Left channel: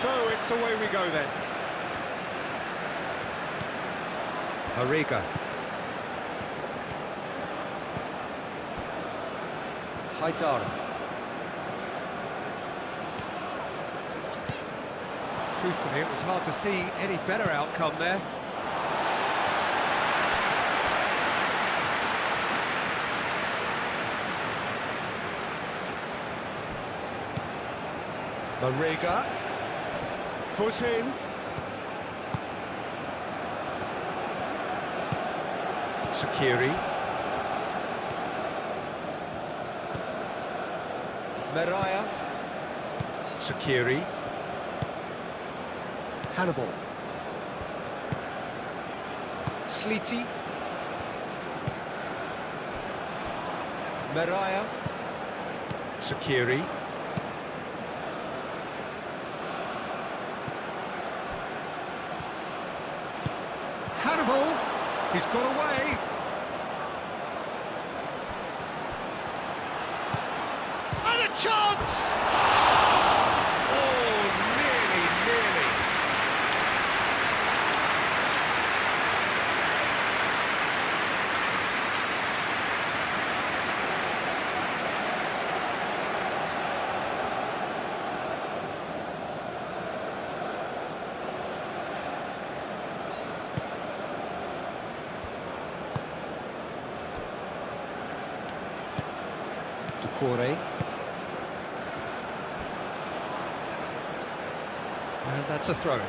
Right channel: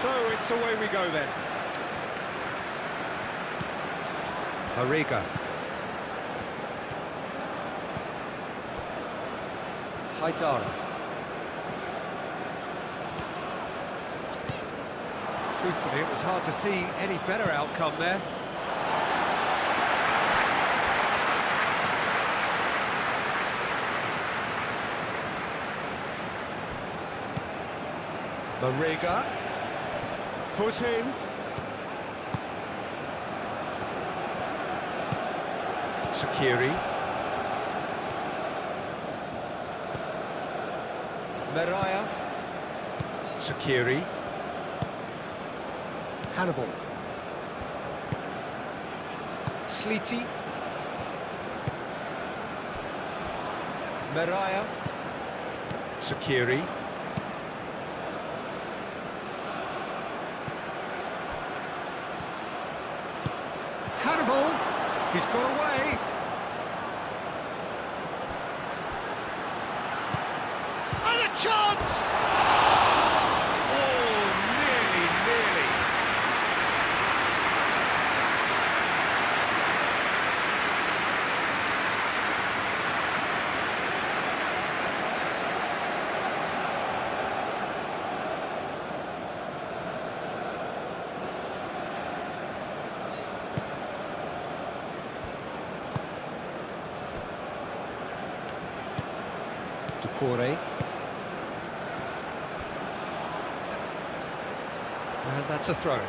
So it's away we go then. Mariga. Haidara. Truthfully, it was hard to see any better outcome there. Mariga. Foot in. Shaqiri. Meraya. Shaqiri. Hannibal. Sleety. Meraya. Shaqiri. Hannibal. He's got away. And a chance! Oh, nearly, nearly. Ducore. And that's a throw-in.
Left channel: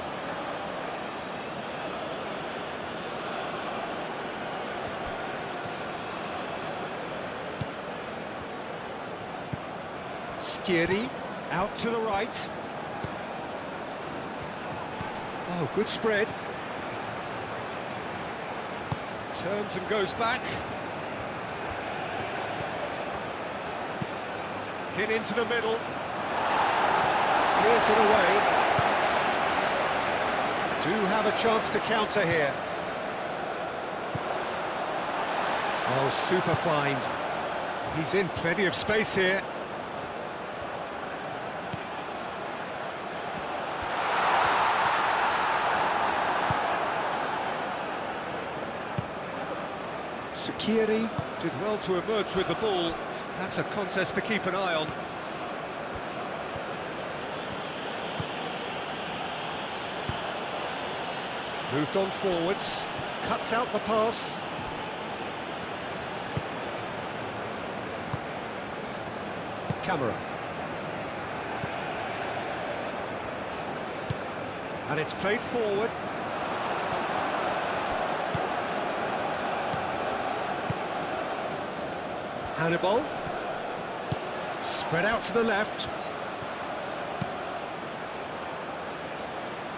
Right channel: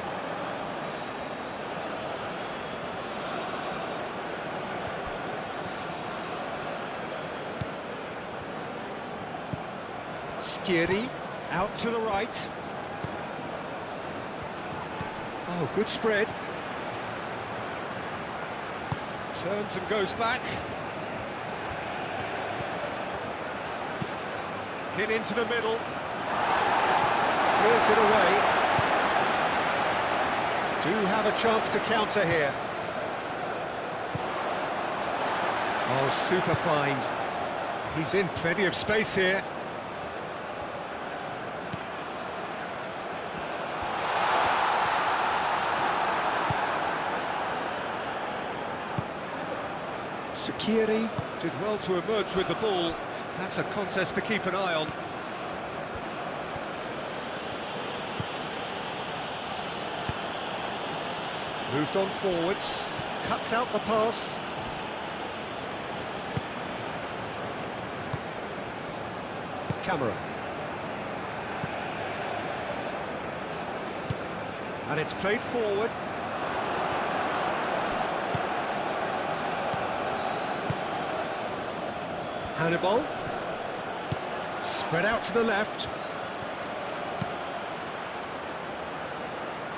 Skiri out to the right. Oh, good spread. Turns and goes back. Hit into the middle. Clears it away. Do have a chance to counter here. Oh, super find. He's in plenty of space here. Shaqiri did well to emerge with the ball. That's a contest to keep an eye on. Moved on forwards, cuts out the pass. Camera. And it's played forward. Hannibal. Spread out to the left.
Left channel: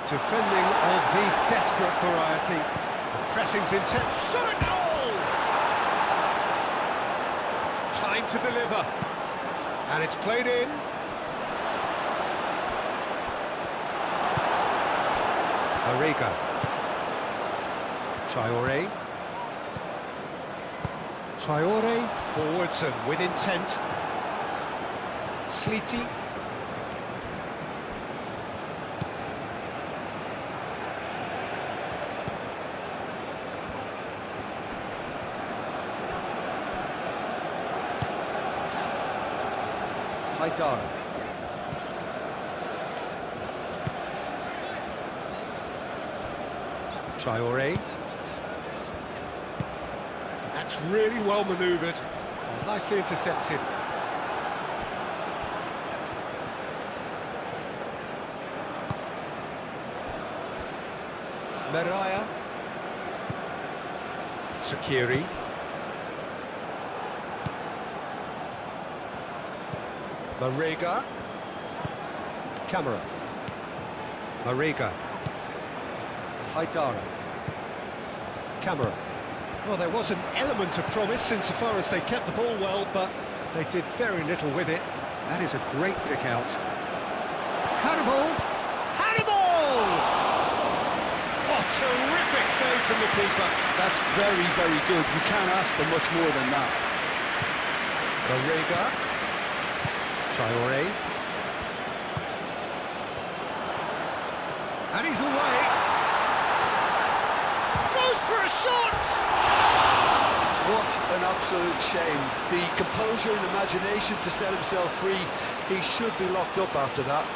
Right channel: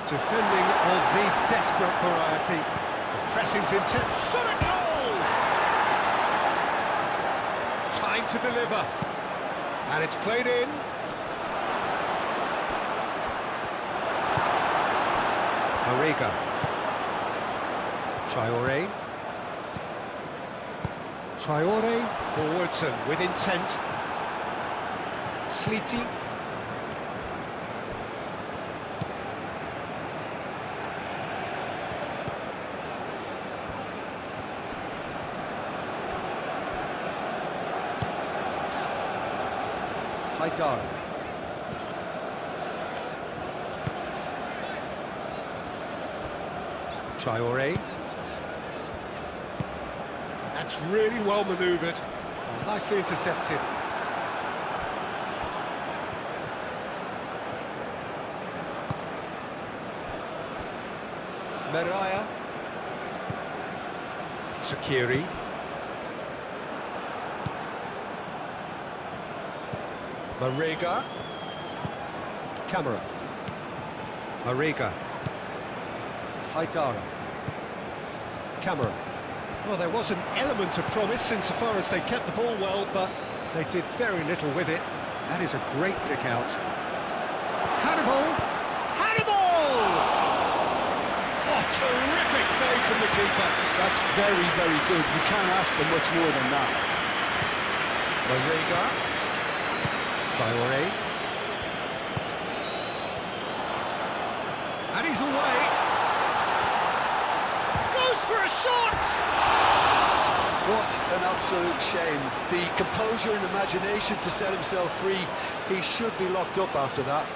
Defending of the desperate variety. The pressing's intense. Shot at goal! Time to deliver. And it's played in. Mariga. Traore. Traore forwards and with intent. Sleety. Haidara. Traore. That's really well manoeuvred. Oh, nicely intercepted. Meraya. Shaqiri. Mariga. Camera. Mariga. Haidara. Camera. Well, there was an element of promise insofar as they kept the ball well, but they did very little with it. That is a great pick out. Hannibal! Hannibal! Oh, terrific save from the keeper. That's very, very good. You can't ask for much more than that. Mariga. Traore. And he's away. Goes for a shot! What an absolute shame. The composure and imagination to set himself free. He should be locked up after that.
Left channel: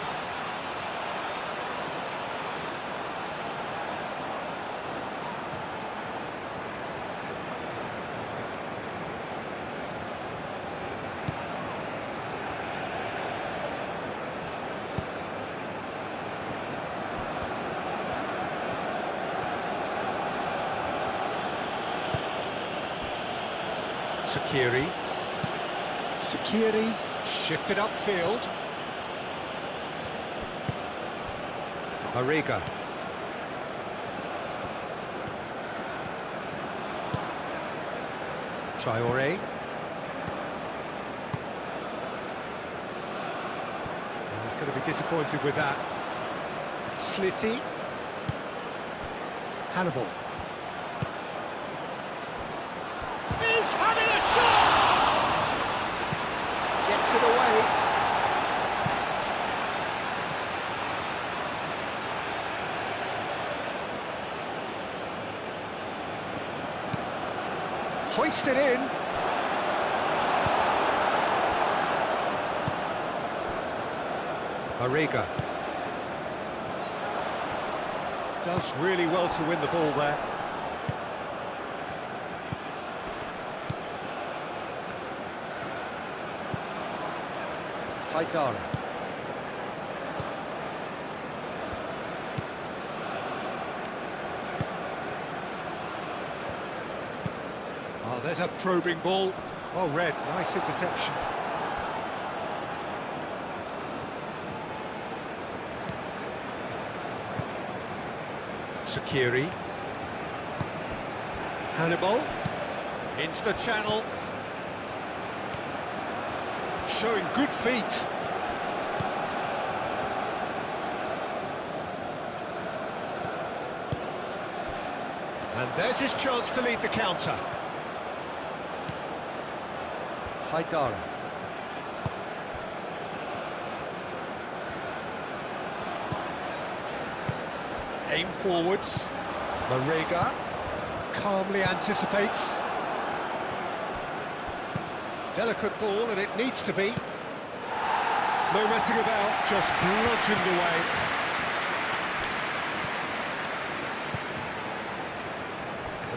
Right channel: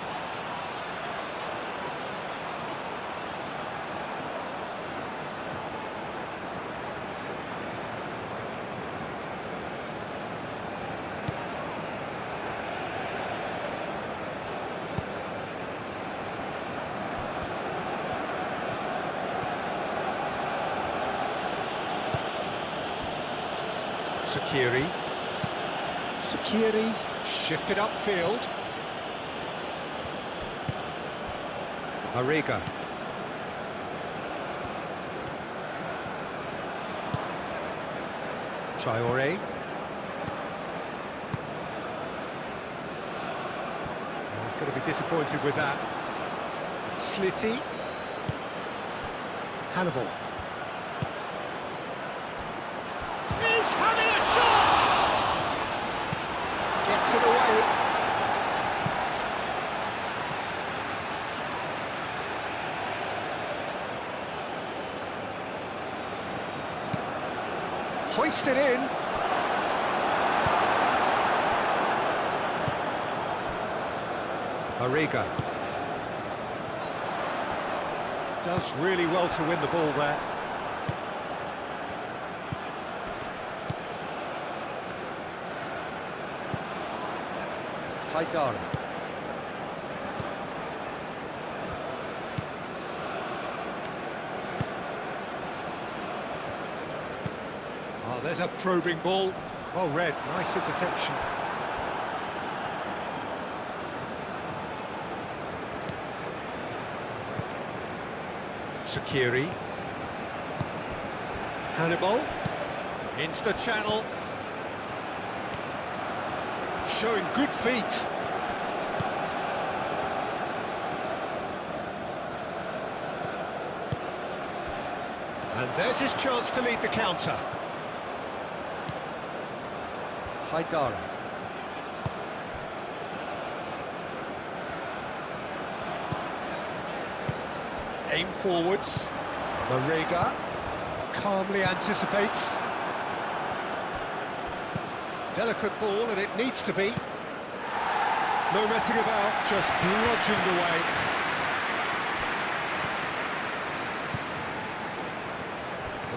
Sakiri shifted upfield. Mariga. Traore. He's going to be disappointed with that. Slitty. Hannibal. He's having a shot! Gets it away. Hoisted in. Mariga. Does really well to win the ball there. Haidara. Oh, there's a probing ball. Well read, nice interception. Sakiri. Hannibal. Into the channel. Showing good feet. And there's his chance to lead the counter. Haidara. Aim forwards. Mariga calmly anticipates. Delicate ball, and it needs to be. No messing about, just bludgeoned away.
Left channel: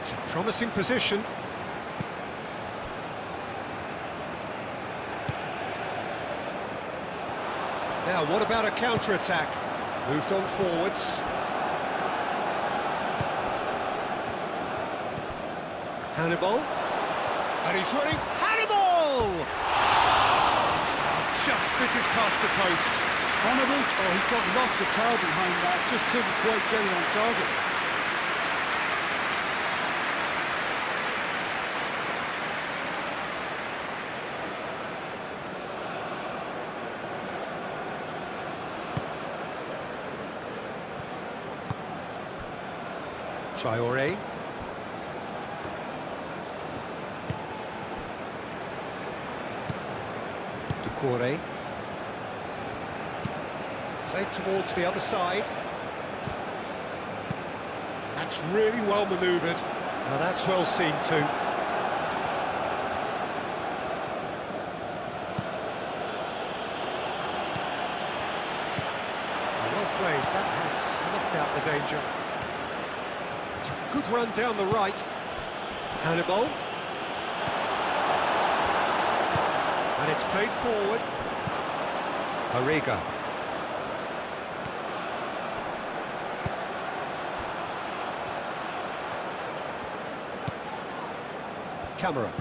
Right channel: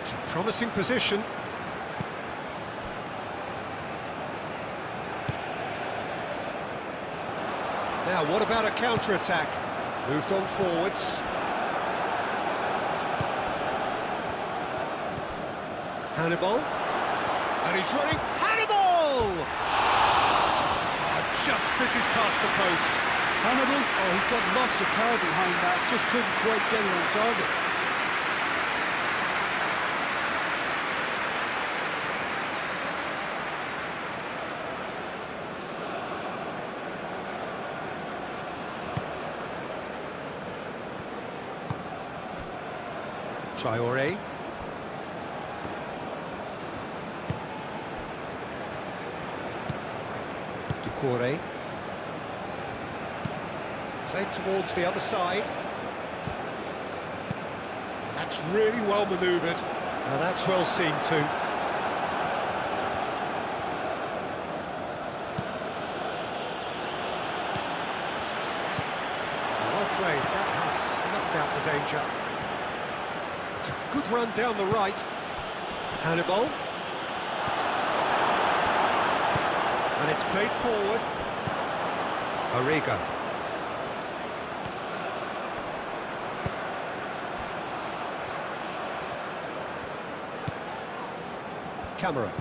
It's a promising position. Now, what about a counter-attack? Moved on forwards. Hannibal. And he's running. Hannibal! Oh, just fizzes past the post. Hannibal, oh, he got lots of power behind that, just couldn't quite get it on target. Traore. Doucouré. Played towards the other side. That's really well manoeuvred. Now that's well seen too. Well played, that has snuffed out the danger. It's a good run down the right. Hannibal. And it's played forward. Mariga. Camera.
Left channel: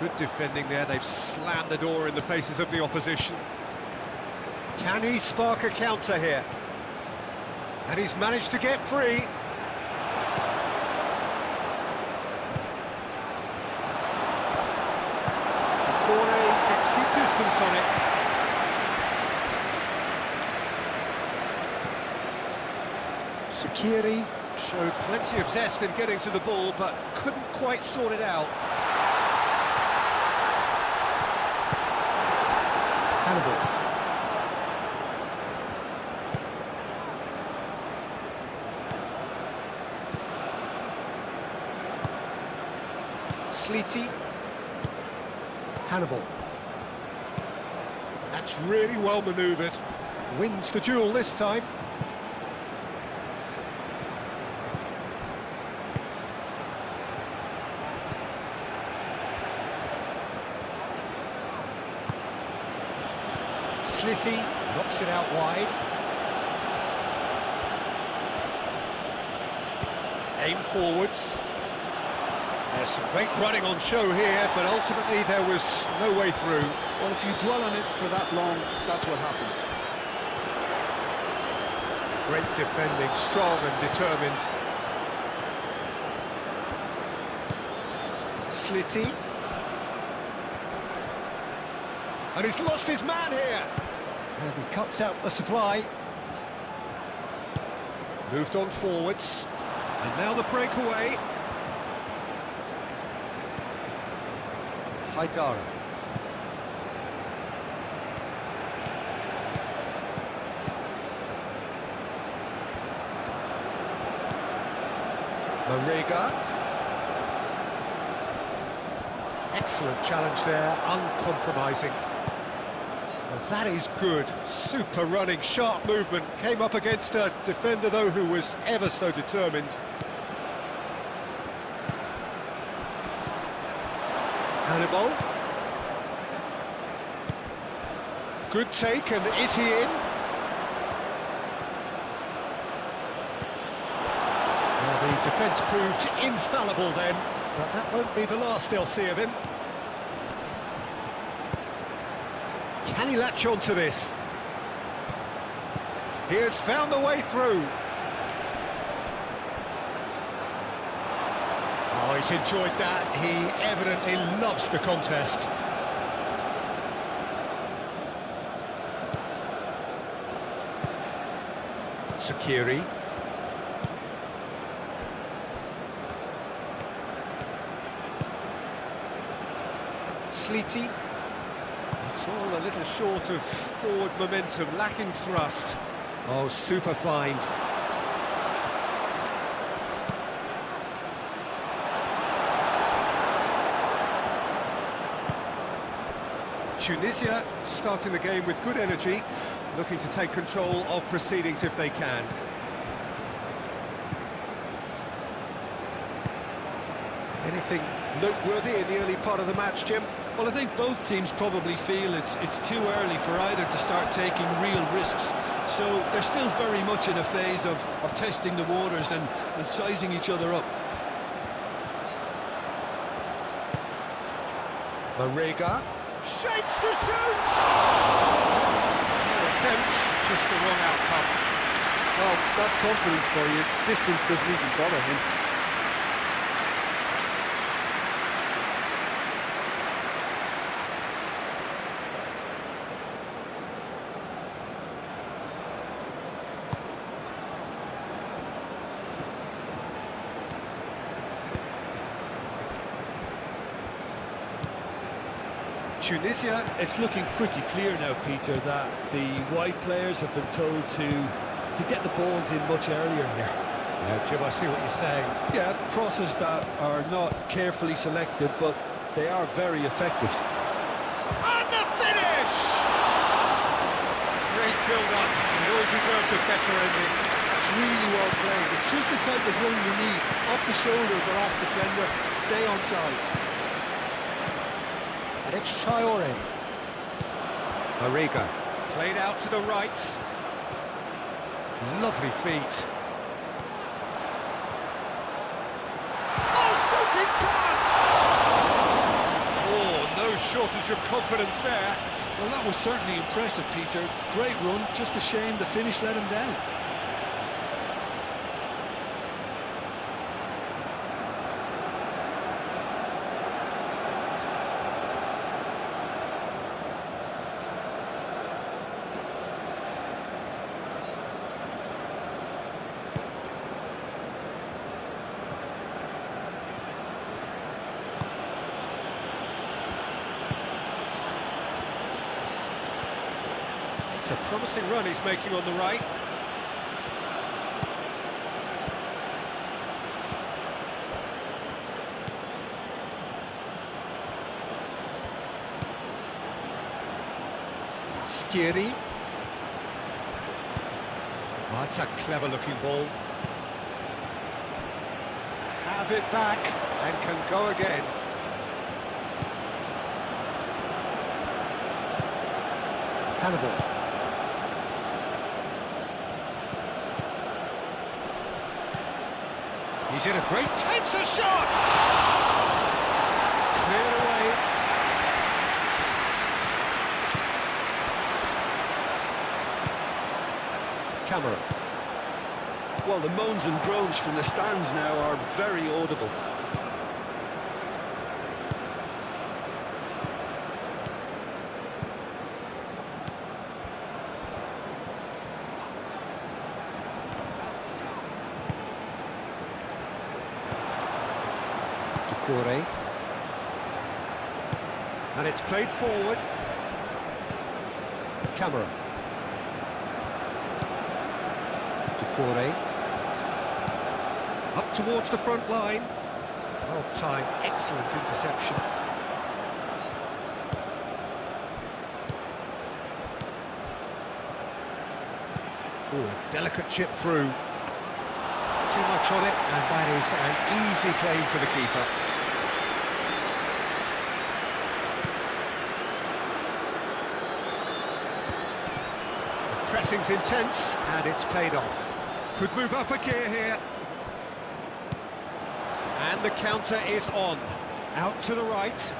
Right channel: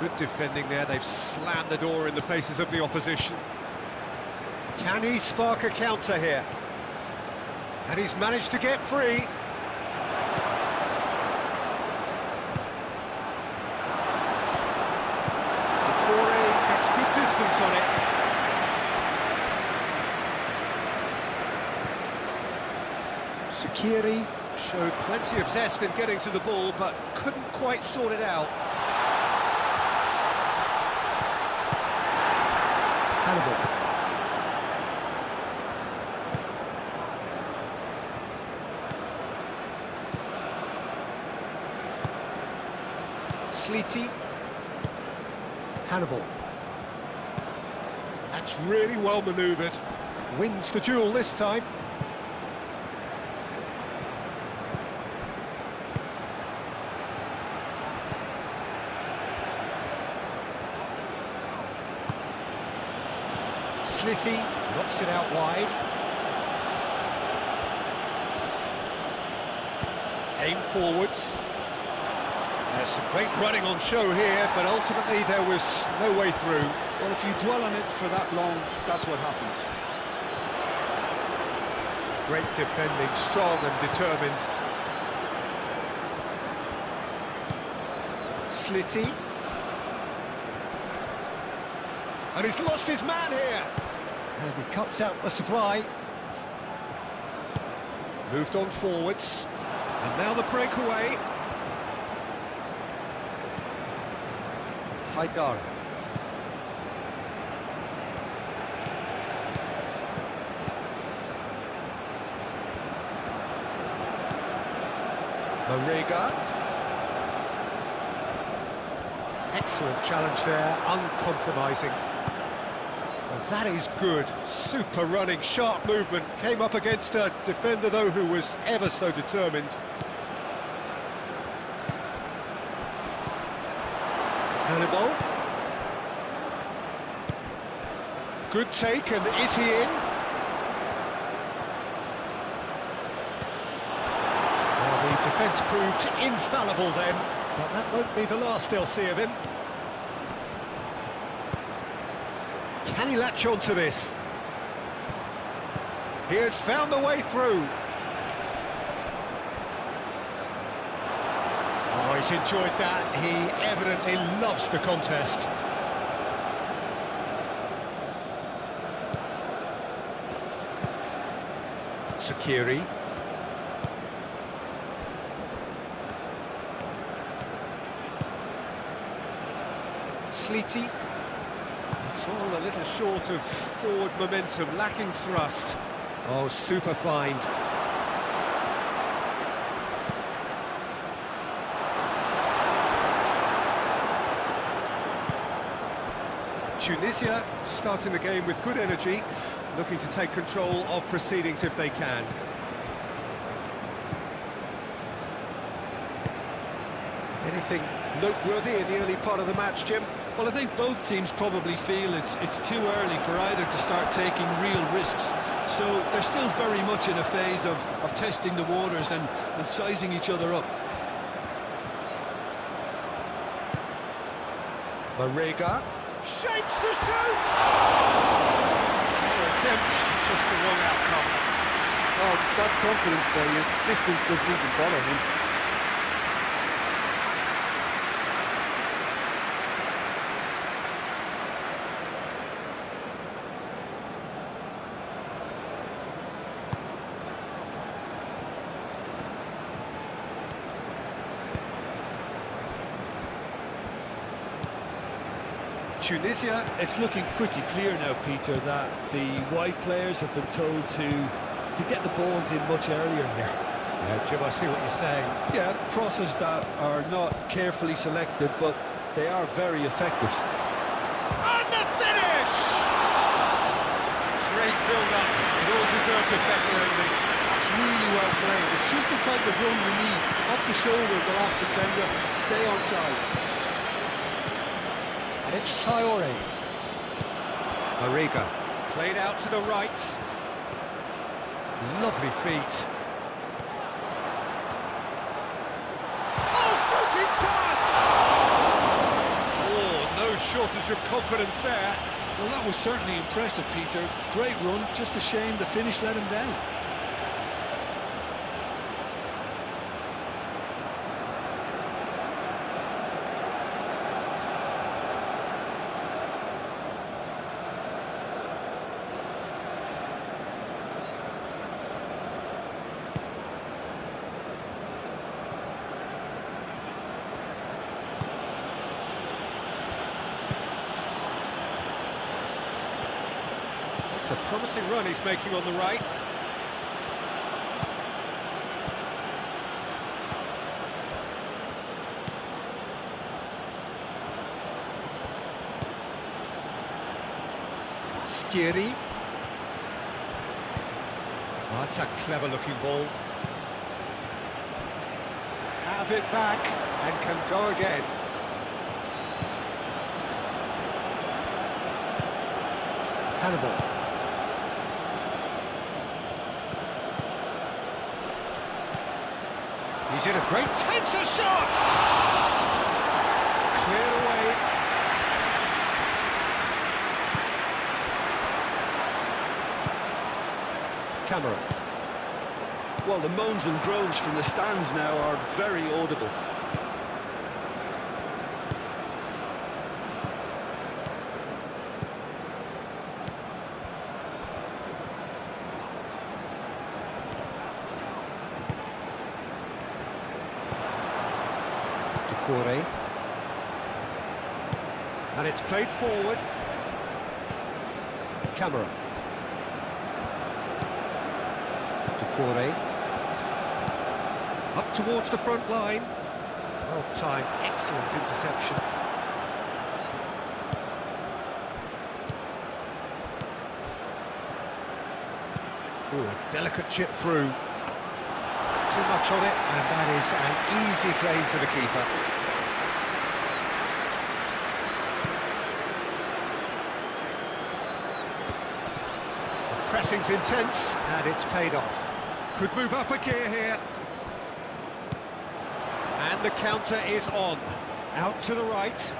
Good defending there, they've slammed the door in the faces of the opposition. Can he spark a counter here? And he's managed to get free. Doucouré gets good distance on it. Sakiri showed plenty of zest in getting to the ball, but couldn't quite sort it out. Hannibal. Sleety. Hannibal. That's really well manoeuvred. Wins the duel this time. Slitty knocks it out wide. Aim forwards. There's some great running on show here, but ultimately there was no way through. Well, if you dwell on it for that long, that's what happens. Great defending, strong and determined. Slitty. And he's lost his man here. And he cuts out the supply. Moved on forwards. And now the breakaway. Haidara. Marega. Excellent challenge there, uncompromising. Well, that is good, super running, sharp movement. Came up against a defender, though, who was ever so determined. Hannibal. Good take, and is he in? Well, the defence proved infallible then, but that won't be the last they'll see of him. Can he latch on to this? He has found a way through. Oh, he's enjoyed that. He evidently loves the contest. Sakiri. Sleety. It's all a little short of forward momentum, lacking thrust. Oh, super find. Tunisia starting the game with good energy, looking to take control of proceedings if they can. Anything noteworthy in the early part of the match, Jim? Well, I think both teams probably feel it's too early for either to start taking real risks. So they're still very much in a phase of testing the waters and sizing each other up. Marega shapes to shoot! Fair attempt, just the wrong outcome. Well, that's confidence for you. Distance doesn't even bother him. Tunisia. It's looking pretty clear now, Peter, that the wide players have been told to get the balls in much earlier here. Yeah, Jim, I see what you're saying. Yeah, crosses that are not carefully selected, but they are very effective. And the finish! Great build-up. It all deserved a better ending. That's really well played. It's just the type of run you need. Off the shoulder of the last defender, stay onside. And it's Traore. Marega. Played out to the right. Lovely feet. Oh, shooting chance! Oh, no shortage of confidence there. Well, that was certainly impressive, Peter. Great run, just a shame the finish let him down. It's a promising run he's making on the right. Skiri. Oh, that's a clever-looking ball. Have it back and can go again. Hannibal. He's in a great tenser shot! Cleared away. Camera. Well, the moans and groans from the stands now are very audible. Corey. And it's played forward. Camera. Corey. Up towards the front line. Well timed, excellent interception. Ooh, a delicate chip through. Too much on it, and that is an easy claim for the keeper. The pressing's intense, and it's paid off. Could move up a gear here. And the counter is on. Out to the right.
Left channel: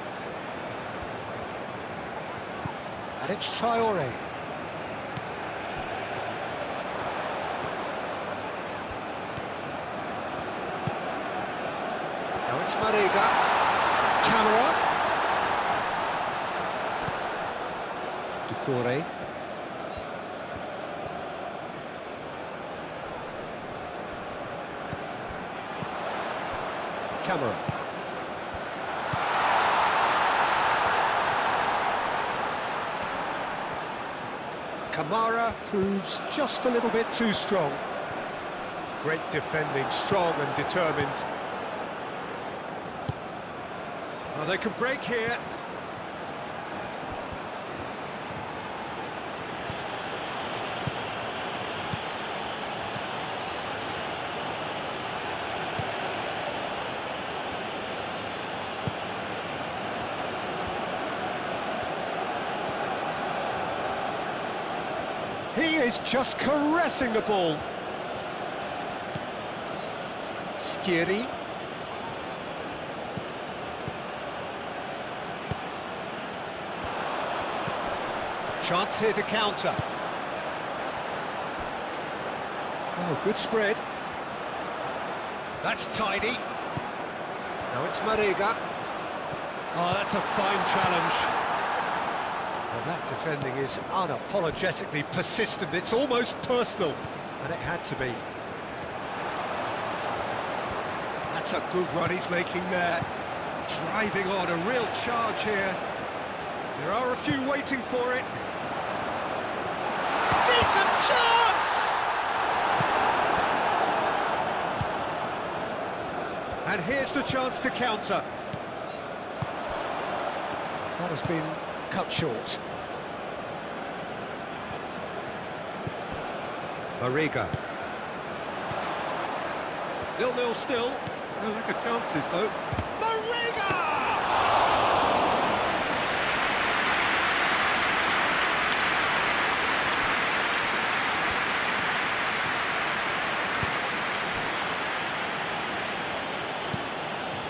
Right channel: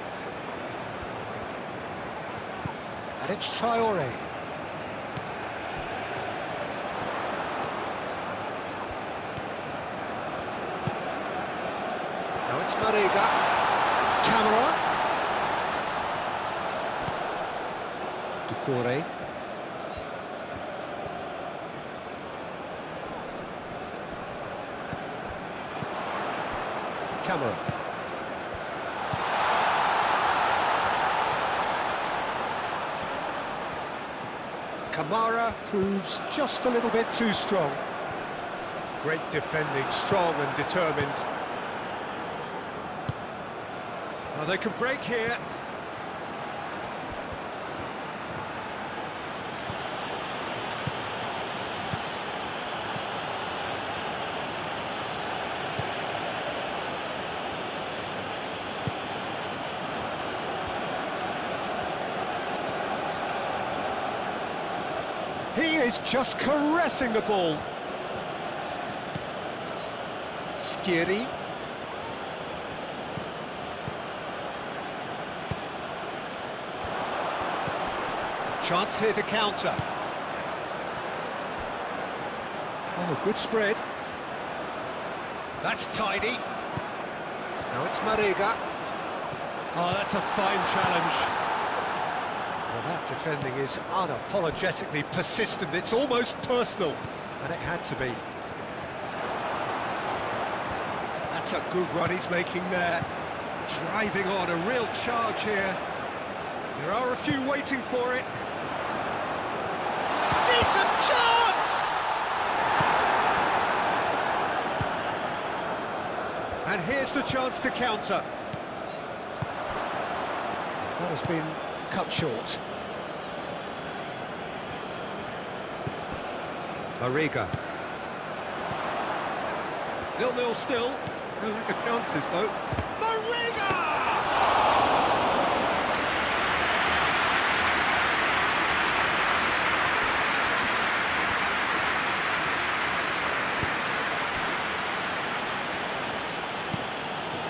And it's Traoré. Now it's Mariga. Camera. Corey. Camera. Kamara proves just a little bit too strong. Great defending, strong and determined. Oh, they can break here. He is just caressing the ball. Skiri. Chance here to counter. Oh, good spread. That's tidy. Now it's Mariga. Oh, that's a fine challenge. Well, that defending is unapologetically persistent. It's almost personal, and it had to be. That's a good run he's making there. Driving on, a real charge here. There are a few waiting for it. Decent chance! And here's the chance to counter. That has been cut short. Mariga. 0-0 still. No lack of chances, though. Mariga!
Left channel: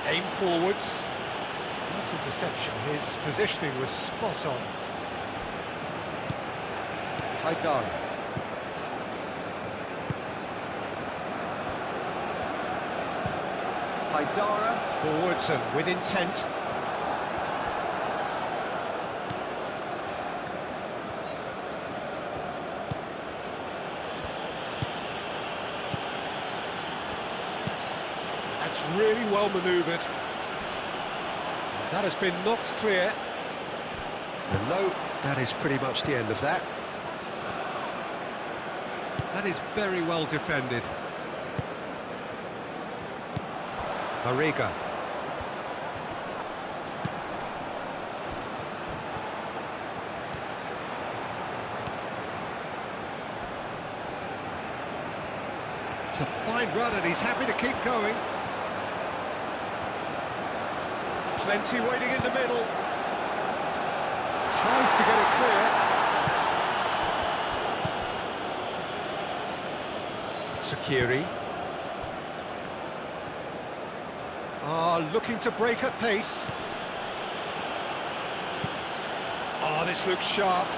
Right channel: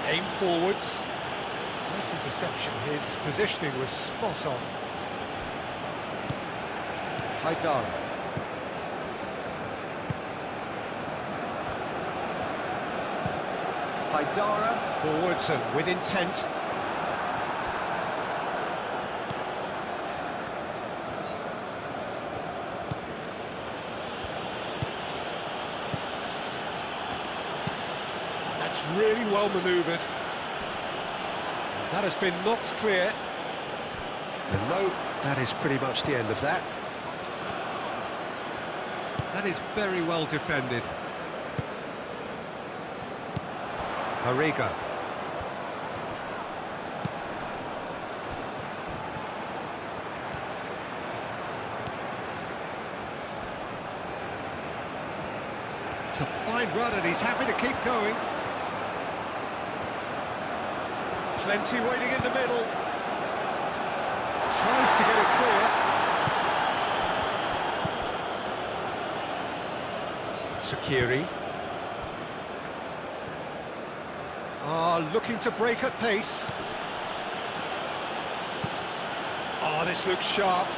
Aim forwards. Nice interception. His positioning was spot on. Haidara. Haidara, forwards and with intent. That's really well manoeuvred. That has been knocked clear. And no, that is pretty much the end of that. That is very well defended. Mariga. It's a fine run and he's happy to keep going. Plenty waiting in the middle. Tries to get it clear. Sakiri. Looking to break at pace. This looks sharp.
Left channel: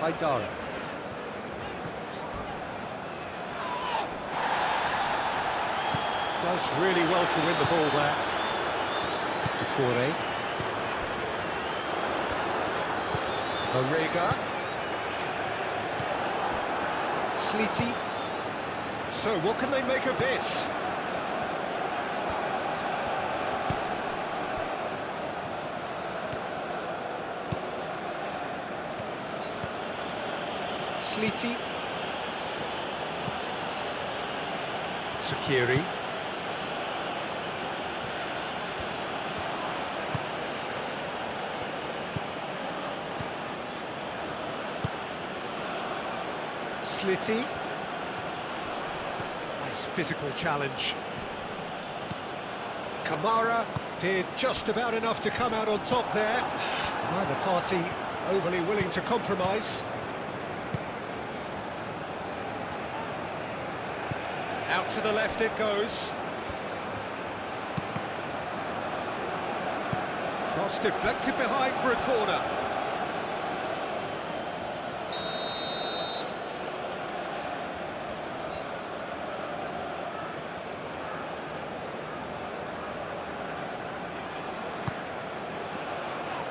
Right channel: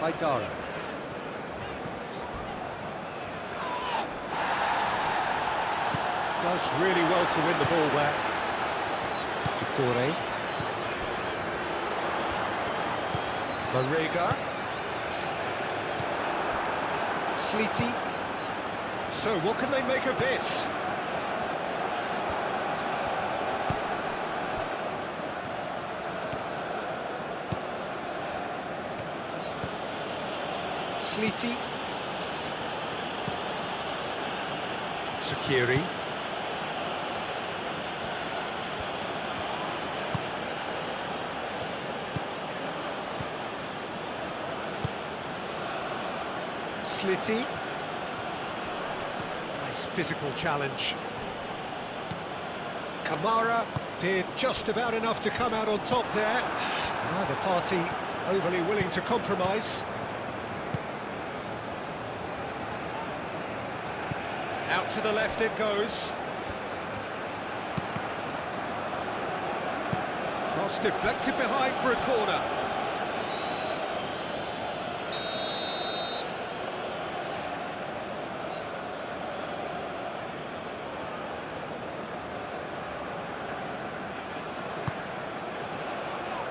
Haidara. Does really well to win the ball there. Doucouré. Marega. Sleety. So what can they make of this? Sleety. Sakiri. Slitty. Nice physical challenge. Kamara did just about enough to come out on top there. Neither party overly willing to compromise. Out to the left it goes. Cross deflected behind for a corner.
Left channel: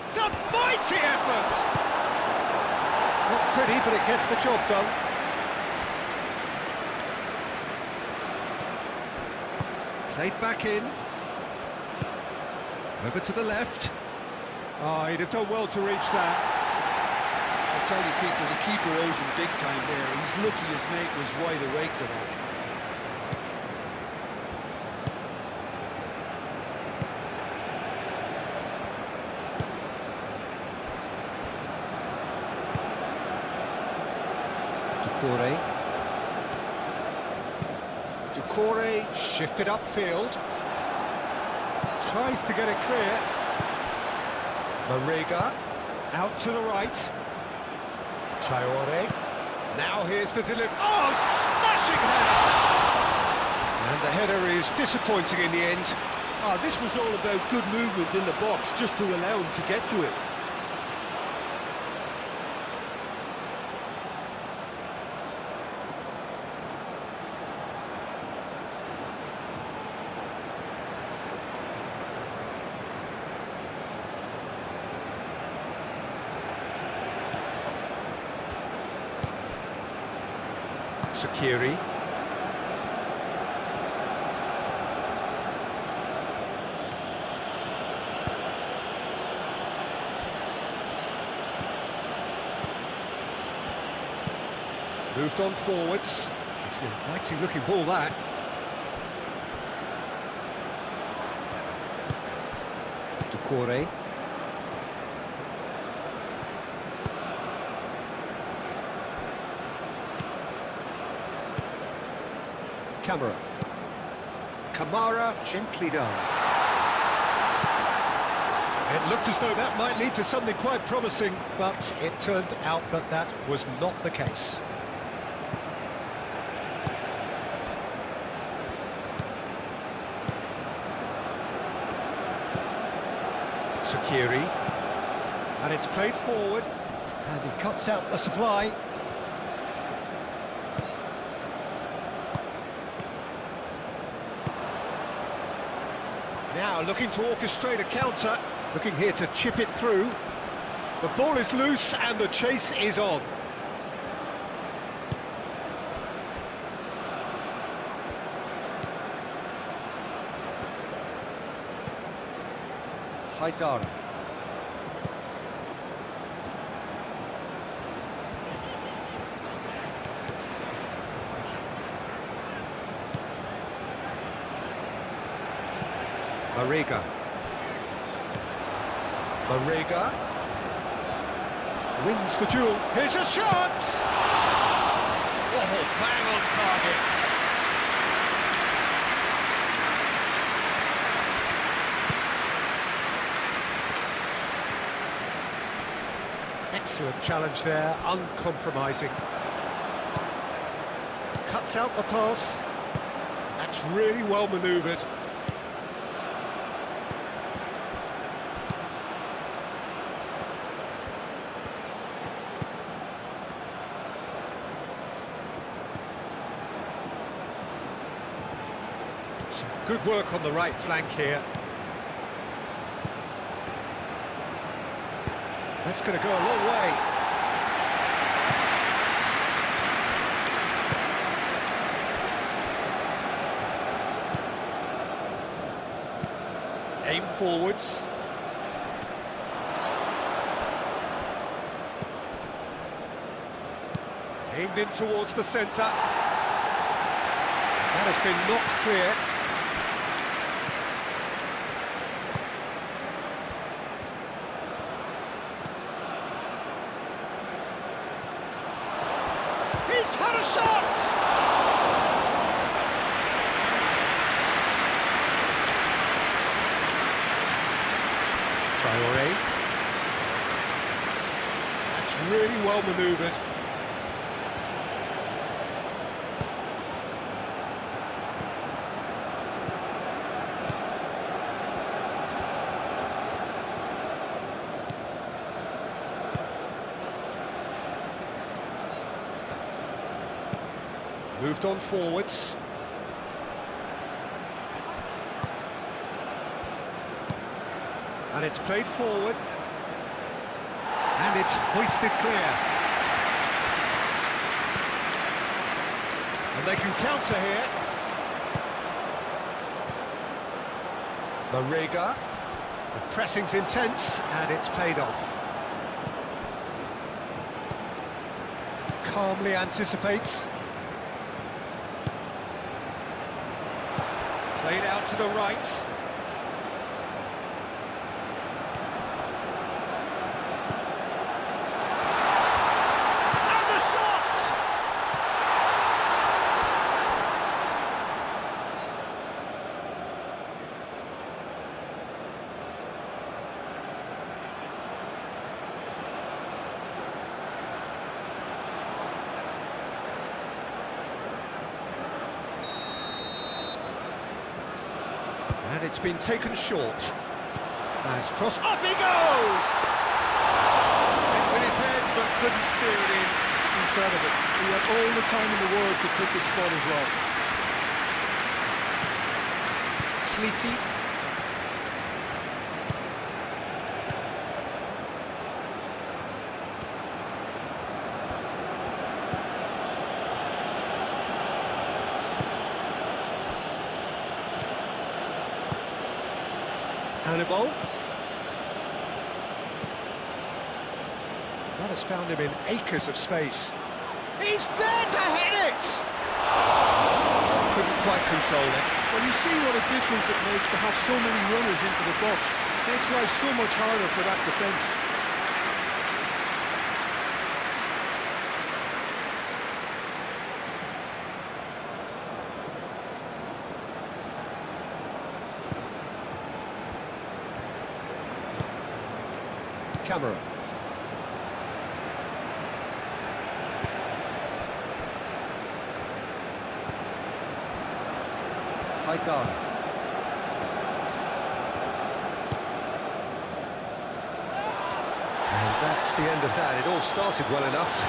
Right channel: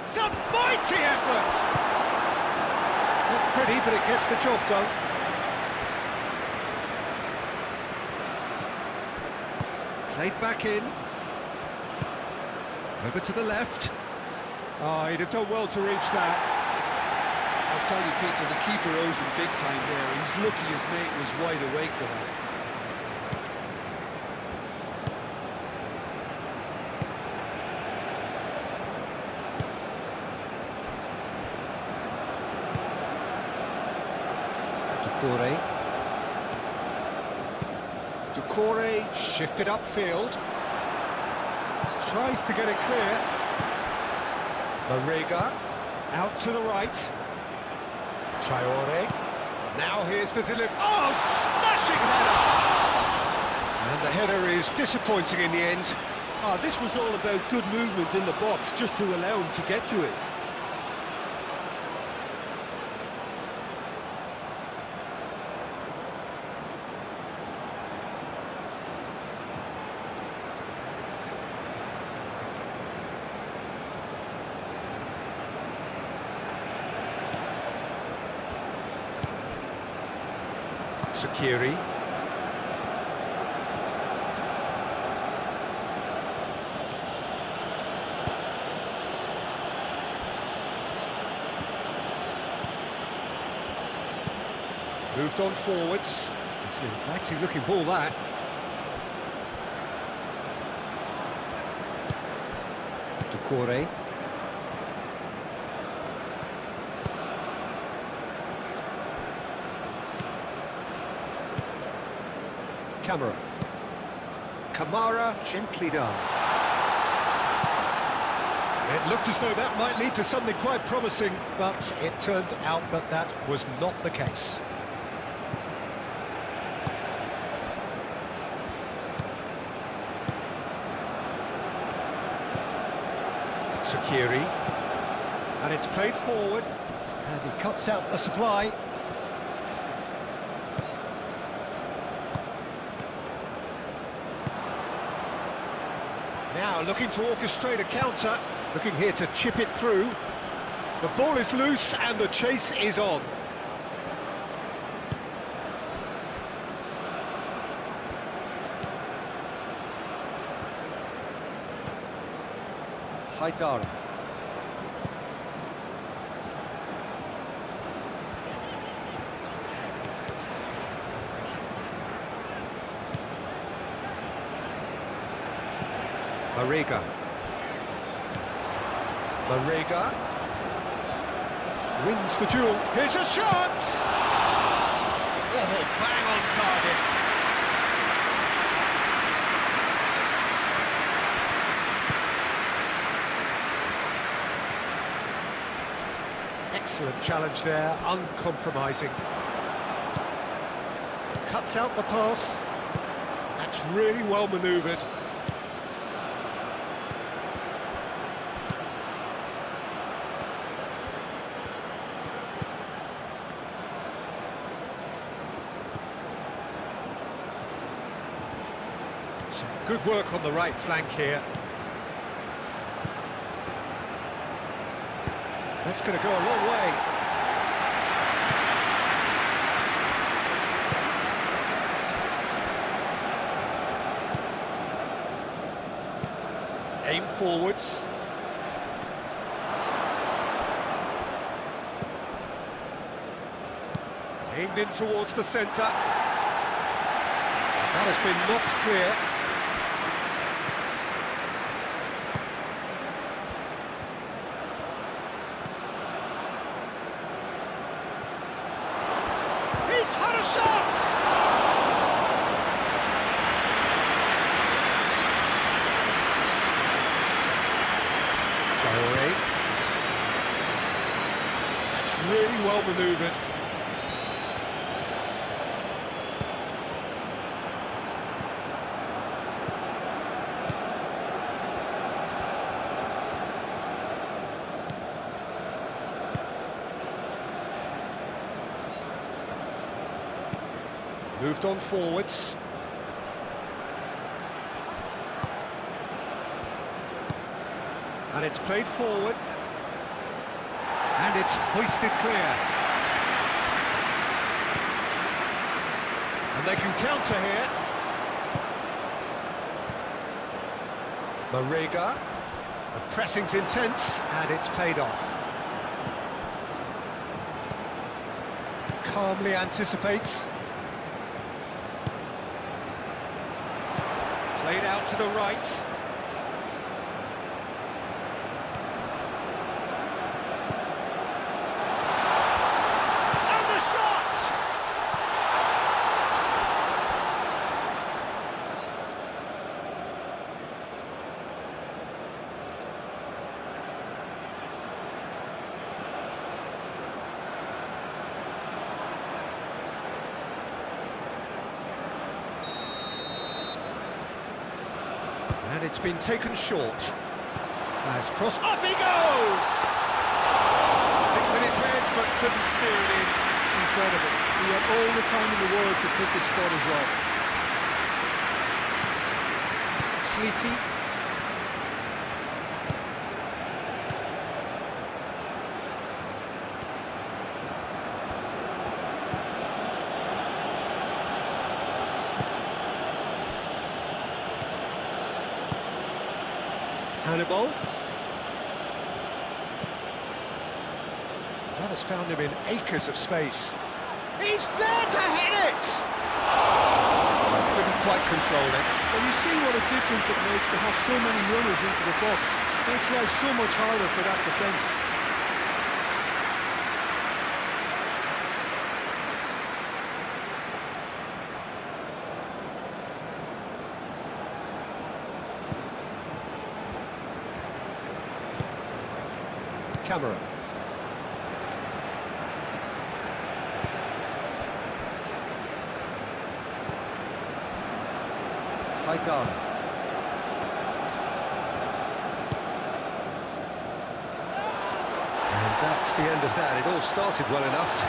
It's a mighty effort! Not pretty, but it gets the job done. Played back in. Over to the left. He'd have done well to reach that. I'll tell you, Peter, the keeper owes him big time there. He's lucky his mate was wide awake to that. Doucouré. Doucouré shifted upfield. Tries to get it clear. Marega out to the right. Traore. Now here's the delivery. Oh, smashing header! And the header is disappointing in the end. This was all about good movement in the box just to allow him to get to it. Sakiri. Moved on forwards. It's an inviting looking ball, that. Doucouré. Camera. Kamara, gently done. It looked as though that might lead to something quite promising, but it turned out that that was not the case. Sakiri. And it's played forward, and he cuts out the supply. Now looking to orchestrate a counter, looking here to chip it through. The ball is loose and the chase is on. Haidara. Marega. Marega wins the duel. Here's a shot! Oh, bang on target. Excellent challenge there, uncompromising. Cuts out the pass. That's really well manoeuvred. Some good work on the right flank here. That's going to go a long way. Aim forwards. Aimed in towards the centre. That has been knocked clear. He's had a shot! Traoré. That's really well manoeuvred. Moved on forwards. And it's played forward. And it's hoisted clear. And they can counter here. Marega. The pressing's intense, and it's paid off. Calmly anticipates. Played out to the right. And the shot! And it's been taken short. As cross, up he goes! Hit with his head, but couldn't steer it in. Incredible. He had all the time in the world to pick his spot as well. Sleety. Hannibal. That has found him in acres of space. He's there to hit it! Couldn't quite control it. Well, you see what a difference it makes to have so many runners into the box. Makes life so much harder for that defence. Camera. Haidar. And that's the end of that. It all started well enough.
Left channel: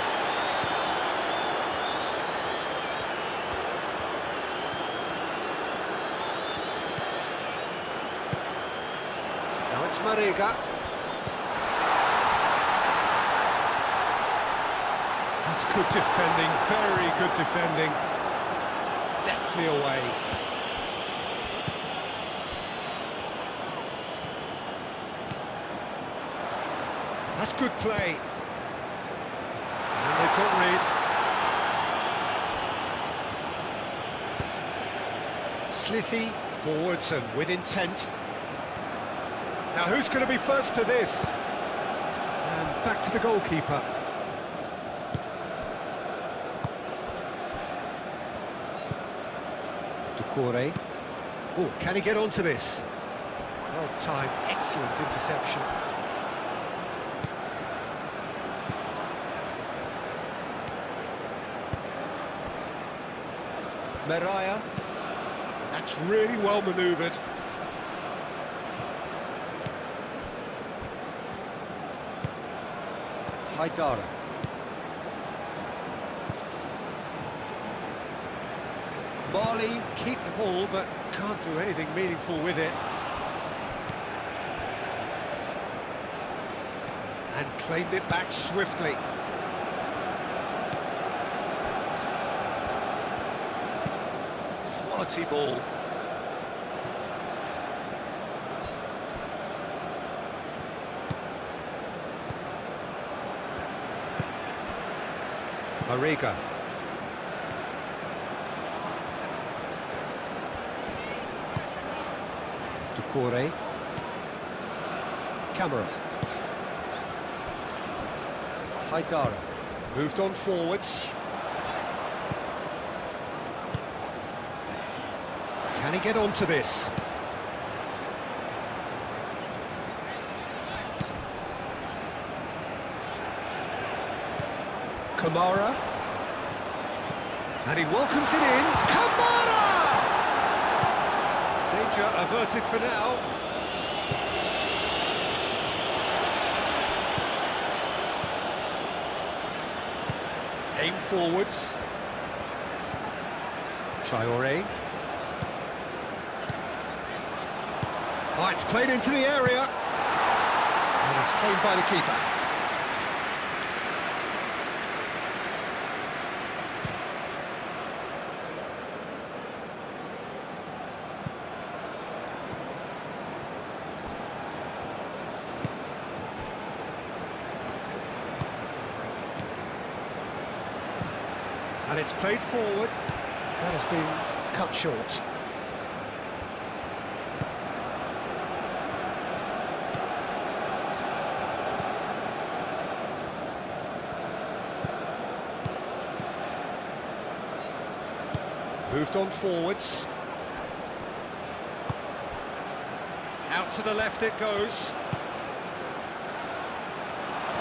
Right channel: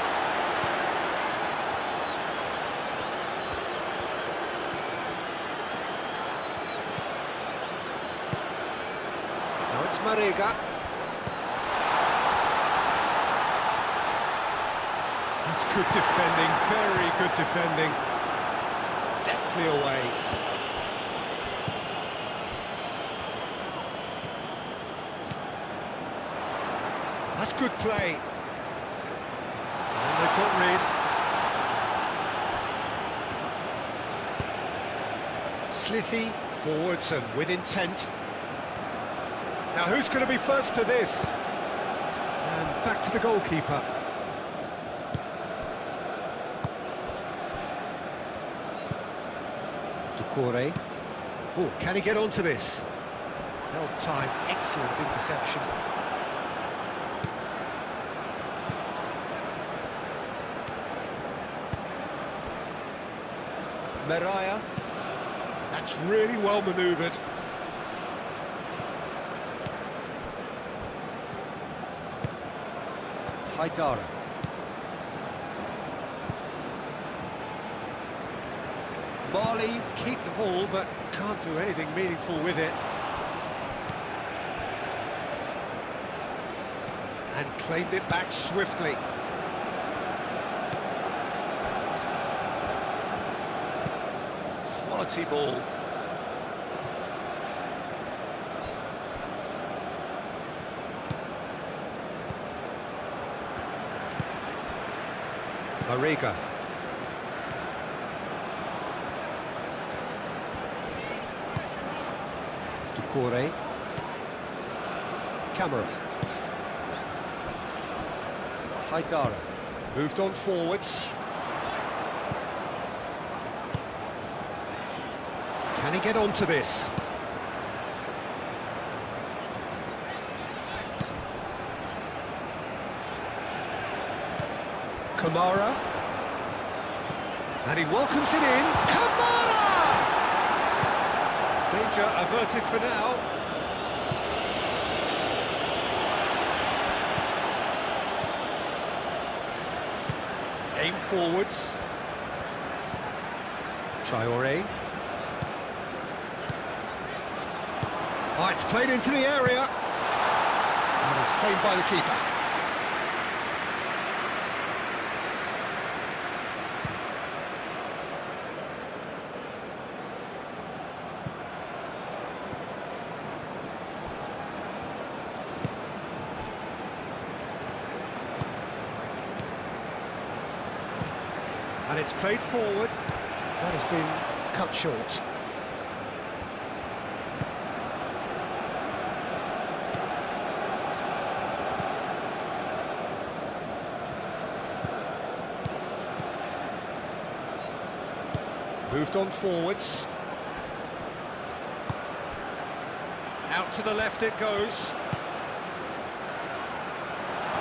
Now it's Marega. That's good defending, very good defending. Deftly away. That's good play. And they've got rid. Slitty, forwards and with intent. Now who's going to be first to this? And back to the goalkeeper. Doucouré. Oh, can he get onto this? Well timed, excellent interception. Mariah. That's really well manoeuvred. Haidara. Marley keep the ball, but can't do anything meaningful with it. And claimed it back swiftly. Quality ball. Mariga. Doucouré. Camera. Haidara. Moved on forwards. Can he get onto this? Kamara. And he welcomes it in. Kamara! Danger averted for now. Aim forwards. Traoré. Oh, it's played into the area. And it's claimed by the keeper. And it's played forward. That has been cut short. Moved on forwards. Out to the left it goes.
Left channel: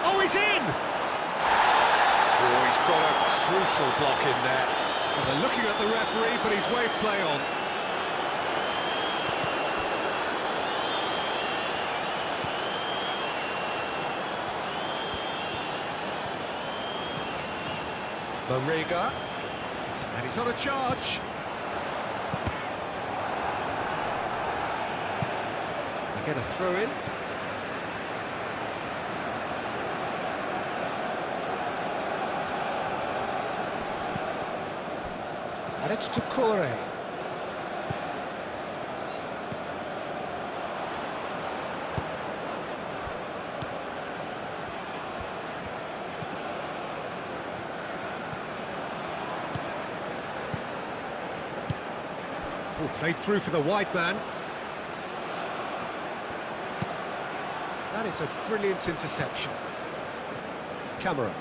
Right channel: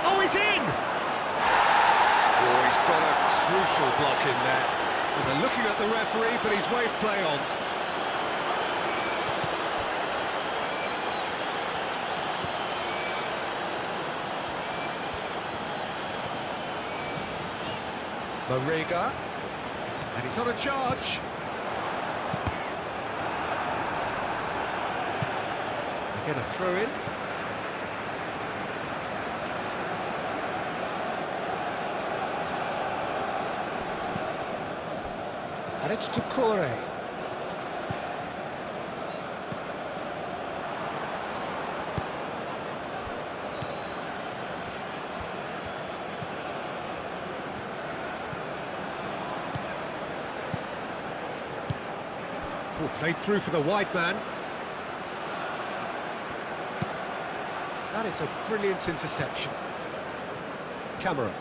Oh, he's in! Oh, he's got a crucial block in there. Well, they're looking at the referee, but he's waved play on. Mariga. And he's on a charge. They get a throw in. And it's Doucouré. Oh, played through for the wide man. That is a brilliant interception. Camera.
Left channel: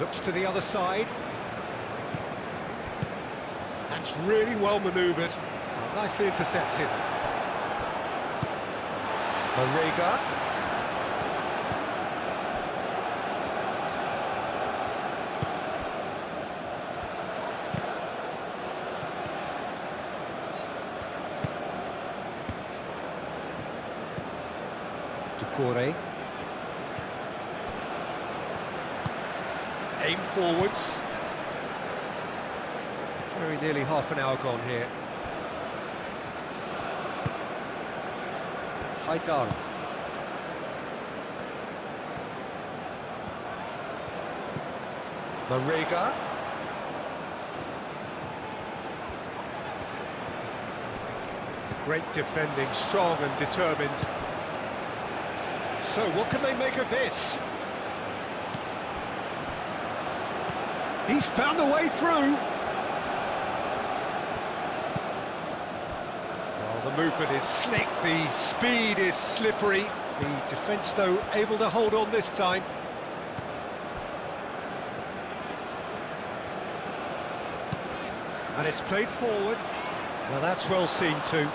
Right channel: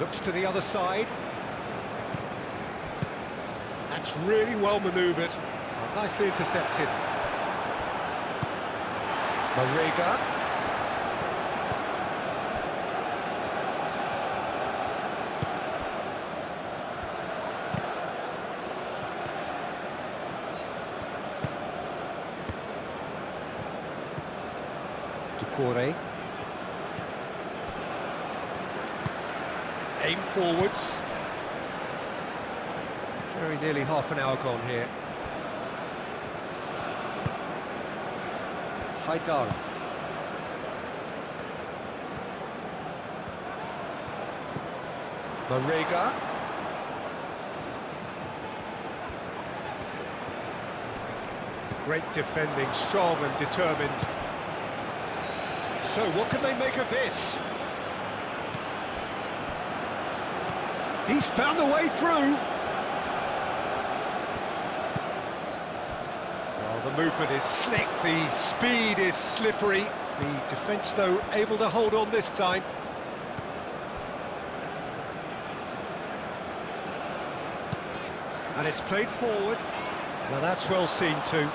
Looks to the other side. That's really well manoeuvred. Oh, nicely intercepted. Mariga. Doucouré. Aim forwards. Very nearly half an hour gone here. Haidara. Mariga. Great defending, strong and determined. So what can they make of this? He's found a way through. The movement is slick, the speed is slippery. The defence, though, able to hold on this time. And it's played forward. Well, that's well seen too.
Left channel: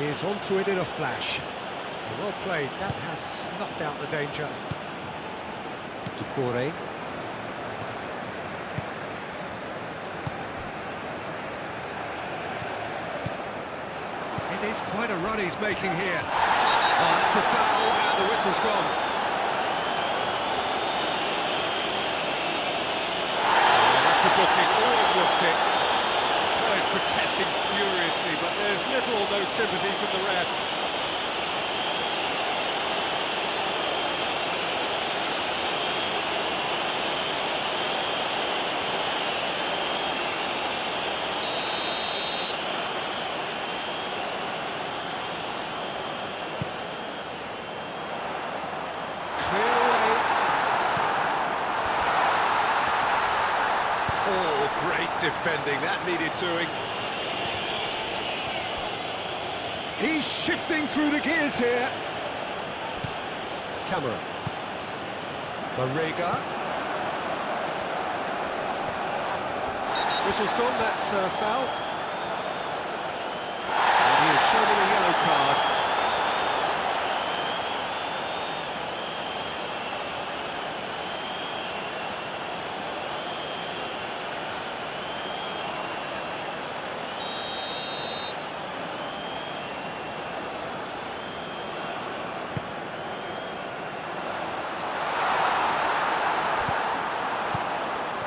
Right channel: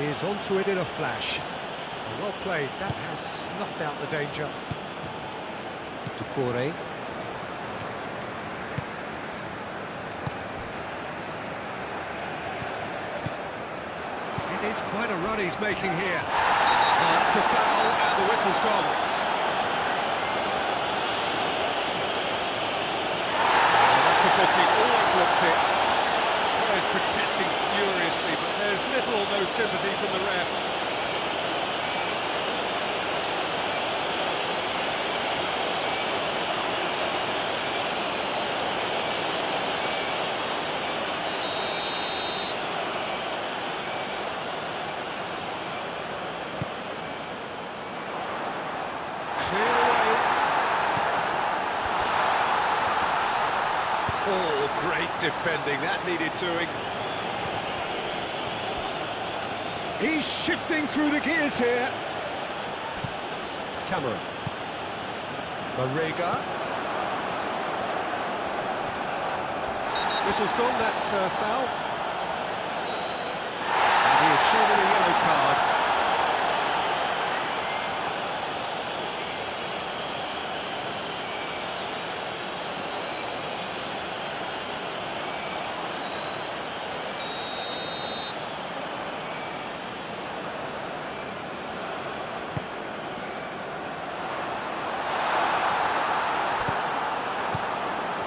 Is onto it in a flash. Well played, that has snuffed out the danger. Ducore. It is quite a run he's making here. Oh, that's a foul, and the whistle's gone. Oh, that's a booking, always looked it. Players protesting furiously, but there's little or no sympathy from the ref. Cleared away. Oh, great defending, that needed doing. He's shifting through the gears here. Camera. Marega. Whistle's gone, that's a foul. And he has shown him a yellow card.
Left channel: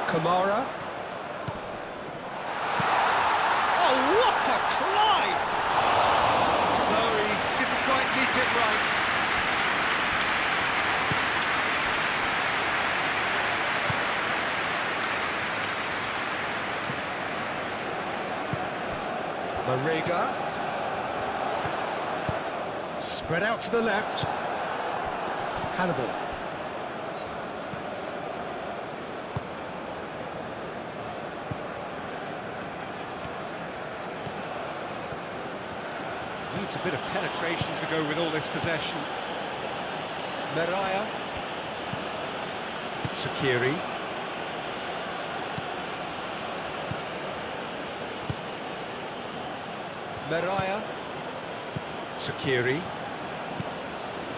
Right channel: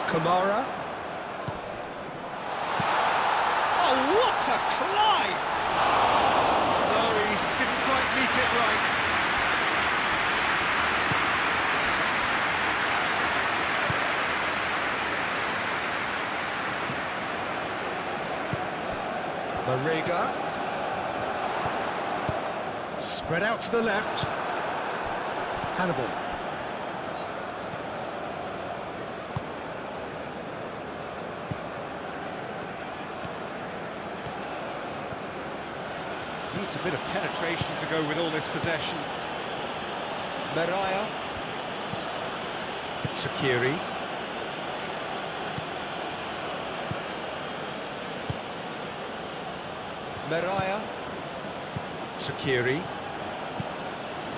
Kamara. Oh, what a climb! No, he didn't quite meet it right. Marega. Spread out to the left. Hannibal. Needs a bit of penetration to go with all this possession. Meraya. Sakiri. Meraya. Sakiri.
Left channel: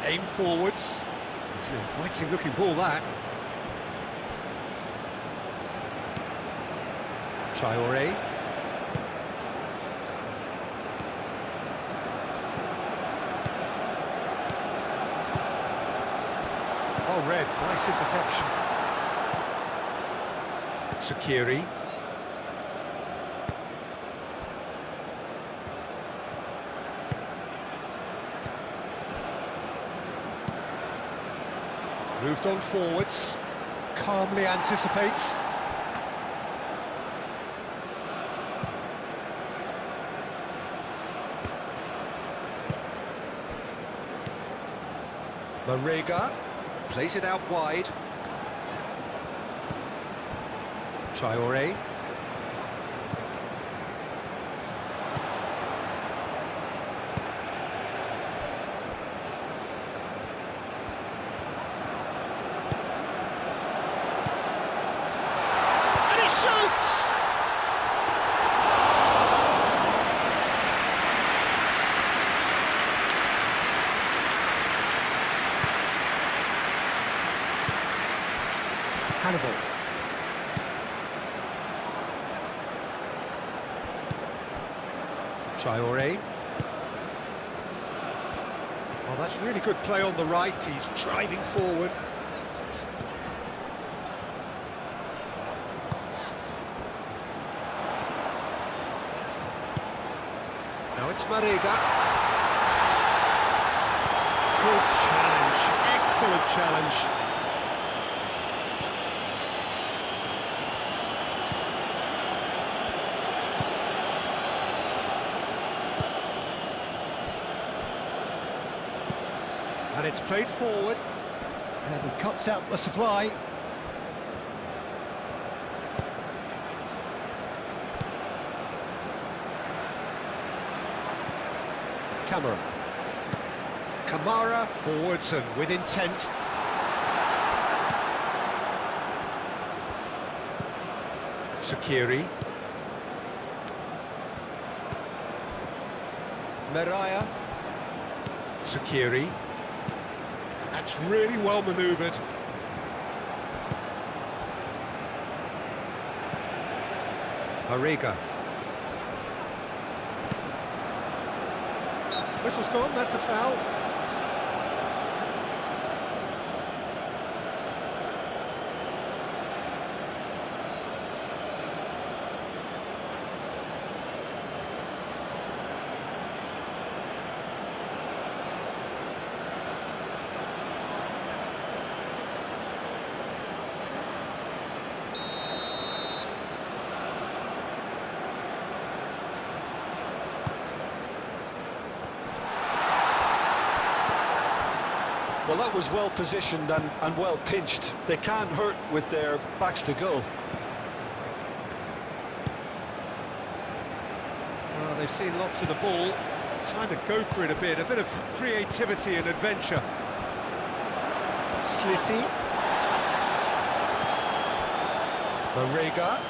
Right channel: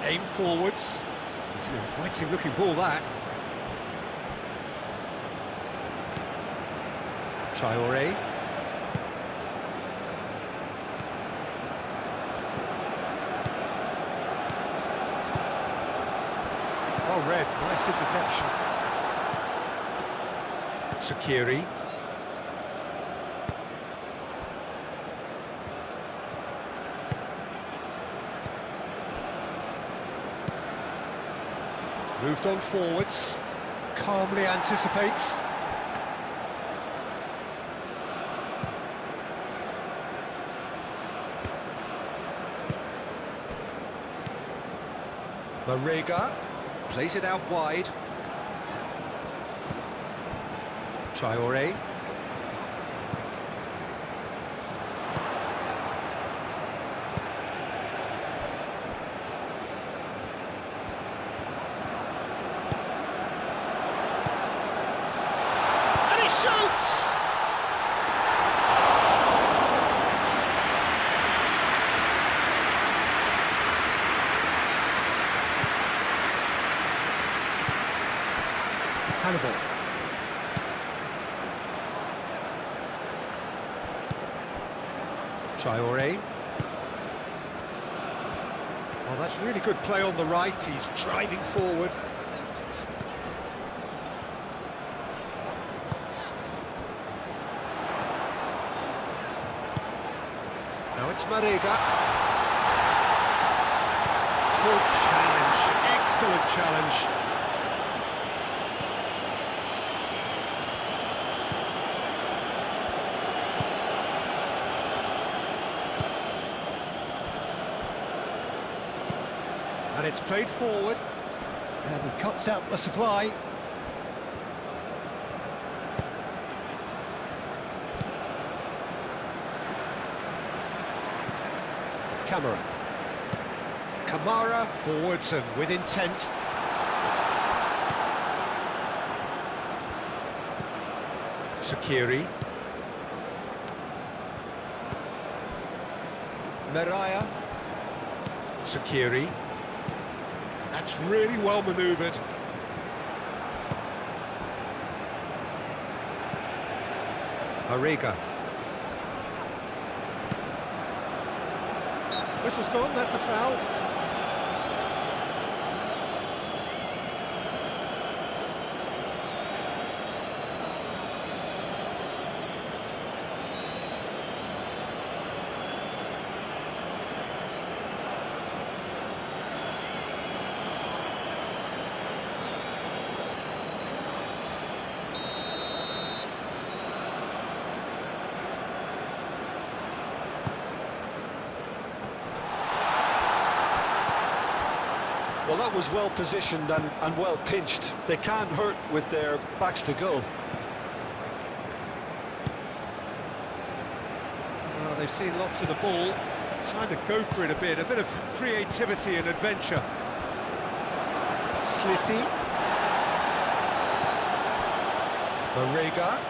Aim forwards. It's an inviting looking ball, that. Traore. Oh, red, nice interception. Sakiri. Moved on forwards. Calmly anticipates. Marega. Plays it out wide. Traore. And he shoots! Hannibal. Traore. Oh, that's really good play on the right. He's driving forward. Now it's Marega. Good challenge. Excellent challenge. And it's played forward. And he cuts out the supply. Kamara forwards and with intent. Shaqiri. Meraya. Shaqiri. That's really well manoeuvred. Arriga. Whistle's gone, that's a foul. Well, that was well positioned and well pinched. They can't hurt with their backs to goal. Well, they've seen lots of the ball. Time to go for it a bit of creativity and adventure. Slitty. Marega.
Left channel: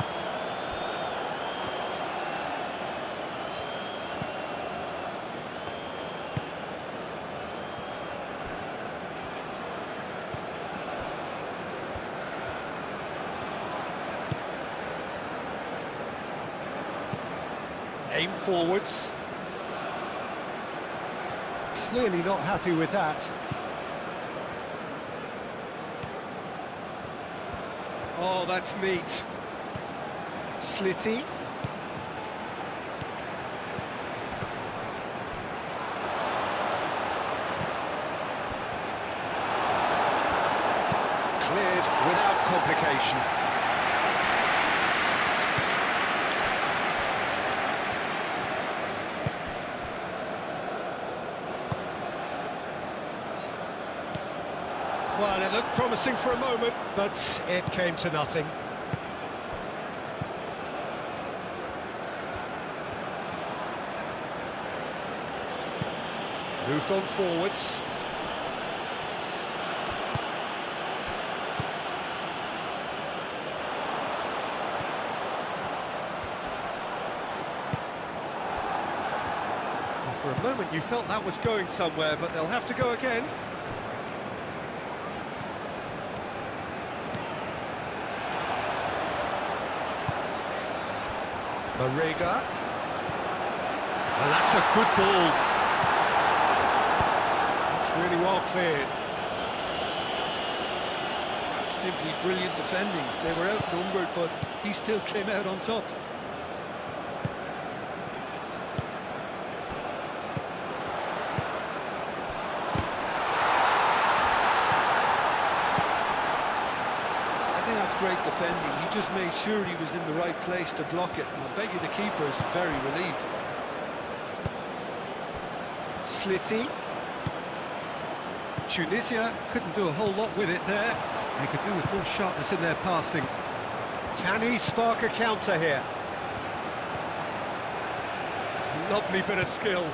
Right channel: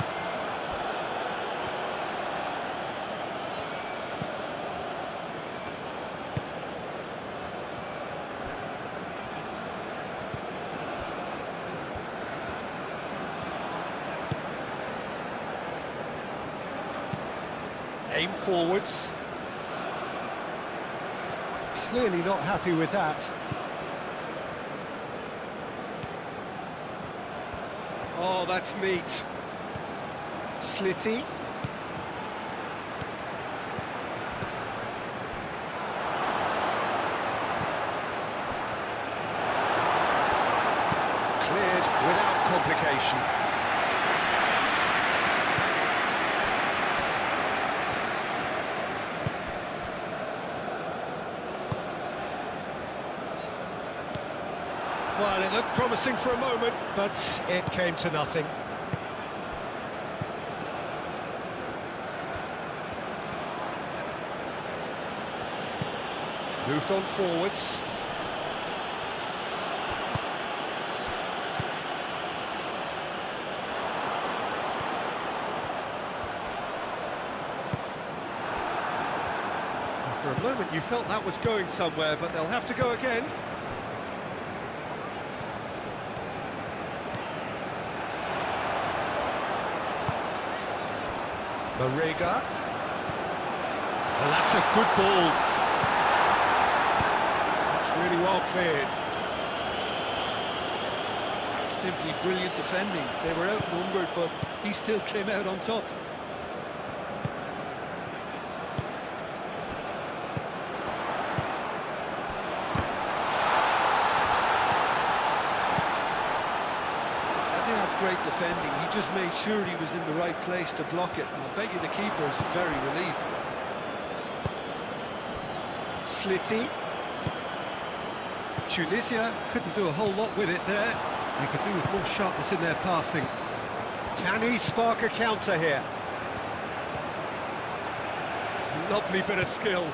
Aim forwards. Clearly not happy with that. Oh, that's neat. Slitty. Cleared without complication. Well, it looked promising for a moment, but it came to nothing. Moved on forwards. For a moment you felt that was going somewhere, but they'll have to go again. Marega. And that's a good ball. That's really well cleared. That's simply brilliant defending. They were outnumbered, but he still came out on top. I think that's great defending. He just made sure he was in the right place to block it. And I bet you the keeper's very relieved. Slitty. Tunisia couldn't do a whole lot with it there. They could do with more sharpness in their passing. Can he spark a counter here? Lovely bit of skill.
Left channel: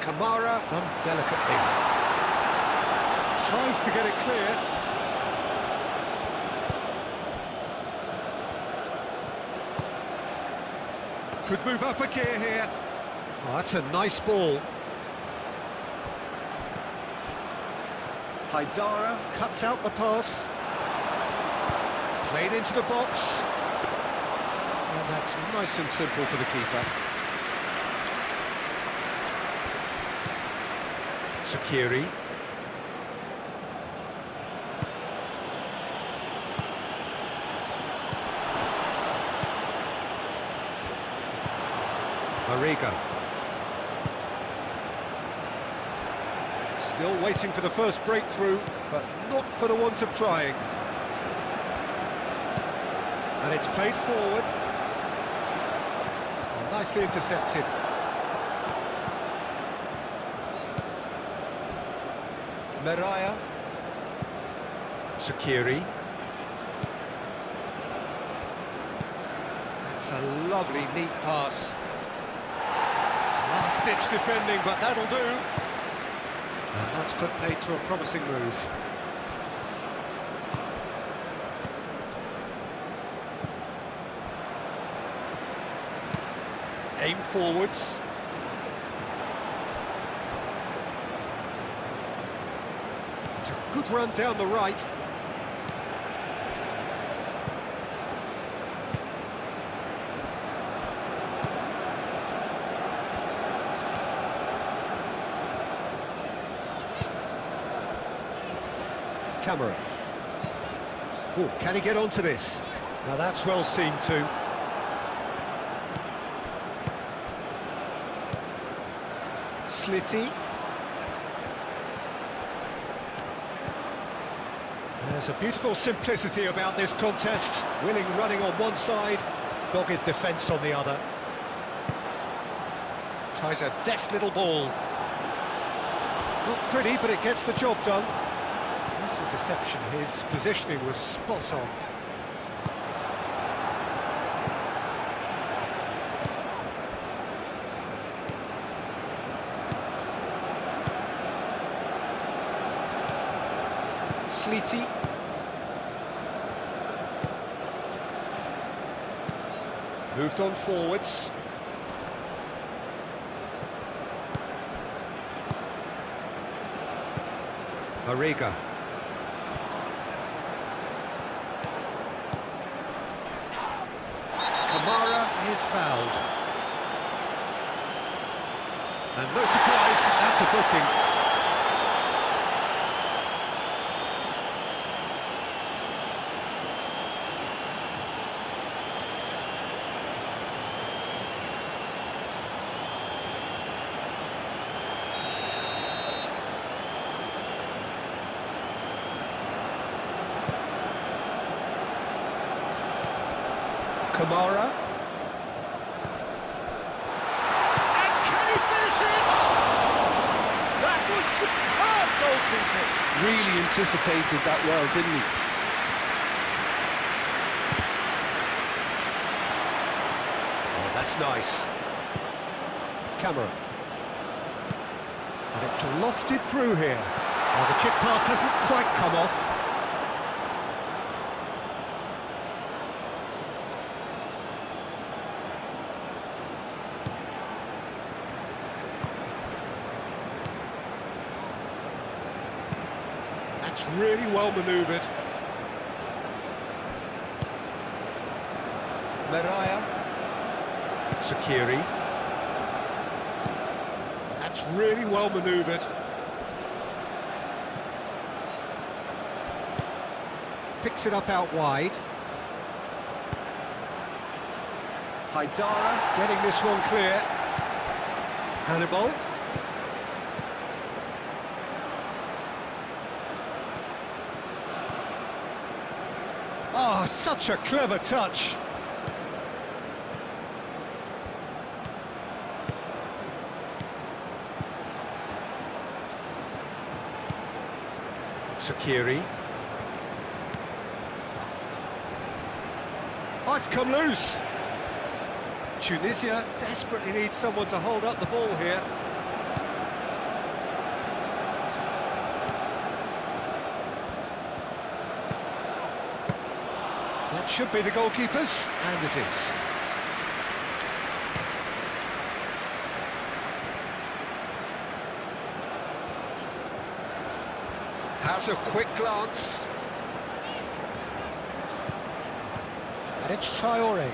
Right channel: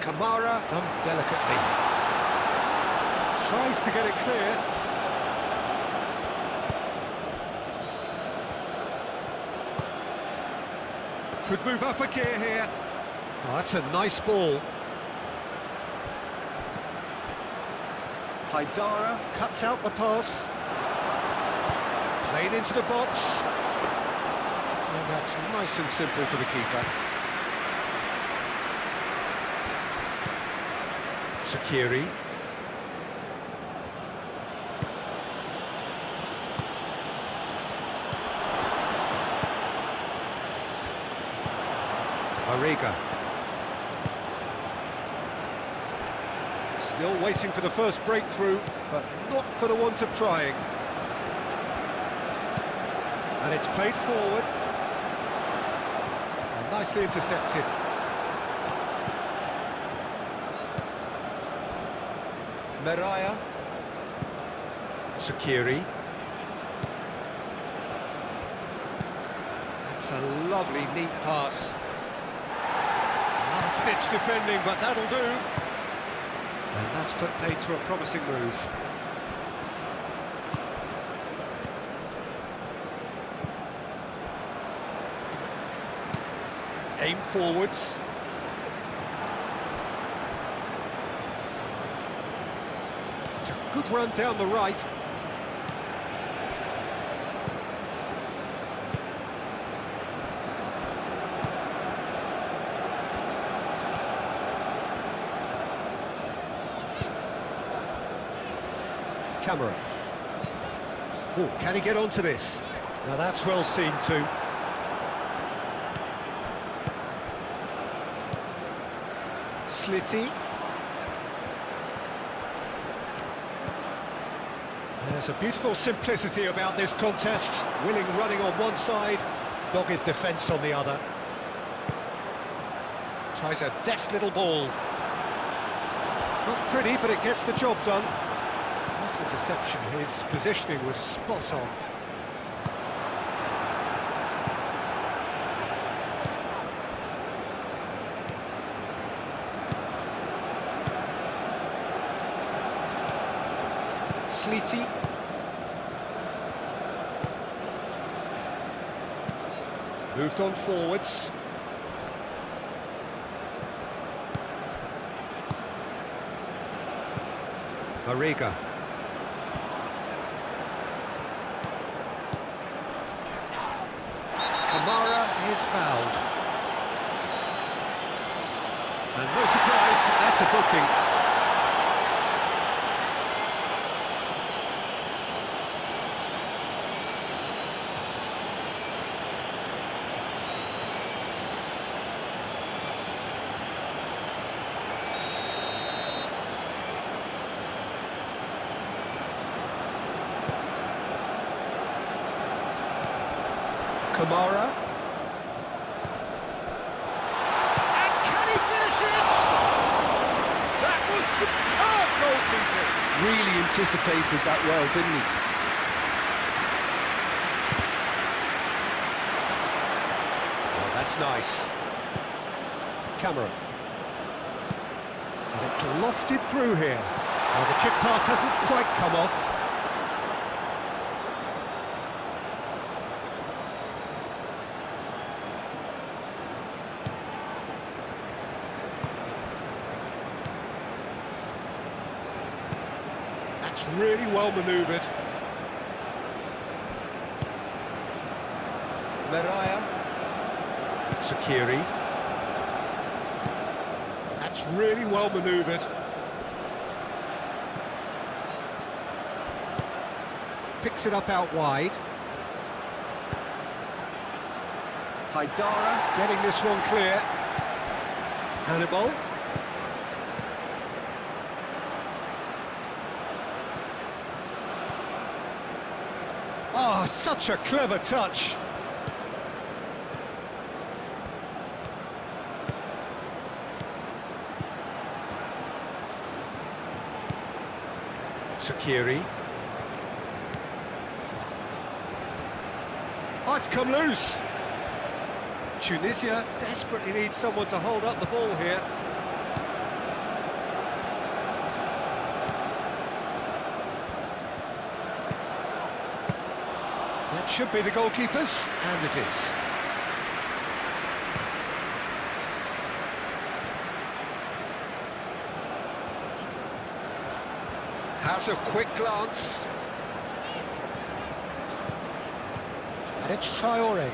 Kamara done delicately. Tries to get it clear. Could move up a gear here. Oh, that's a nice ball. Haidara cuts out the pass. Played into the box. And that's nice and simple for the keeper. Shaqiri. Marega. Still waiting for the first breakthrough, but not for the want of trying. And it's played forward. And nicely intercepted. Meraya. Sakiri. That's a lovely, neat pass. Last-ditch defending, but that'll do. And that's put paid to a promising move. Aim forwards. It's a good run down the right. Camera. Oh, can he get onto this? Now that's well seen too. Slitty. There's a beautiful simplicity about this contest. Willing running on one side, dogged defence on the other. Tries a deft little ball. Not pretty, but it gets the job done. This interception, his positioning was spot on. Slitty. Moved on forwards. Mariga. Kamara is fouled. And no surprise, that's a booking. Kamara. And can he finish it? That was superb goalkeeping. Really anticipated that well, didn't he? Oh, that's nice. Camera. And it's lofted through here. Oh, the chip pass hasn't quite come off. That's really well manoeuvred. Meraya. Sakiri. That's really well manoeuvred. Picks it up out wide. Haidara getting this one clear. Hannibal. Oh, such a clever touch. Sakiri. Oh, it's come loose. Tunisia desperately needs someone to hold up the ball here. That should be the goalkeepers, and it is. Has a quick glance. And it's Traore.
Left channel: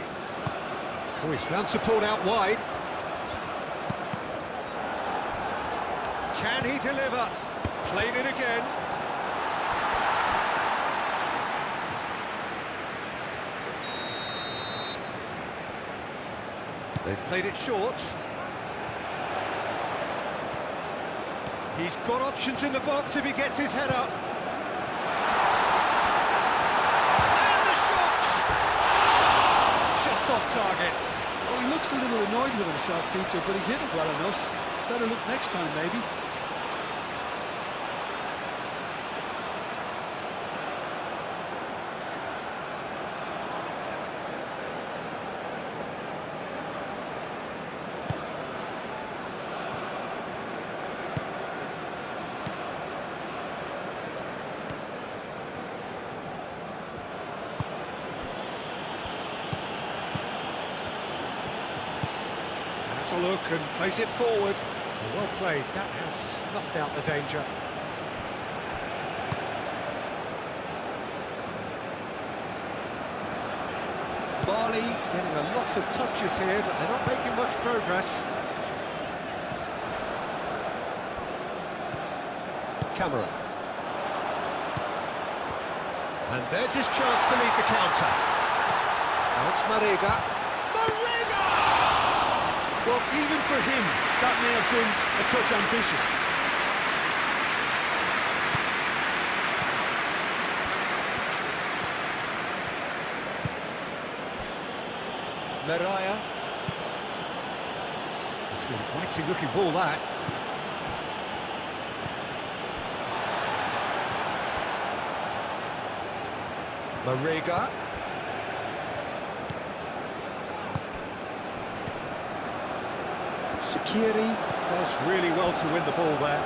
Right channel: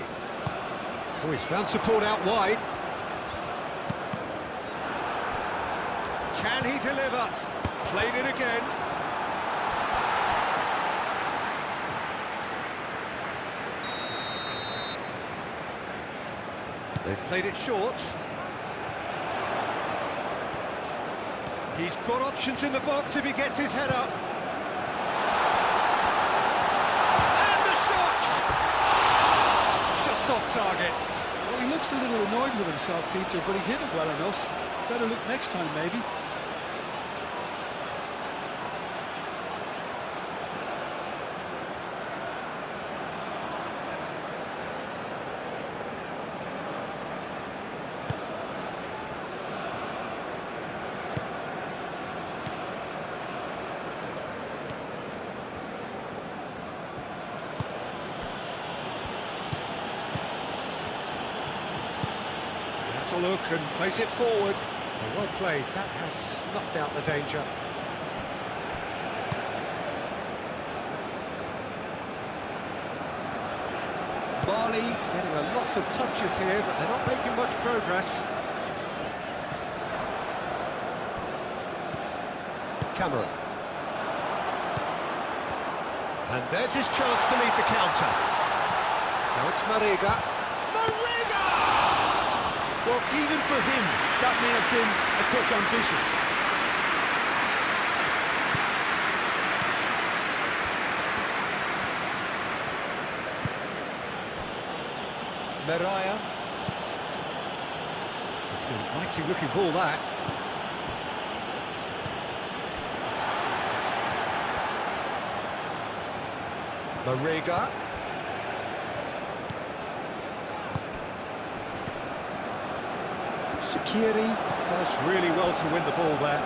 Oh, he's found support out wide. Can he deliver? Played it again. They've played it short. He's got options in the box if he gets his head up. And the shot! Just off target. Well, he looks a little annoyed with himself, Peter, but he hit it well enough. Better look next time, maybe. gets a look and plays it forward. Well played, that has snuffed out the danger. Mali getting a lot of touches here, but they're not making much progress. Camera. And there's his chance to lead the counter. Now it's Mariga. Mariga! Well, even for him, that may have been a touch ambitious. Meraya. It's an inviting looking ball, that. Mariga. Shaqiri does really well to win the ball there.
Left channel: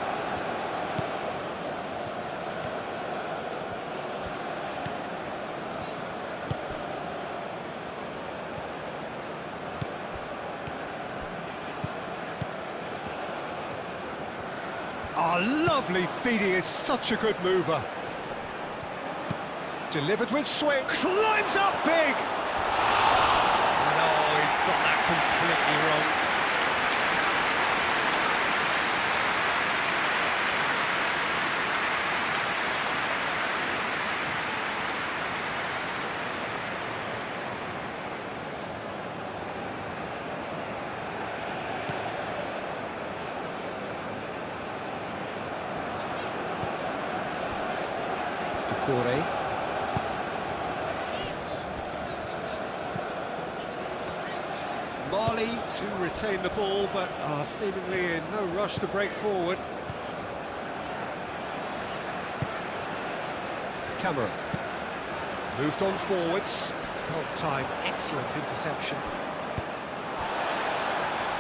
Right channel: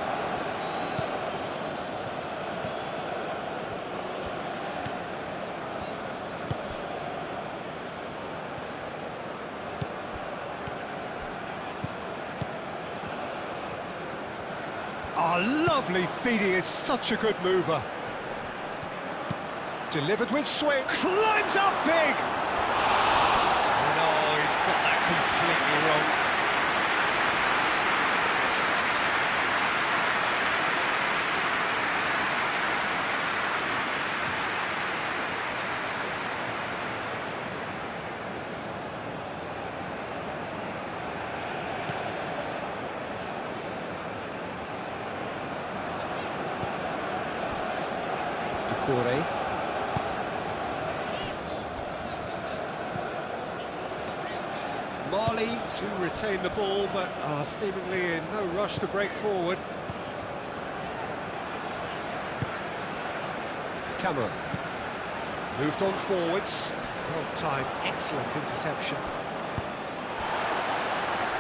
Oh, lovely feed, he is such a good mover. Delivered with swing, climbs up big! And oh, he's got that completely wrong. Decore. Mali to retain the ball, but are seemingly in no rush to break forward. Camera. Moved on forwards. Well timed, excellent interception.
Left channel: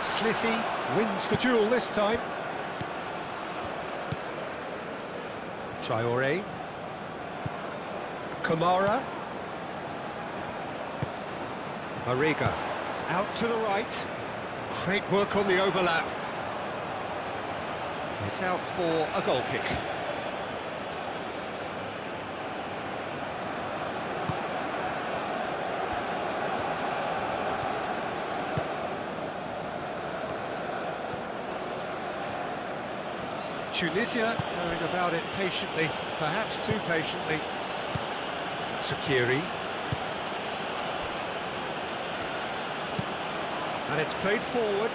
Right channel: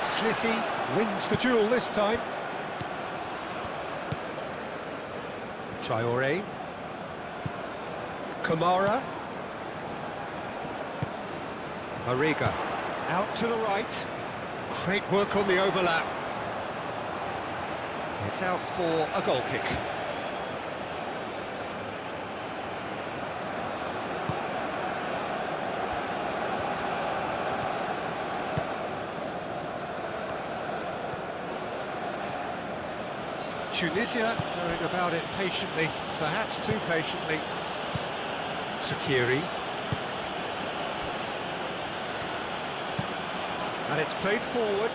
Slitty wins the duel this time. Traore. Kamara. Mariga. Out to the right. Great work on the overlap. It's out for a goal kick. Tunisia going about it patiently, perhaps too patiently. Shaqiri. And it's played forward.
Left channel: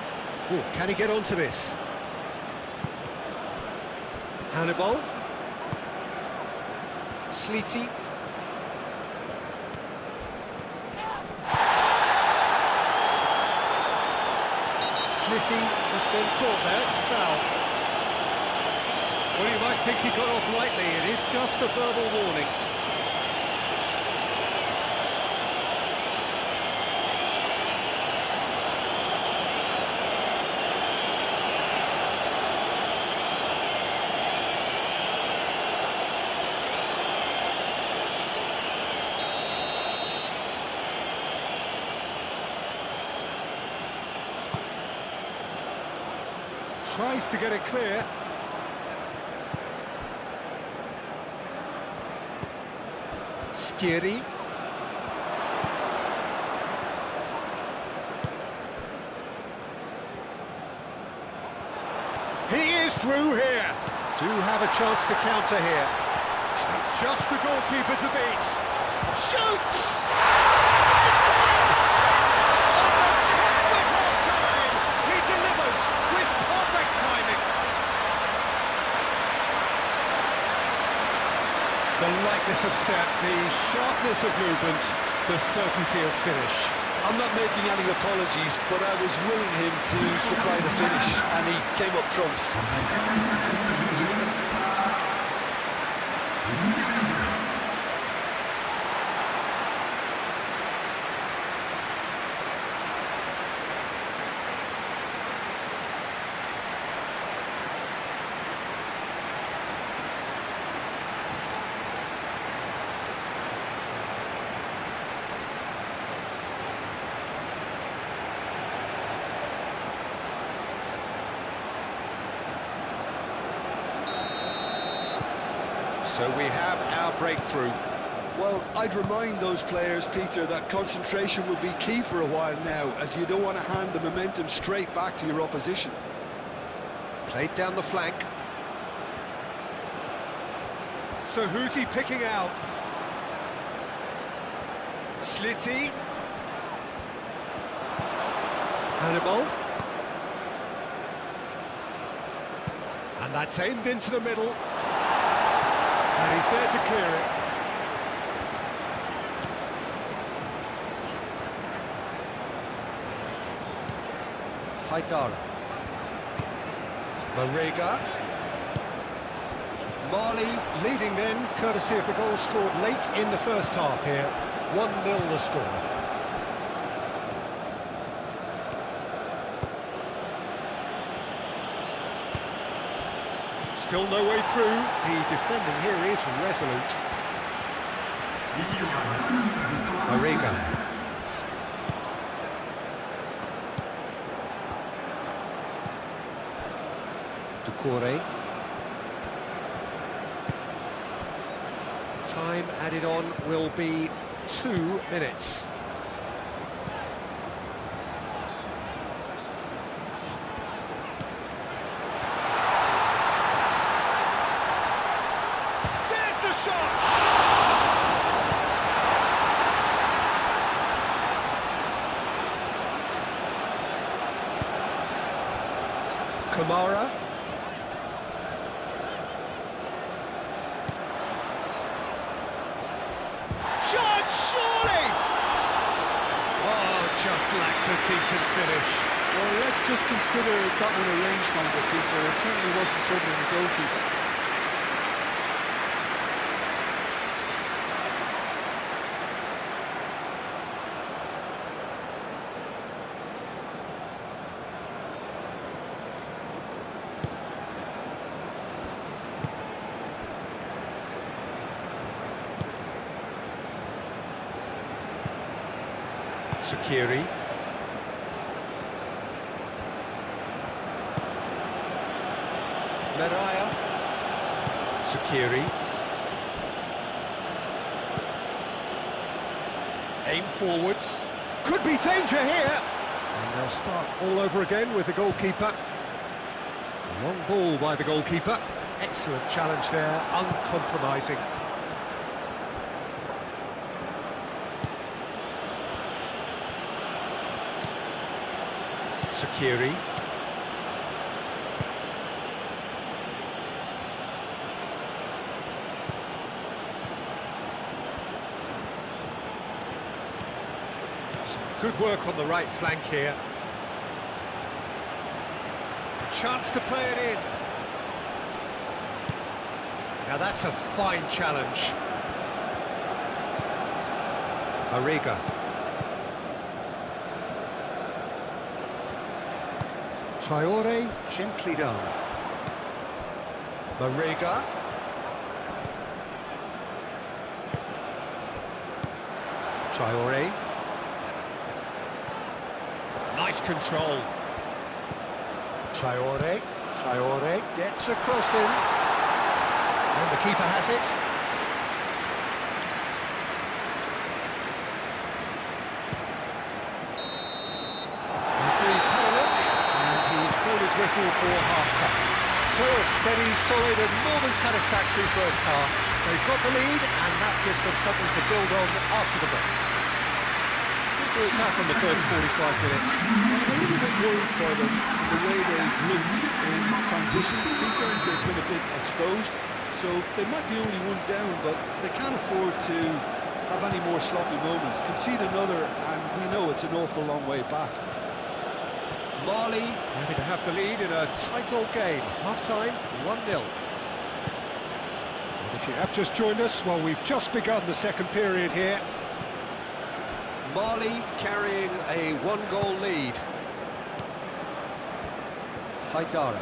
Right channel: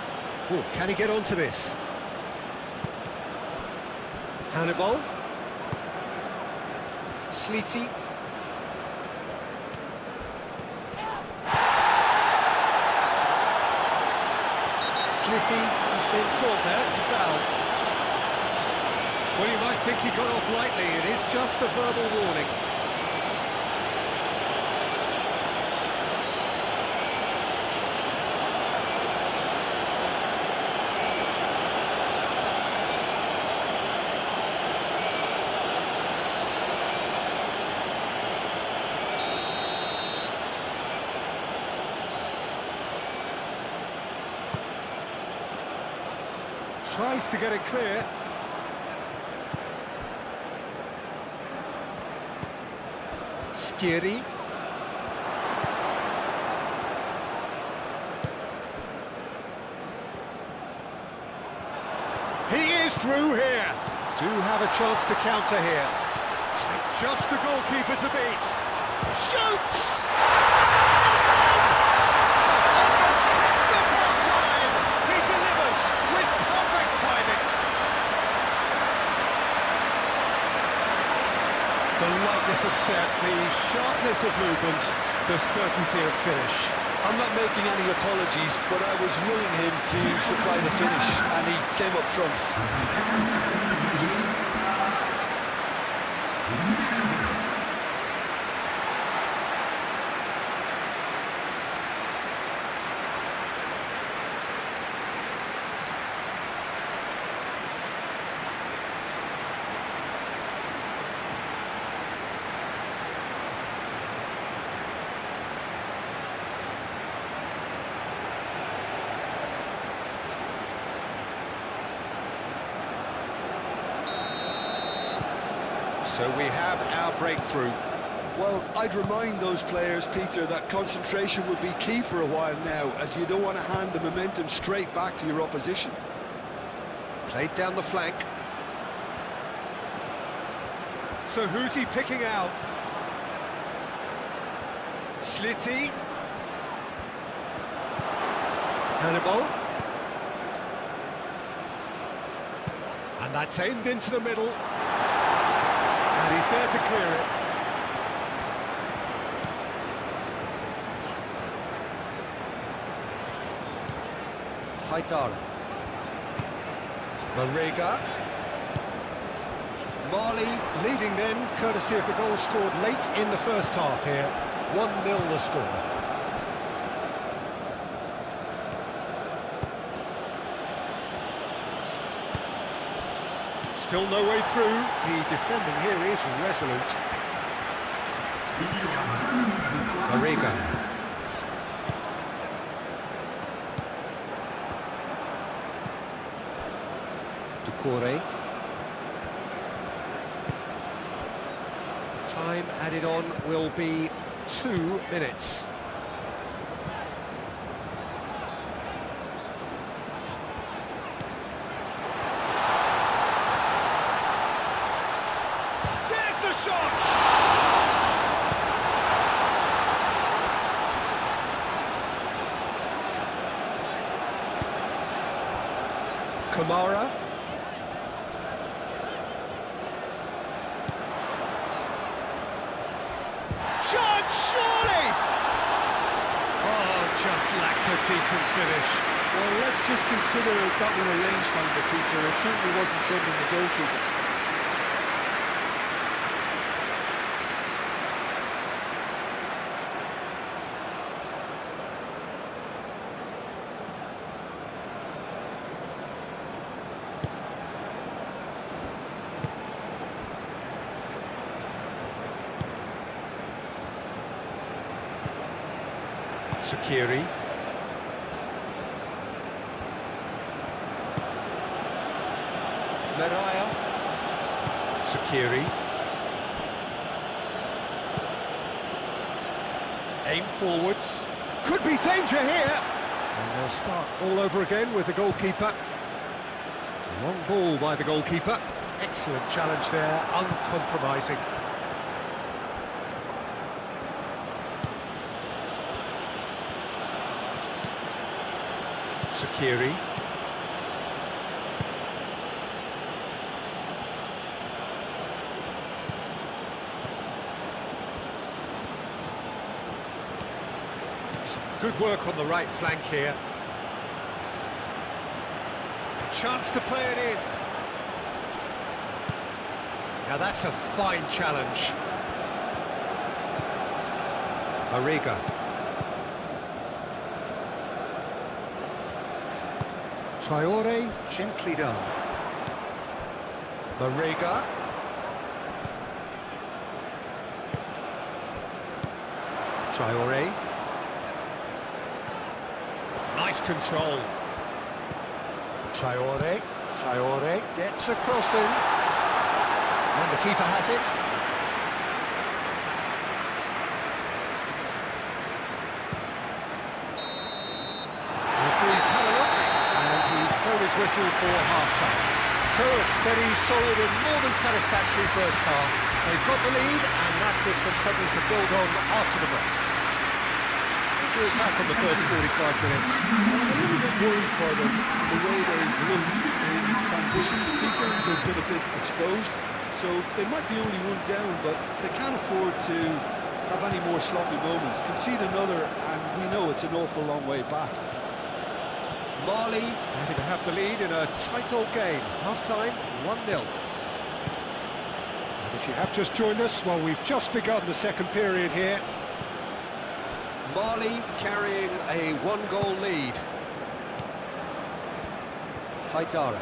Ooh, can he get onto this? Hannibal. Slitty. Slitty has been caught there, it's a foul. Well, you might think he got off lightly, it is just a verbal warning. Tries to get it clear. Skiri. He is through here. Do have a chance to counter here. Just the goalkeeper to beat. Shoots! It's in! On the cusp of half-time, he delivers with perfect timing. The lightness of step, the sharpness of movement, the certainty of finish. I'm not making any apologies, but I was willing him to supply the finish, and he came up trumps. So we have our breakthrough. Well, I'd remind those players, Peter, that concentration will be key for a while now, as you don't want to hand the momentum straight back to your opposition. Played down the flank. So who's he picking out? Slitty. Hannibal. And that's aimed into the middle. And he's there to clear it. Haidara. Marega. Mali leading then, courtesy of the goal scored late in the first half here. 1-0 the score. Still no way through. The defending here is resolute. Marega. Ducouré. Time added on will be 2 minutes. There's the shot! Kamara. Shot, surely! Oh, just lacked a decent finish. Well, let's just consider that one a rangefinder, Peter. It certainly wasn't troubling the goalkeeper. Shaqiri. Meraya. Shaqiri. Aim forwards. Could be danger here. And they'll start all over again with the goalkeeper. Long ball by the goalkeeper. Excellent challenge there, uncompromising. Shaqiri. Some good work on the right flank here. A chance to play it in. Now that's a fine challenge. Marega. Traore, gently done. Marega. Traore. Nice control. Traore. Traore gets a cross in. And the keeper has it. Referee's had a look. And he's blown his whistle for half-time. So a steady, solid and more than satisfactory first half. They've got the lead and that gives them something to build on after the break. We'll do it back on the first 45 minutes. Well, I'm a little bit worried for them in the way they've looked in transitions, Peter. They've been a bit exposed, so they might be only one down, but they can't afford to have any more sloppy moments. Concede another and we know it's an awful long way back. Mali happy to have the lead in a tight old game. Half-time, 1-0. And if you have just joined us, well, we've just begun the second period here. Mali carrying a one-goal lead. Haidara.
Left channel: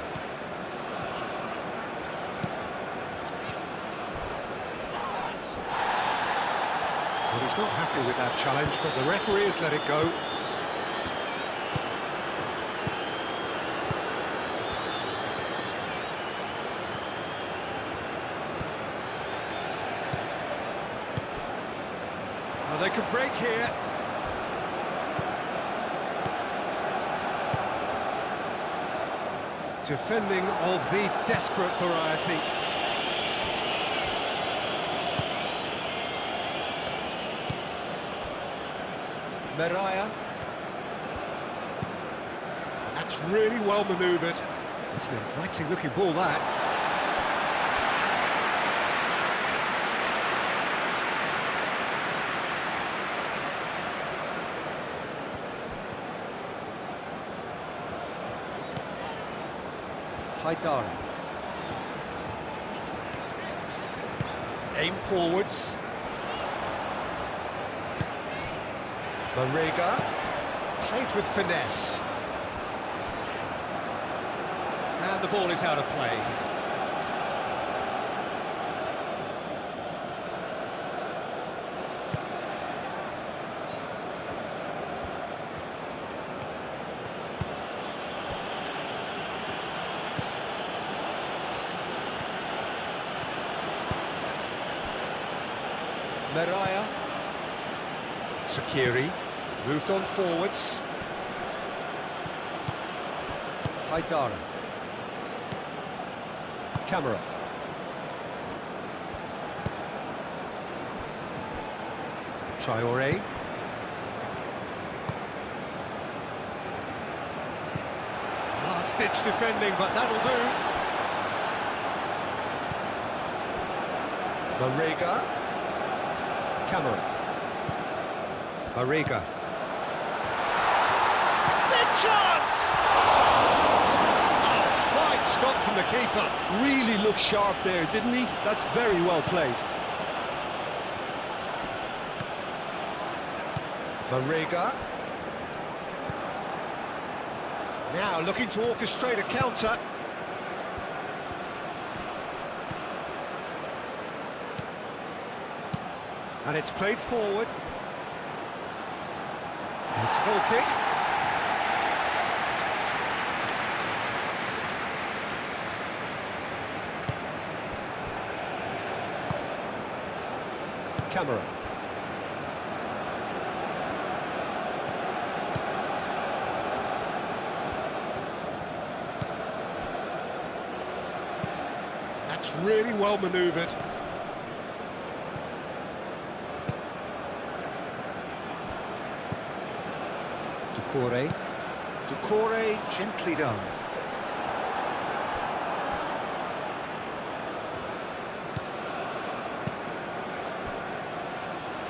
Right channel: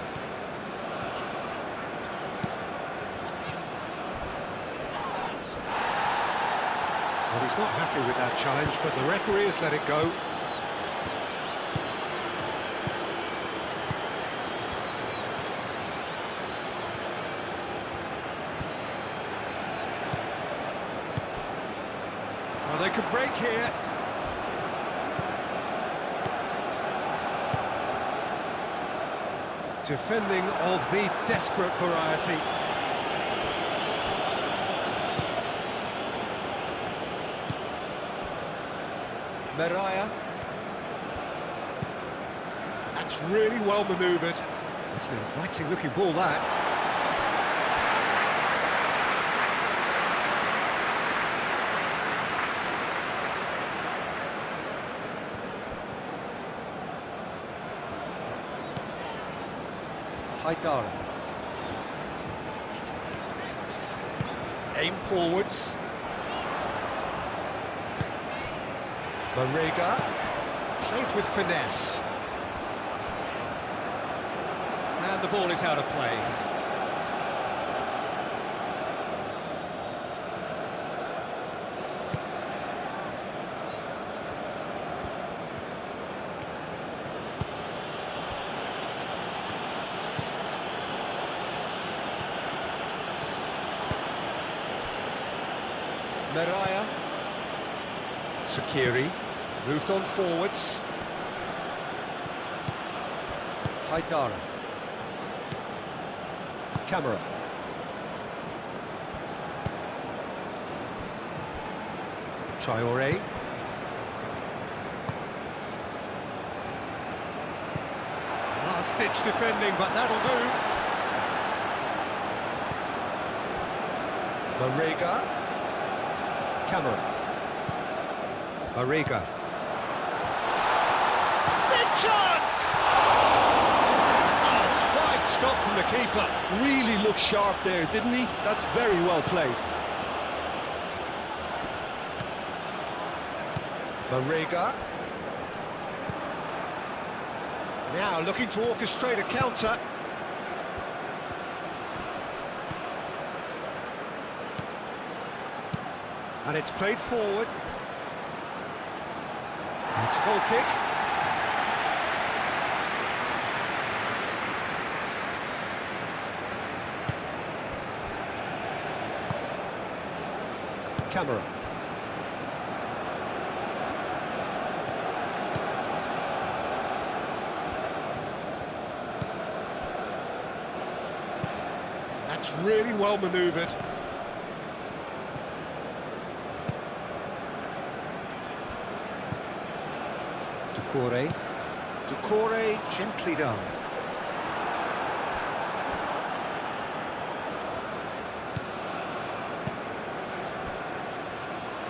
Well, he's not happy with that challenge, but the referee has let it go. they could break here. Defending of the desperate variety. Mariah. That's really well manoeuvred. It's an inviting looking ball, that. Haidara. Aim forwards. Marega. Played with finesse. And the ball is out of play. Mariah. Sakiri. Moved on forwards. Haidara. Camera. Traore. Last-ditch defending, but that'll do. Marega. Camera. Marega. Big chance! Oh, fine stop from the keeper. Really looked sharp there, didn't he? That's very well played. Marega. Now looking to orchestrate a counter. And it's played forward. It's a goal kick. Camera. That's really well manoeuvred. Doucouré gently done.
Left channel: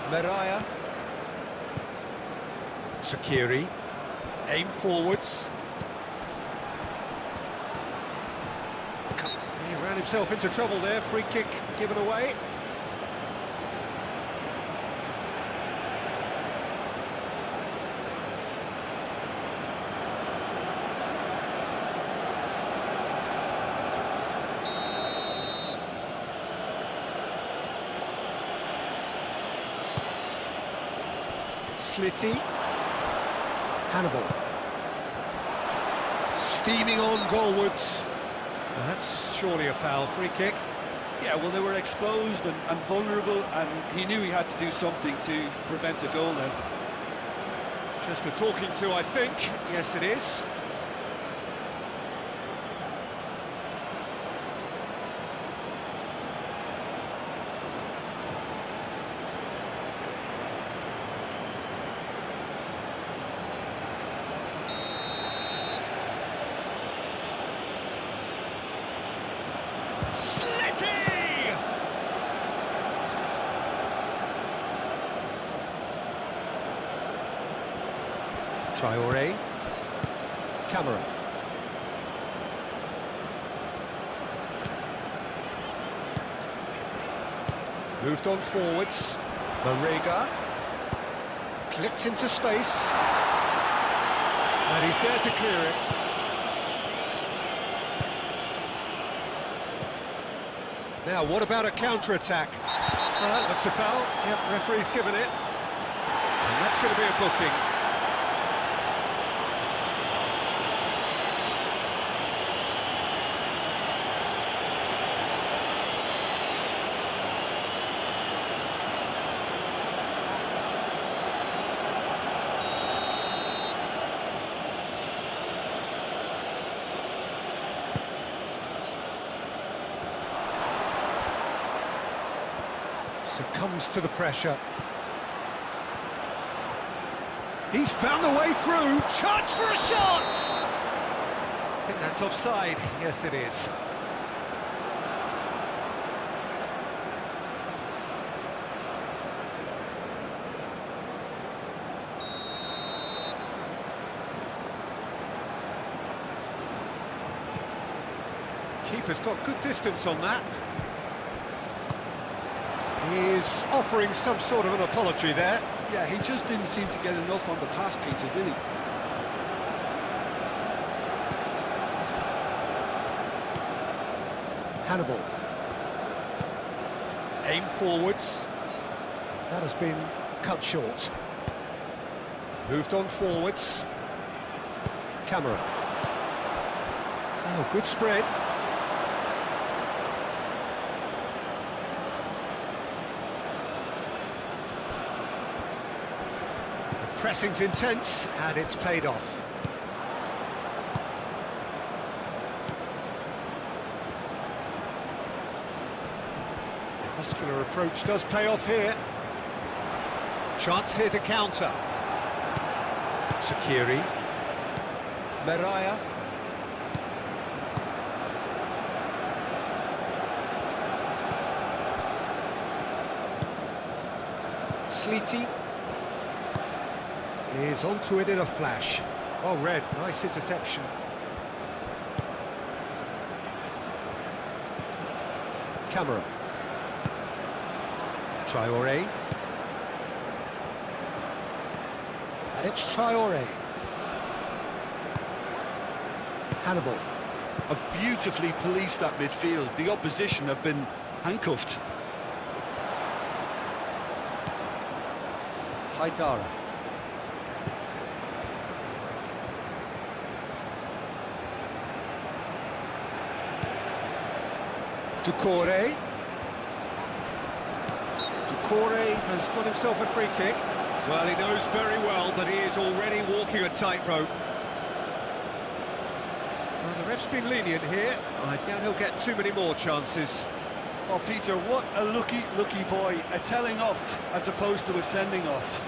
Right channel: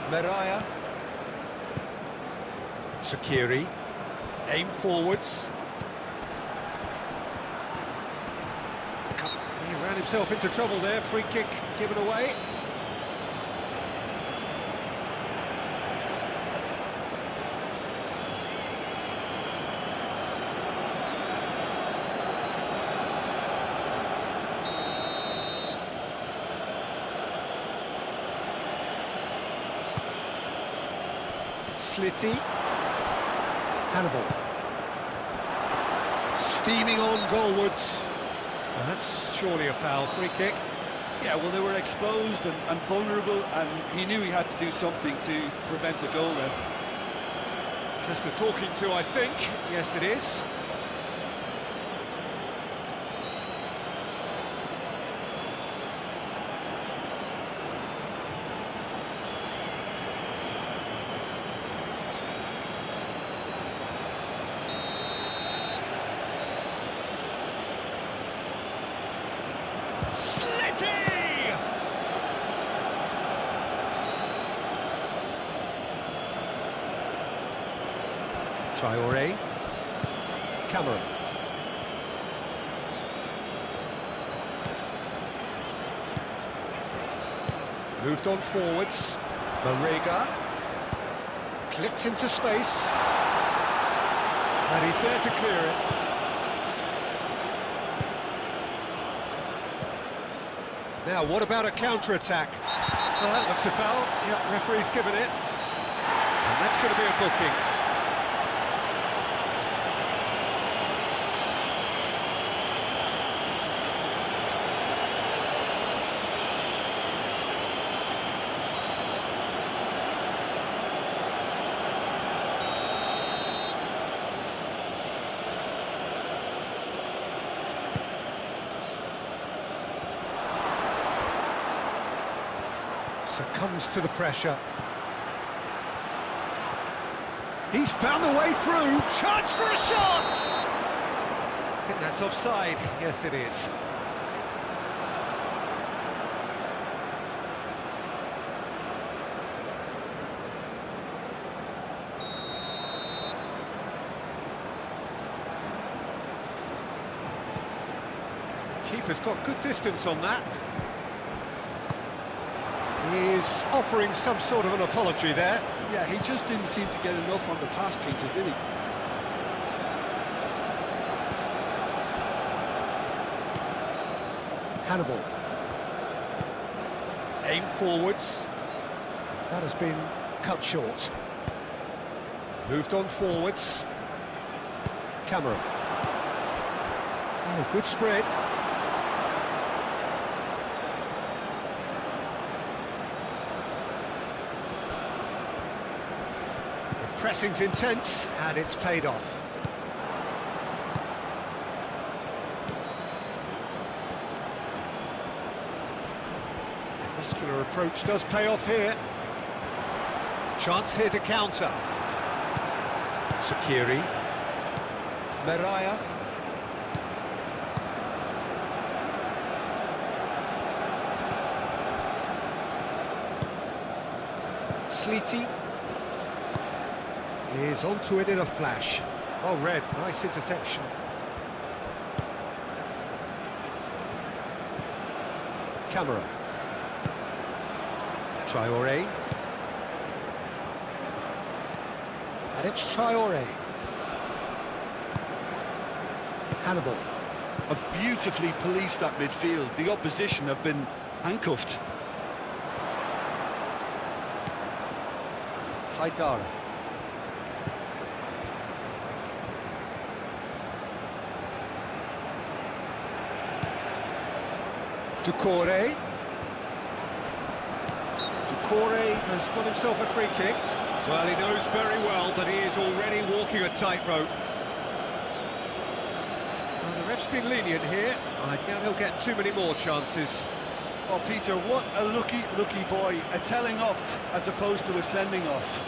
Mariah. Sakiri. Aim forwards. He ran himself into trouble there. Free kick given away. Slitty. Hannibal. Steaming on goalwards. Well, that's surely a foul. Free kick. Yeah, well, they were exposed and vulnerable, and he knew he had to do something to prevent a goal then. Just a talking to, I think. Yes, it is. Traore. Camera. Moved on forwards. Marega. Clipped into space. And he's there to clear it. Now, what about a counter-attack? Well, that looks a foul. Yep, referee's given it. And that's going to be a booking. Succumbs to the pressure. He's found a way through. Chance for a shot! I think that's offside. Yes, it is. Keeper's got good distance on that. He's offering some sort of an apology there. Yeah, he just didn't seem to get enough on the pass, Peter, did he? Hannibal. Aim forwards. That has been cut short. Moved on forwards. Camera. Oh, good spread. The pressing's intense, and it's paid off. Muscular approach does pay off here. Chance here to counter. Sakiri. Meraya. Sleety. Is onto it in a flash. Oh, Red, nice interception. Camera. Traoré. And it's Traoré. Hannibal. Have beautifully policed that midfield. The opposition have been handcuffed. Haidara. Doucouré. Doucouré has got himself a free kick. Well, he knows very well that he is already walking a tightrope. Well, the ref's been lenient here. I doubt he'll get too many more chances. Oh, Peter, what a lucky boy. A telling off as opposed to a sending off.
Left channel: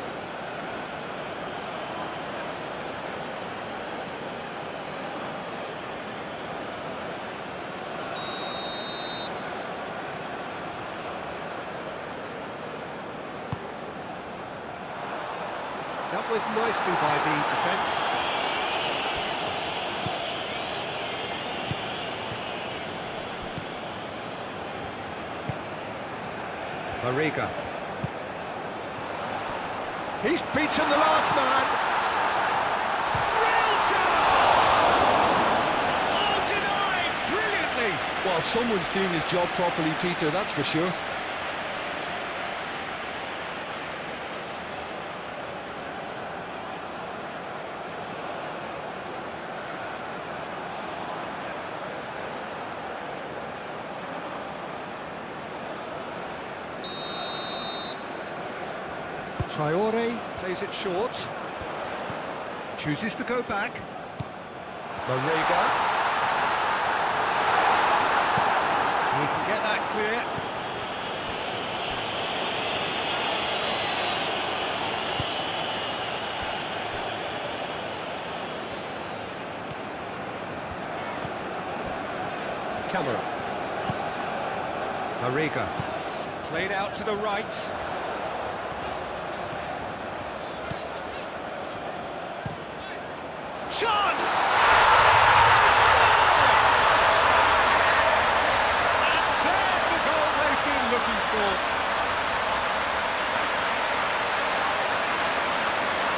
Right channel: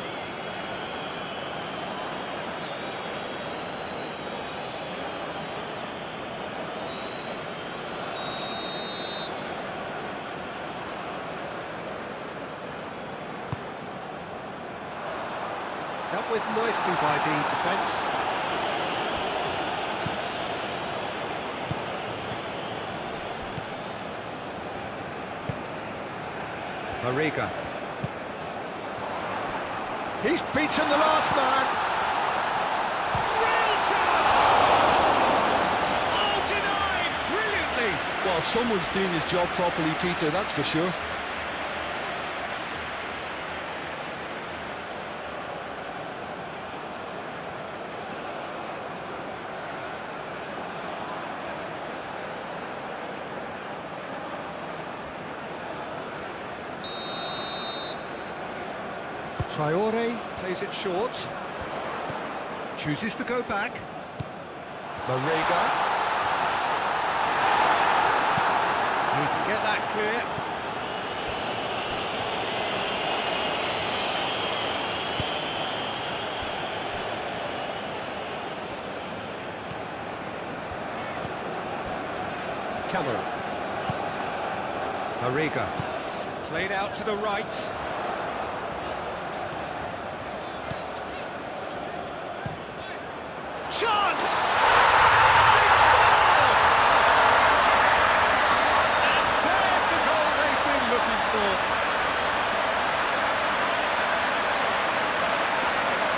Dealt with nicely by the defence. Mariga. He's beaten the last man. Real chance! Oh, denied brilliantly. Well, someone's doing his job properly, Peter, that's for sure. Traoré plays it short. Chooses to go back. Mariga. He can get that clear. Camera. Mariga. Played out to the right. Chance! They've scored! And there's the goal they've been looking for.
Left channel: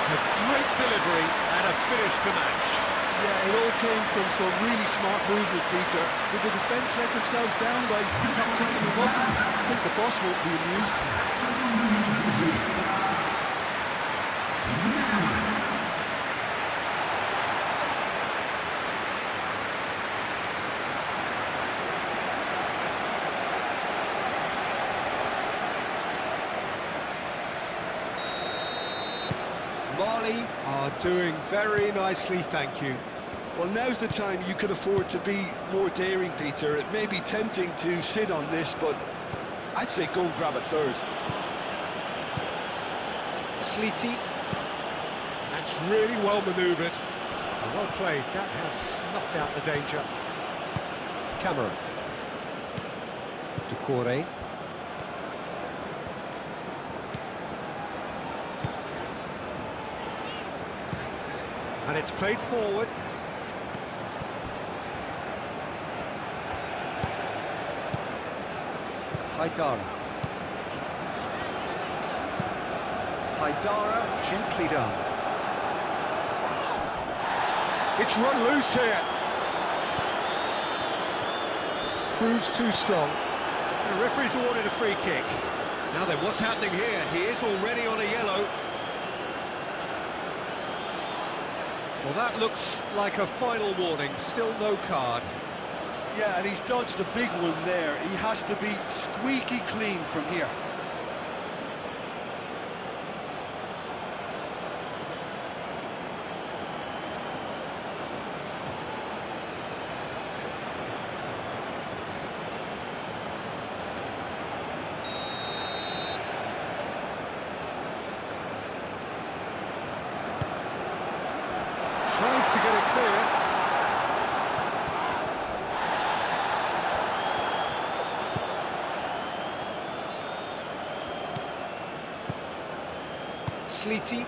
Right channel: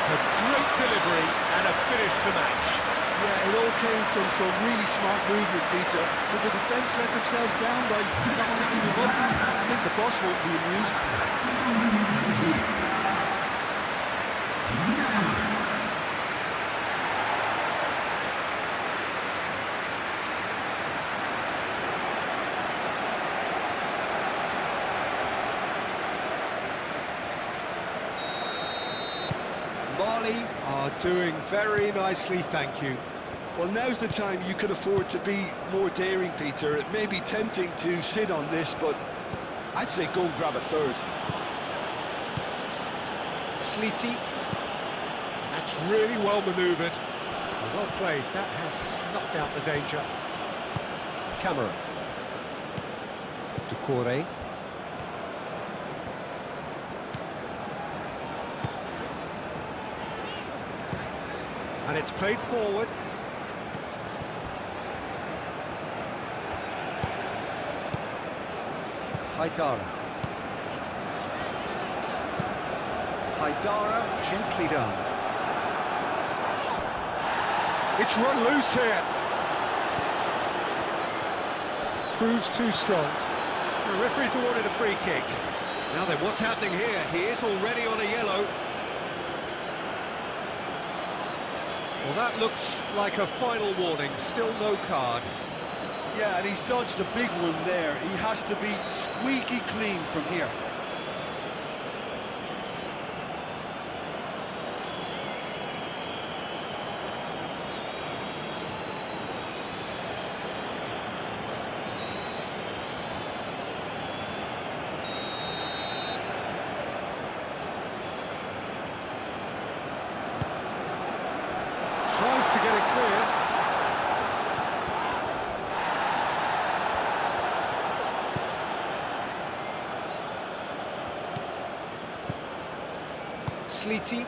A great delivery and a finish to match. Yeah, it all came from some really smart movement, Peter. Did the defence let themselves down by not picking him up? I think the boss won't be amused. Mali are doing very nicely, thank you. Well, now's the time you can afford to be more daring, Peter. It may be tempting to sit on this, but I'd say go and grab a third. Sleety. That's really well manoeuvred. Well played. That has snuffed out the danger. Camera. Ducore. And it's played forward. Haidara. Haidara, gently done. It's run loose here. Proves too strong. The referee's awarded a free kick. Now then, what's happening here? He is already on a yellow. Well, that looks like a final warning. Still no card. Yeah, and he's dodged a big one there. He has to be squeaky clean from here. Tries to get it clear. Sleety.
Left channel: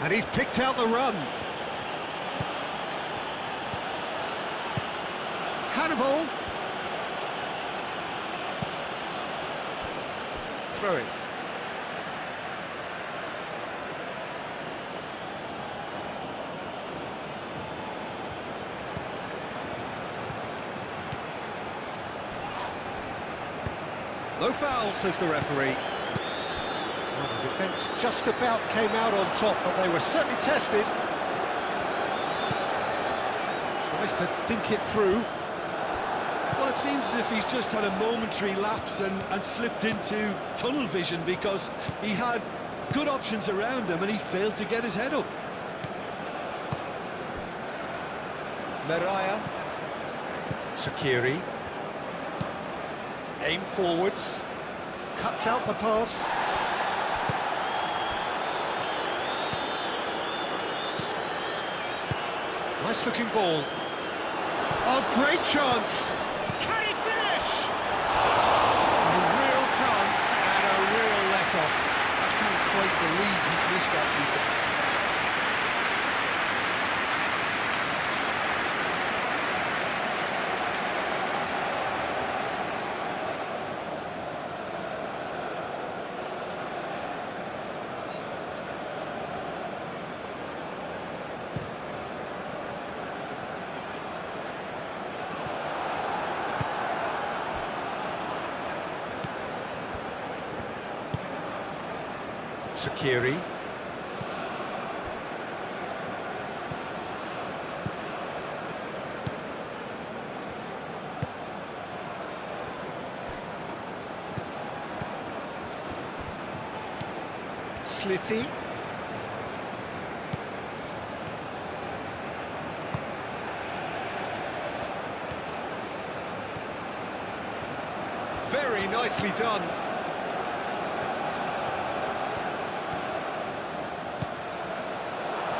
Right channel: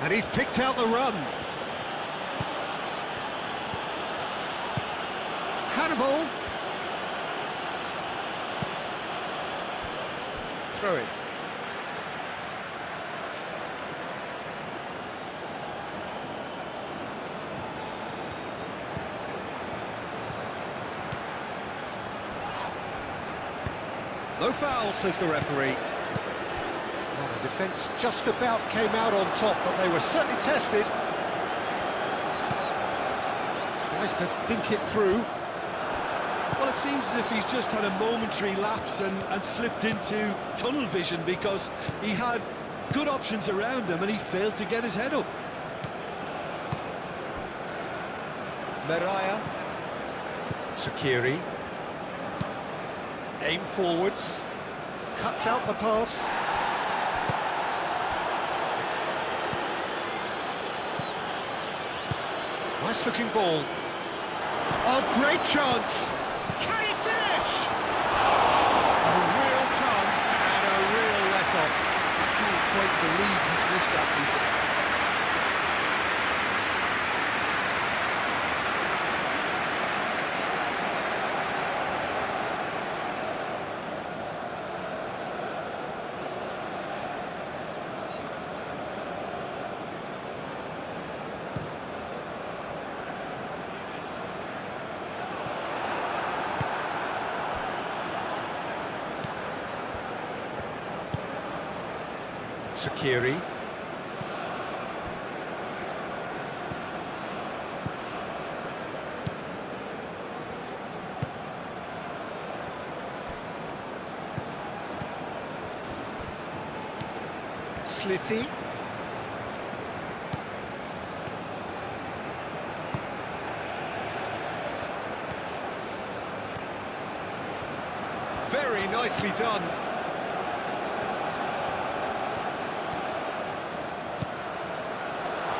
And he's picked out the run. Hannibal. Throw it. No foul, says the referee. Well, the defence just about came out on top, but they were certainly tested. Tries to dink it through. Well, it seems as if he's just had a momentary lapse and slipped into tunnel vision, because he had good options around him and he failed to get his head up. Meraya. Sakiri. Aim forwards. Cuts out the pass. Nice looking ball. Oh, great chance! Can he finish? A real chance and a real let-off. I can't quite believe he's missed that, Peter. Sakiri. Slitty. Very nicely done.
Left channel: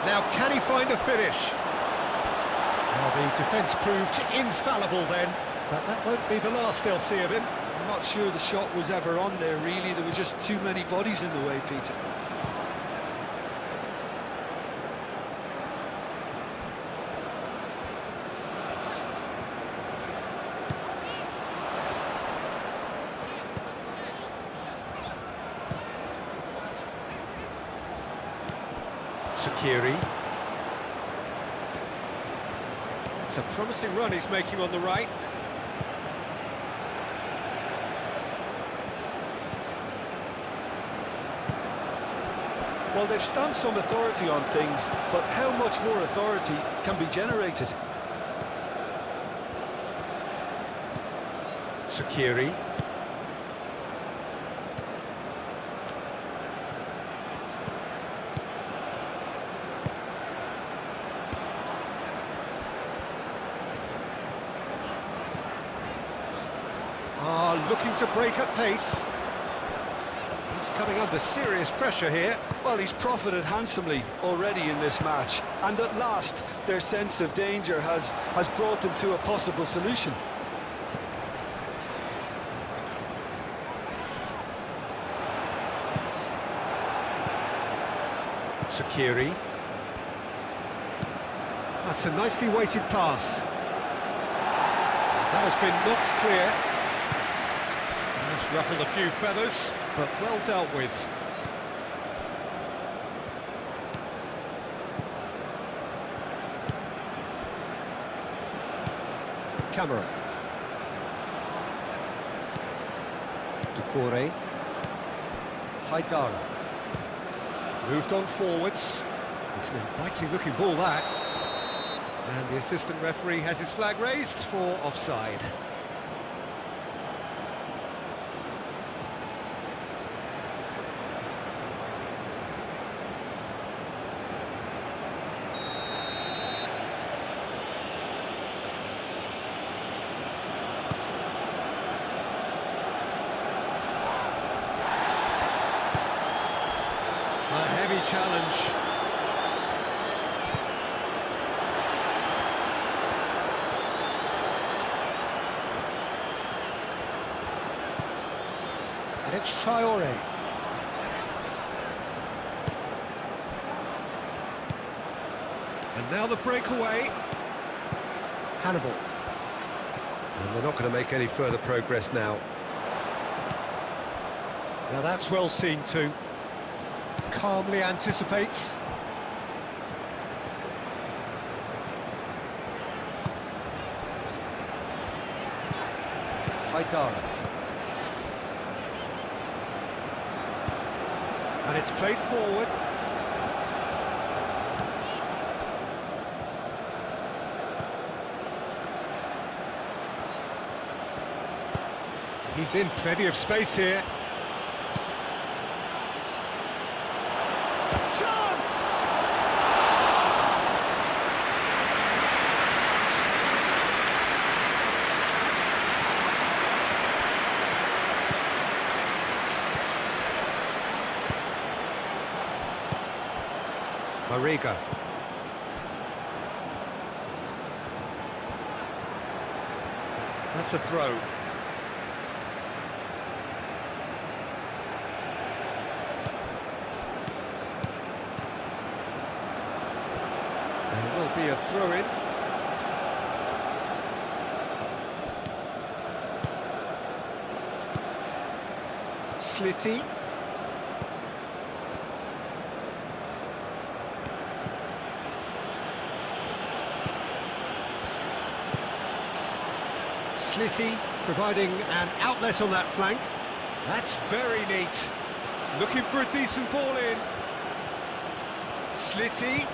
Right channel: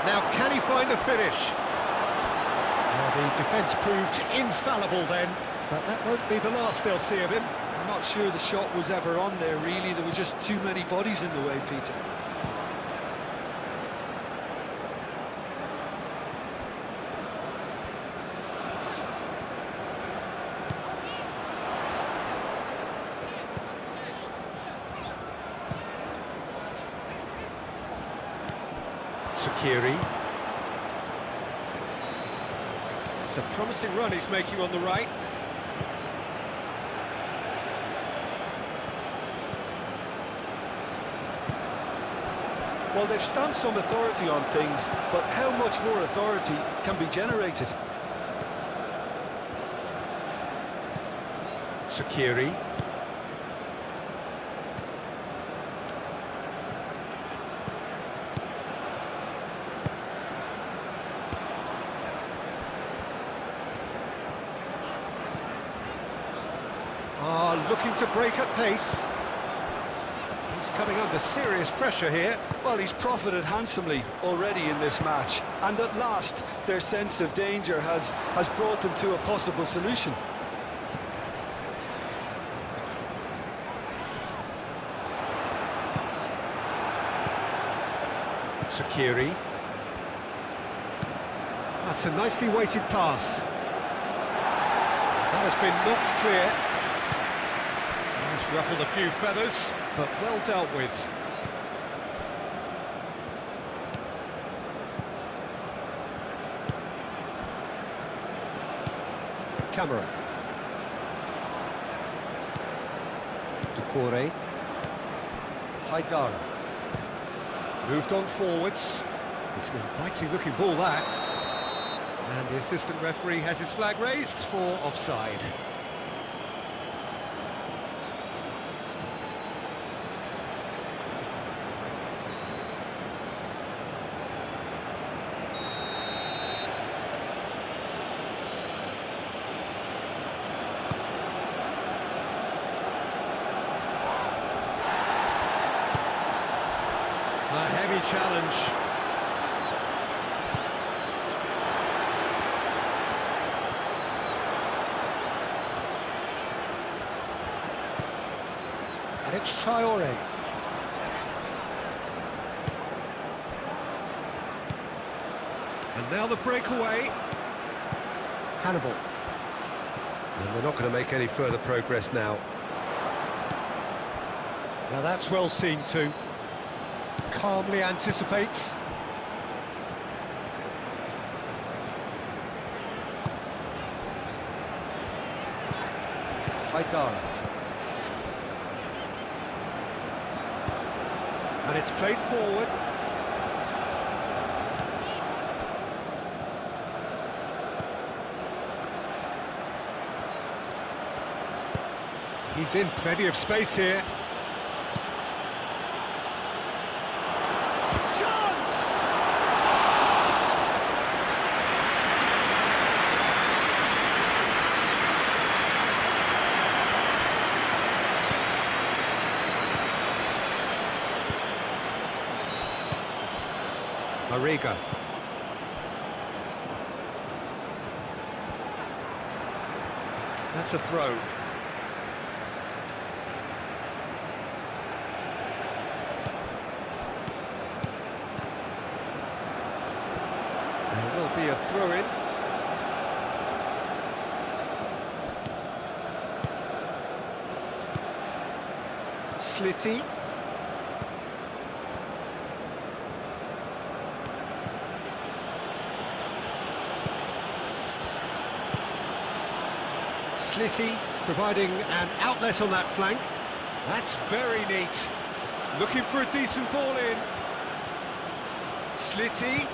Now, can he find a finish? Well, the defence proved infallible then, but that won't be the last they'll see of him. I'm not sure the shot was ever on there, really. There were just too many bodies in the way, Peter. Sakiri. It's a promising run he's making on the right. Well, they've stamped some authority on things, but how much more authority can be generated? Sakiri. looking to break at pace. He's coming under serious pressure here. Well, he's profited handsomely already in this match, and at last their sense of danger has brought them to a possible solution. Sakiri. That's a nicely weighted pass. That has been knocked clear. That's ruffled a few feathers, but well dealt with. Camera. Doucouré. Haidara. Moved on forwards. It's an inviting looking ball, that. And the assistant referee has his flag raised for offside. A heavy challenge. And it's Traoré. And now the breakaway. Hannibal. And they're not going to make any further progress now. Now that's well seen too. Calmly anticipates. Haidara. And it's played forward. He's in plenty of space here. Chance! Mariga. That's a throw. There will be a throw-in. Slitty. Slitty providing an outlet on that flank. That's very neat. Looking for a decent ball in. Slitty.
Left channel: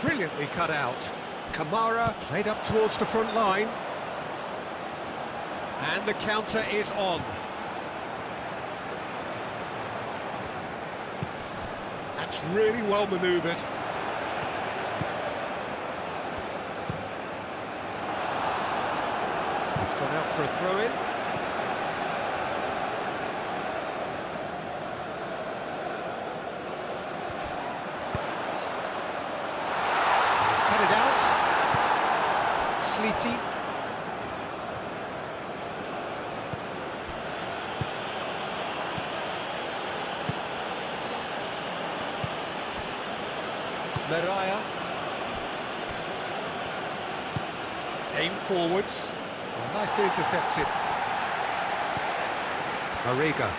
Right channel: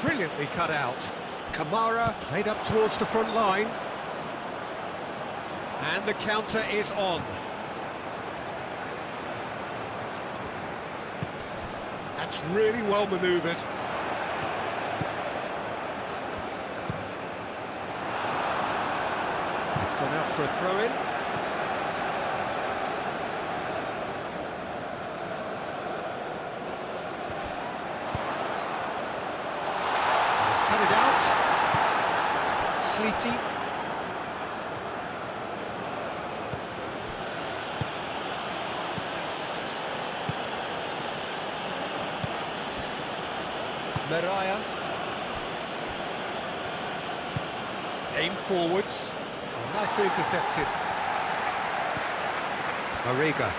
Brilliantly cut out. Kamara played up towards the front line. And the counter is on. That's really well manoeuvred. It's gone out for a throw-in. He's cut it out. Slitty. Meraya. Aim forwards. Oh, nicely intercepted. Mariga.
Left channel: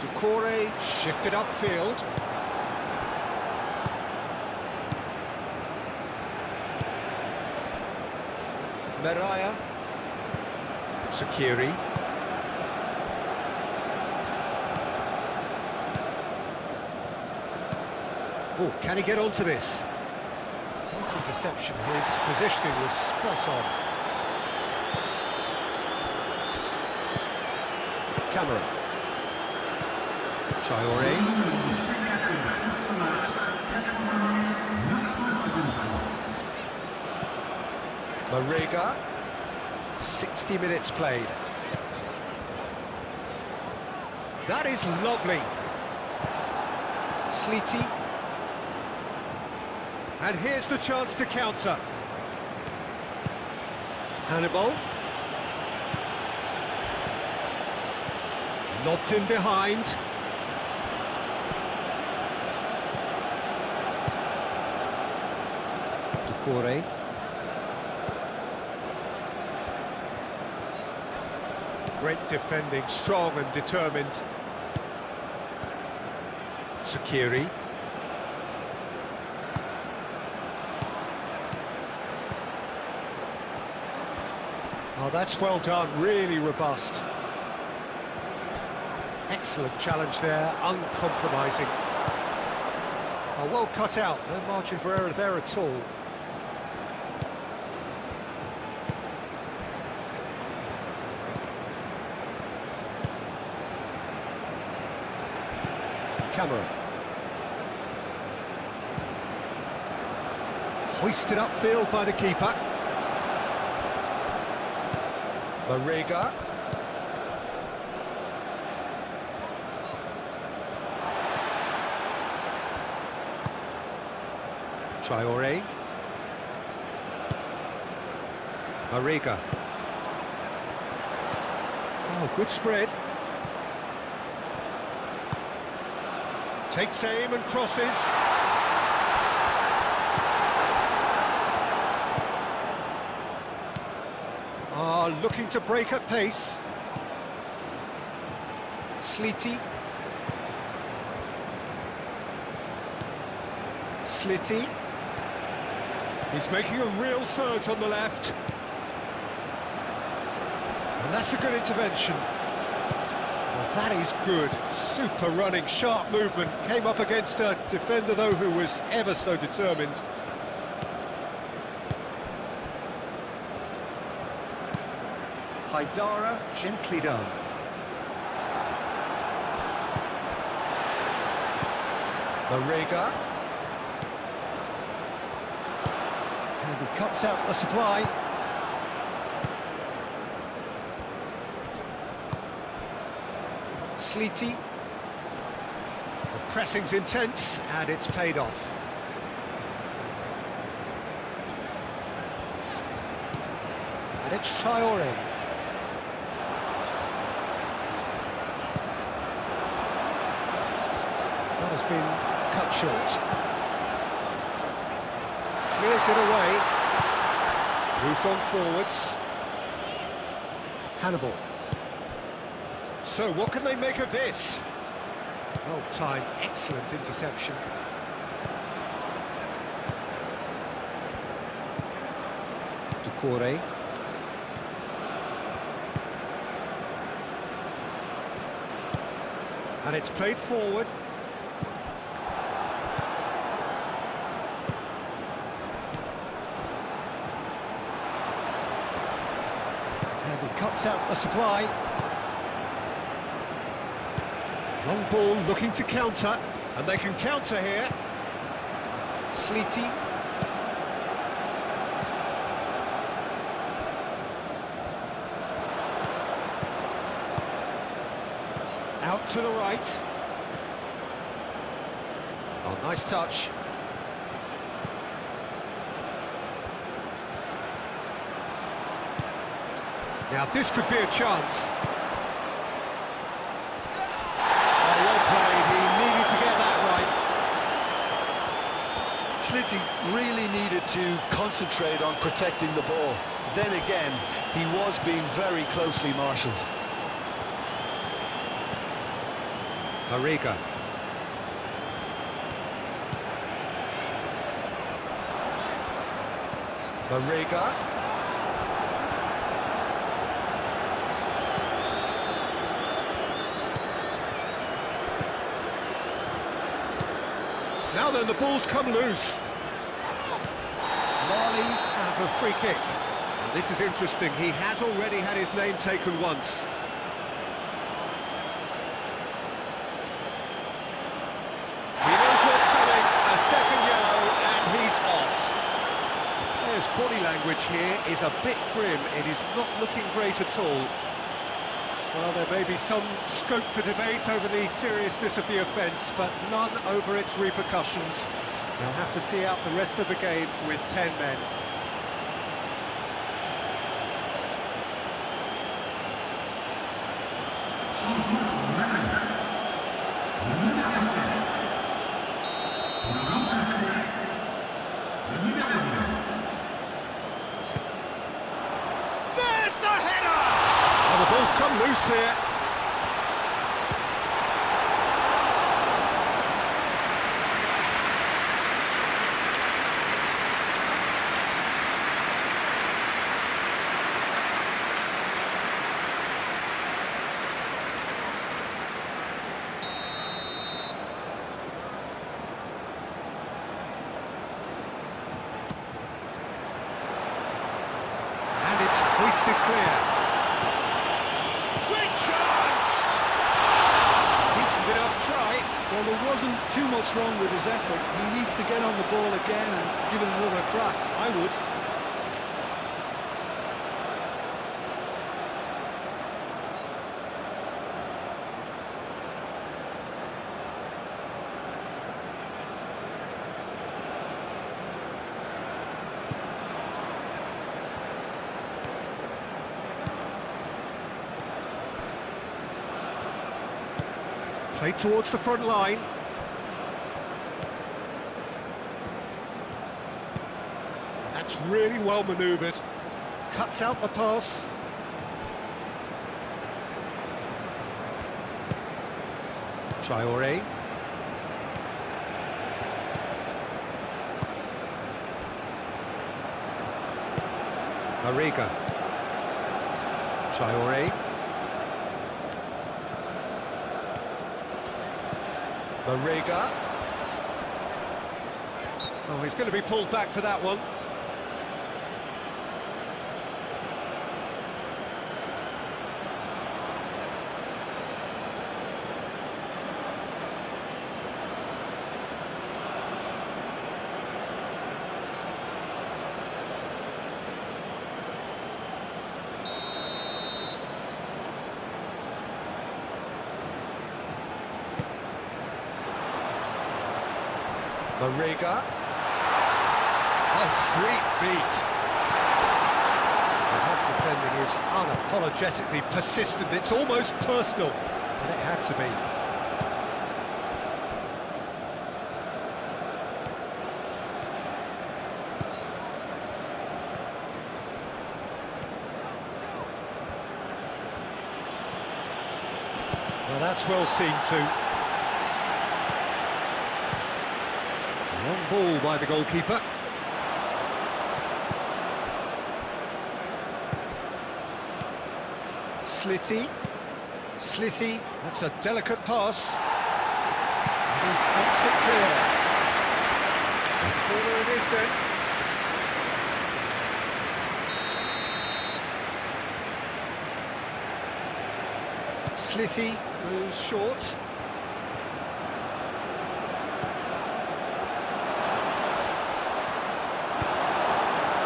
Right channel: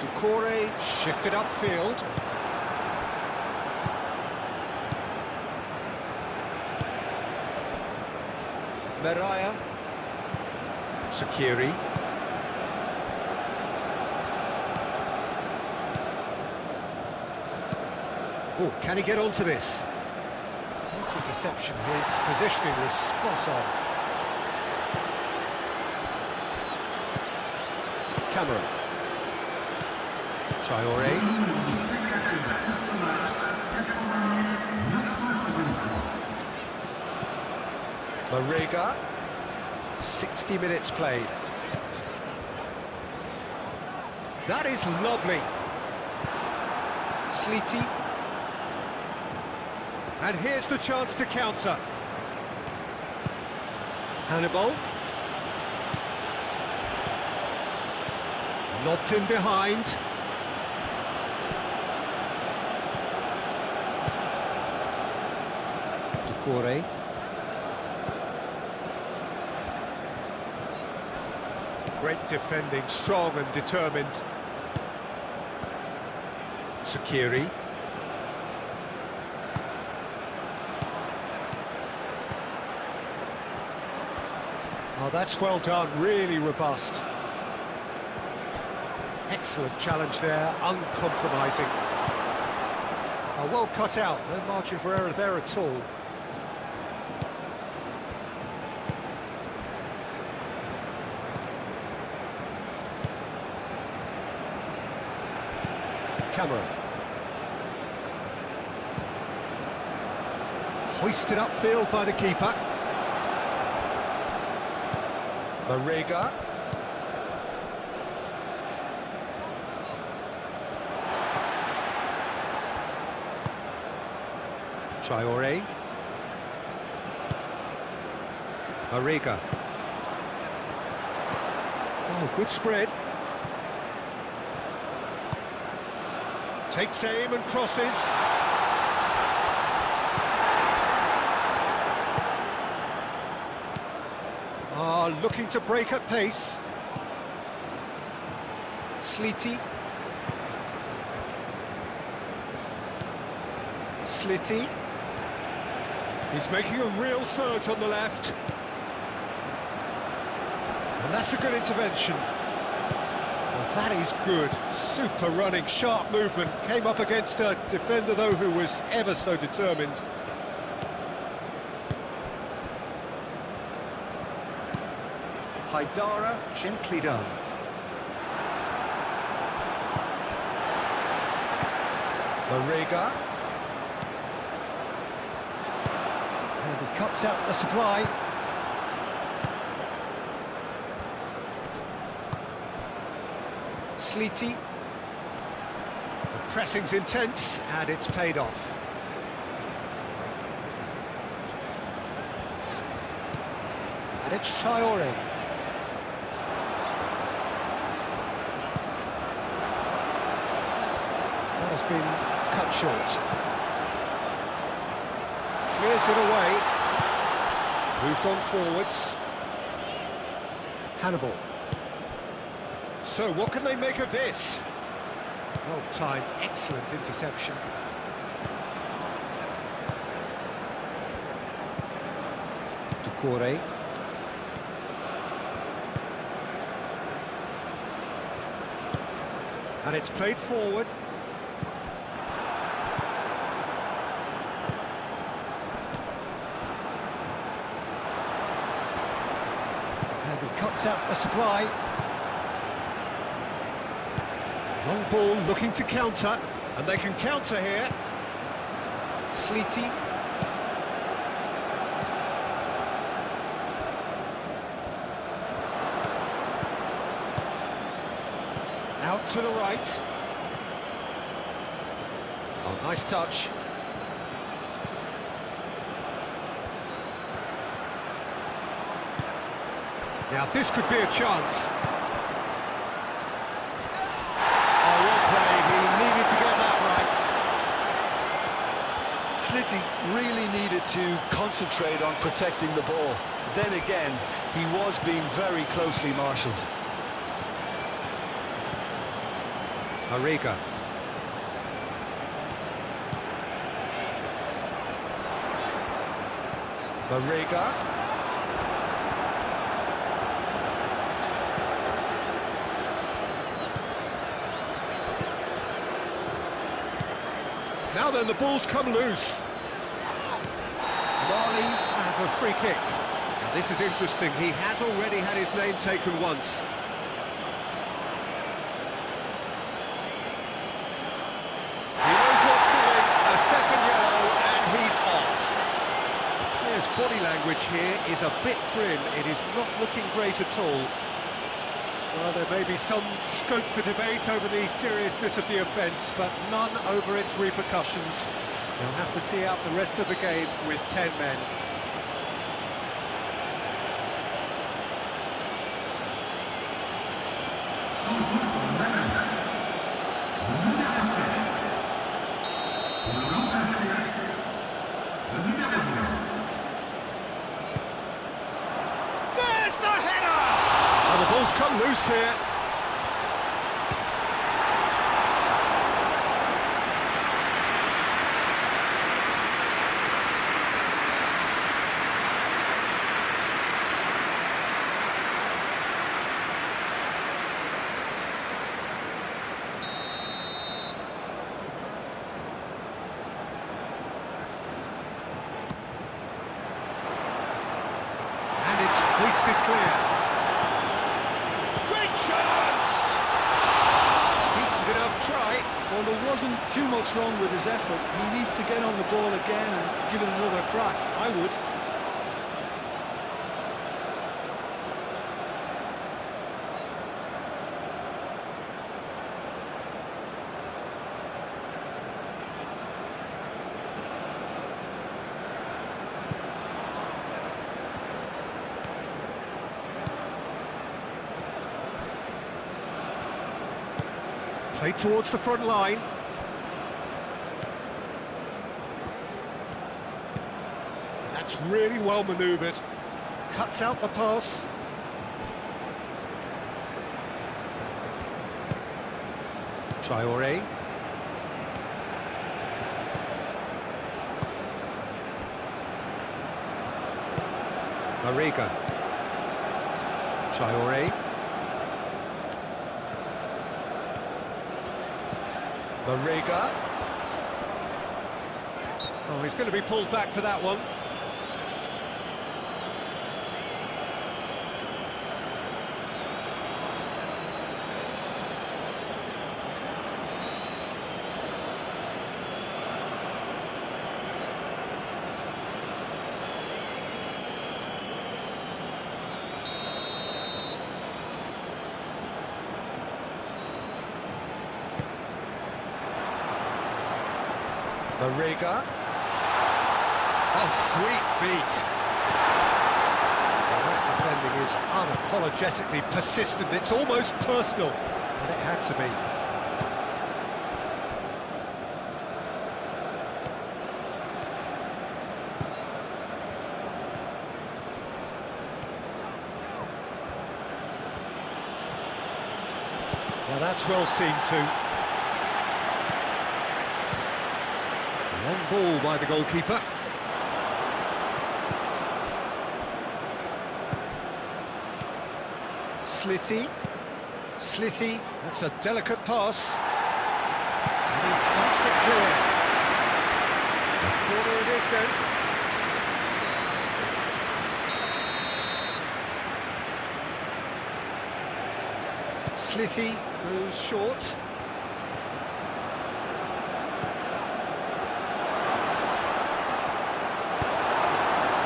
Doucouré shifted upfield. Meraya. Sakiri. Oh, can he get onto this? Nice interception. His positioning was spot on. Camera. Traoré. Mariga. 60 minutes played. That is lovely. Sleety. And here's the chance to counter. Hannibal. Lobbed in behind. Decore. Great defending, strong and determined. Sakiri. Oh, that's well done, really robust. Excellent challenge there, uncompromising. Oh, well cut out, no margin for error there at all. Camera. Hoisted upfield by the keeper. Marega. Traore. Marega. Oh, good spread. Takes aim and crosses. Looking to break at pace. Sleety. Slitty. He's making a real surge on the left. And that's a good intervention. Well, that is good. Super running, sharp movement. Came up against a defender, though, who was ever so determined. Haidara, gently done. Marega. And he cuts out the supply. Sleety. The pressing's intense, and it's paid off. And it's Traore. That has been cut short. Clears it away. Moved on forwards. Hannibal. So what can they make of this? Well timed, excellent interception. Decore. And it's played forward. And he cuts out the supply. Long ball looking to counter. And they can counter here. Sleety. Out to the right. Oh, nice touch. Now this could be a chance. Oh, well played. He needed to get that right. Slitty really needed to concentrate on protecting the ball. Then again, he was being very closely marshalled. Marega. Marega. Now then, the ball's come loose. Mali have a free kick. Now this is interesting. He has already had his name taken once. He knows what's coming. A second yellow, and he's off. The Players' body language here is a bit grim. It is not looking great at all. Well, there may be some scope for debate over the seriousness of the offence, but none over its repercussions. They'll have to see out the rest of the game with 10 men. There's the header! Well, the ball's come loose here. And it's hoisted clear. Great chance! Decent enough try. Well, there wasn't too much wrong with his effort. He needs to get on the ball again and give it another crack. I would. Played towards the front line. And that's really well manoeuvred. Cuts out the pass. Traoré. Mariga. Traoré. Mariga. Oh, he's going to be pulled back for that one. Mariga. Oh, sweet feet. Well, that defending is unapologetically persistent. It's almost personal, but it had to be. Now that's well seen too. Long ball by the goalkeeper. Slitty, that's a delicate pass. And he thumps it clear. A corner it is then. Slitty goes short.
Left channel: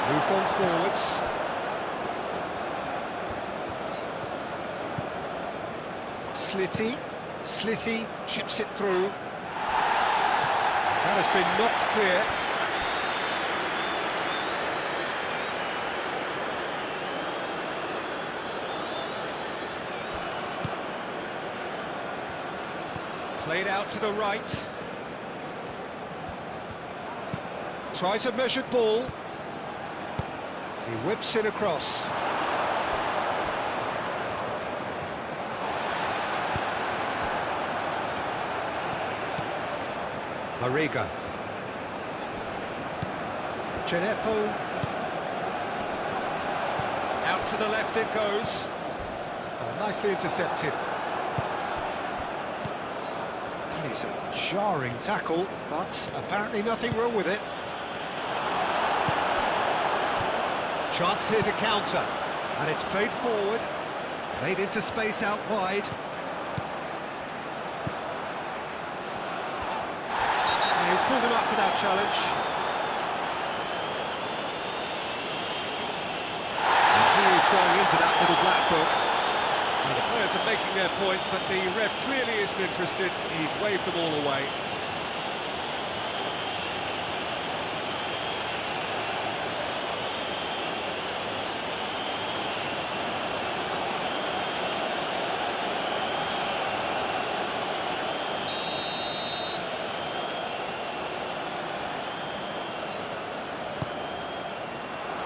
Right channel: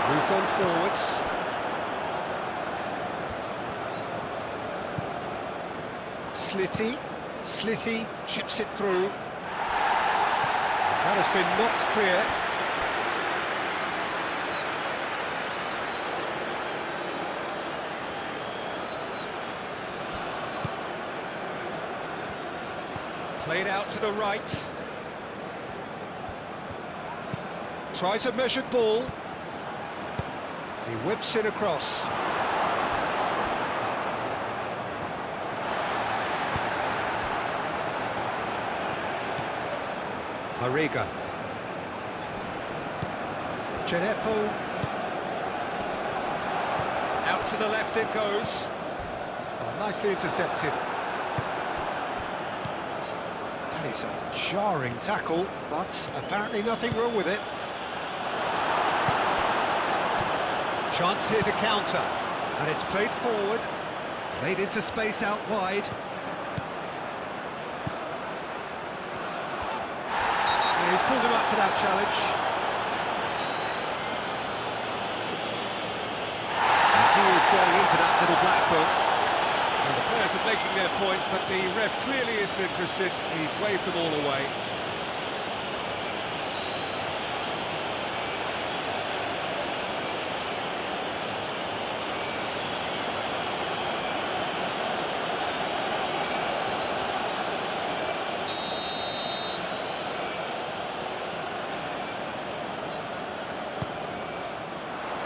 Moved on forwards. Slitty chips it through. That has been knocked clear. Played out to the right. Tries a measured ball. He whips it across. Mariga. Genepo. Out to the left it goes. Oh, nicely intercepted. That is a jarring tackle, but apparently nothing wrong with it. Chance here to counter, and it's played forward, played into space out wide. Yeah, he's pulled him up for that challenge. is going into that little black book. Well, the players are making their point, but the ref clearly isn't interested. He's waved them all away.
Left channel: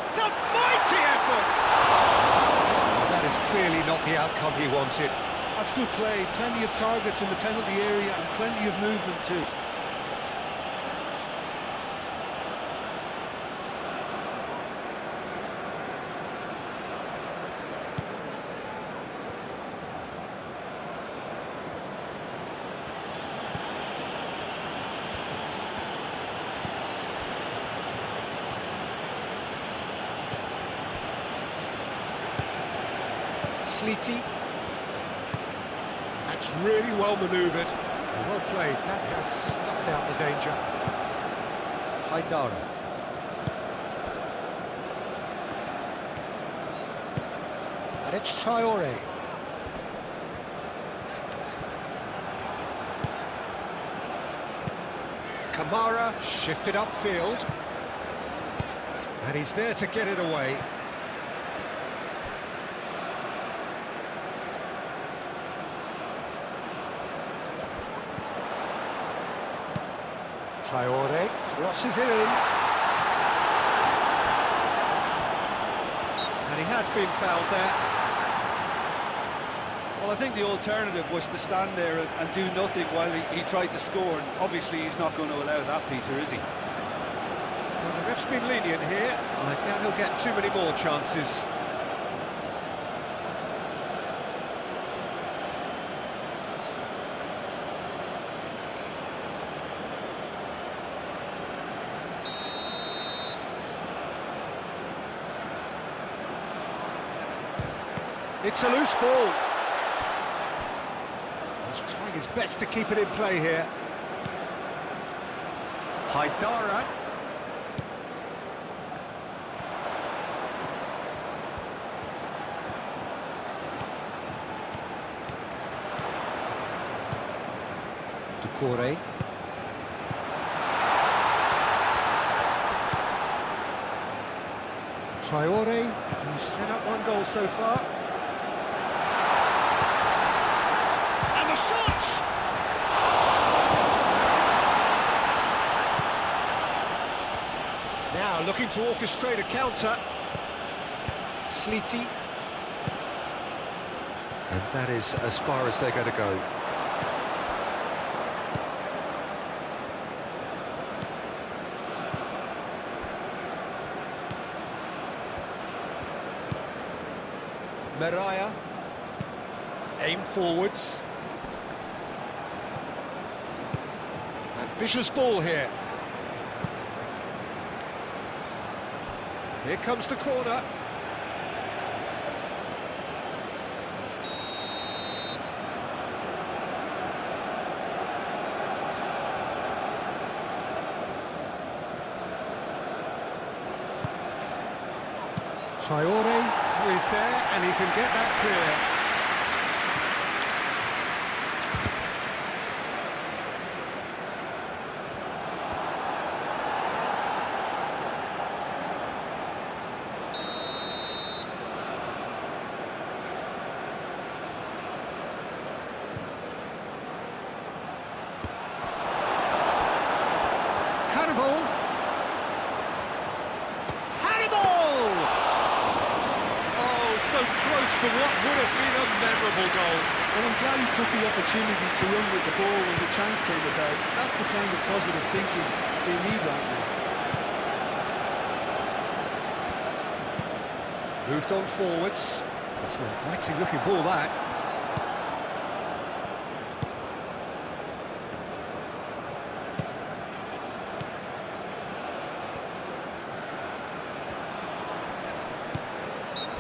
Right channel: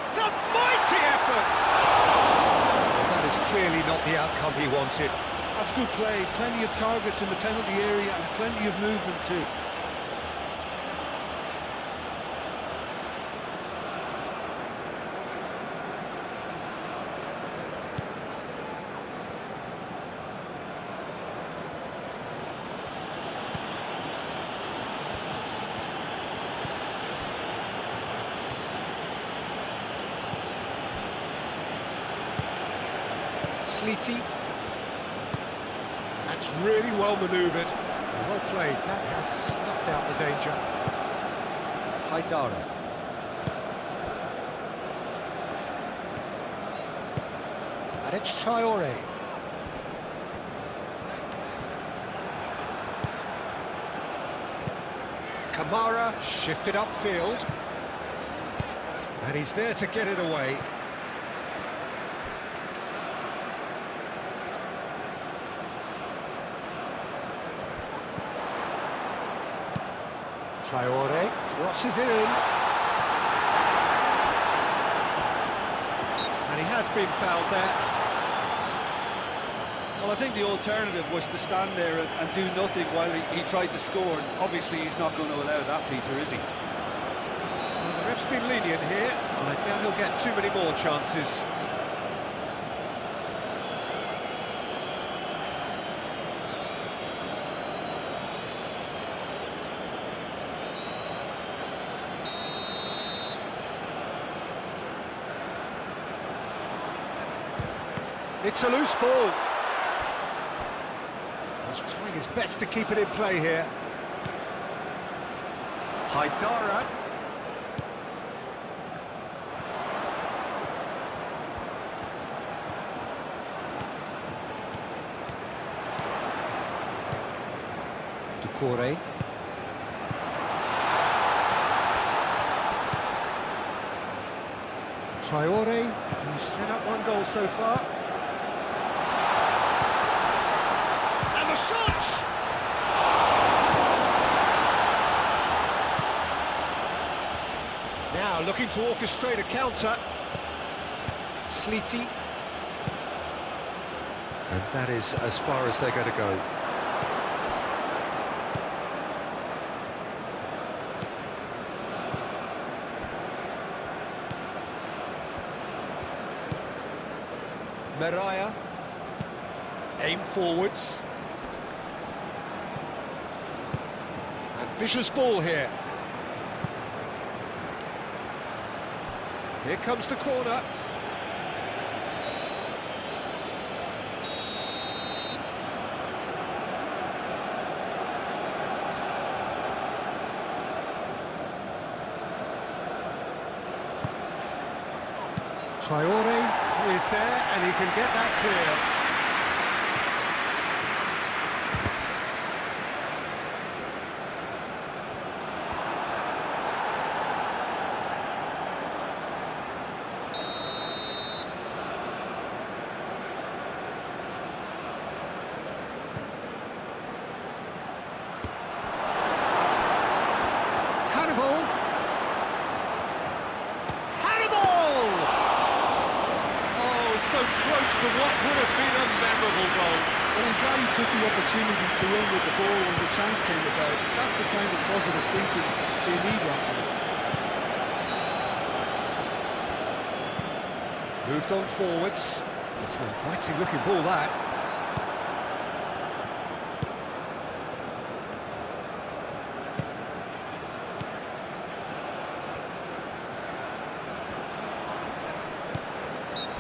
It's a mighty effort! Well, that is clearly not the outcome he wanted. That's good play. Plenty of targets in the penalty area and plenty of movement too. Sleety. That's really well manoeuvred. Well played. That has snuffed out the danger. Haidara. And it's Traore. Kamara shifted upfield. And he's there to get it away. Traore crosses it in. And he has been fouled there. Well, I think the alternative was to stand there and do nothing while he tried to score, and obviously he's not going to allow that, Peter, is he? Well, the ref's been lenient here. I doubt he'll get too many more chances. It's a loose ball. He's trying his best to keep it in play here. Haidara. Doucouré. Traore, Who's set up one goal so far. And the shot! now looking to orchestrate a counter. Sleety. And that is as far as they're going to go. Mariah, aim forwards. Ambitious ball here. Here comes the corner. Traore. Is there, and he can get that clear. Hannibal. Hannibal! So close to what would have been a memorable goal. Well, I'm glad he took the opportunity to run with the ball when the chance came about. That's the kind of positive thinking they need right now. Moved on forwards. That's an inviting looking ball, that.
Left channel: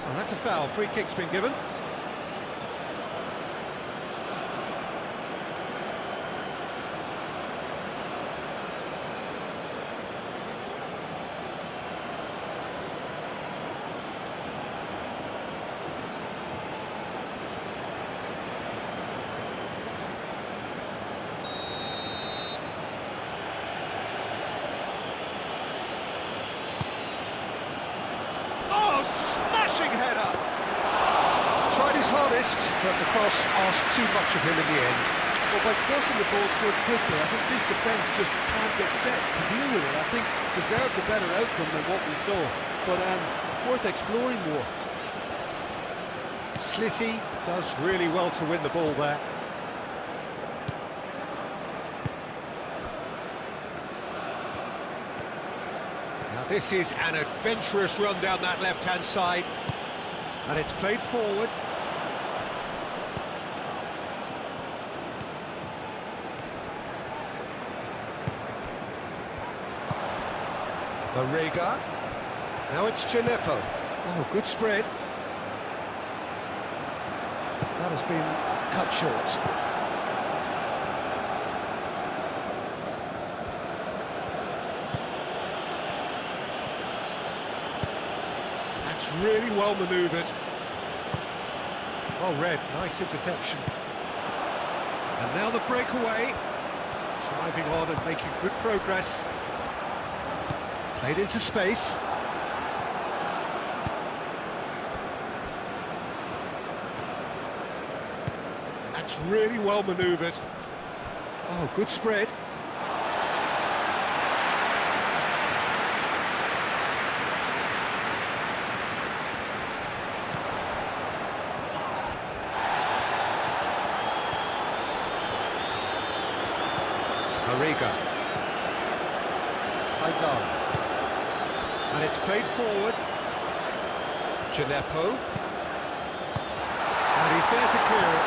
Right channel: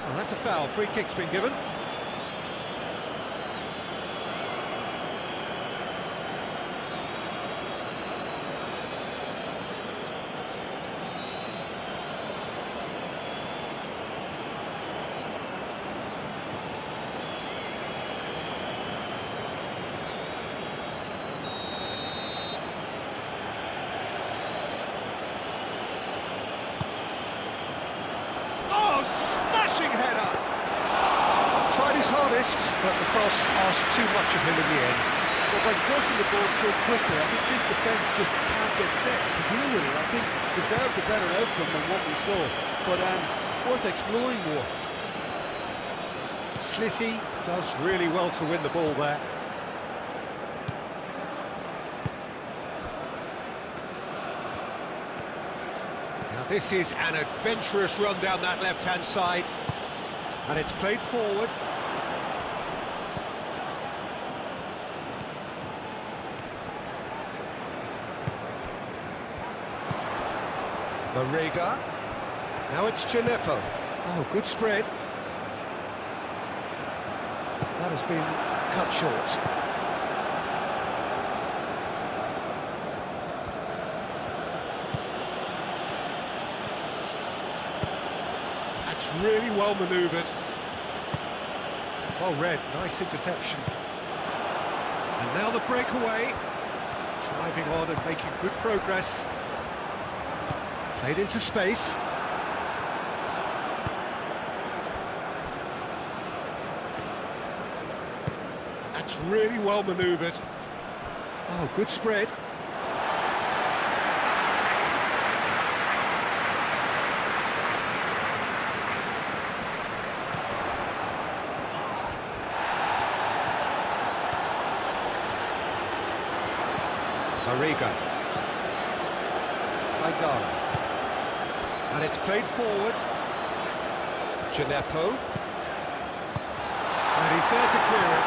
Well, that's a foul. Free kick's been given. Smashing header! Tried his hardest, but the cross asked too much of him in the end. Well, by crossing the ball so quickly, I think this defence just can't get set to deal with it. I think deserved a better outcome than what we saw, but worth exploring more. Slitty does really well to win the ball there. Now this is an adventurous run down that left-hand side. And it's played forward. Mariga. Now it's Gineppo. Oh, good spread. That has been cut short. That's really well manoeuvred. Well read, nice interception. And now the breakaway. Driving on and making good progress. Played into space. That's really well manoeuvred. Oh, good spread. Mariga. Haidara. And it's played forward. Gineppo. And he's there to clear it.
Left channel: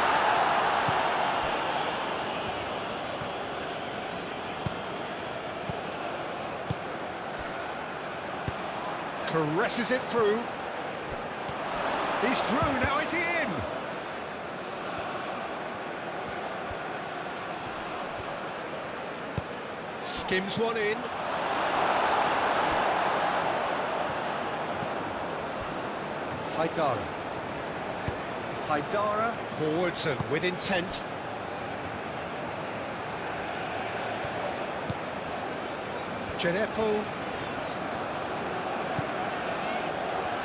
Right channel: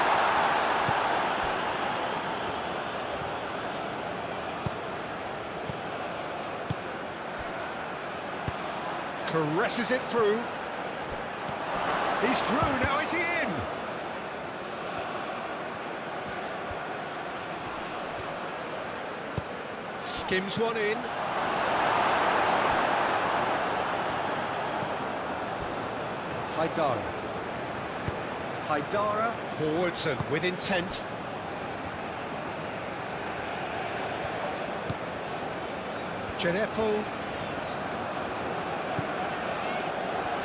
Caresses it through. He's through, now is he in? Skims one in. Haidara. Haidara forwards and with intent. Gineppo.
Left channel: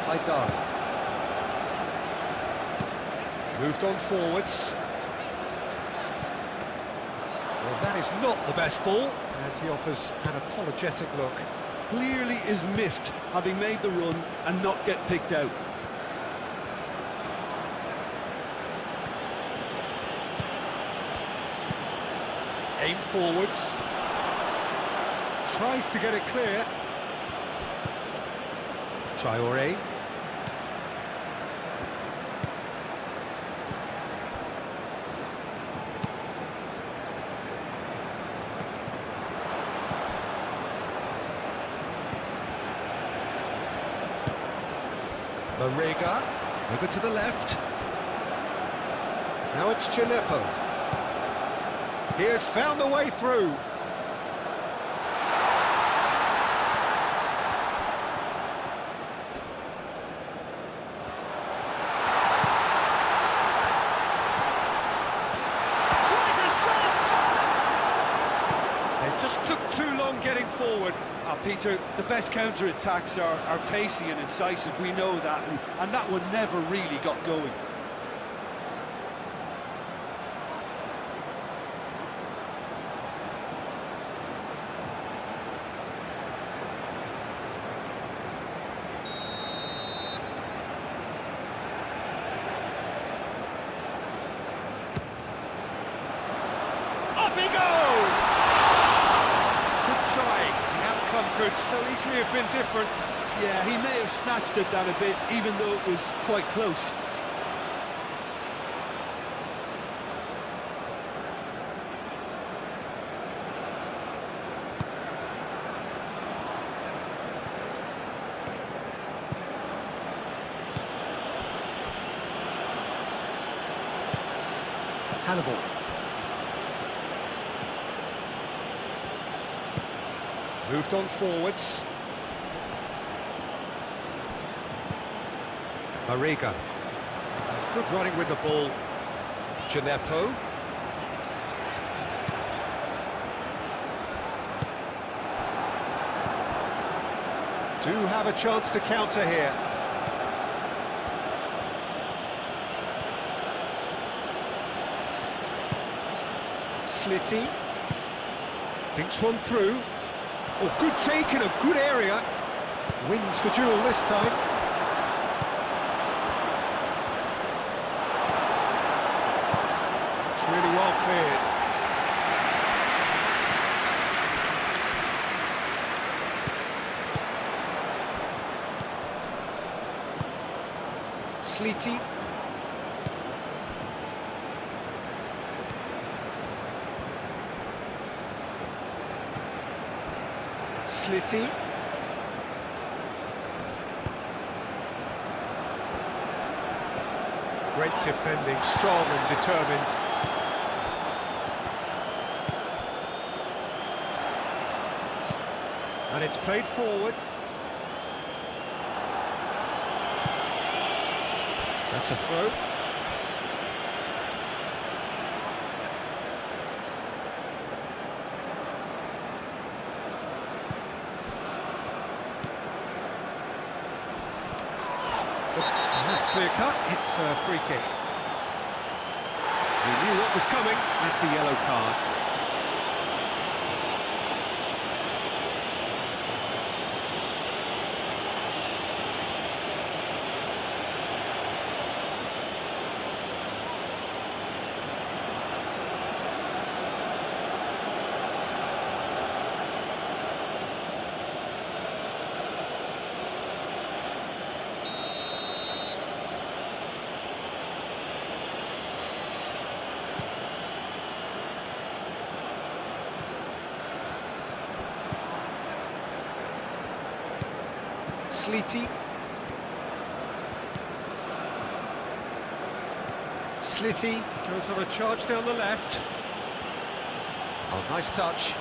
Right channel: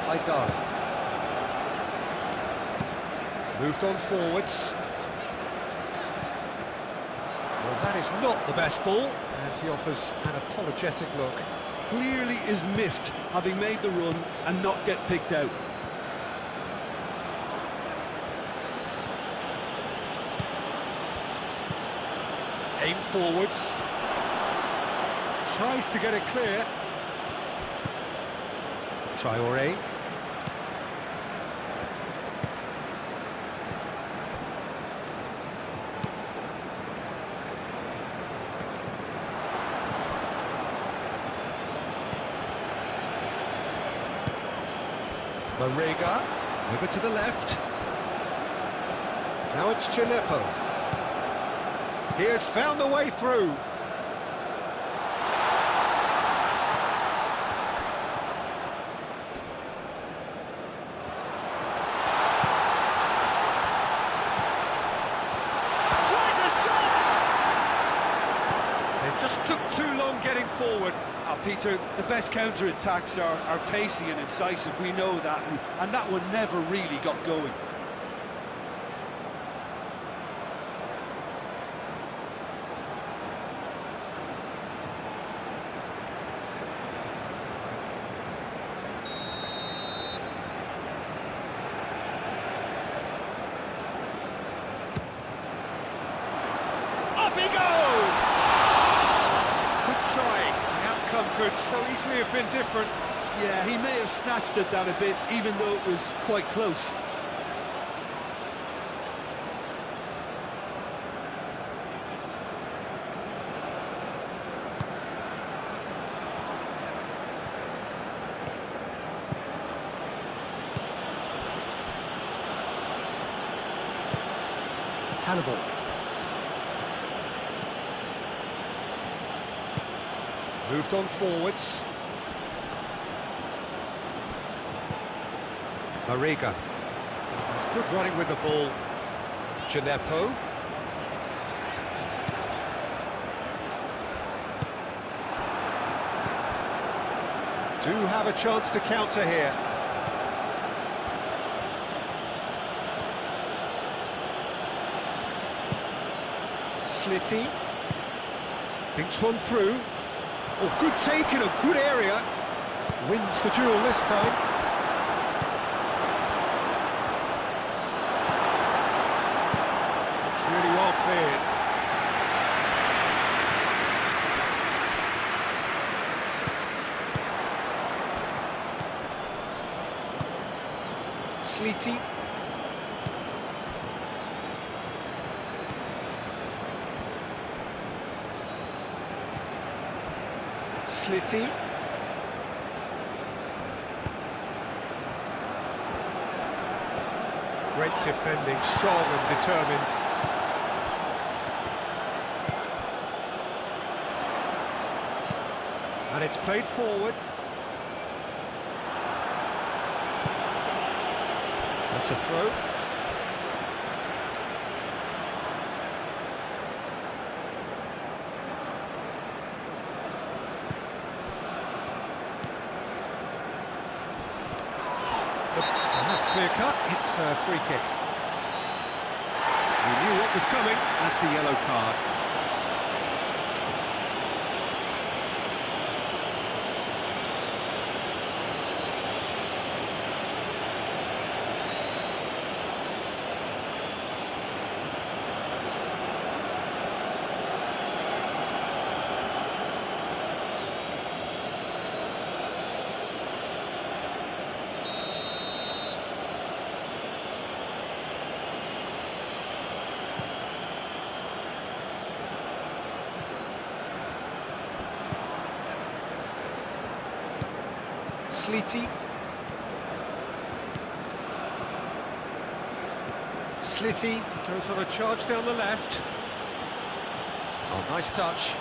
Haidara. Moved on forwards. Well, that is not the best ball, and he offers an apologetic look. Clearly is miffed, having made the run and not get picked out. Aim forwards. Tries to get it clear. Traoré. Mariga, over to the left. Now it's Gineppo. He has found the way through. Tries a shot! They just took too long getting forward. Peter, the best counter-attacks are pacey and incisive, we know that, and that one never really got going. Up he goes! Good try. The outcome could so easily have been different. Yeah, he may have snatched at that a bit, even though it was quite close. Hannibal. Moved on forwards. Mariga. That's good running with the ball. Gineppo. Do have a chance to counter here. Slitty. Thinks one through. Oh, good take in a good area. Wins the duel this time. It's really well cleared. Slitty. Slitty. Great defending, strong and determined. And it's played forward. That's a throw. And that's clear cut, it's a free kick. He knew what was coming, that's a yellow card. Slitty. Slitty goes on a charge down the left. Oh, nice touch.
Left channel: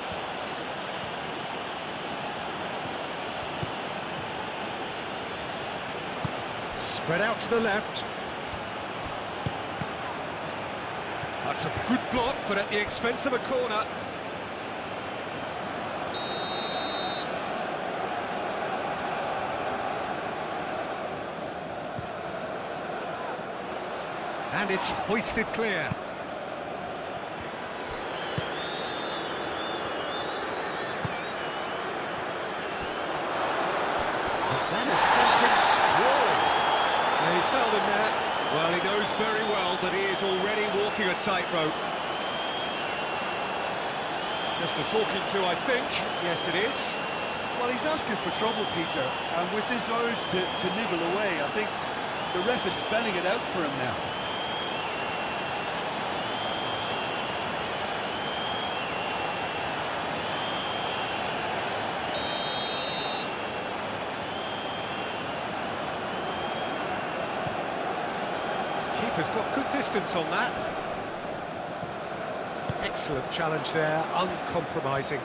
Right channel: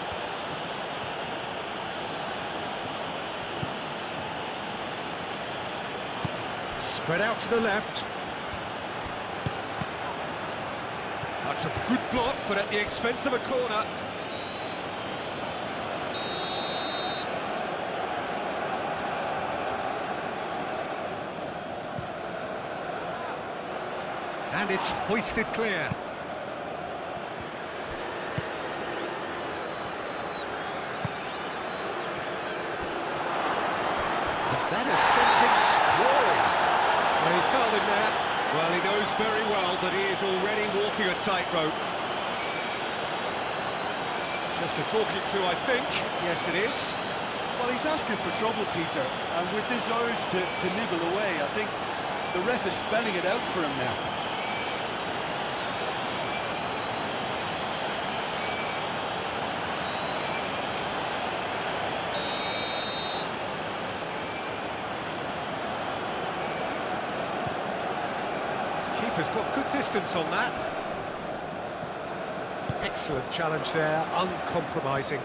Spread out to the left. That's a good block, but at the expense of a corner. And it's hoisted clear. And that has sent him sprawling. Yeah, he's fouled him there. Well, he knows very well that he is already walking a tightrope. Just a talking to, I think. Yes, it is. Well, he's asking for trouble, Peter, and with this urge to nibble away, I think the ref is spelling it out for him now. Keeper's got good distance on that. Excellent challenge there, uncompromising.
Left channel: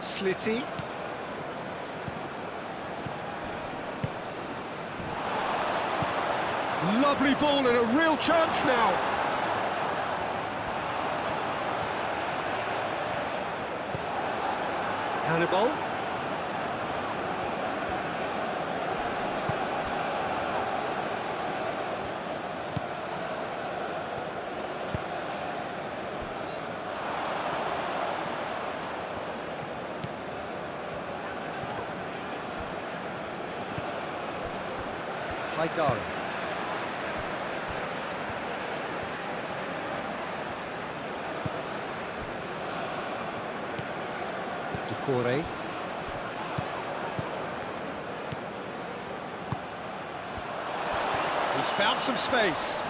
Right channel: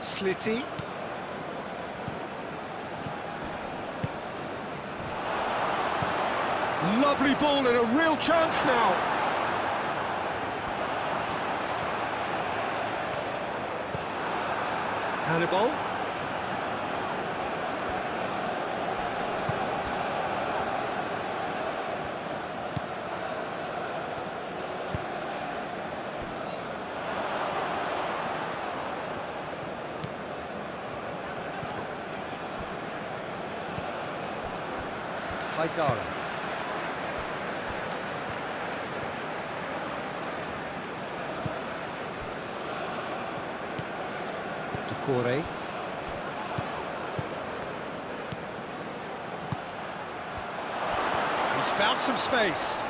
Slitty. Lovely ball and a real chance now. Hannibal. Haidara. Decore. He's found some space.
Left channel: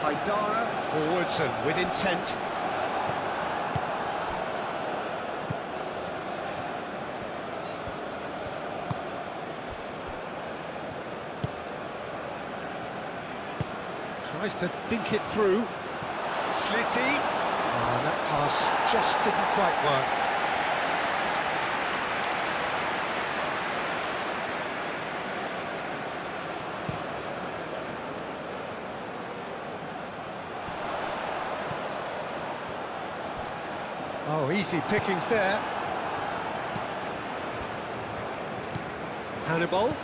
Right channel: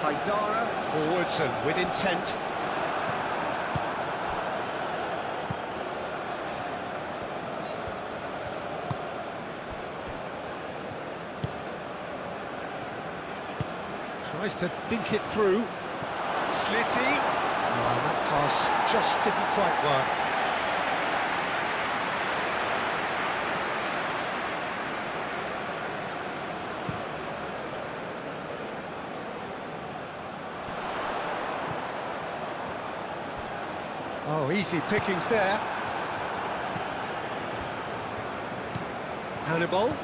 Haidara forwards and with intent. Tries to dink it through. Slitty. And that pass just didn't quite work. Oh, easy pickings there. Hannibal.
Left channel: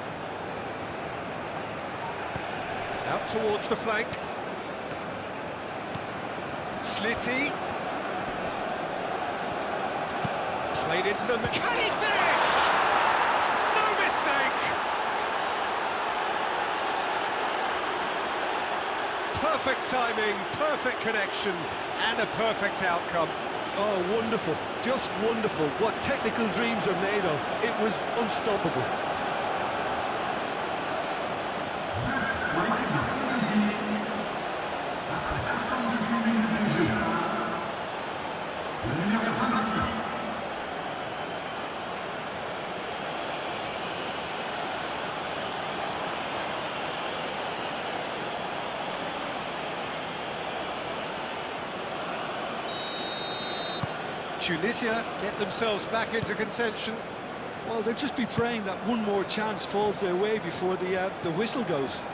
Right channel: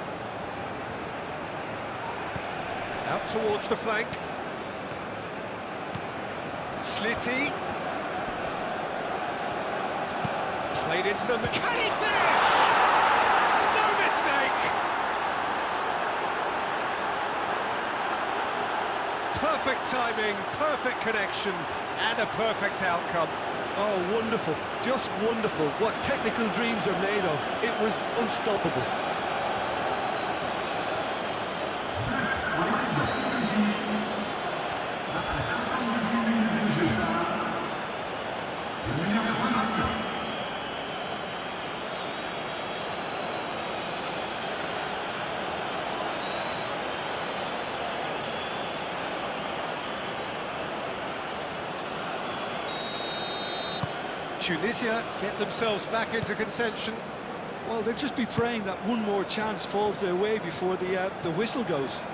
Out towards the flank. Slitty. Played into the... Can he finish? No mistake! Perfect timing, perfect connection, and a perfect outcome. Oh, wonderful, just wonderful. What technical dreams are made of. It was unstoppable. Tunisia get themselves back into contention. Well, they'll just be praying that one more chance falls their way before the whistle goes.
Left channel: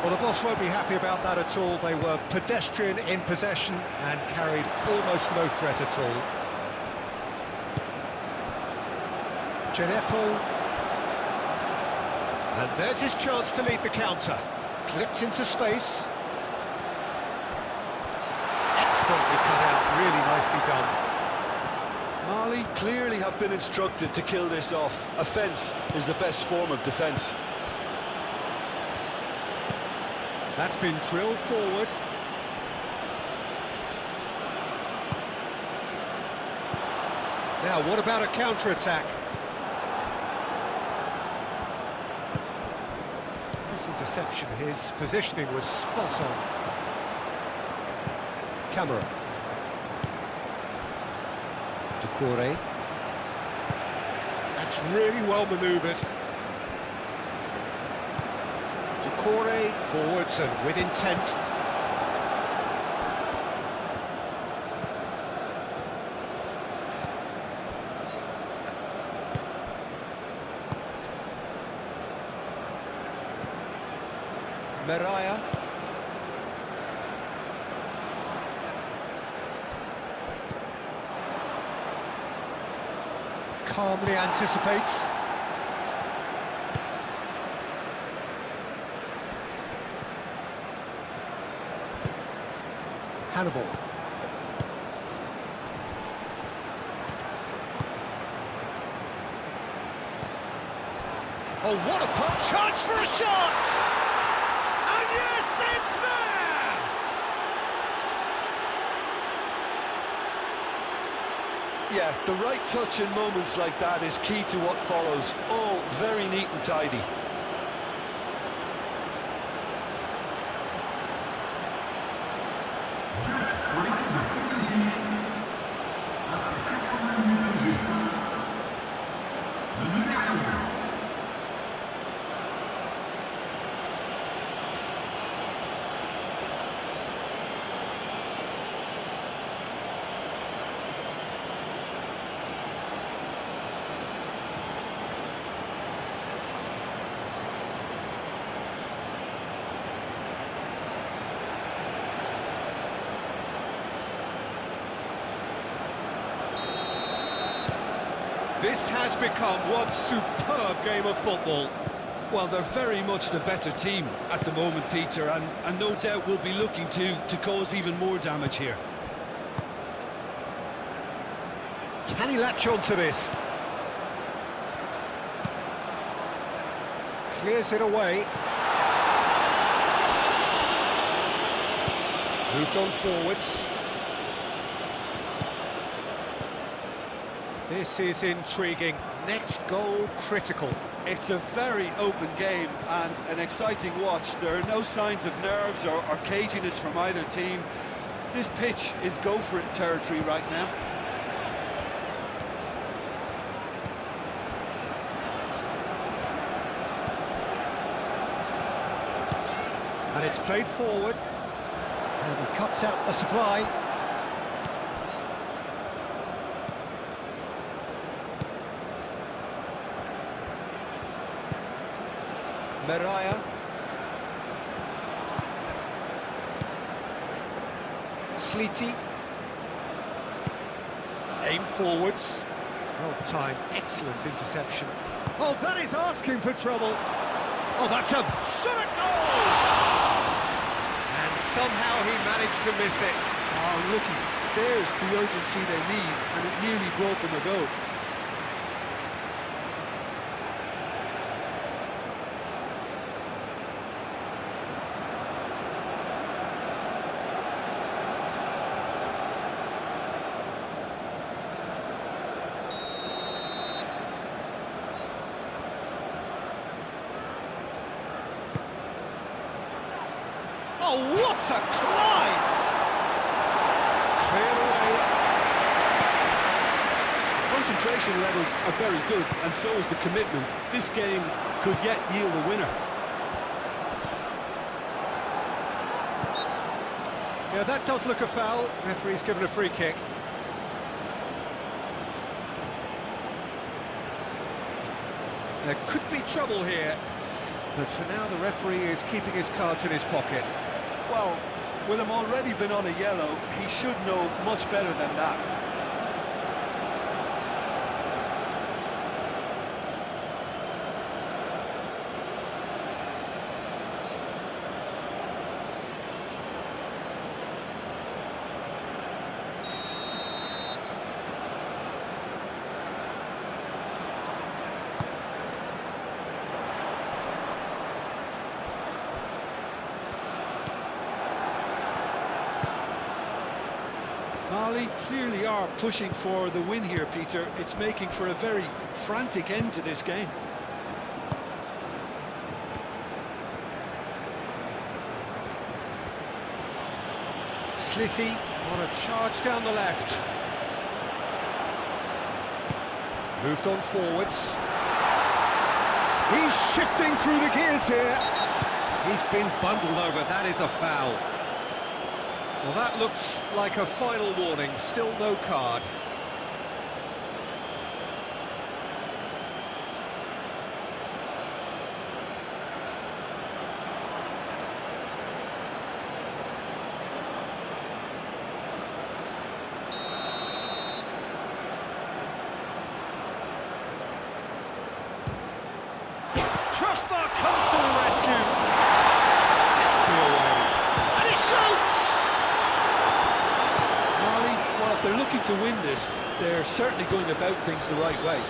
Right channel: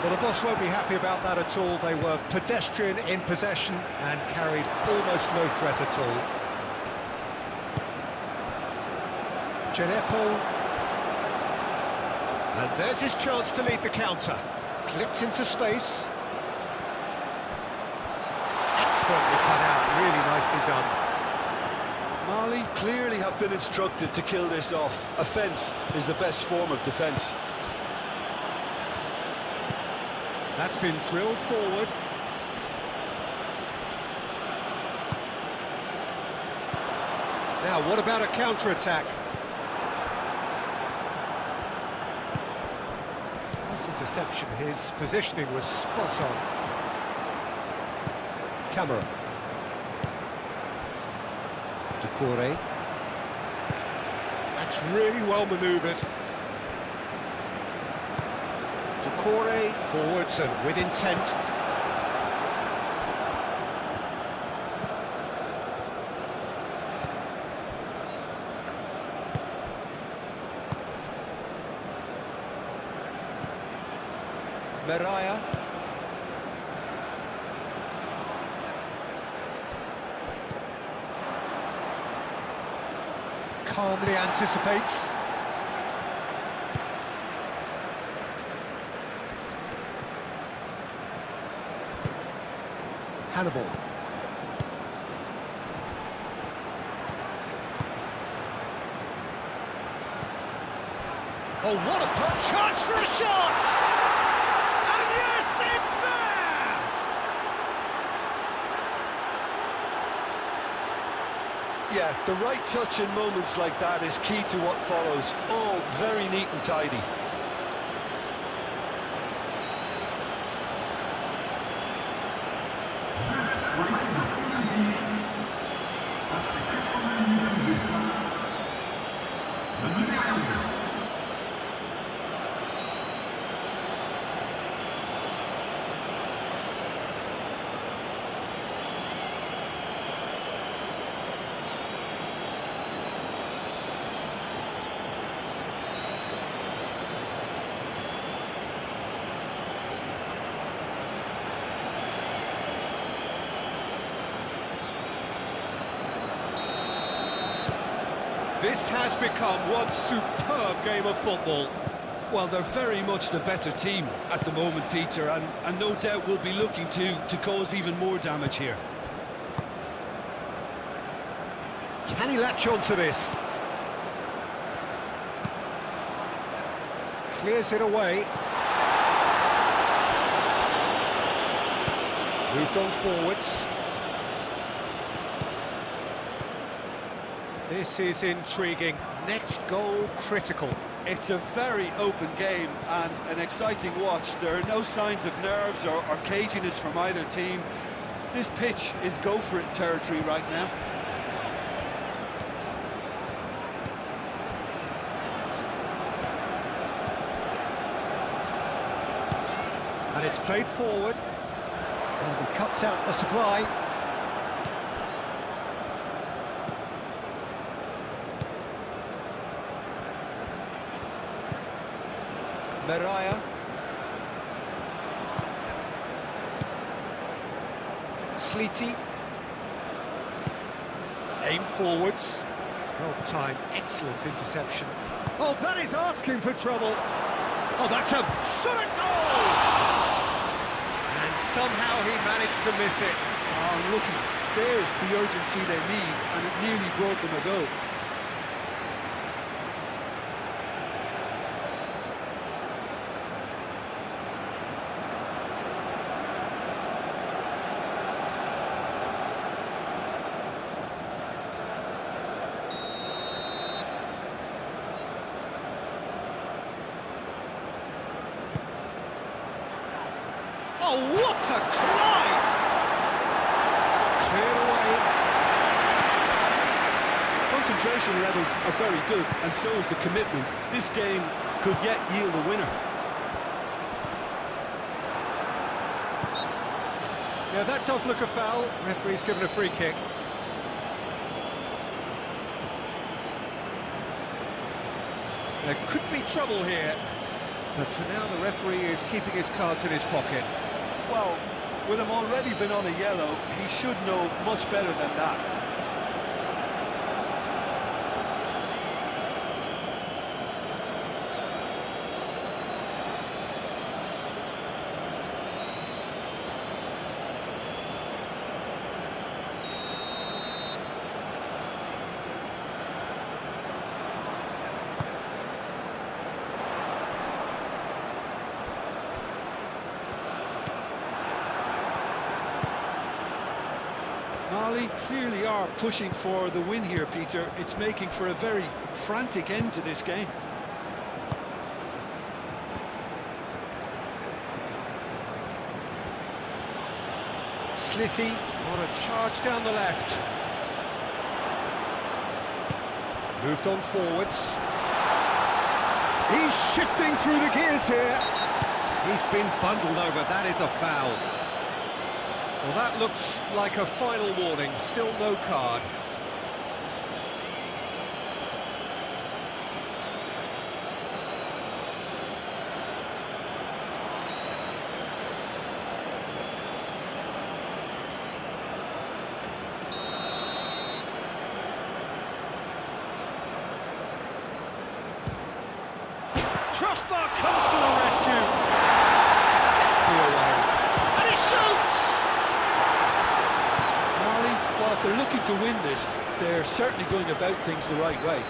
Well, the boss won't be happy about that at all. They were pedestrian in possession and carried almost no threat at all. Genepo. And there's his chance to lead the counter. Clipped into space. Expertly cut out, really nicely done. Mali clearly have been instructed to kill this off. Offence is the best form of defence. That's been drilled forward. Now, what about a counter-attack? Nice interception. His positioning was spot on. Camera. Decore. That's really well manoeuvred. Decore forwards and with intent. Meraya. Calmly anticipates. Hannibal. Oh, what a punch! Chance for a shot! And yes, it's there! Yeah, the right touch in moments like that is key to what follows. All very neat and tidy. This has become one superb game of football. Well, they're very much the better team at the moment, Peter, and no doubt will be looking to cause even more damage here. Can he latch on to this? Clears it away. Moved on forwards. This is intriguing. Next goal critical. It's a very open game and an exciting watch. There are no signs of nerves or caginess from either team. This pitch is go-for-it territory right now. And it's played forward. And he cuts out the supply. Mariah. Sleety. Aim forwards. Well timed, excellent interception. Oh, that is asking for trouble. Oh, that's a shot at goal! And somehow he managed to miss it. Oh, looky, there's the urgency they need, and it nearly brought them a goal. Oh, what a climb! Cleared away. Concentration levels are very good, and so is the commitment. This game could yet yield a winner. Yeah, that does look a foul. Referee's given a free kick. There could be trouble here, but for now the referee is keeping his cards in his pocket. Well, with him already been on a yellow, he should know much better than that. Mali clearly are pushing for the win here, Peter. It's making for a very frantic end to this game. Slitty on a charge down the left. Moved on forwards. He's shifting through the gears here. He's been bundled over. That is a foul. Well, that looks like a final warning. Still no card. Crossbar comes to the rescue. Deftly away. And he shoots! Mali, well, if they're looking to win this, they're certainly going about things the right way.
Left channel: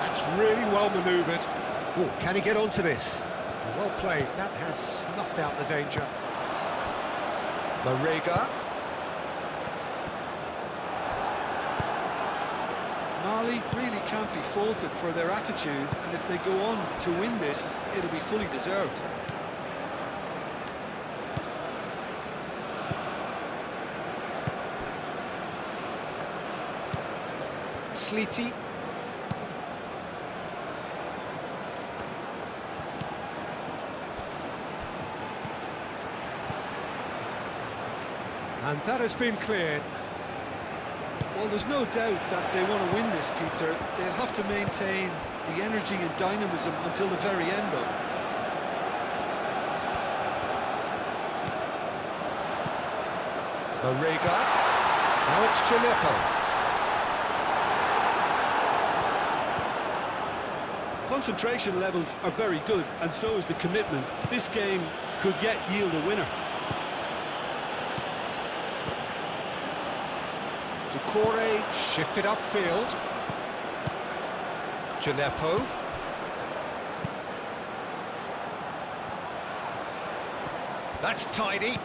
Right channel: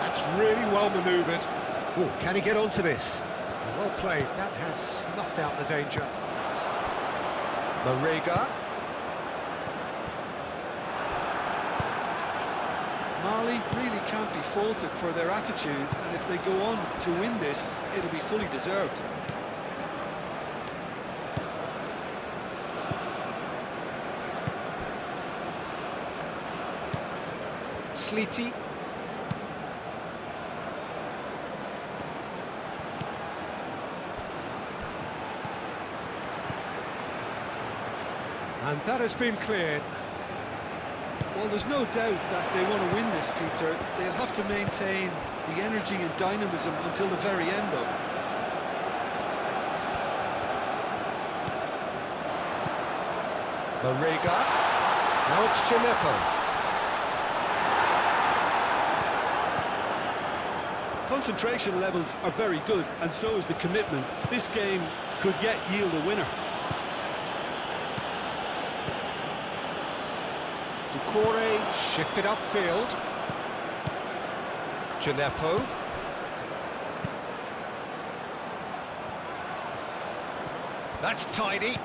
That's really well manoeuvred. Oh, can he get onto this? Well played, that has snuffed out the danger. Marega. Mali really can't be faulted for their attitude, and if they go on to win this, it'll be fully deserved. Sleety. And that has been cleared. Well, there's no doubt that they want to win this, Peter. They'll have to maintain the energy and dynamism until the very end, though. Marega. Now it's Gineppo. Concentration levels are very good, and so is the commitment. This game could yet yield a winner. Ducore shifted upfield. Gineppo. That's tidy.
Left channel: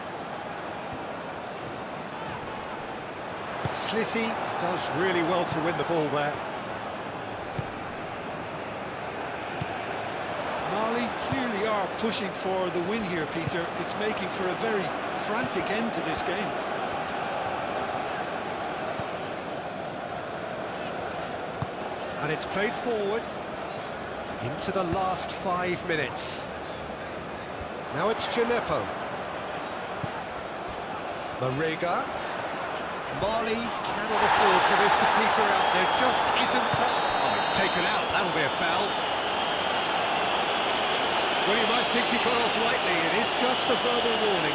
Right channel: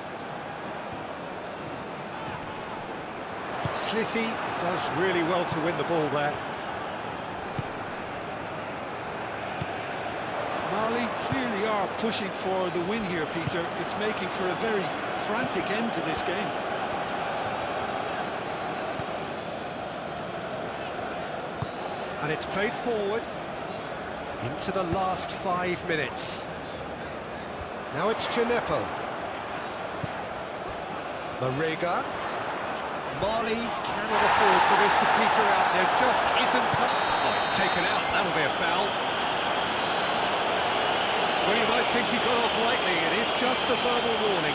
Slitty does really well to win the ball there. Mali clearly are pushing for the win here, Peter. It's making for a very frantic end to this game. And it's played forward into the last 5 minutes. Now it's Gineppo. Marega. Mali cannot afford for this to peter out. There just isn't time. Oh, it's taken out. That'll be a foul. Well, you might think he got off lightly. It is just a verbal warning.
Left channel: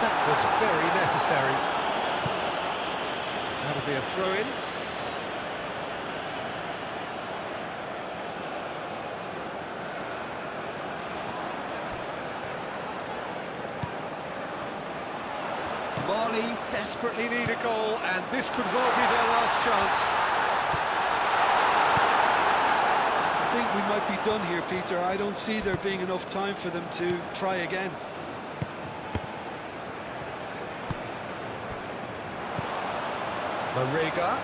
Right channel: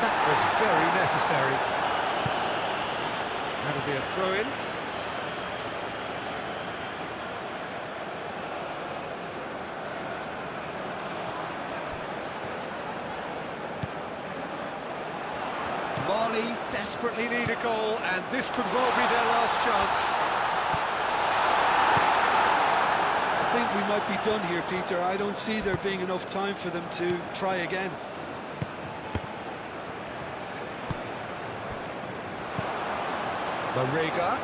That was very necessary. That'll be a throw-in. Mali desperately need a goal, and this could well be their last chance. I think we might be done here, Peter. I don't see there being enough time for them to try again. Marega.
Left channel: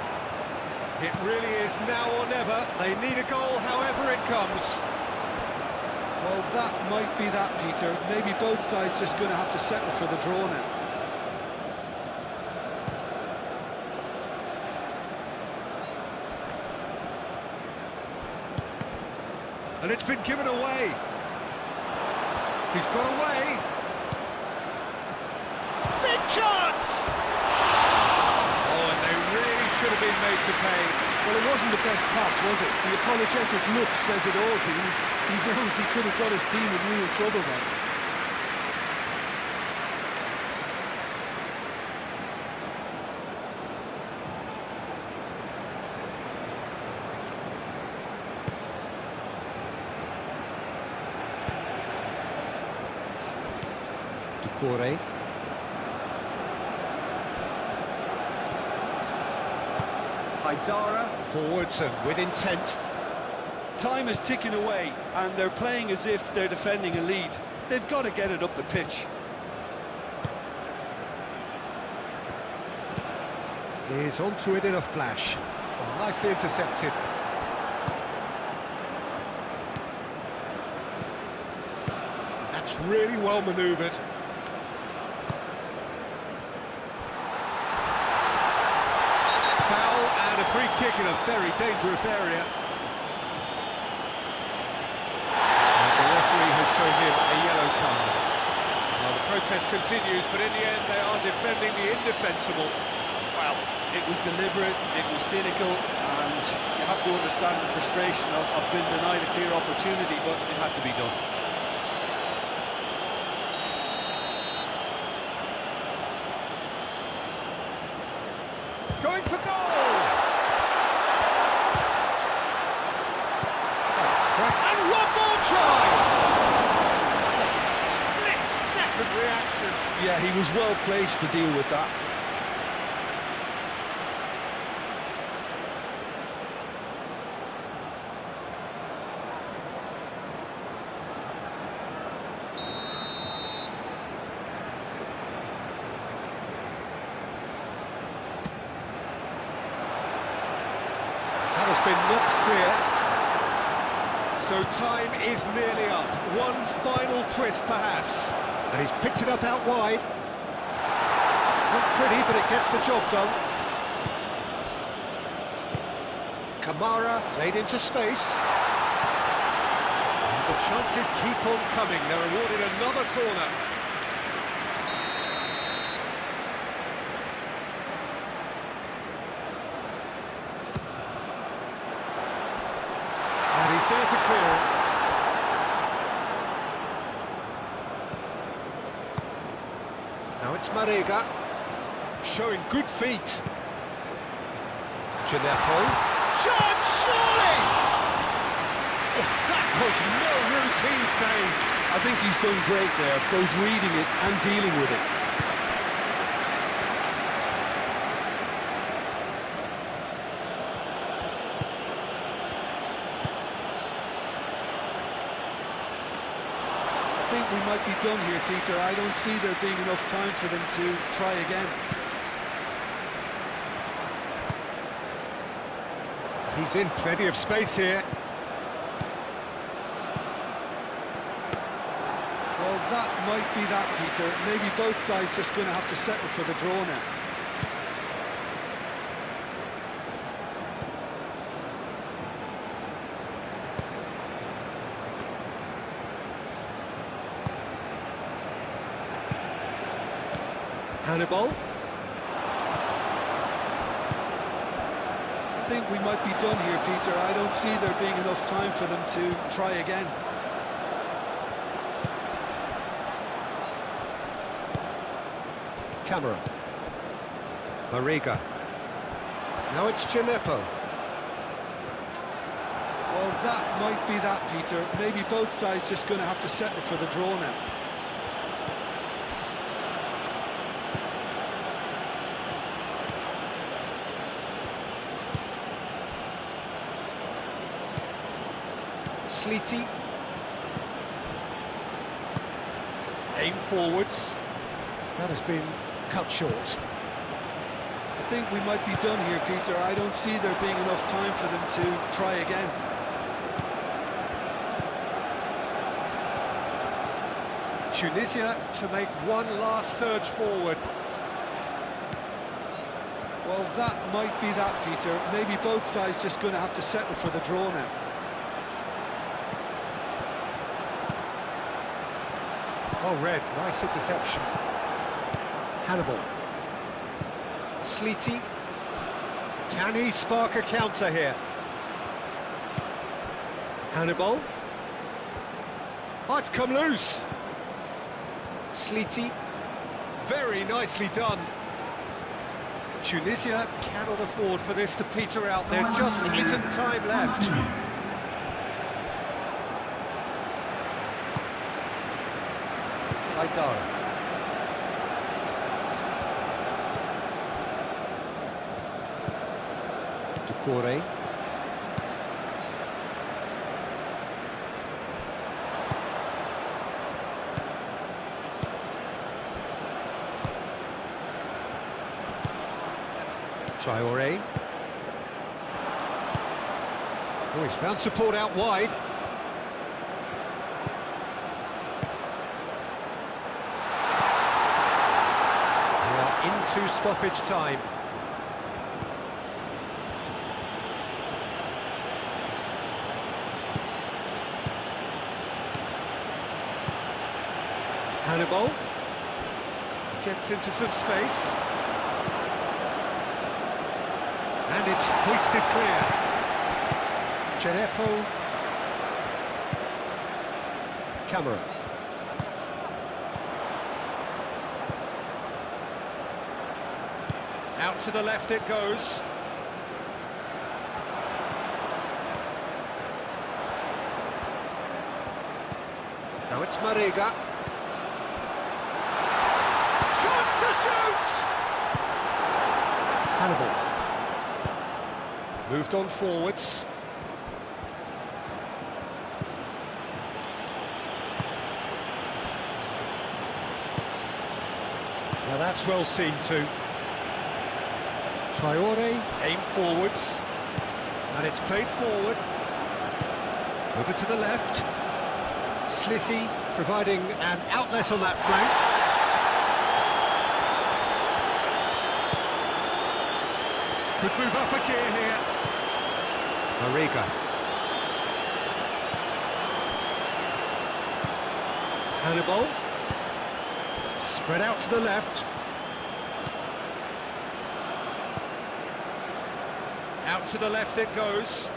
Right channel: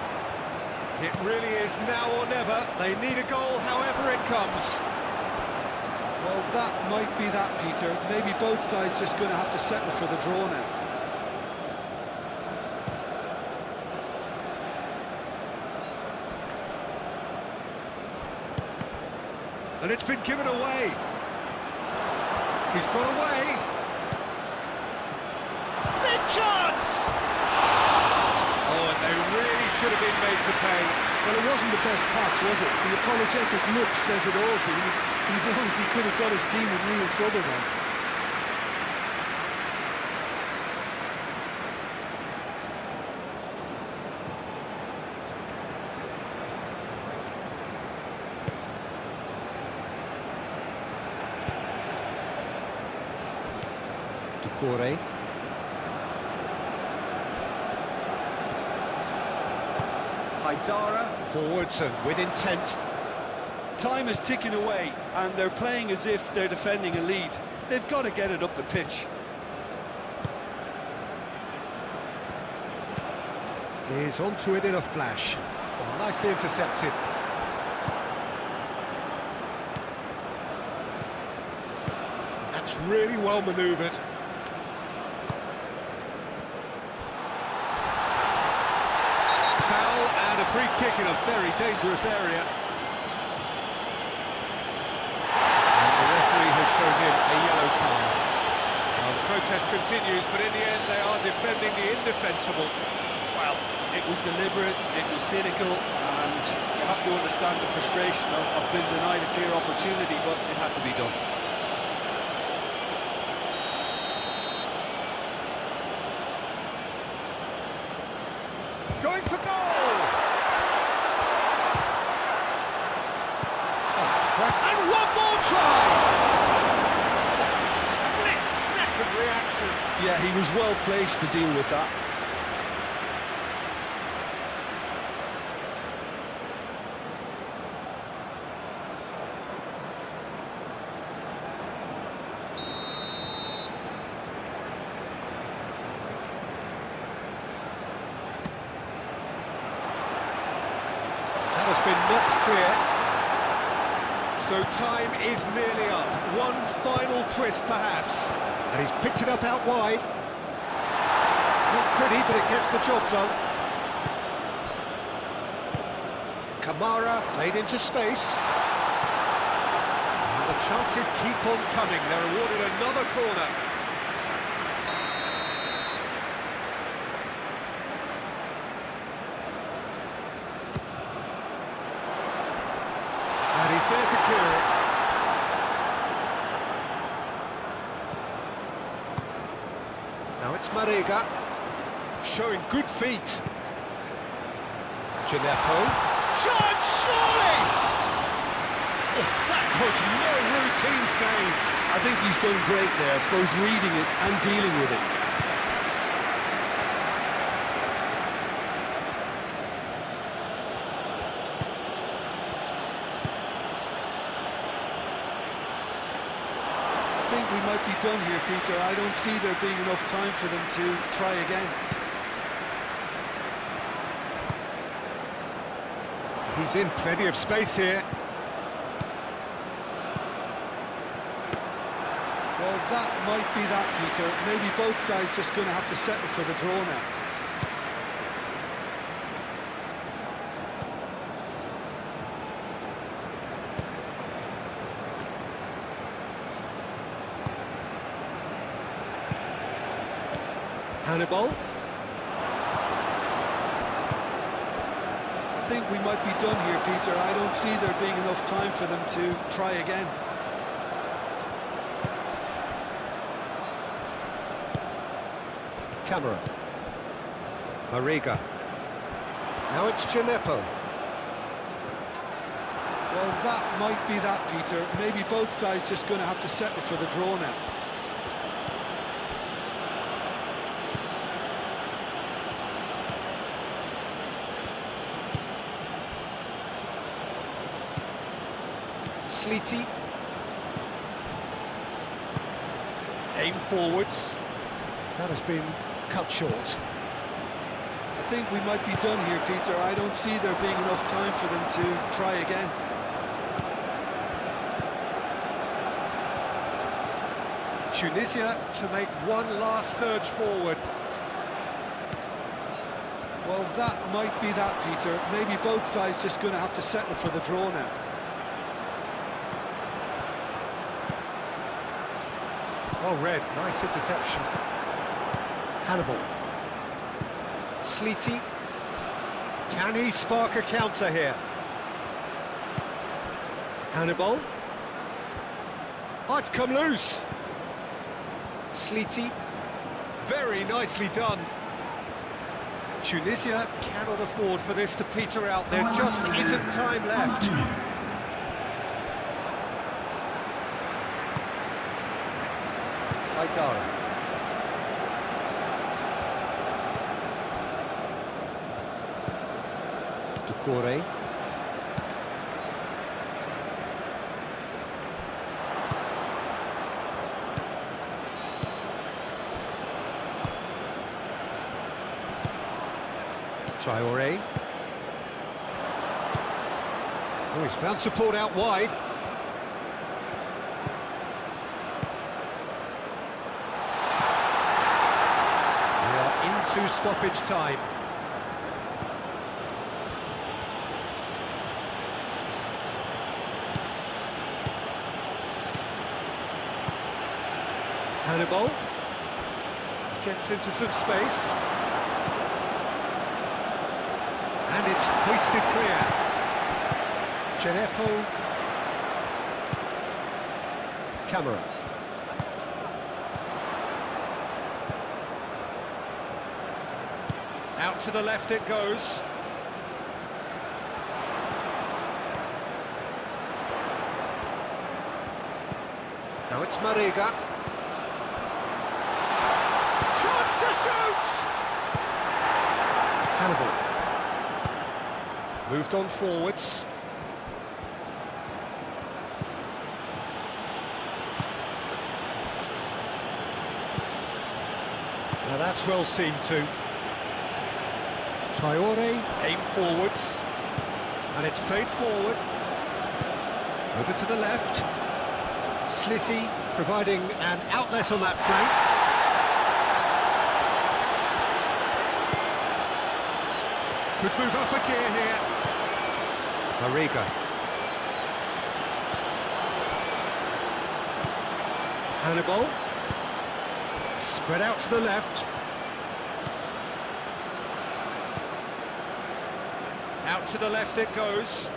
It really is now or never. They need a goal however it comes. Well, that might be that, Peter. Maybe both sides just going to have to settle for the draw now. And it's been given away. He's got away. Big chance! Oh, and they really should have been made to pay. Well, it wasn't the best pass, was it? The apologetic look says it all for him. He knows he could have got his team in real trouble then. Ducouré. Haidara forwards and with intent. Time is ticking away, and they're playing as if they're defending a lead. They've got to get it up the pitch. He's onto it in a flash. Well, nicely intercepted. That's really well manoeuvred. Foul and a free kick in a very dangerous area. And the referee has shown him a yellow card. Well, the protest continues, but in the end they are defending the indefensible. Well, it was deliberate, it was cynical, and you have to understand the frustration of being denied a clear opportunity, but it had to be done. Going for goal! Oh, and one more try! Split-second reaction. Yeah, he was well placed to deal with that. That has been knocked clear. So time is nearly up. One final twist, perhaps. And he's picked it up out wide. Not pretty, but it gets the job done. Kamara laid into space. And the chances keep on coming. They're awarded another corner. And he's there to clear it. Now it's Marega, showing good feet. Gineppo. Chance, surely! Oh, that was no routine save. I think he's done great there, both reading it and dealing with it. think we might be done here, Peter. I don't see there being enough time for them to try again. He's in plenty of space here. Well, that might be that, Peter. Maybe both sides just going to have to settle for the draw now. Hannibal. I think we might be done here, Peter. I don't see there being enough time for them to try again. Camera. Mariga. Now it's Gineppo. Well, that might be that, Peter. Maybe both sides just going to have to settle for the draw now. Sleety. Aim forwards. That has been cut short. I think we might be done here, Peter. I don't see there being enough time for them to try again. Tunisia to make one last surge forward. Well, that might be that, Peter. Maybe both sides just going to have to settle for the draw now. Oh, Red, nice interception. Hannibal. Sleety. Can he spark a counter here? Hannibal. Oh, it's come loose. Sleety. Very nicely done. Tunisia cannot afford for this to peter out. There just isn't time left. Haidara. Decore. Traore. Oh, he's found support out wide. We are into stoppage time. Hannibal gets into some space. And it's hoisted clear. Gineppo. Camera. Out to the left it goes. Now it's Mariga. Chance to shoot! Hannibal. Moved on forwards. Now that's well seen too. Traore. Aim forwards. And it's played forward. Over to the left. Slitty providing an outlet on that flank. Could move up a gear here. Mariga. Hannibal. Spread out to the left. Out to the left it goes.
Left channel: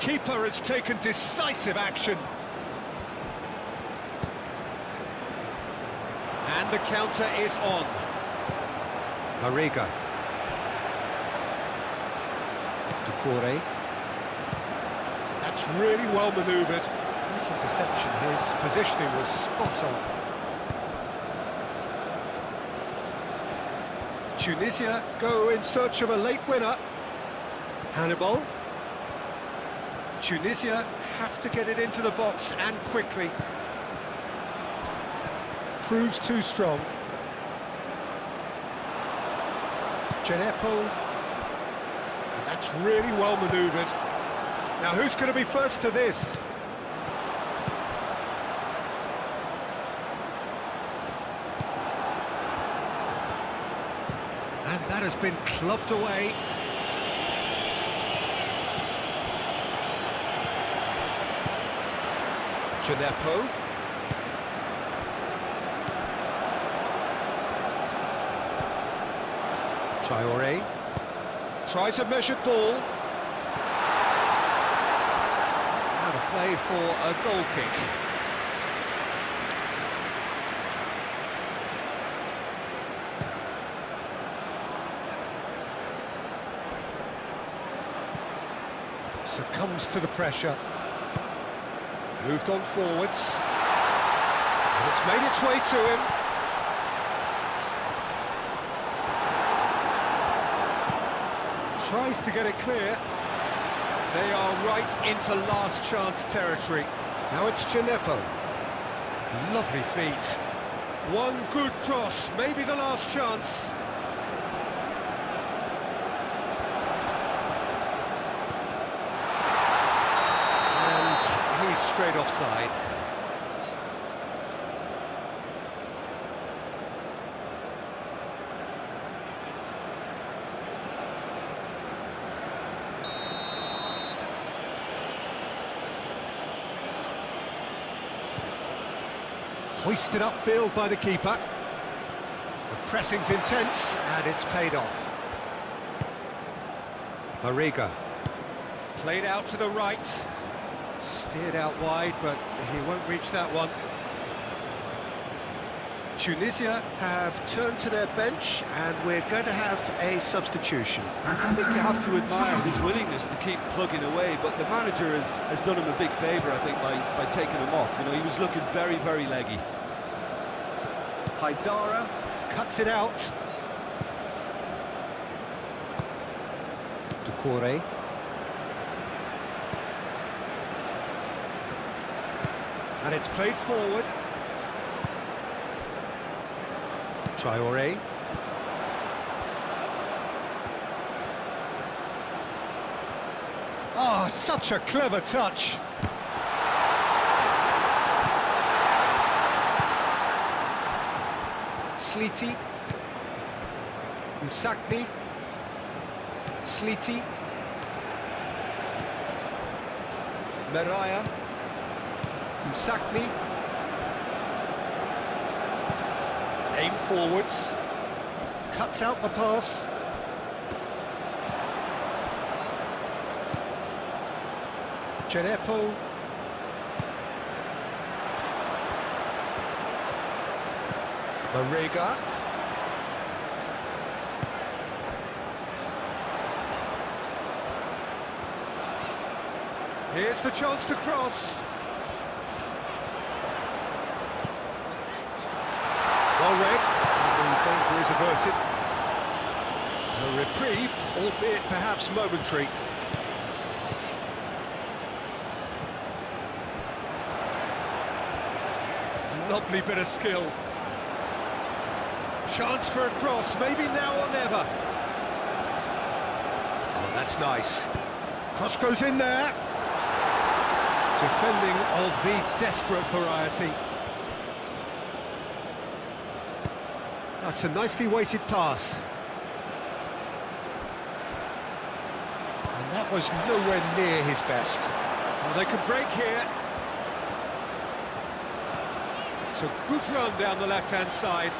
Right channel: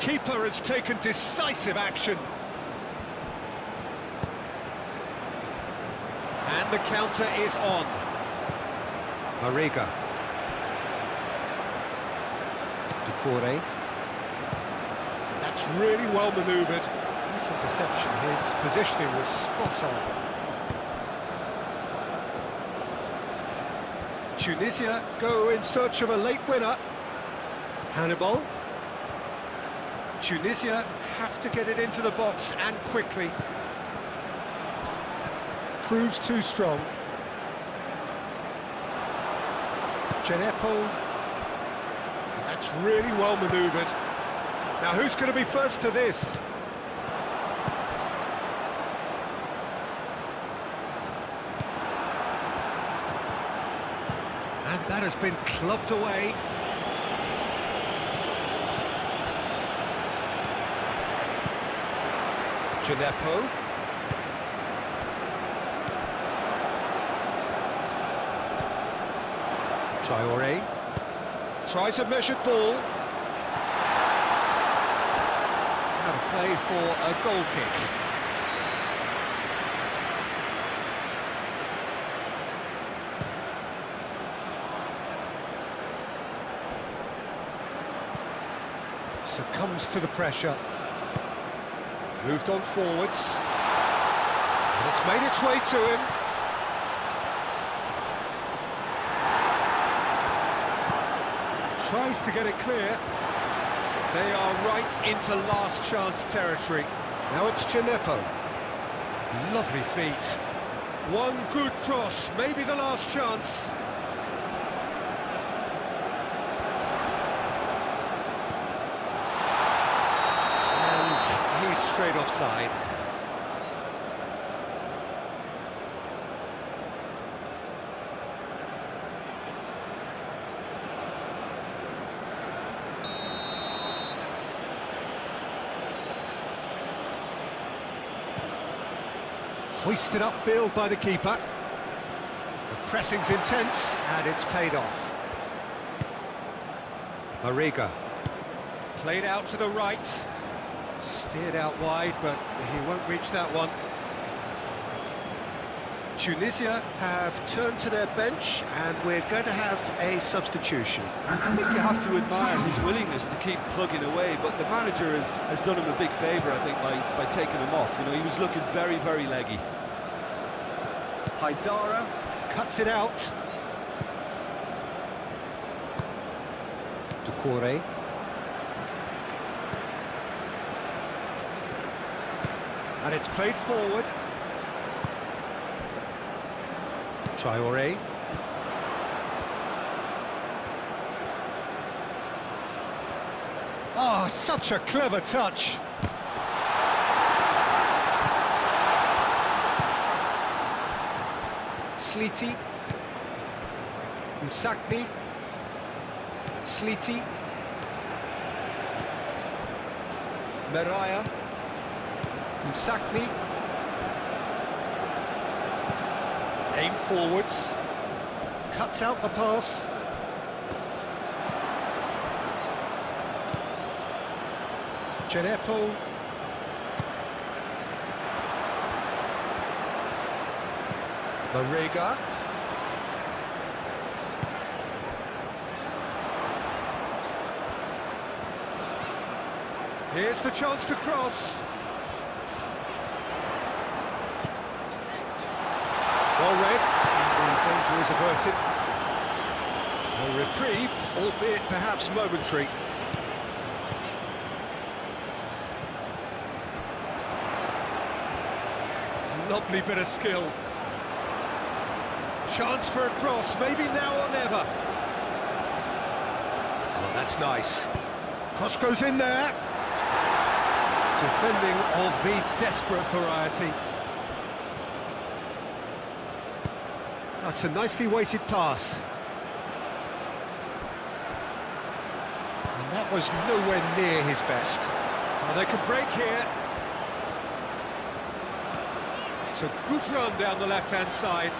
Keeper has taken decisive action. And the counter is on. Mariga. Decore. That's really well manoeuvred. Nice interception. His positioning was spot on. Tunisia go in search of a late winner. Hannibal. Tunisia have to get it into the box and quickly. Proves too strong. Genepo. That's really well manoeuvred. Now who's going to be first to this? And that has been clubbed away. Genepo. Traoré. Tries a measured ball. Out of play for a goal kick. Succumbs to the pressure. Moved on forwards. And it's made its way to him. Tries to get it clear. They are right into last chance territory. Now it's Genepo. Lovely feet. One good cross, maybe the last chance. And he's straight offside. Hoisted upfield by the keeper. The pressing's intense, and it's paid off. Mariga. Played out to the right. Steered out wide, but he won't reach that one. Tunisia have turned to their bench, and we're going to have a substitution. I think you have to admire his willingness to keep plugging away, but the manager has done him a big favour, I think, by taking him off. You know, he was looking very, very leggy. Haidara cuts it out. Doucouré. And it's played forward. Traoré. Oh, such a clever touch. Sliti. Msakni. Sliti. Meraya. Msakni. Aim forwards. Cuts out the pass. Genepo. Mariga. Here's the chance to cross. Well read, and the danger is averted. A reprieve, albeit perhaps momentary. Lovely bit of skill. Chance for a cross, maybe now or never. Oh, that's nice. Cross goes in there. Defending of the desperate variety. That's a nicely weighted pass. And that was nowhere near his best. Well, they could break here. It's a good run down the left-hand side.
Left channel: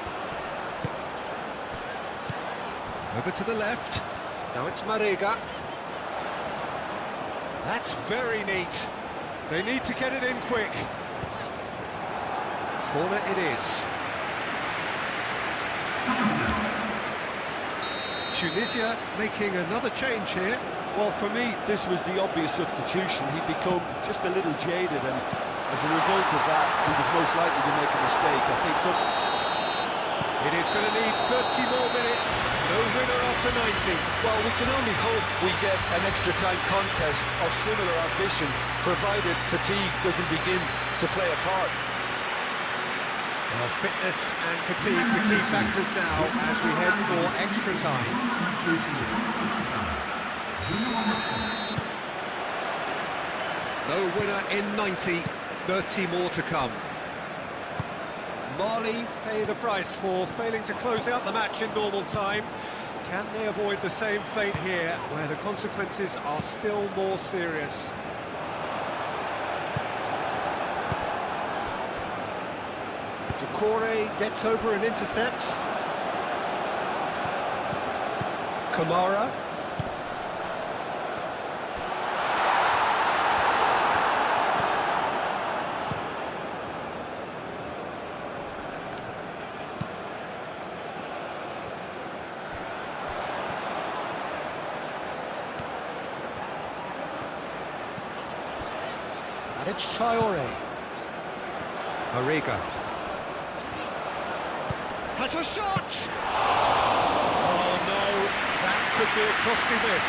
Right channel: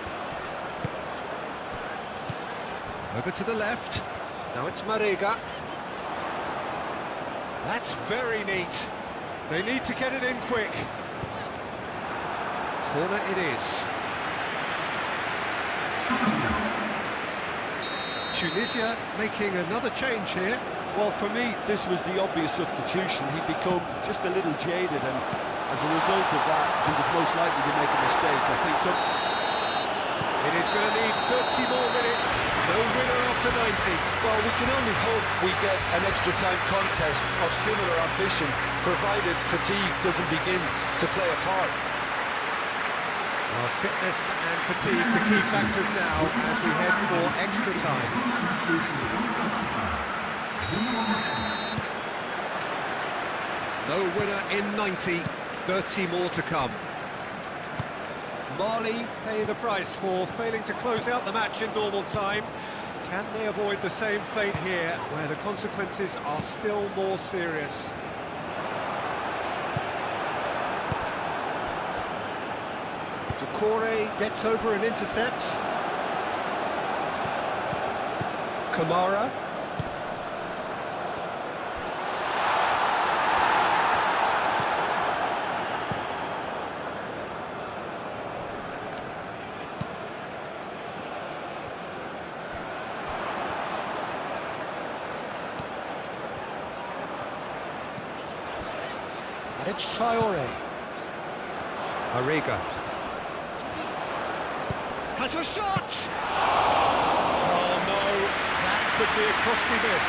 Over to the left. Now it's Mariga. That's very neat. They need to get it in quick. Corner it is. Tunisia making another change here. Well, for me, this was the obvious substitution. He'd become just a little jaded, and as a result of that, he was most likely to make a mistake. I think some... It is going to need 30 more minutes. No winner after 90. Well, we can only hope we get an extra time contest of similar ambition, provided fatigue doesn't begin to play a part. Well, fitness and fatigue, the key factors now as we head for extra time. No winner in 90, 30 more to come. Mali pay the price for failing to close out the match in normal time. Can they avoid the same fate here, where the consequences are still more serious? Doucouré gets over and intercepts. Kamara. And it's Traoré. Arriga. Has a shot! Oh no, that could be a costly miss.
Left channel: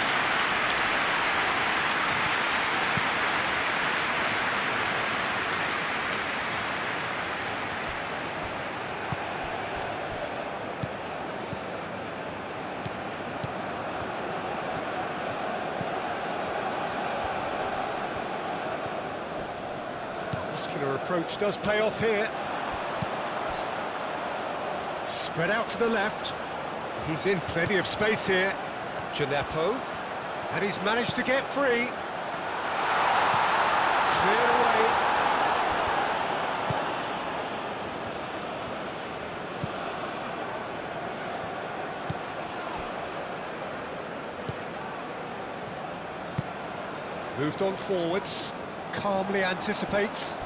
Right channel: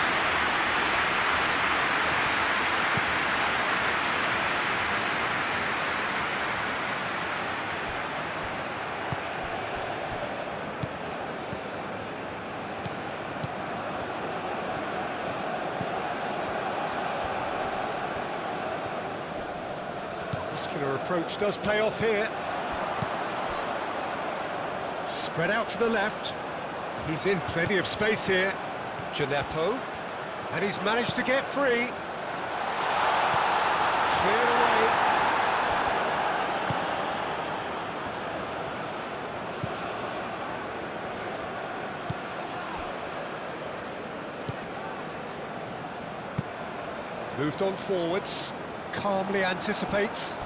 Muscular approach does pay off here. Spread out to the left. He's in plenty of space here. Gineppo. And he's managed to get free. Cleared away. Moved on forwards. Calmly anticipates.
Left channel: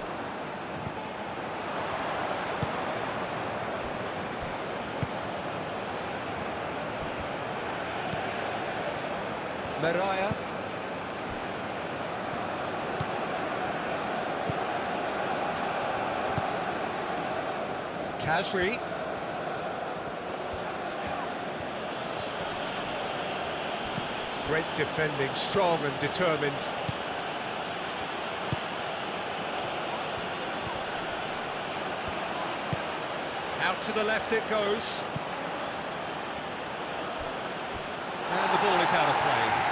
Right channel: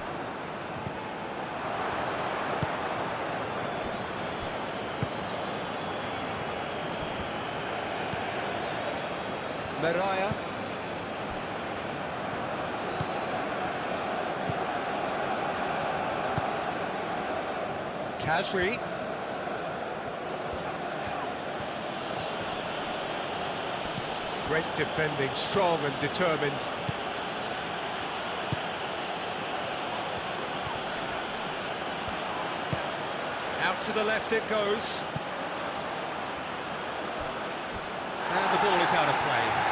Meraya. Kasri. Great defending, strong and determined. Out to the left it goes. And the ball is out of play.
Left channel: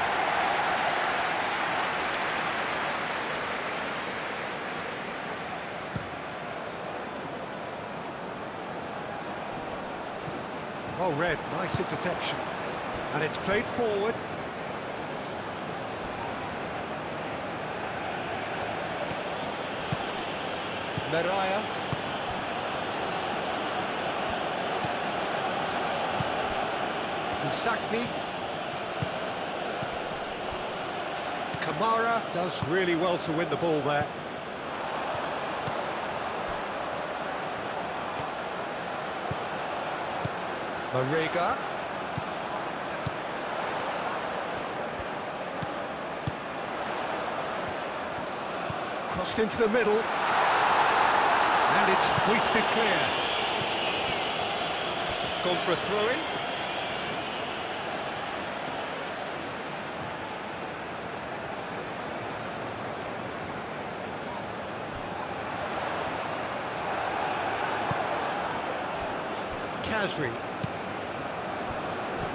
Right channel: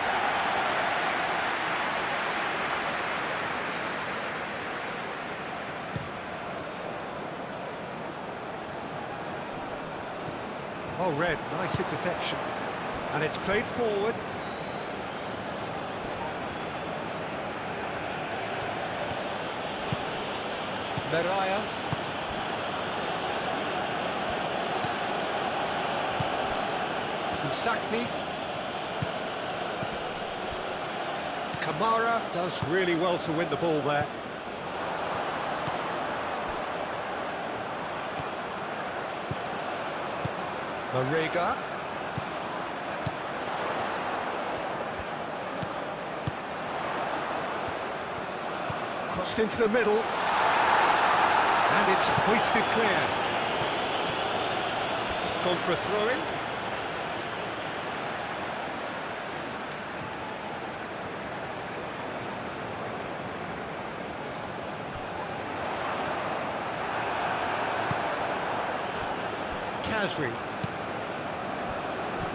Oh, Red, nice interception. And it's played forward. Meraya. Msakni. Kamara does really well to win the ball there. Mariga. Crossed into the middle. And it's hoisted clear. It's gone for a throw-in. Kasri.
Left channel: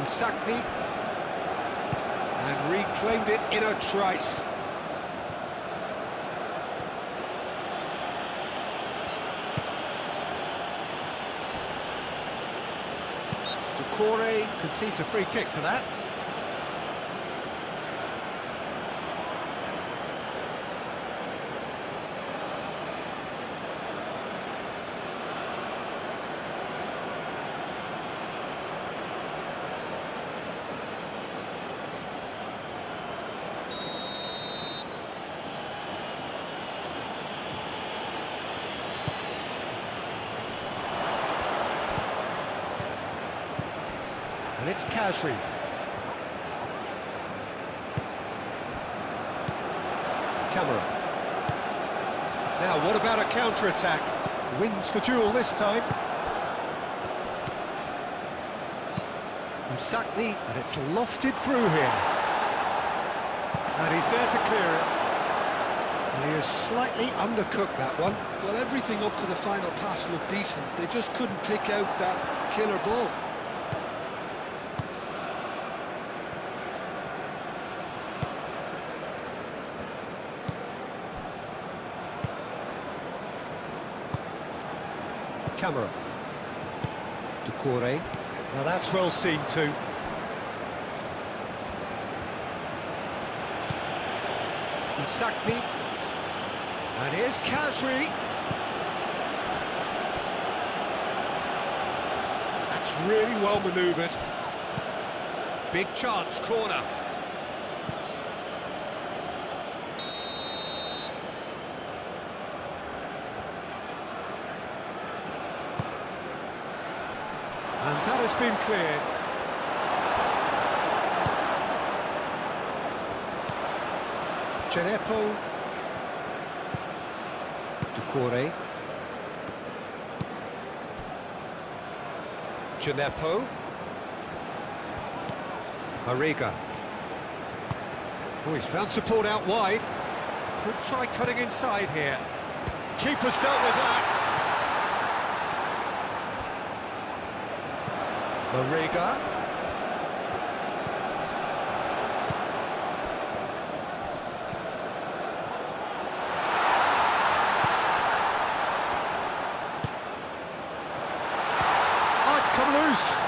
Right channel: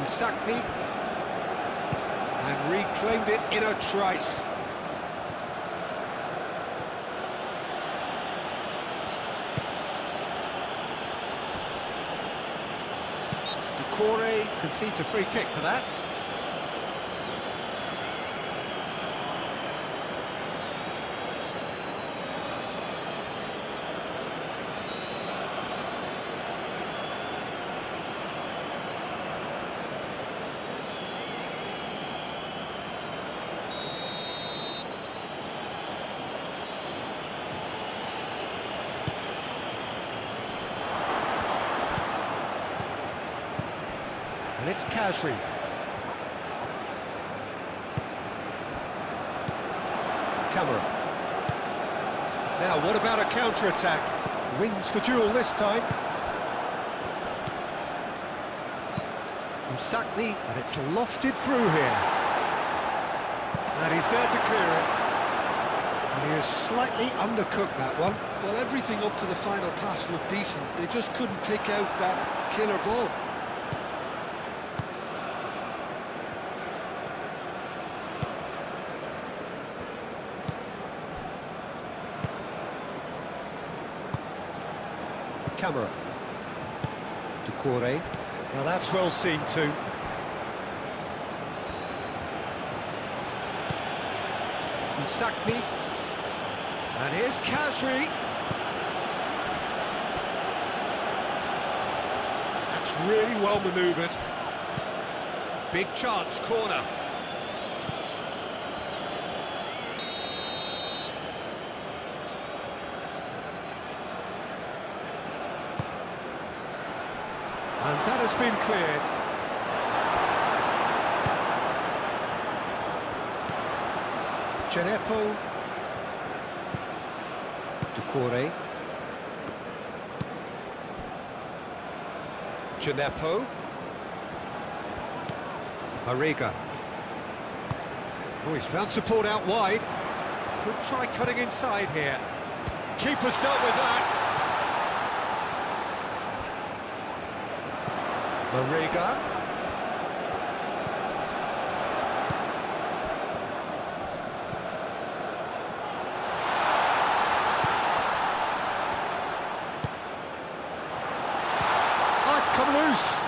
Msakni. And reclaimed it in a trice. Doucouré concedes a free kick for that. And it's Kasri. Camera. Now, what about a counter-attack? Wins the duel this time. Sakni, And it's lofted through here. And he's there to clear it. And he has slightly undercooked that one. Well, everything up to the final pass looked decent. They just couldn't pick out that killer ball. Camera. Decore. Now that's well seen too. Sakni. And here's Kazri. That's really well manoeuvred. Big chance, corner. And that has been cleared. Genepo. Decore. Genepo. Mariga. Oh, he's found support out wide. Could try cutting inside here. Keeper's dealt with that. Mariga. Oh, it's come loose.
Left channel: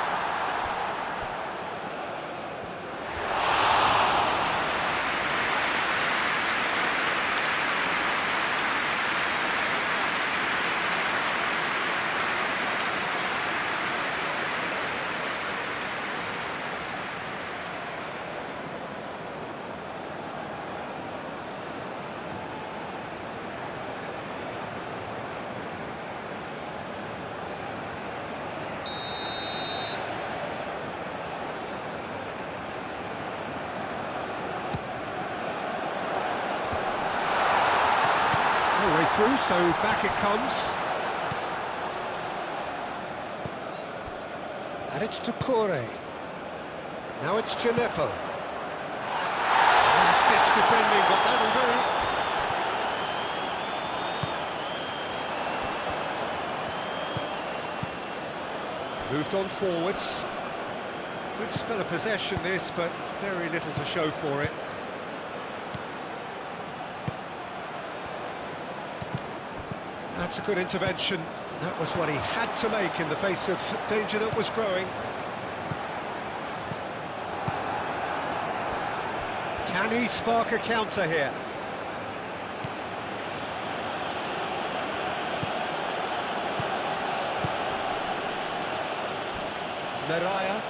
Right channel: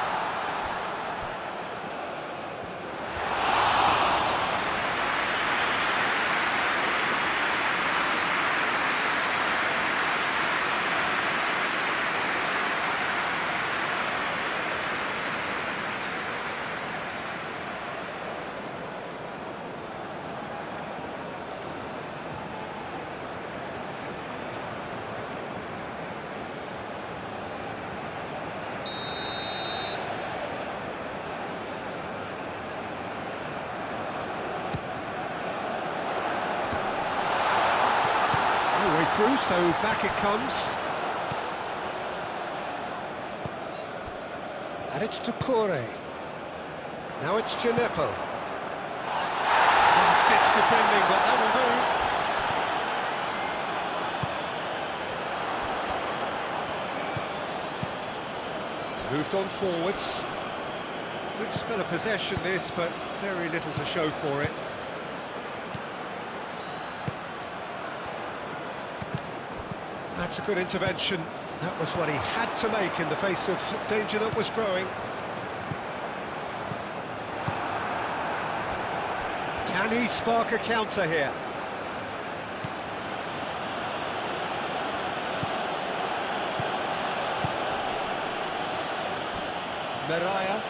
No way through, so back it comes. And it's Decore. Now it's Genepo. Last-ditch defending, but that'll do. Moved on forwards. Good spell of possession this, but very little to show for it. That's a good intervention. That was what he had to make in the face of danger that was growing. Can he spark a counter here? Meraya.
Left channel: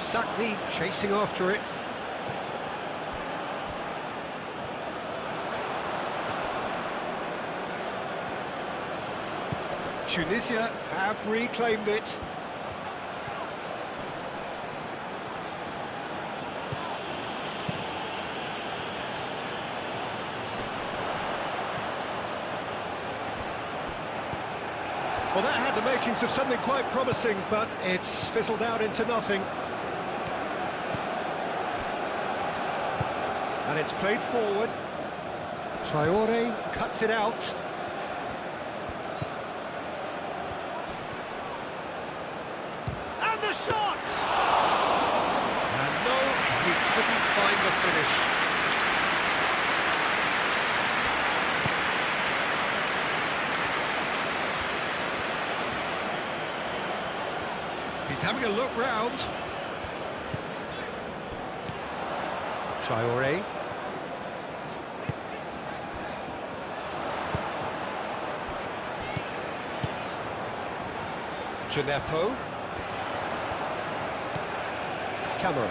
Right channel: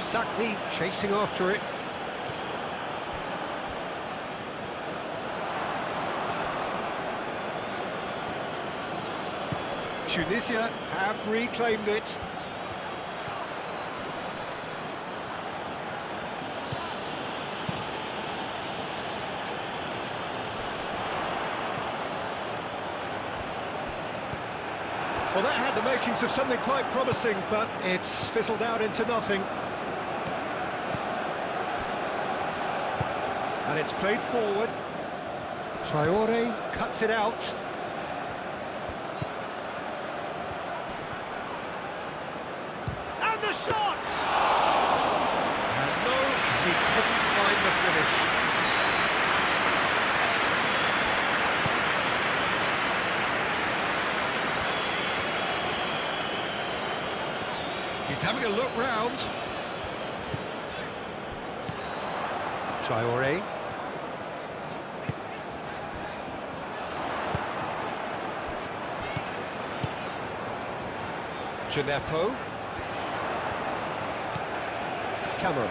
Sakni chasing after it. Tunisia have reclaimed it. Well, that had the makings of something quite promising, but it's fizzled out into nothing. And it's played forward. Traore cuts it out. And the shot! And no, he couldn't find the finish. He's having a look round. Traore. Genepo. Camera.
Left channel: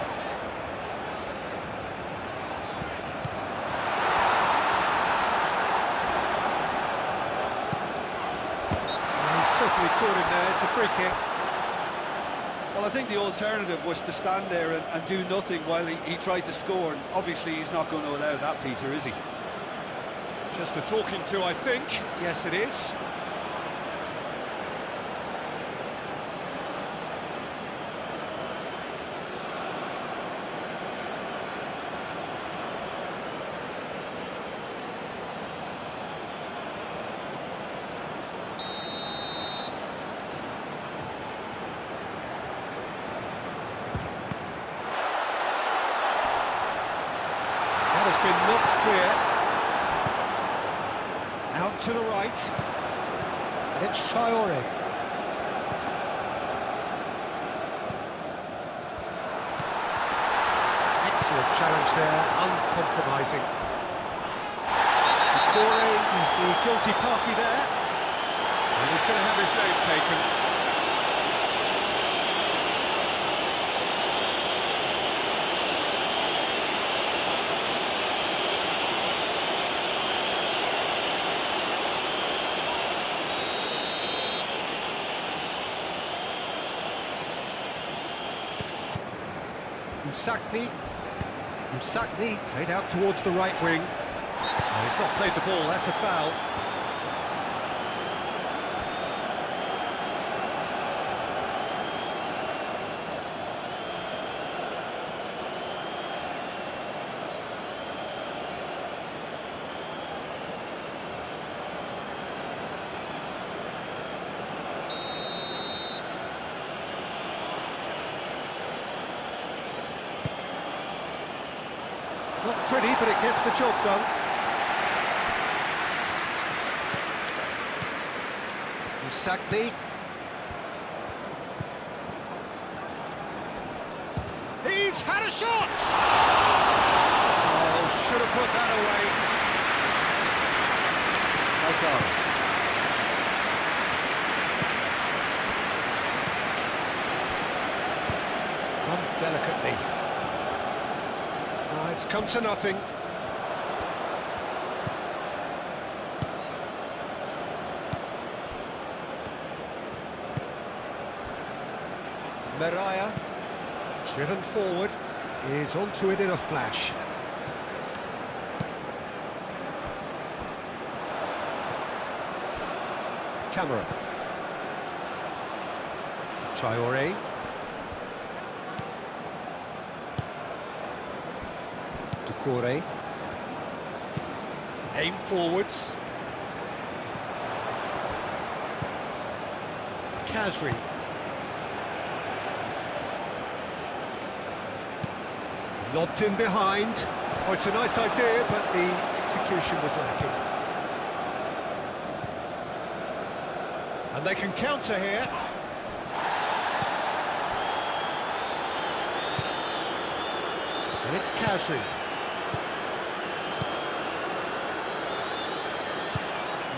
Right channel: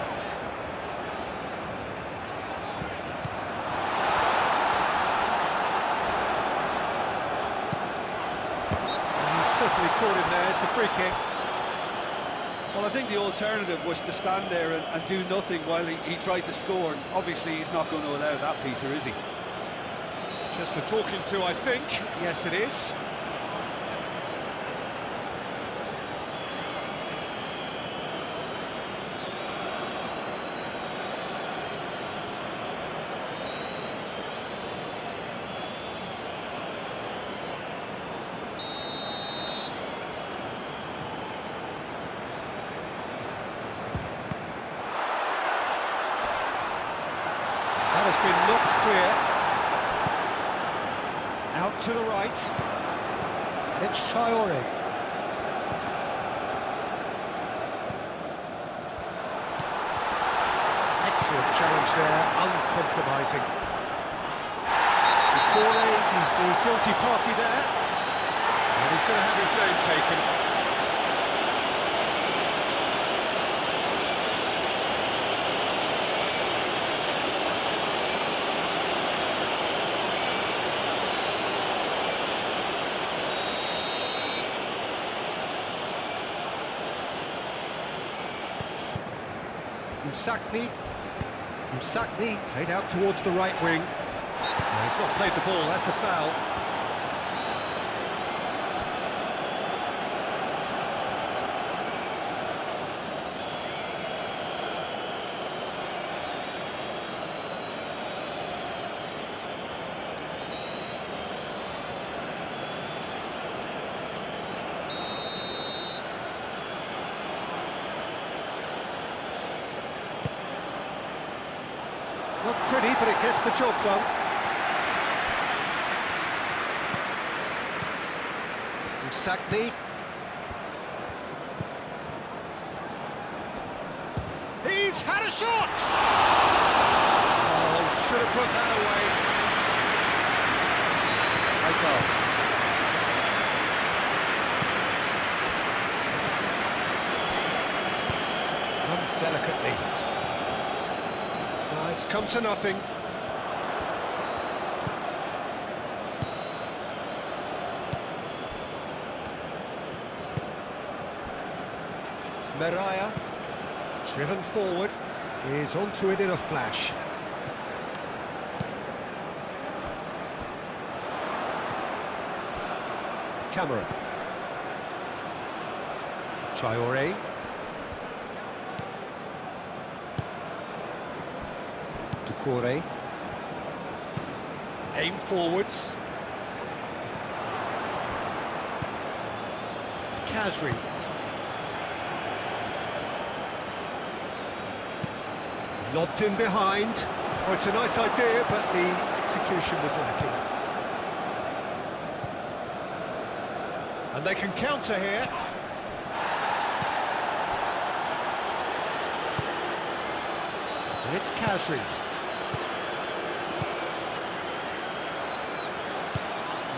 And he's certainly caught him there. It's a free kick. Well, I think the alternative was to stand there and do nothing while he tried to score. And obviously, he's not going to allow that, Peter, is he? Just a talking to, I think. Yes, it is. That has been knocked clear. Out to the right. And it's Traore. Excellent challenge there, uncompromising. Decore is the guilty party there. And he's going to have his name taken. Msakni played out towards the right wing. No, he's not played the ball, that's a foul. Not pretty, but it gets the job done. Msakni. He's had a shot! Oh, should have put that away. Done delicately. It's come to nothing. Meraya, driven forward, is onto it in a flash. Camera. Traore. Decore. Aim forwards. Kasri. Lobbed in behind. Oh, it's a nice idea, but the execution was lacking. And they can counter here. And it's Kasri.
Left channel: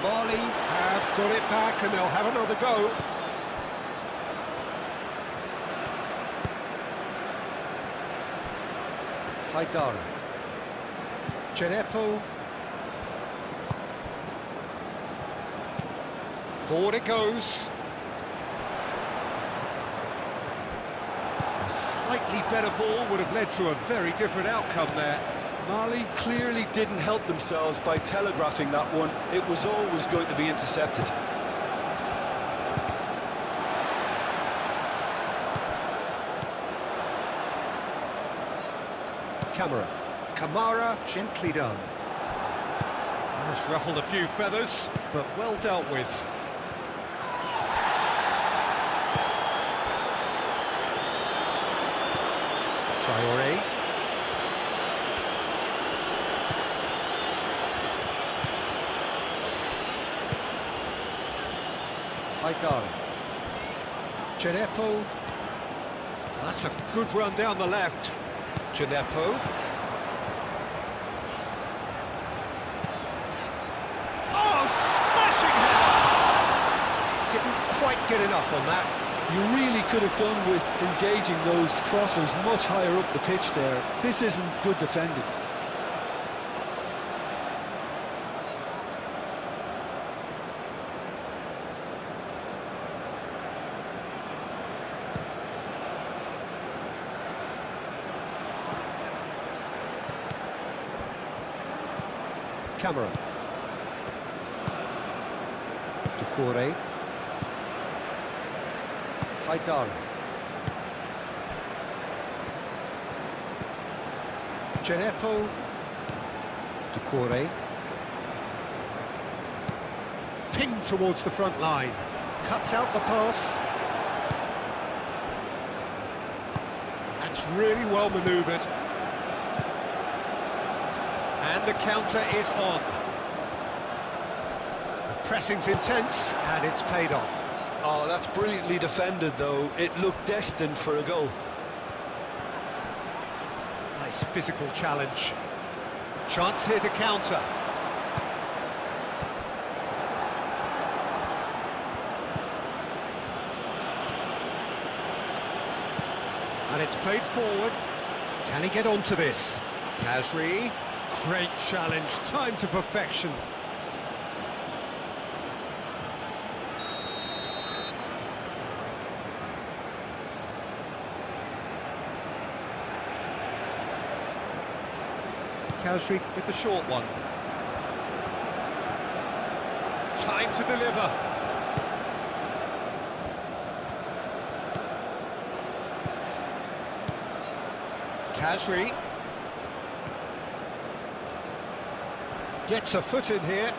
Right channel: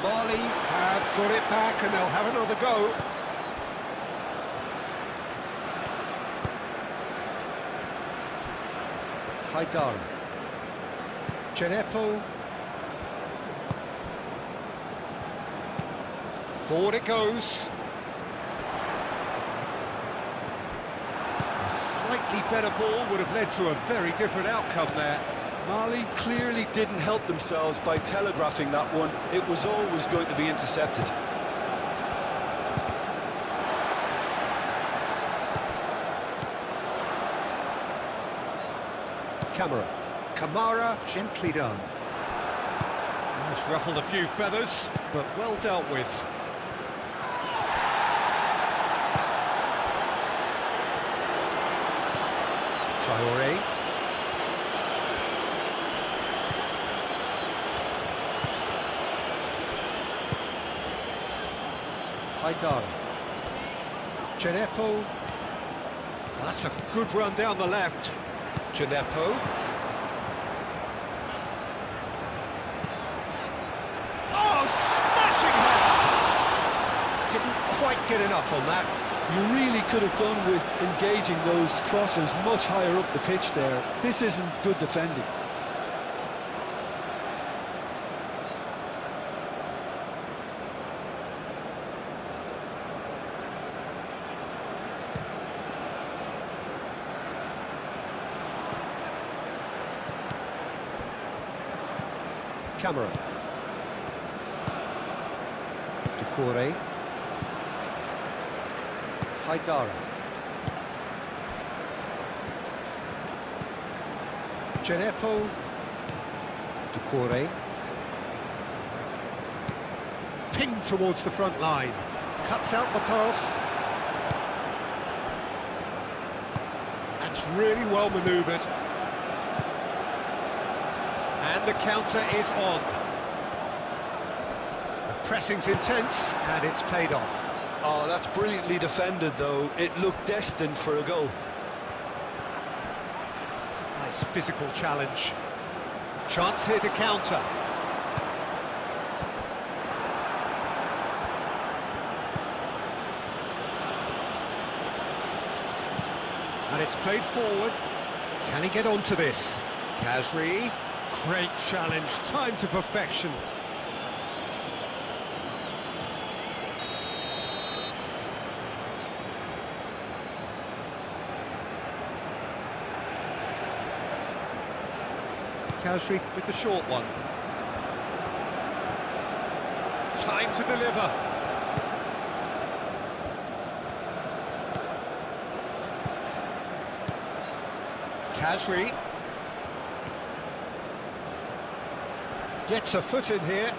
Mali have got it back and they'll have another go. Haidara. Chenepo. Forward it goes. A slightly better ball would have led to a very different outcome there. Mali clearly didn't help themselves by telegraphing that one. It was always going to be intercepted. Camera. Kamara, gently done. That's ruffled a few feathers, but well dealt with. Traore. Haidara. Chenepo. That's a good run down the left. Chenepo. Oh, smashing header! Didn't quite get enough on that. You really could have done with engaging those crosses much higher up the pitch there. This isn't good defending. Camera. Doucouré. Haidara. Genepo. Doucouré. Pinged towards the front line. Cuts out the pass. That's really well manoeuvred. And the counter is on. The pressing's intense, and it's paid off. Oh, that's brilliantly defended, though. It looked destined for a goal. Nice physical challenge. Chance here to counter. And it's played forward. Can he get onto this? Khazri. Great challenge, time to perfection. Khazri with the short one. Time to deliver. Khazri gets a foot in here.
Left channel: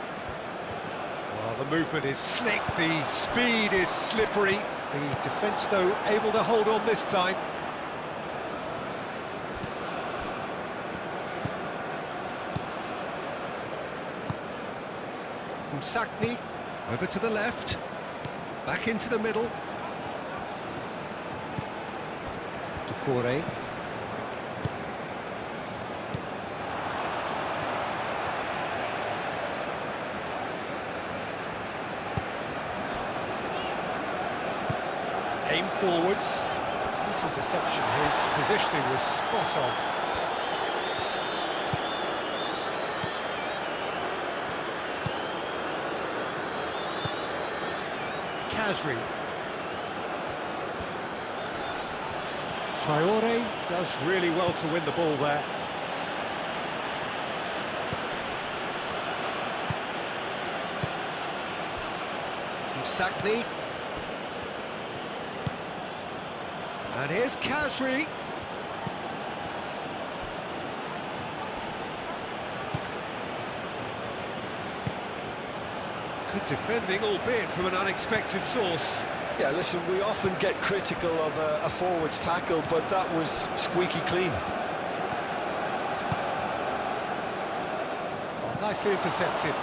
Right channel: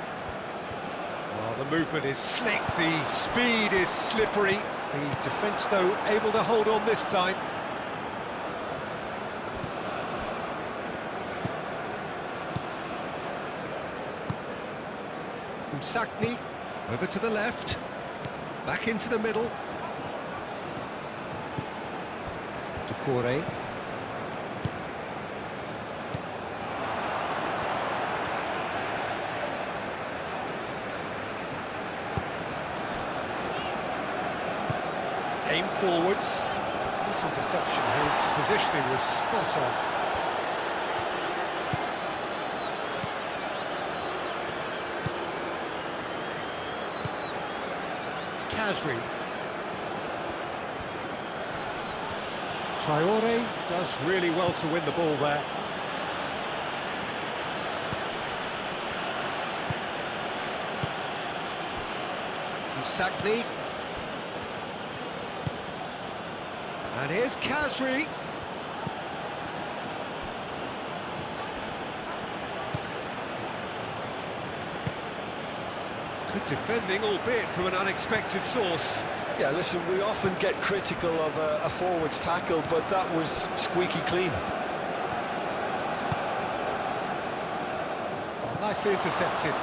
Well, the movement is slick, the speed is slippery. The defence, though, able to hold on this time. Msakni over to the left, back into the middle. Doucouré. Aim forwards. This interception, his positioning was spot on. Khazri. Traoré does really well to win the ball there. Msakni. And here's Khazri. Good defending, albeit from an unexpected source. Yeah, listen, we often get critical of a forward's tackle, but that was squeaky clean. Oh, nicely intercepted.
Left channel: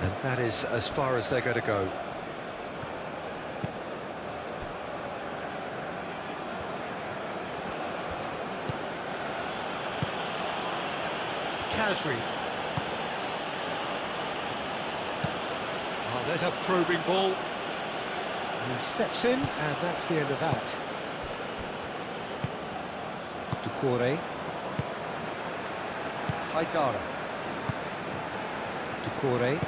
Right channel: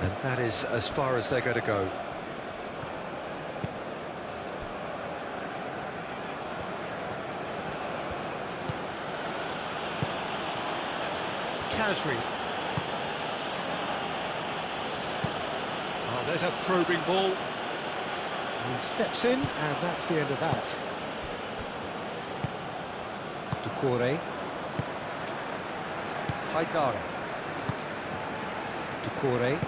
And that is as far as they're going to go. Khazri. Oh, there's a probing ball. He steps in, and that's the end of that. Doucouré. Haidara. Doucouré.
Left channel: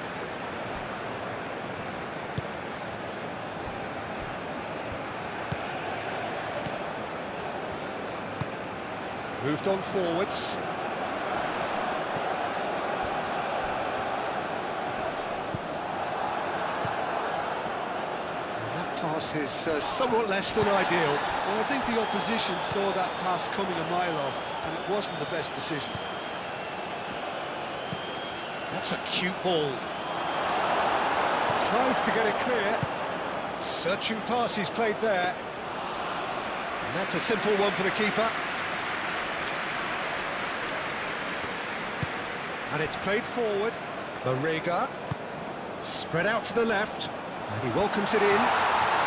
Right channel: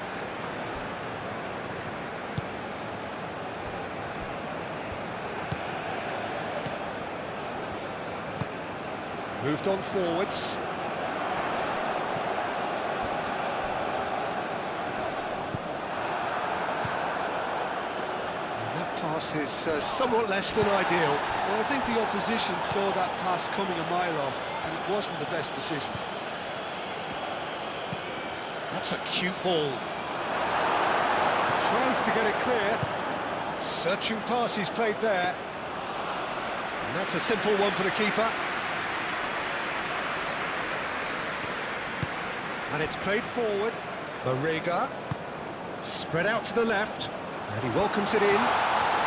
Moved on forwards. Pass is somewhat less than ideal. Well, I think the opposition saw that pass coming a mile off, and it wasn't the best decision. That's a cute ball. Tries to get it clear. Searching pass he's played there. And that's a simple one for the keeper. And it's played forward. Marega. Spread out to the left. And he welcomes it in.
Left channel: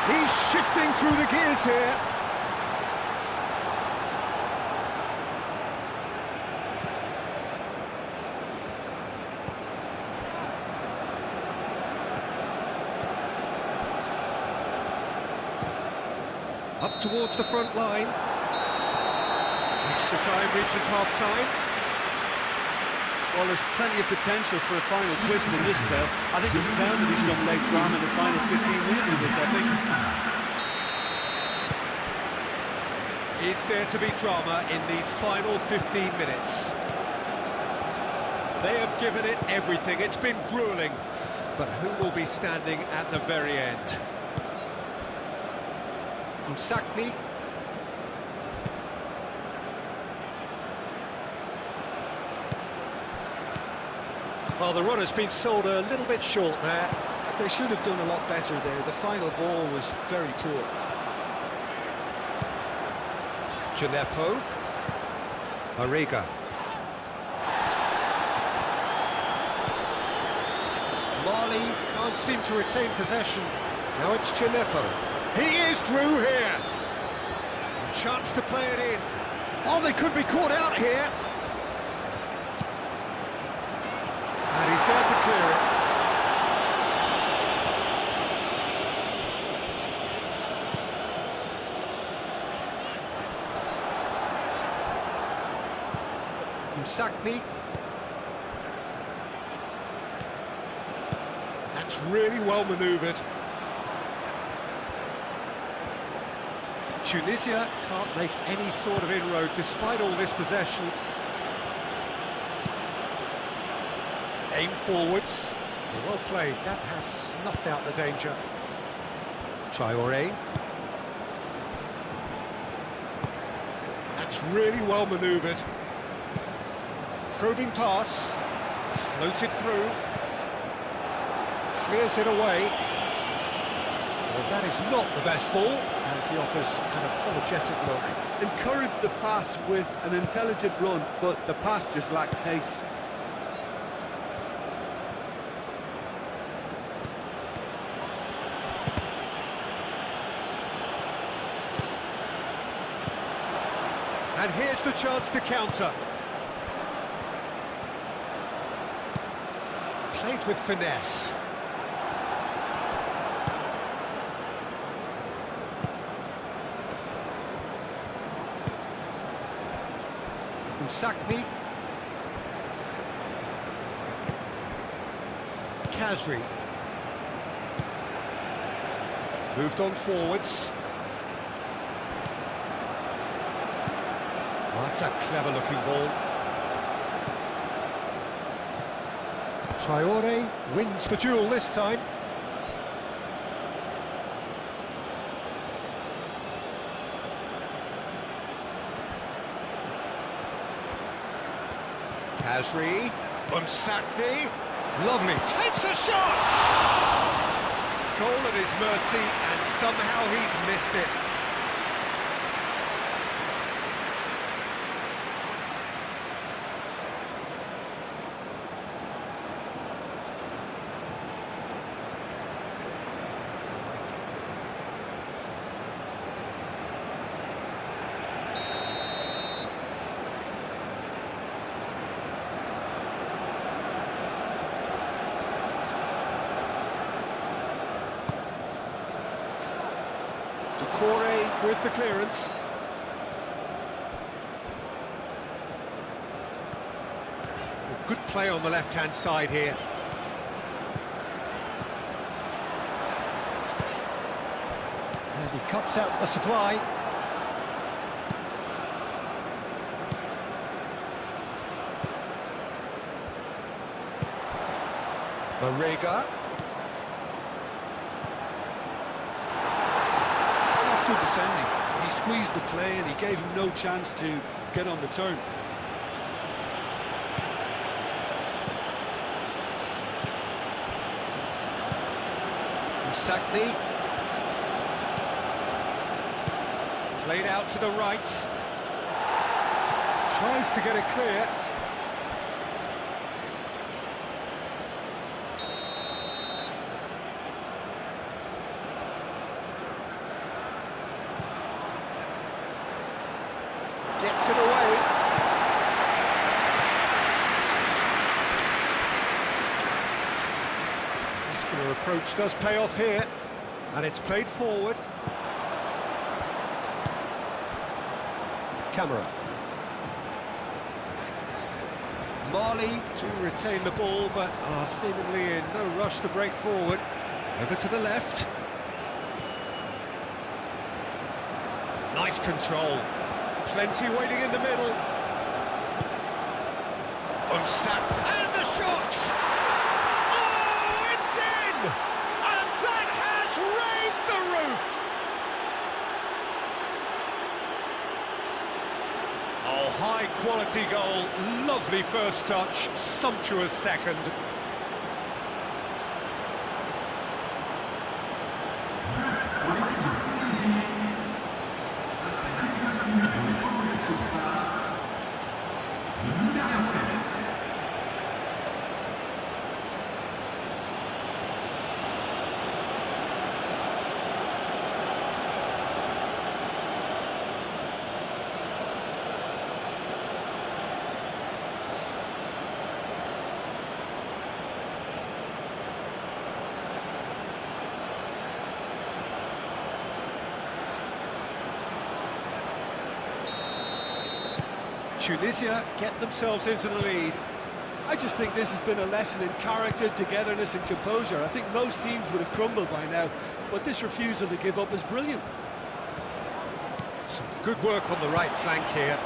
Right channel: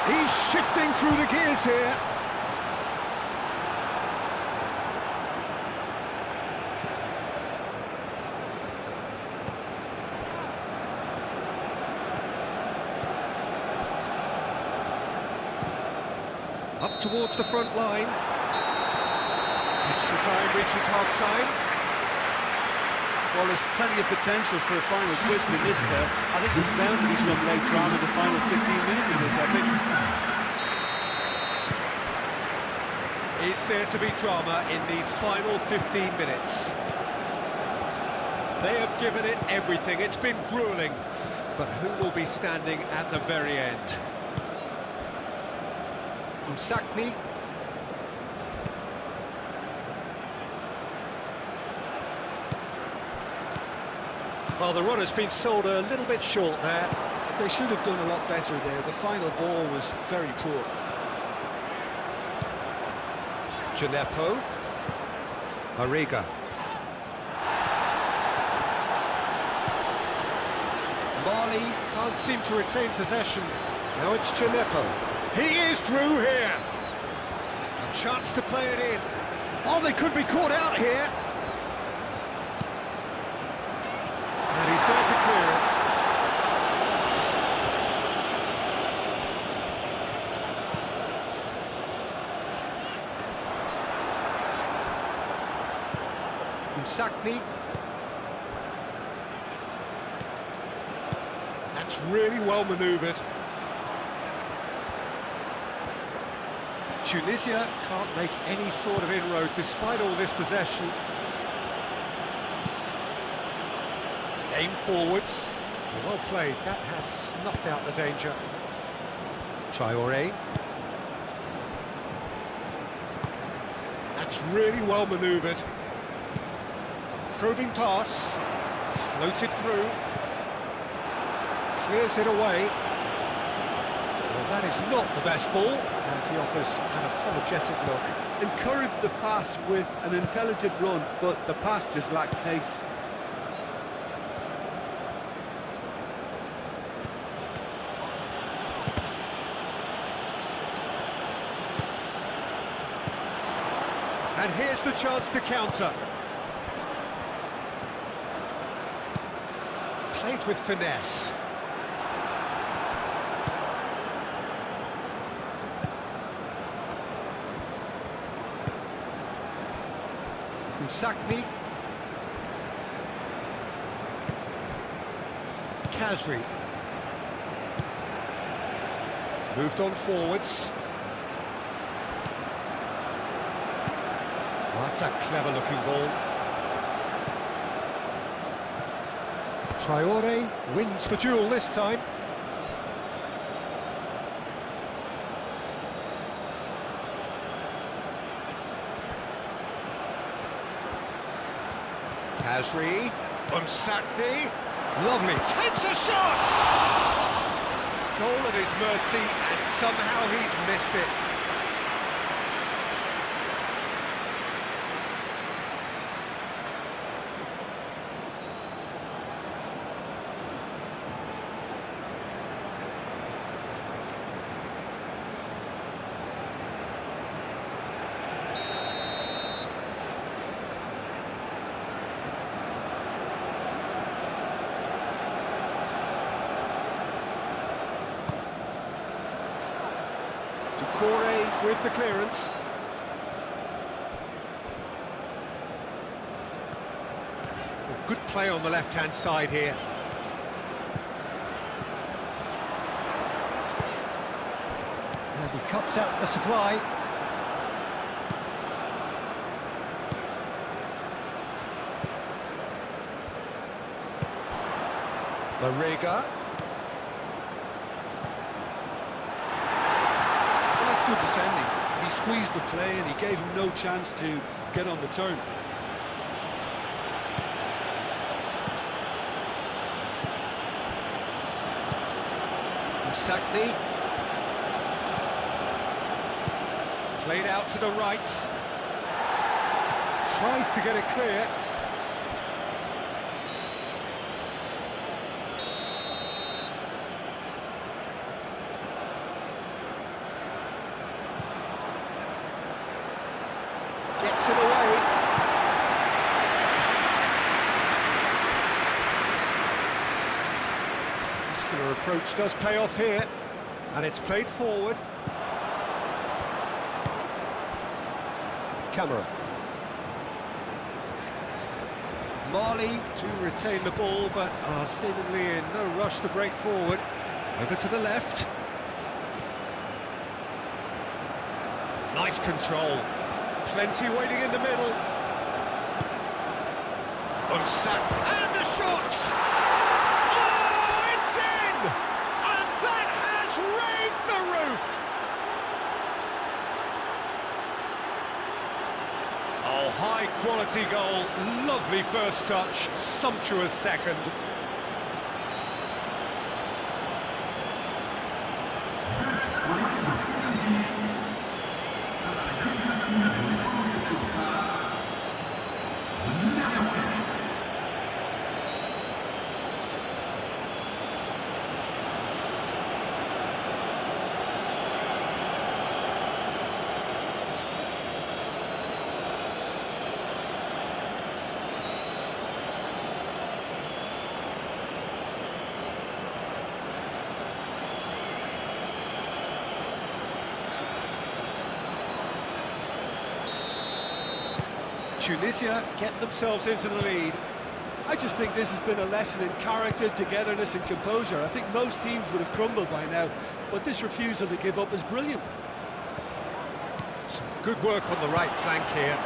He's shifting through the gears here. Up towards the front line. Extra time reaches half-time. Well, there's plenty of potential for a final twist in this tale. I think there's bound to be some late drama in the final 15 minutes of this epic. Is there to be drama in these final 15 minutes? They have given it everything. It's been gruelling. But who will be standing at the very end? Msakni. Well, the run has been sold a little bit short there. They should have done a lot better there. The final ball was very poor. Gineppo. Mariga. Mali can't seem to retain possession. Now it's Gineppo. He is through here. A chance to play it in. Oh, they could be caught out here. And he's there to clear it. Msakni. That's really well manoeuvred. Tunisia can't make any sort of inroad despite all this possession. Aim forwards. Well played. That has snuffed out the danger. Traoré. That's really well manoeuvred. Probing pass. Floated through. Clears it away. Well, that is not the best ball, and he offers an apologetic look. Encouraged the pass with an intelligent run, but the pass just lacked pace. And here's the chance to counter. Played with finesse. Msakni. Kazri. Moved on forwards. Oh, that's a clever-looking ball. Traoré wins the duel this time. Kazri. Msakni. Lovely. Takes a shot! Goal at his mercy, and somehow he's missed it. Corey with the clearance. Good play on the left-hand side here. And he cuts out the supply. Mariga. Good defending. He squeezed the play and he gave him no chance to get on the turn. Msakni. Played out to the right. Tries to get it clear. Gets it away. Muscular approach does pay off here. And it's played forward. Camera. Mali to retain the ball, but are seemingly in no rush to break forward. Over to the left. Nice control. Plenty waiting in the middle. Umsat, and the shot! Oh, it's in! And that has raised the roof! Oh, high-quality goal, lovely first touch, sumptuous second. Tunisia get themselves into the lead. I just think this has been a lesson in character, togetherness and composure. I think most teams would have crumbled by now, but this refusal to give up is brilliant. Some good work on the right flank here.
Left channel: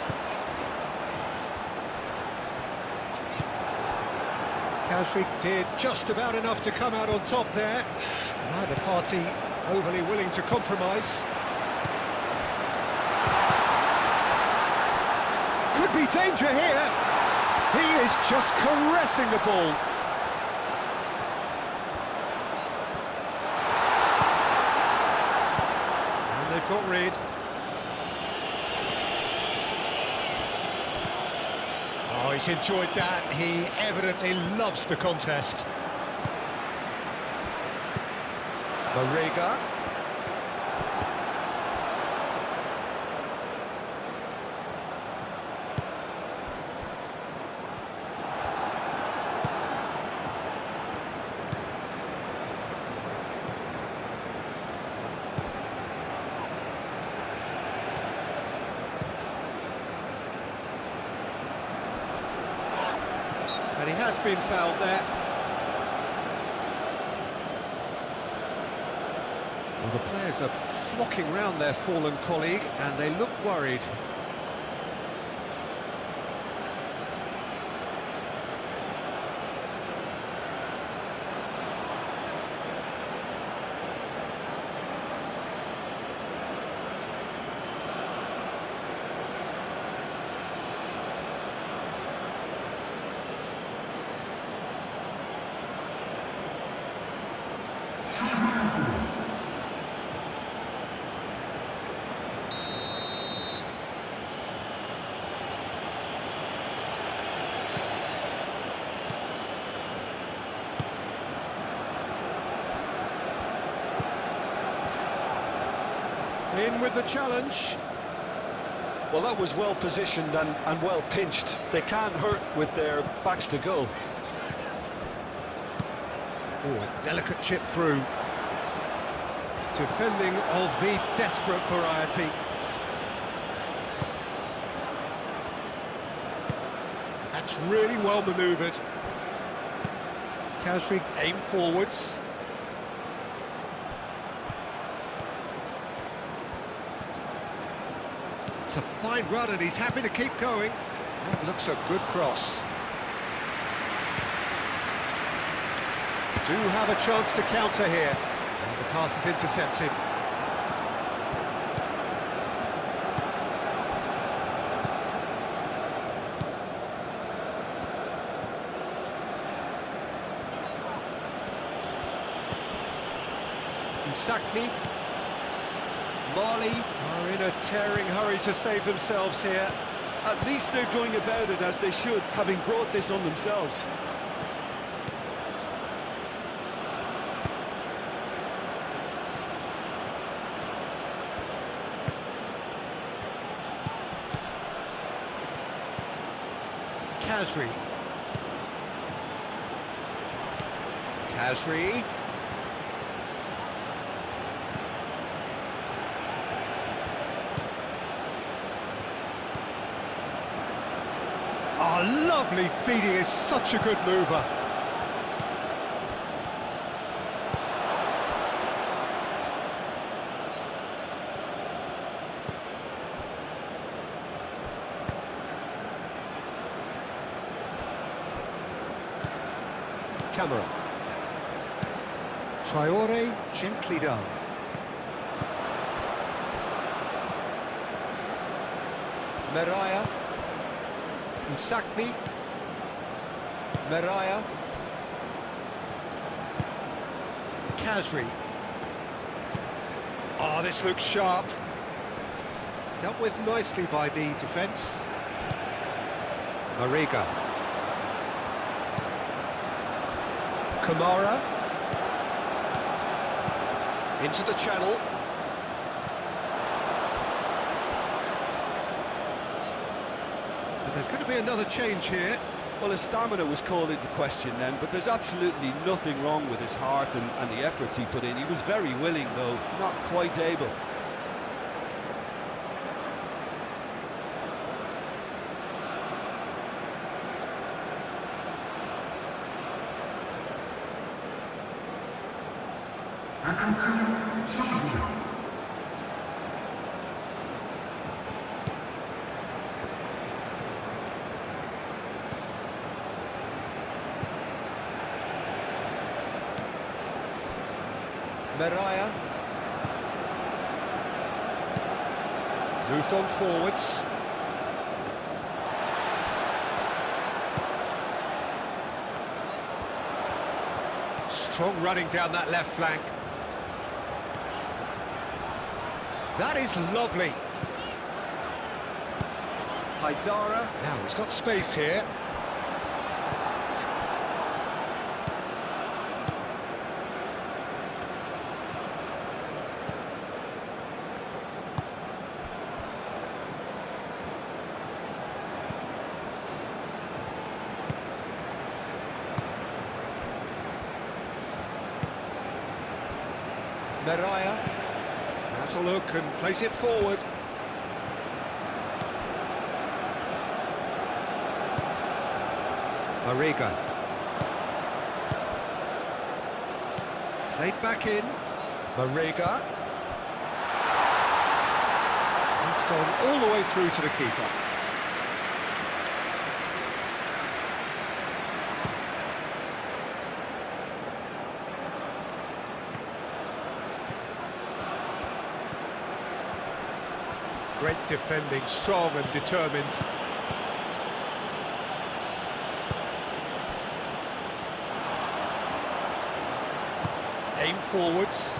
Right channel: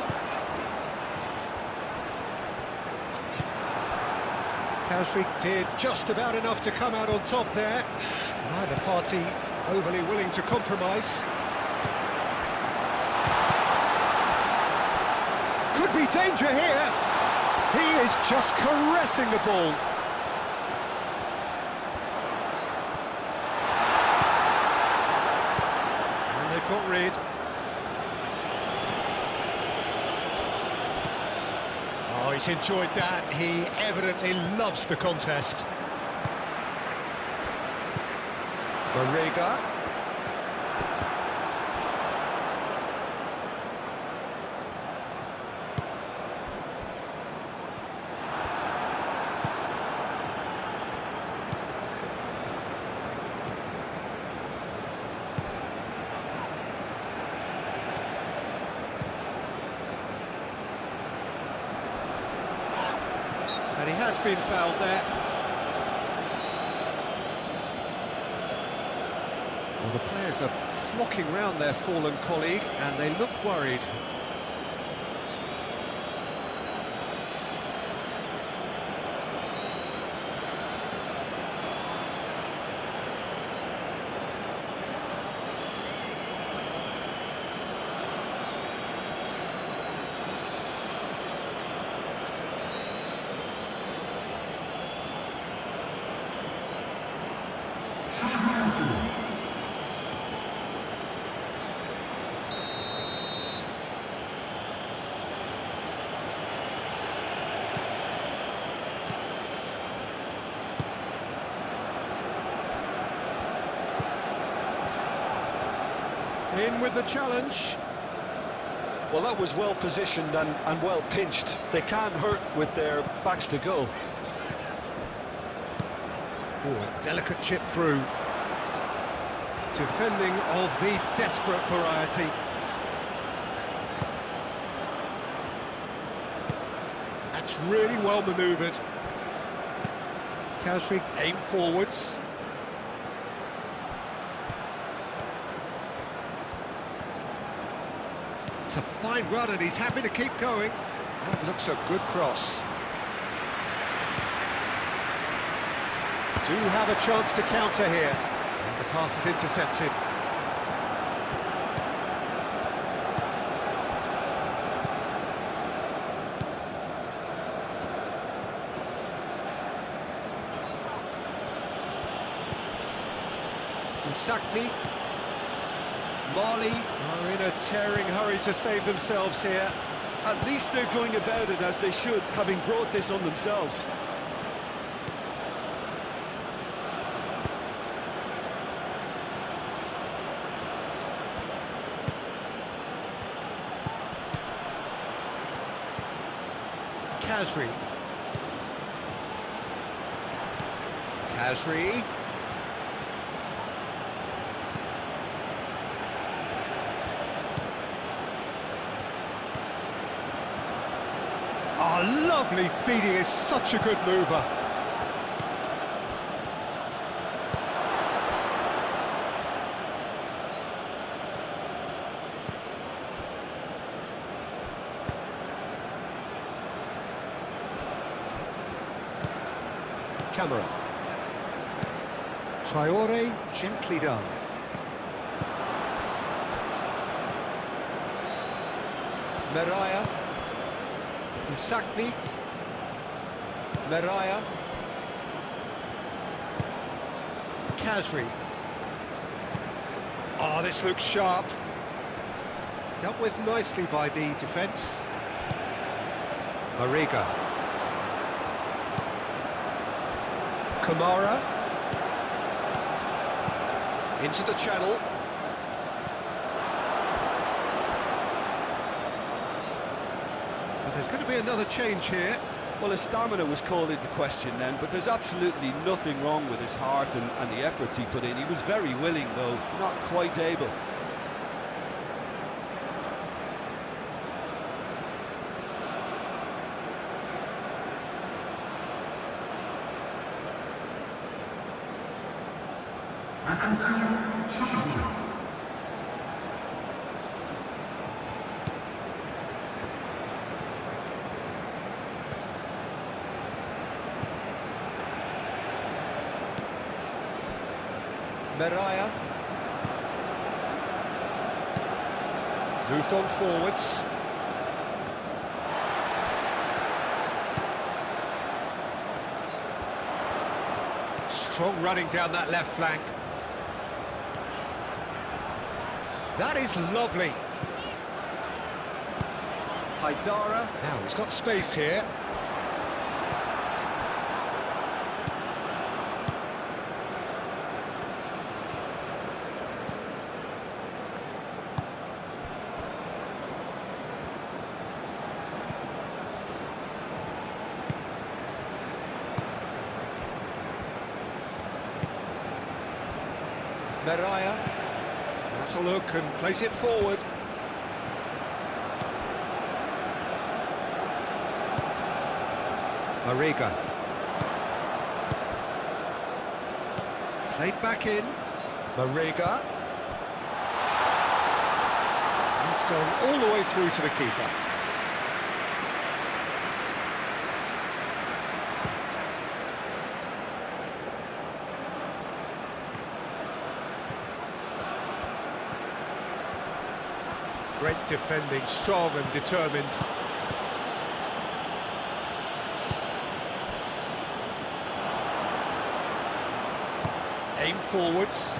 Kausri did just about enough to come out on top there. Neither party overly willing to compromise. Could be danger here. He is just caressing the ball. And they've got rid. Oh, he's enjoyed that. He evidently loves the contest. Marega. And he has been fouled there. Well, the players are flocking round their fallen colleague, and they look worried. In with the challenge. Well, that was well positioned and well pinched. They can't hurt with their backs to goal. Oh, a delicate chip through. Defending of the desperate variety. That's really well manoeuvred. Kausri aim forwards. It's a fine run and he's happy to keep going. That looks a good cross. Do have a chance to counter here. And the pass is intercepted. Msakni. Mali are in a tearing hurry to save themselves here. At least they're going about it as they should, having brought this on themselves. Kausri. Kausri. Oh, lovely feeding, is such a good mover. Camera. Traore gently done. Meraya. Msakni. Meraya. Kasri. Oh, this looks sharp. Dealt with nicely by the defence. Mariga. Kamara. Into the channel. So there's going to be another change here. Well, his stamina was called into question then, but there's absolutely nothing wrong with his heart and the efforts he put in. He was very willing, though, not quite able. Meraya. Moved on forwards. Strong running down that left flank. That is lovely. Haidara. Now he's got space here. Meraya. That's a look and place it forward. Mariga. Played back in. Mariga. It's gone all the way through to the keeper. Great defending, strong and determined. Aim forwards.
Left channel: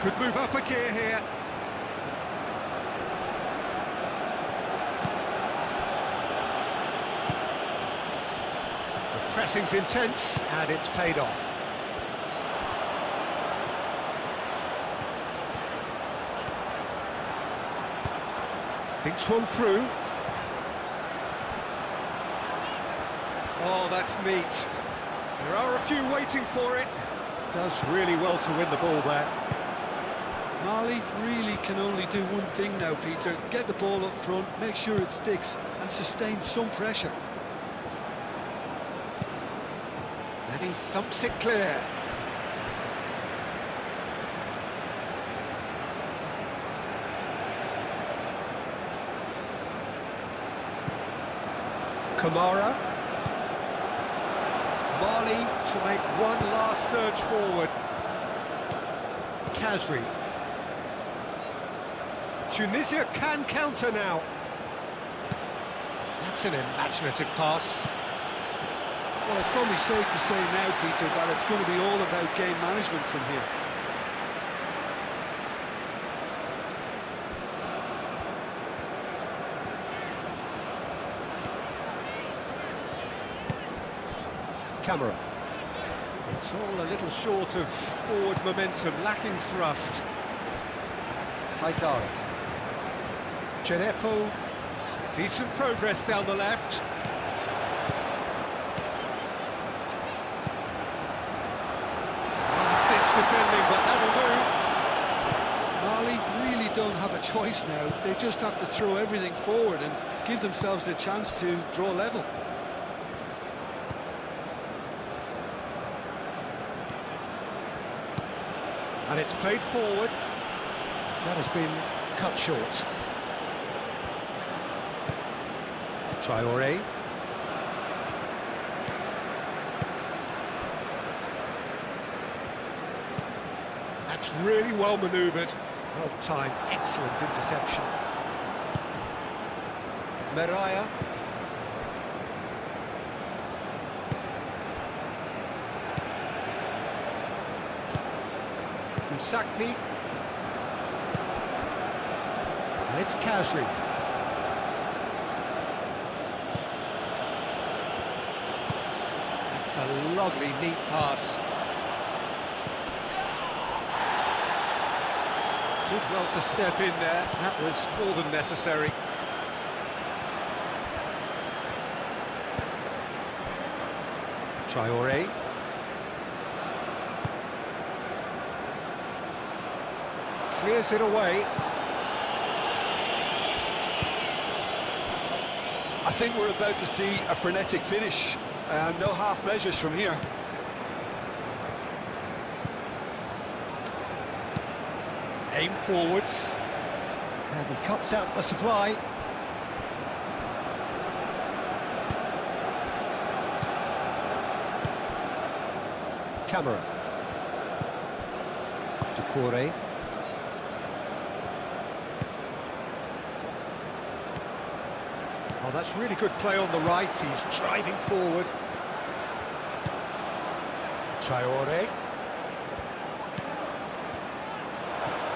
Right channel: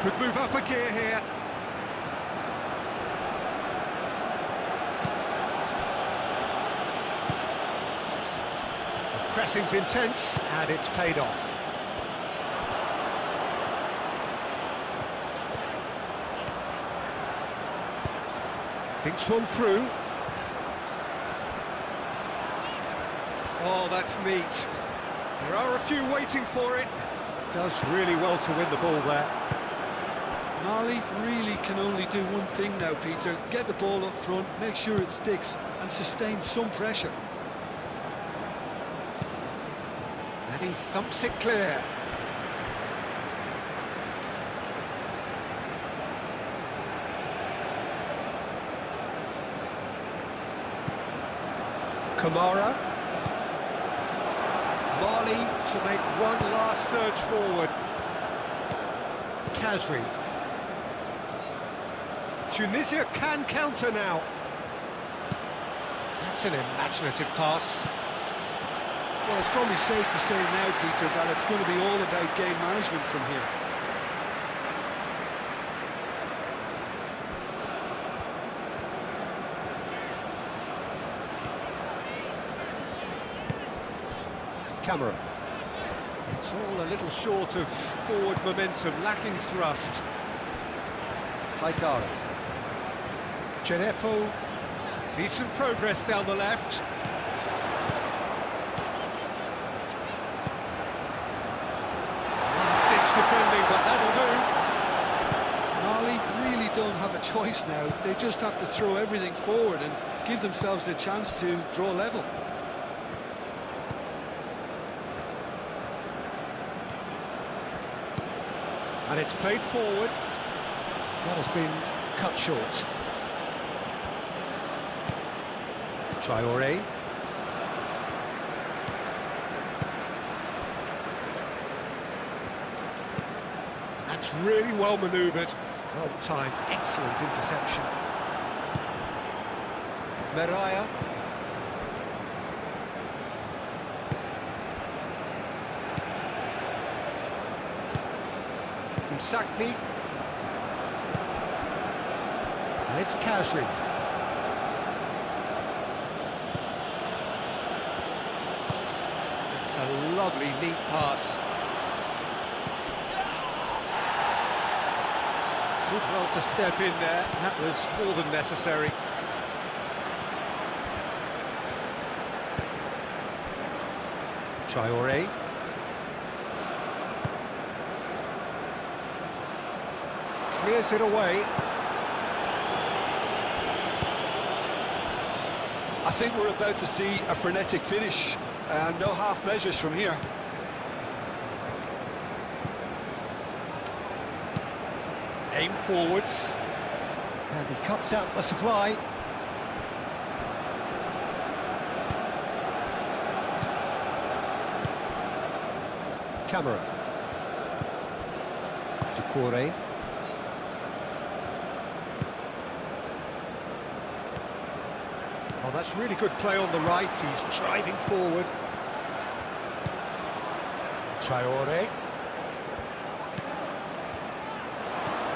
Could move up a gear here. The pressing's intense and it's paid off. Thinks one through. Oh, that's neat. There are a few waiting for it. Does really well to win the ball there. Mali really can only do one thing now, Peter. Get the ball up front, make sure it sticks, and sustain some pressure. And he thumps it clear. Kamara. Mali to make one last surge forward. Kasri. Tunisia can counter now. That's an imaginative pass. Well, it's probably safe to say now, Peter, that it's going to be all about game management from here. Camera. It's all a little short of forward momentum, lacking thrust. Haidara. Genepo. Decent progress down the left. Last-ditch defending, but that'll do. Mali really don't have a choice now. They just have to throw everything forward and give themselves a chance to draw level. And it's played forward. That has been cut short. Traoré. That's really well manoeuvred. Well timed, excellent interception. Meraya. Msakni. And it's Kazri. It's a lovely, neat pass. Did well to step in there. That was more than necessary. Traoré. Clears it away. I think we're about to see a frenetic finish, and no half measures from here. Aim forwards. And he cuts out the supply. Camera. Decore. Oh, that's really good play on the right. He's driving forward. Traoré.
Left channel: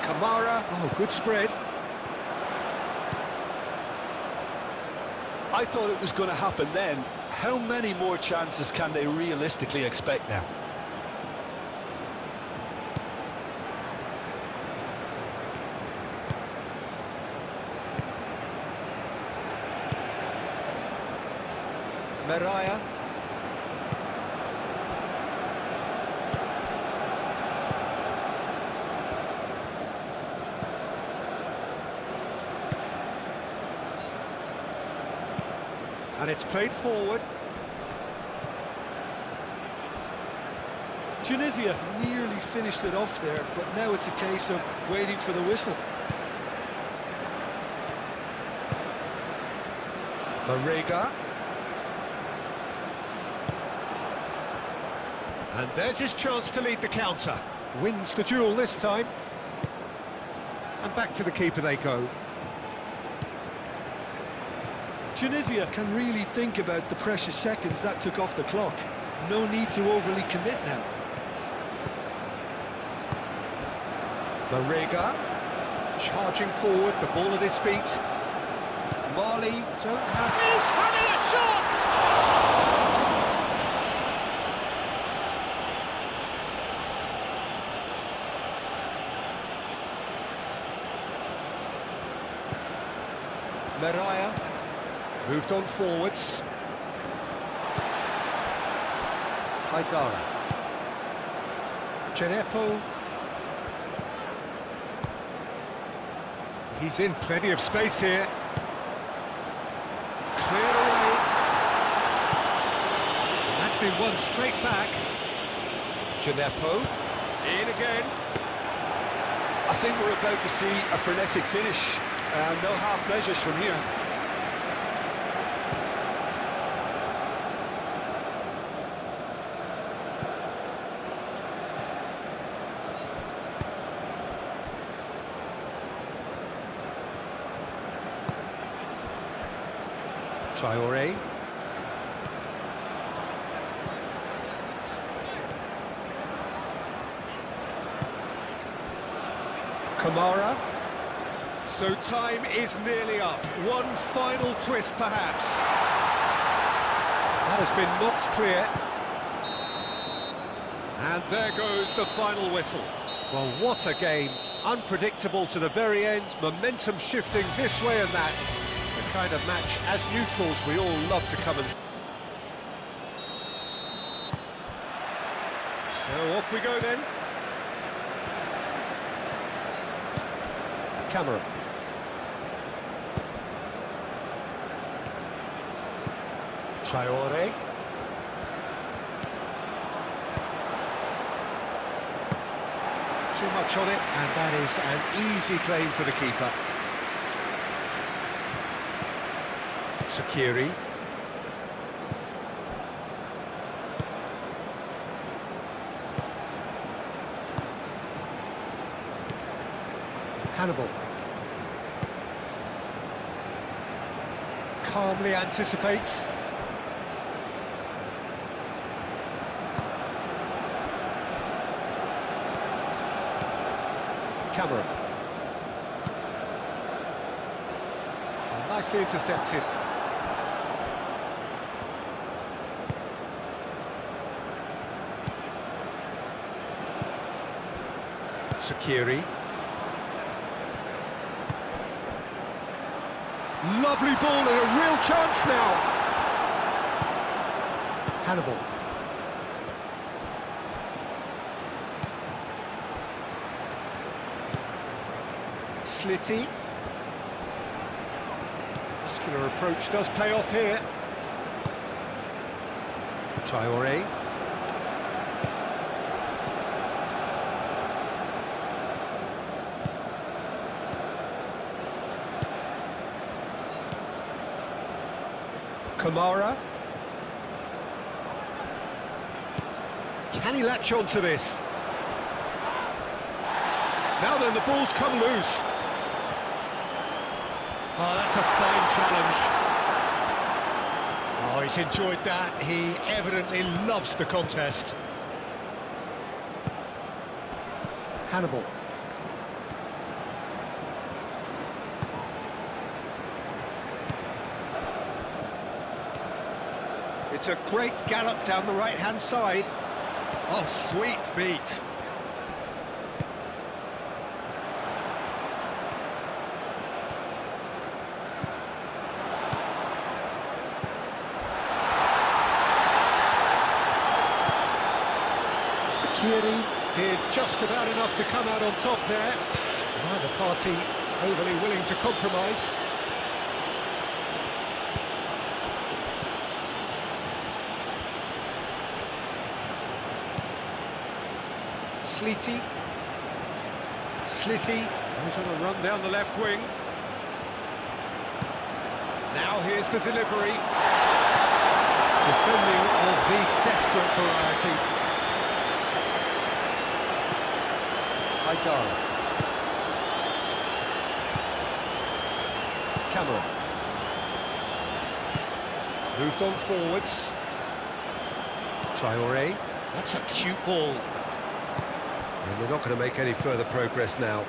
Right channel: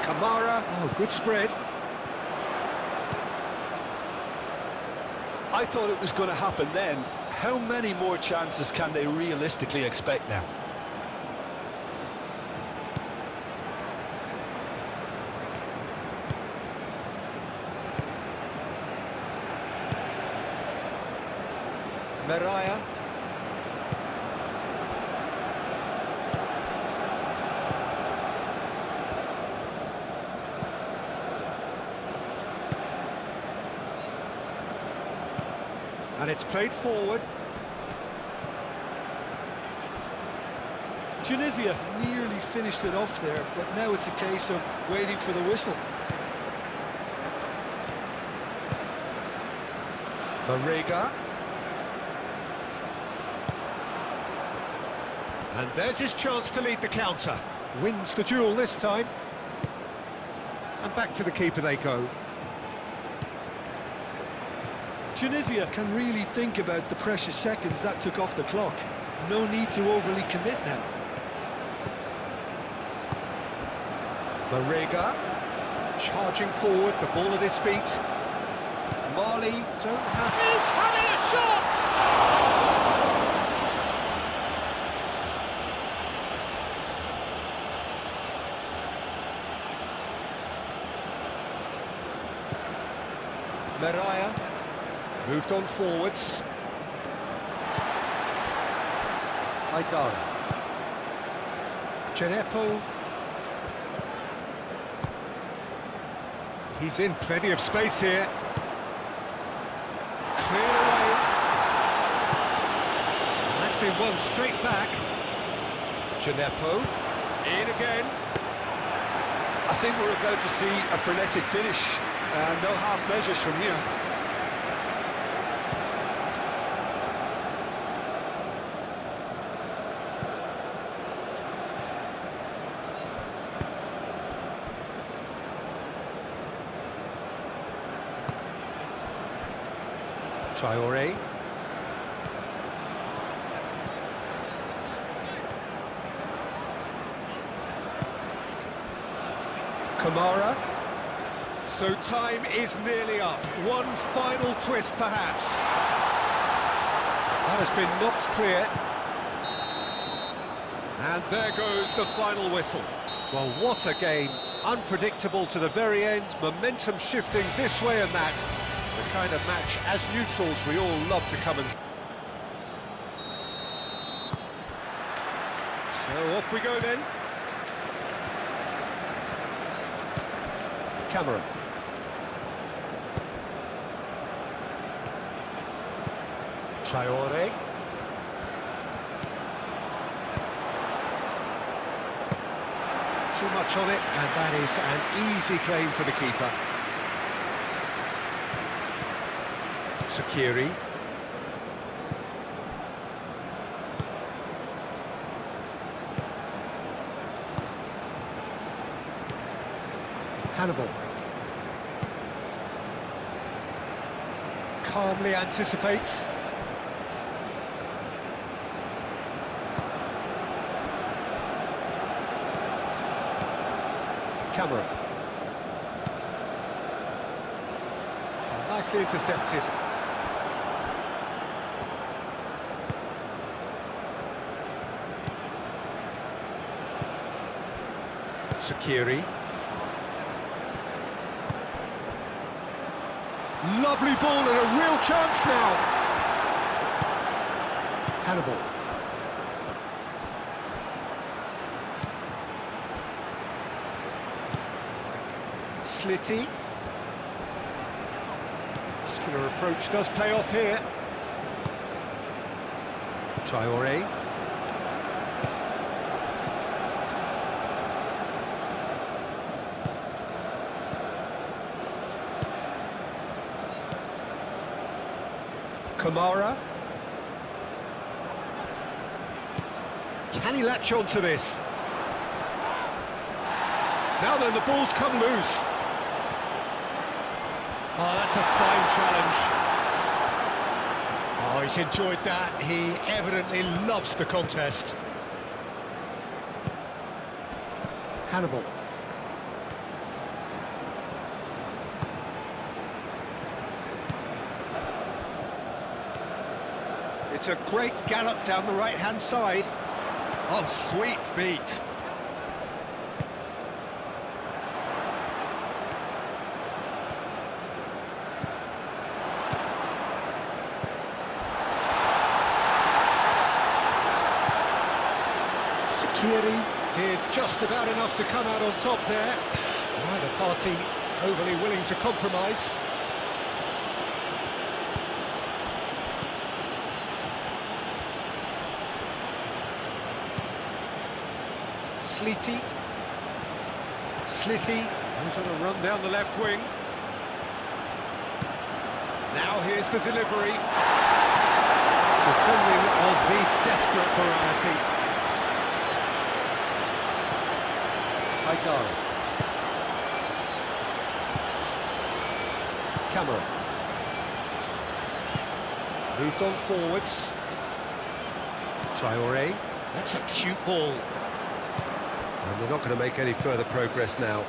Kamara. Oh, good spread. I thought it was going to happen then. How many more chances can they realistically expect now? Meraya. And it's played forward. Tunisia nearly finished it off there, but now it's a case of waiting for the whistle. Marega. And there's his chance to lead the counter. Wins the duel this time. And back to the keeper they go. Tunisia can really think about the precious seconds that took off the clock. No need to overly commit now. Marega. Charging forward, the ball at his feet. Mali don't have... He's having a shot! Meraya moved on forwards. Haidara. Genepo. He's in plenty of space here. Cleared away. And that's been won straight back. Genepo. In again. I think we're about to see a frenetic finish. No half measures from here. Traoré. Kamara. So time is nearly up. One final twist, perhaps. That has been knocked clear. And there goes the final whistle. Well, what a game. Unpredictable to the very end. Momentum shifting this way and that. The kind of match, as neutrals, we all love to come and... So off we go then. Camera. Traoré. Too much on it, and that is an easy claim for the keeper. Sakiri. Hannibal. Calmly anticipates. Camera. Nicely intercepted. Sakiri. Lovely ball and a real chance now. Hannibal. Slitty. Muscular approach does pay off here. Traore. Kamara. Can he latch on to this? Now then, the ball's come loose. Oh, that's a fine challenge. Oh, he's enjoyed that. He evidently loves the contest. Hannibal. It's a great gallop down the right-hand side. Oh, sweet feet. Sakiri did just about enough to come out on top there. Neither party overly willing to compromise. Slitty. Slitty goes on a run down the left wing. Now here's the delivery. Defending of the desperate variety. Haidara. Camera. Moved on forwards. Traore. That's a cute ball. And we're not going to make any further progress now.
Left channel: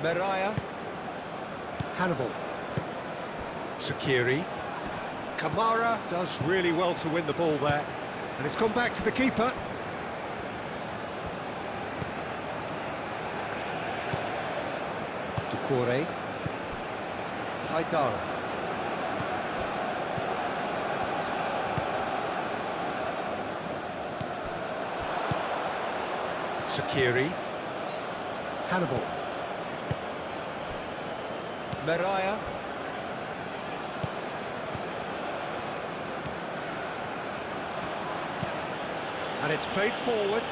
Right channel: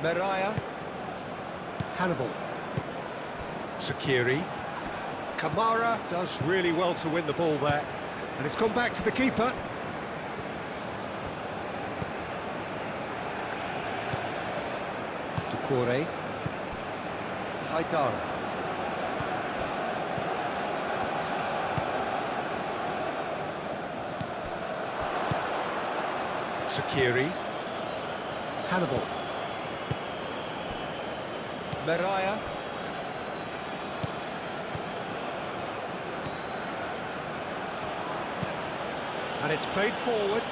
Meraya. Hannibal. Sakiri. Kamara does really well to win the ball there. And it's gone back to the keeper. Ducouré. Haidara. Sakiri. Hannibal. Meraya. And it's played forward.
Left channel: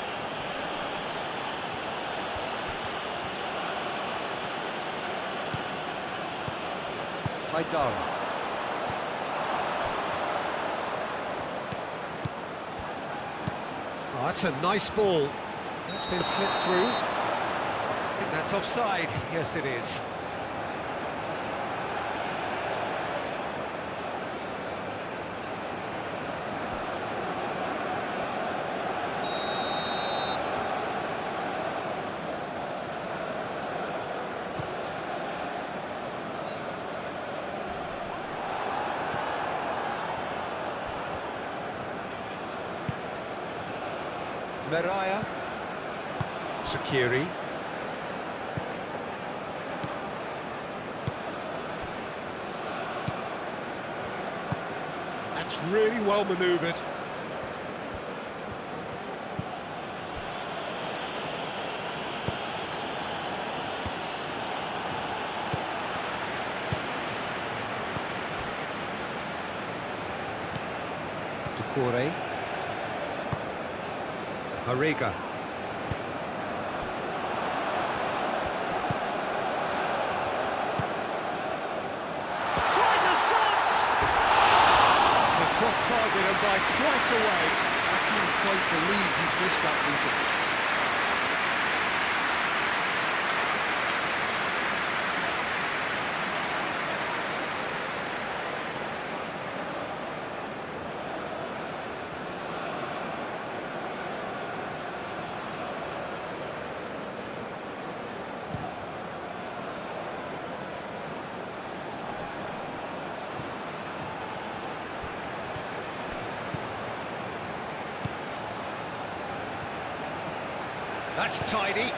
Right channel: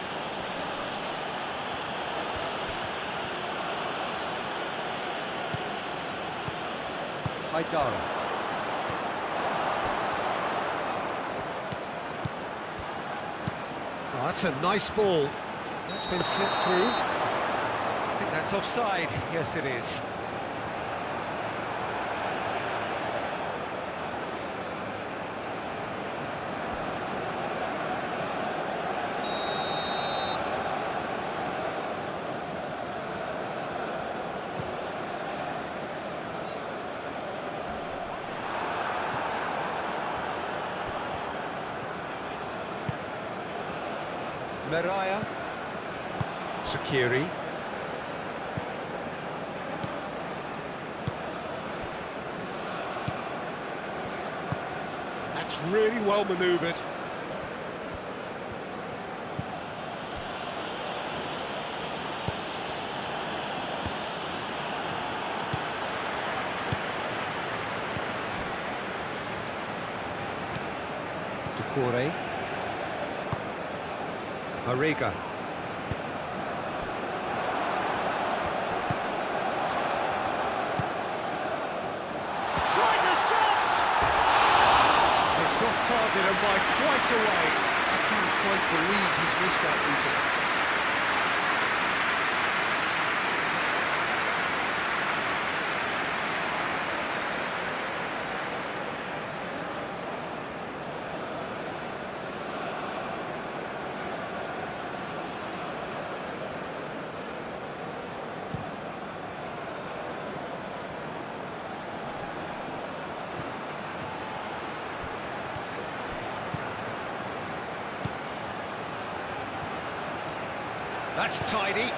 Haidara. Oh, that's a nice ball. That's been slipped through. I think that's offside. Yes, it is. Meraya. Sakiri. That's really well manoeuvred. Ducouré. Mariga. tries a shot! It's off target and by quite a way. I can't quite believe he's missed that, Peter. That's tidy.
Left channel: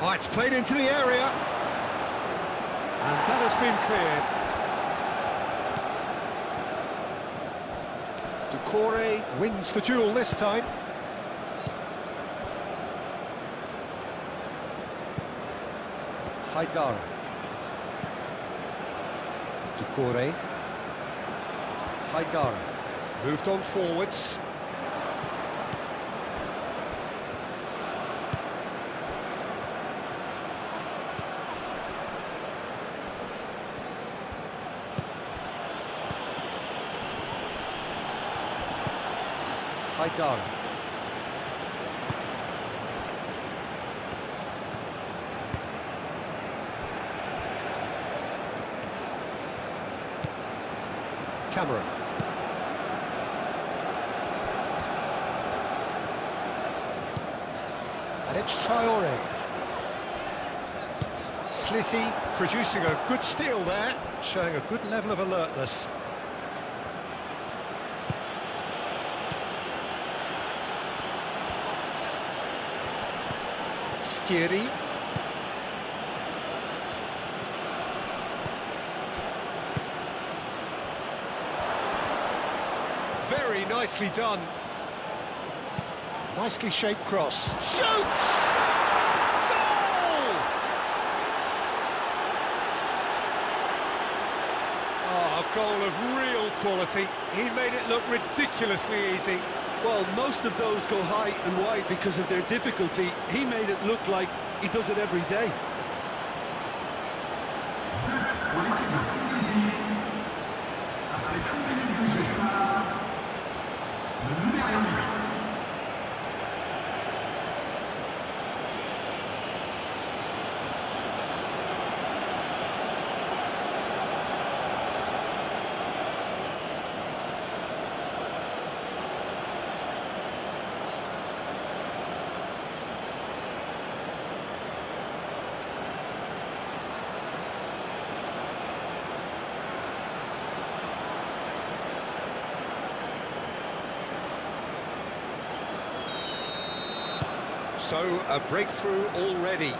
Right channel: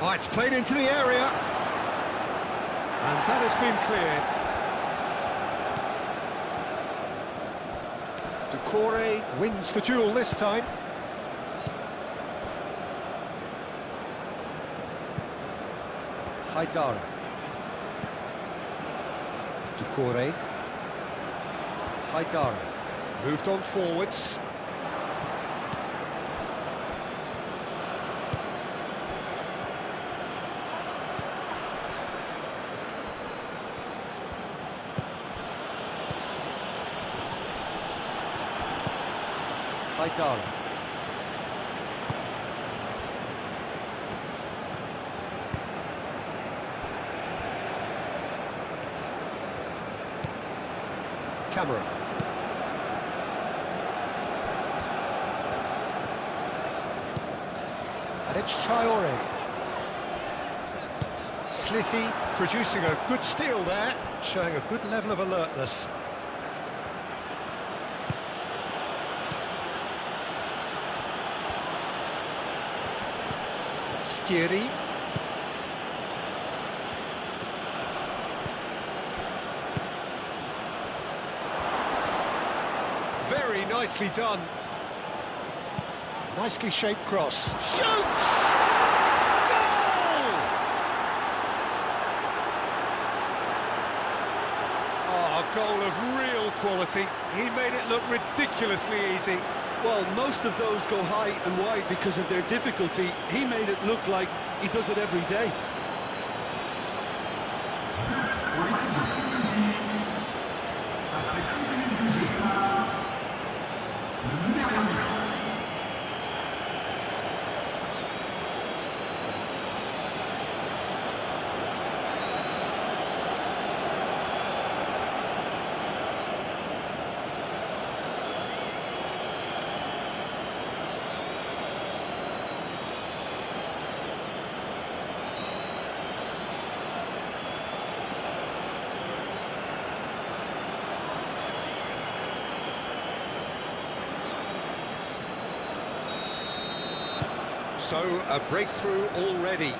Oh, it's played into the area. And that has been cleared. Doucouré wins the duel this time. Haidara. Doucouré. Haidara. Moved on forwards. Haidara. Camera. And it's Traoré. Slitty producing a good steal there, showing a good level of alertness. Skiri. Very nicely done. Nicely shaped cross. Shoots! Goal! Oh, a goal of real quality. He made it look ridiculously easy. Well, most of those go high and wide because of their difficulty. He made it look like he does it every day. So, a breakthrough already.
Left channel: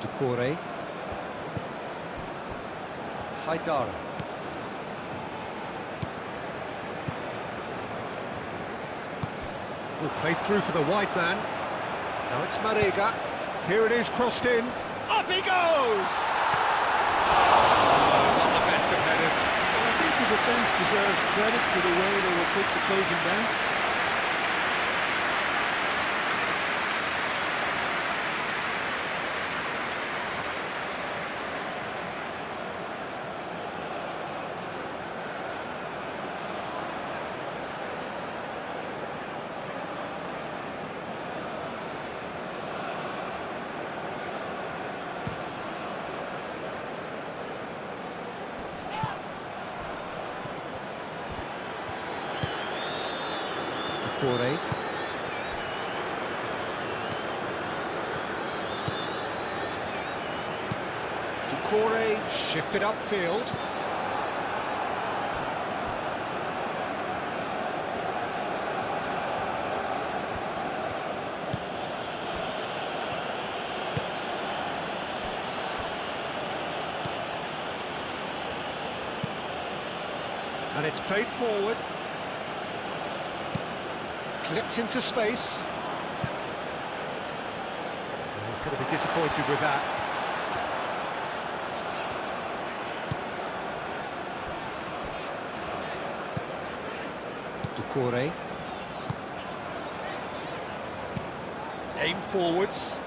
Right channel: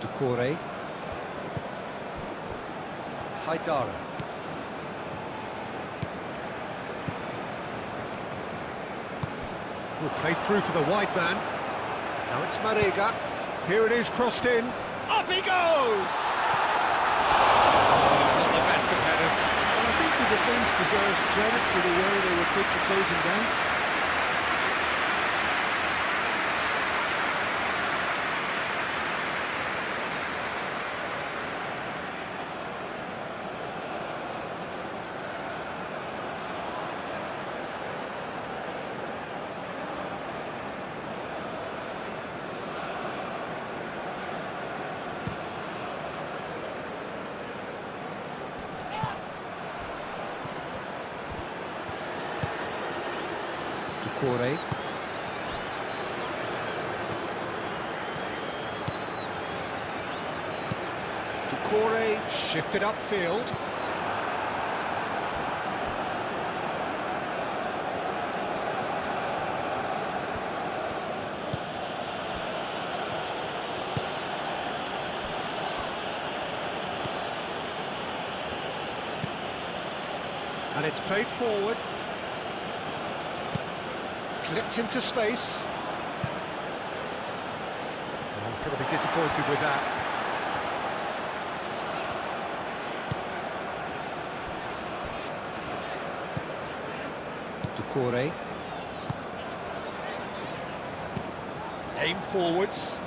Doucouré. Haidara. Well, played through for the wide man. Now it's Marega. Here it is, crossed in. Up he goes! Oh, not the best of headers. Well, I think the defence deserves credit for the way they were quick to close him down. Doucouré. Doucouré shifted upfield. And it's played forward. Clipped into space. Oh, he's going to be disappointed with that. Doucouré. Aim forwards.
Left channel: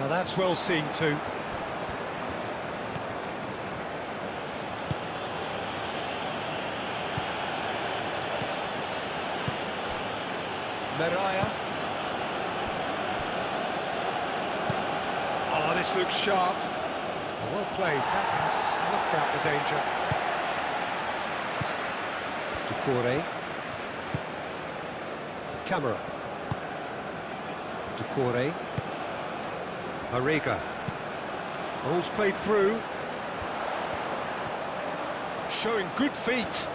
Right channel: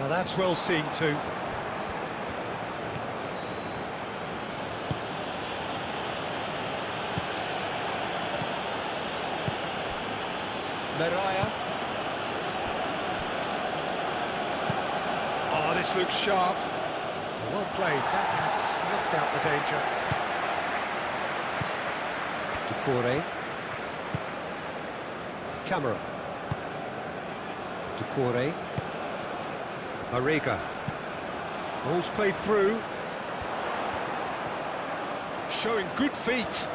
Well, that's well seen too. Mariah. Oh, this looks sharp. Well played, that has snuffed out the danger. Decore. Camera. Decore. Mariga. Ball's played through. Showing good feet.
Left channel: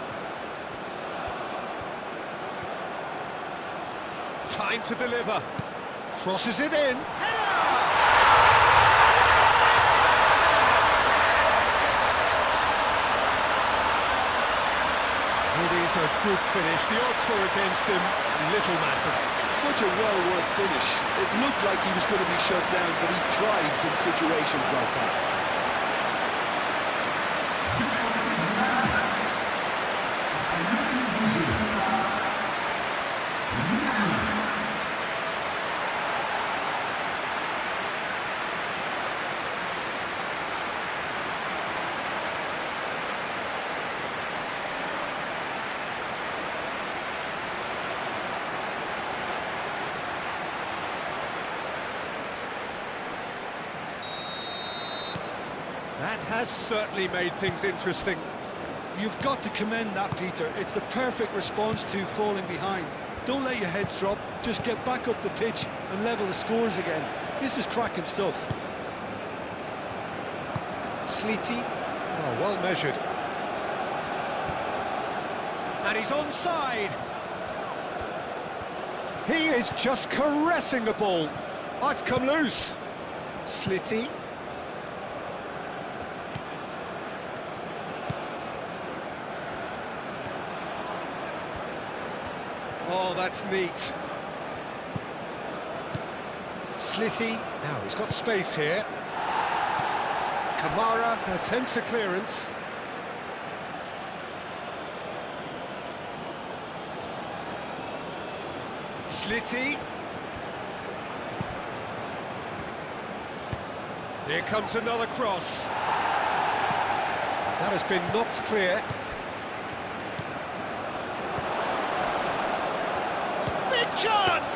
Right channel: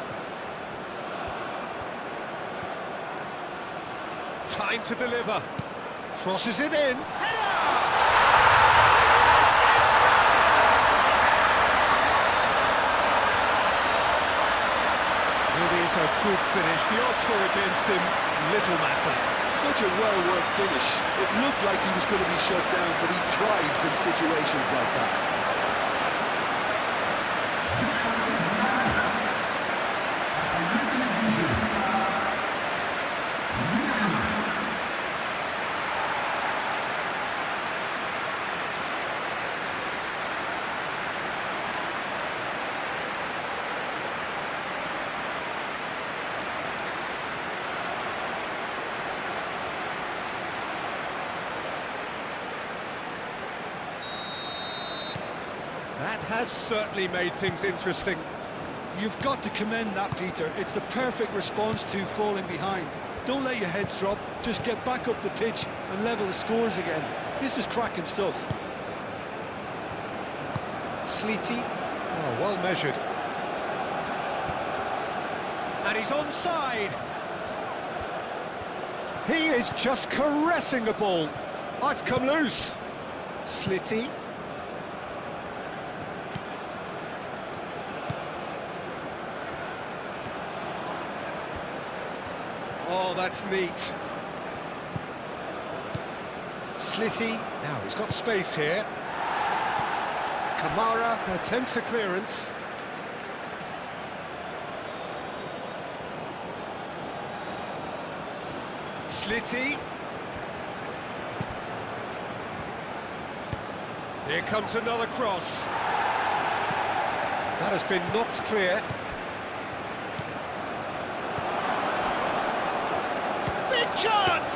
Time to deliver. Crosses it in. Header! Yes, it's there! It is a good finish. The odds were against him. Little matter. Such a well-worked finish. It looked like he was going to be shut down, but he thrives in situations like that. That has certainly made things interesting. You've got to commend that, Peter. It's the perfect response to falling behind. Don't let your heads drop, just get back up the pitch and level the scores again. This is cracking stuff. Sleety. Oh, well measured. And he's onside. He is just caressing the ball. Oh, it's come loose. Slitty. Oh, that's neat. Slitty. Now he's got space here. Kamara Attempts a clearance. Slitty. Here comes another cross. That has been knocked clear. Big chance!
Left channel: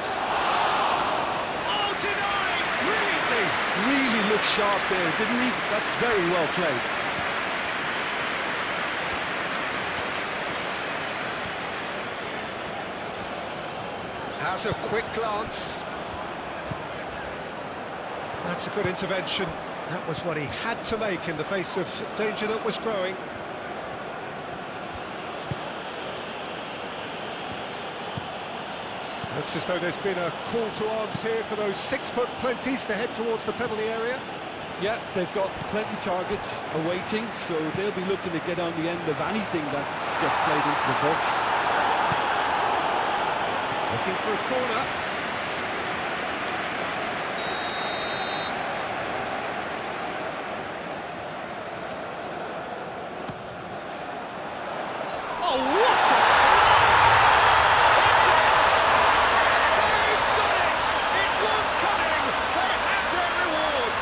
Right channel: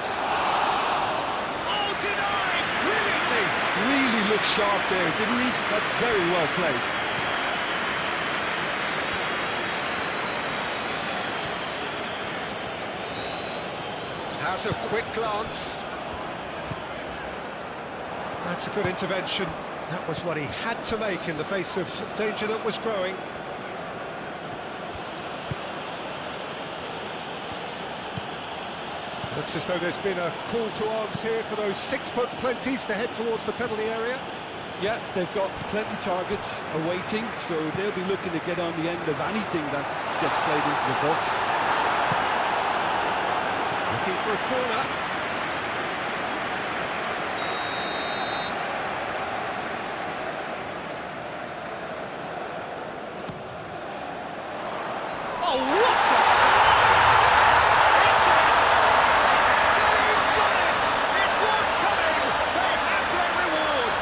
Oh, denied brilliantly! Really looked sharp there, didn't he? That's very well played. Has a quick glance. That's a good intervention. That was what he had to make in the face of danger that was growing. Looks as though there's been a call to arms here for those 6-foot plenties to head towards the penalty area. Yeah, they've got plenty targets awaiting, so they'll be looking to get on the end of anything that gets played into the box. Looking for a corner. Oh, what a climb! It's in! They've done it! It was coming! They have their reward!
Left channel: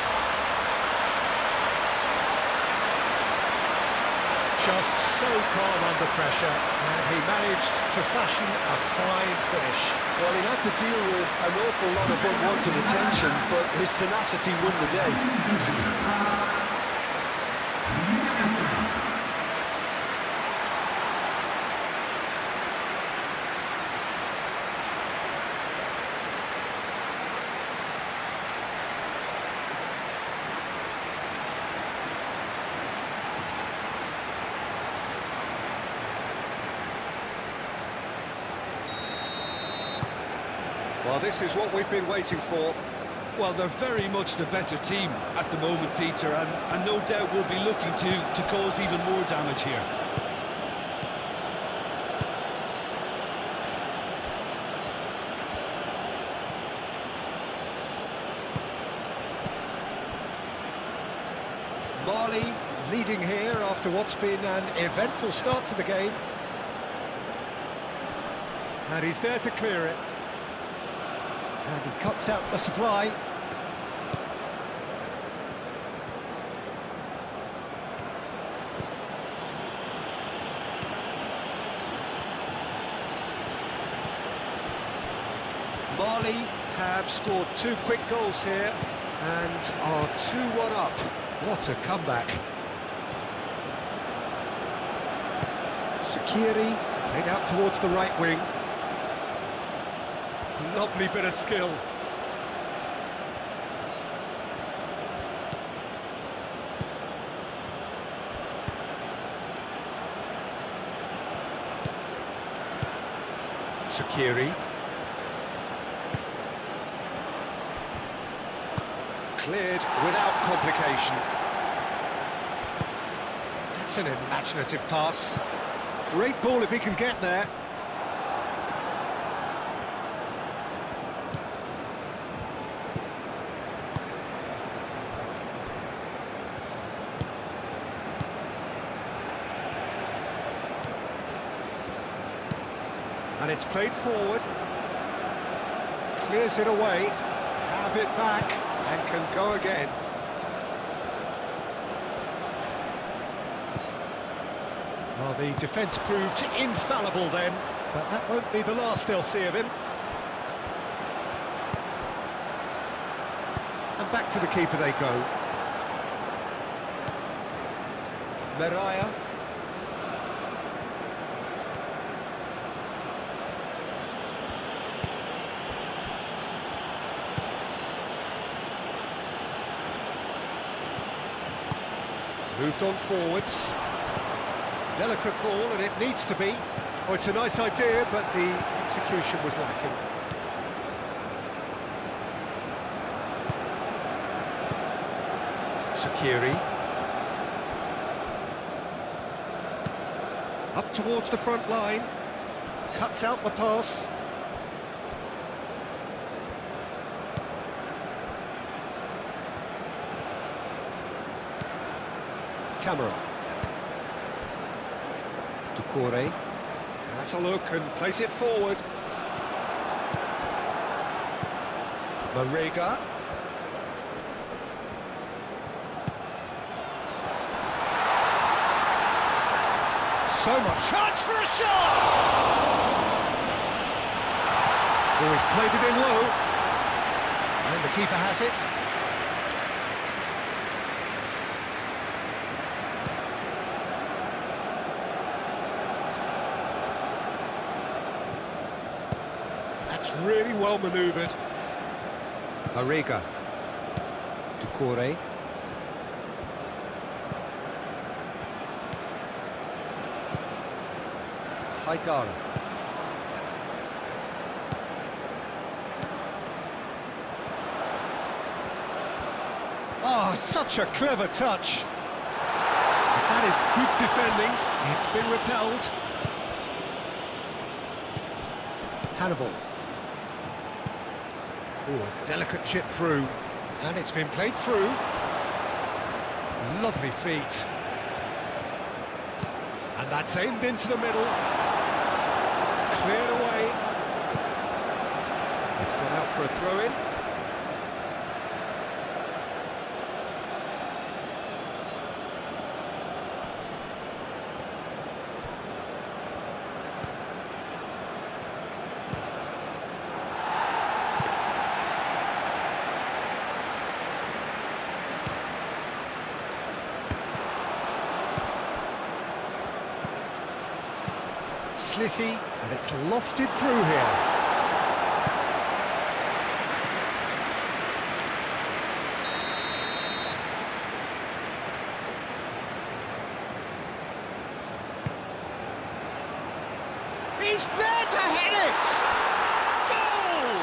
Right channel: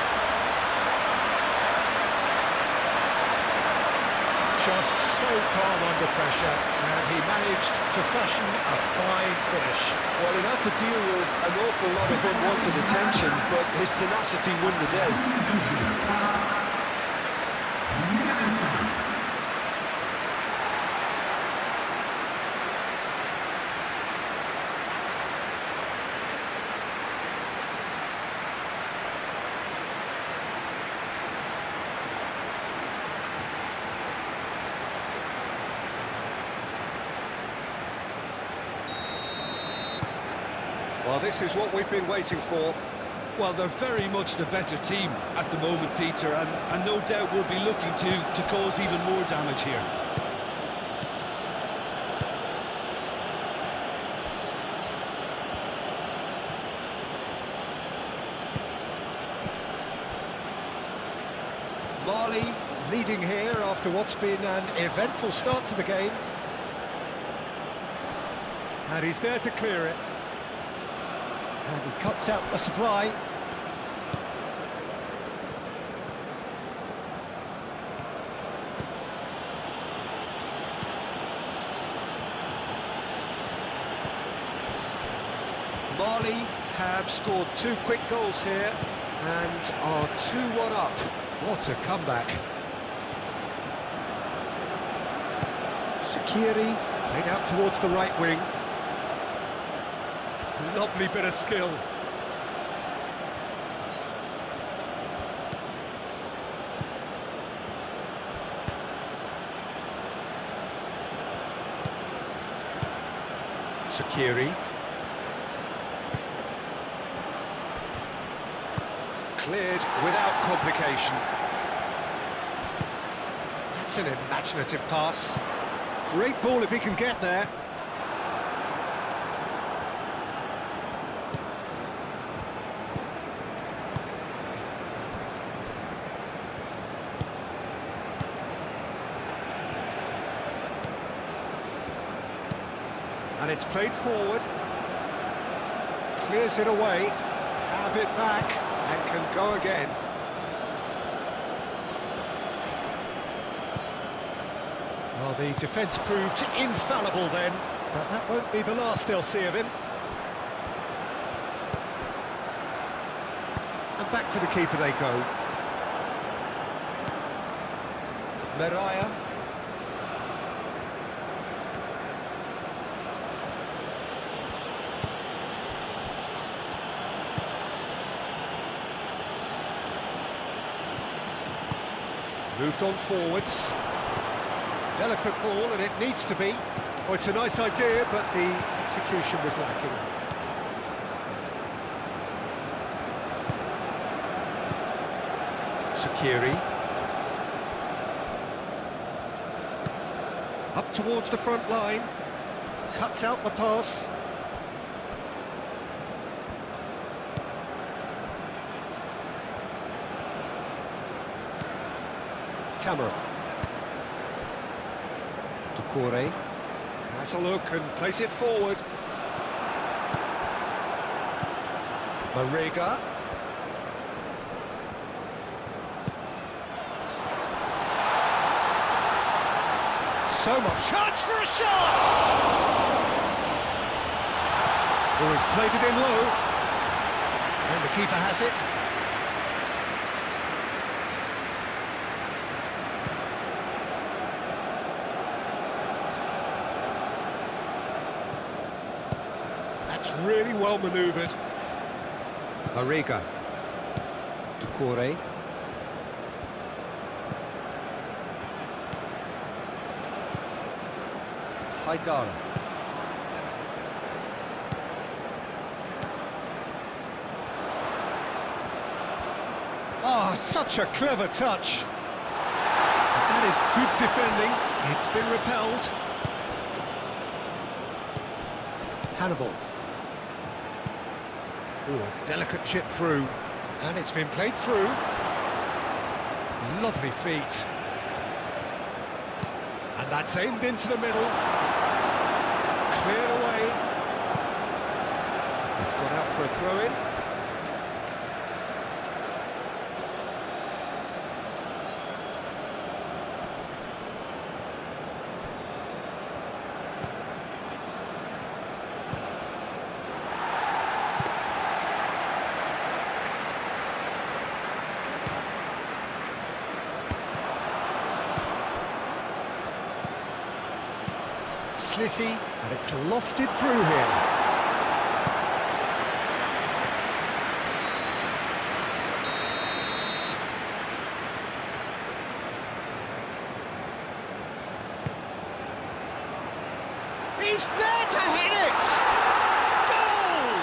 Just so calm under pressure, and he managed to fashion a fine finish. Well, he had to deal with an awful lot of unwanted attention, but his tenacity won the day. Well, this is what we've been waiting for. Well, they're very much the better team at the moment, Peter, and no doubt will be looking to cause even more damage here. Mali leading here after what's been an eventful start to the game. And he's there to clear it. And he cuts out the supply. Mali have scored 2 quick goals here and are 2-1 up. What a comeback. Shaqiri played out towards the right wing. Lovely bit of skill. Shaqiri. Cleared without complication. That's an imaginative pass. Great ball if he can get there. And it's played forward. Clears it away. Have it back and can go again. Well, the defence proved infallible then, but that won't be the last they'll see of him. And back to the keeper they go. Meraya. Moved on forwards. Delicate ball, and it needs to be. Oh, it's a nice idea, but the execution was lacking. Shaqiri. Up towards the front line. Cuts out the pass. Camera. Doucouré. Has a look and plays it forward. Marega. So much chance for a shot! Oh, he's played it in low. And the keeper has it. That's really well manoeuvred. Marega. Doucouré. Haidara. Ah, such a clever touch. But that is good defending. It's been repelled. Hannibal. Oh, delicate chip through. And it's been played through. Lovely feet. And that's aimed into the middle. Cleared away. It's gone out for a throw-in. Slitty, and it's lofted through here. He's there to head it! Goal!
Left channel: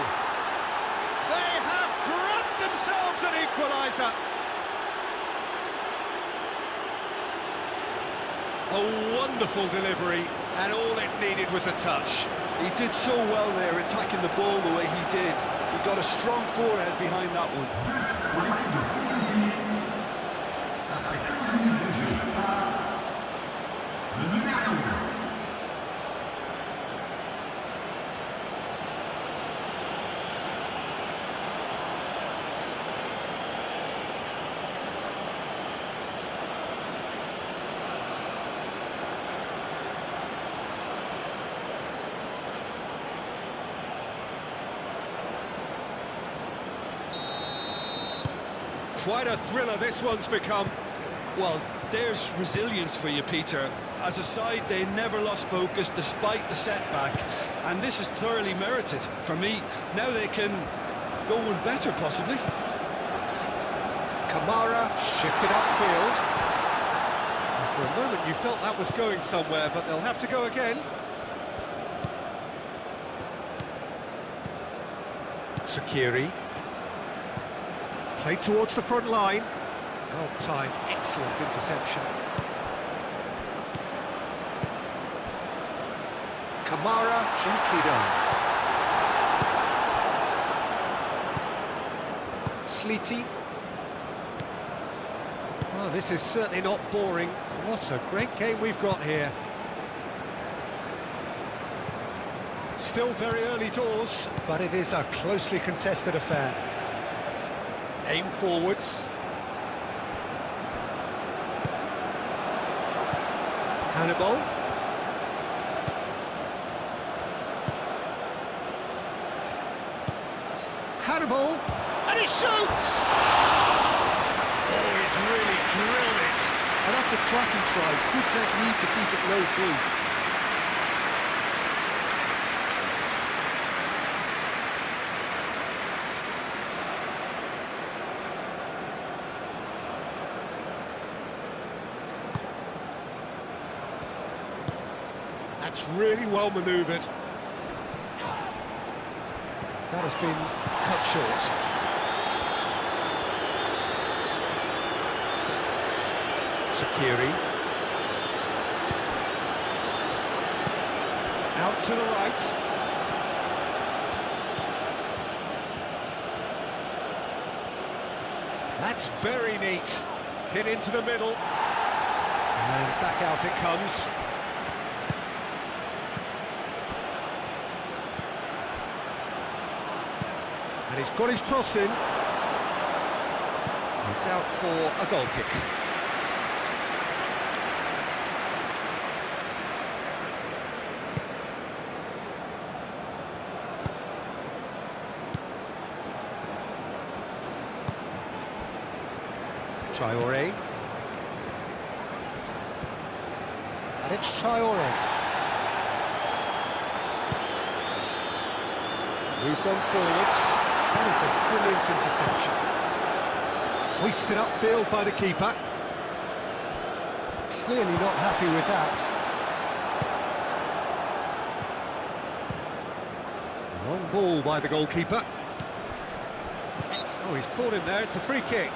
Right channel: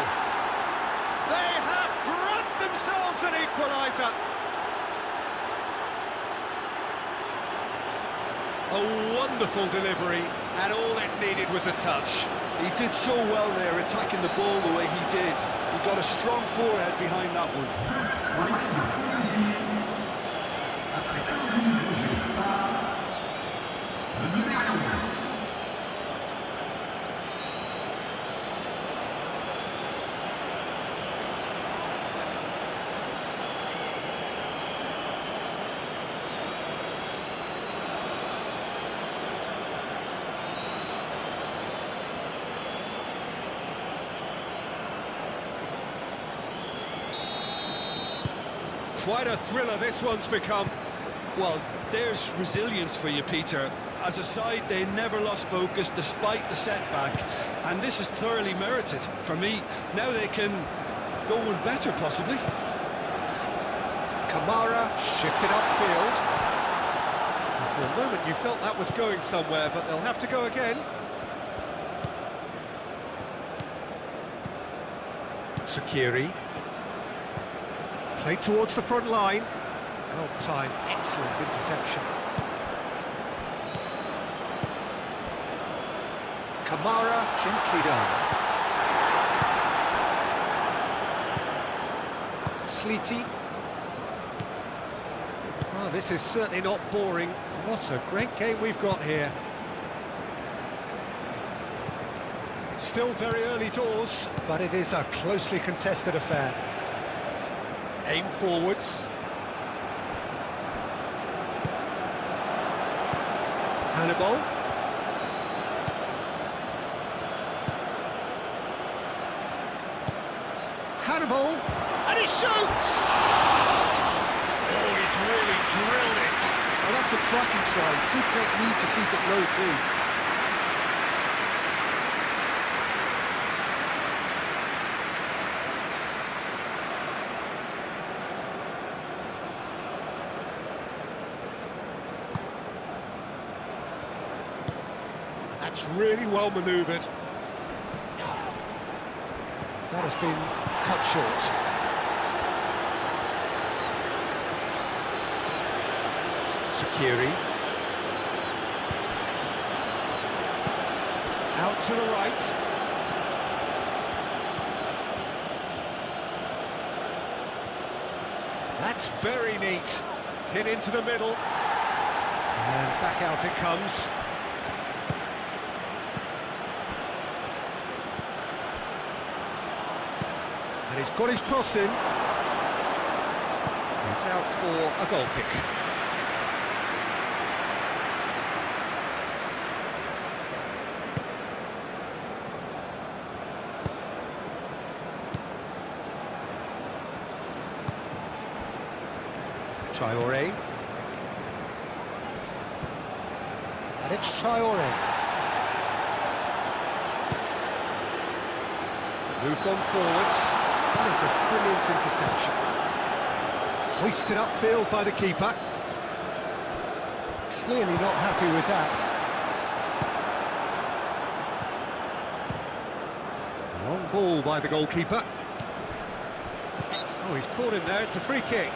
They have grabbed themselves an equaliser. A wonderful delivery, and all it needed was a touch. He did so well there, attacking the ball the way he did. He got a strong forehead behind that one. Quite a thriller this one's become. Well, there's resilience for you, Peter. As a side, they never lost focus despite the setback, and this is thoroughly merited. For me, now they can go one better, possibly. Kamara shifted upfield. For a moment you felt that was going somewhere, but they'll have to go again. Sakiri. Played towards the front line. Well timed, excellent interception. Kamara, gently done. Sleety. Oh, this is certainly not boring. What a great game we've got here. Still very early doors, but it is a closely contested affair. Aim forwards. Hannibal. Hannibal, and he shoots! Oh, he's really drilled it. Oh, that's a cracking try. Good technique to keep it low, too. That's really well manoeuvred. That has been cut short. Sakiri. Out to the right. That's very neat. Hit into the middle. And back out it comes. And he's got his cross in. It's out for a goal kick. Traoré. And it's Traoré. Moved on forwards. That is a brilliant interception. Hoisted upfield by the keeper. Clearly not happy with that. Long ball by the goalkeeper. Oh, he's caught him there. It's a free kick.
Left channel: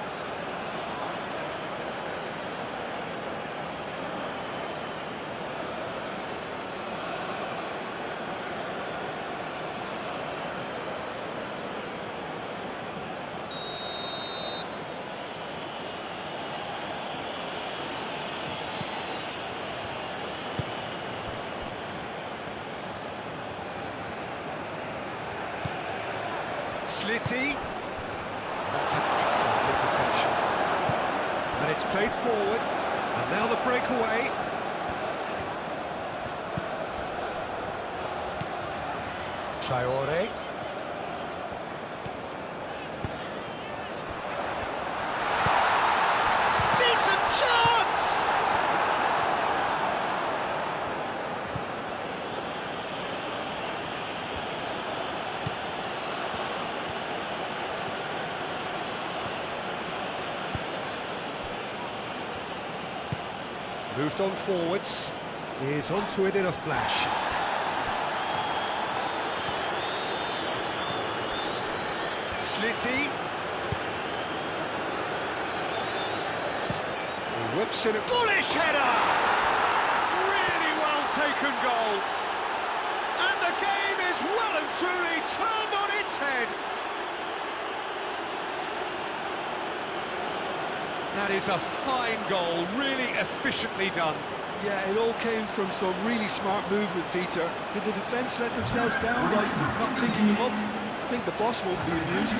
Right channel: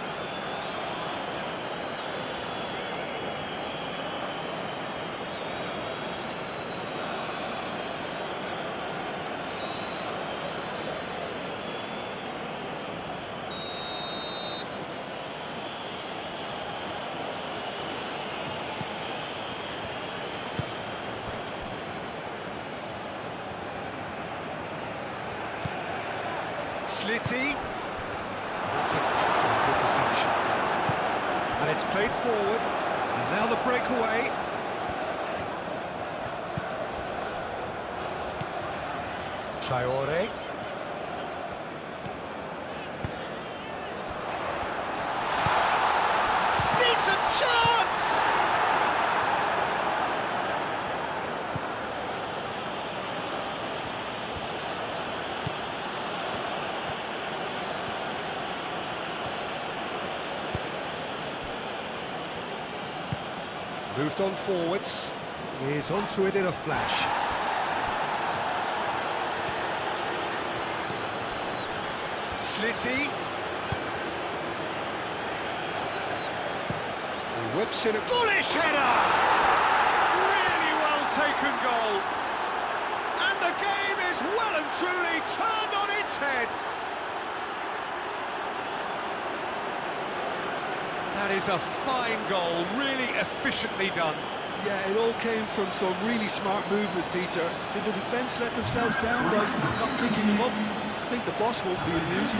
Slitty. That's an excellent interception. And it's played forward. And now the breakaway. Traoré. Decent chance! Moved on forwards. Is onto it in a flash. Slitty. He whips in a Bullish header! Really well taken goal. And the game is well and truly turned on its head. That is a fine goal, really efficiently done. Yeah, it all came from some really smart movement, Peter. Did the defence let themselves down by not picking him up? I think the boss won't be amused.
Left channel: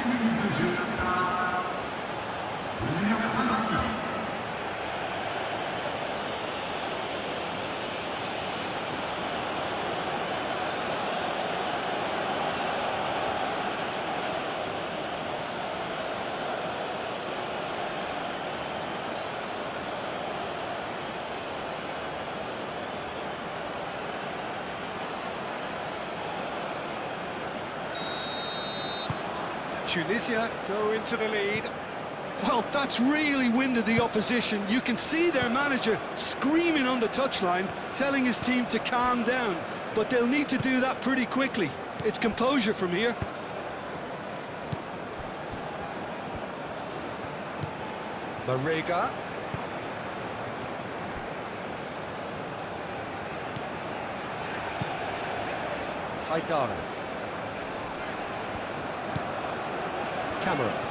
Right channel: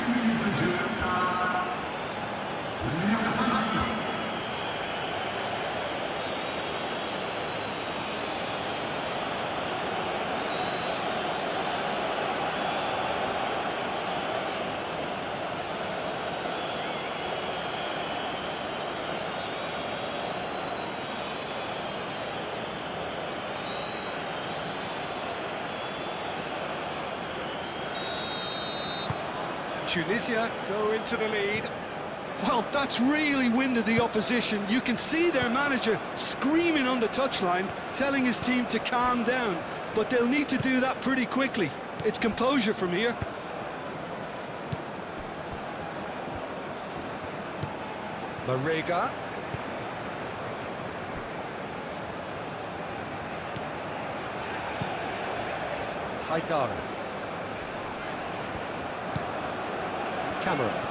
Tunisia go into the lead. Well, that's really winded the opposition. You can see their manager screaming on the touchline, telling his team to calm down. But they'll need to do that pretty quickly. It's composure from here. Marega. Haidara. Camera.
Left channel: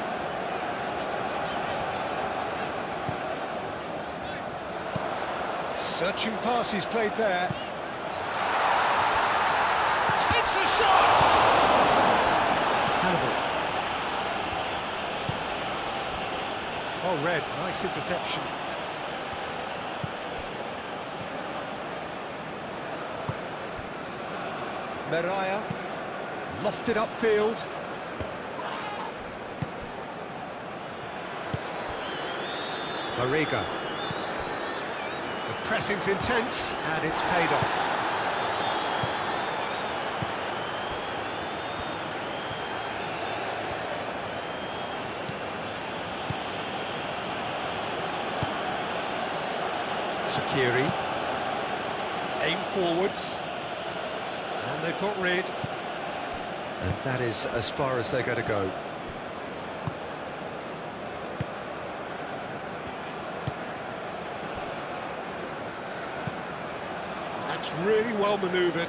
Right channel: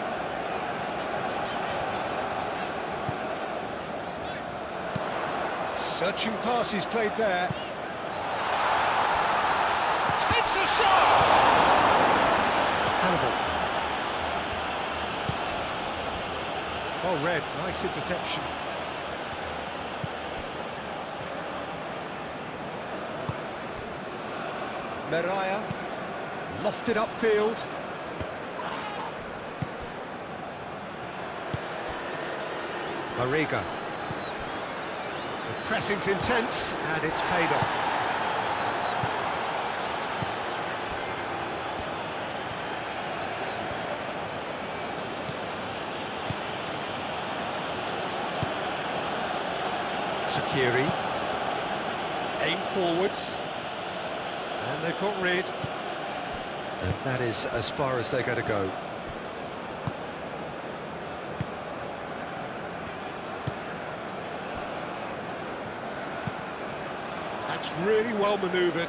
Searching pass he's played there. Takes a shot! Hannibal. Oh, Red, nice interception. Meraya. Lofted upfield. Marega. The pressing's intense, and it's paid off. Shaqiri. Aim forwards. And they've got rid. And that is as far as they're going to go. That's really well manoeuvred.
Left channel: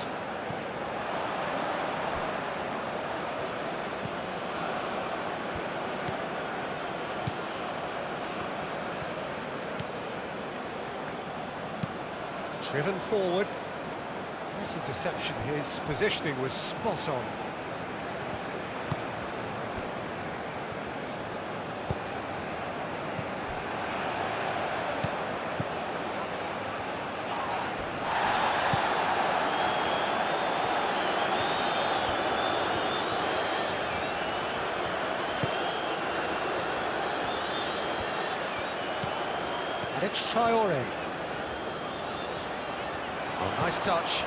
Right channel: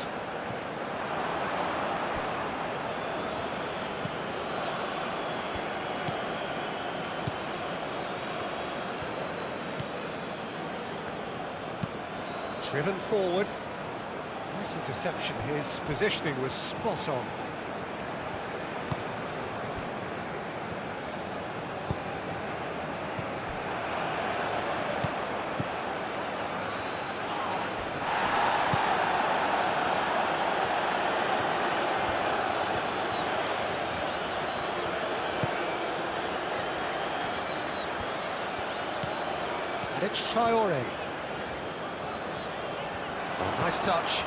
Driven forward. Nice interception. His positioning was spot on. And it's Traore. Oh, nice touch.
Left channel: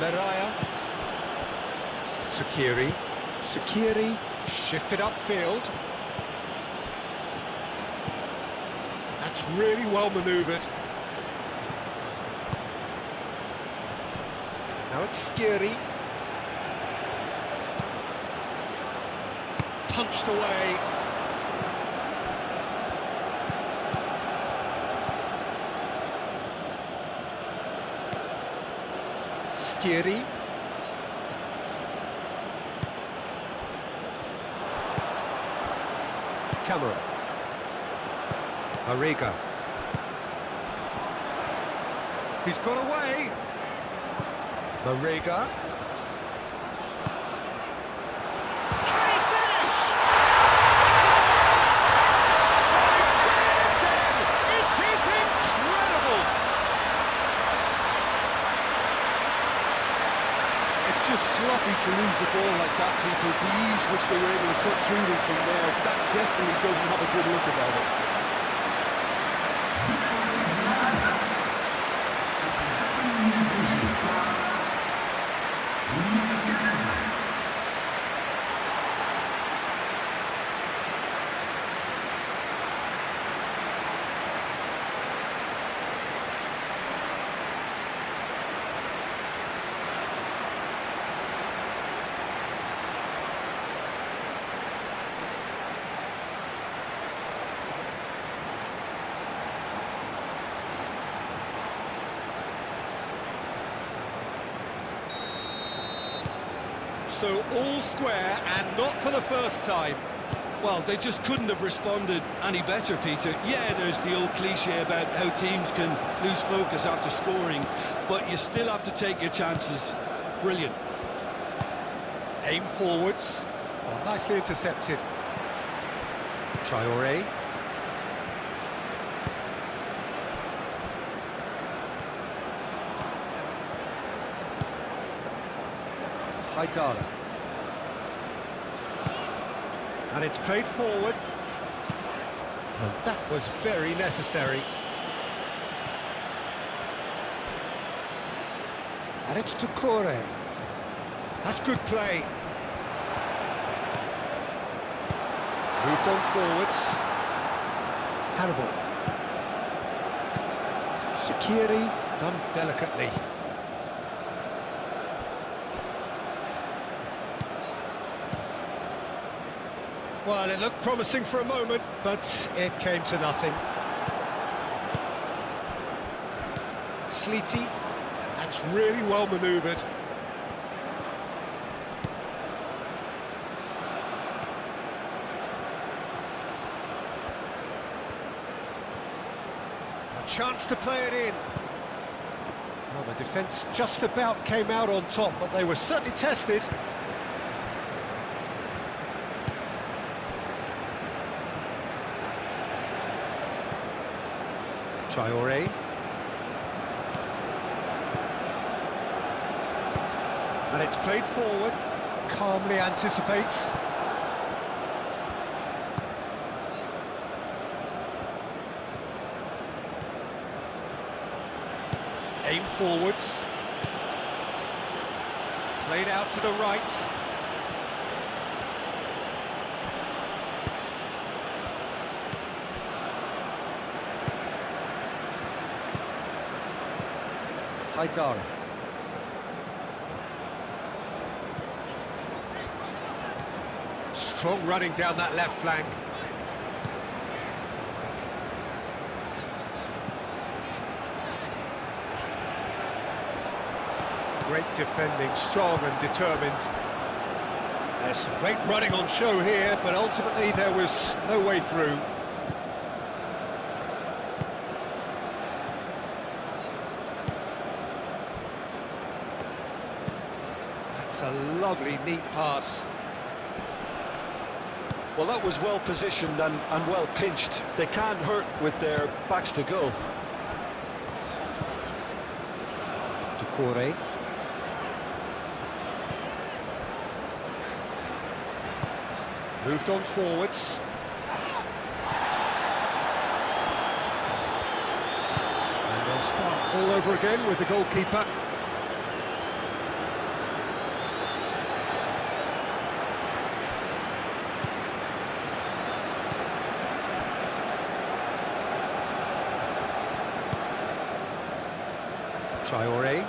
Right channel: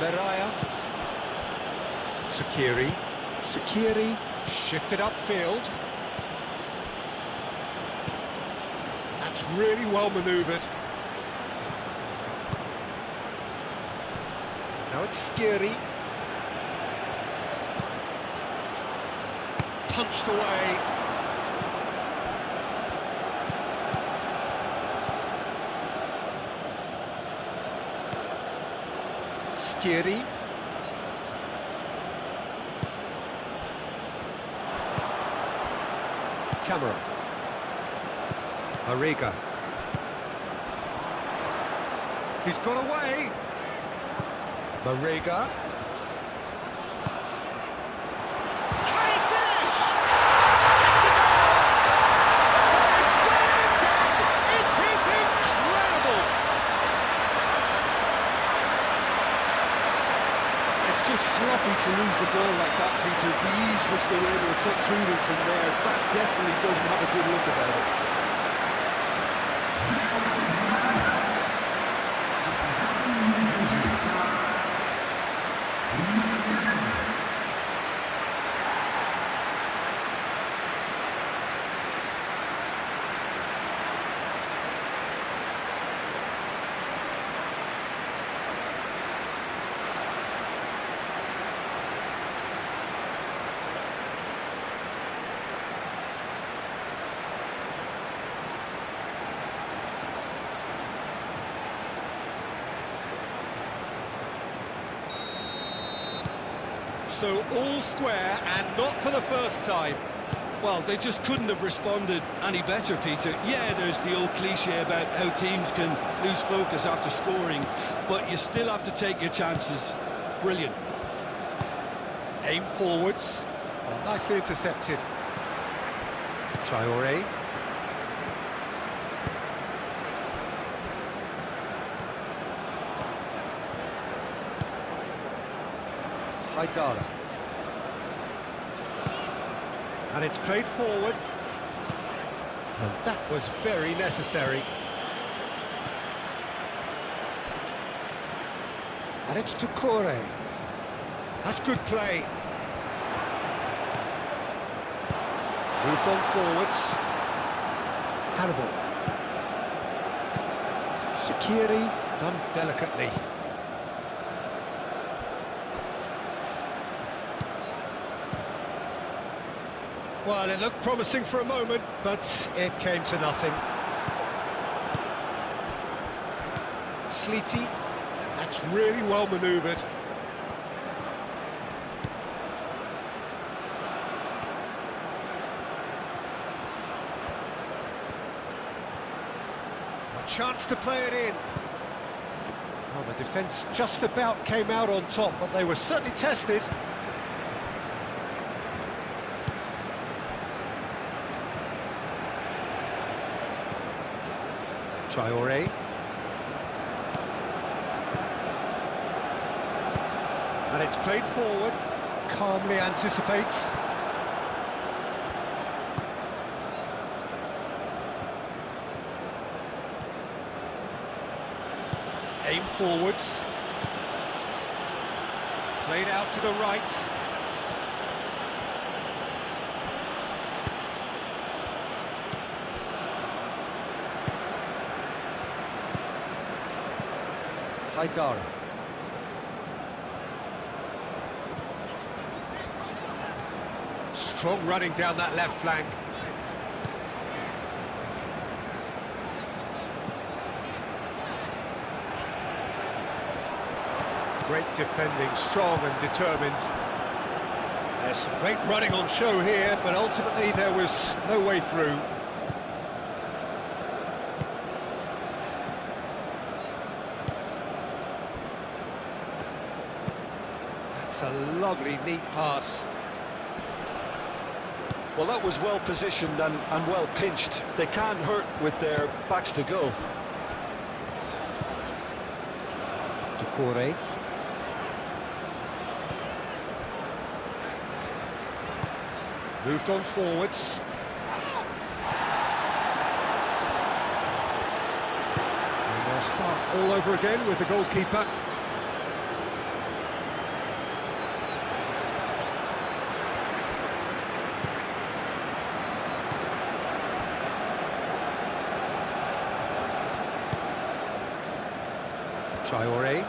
Meraya. Shaqiri. Shaqiri shifted upfield. That's really well manoeuvred. Now it's Skiri. Punched away. Skiri. Camera. Marega. He's got away. Marega. Can he finish? It's a goal! They've done it again! It is incredible! It's just sloppy to lose the ball like that, Peter. The ease which they were able to cut through them from there, that definitely doesn't have a good look about it. So all square, and not for the first time. Well, they just couldn't have responded any better, Peter. Yeah, there's the old cliche about how teams can lose focus after scoring, but you still have to take your chances. Brilliant. Aim forwards. Oh, nicely intercepted. Traore. Haidara. And it's played forward. And that was very necessary. And it's Tukure. That's good play. Moved on forwards. Hannibal. Sakiri, done delicately. Well, it looked promising for a moment, but it came to nothing. Sleety, that's really well manoeuvred. A chance to play it in. Well, the defence just about came out on top, but they were certainly tested. Traoré. And it's played forward, calmly anticipates. Aim forwards. Played out to the right. Haidara. Strong running down that left flank. Great defending, strong and determined. There's some great running on show here, but ultimately there was no way through. That's a lovely, neat pass. Well, that was well positioned and well pinched. They can't hurt with their backs to goal. Tukure. Moved on forwards. And they'll start all over again with the goalkeeper. Traoré.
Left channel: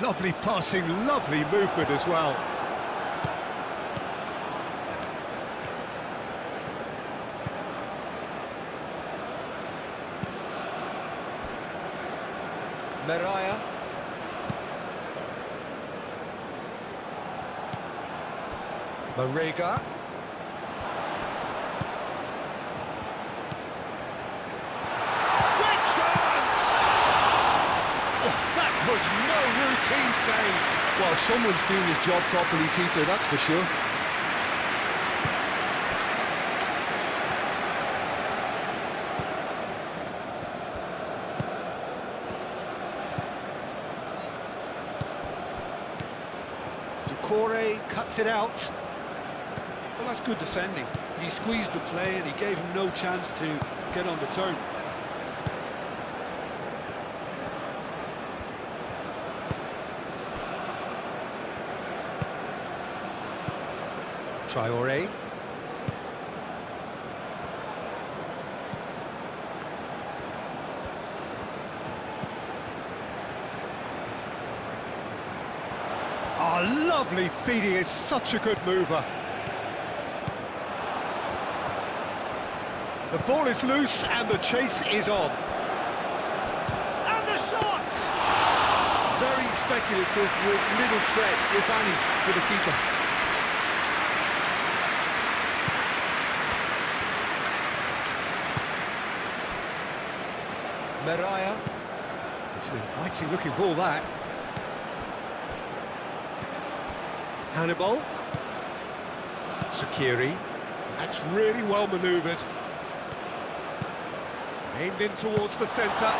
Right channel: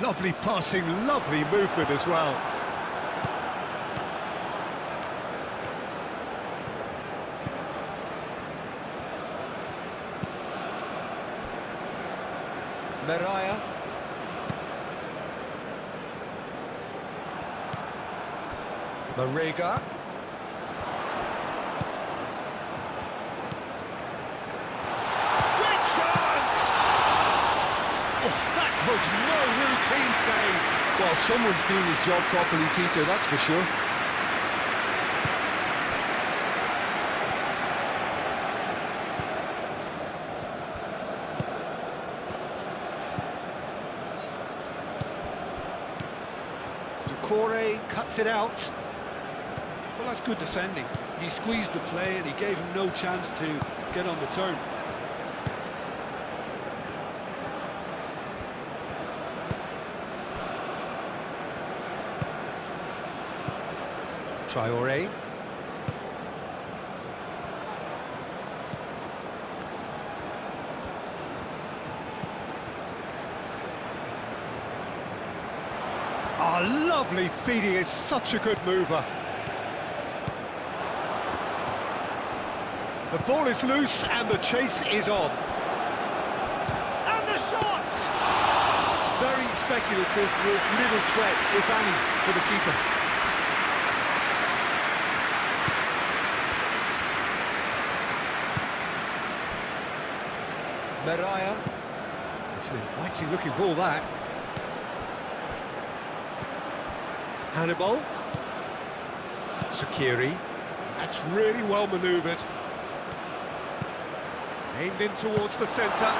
Lovely passing, lovely movement as well. Meraya. Marega. Was no routine save. Well, someone's doing his job properly, Peter, that's for sure. Tukure cuts it out. Well, that's good defending. He squeezed the play and he gave him no chance to get on the turn. Traoré. Oh, lovely feed, he is such a good mover. The ball is loose and the chase is on. And the shot! Very speculative with little threat, if any, for the keeper. Meraya. It's an inviting looking ball, that. Hannibal. Sakiri. That's really well manoeuvred. Aimed in towards the centre.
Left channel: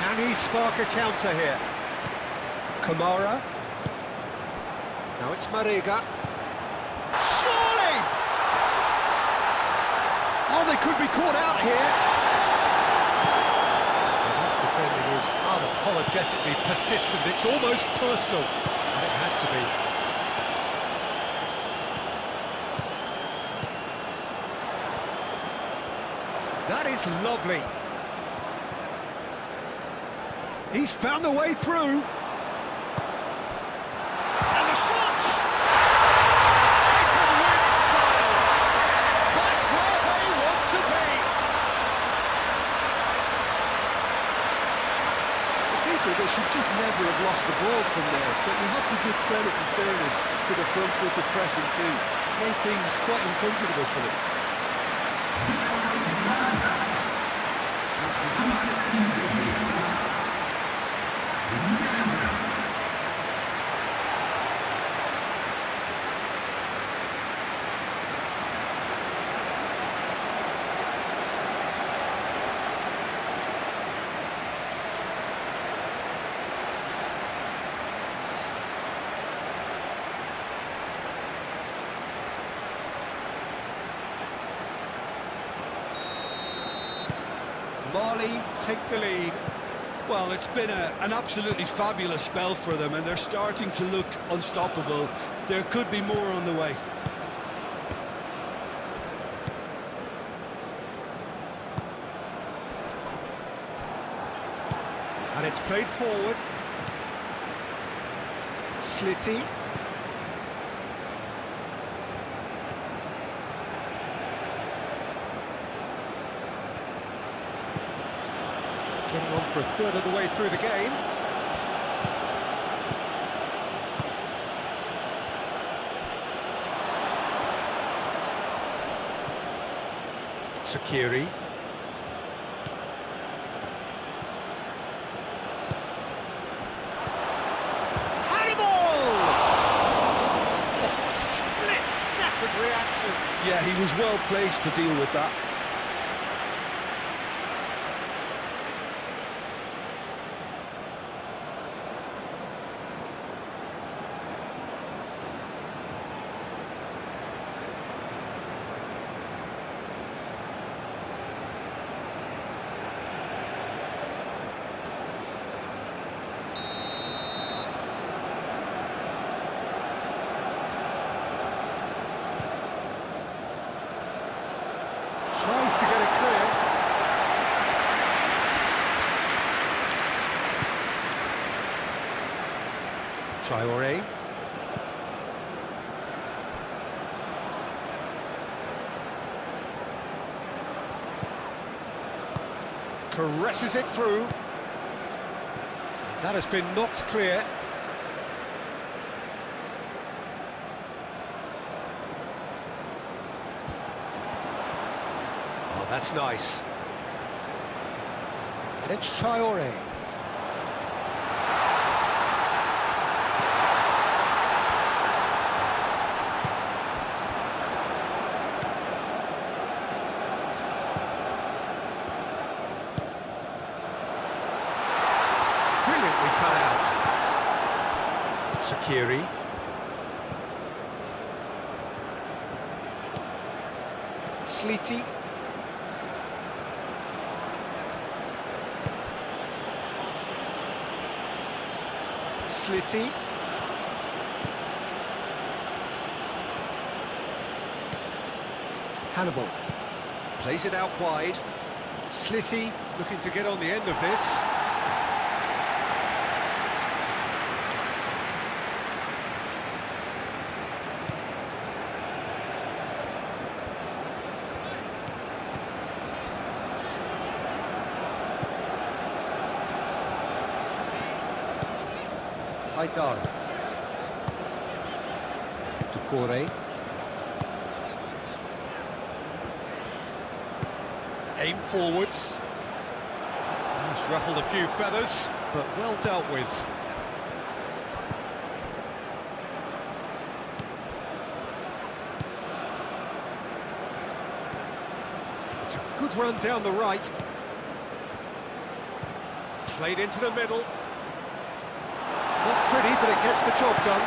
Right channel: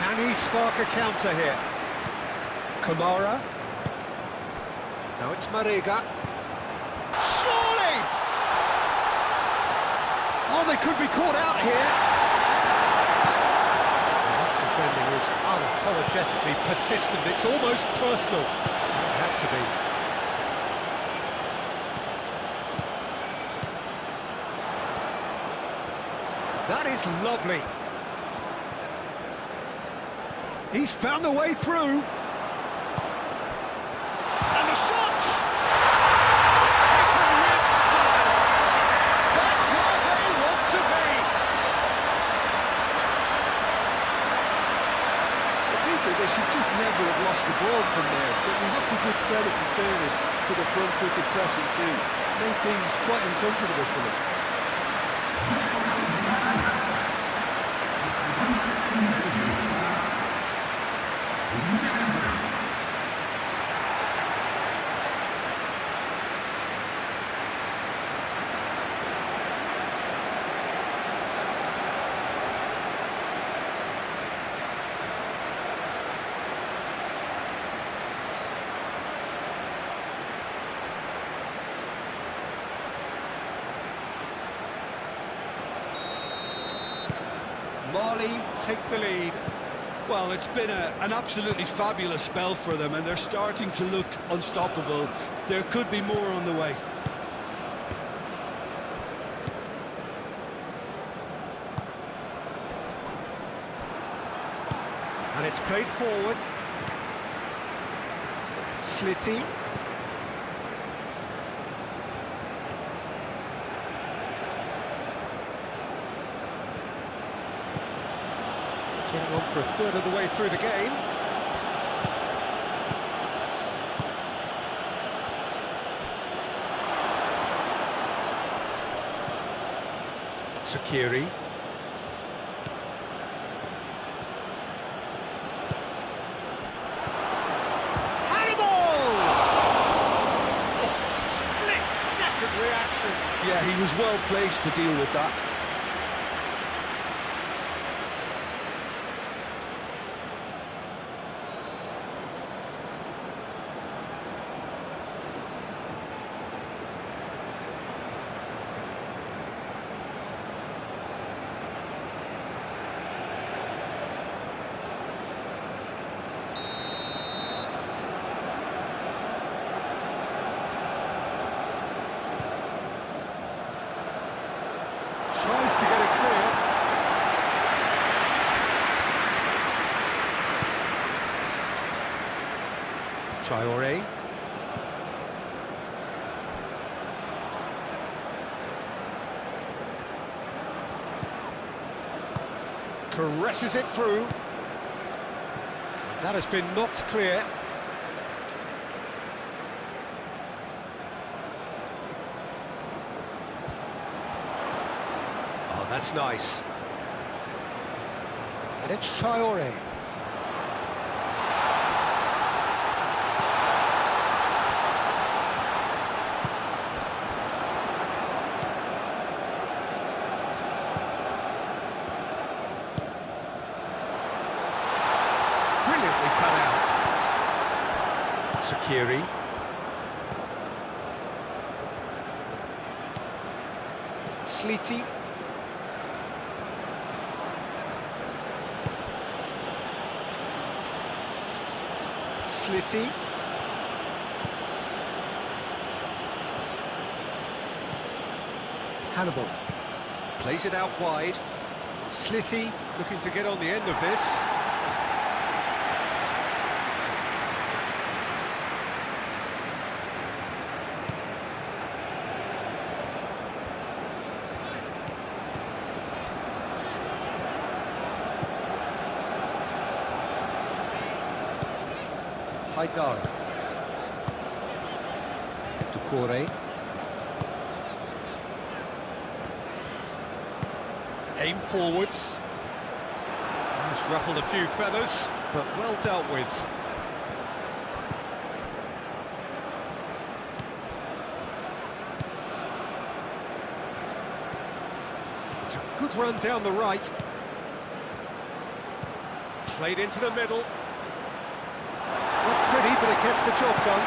Can he spark a counter here? Kamara. Now it's Marega. Surely! Oh, they could be caught out here. Well, that defending is unapologetically persistent. It's almost personal. And it had to be. That is lovely. He's found a way through. And the shot! Taken with style. Back where they want to be. Well, Peter, they should just never have lost the ball from there, but you have to give credit and fairness to the front-footed pressing too. Made things quite uncomfortable for them. Mali take the lead. Well, it's been an absolutely fabulous spell for them, and they're starting to look unstoppable. There could be more on the way. And it's played forward. Slitty. Getting on for a third of the way through the game. Sakiri. Split-second reaction. Yeah, he was well placed to deal with that. Tries to get it clear. Traoré. Caresses it through. That has been knocked clear. Oh, that's nice. And it's Traoré. Brilliantly cut out. Sakiri. Slitty. Slitty. Hannibal. Plays it out wide. Slitty looking to get on the end of this. Haidara. Doucouré. Aim forwards. That's ruffled a few feathers, but well dealt with. It's a good run down the right. Played into the middle. Not pretty, but it gets the job done.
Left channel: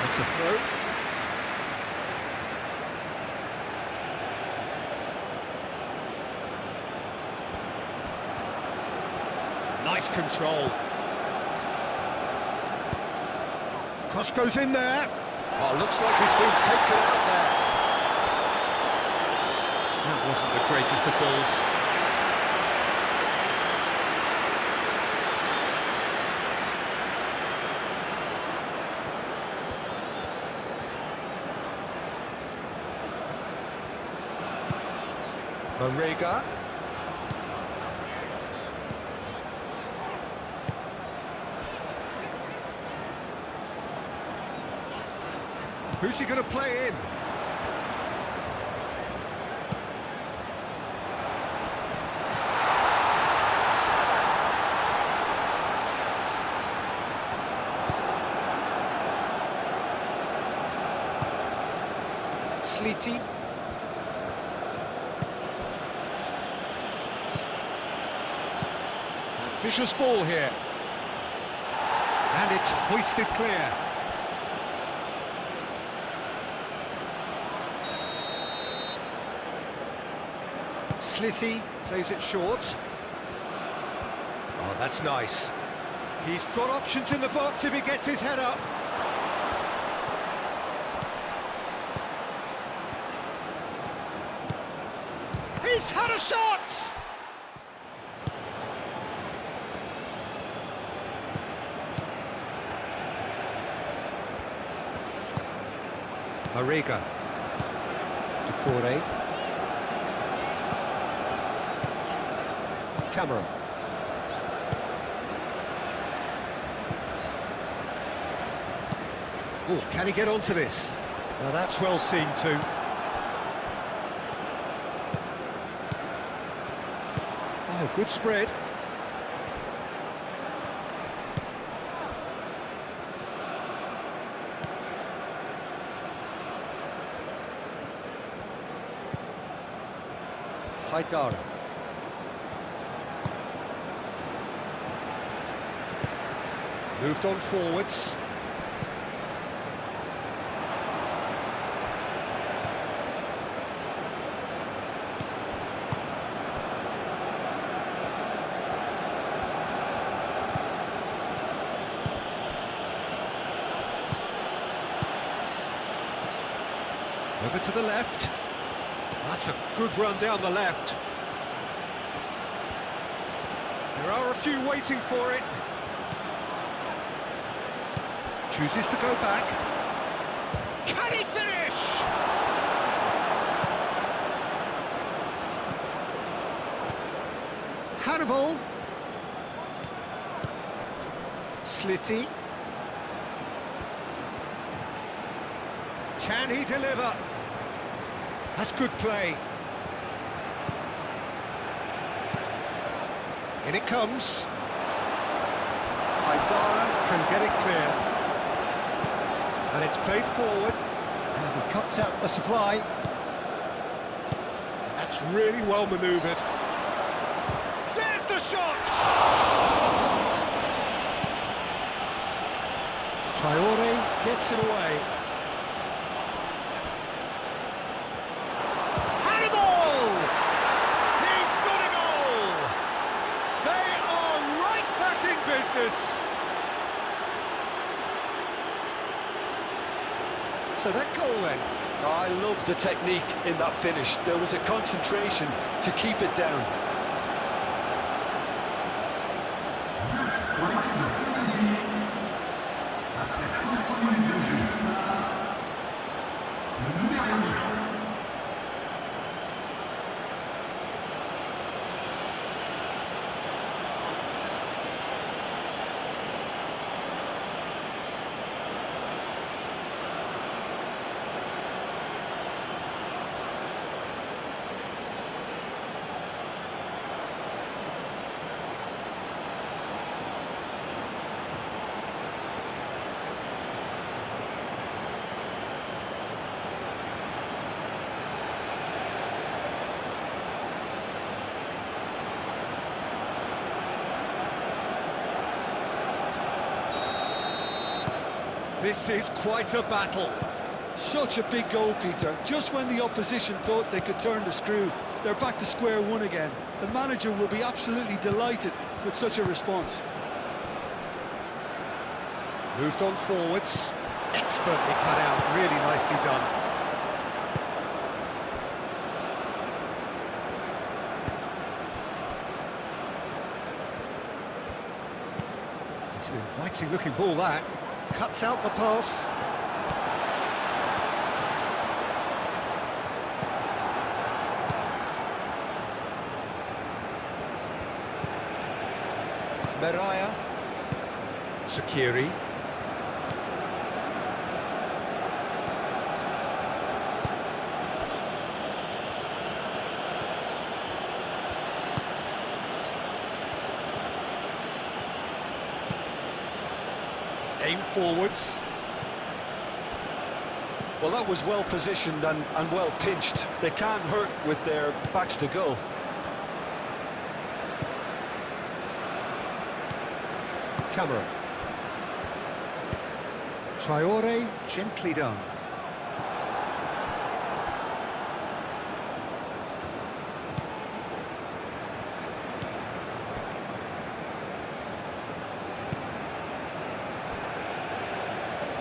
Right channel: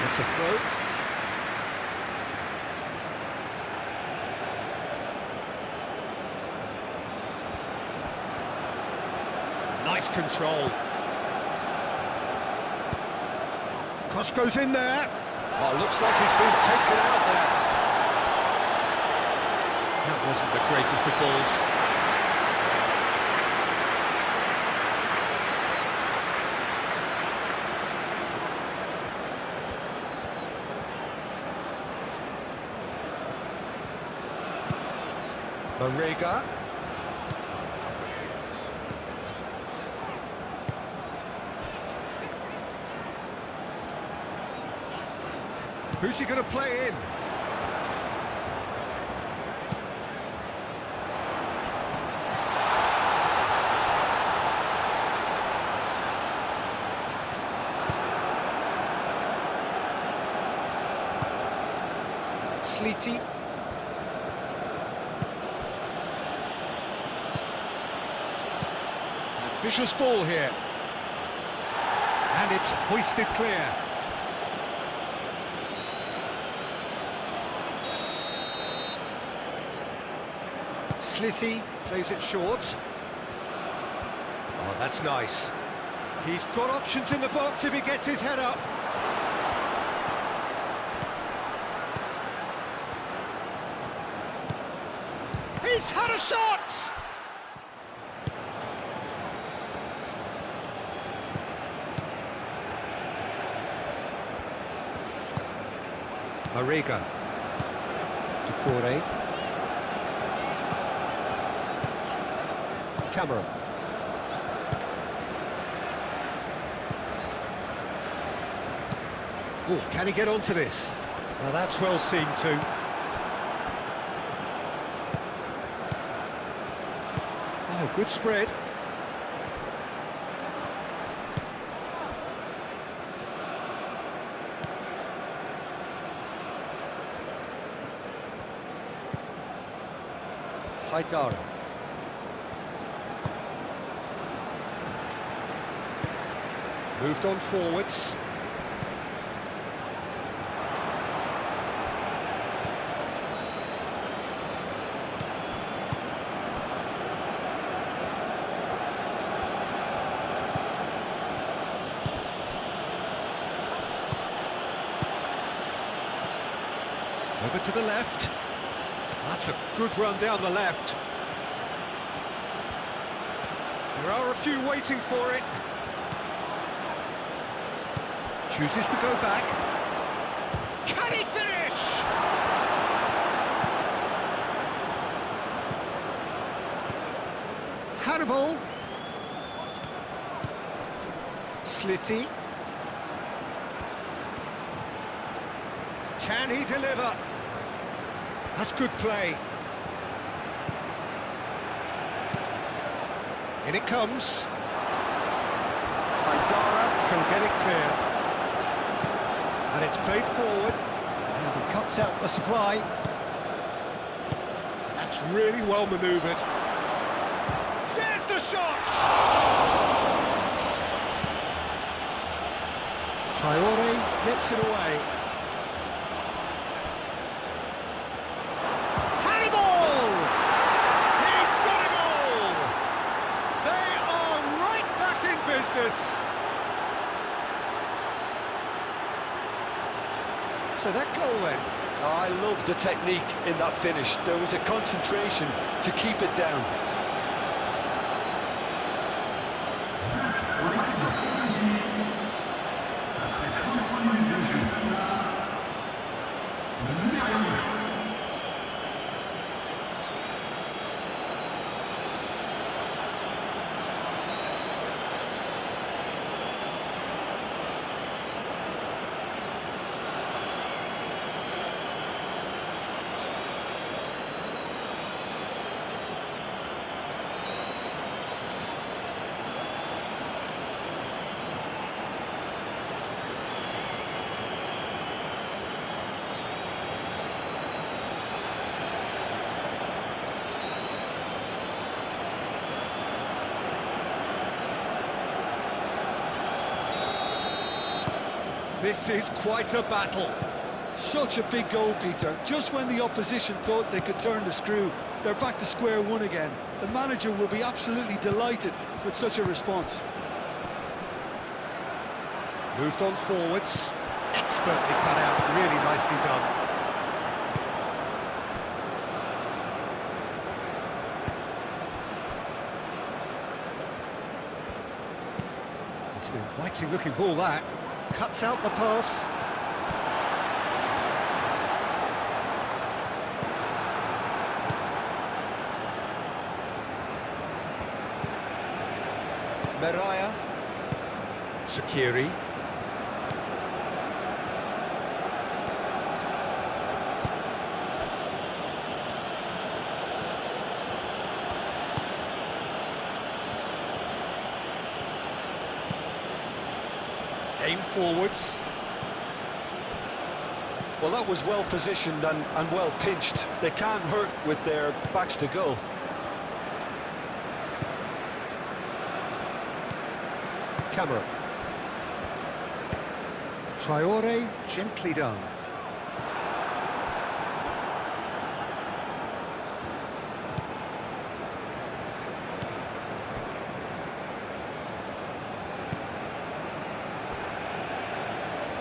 That's a throw. Nice control. Cross goes in there. Oh, looks like he's been taken out there. That wasn't the greatest of balls. Marega. Who's he going to play in? Sleety. Ambitious ball here. And it's hoisted clear. Slitty plays it short. Oh, that's nice. He's got options in the box if he gets his head up. He's had a shot! Marega. Decore. Camera. Oh, can he get onto this? Now that's well seen too. Oh, good spread. Haidara. Moved on forwards. Over to the left. That's a good run down the left. There are a few waiting for it. Chooses to go back. Can he finish? Hannibal. Slitty. Can he deliver? That's good play. In it comes. Haidara can get it clear. And it's played forward. And he cuts out the supply. That's really well manoeuvred. There's the shot! Traore gets it away. Hannibal! He's got a goal! They are right back in business. So that goal then. I love the technique in that finish. There was a concentration to keep it down. This is quite a battle. Such a big goal, Peter. Just when the opposition thought they could turn the screw, they're back to square one again. The manager will be absolutely delighted with such a response. Moved on forwards. Expertly cut out, really nicely done. It's an inviting looking ball, that. Cuts out the pass. Meraya. Sakiri. Aim forwards. Well, that was well positioned and well pinched. They can't hurt with their backs to goal. Camera. Traore, gently done.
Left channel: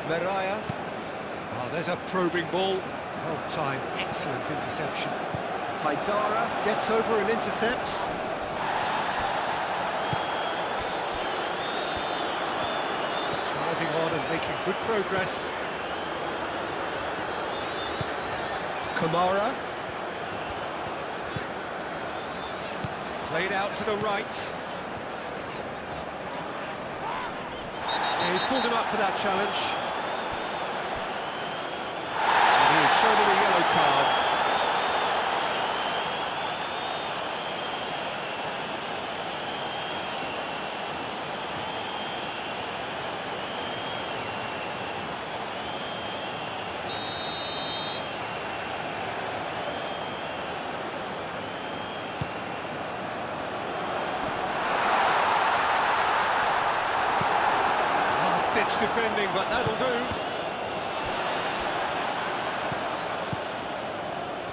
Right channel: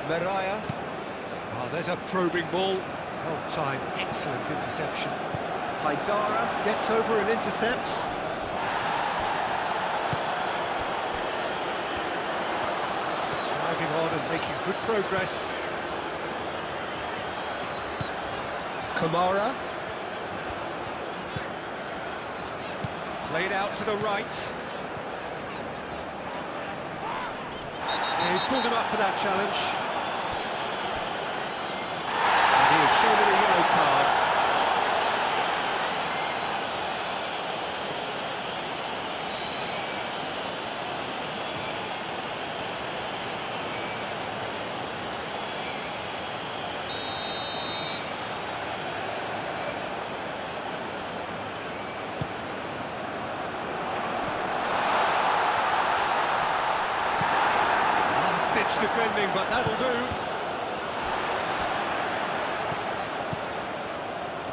Meraya. Oh, there's a probing ball. Well timed, excellent interception. Haidara gets over and intercepts. Driving on and making good progress. Kamara. Played out to the right. Yeah, he's pulled him up for that challenge. And he has shown him a yellow card. Last-ditch defending, but that'll do.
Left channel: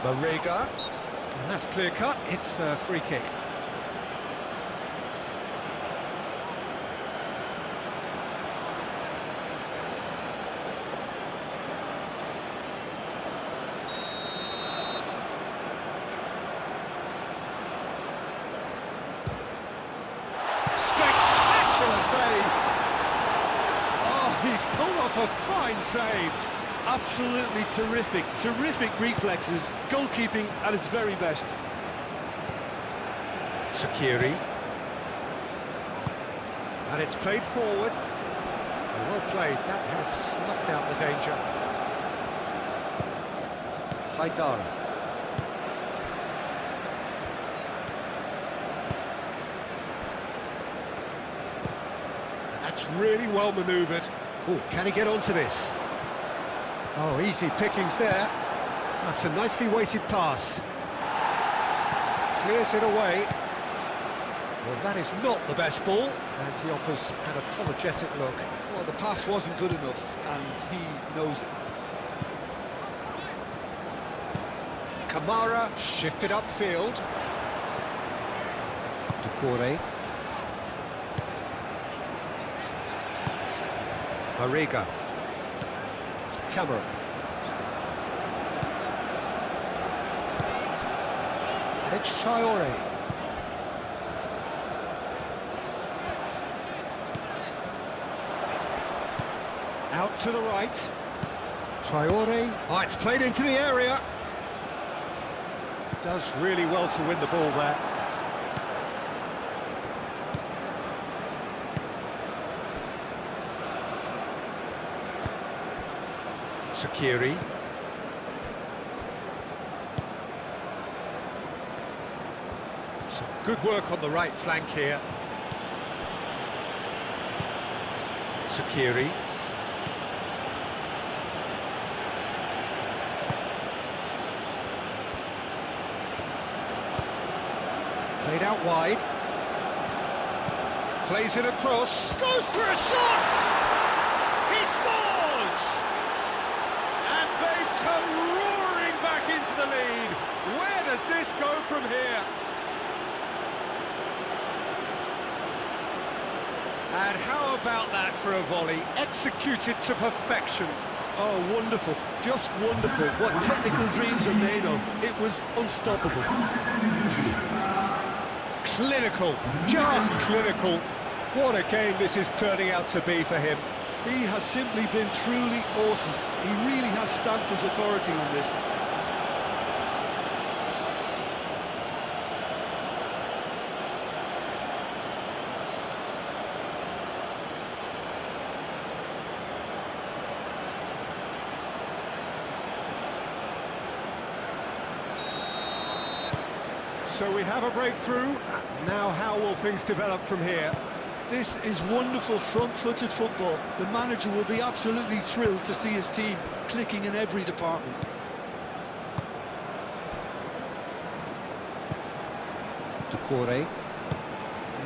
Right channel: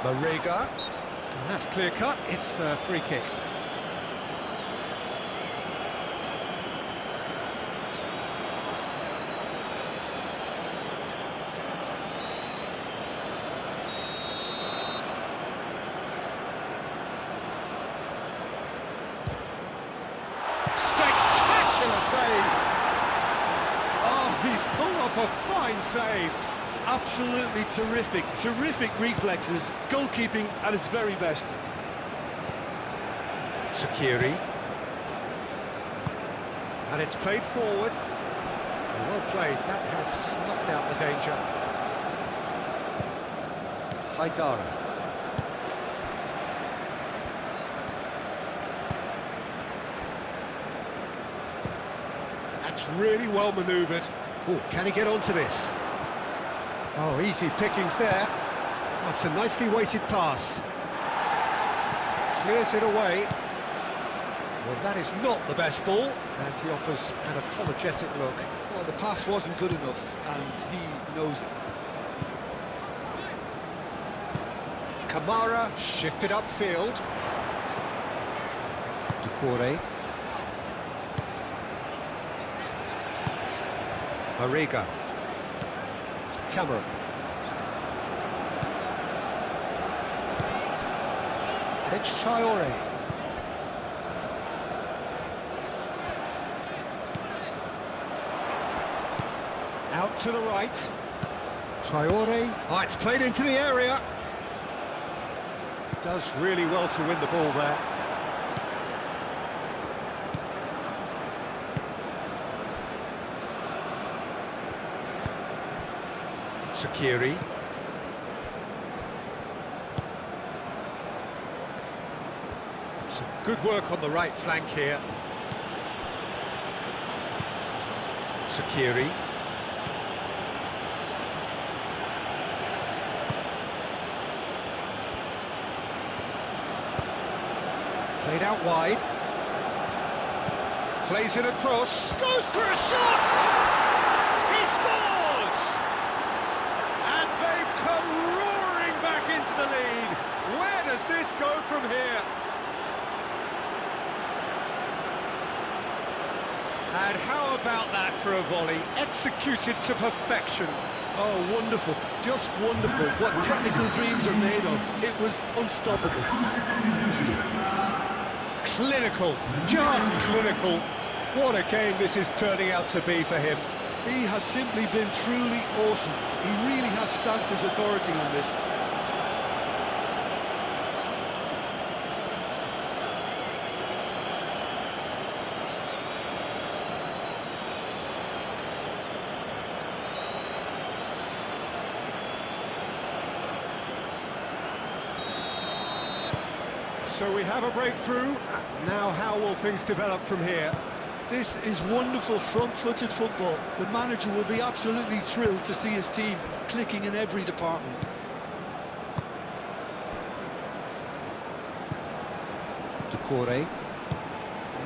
Marega. And that's clear cut. It's a free kick. Spectacular save! Oh, he's pulled off a fine save. Absolutely terrific, terrific reflexes, goalkeeping at its very best. Sakiri. And it's played forward. Well played, that has snuffed out the danger. Haidara. That's really well manoeuvred. Oh, can he get onto this? Oh, easy pickings there. That's a nicely weighted pass. Clears it away. Well, that is not the best ball, and he offers an apologetic look. Well, the pass wasn't good enough, and he knows it. Kamara shifted upfield. Ducouré. Marega. Camera. And it's Traore. Out to the right. Traore. Oh, it's played into the area. Does really well to win the ball there. Sakiri. Some good work on the right flank here. Sakiri. Played out wide. Plays it across. Goes for a shot! He scores! chance. And they've come roaring back into the lead. Where does this go from here? And how about that for a volley, executed to perfection? Oh, wonderful, just wonderful. What technical dreams are made of. It was unstoppable. Clinical, just clinical. What a game this is turning out to be for him. He has simply been truly awesome. He really has stamped his authority on this. So we have a breakthrough. Now how will things develop from here? This is wonderful front-footed football. The manager will be absolutely thrilled to see his team clicking in every department. Decore.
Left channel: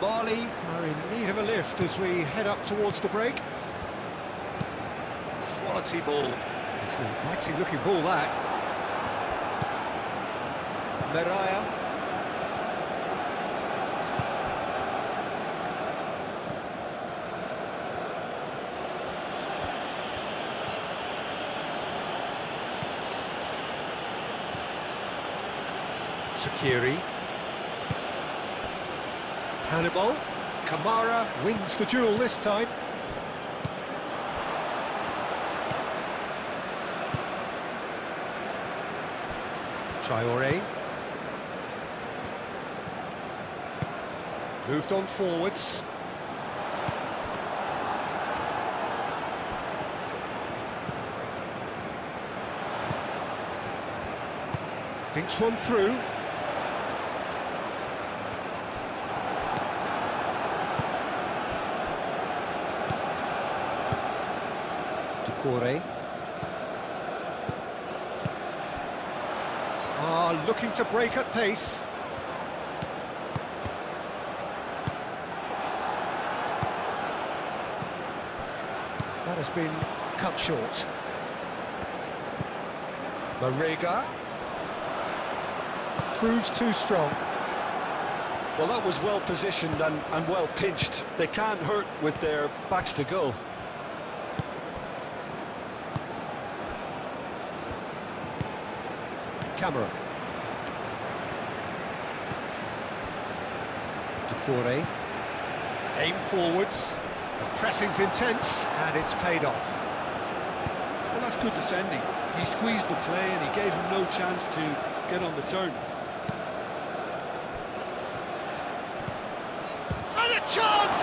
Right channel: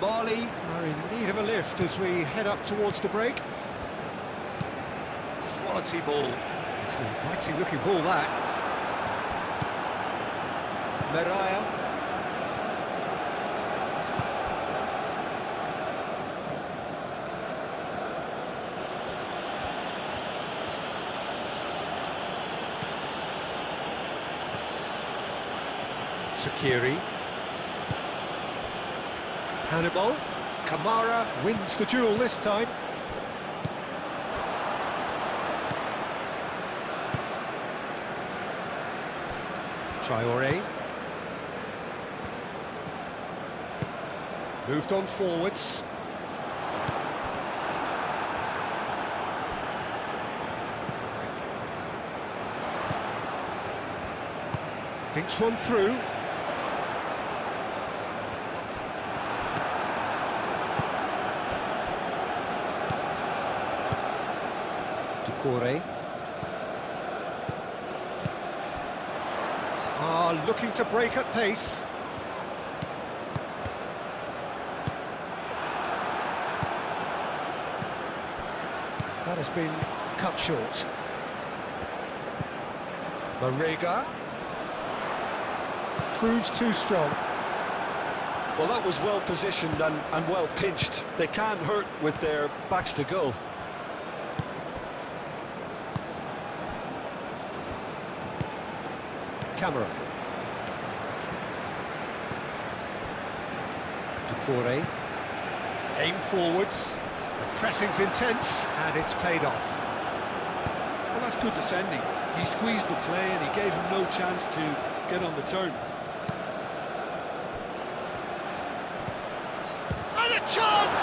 Mali are in need of a lift as we head up towards the break. Quality ball. It's an inviting looking ball, that. Meraya. Sakiri. Hannibal. Kamara wins the duel this time. Traore. Moved on forwards. Thinks one through. Decore. Looking to break at pace. That has been cut short. Marega proves too strong. Well, that was well positioned and well pinched. They can't hurt with their backs to goal. Camera. Decore. Aim forwards. The pressing's intense and it's paid off. Well, that's good defending. He squeezed the play and he gave him no chance to get on the turn. And a chance!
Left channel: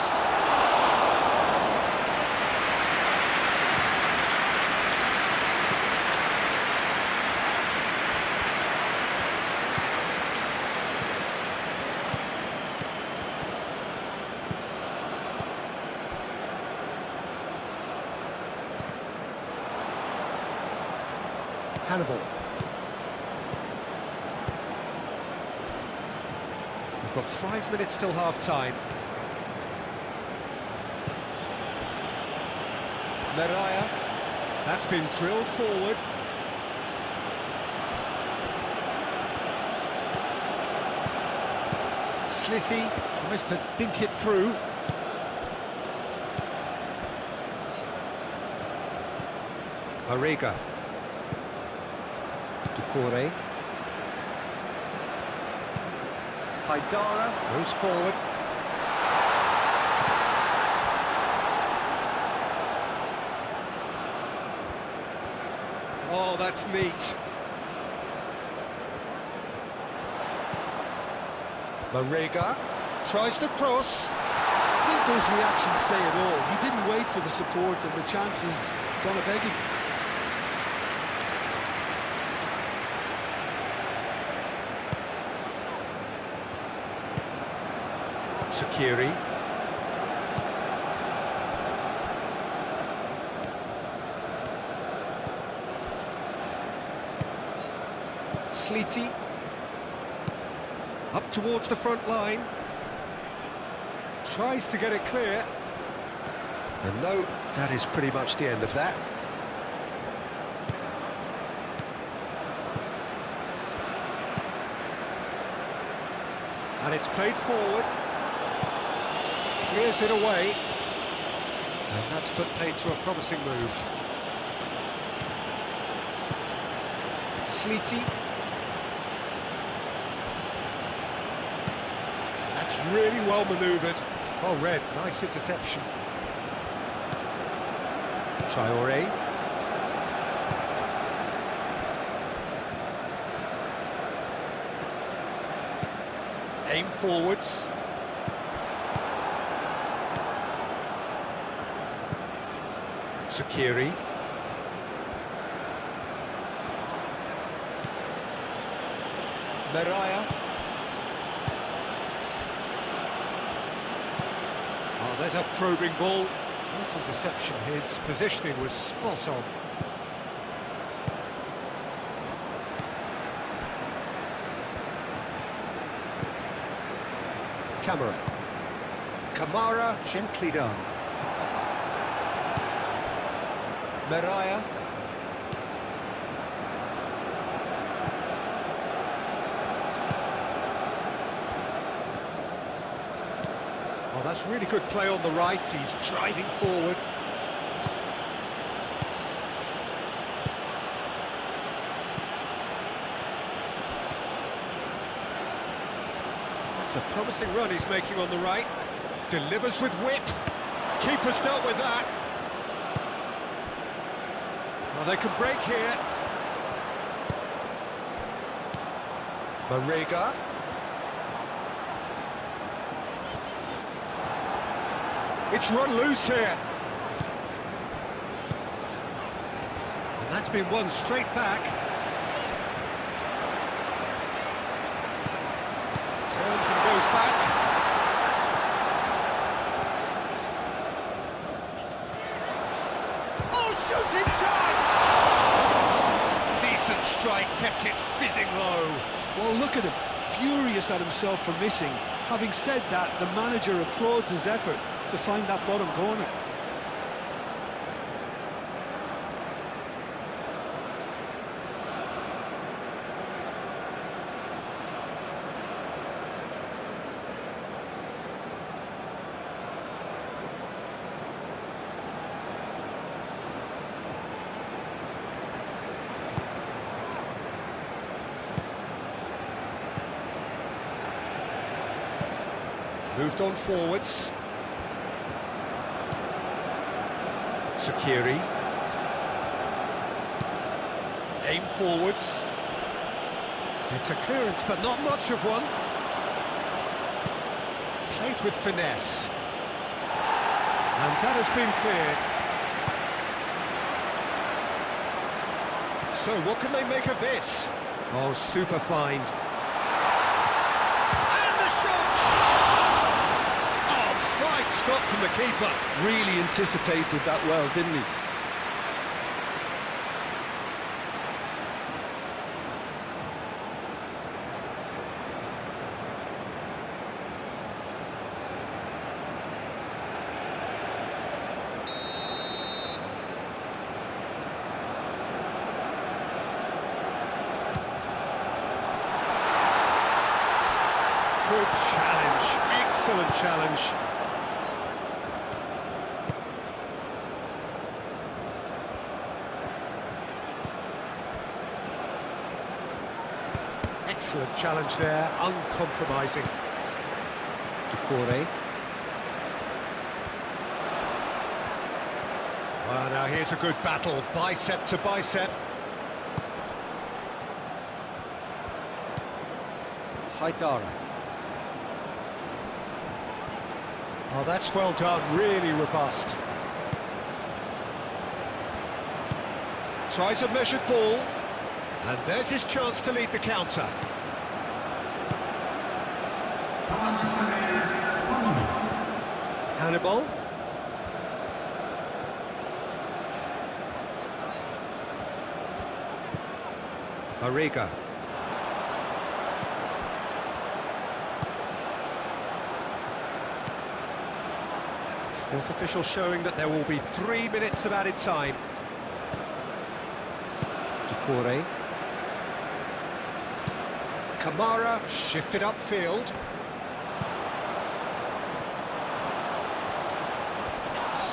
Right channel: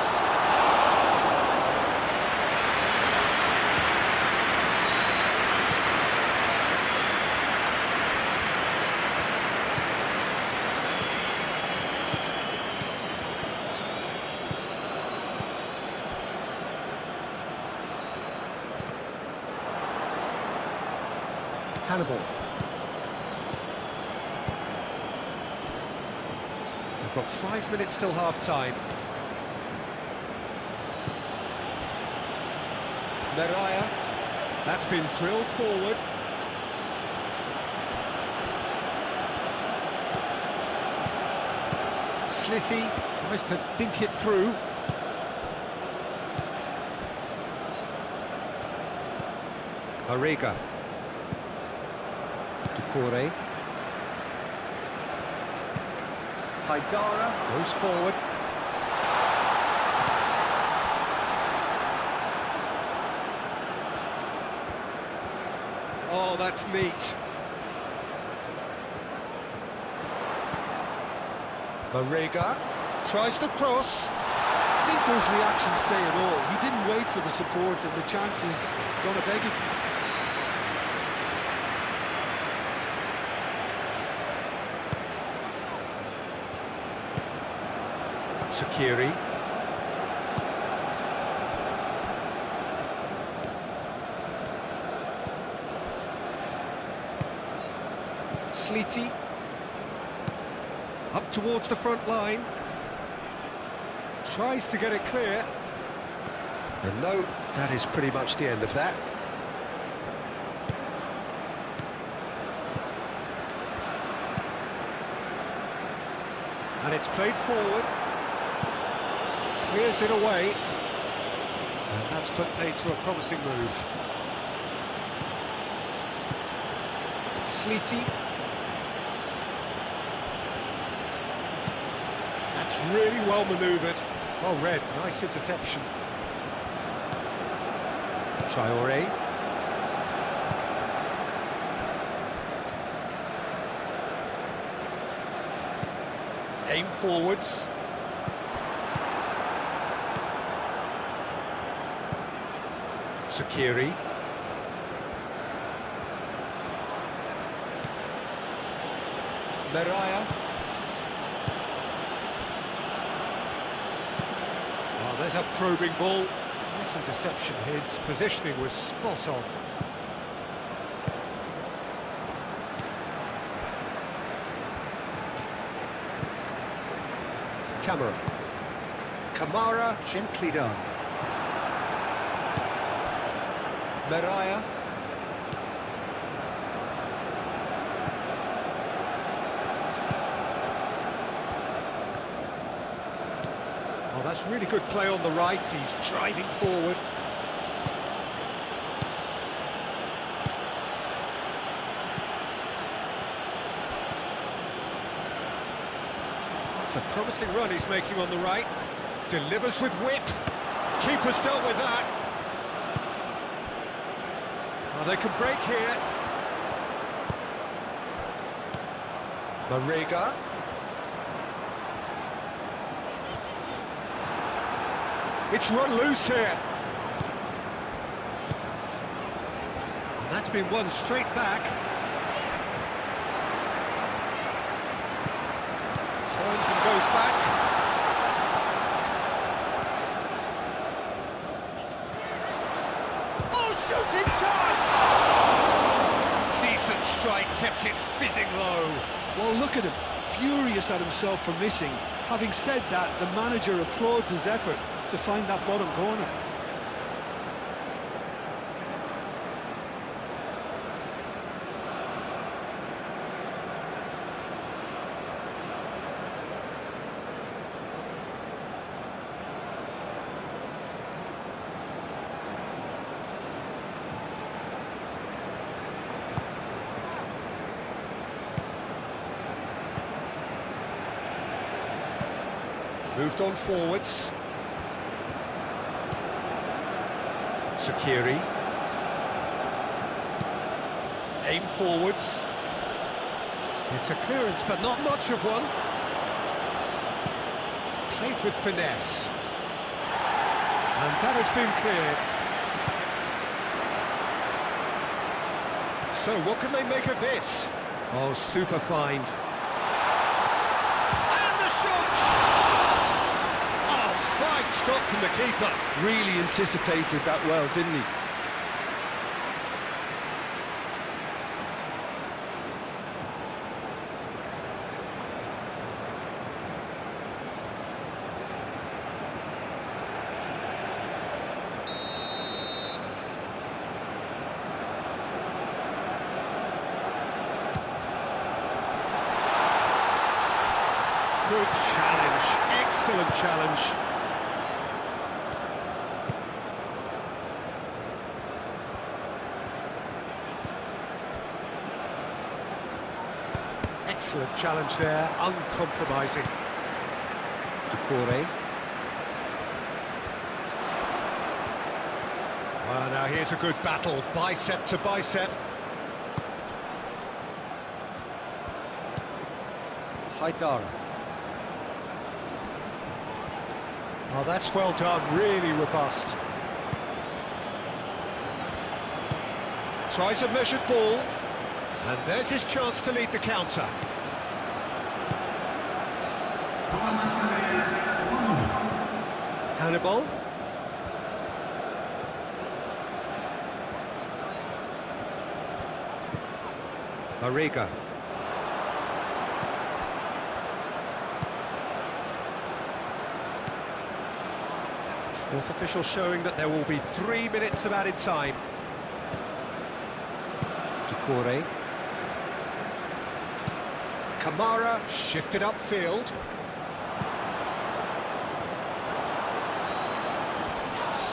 Hannibal. We've got 5 minutes till half-time. Meraya. That's been drilled forward. Slitty tries to dink it through. Marega. Decore. Haidara goes forward. Oh, that's neat. Marega tries to cross. I think those reactions say it all. He didn't wait for the support and the chances gone a-begging. Sakiri. Slitty. Up towards the front line. Tries to get it clear. And no, that is pretty much the end of that. And it's played forward. Clears it away. And that's put paid to a promising move. Sleety. That's really well manoeuvred. Well read, nice interception. Traoré. Aim forwards. Sakiri. Meraya. Oh, there's a probing ball. Nice interception, his positioning was spot on. Camera. Kamara, gently done. Meraya. Oh, that's really good play on the right. He's driving forward. That's a promising run he's making on the right. Delivers with whip. Keeper's dealt with that. Oh, they can break here. Marega. It's run loose here. And that's been won straight back. Turns and goes back. Oh, shooting chance! Decent strike, kept it fizzing low. Well, look at him, furious at himself for missing. Having said that, the manager applauds his effort to find that bottom corner. Moved on forwards. Sakiri. Aim forwards. It's a clearance, but not much of one. Played with finesse. And that has been cleared. So what can they make of this? Oh, super find. And the shot! Oh, fine stop from the keeper. Really anticipated that well, didn't he? Good challenge, excellent challenge. Excellent challenge there, uncompromising. Doucouré. Well, now here's a good battle, bicep to bicep. Haidara. Oh, that's well done, really robust. Tries a measured ball. And there's his chance to lead the counter. Hannibal. Marega. Fourth official showing that there will be 3 minutes of added time. Doucouré. Kamara shifted upfield.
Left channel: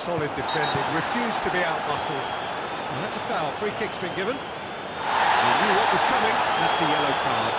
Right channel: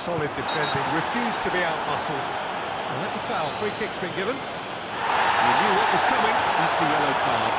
Solid defending, refused to be out-muscled. And that's a foul, free kick's been given. He knew what was coming, that's a yellow card.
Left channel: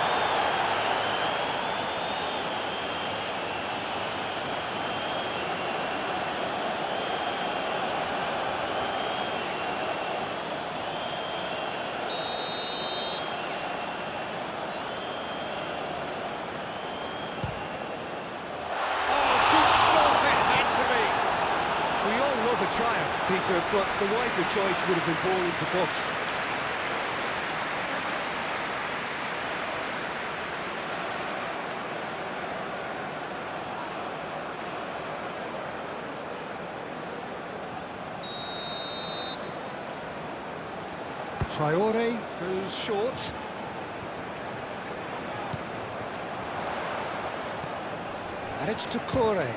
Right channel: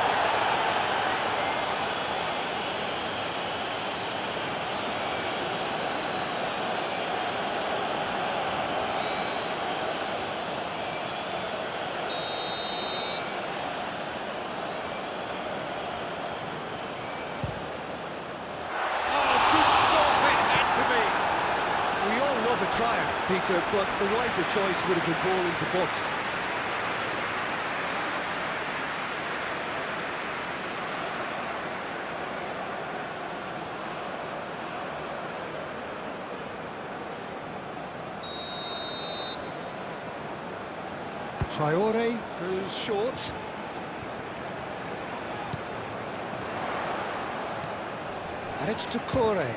We all love a tryer, Peter, but the wiser choice would have been ball into box. Traore goes short. And it's Toucouré.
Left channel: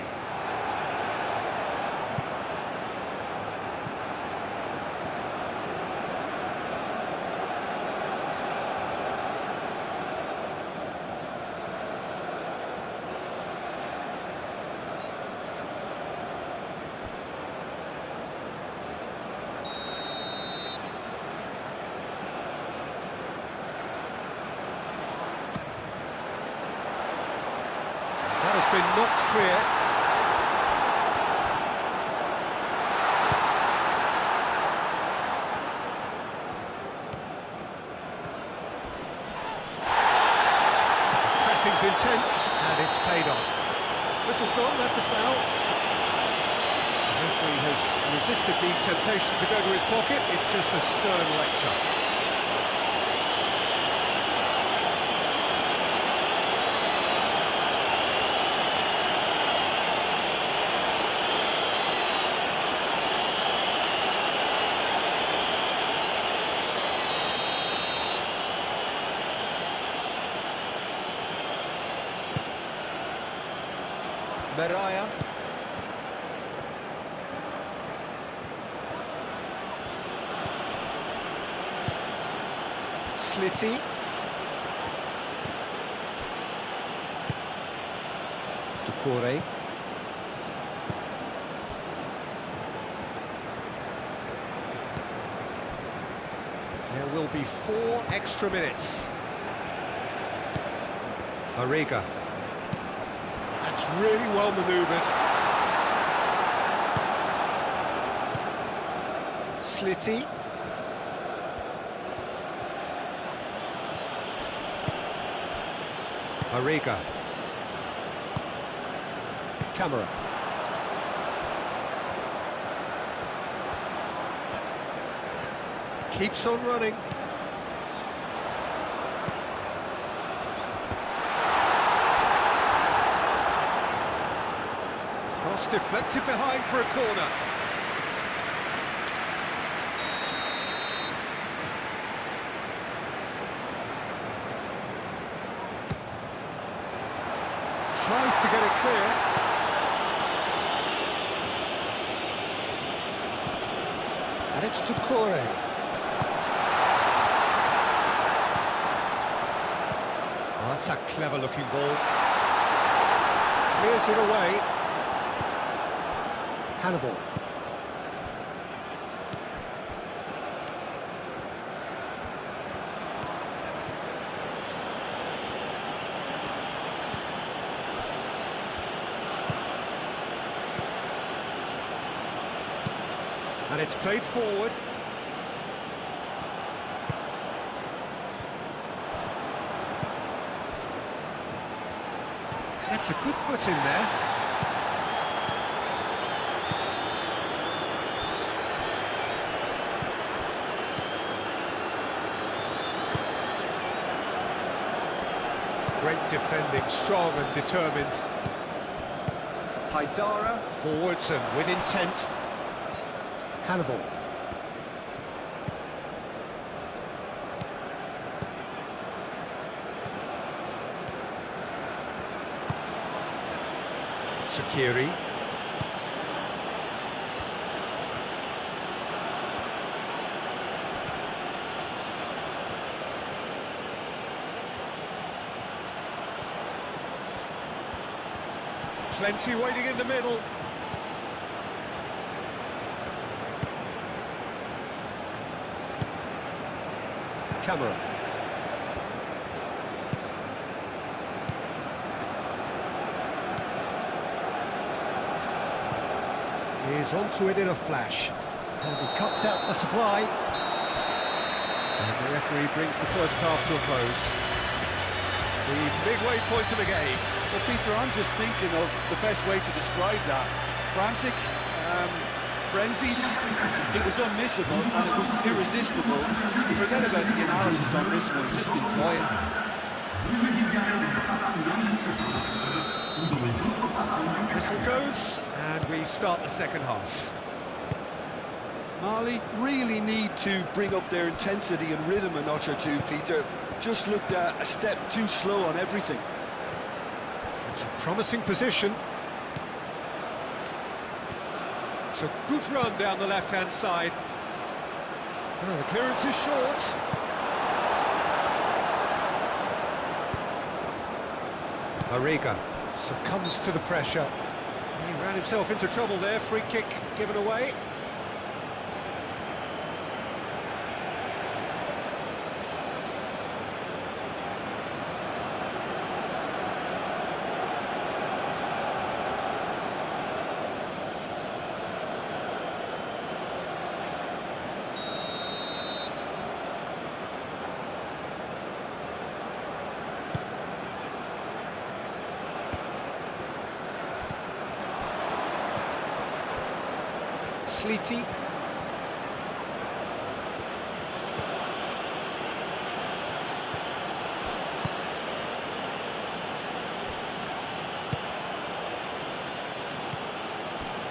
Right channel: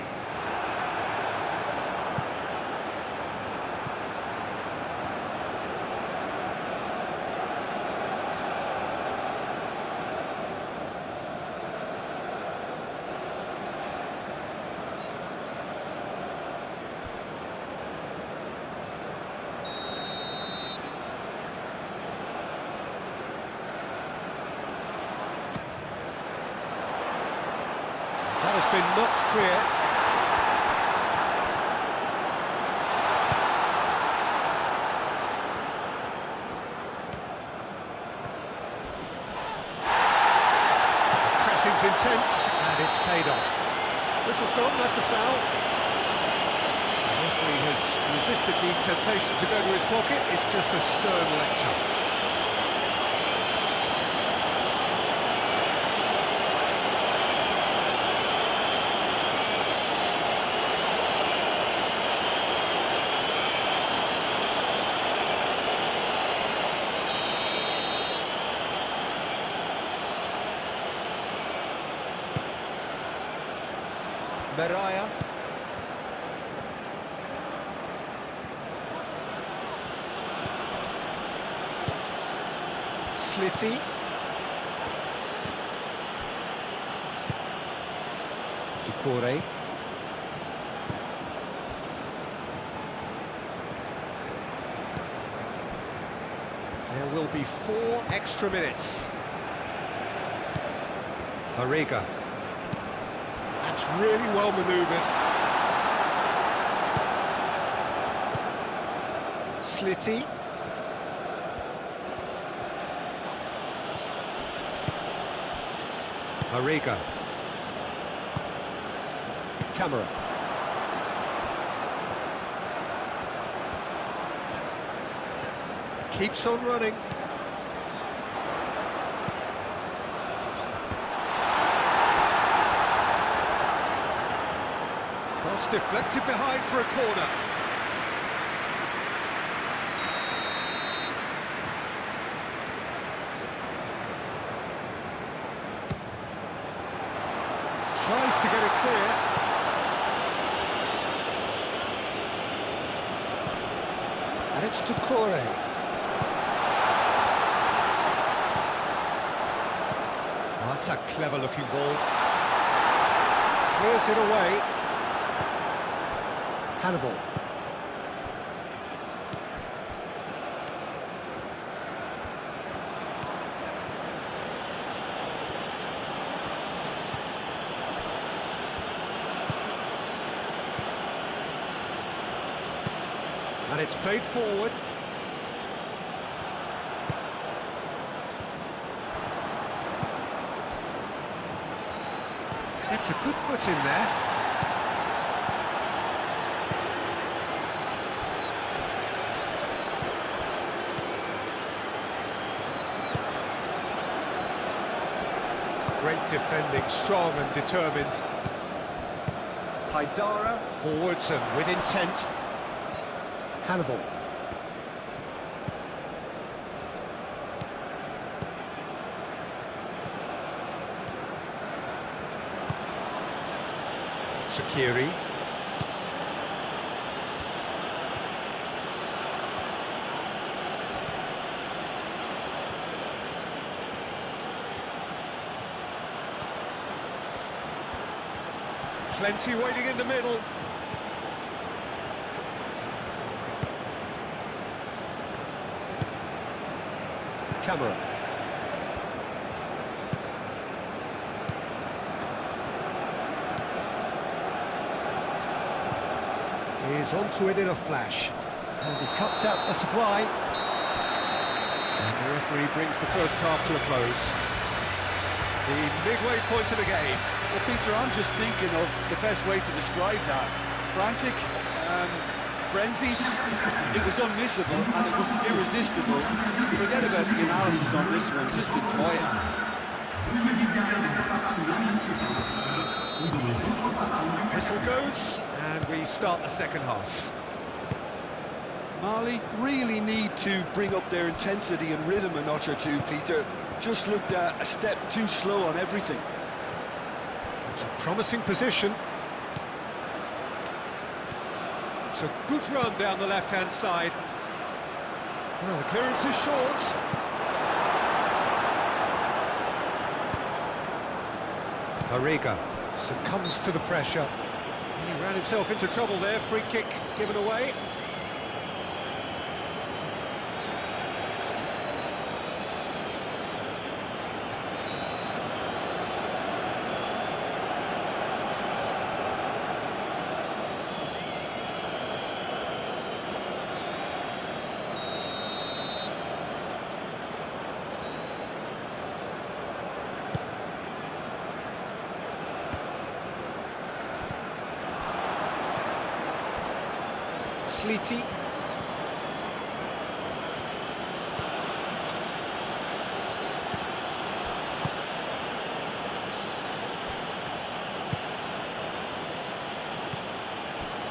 That has been knocked clear. The pressing's intense, and it's paid off. Whistle's gone, that's a foul. The referee has resisted the temptation to go to his pocket. It's just a stern lecture. Meraya. Slitty. Toucouré. There will be 4 extra minutes. Mariga. That's really well manoeuvred. Slitty. Mariga. Camera. Keeps on running. Cross deflected behind for a corner. Tries to get it clear. And it's Toucouré. Oh, that's a clever looking ball. Clears it away. Hannibal. And it's played forward. That's a good foot in there. Great defending, strong and determined. Haidara, forwards and with intent. Hannibal. Sakiri. Plenty waiting in the middle. Camera. He's onto it in a flash. And he cuts out the supply. And the referee brings the first half to a close. The midway point of the game. Well, Peter, I'm just thinking of the best way to describe that. Frantic, frenzied. It was unmissable and it was irresistible. Forget about the analysis on this one, just enjoy it. Whistle goes, and we start the second half. Mali really need to bring up their intensity and rhythm a notch or two, Peter. Just looked a step too slow on everything. It's a promising position. It's a good run down the left-hand side. Well, the clearance is short. Mariga succumbs to the pressure. He ran himself into trouble there. Free kick given away. Sleety.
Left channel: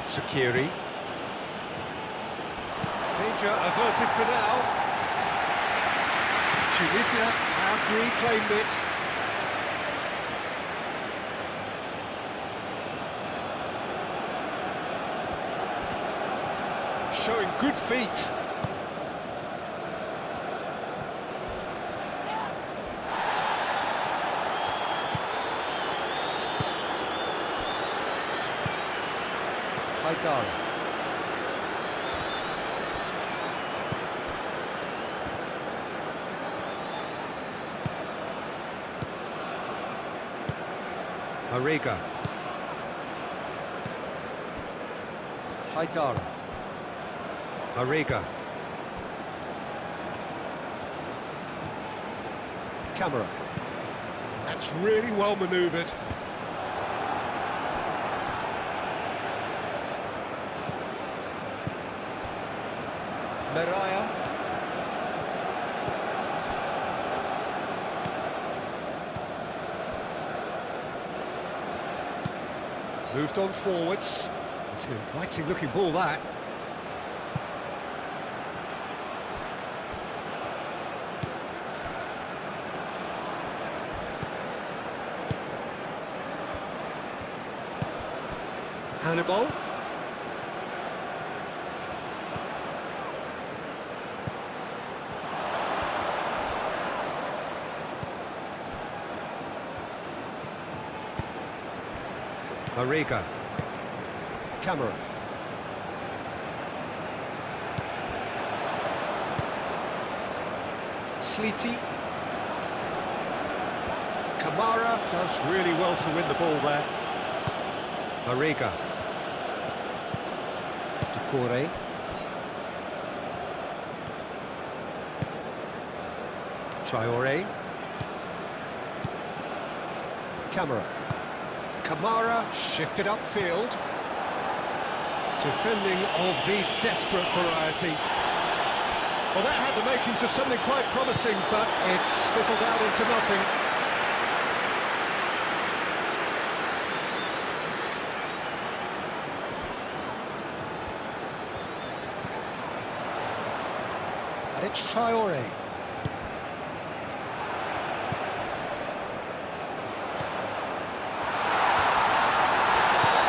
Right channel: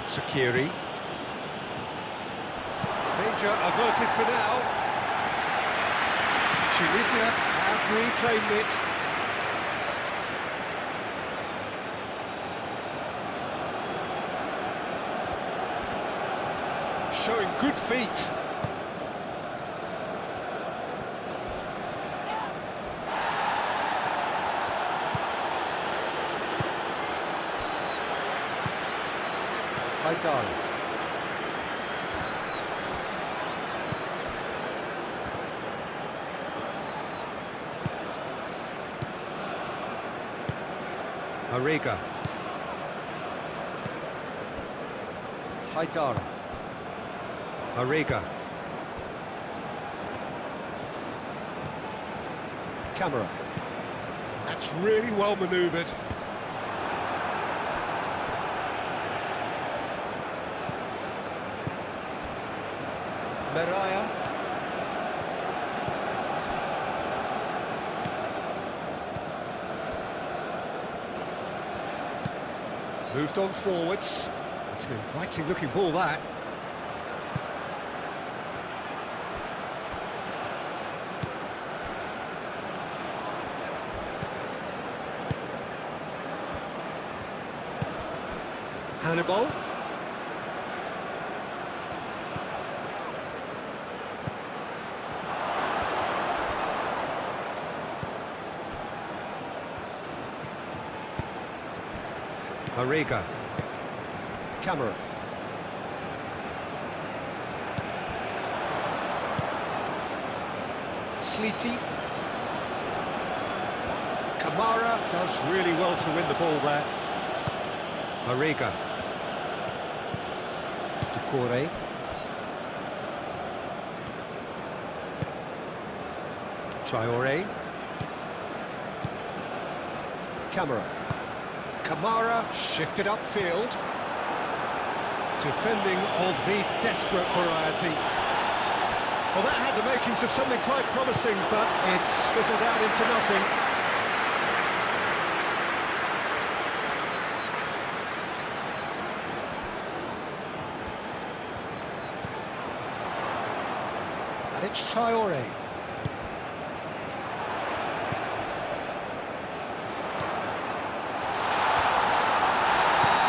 Sakiri. Danger averted for now. Tunisia have reclaimed it. Showing good feet. Haidara. Mariga. Haidara. Mariga. Camera. That's really well manoeuvred. Meraya. Moved on forwards. It's an inviting looking ball, that. Hannibal. Mariga. Camera. Sleety. Kamara does really well to win the ball there. Mariga. Decore. Traore. Camera. Kamara shifted upfield. Defending of the desperate variety. Well, that had the makings of something quite promising, but it's fizzled out into nothing. And it's Traore.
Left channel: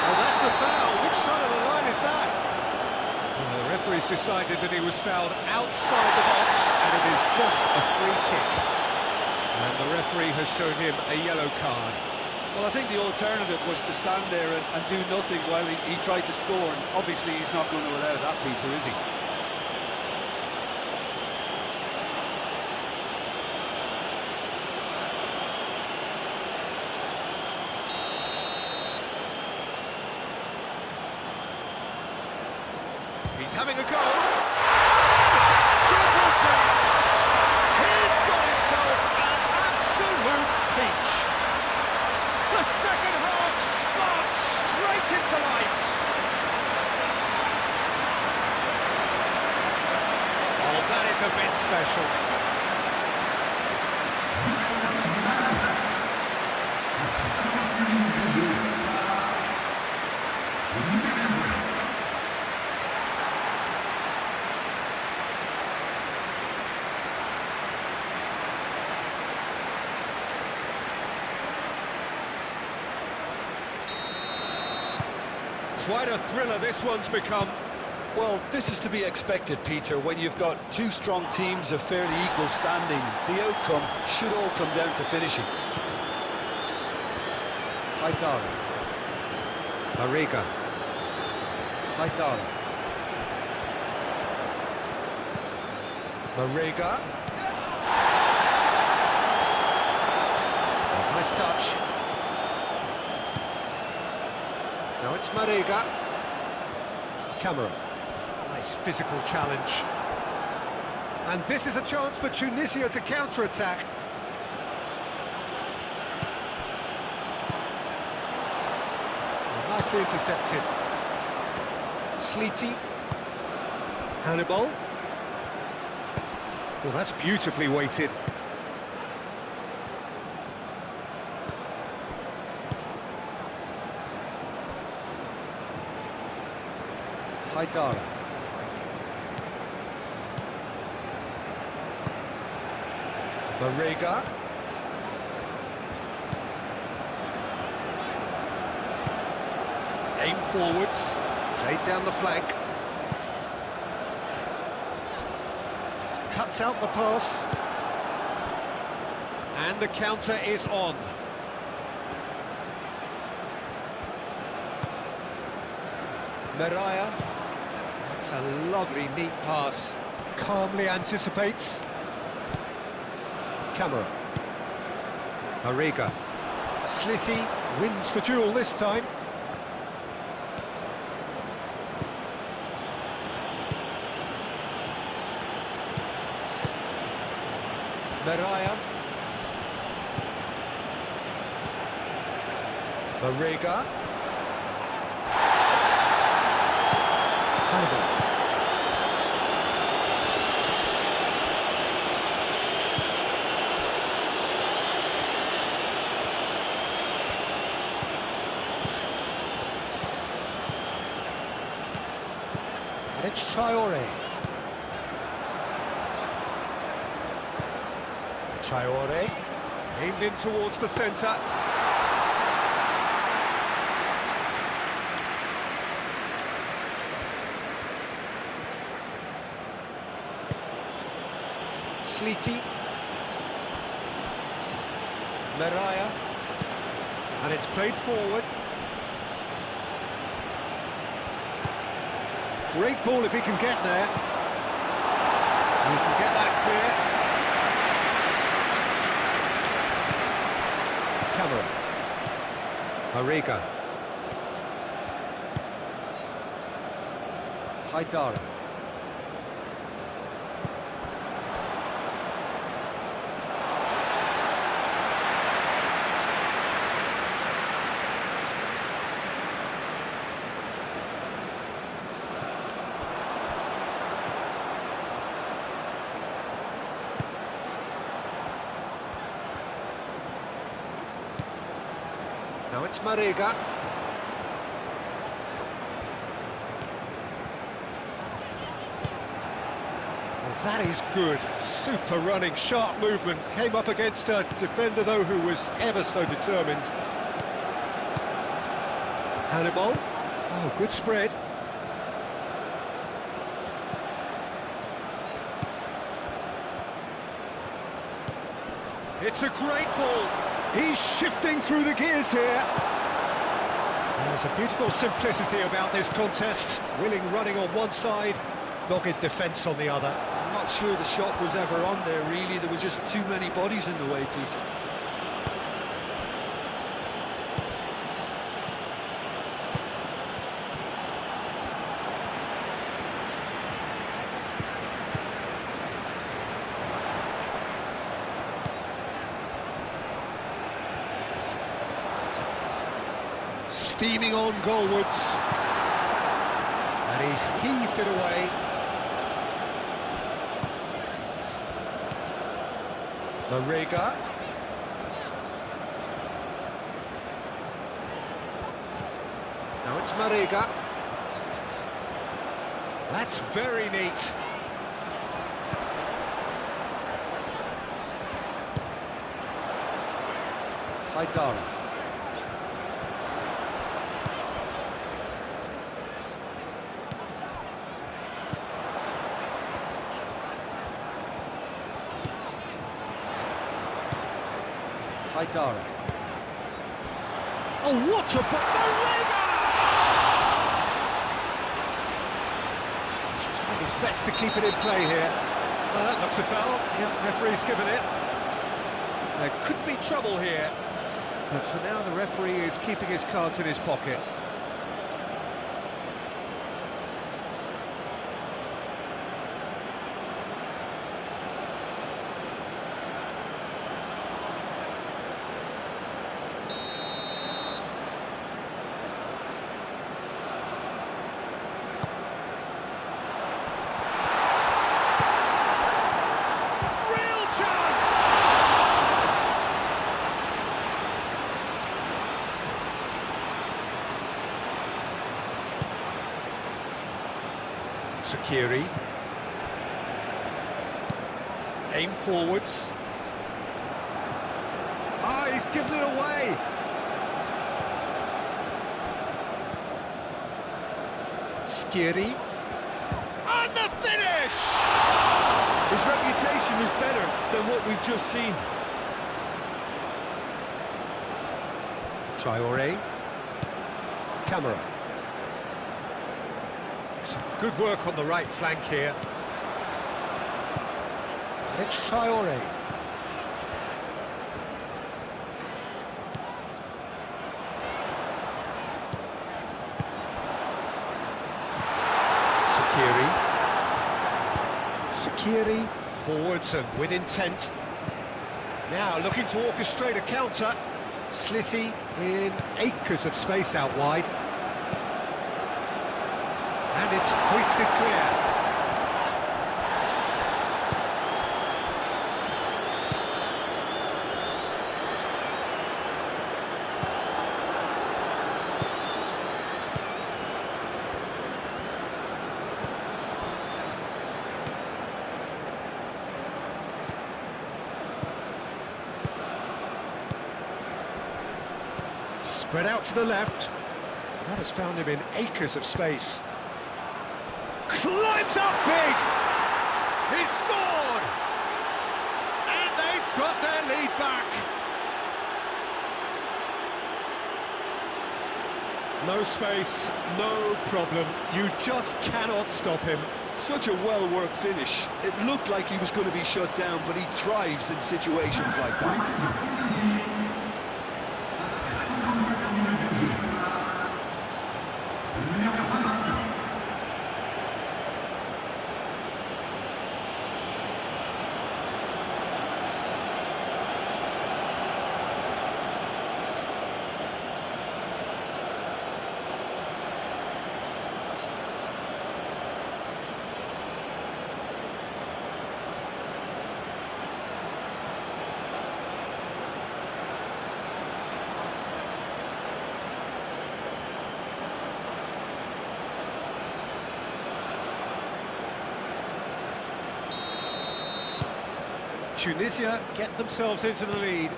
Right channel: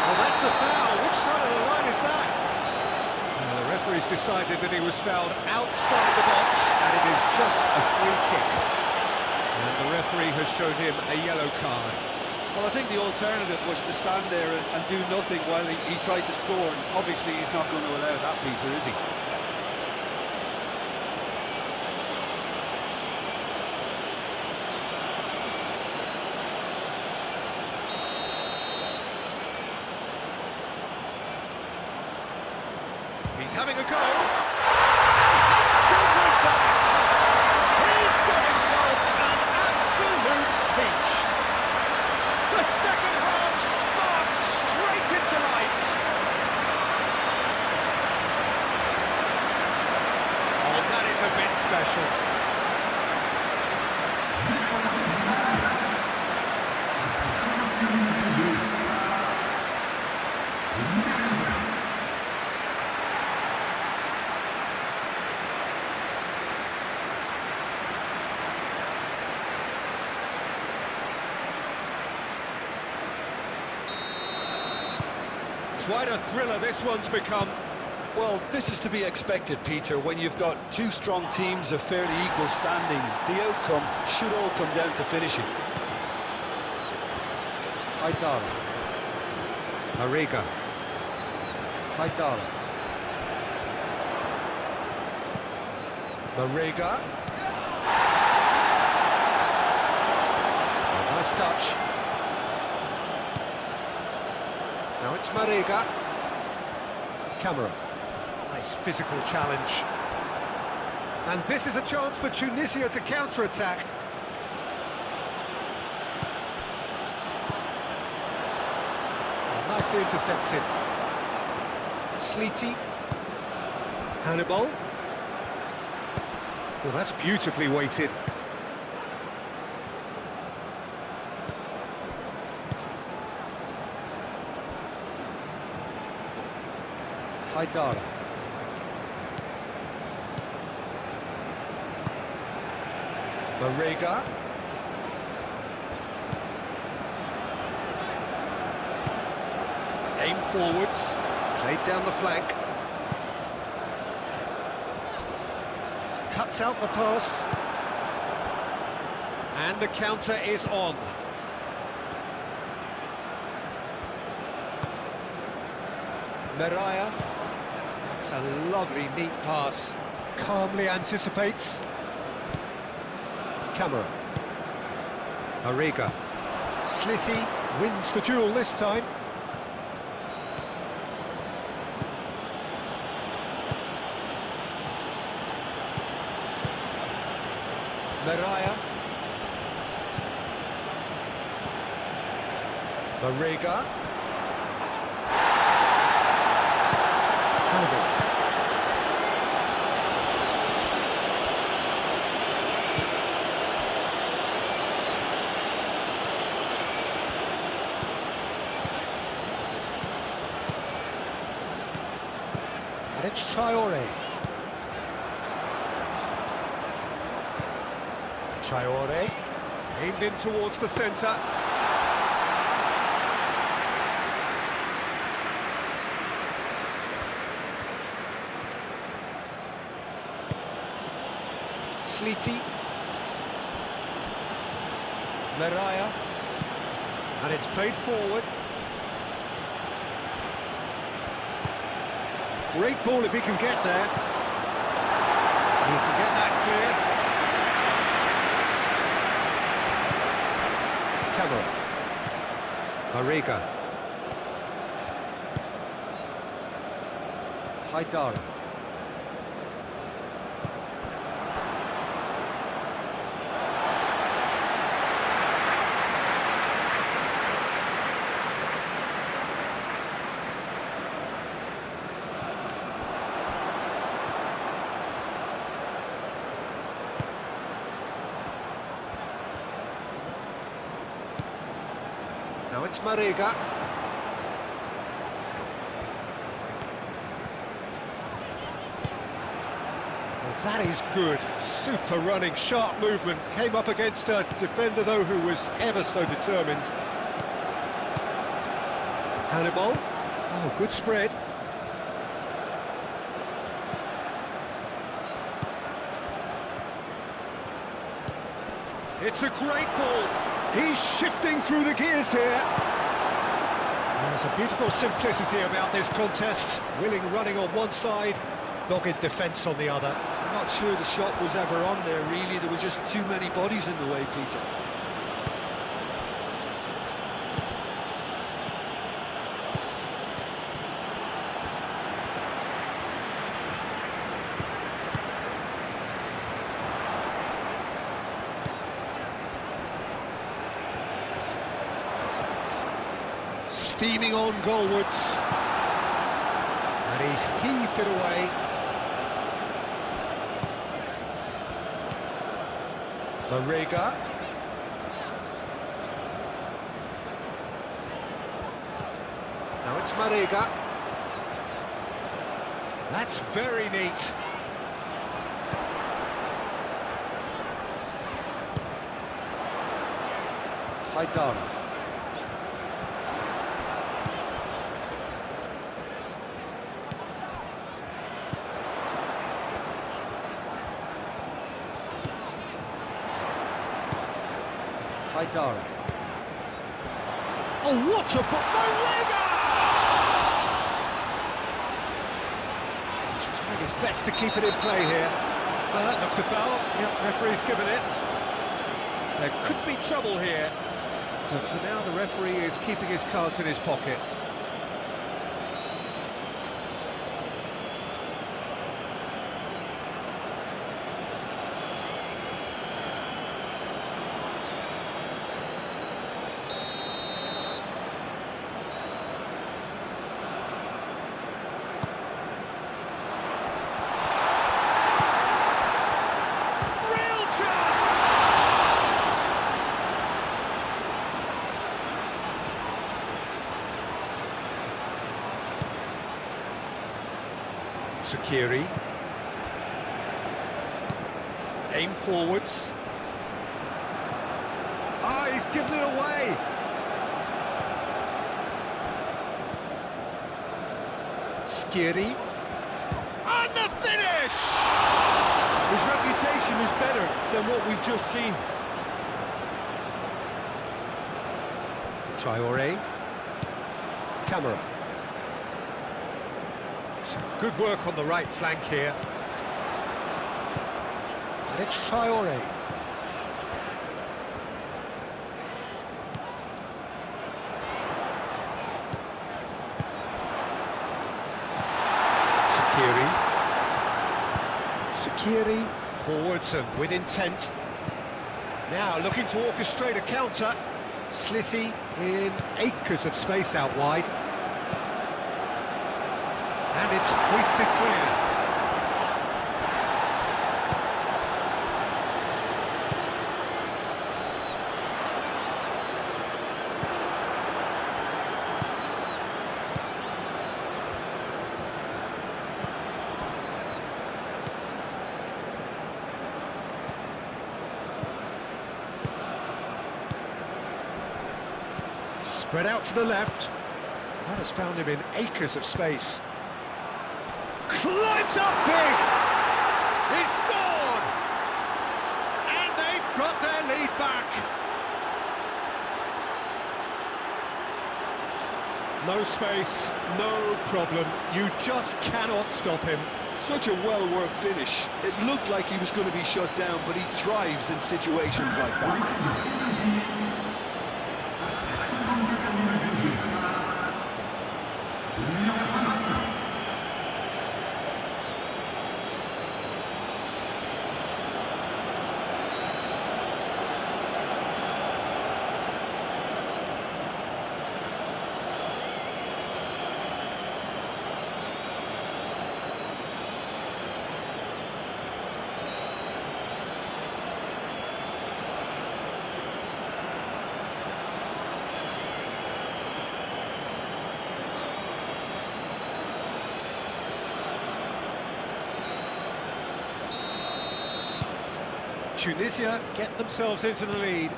Well, that's a foul. Which side of the line is that? The referee's decided that he was fouled outside the box, and it is just a free kick. And the referee has shown him a yellow card. Well, I think the alternative was to stand there and do nothing while he tried to score, and obviously he's not going to allow that, Peter, is he? He's having a go. How good was that? He's got himself an absolute peach. The second half sparks straight into life. Oh, that is a bit special. Quite a thriller this one's become. Well, this is to be expected, Peter. When you've got two strong teams of fairly equal standing, the outcome should all come down to finishing. Haidara. Mariga. Haidara. Mariga. Oh, nice touch. Now it's Mariga. Camera. Nice physical challenge. And this is a chance for Tunisia to counter-attack. Oh, nicely intercepted. Sleety. Hannibal. Well, that's beautifully weighted. Haidara. Mariga. Aim forwards, played down the flank. Cuts out the pass. And the counter is on. Meraya. That's a lovely, neat pass. Calmly anticipates. Camera. Mariga. Slitty wins the duel this time. Meraya. Mariga. Hannibal. And it's Traore. Traore, aimed in towards the centre. Sleety. Meraya. And it's played forward. Great ball if he can get there. He can get that clear. Camera. Mariga. Haidara. Now it's Mariga. Well, that is good. Super running, sharp movement. Came up against a defender, though, who was ever so determined. Hannibal. Oh, good spread. It's a great ball. He's shifting through the gears here. There's a beautiful simplicity about this contest. Willing running on one side, dogged defence on the other. I'm not sure the shot was ever on there, really. There were just too many bodies in the way, Peter. steaming on goalwards. And he's heaved it away. Marega. Now it's Marega. That's very neat. Haidara. Haidara. Oh, what a Marega! He's trying his best to keep it in play here. That looks a foul. Yep, referee's given it. There could be trouble here. But for now, the referee is keeping his cards in his pocket. Real chance! Sakiri. Aim forwards. Ah, he's given it away. Skiri. And the finish! His reputation is better than what we've just seen. Traoré. Camera. Some good work on the right flank here. And it's Traoré. Sakiri. Sakiri. Forwards and with intent. Now looking to orchestrate a counter. Slitty in acres of space out wide. And it's hoisted clear. Spread out to the left. That has found him in acres of space. Climbs up big! He's scored! And they've got their lead back. No space, no problem. You just cannot stop him. Such a well-worked finish. It looked like he was going to be shut down, but he thrives in situations like that. Tunisia get themselves into the lead.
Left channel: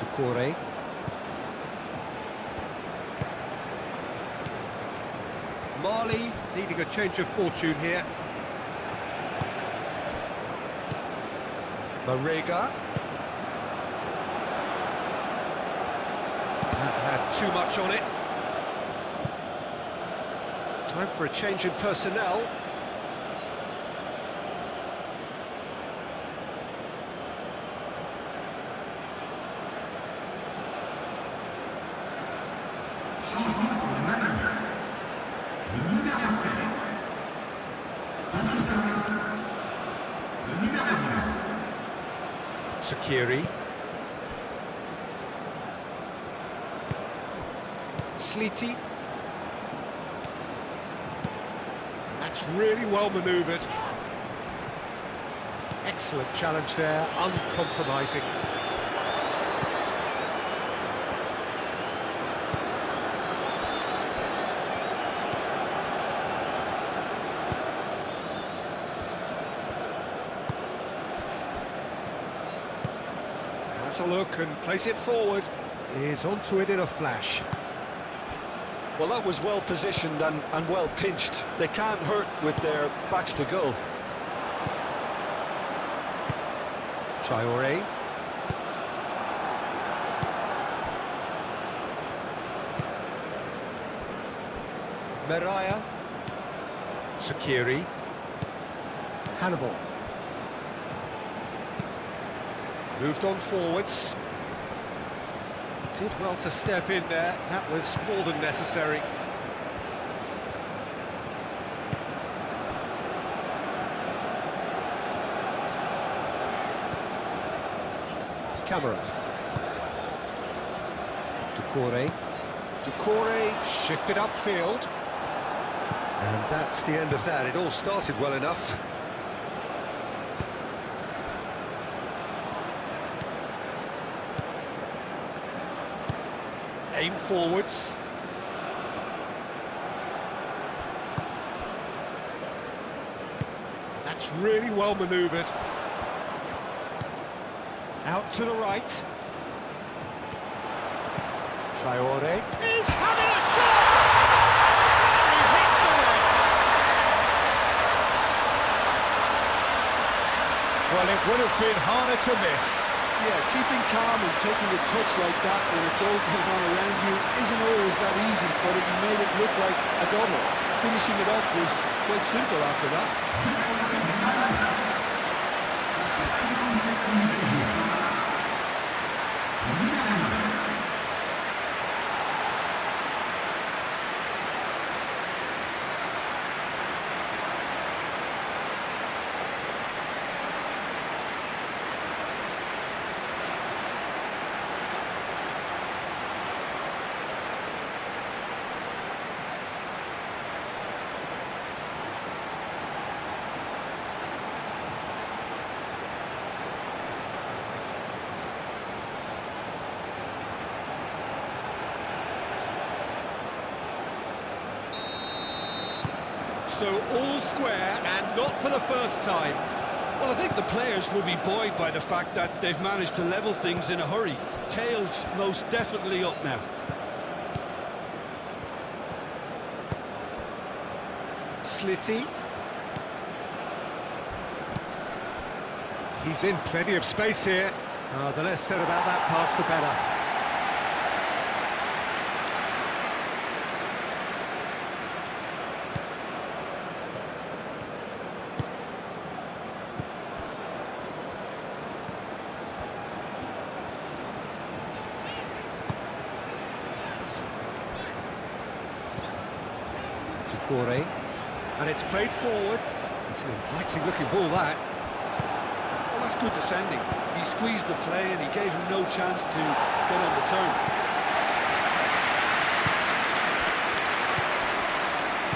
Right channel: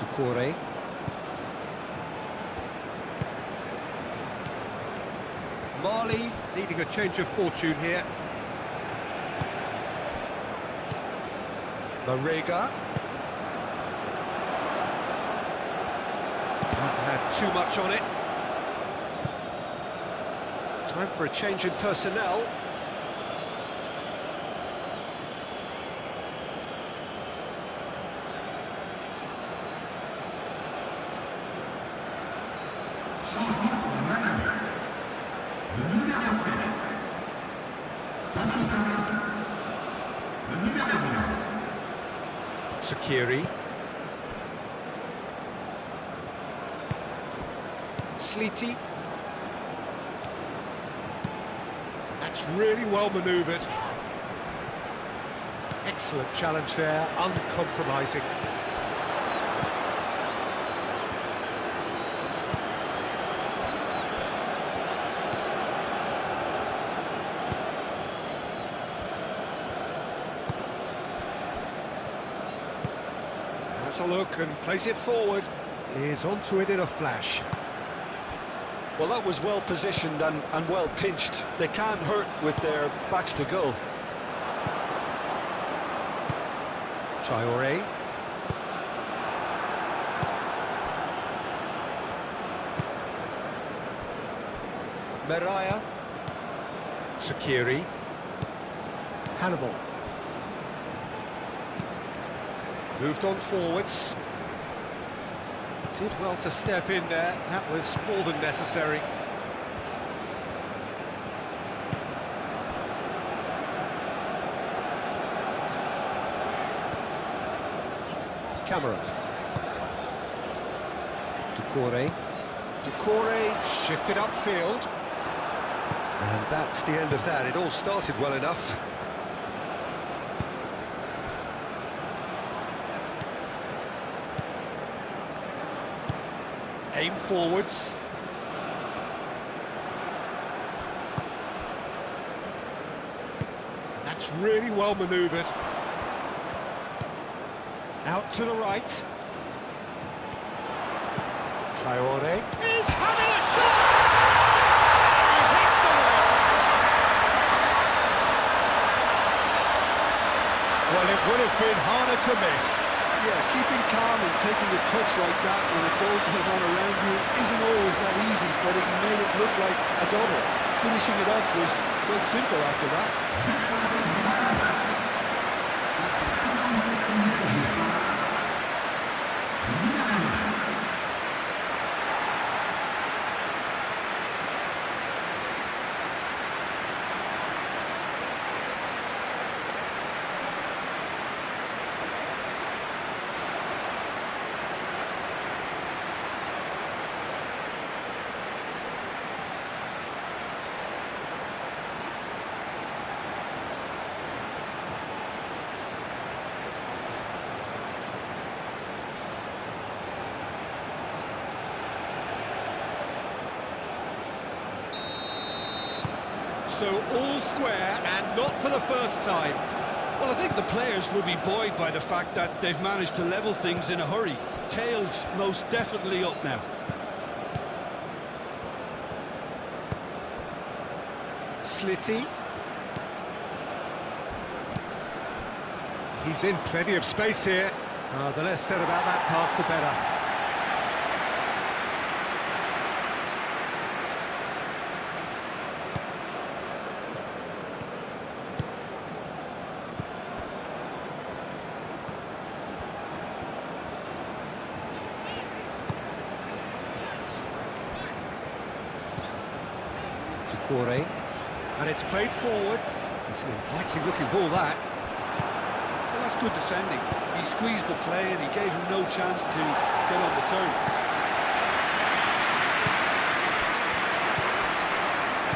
Doucouré. Mali needing a change of fortune here. Marega. That had too much on it. Time for a change in personnel. Sakiri. Sleety. That's really well manoeuvred. Excellent challenge there, uncompromising. Has a look and plays it forward. Is onto it in a flash. Well, that was well positioned and well pinched. They can't hurt with their backs to goal. Traoré. Meraya. Sakiri. Hannibal. Moved on forwards. Did well to step in there. That was more than necessary. Camera. Doucouré shifted upfield. And that's the end of that. It all started well enough. Aim forwards. That's really well manoeuvred. Out to the right. Traoré is having a shot! He hits the net! Well, it would have been harder to miss. Yeah, keeping calm and taking a touch like that when it's all going on around you isn't always that easy, but he made it look like a double. Finishing it off was quite simple after that. So all square, and not for the first time. Well, I think the players will be buoyed by the fact that they've managed to level things in a hurry. Tails most definitely up now. Slitty. He's in plenty of space here. The less said about that pass, the better. Doucouré. And it's played forward. It's an inviting looking ball, that. Well, that's good defending. He squeezed the play and he gave him no chance to get on the turn.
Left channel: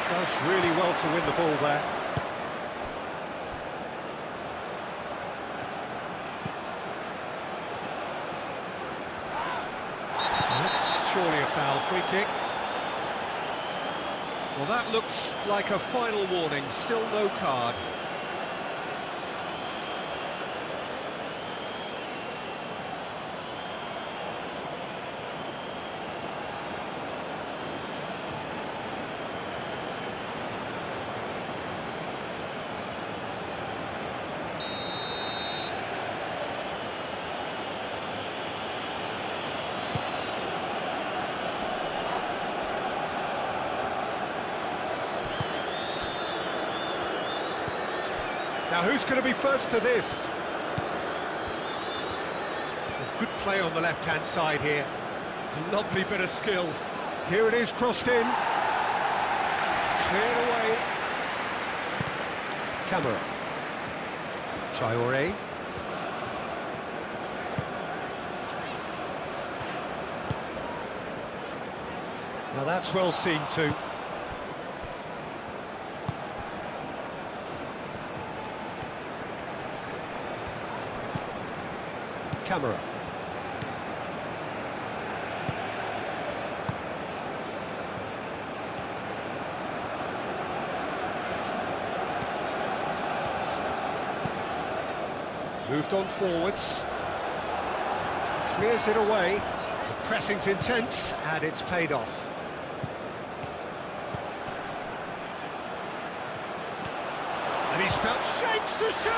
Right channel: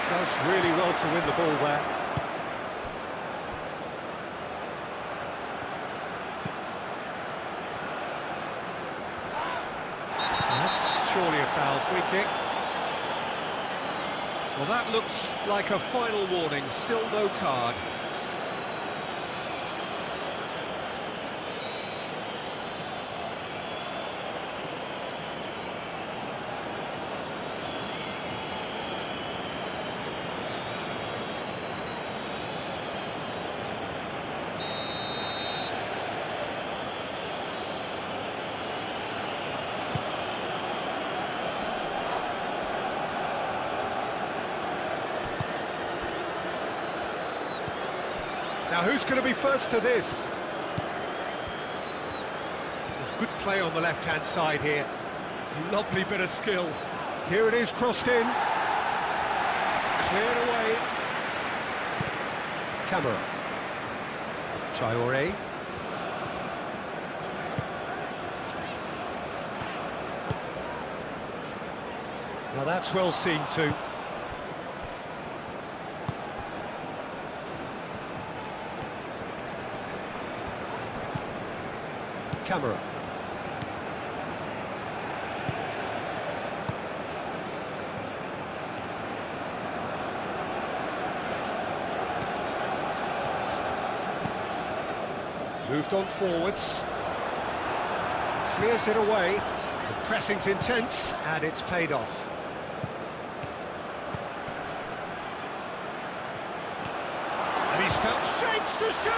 Does really well to win the ball there. That's surely a foul. Free kick. Well, that looks like a final warning. Still no card. Now, who's going to be first to this? Well, good play on the left-hand side here. Lovely bit of skill. Here it is, crossed in. Cleared away. Camera. Traoré. Now that's well seen too. Camera. Moved on forwards. Clears it away. The pressing's intense, and it's paid off. And he's felt shapes to shoot!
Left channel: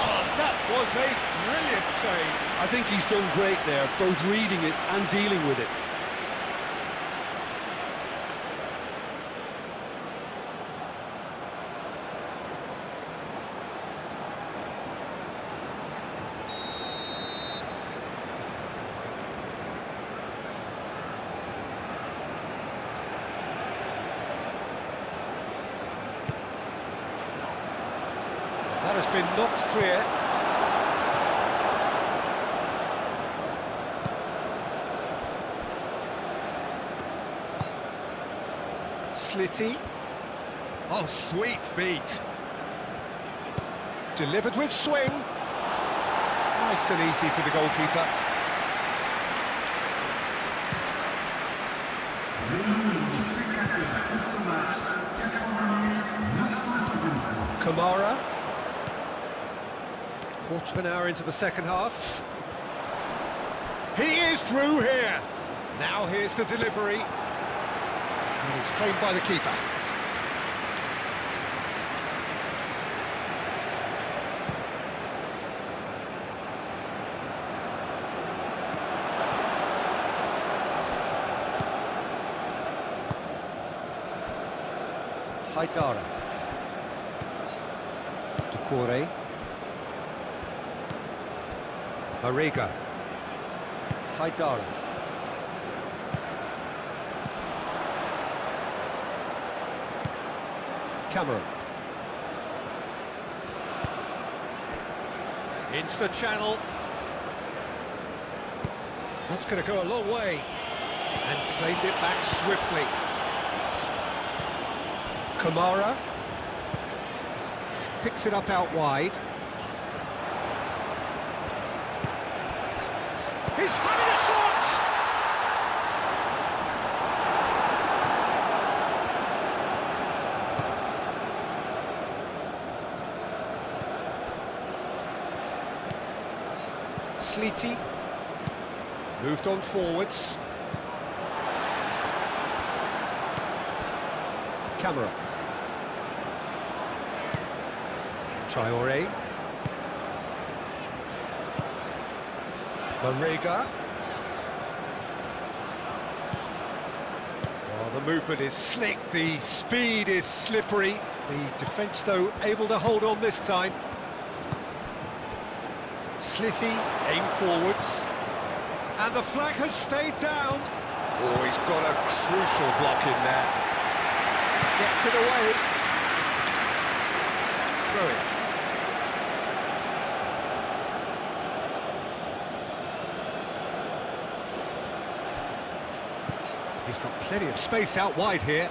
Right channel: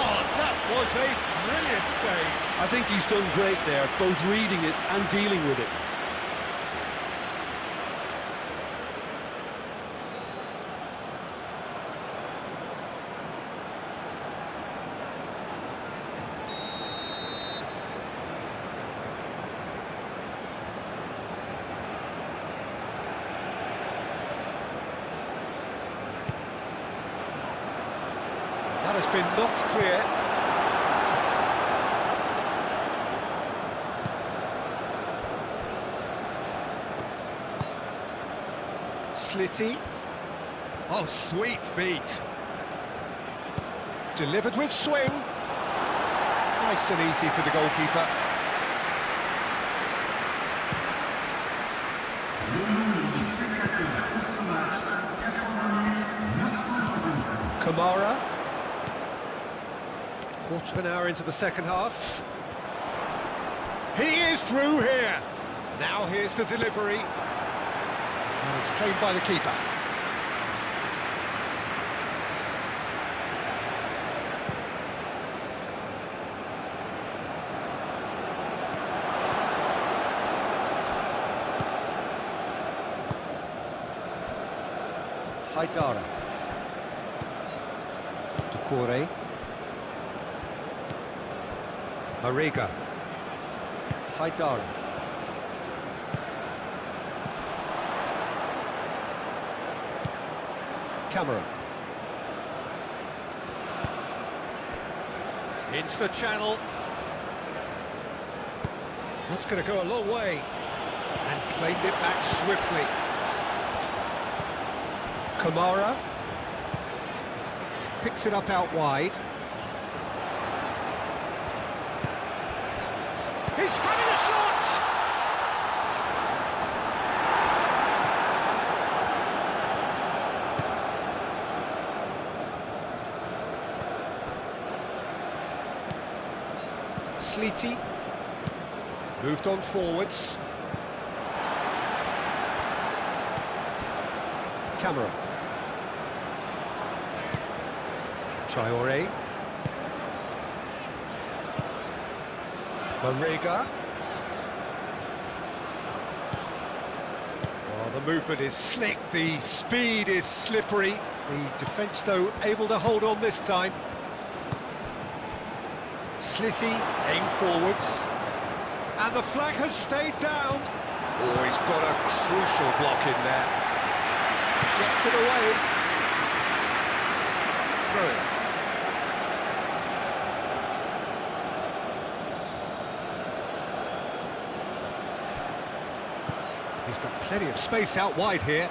Oh, that was a brilliant save. I think he's done great there, both reading it and dealing with it. That has been knocked clear. Slitty. Oh, sweet feet. Delivered with swing. Nice and easy for the goalkeeper. Kamara. Quarter of an hour into the second half. He is through here. Now here's the delivery. And it's claimed by the keeper. Haidara. Doucouré. Mariga. Haidara. Camera. Into the channel. That's going to go a long way. And claimed it back swiftly. Kamara. Picks it up out wide. He's having a shot! Slitty. Moved on forwards. Camera. Traoré. Mariga. Oh, the movement is slick, the speed is slippery. The defence, though, able to hold on this time. Slitty, aim forwards. And the flag has stayed down. Oh, he's got a crucial block in there. Gets it away. Throw it. He's got plenty of space out wide here.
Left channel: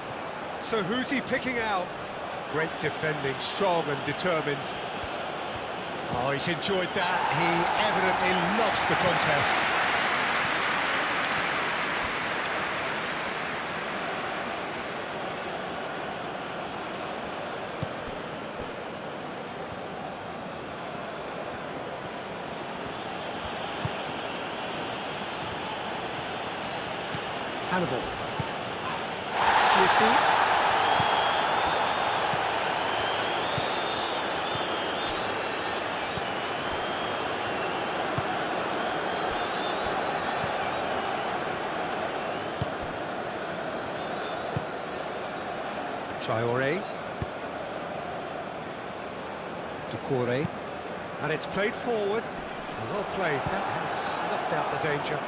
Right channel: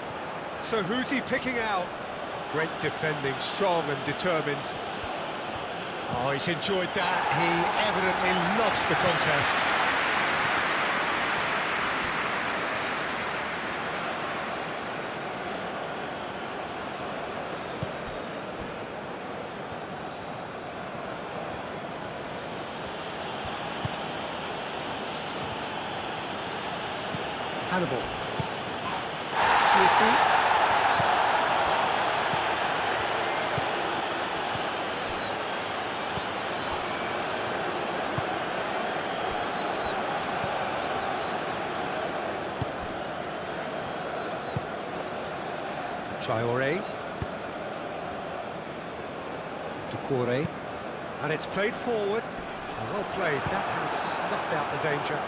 So who's he picking out? Great defending, strong and determined. Oh, he's enjoyed that. He evidently loves the contest. Hannibal. Slitty. Traoré. Doucouré. And it's played forward. Well played. That has snuffed out the danger.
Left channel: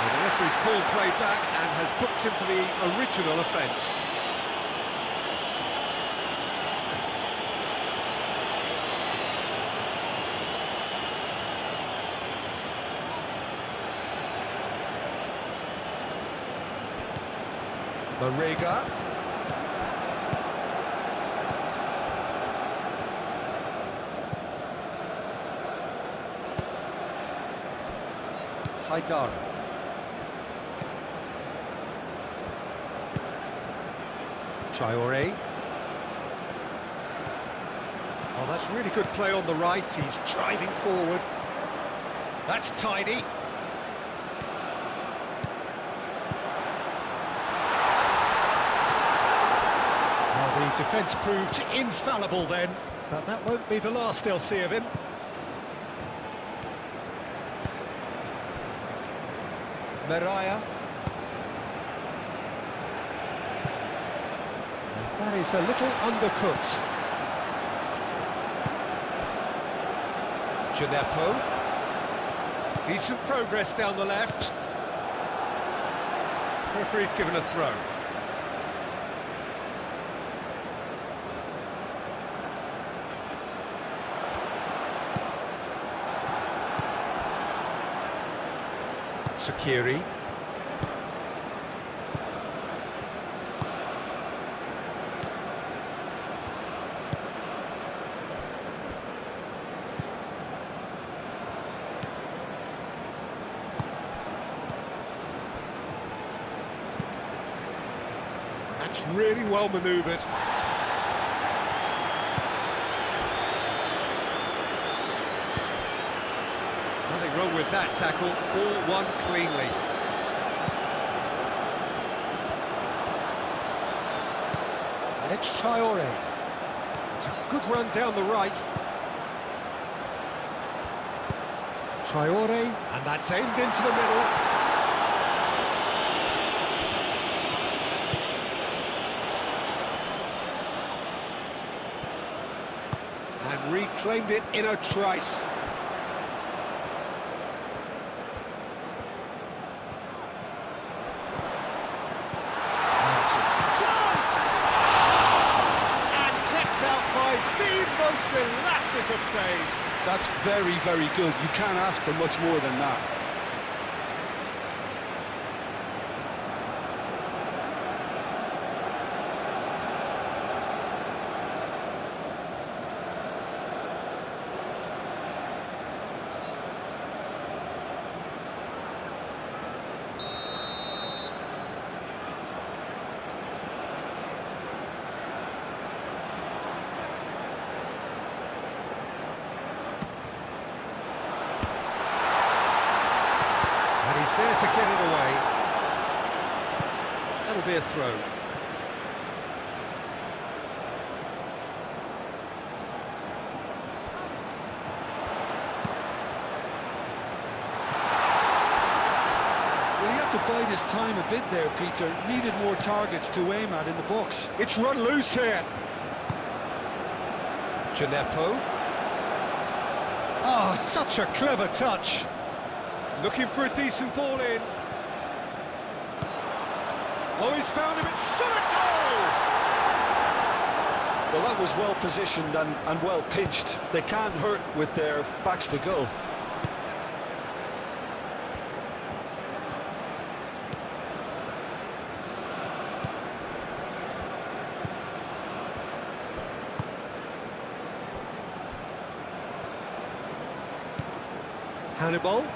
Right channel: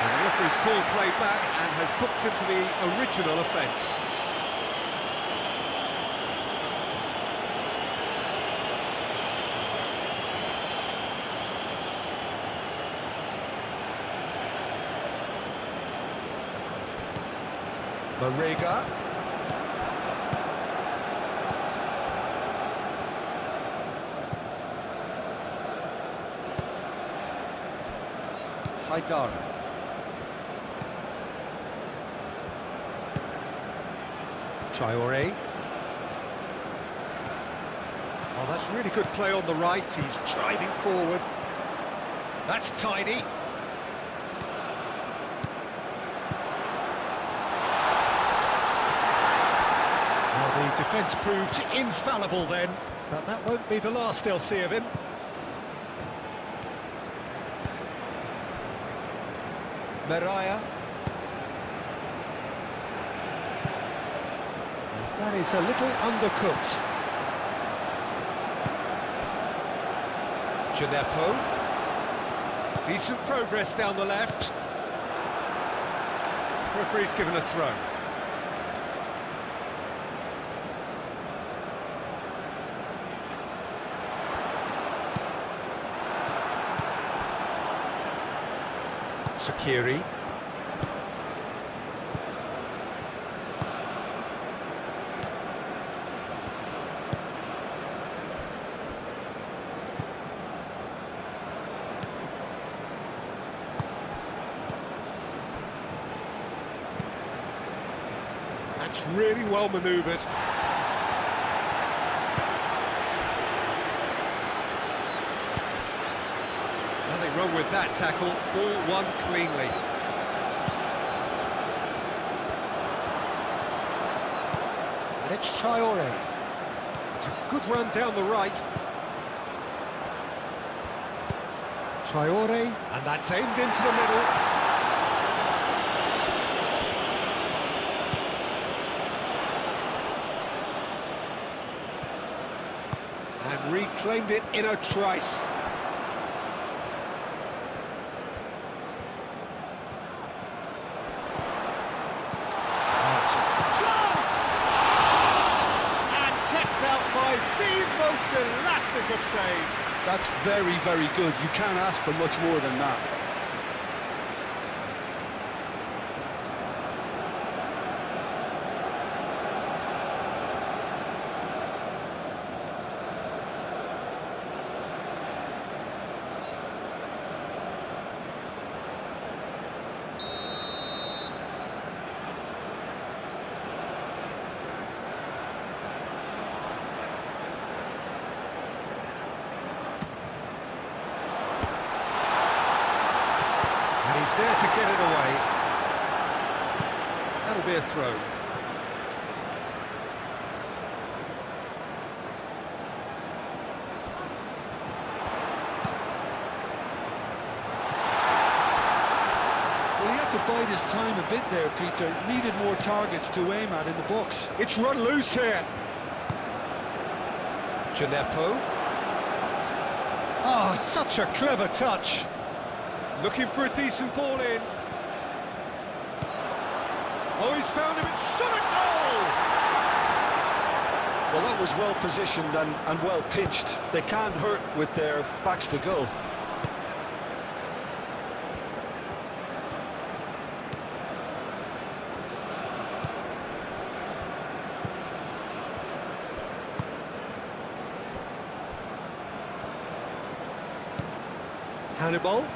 And the referee's pulled play back and has booked him for the original offence. Mariga. Haidara. Traore. Oh, that's really good play on the right. He's driving forward. That's tidy. Well, the defence proved infallible then, but that won't be the last they'll see of him. Meraya. And that is a little undercooked. Gineppo. Decent progress down the left. Referee's given a throw. Sakiri. That's really well manoeuvred. Nothing wrong with that tackle. Ball won cleanly. And it's Traore. It's a good run down the right. Traore. And that's aimed into the middle. And reclaimed it in a trice. Chance! And kept out by the most elastic of saves. That's very, very good. You can't ask for much more than that. And he's there to get it away. That'll be a throw. Well, he had to bide his time a bit there, Peter. Needed more targets to aim at in the box. It's run loose here. Gineppo. Oh, such a clever touch. Looking for a decent ball in. Oh, he's found him, it's shot at goal! Well, that was well positioned and well pitched. They can't hurt with their backs to goal. Hannibal.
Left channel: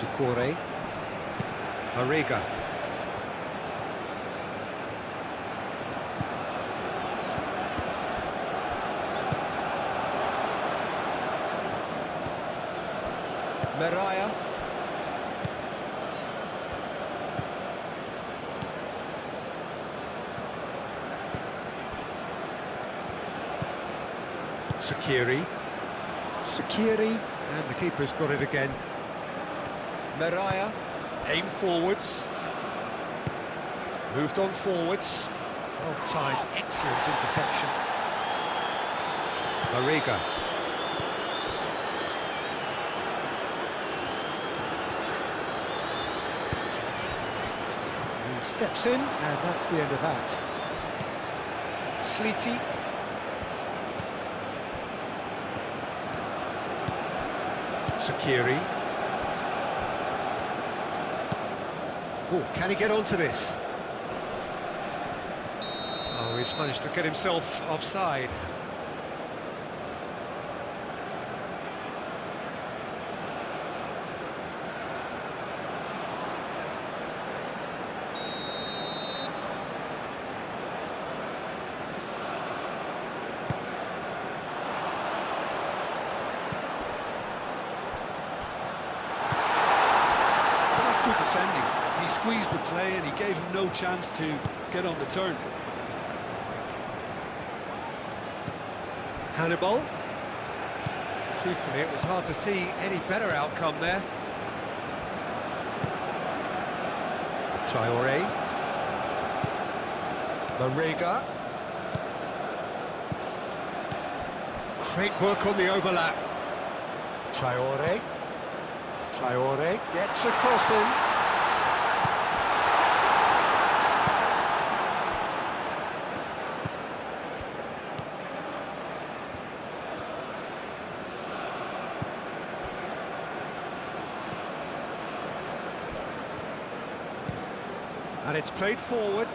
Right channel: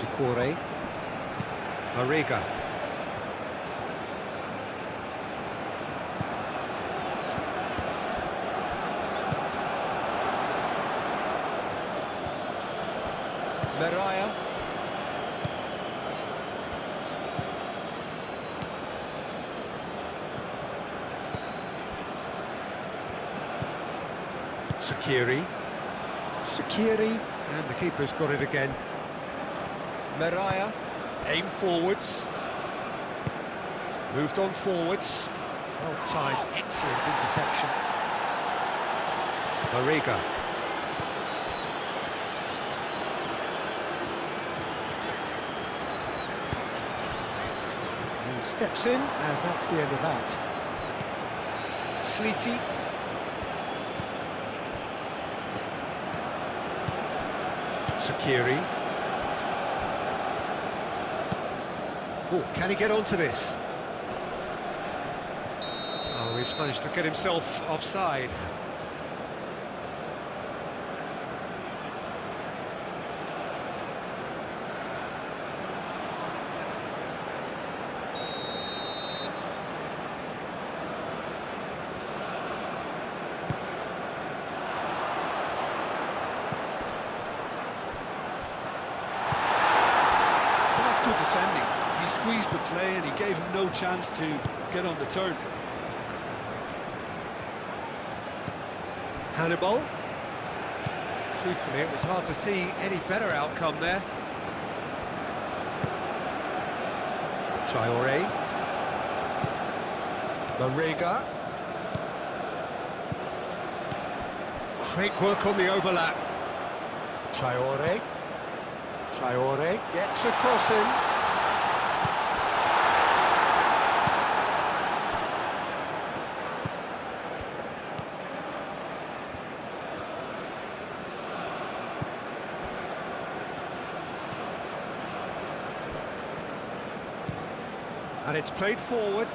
Decore. Mariga. Meraya. Sakiri. Sakiri, and the keeper's got it again. Meraya. Aim forwards. Moved on forwards. Well timed, excellent interception. Mariga. He steps in, and that's the end of that. Sleety. Sakiri. Oh, can he get onto this? Oh, he's managed to get himself offside. Well, that's good defending. He squeezed the play and he gave him no chance to get on the turn. Hannibal. Truthfully, it was hard to see any better outcome there. Traoré. Marega. Great work on the overlap. Traoré. Traoré gets across him. And it's played forward.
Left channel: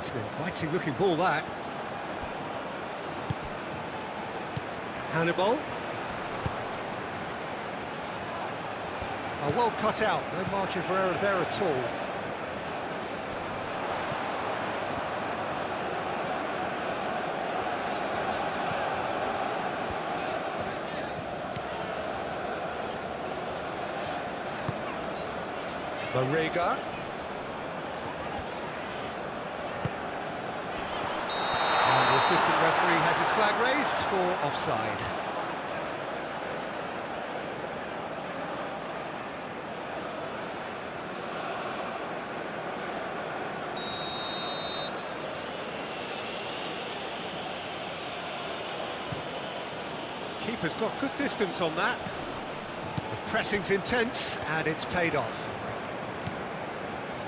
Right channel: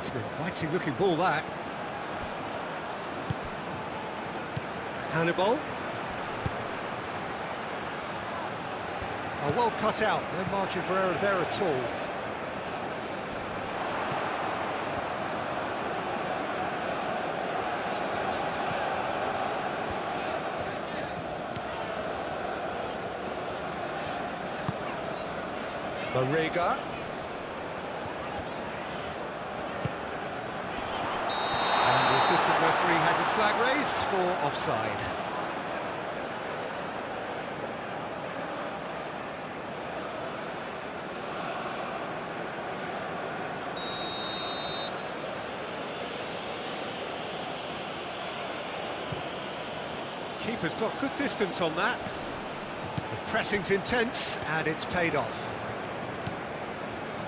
It's an inviting looking ball, that. Hannibal. Oh, well cut out, no margin for error there at all. Marega. And the assistant referee has his flag raised for offside. Keeper's got good distance on that. The pressing's intense, and it's paid off.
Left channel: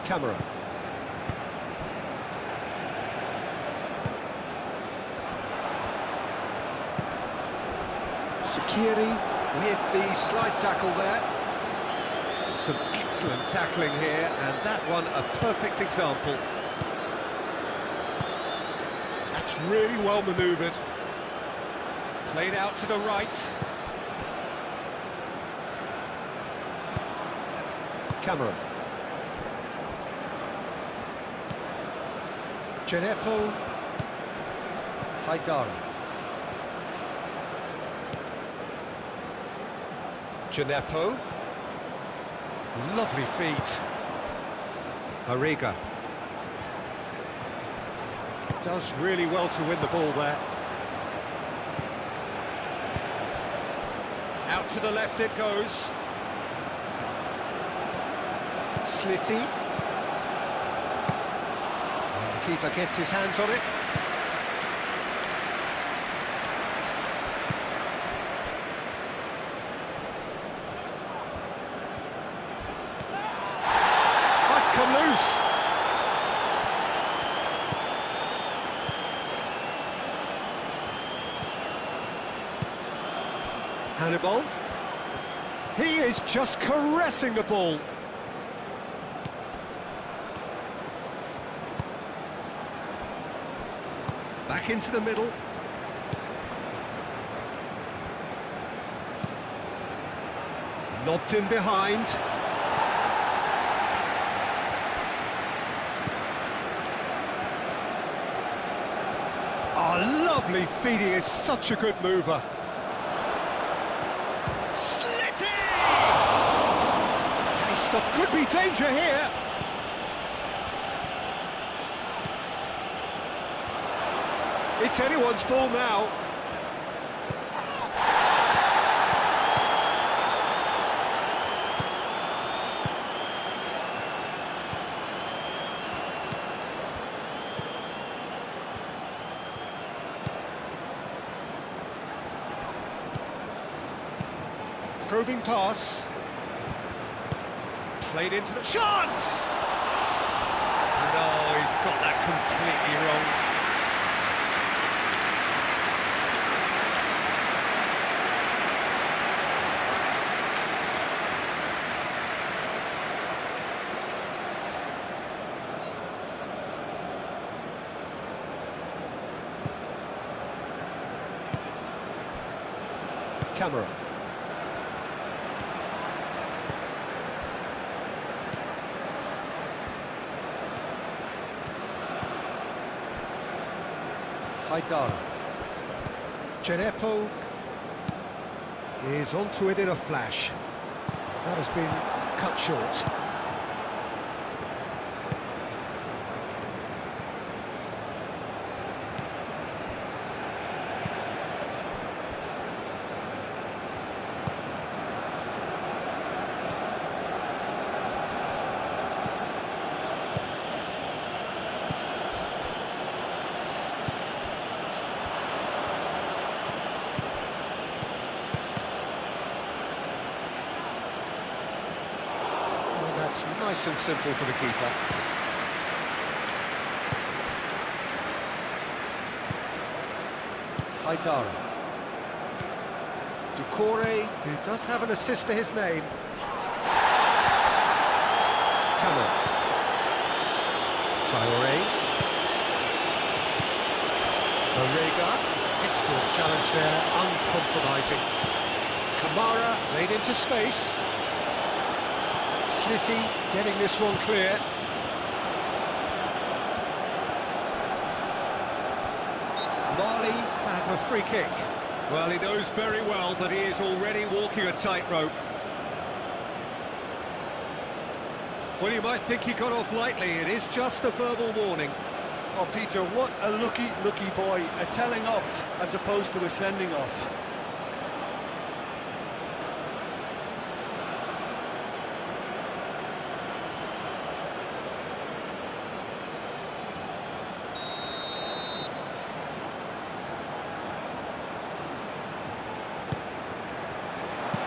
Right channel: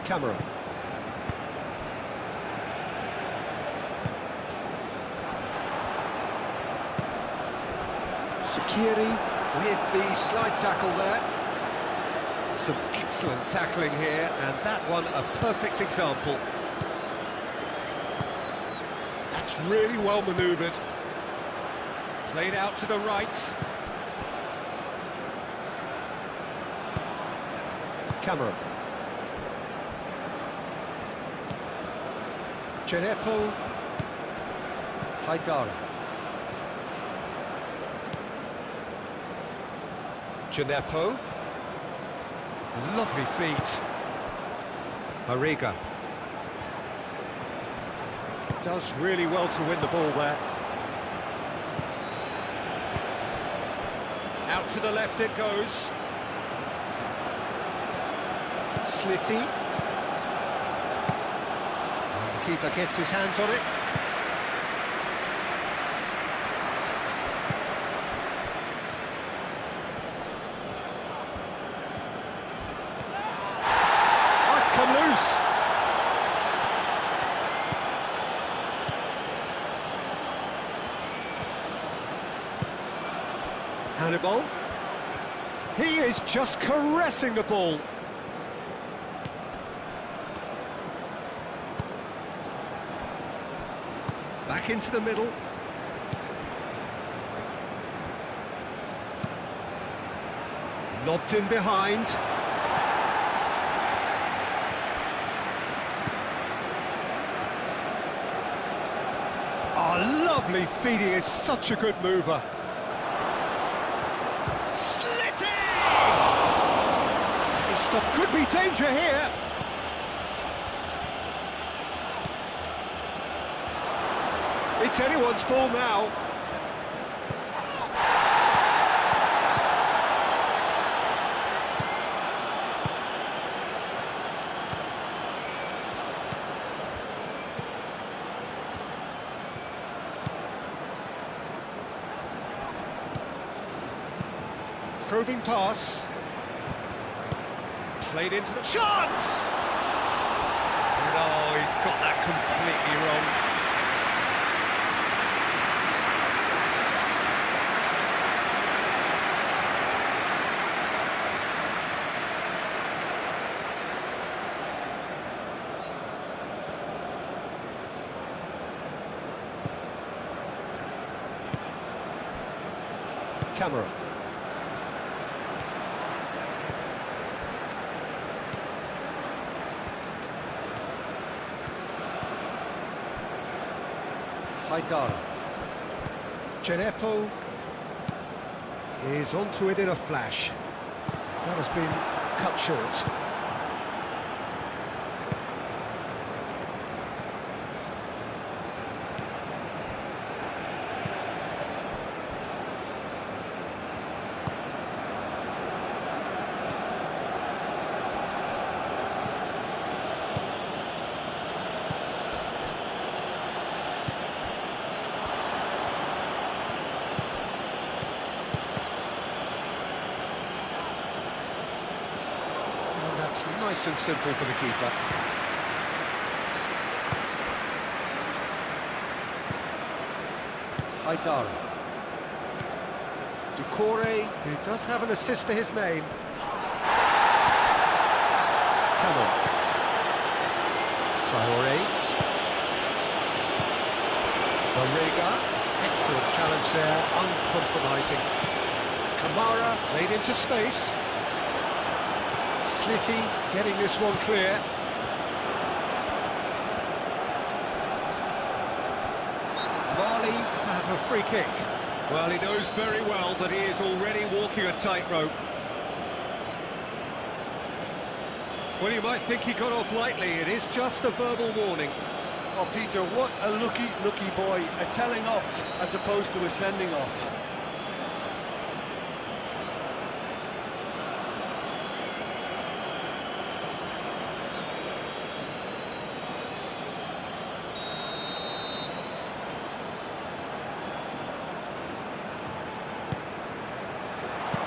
Camera. Sakiri with the slide tackle there. Some excellent tackling here, and that one a perfect example. That's really well manoeuvred. Played out to the right. Camera. Genepo. Haidara. Genepo. Lovely feet. Marega. Does really well to win the ball there. Out to the left it goes. Slitty. And the keeper gets his hands on it. Oh, it's come loose. Hannibal. He is just caressing the ball. Back into the middle. Lobbed in behind. Oh, lovely feet. He is such a good mover. Stop. Could be danger here. It's anyone's ball now. Probing pass. Played into the chance! And oh, he's got that completely wrong. Camera. Haidara. Genepo is onto it in a flash. That has been cut short. And that's nice and simple for the keeper. Haidara. Ducore, who does have an assist to his name. Camera. Traore. Barrega. Excellent challenge there, uncompromising. Kamara played into space. Slitty getting this one clear. Mali have a free kick. Well, he knows very well that he is already walking a tightrope. Well, you might think he got off lightly. It is just a verbal warning. Oh, Peter, what a lucky boy. A telling off as opposed to a sending off.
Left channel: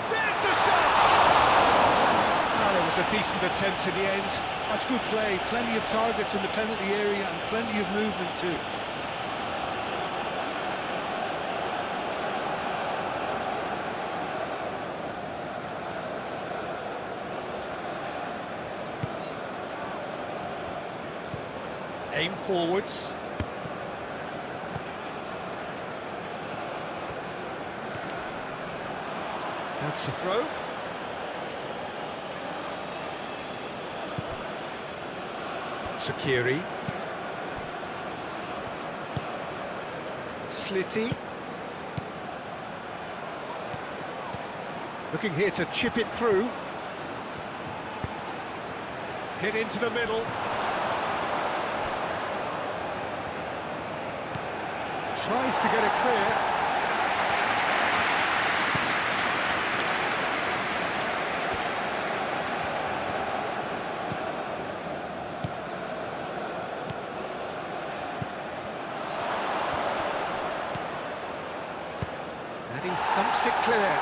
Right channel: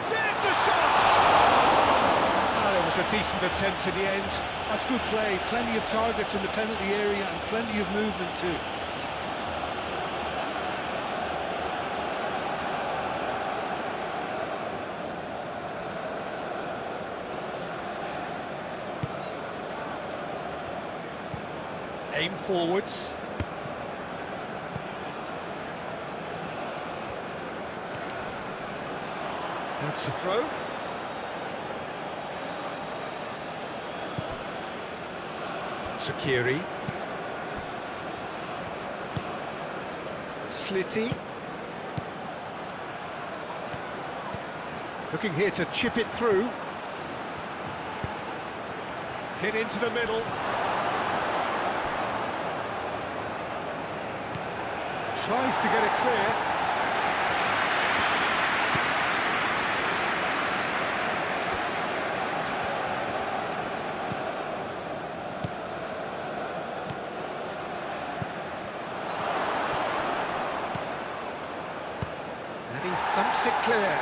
There's the shot! Well, it was a decent attempt in the end. That's good play. Plenty of targets in the penalty area and plenty of movement too. Aim forwards. That's the throw. Sakiri. Slitty. Looking here to chip it through. Hit into the middle. Tries to get it clear. And he thumps it clear.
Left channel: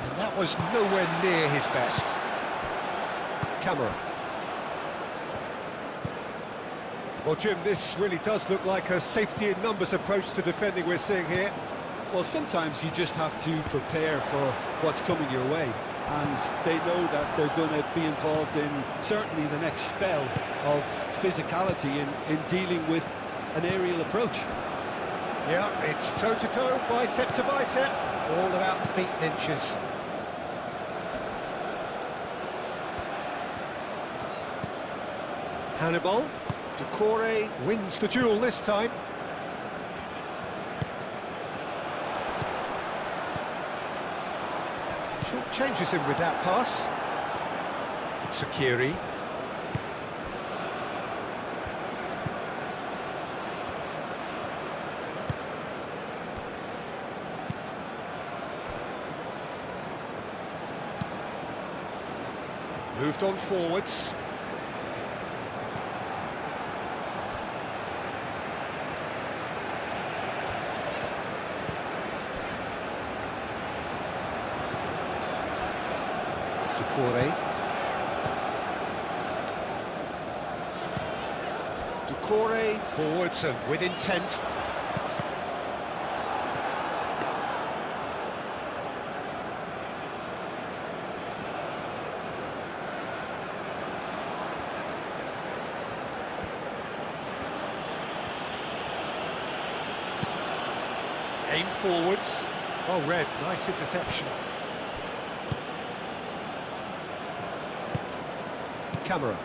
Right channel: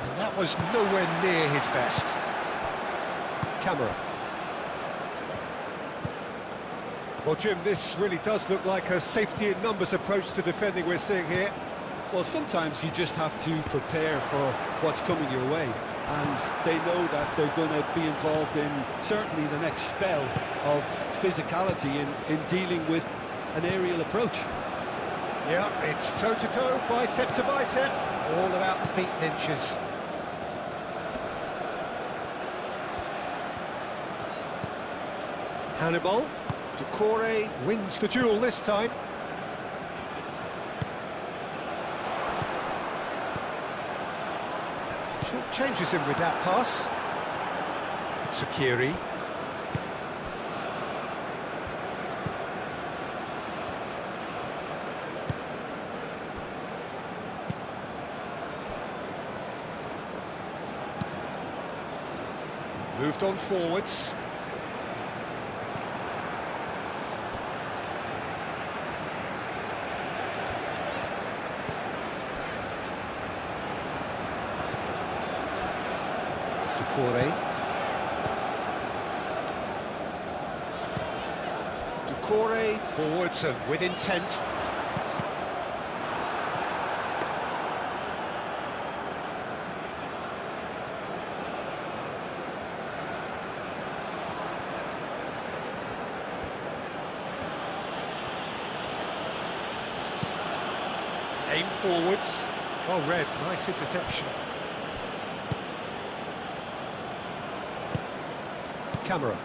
And that was nowhere near his best. Camera. Well, Jim, this really does look like a safety in numbers approach to defending we're seeing here. Well, sometimes you just have to prepare for what's coming your way. And they know that they're going to be involved in certainly the next spell of physicality in dealing with an aerial approach. Yeah, it's toe-to-toe, bicep to bicep, all about feet and inches. Hannibal, Ducore wins the duel this time. Short changes him with that pass. Sakiri. Moved on forwards. Ducore forwards and with intent. Aim forwards. Well read, nice interception. Camera.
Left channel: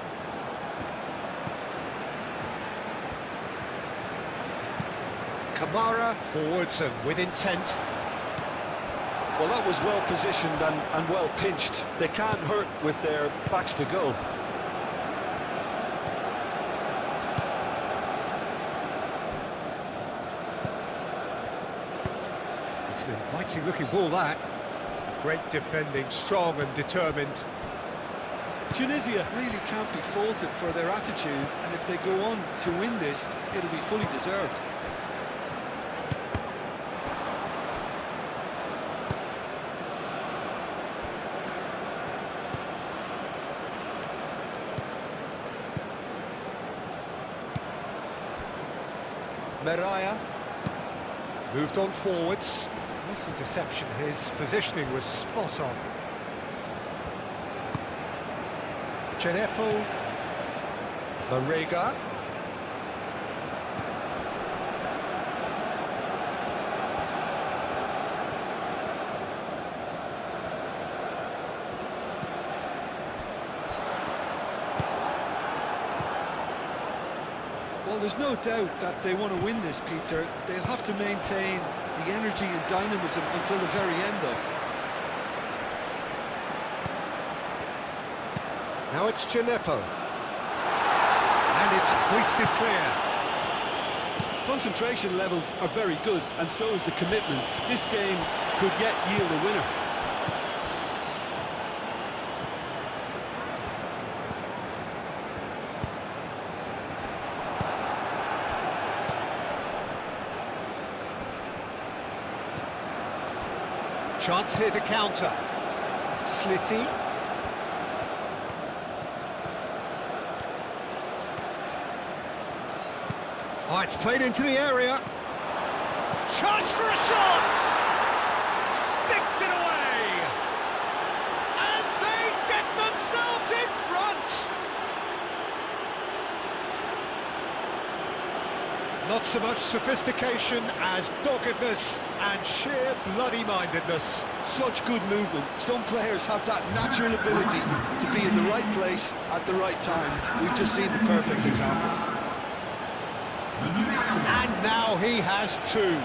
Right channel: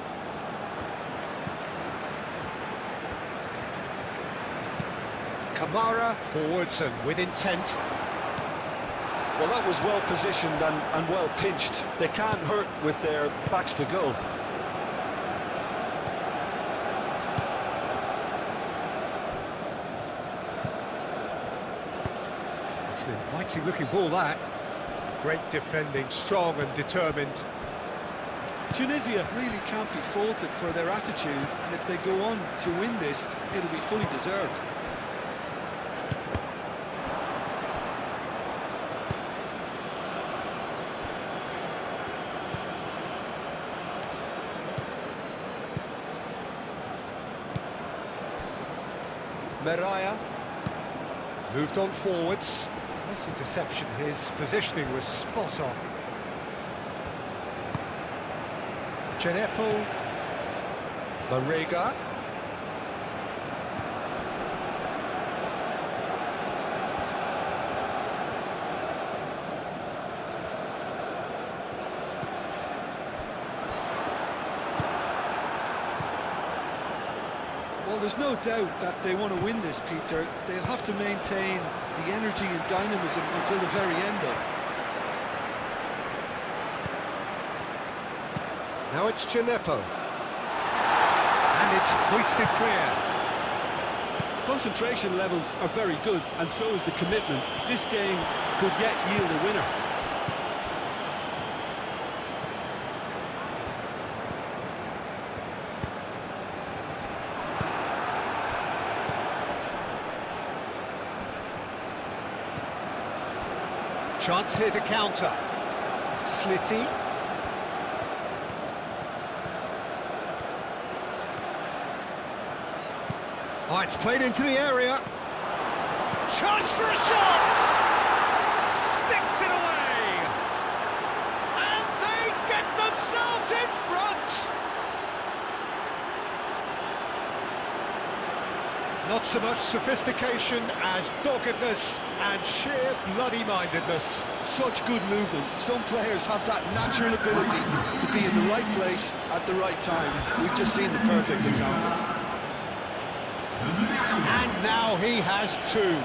Kamara, forwards and with intent. Well, that was well positioned and well pinched. They can't hurt with their backs to goal. It's an inviting looking ball, that. Great defending, strong and determined. Tunisia really can't be faulted for their attitude, and if they go on to win this, it'll be fully deserved. Meraya moved on forwards. Nice interception, his positioning was spot on. Chenepo, Marega. Well, there's no doubt that they want to win this, Peter. They'll have to maintain the energy and dynamism until the very end, though. Now it's Chenepo. And it's hoisted clear. Concentration levels are very good, and so is the commitment. This game could yet yield a winner. Chance here to counter. Slitty. Oh, it's played into the area. Chance for a shot! Sticks it away! And they get themselves in front! Not so much sophistication as doggedness and sheer bloody-mindedness. Such good movement. Some players have that natural ability to be in the right place at the right time. We've just seen the perfect example. And now he has two.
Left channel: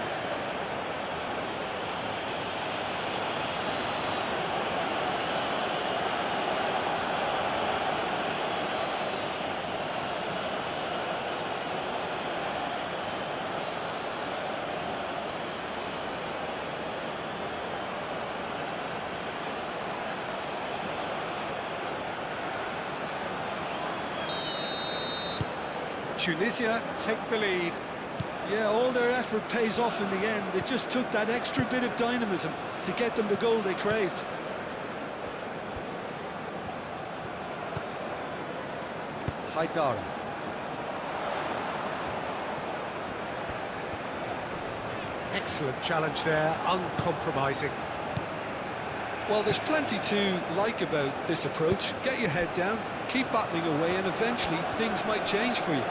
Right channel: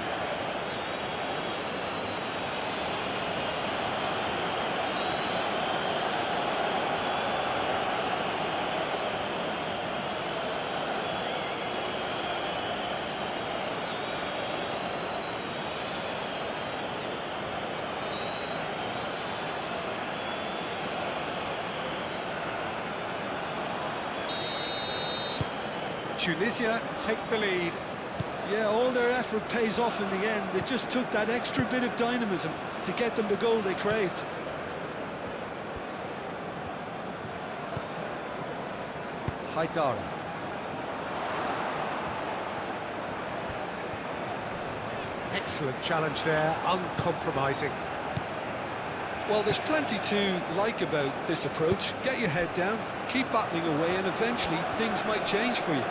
Tunisia take the lead. Yeah, all their effort pays off in the end. It just took that extra bit of dynamism to get them the goal they craved. Haidara. Excellent challenge there, uncompromising. Well, there's plenty to like about this approach. Get your head down, keep battling away, and eventually things might change for you.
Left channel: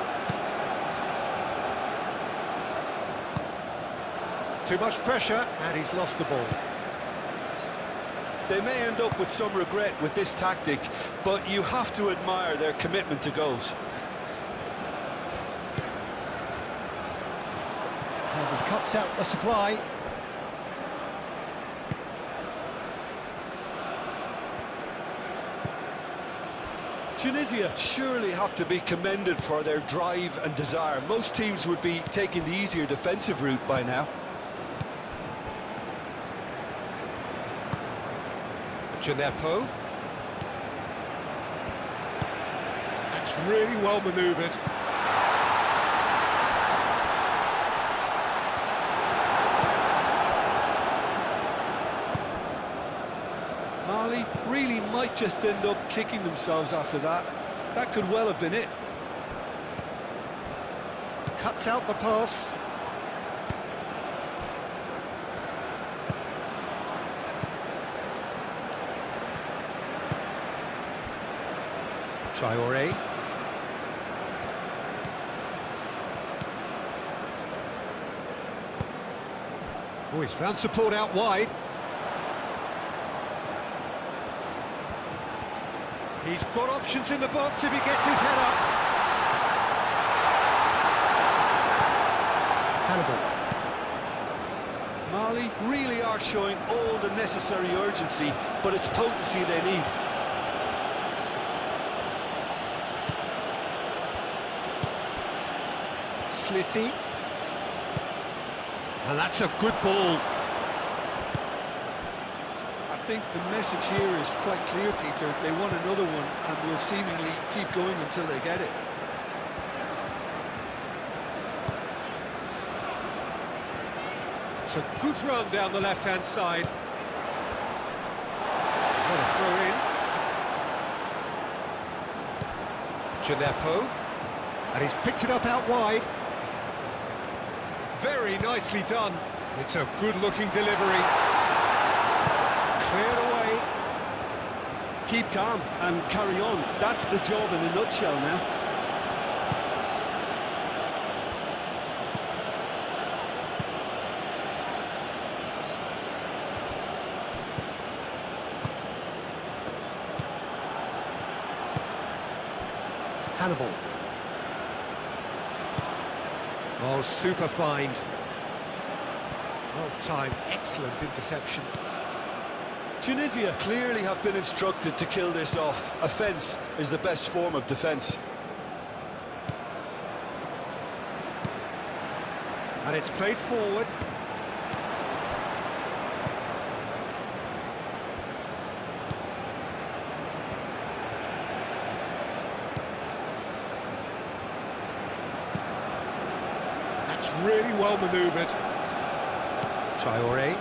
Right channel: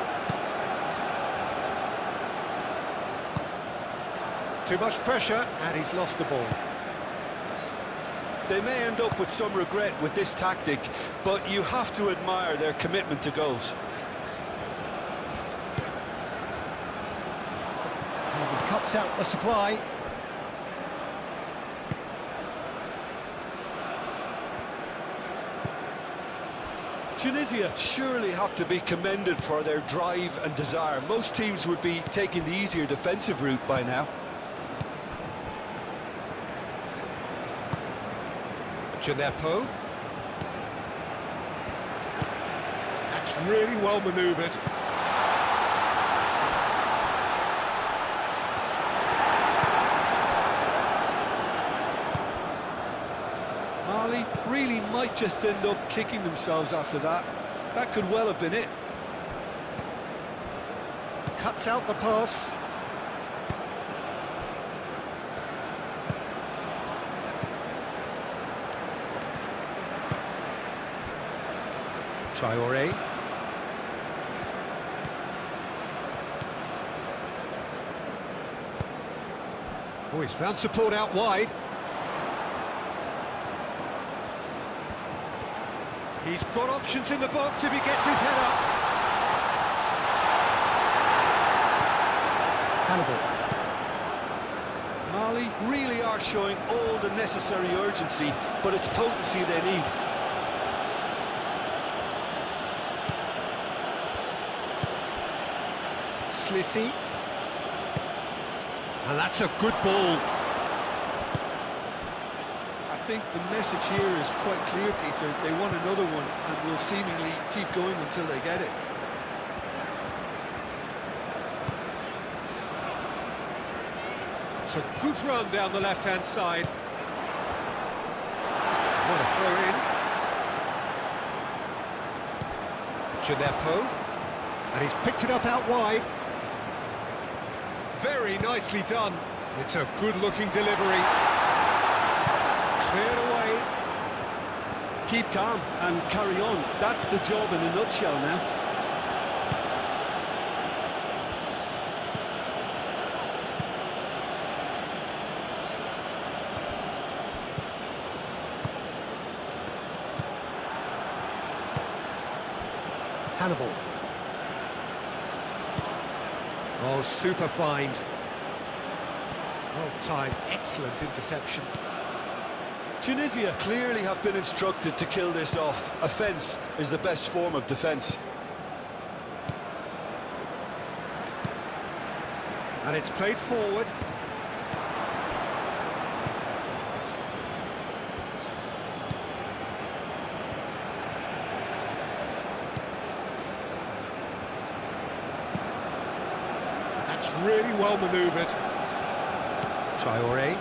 Too much pressure, and he's lost the ball. They may end up with some regret with this tactic, but you have to admire their commitment to goals. And he cuts out the supply. Tunisia surely have to be commended for their drive and desire. Most teams would be taking the easier defensive route by now. Chenepo. That's really well manoeuvred. Mali really might just end up kicking themselves after that. That could well have been it. Cuts out the pass. Traoré. Oh, he's found support out wide. He's got options in the box if he gets his head up. Hannibal. Mali really are showing all the necessary urgency, but it's potency they need. Slitty. And that's a good ball. I think the message here is quite clear, Peter. They want another one and will seemingly keep going until they get it. It's a good run down the left-hand side. What a throw in. Gineppo. And he's picked it up out wide. Very nicely done. It's a good-looking delivery. Cleared away. Keep calm and carry on. That's the job in a nutshell now. Hannibal. Oh, super find. Well timed, excellent interception. Tunisia clearly have been instructed to kill this off. Offence is the best form of defence. And it's played forward. That's really well manoeuvred. Traoré.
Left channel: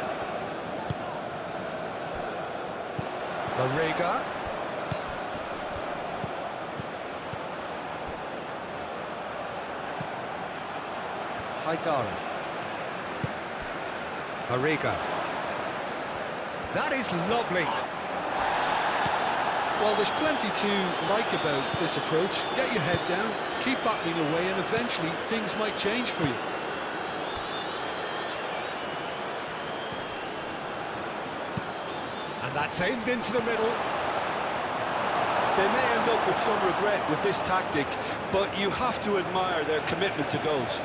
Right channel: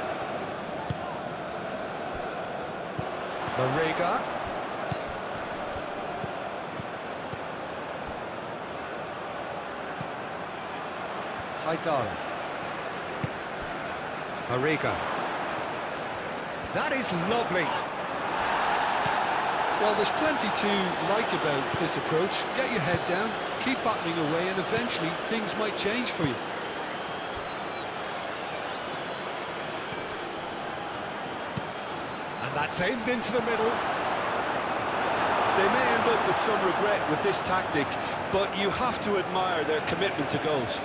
Marega. Haidara. Marega. That is lovely. Well, there's plenty to like about this approach. Get your head down, keep battling away, and eventually things might change for you. And that's aimed into the middle. They may end up with some regret with this tactic, but you have to admire their commitment to goals.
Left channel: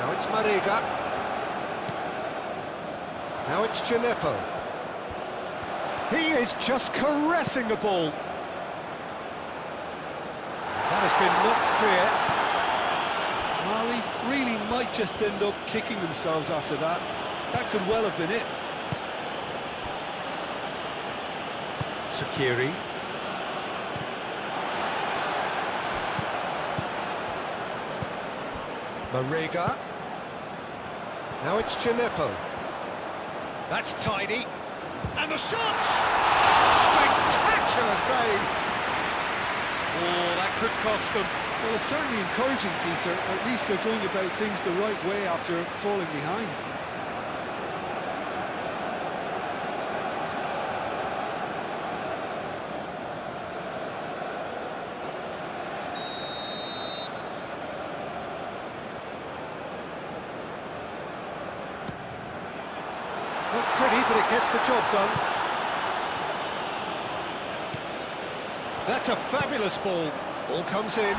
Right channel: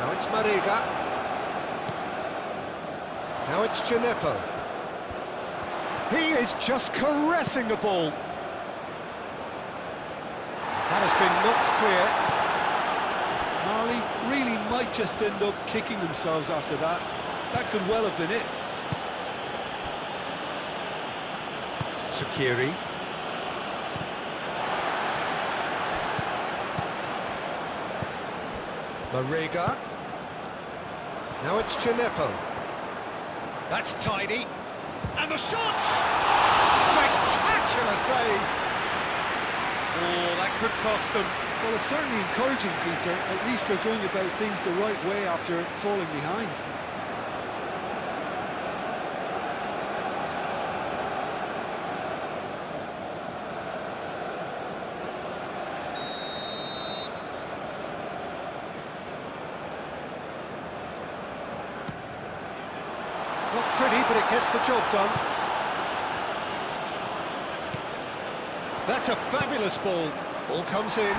Now it's Marega. Now it's Gineppo. He is just caressing the ball. That has been knocked clear. Mali really might just end up kicking themselves after that. That could well have been it. Sakiri. Marega. Now it's Gineppo. That's tidy. And the shot! Spectacular save! Oh, that could cost them. Well, it's certainly encouraging, Peter. At least they're going about things the right way after falling behind. Not pretty, but it gets the job done. That's a fabulous ball. Ball comes in.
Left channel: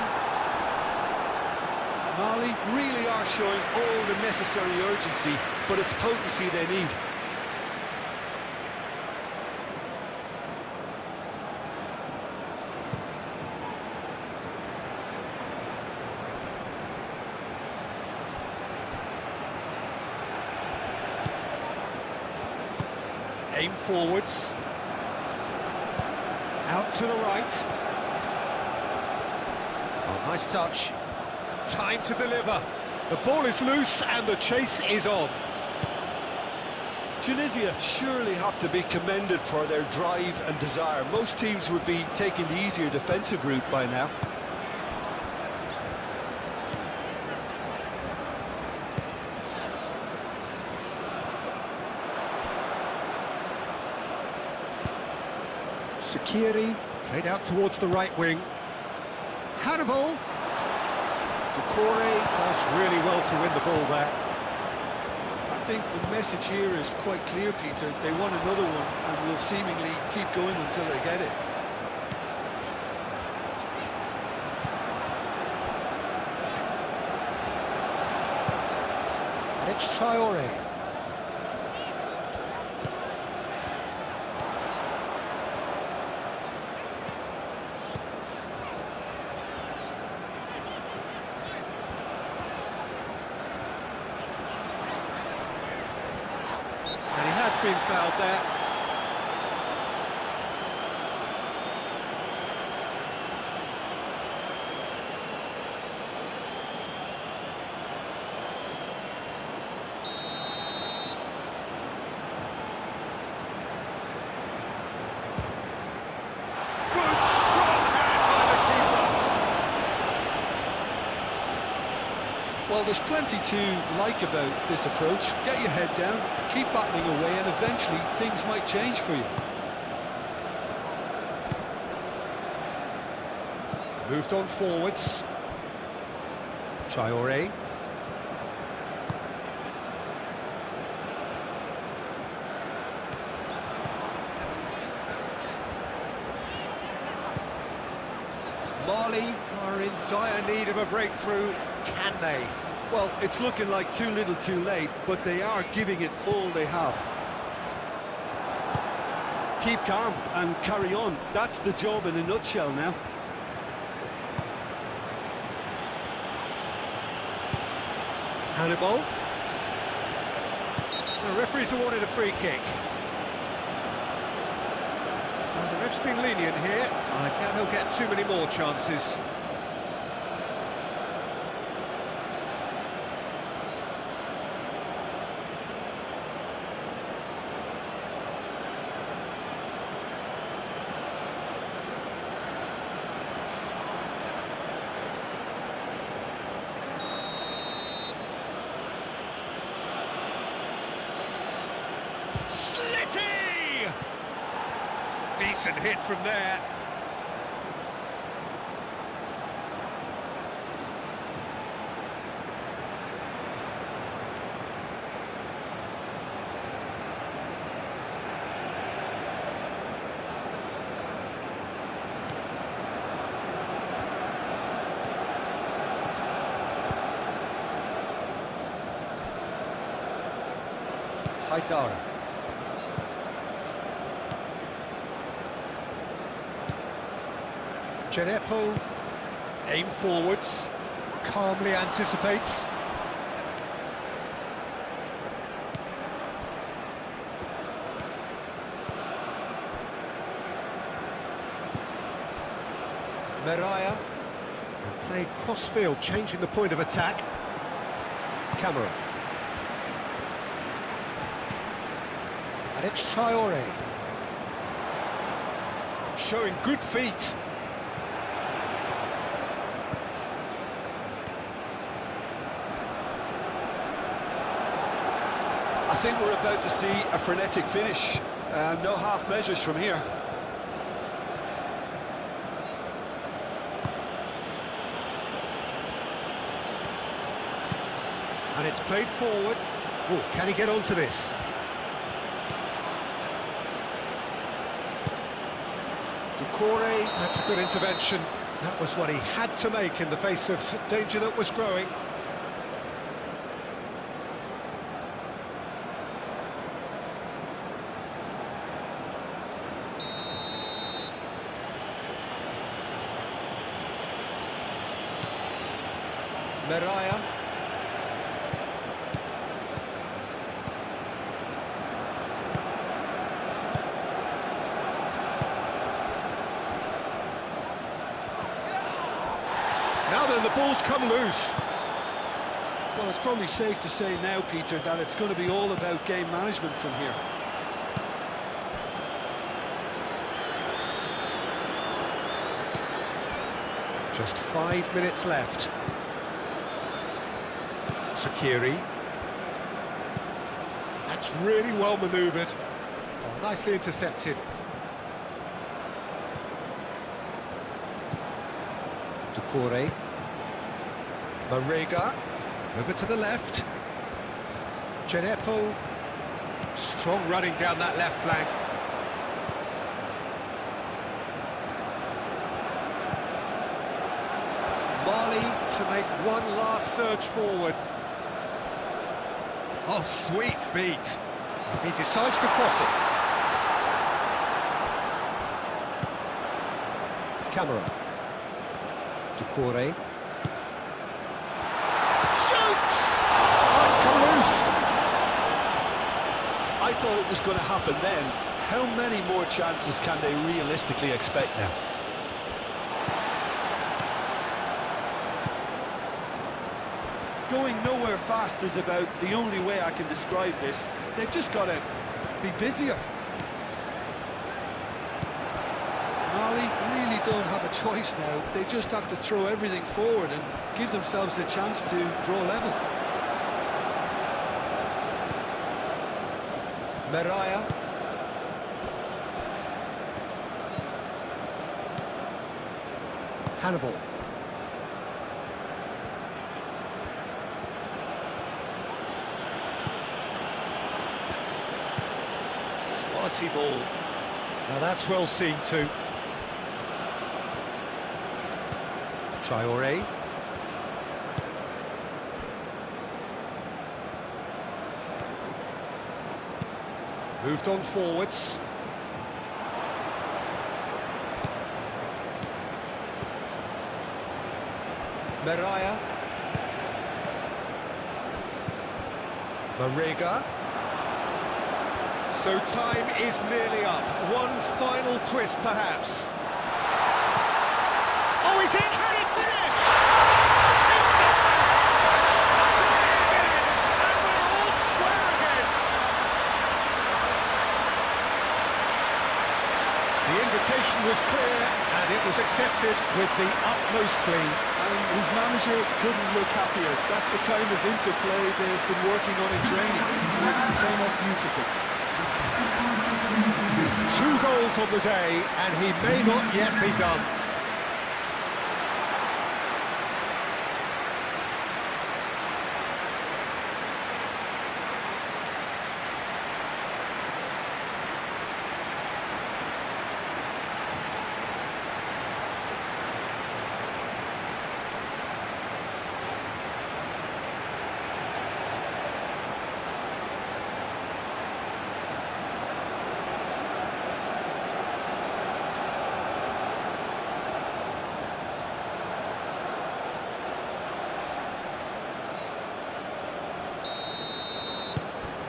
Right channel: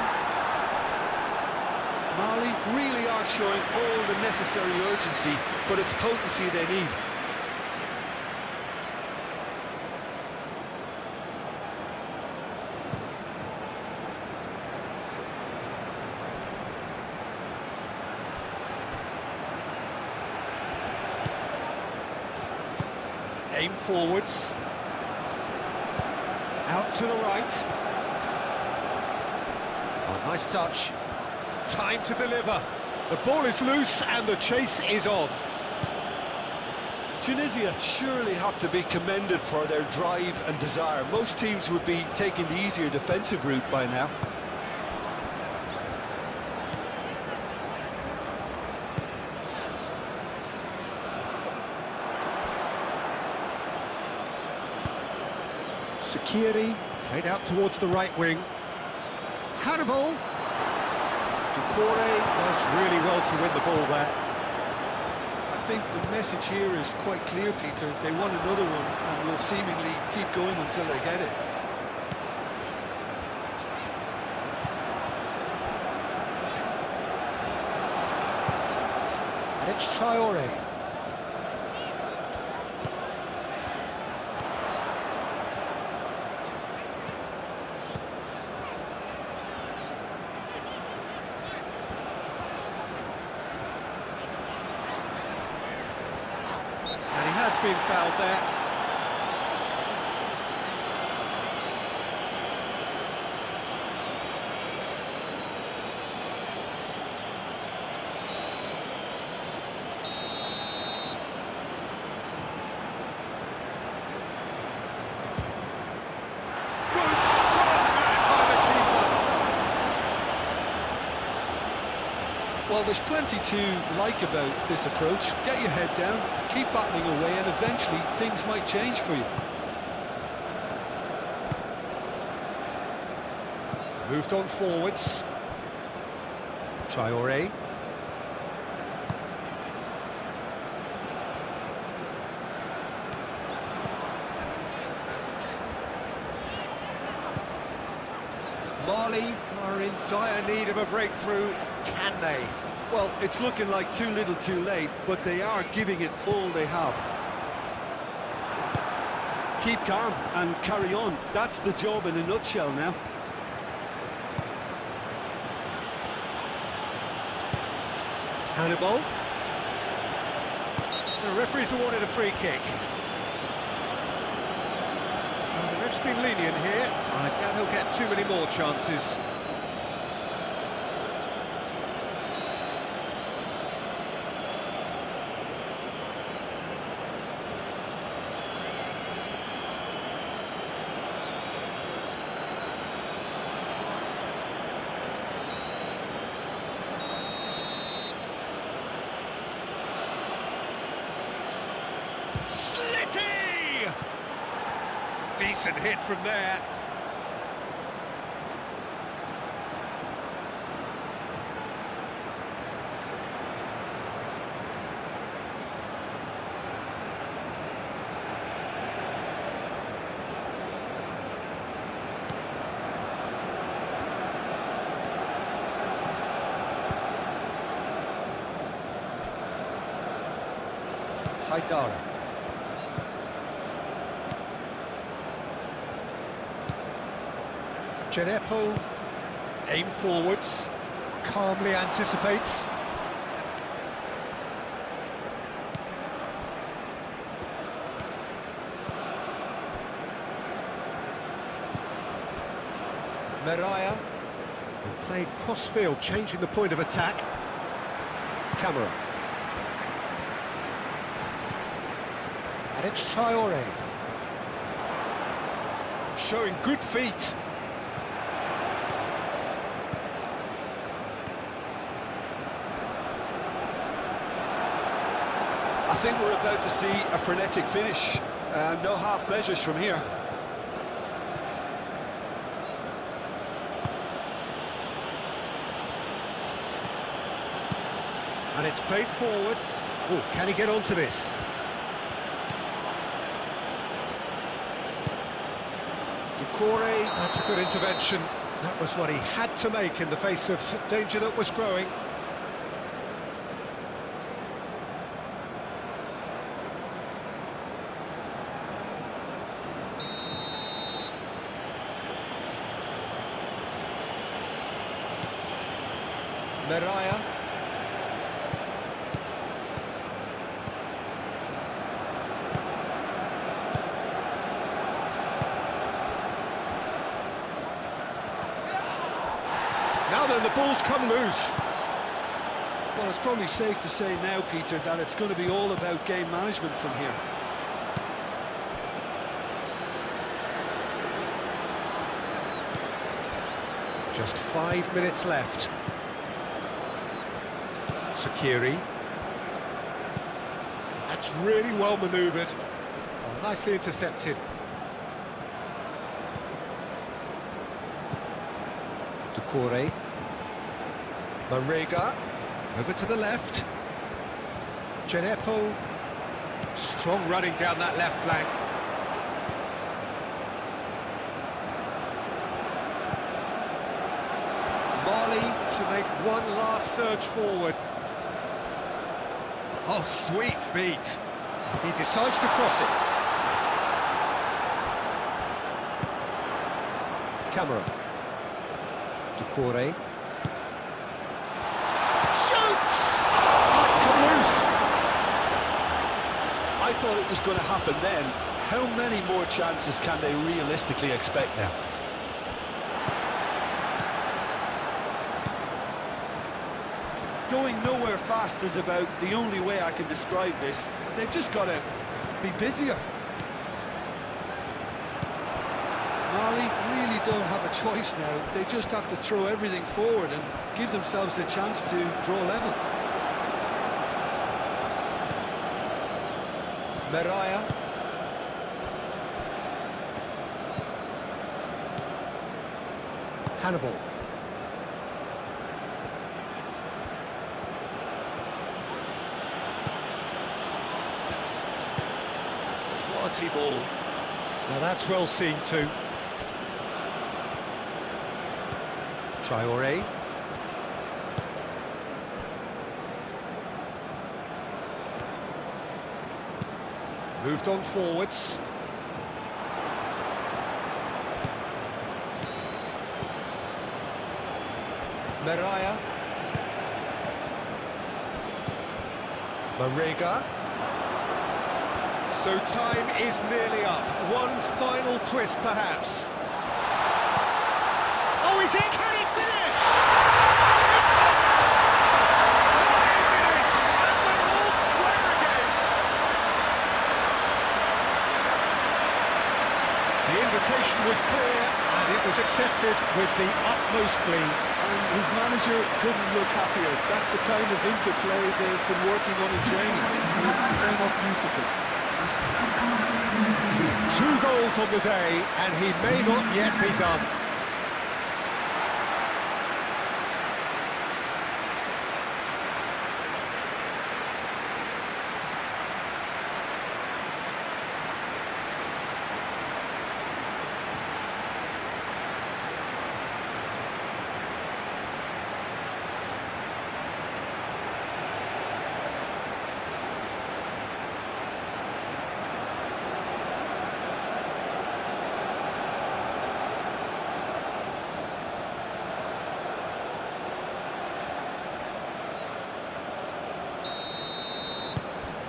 Mali really are showing all the necessary urgency, but it's potency they need. Aim forwards. Out to the right. Oh, nice touch. Time to deliver. The ball is loose and the chase is on. Tunisia surely have to be commended for their drive and desire. Most teams would be taking the easier defensive route by now. Sakiri played out towards the right wing. Hannibal. Doucouré does really well to win the ball there. I think the message here is quite clear, Peter. They want another one and will seemingly keep going until they get it. And it's Traoré. And he has been fouled there. Good, strong hand by the keeper. Well, there's plenty to like about this approach. Get your head down, keep battling away, and eventually things might change for you. Moved on forwards. Traoré. Mali are in dire need of a breakthrough. Can they? Well, it's looking like too little too late, but they are giving it all they have. Keep calm and carry on. That's the job in a nutshell now. Hannibal. The referee's awarded a free kick. The ref's been lenient here. I doubt he'll get too many more chances. Slitty! Decent hit from there. Haidara. Djenepo, Aim forwards. calmly anticipates. Meraya. And played cross-field, changing the point of attack. Camera. And it's Traoré. Showing good feet. I think we're about to see a frenetic finish. No half measures from here. And it's played forward. Oh, can he get onto this? Doucouré. That's a good intervention. That was what he had to make in the face of danger that was growing. Meraya. Now then, the ball's come loose. Well, it's probably safe to say now, Peter, that it's going to be all about game management from here. Just 5 minutes left. Sakiri. That's really well manoeuvred. Oh, nicely intercepted. Doucouré. Marega, over to the left. Genepo, strong running down that left flank. Mali to make one last surge forward. Oh, sweet feet. He decides to cross it. Camera. Ducouré. Shoots! Oh, it's come loose. I thought it was going to happen then. How many more chances can they realistically expect now? Going nowhere fast is about the only way I can describe this. They've just got to be busier. Mali really don't have a choice now. They just have to throw everything forward and give themselves a chance to draw level. Meraya. Hannibal. Quality ball. Now that's well seen too. Traoré. Moved on forwards. Meraya. Marega. So time is nearly up. One final twist, perhaps. Oh, is it? Can he finish? It's there! 20 minutes, and we're all square again. The invitation was clear, and it was accepted with the utmost glee. And his manager couldn't look happier. That's the kind of interplay they've been working on in training, and it came off beautifully. 2 goals on the day, and he may not yet be done.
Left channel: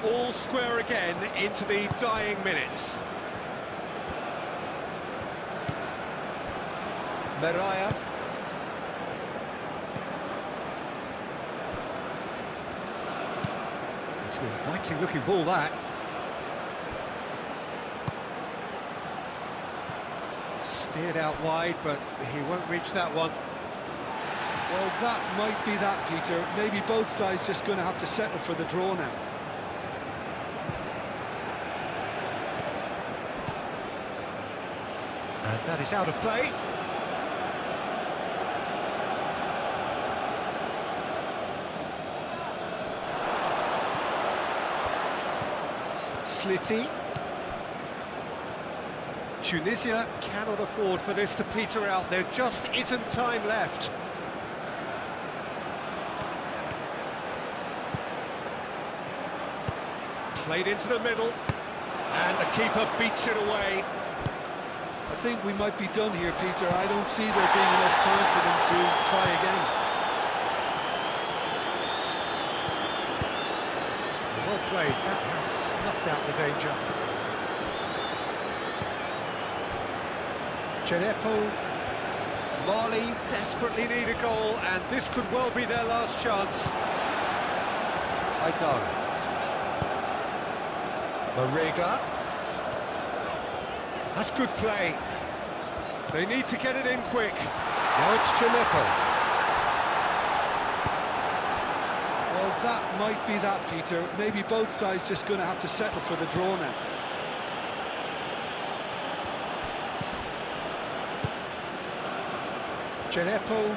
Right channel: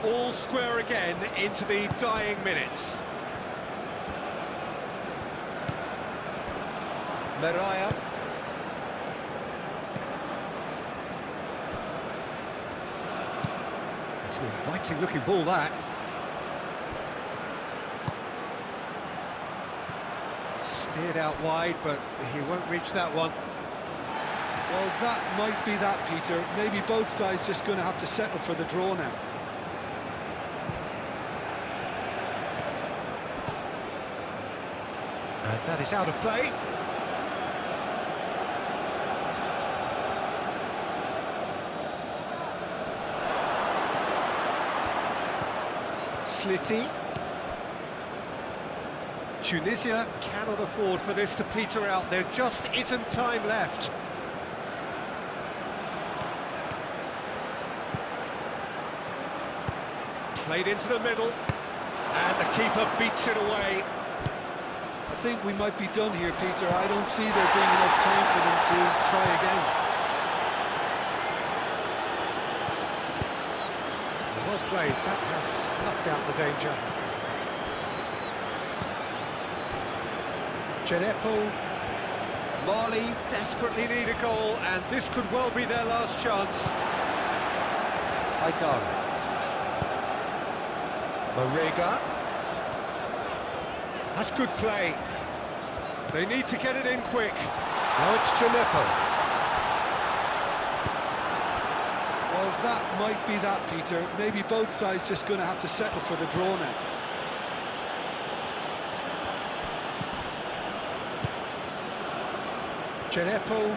All square again into the dying minutes. Meraya. It's an inviting looking ball, that. Steered out wide, but he won't reach that one. Well, that might be that, Peter. Maybe both sides just going to have to settle for the draw now. And that is out of play. Slitty. Tunisia cannot afford for this to peter out. There just isn't time left. Played into the middle, and the keeper beats it away. I think we might be done here, Peter. I don't see there being enough time for them to try again. Well played. That has snuffed out the danger. Genepo. Mali desperately need a goal, and this could well be their last chance. Haidara. Marega. That's good play. They need to get it in quick. Now it's Genepo. Well, that might be that, Peter. Maybe both sides just going to have to settle for the draw now. Genepo.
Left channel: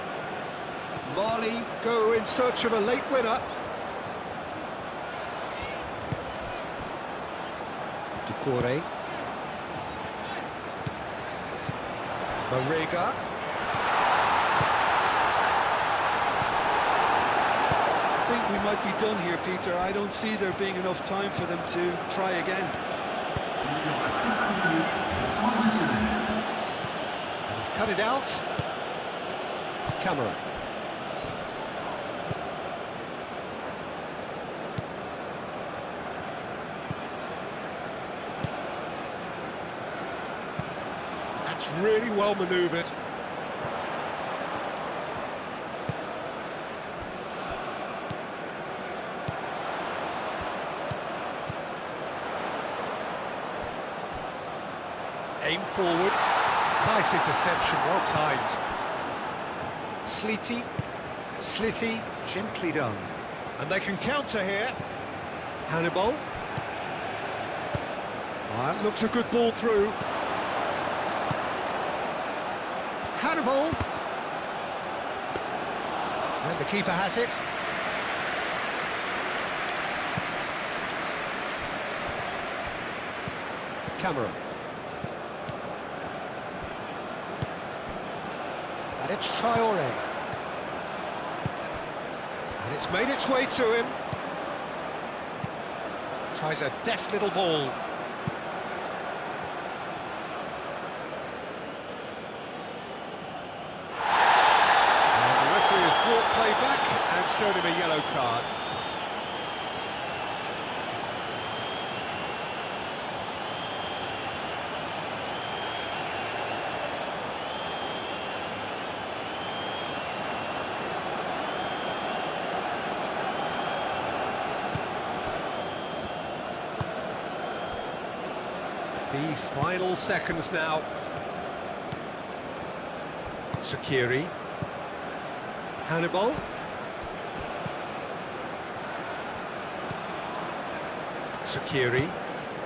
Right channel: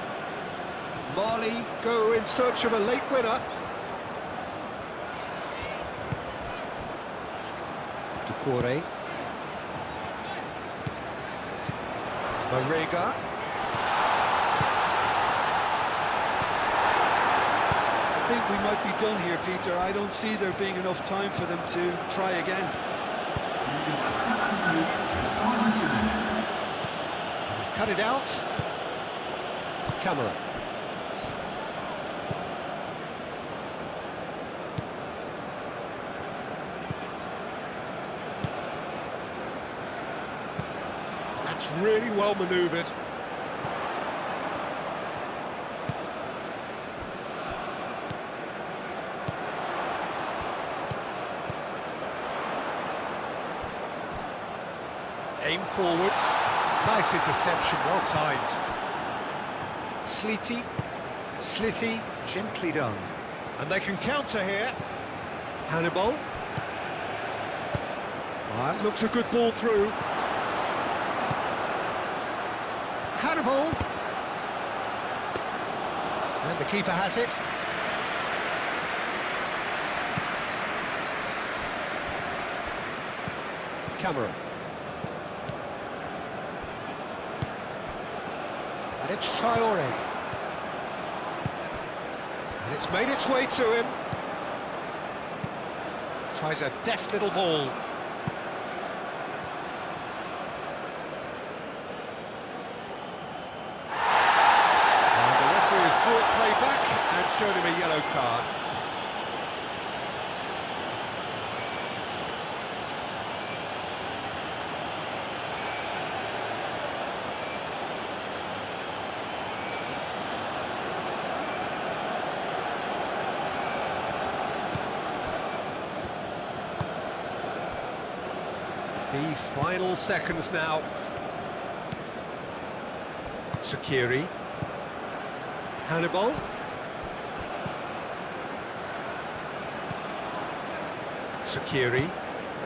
Mali go in search of a late winner. Ducouré. Marega. I think we might be done here, Peter. I don't see there being enough time for them to try again. He's cut it out. Camera. That's really well manoeuvred. Aim forwards. Nice interception, well timed. Slitty, gently done. And they can counter here. Hannibal. That looks a good ball through. Hannibal. And the keeper has it. Camera. And it's Traoré. And it's made its way to him. Tries a deft little ball. And the referee has brought play back and shown him a yellow card. The final seconds now. Sakiri. Hannibal. Sakiri.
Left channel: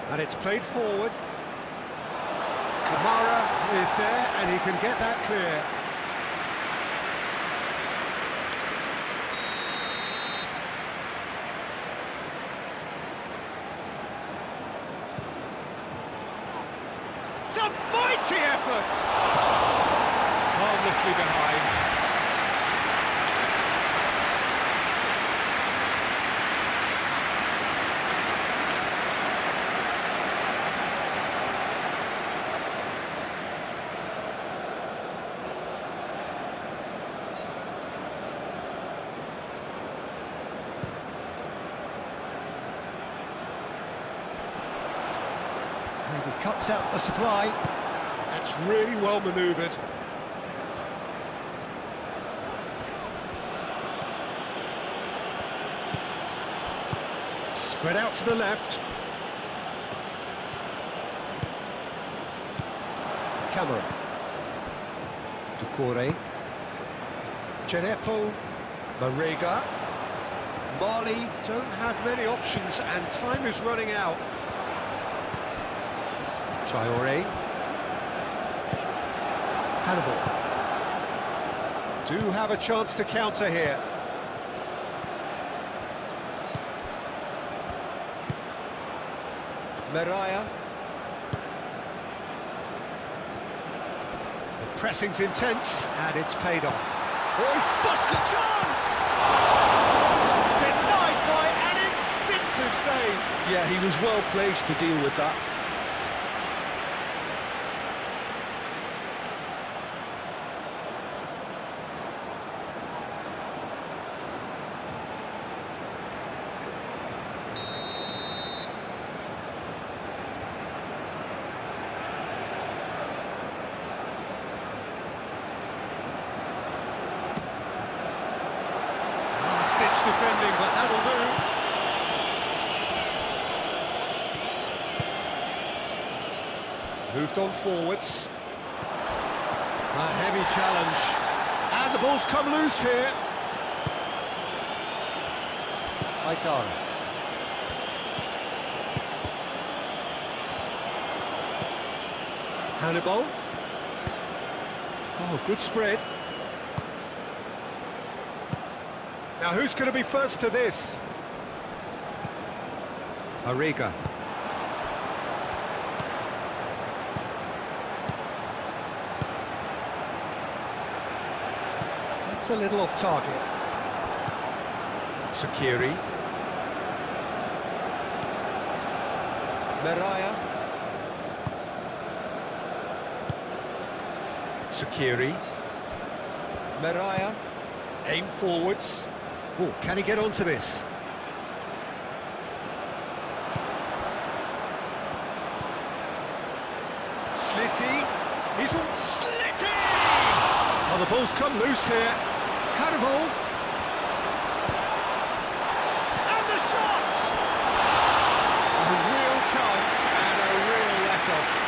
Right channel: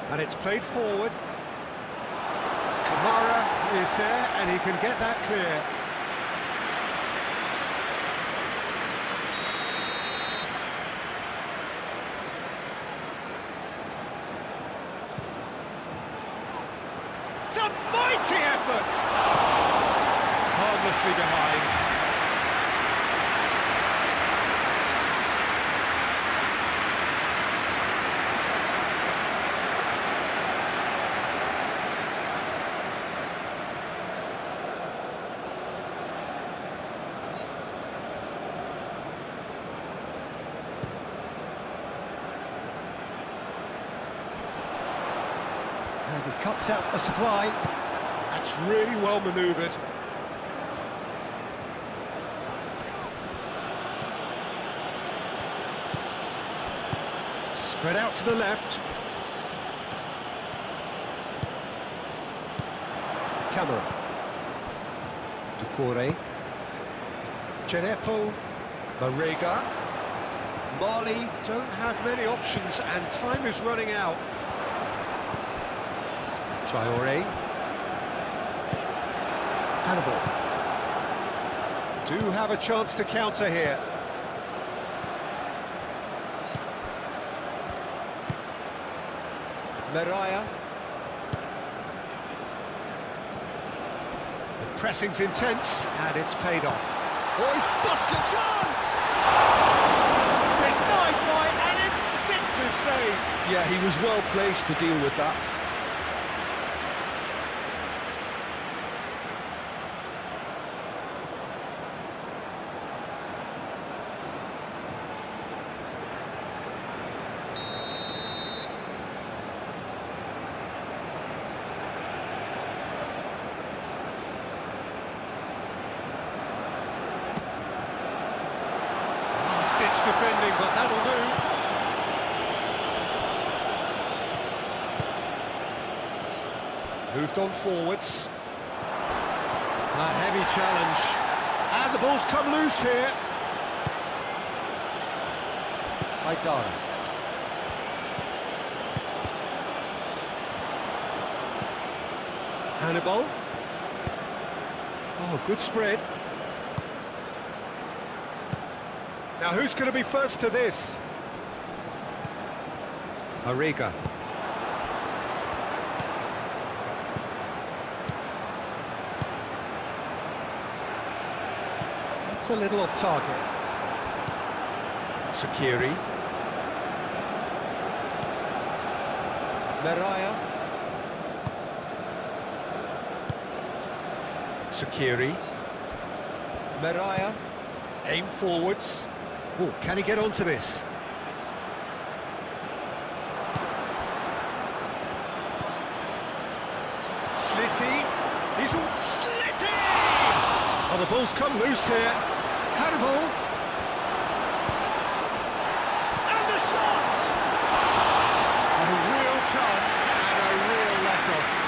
And it's played forward. Kamara is there and he can get that clear. It's a mighty effort! Harmlessly behind. And he cuts out the supply. That's really well manoeuvred. Spread out to the left. Camera. Ducouré. Genepo. Marega. Mali don't have many options and time is running out. Traoré. Hannibal. Do have a chance to counter here. Meraya. The pressing's intense and it's paid off. Oh, he's busted a chance! Denied by an instinctive save. Yeah, he was well placed to deal with that. Ditch defending, but that'll do. Moved on forwards. A heavy challenge. And the ball's come loose here. Haidara. Hannibal. Oh, good spread. Now who's going to be first to this? Arriga. That's a little off target. Sakiri. Meraya. Sakiri. Meraya. Aim forwards. Oh, can he get onto this? Slitty. He's all Slitty! Oh, the ball's come loose here. Hannibal. And the shot! A real chance and a real let-off.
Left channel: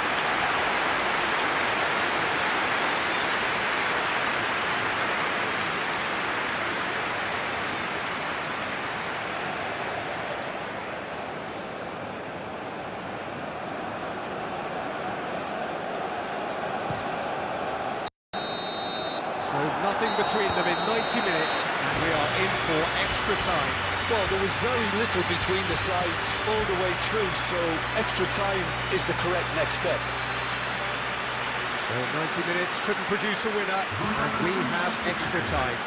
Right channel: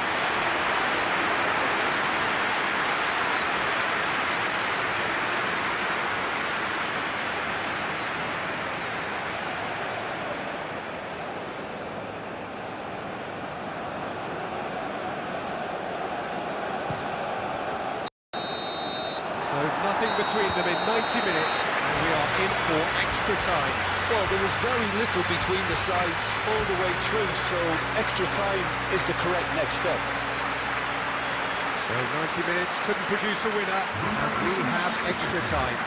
So nothing between them in 90 minutes, and we are in for extra time. Well, there was very little between the sides all the way through, so extra time is the correct next step. So 90 minutes couldn't produce a winner, and we have extra time.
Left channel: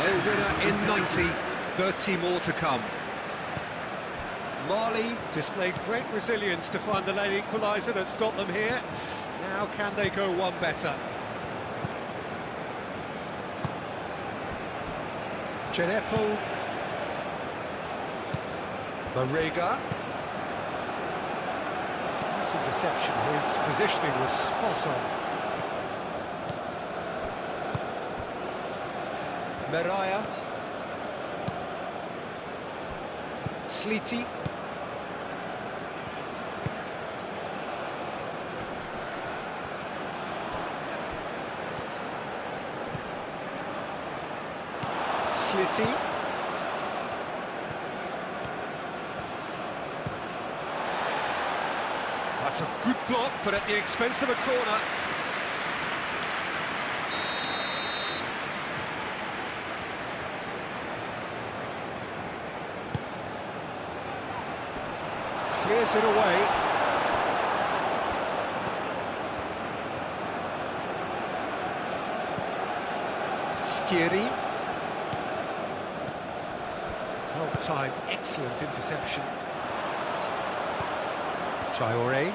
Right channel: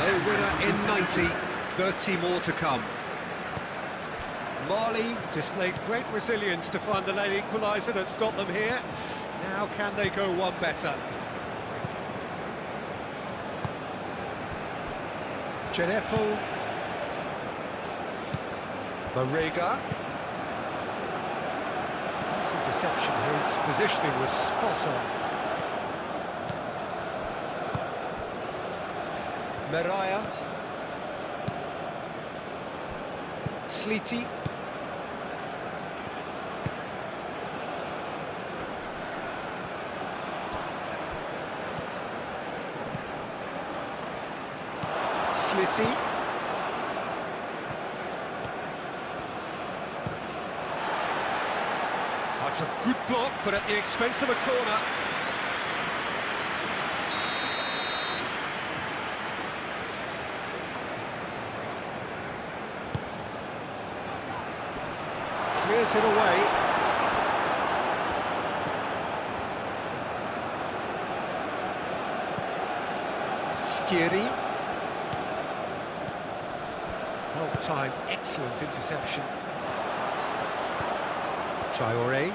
No winner in 90, 30 more to come. Mali displayed great resilience to find the late equaliser that's got them here. Now can they go one better? Genepo. Mariga. This interception, his positioning was spot on. Meraya. Sliti. Slitty. That's a good block, but at the expense of a corner. Clears it away. Skiri. Well timed, excellent interception. Traore.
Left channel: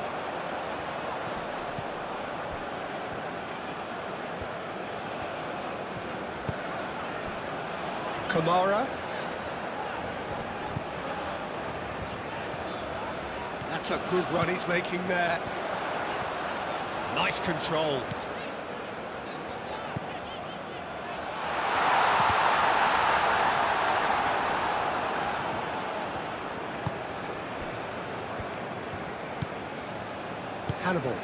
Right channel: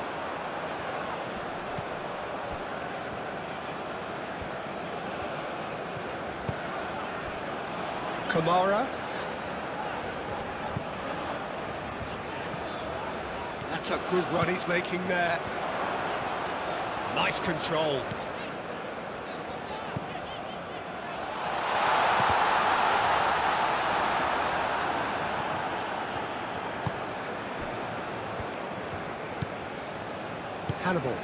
Kamara. That's a good run he's making there. Nice control. Hannibal.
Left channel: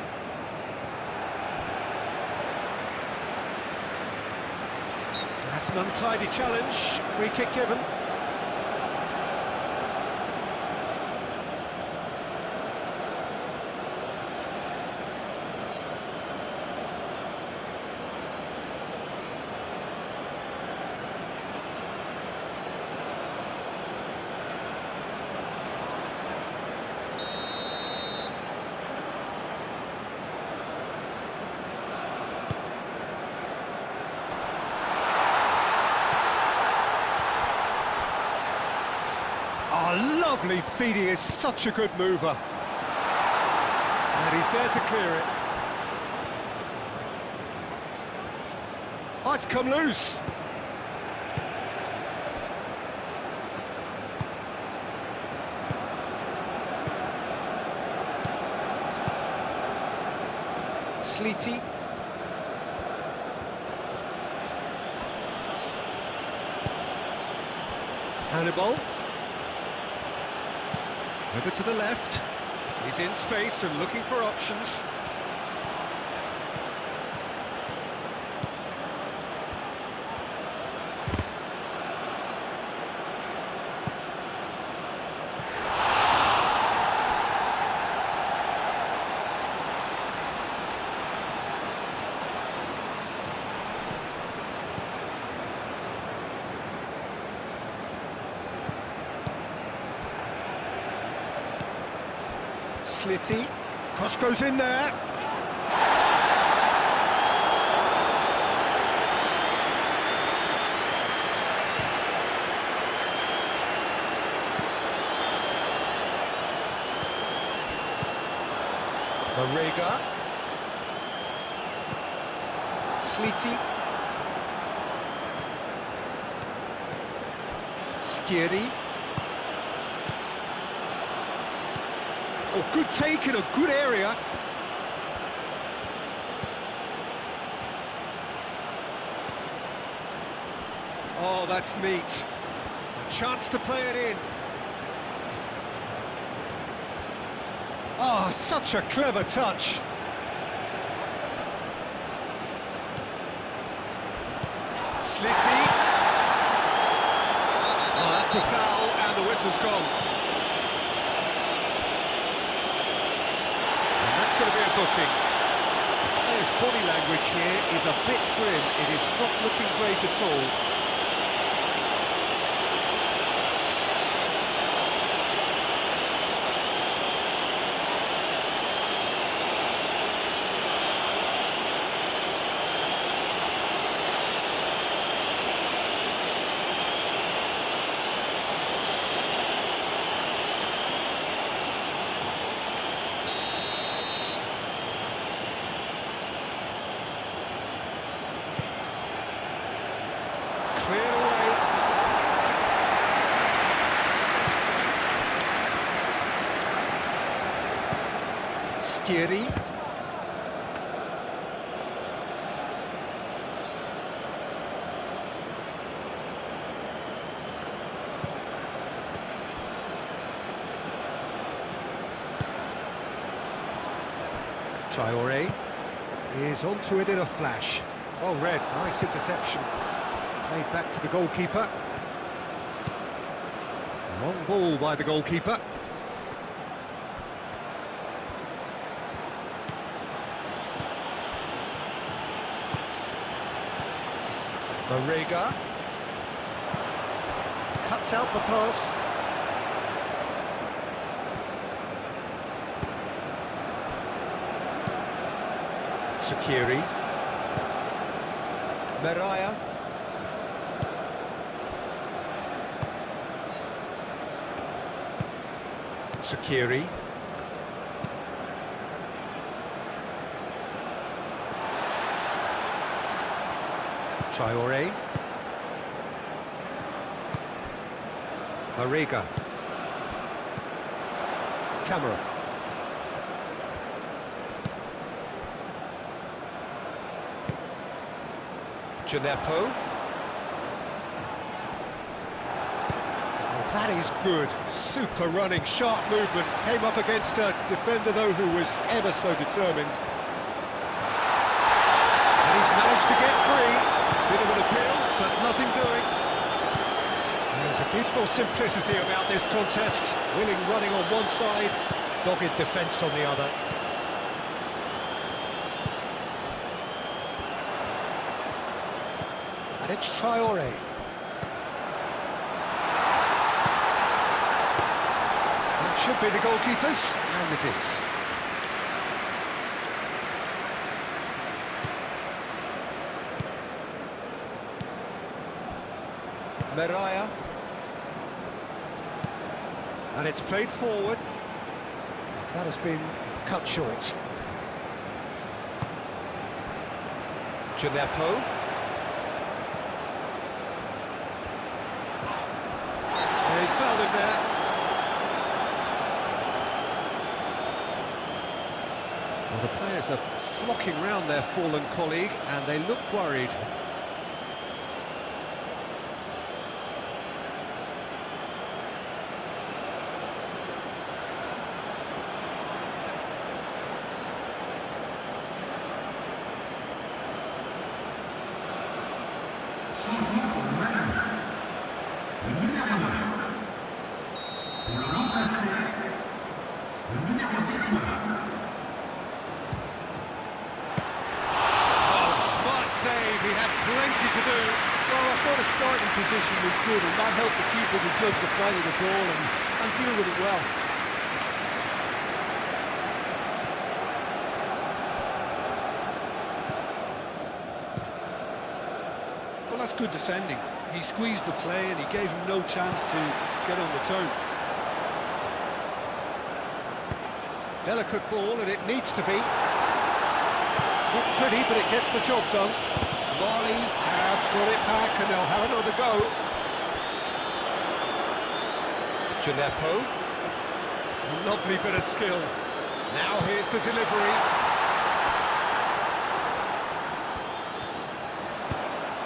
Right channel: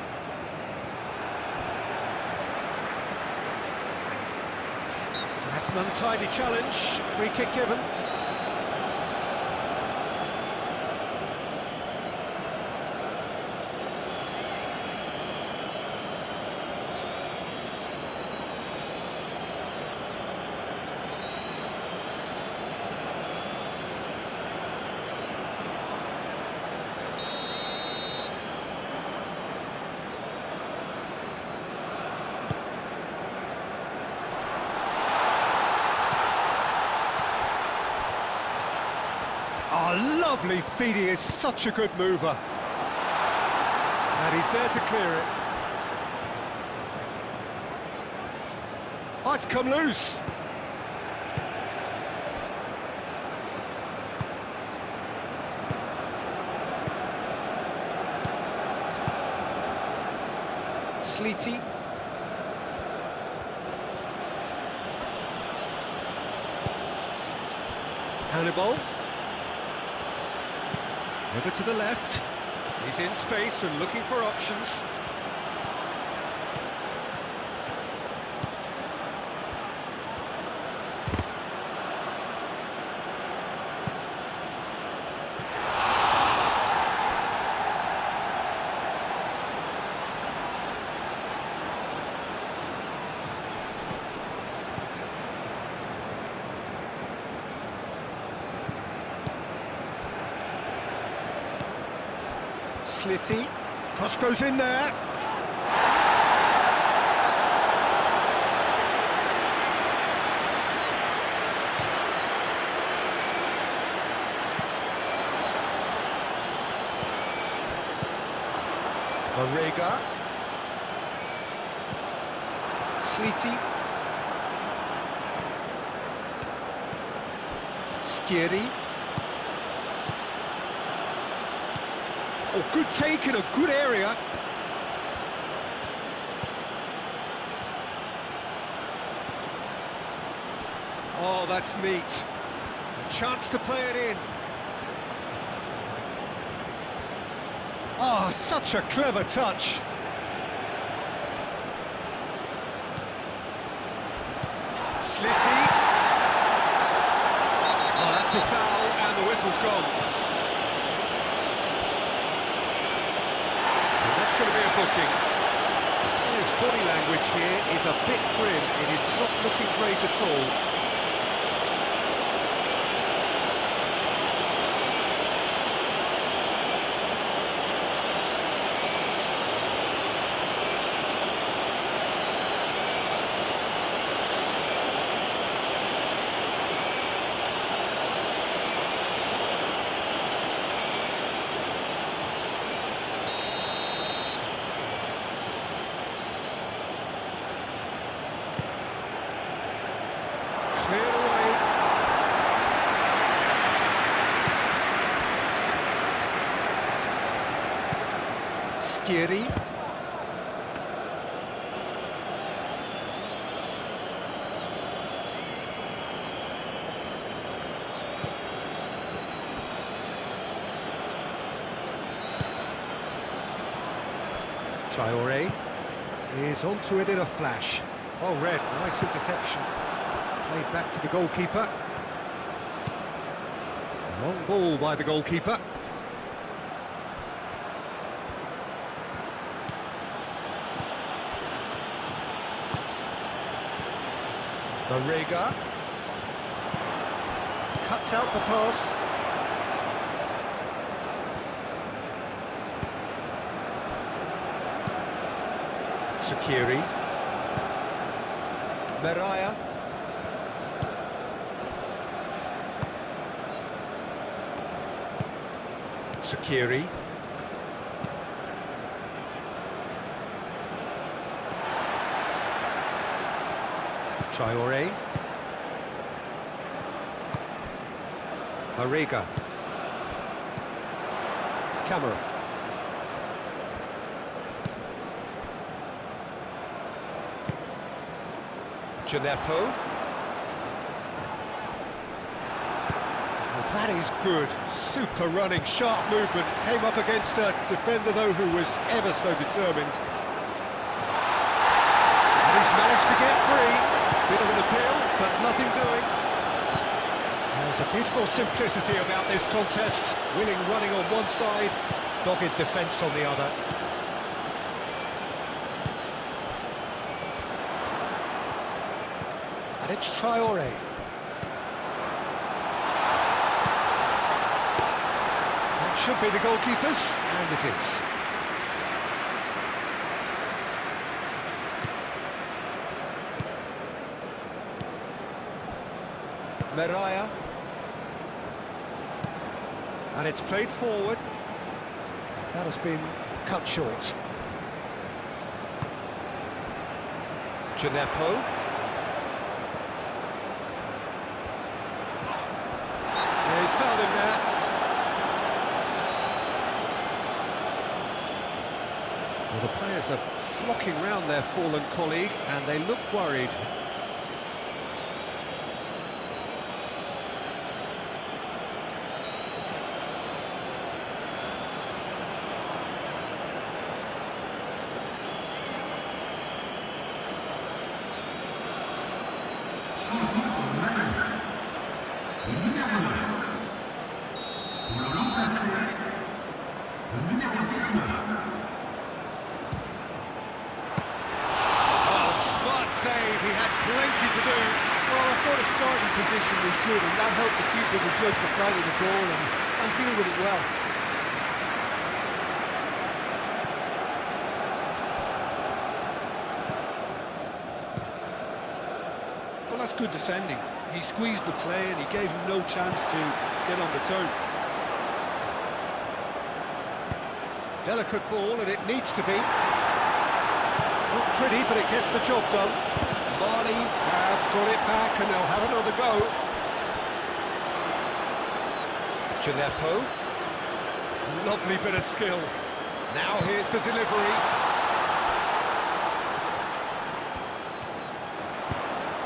That's an untidy challenge. Free kick given. Oh, lovely feed, he is such a good mover. And he's there to clear it. Oh, it's come loose. Sliti. Hannibal. Over to the left. He's in space and looking for options. Slitty. Cross goes in there. Marega. Slitty. Skiri. Oh, good take in a good area. Oh, that's neat. A chance to play it in. Oh, such a clever touch. Slitty. Oh, that's a foul, and the whistle's gone. And that's going to be a booking. The player's body language here is a bit grim. It is not looking great at all. Cleared away. Skiri. Traore is onto it in a flash. Well read, nice interception. Played back to the goalkeeper. Long ball by the goalkeeper. Marega cuts out the pass. Sakiri. Meraya. Sakiri. Traore. Marega. Camera. Gineppo. That is good, super running, sharp movement, came up against a defender though who was ever so determined. And he's managed to get free, bit of an appeal, but nothing doing. There's a beautiful simplicity about this contest, willing running on one side, dogged defence on the other. And it's Traore. Should be the goalkeepers, and it is. Meraya. And it's played forward. That has been cut short. Gineppo. Yeah, he's fouled him there. Well, the players are flocking round their fallen colleague, and they look worried. Save, he had plenty to do. Well, I thought his starting position was good, and that helped the keeper to judge the flight of the ball and deal with it well. that's good defending. He squeezed the play and he gave him no chance to get on the turn. Delicate ball, and it needs to be. Not pretty, but it gets the job done. Mali have got it back, and they'll have another go. Gineppo. Lovely bit of skill. Now here's the delivery.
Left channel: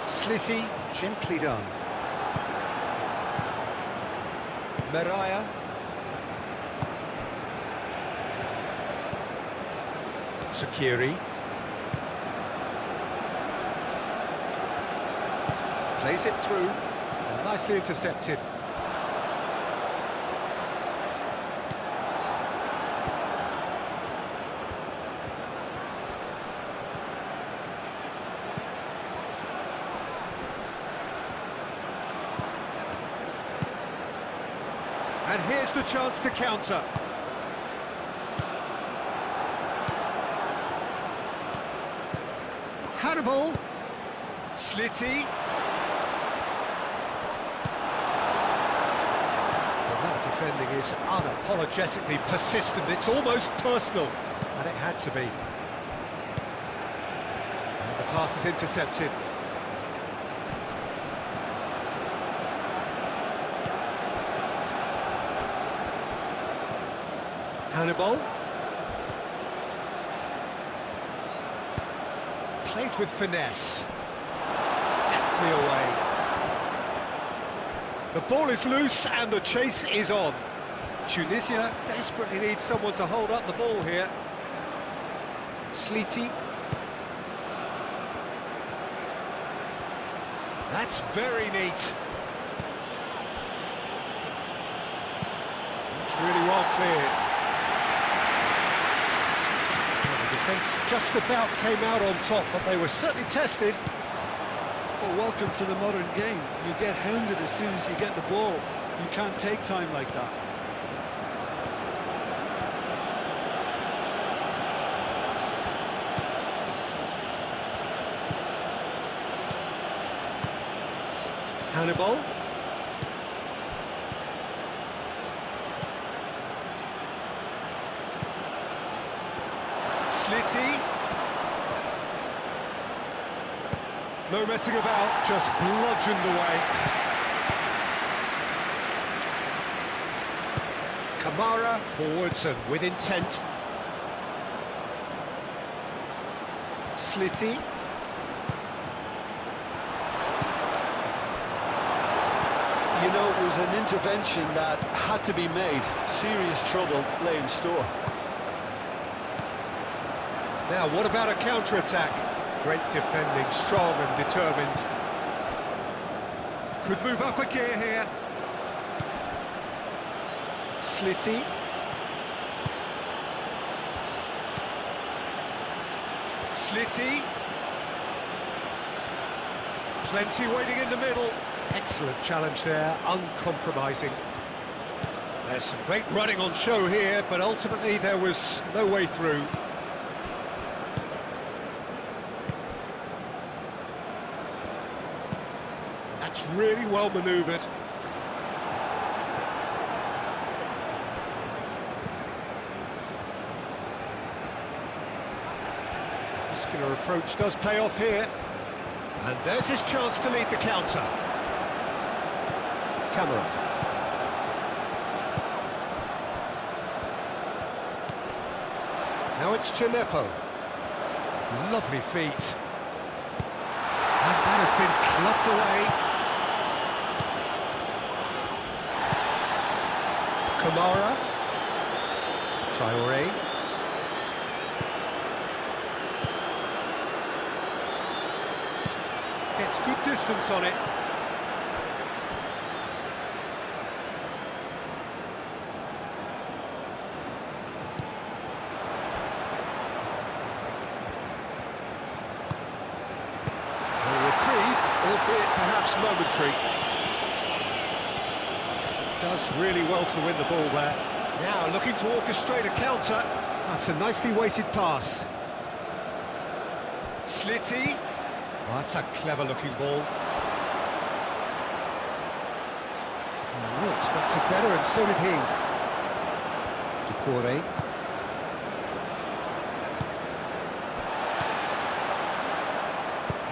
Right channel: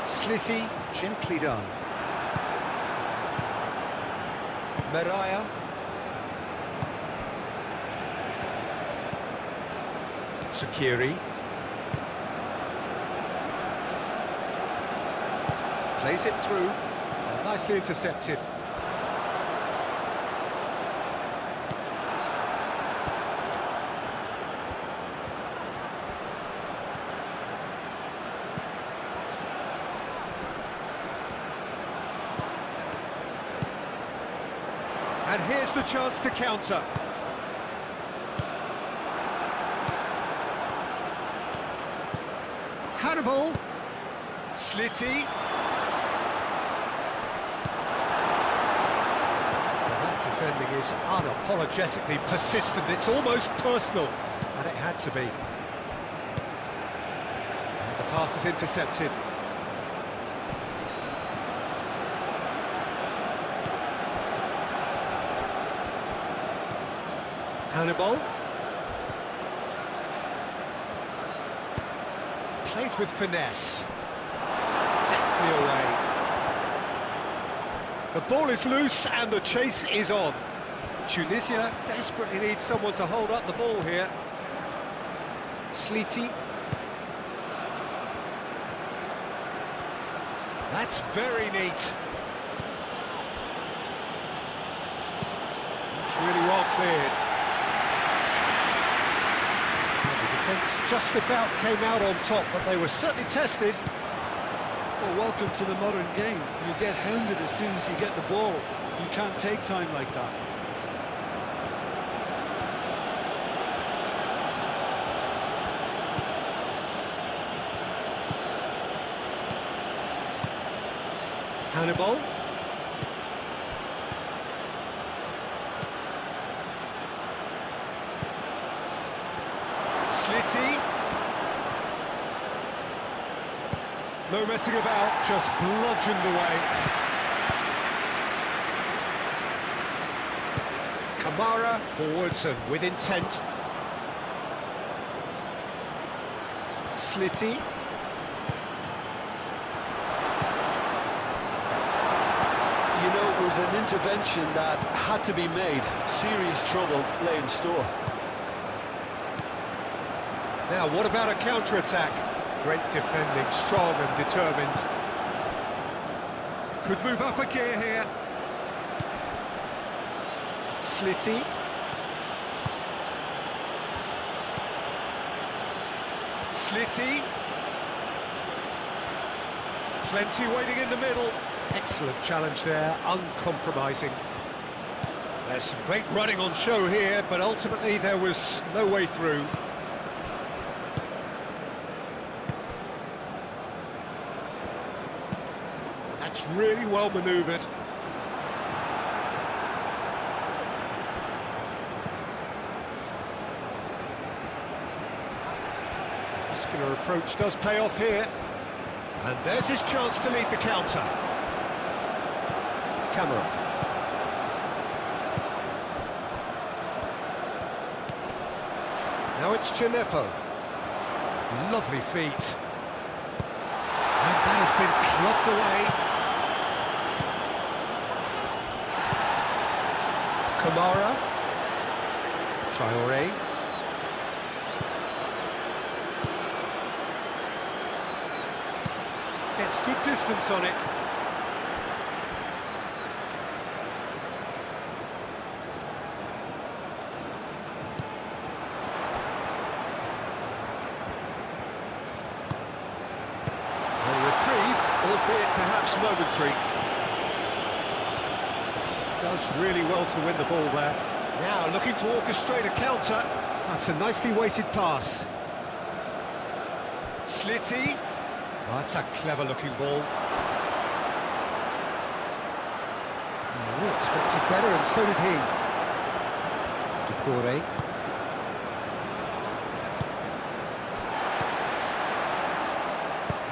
Slitty, gently done. Mariah. Sakiri. Plays it through. Nicely intercepted. And here's the chance to counter. Hannibal. Slitty. Well, that defending is unapologetically persistent. It's almost personal, and it had to be. And the pass is intercepted. Hannibal. Played with finesse. Deftly away. The ball is loose and the chase is on. Tunisia desperately needs someone to hold up the ball here. Slitty. That's very neat. That's really well cleared. The defence just about came out on top, but they were certainly tested. Well, welcome to the modern game. You get hounded as soon as you get the ball. You can't take time like that. Hannibal. Slitty. No messing about, just bludgeoned away. Kamara forwards and with intent. Slitty. You know, it was an intervention that had to be made. Serious trouble lay in store. Now, what about a counter-attack? Great defending, strong and determined. Could move up a gear here. Slitty. Slitty. Plenty waiting in the middle. Excellent challenge there, uncompromising. There's some great running on show here, but ultimately there was no way through. That's really well manoeuvred. Muscular approach does pay off here. And there's his chance to lead the counter. Camera. Now it's Gineppo. Lovely feet. And that has been clubbed away. Kamara. Traoré. Gets good distance on it. A reprieve, albeit perhaps momentary. Does really well to win the ball there. Now looking to orchestrate a counter. That's a nicely weighted pass. Slitty. Oh, that's a clever looking ball. We expected better, and so did he. Decore.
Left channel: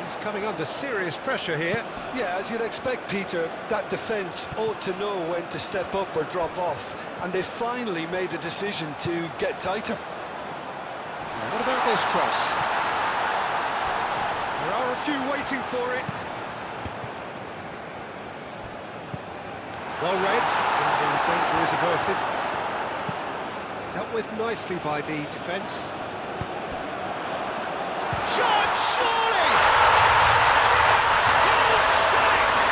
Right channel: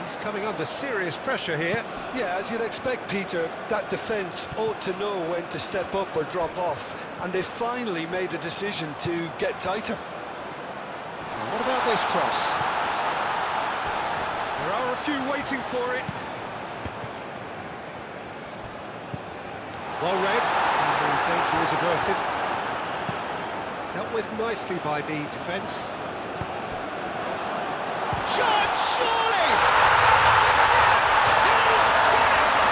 He's coming under serious pressure here. Yeah, as you'd expect, Peter, that defence ought to know when to step up or drop off, and they finally made a decision to get tighter. Now, what about this cross? There are a few waiting for it. Well read, and the danger is averted. Dealt with nicely by the defence. Shot, surely! Yes, he's done it!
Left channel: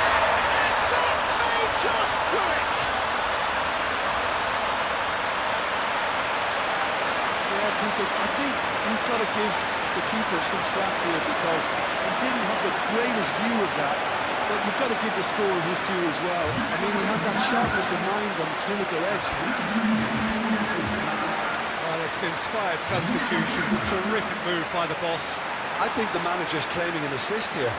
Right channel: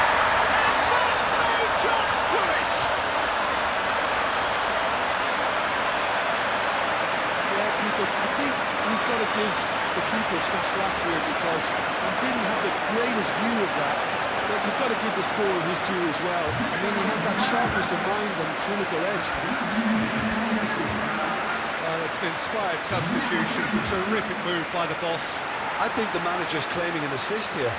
And that may just do it! Yeah, Peter, I think we've got to give the keeper some slack here because he didn't have the greatest view of that. But you've got to give the scorer his due as well. I mean, he had that sharpness of mind and clinical edge. Well, it's an inspired substitution. Terrific move by the boss. I think the manager's claiming an assist here.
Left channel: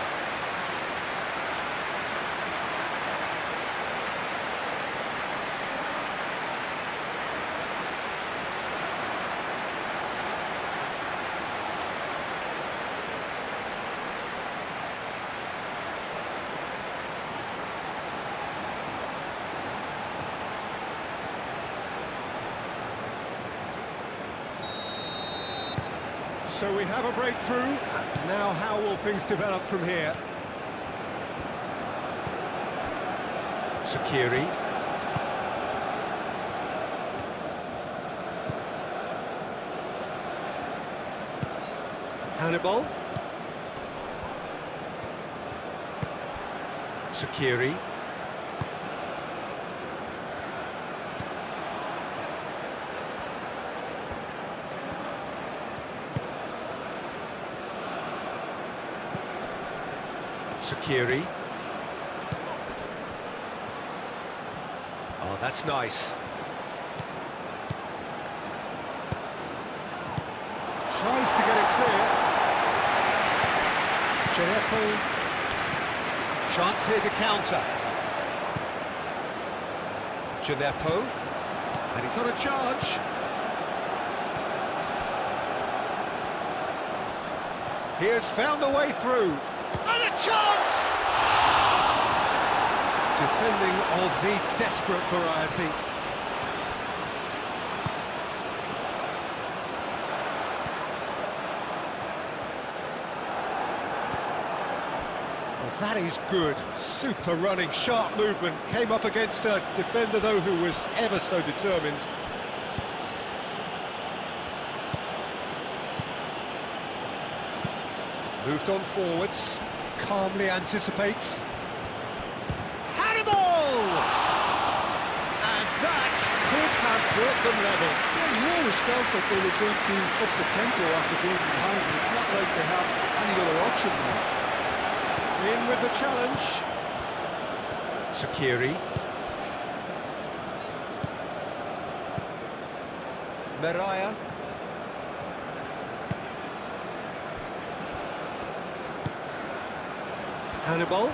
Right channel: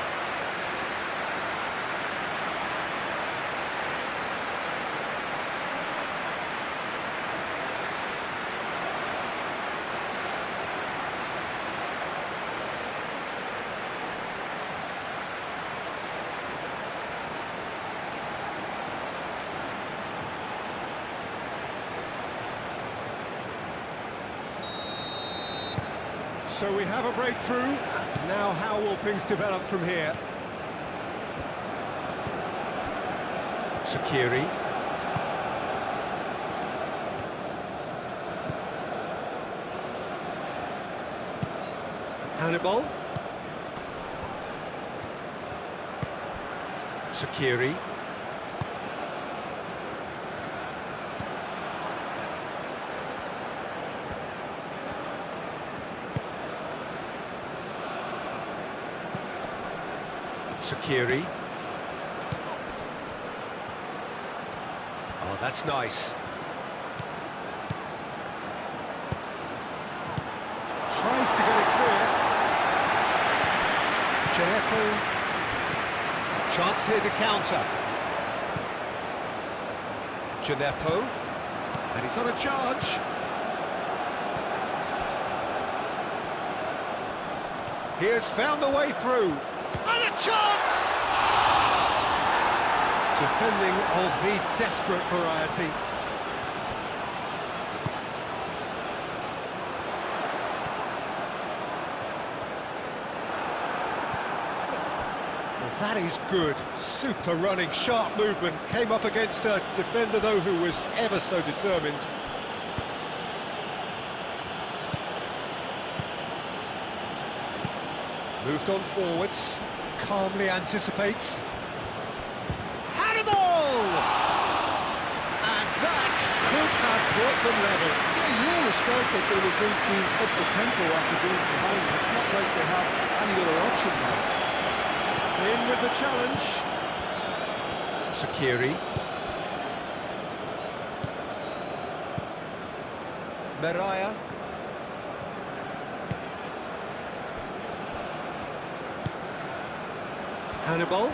So we have a breakthrough. Now how will things develop from here? Shaqiri. Hannibal. Shaqiri. Shaqiri. Oh, that's nice. Tries to get it clear. Gineppo. Chance here to counter. Gineppo. And he's on a charge. He has found a way through. And a chance! Defending of the desperate variety. Well, that is good. Super running, sharp movement. Came up against a defender, though, who was ever so determined. Moved on forwards, calmly anticipates. Hannibal! And that could have brought them level. Yeah, you always felt that they were going to up the tempo after being behind. It's not like they have any other option now. In with the challenge. Shaqiri. Meraya. Hannibal.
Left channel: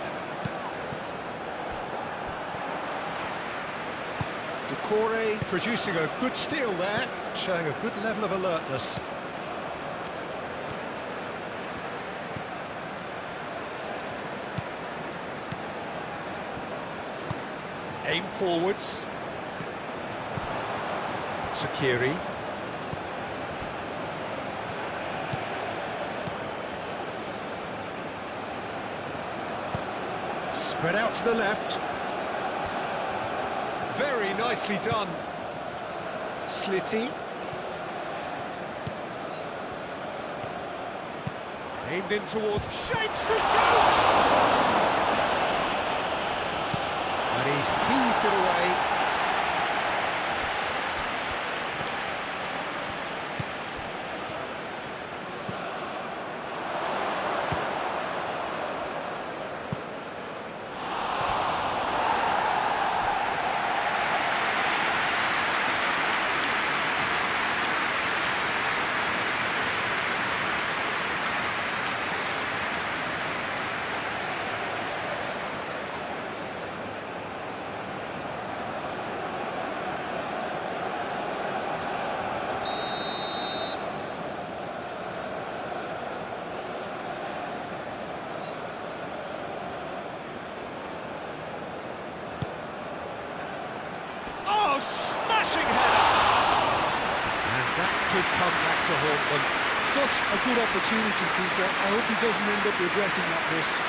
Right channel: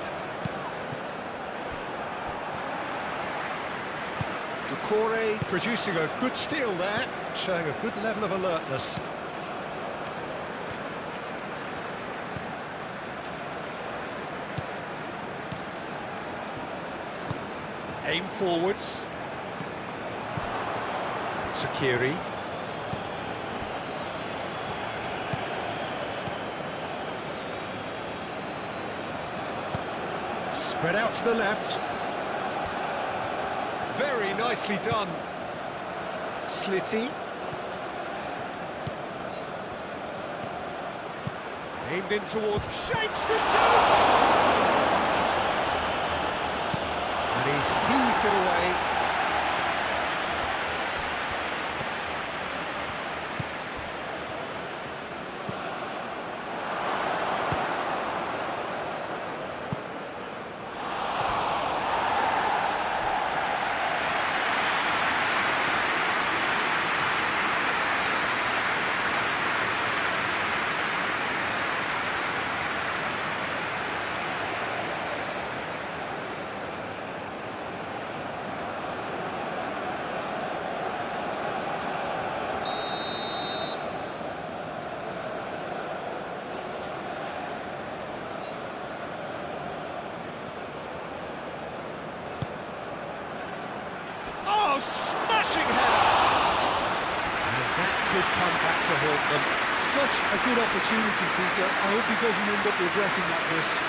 Decore producing a good steal there, showing a good level of alertness. Aim forwards. Shaqiri. Spread out to the left. Very nicely done. Slitty. Aimed in towards... Shapes to shoot! And he's heaved it away. could come back to haunt them. Such a good opportunity, Peter. I hope he doesn't end up regretting that miss.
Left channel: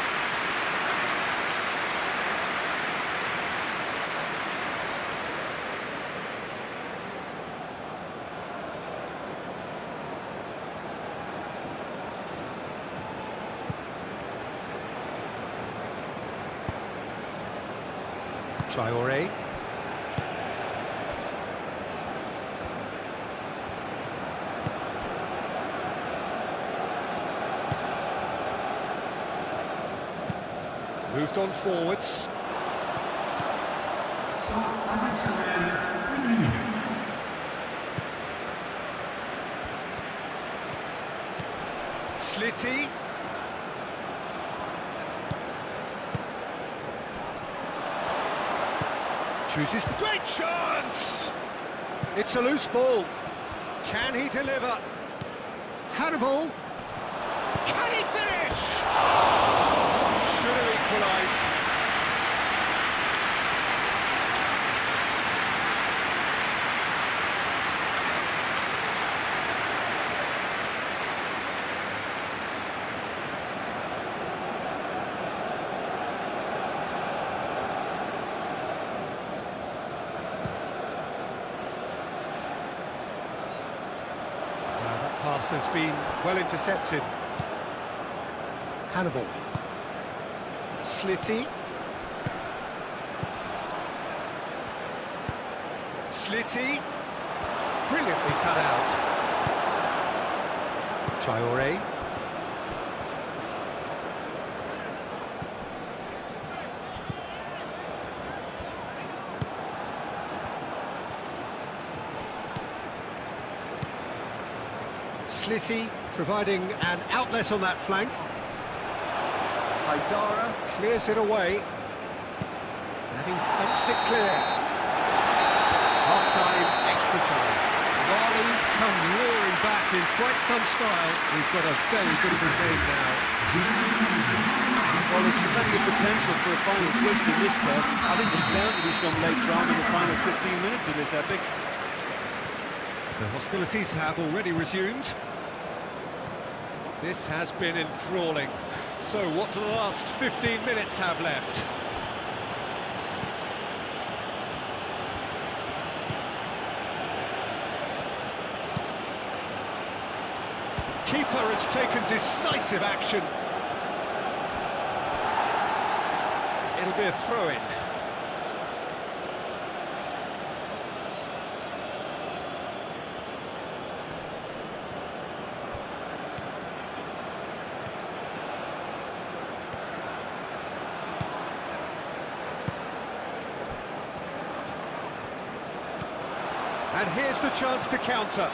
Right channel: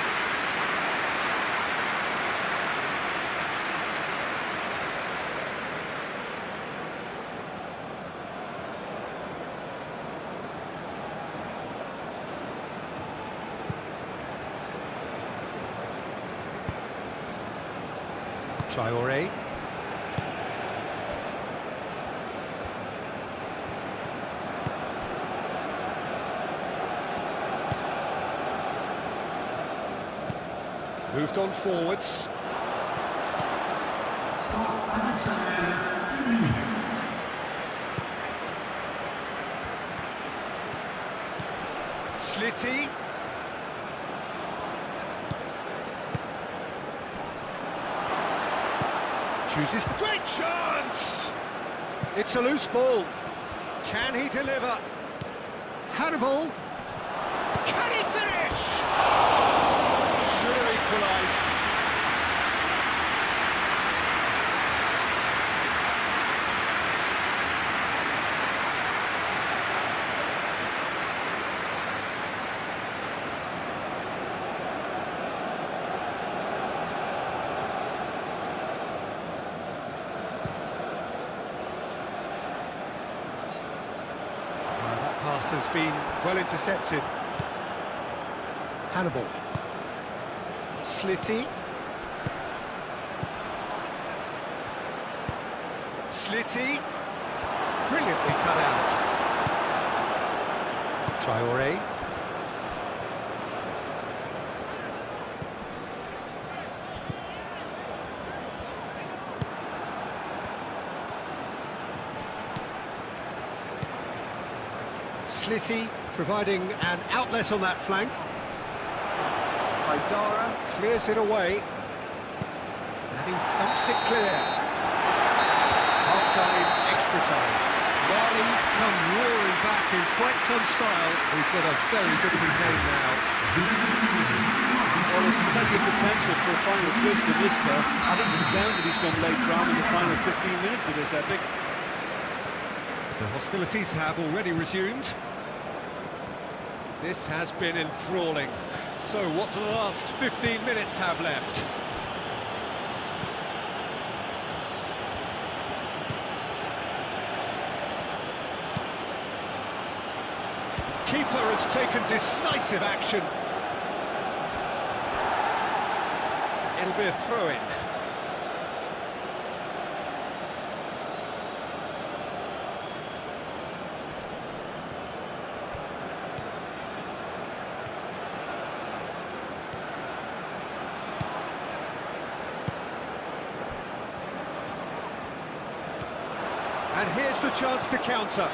Traoré. Moved on forwards. Slitty. Chooses the great chance! It's a loose ball. Can he deliver? Hannibal. Can he finish? Should have equalised. That pass has been well intercepted. Hannibal. Slitty. Slitty. Brilliantly cut out. Traoré. Slitty providing an outlet on that flank. Haidara clears it away. And he thumps it clear. Half-time, extra time. Mali come roaring back in quite some style. We've got a very different game now. Well, there's plenty of potential for a final twist in this tale. I think there's bound to be some late drama in the final 15 minutes of this epic. The hostilities have already resumed. This has been enthralling. So what do the last 15 minutes have left? Keeper has taken decisive action. It'll be a throw-in. And here's the chance to counter.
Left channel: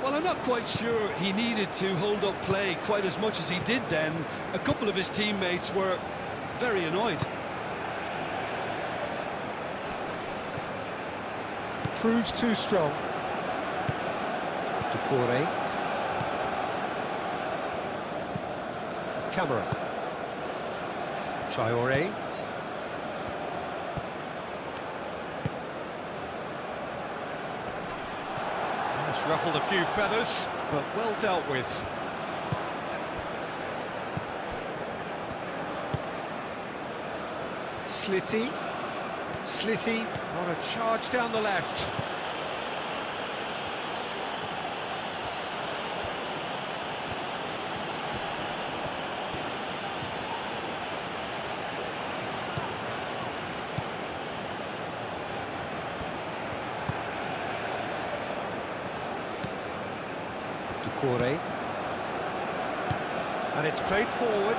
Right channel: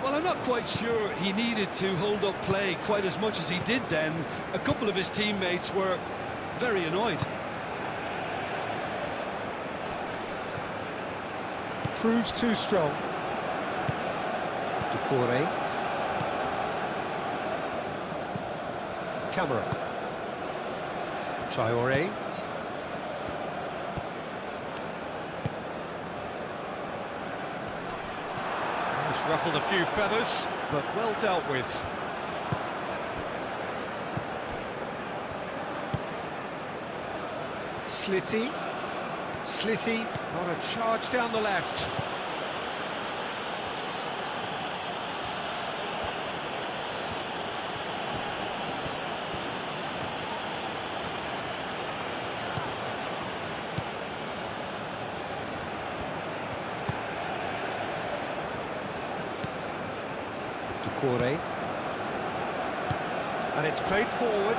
Well, I'm not quite sure he needed to hold up play quite as much as he did then. A couple of his teammates were very annoyed. Proves too strong. Decore. Camera. Traoré. That's ruffled a few feathers, but well dealt with. Slitty. Slitty on a charge down the left. Decore. And it's played forward.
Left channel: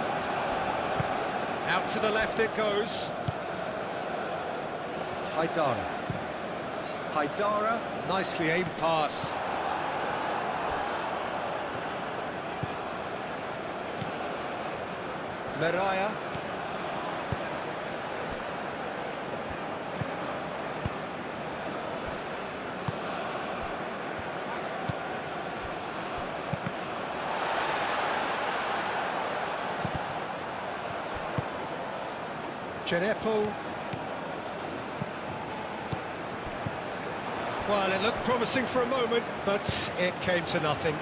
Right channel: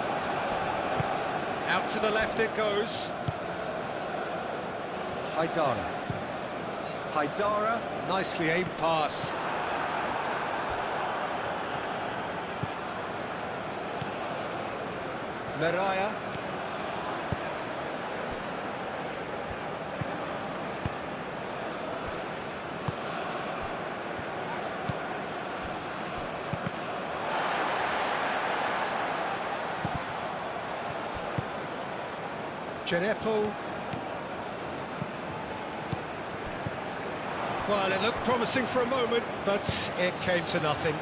Out to the left it goes. Haidara. Haidara, nicely aimed pass. Meraya. Genepo. Well, it looked promising for a moment, but it came to nothing.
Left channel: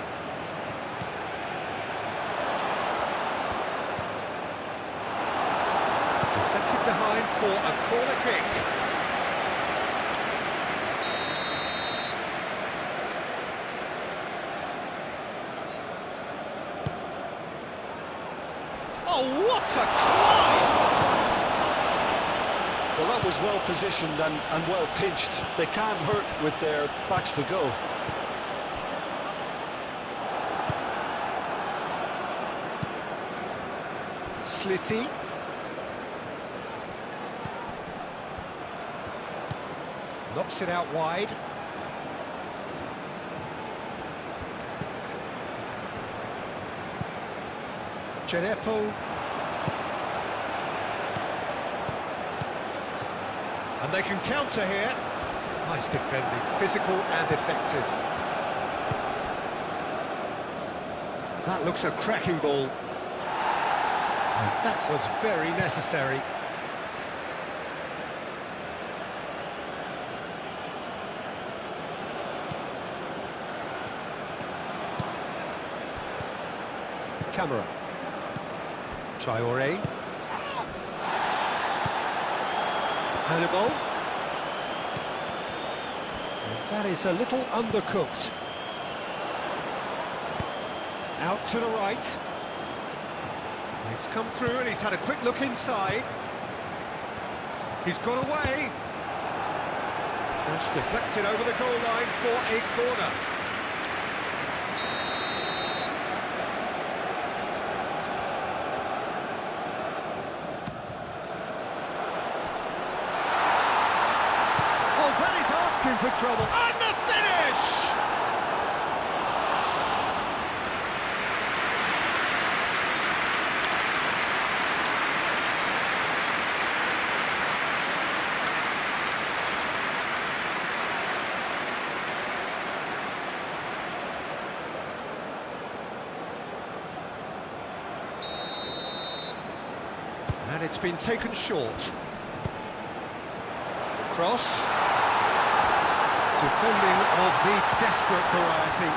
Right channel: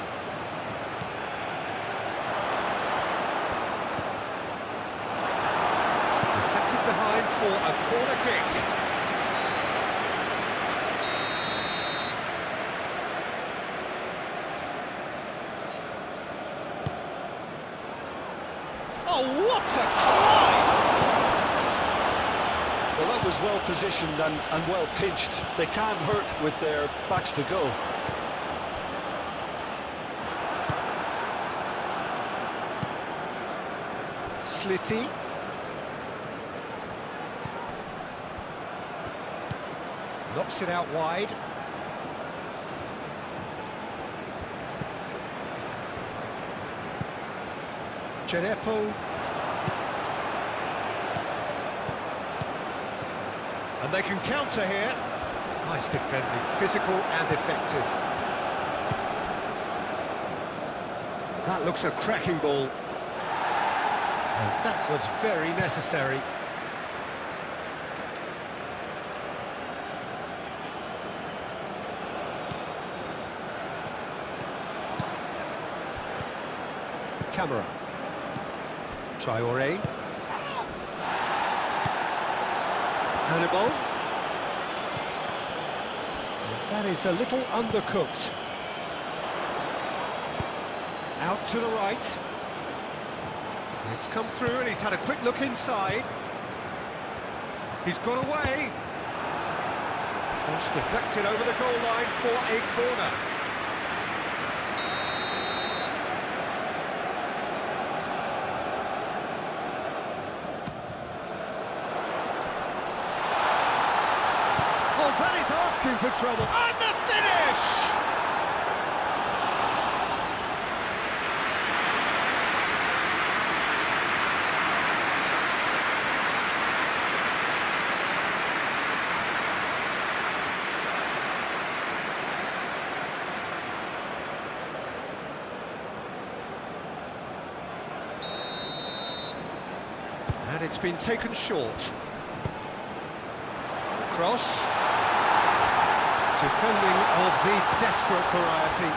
Deflected behind for a corner kick. Oh, what a climb! Well, that was well positioned and well pinched. They can't hurt with their backs to goal. Slitty. Knocks it out wide. Genepo. And they can counter here. Nice defending, physical and effective. That looks a cracking ball. And that was very necessary. Camera. Traoré. Hannibal. And that is a little undercooked. Out to the right. It's come through and he's had a quick look inside. He's got away. Cross deflected over the goal line for a corner. Oh, that is asking for trouble. And the finish! And it's been taken short. Cross. Defending of the desperate variety.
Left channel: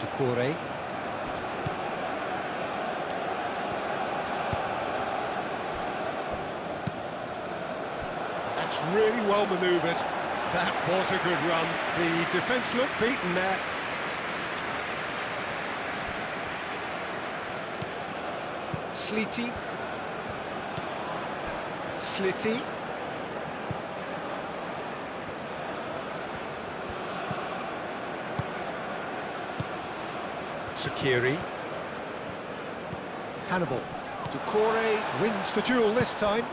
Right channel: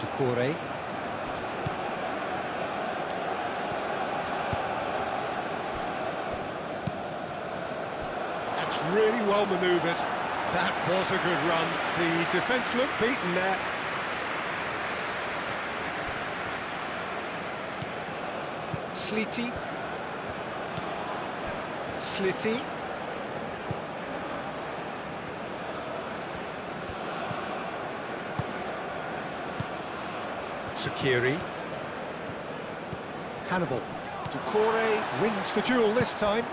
Doucouré. That's really well manoeuvred. That was a good run. The defence looked beaten there. Slitty. Slitty. Sakiri. Hannibal. Doucouré wins the duel this time.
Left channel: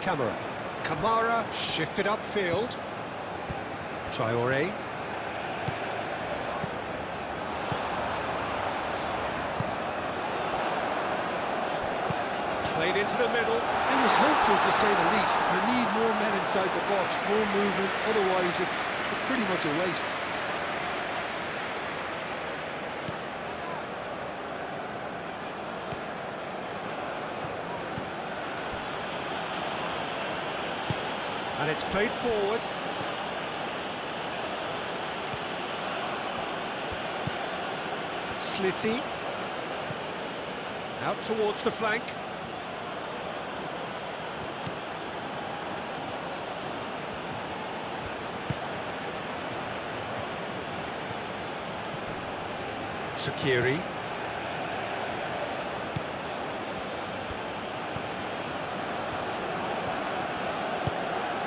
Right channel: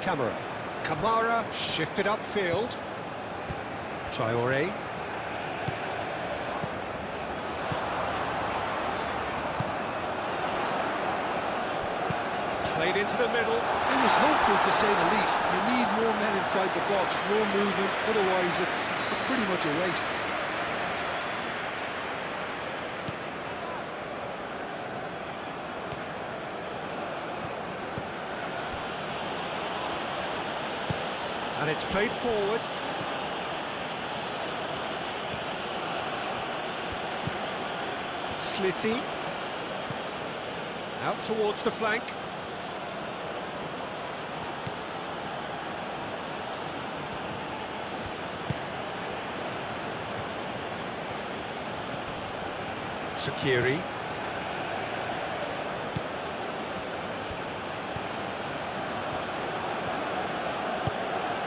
Camera. Kamara shifted upfield. Traoré. Played into the middle. It was hopeful, to say the least. You need more men inside the box, more movement, otherwise it's pretty much a waste. And it's played forward. Slitty. Out towards the flank. Sakiri.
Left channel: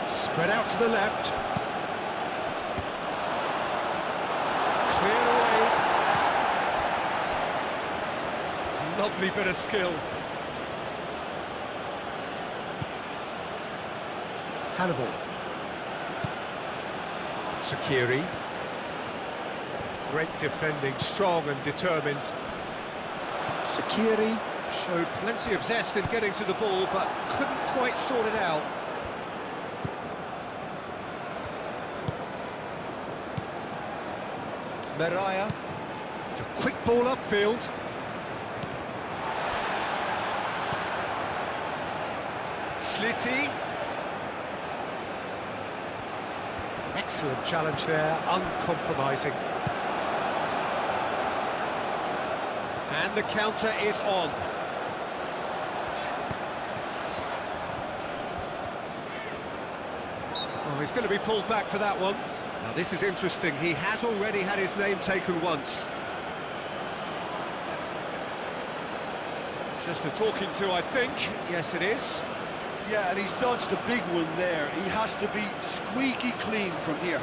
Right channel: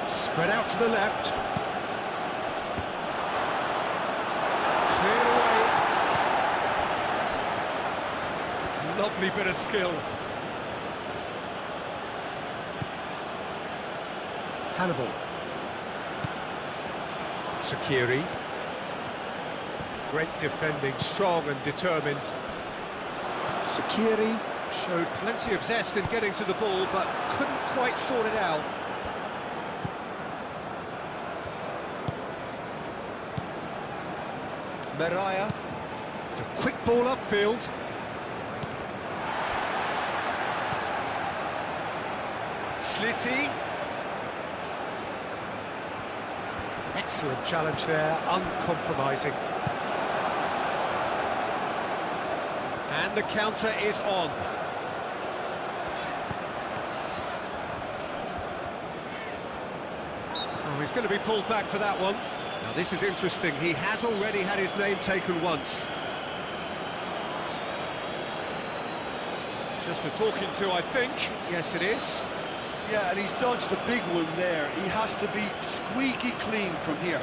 Spread out to the left. Cleared away. Lovely bit of skill. Hannibal. Sakiri. Great defending, strong and determined. Sakiri showed plenty of zest in getting to the ball, but couldn't quite sort it out. Meraya. It's a quick ball upfield. Slitty. Excellent challenge there, uncompromising. And the counter is on. Oh, he's going to be pulled back for that one. Now this is interesting, he has already had his name taken once. Just a talking to, I think. Yes, it is. Yeah, and he's dodged a big one there. He has to be squeaky clean from here.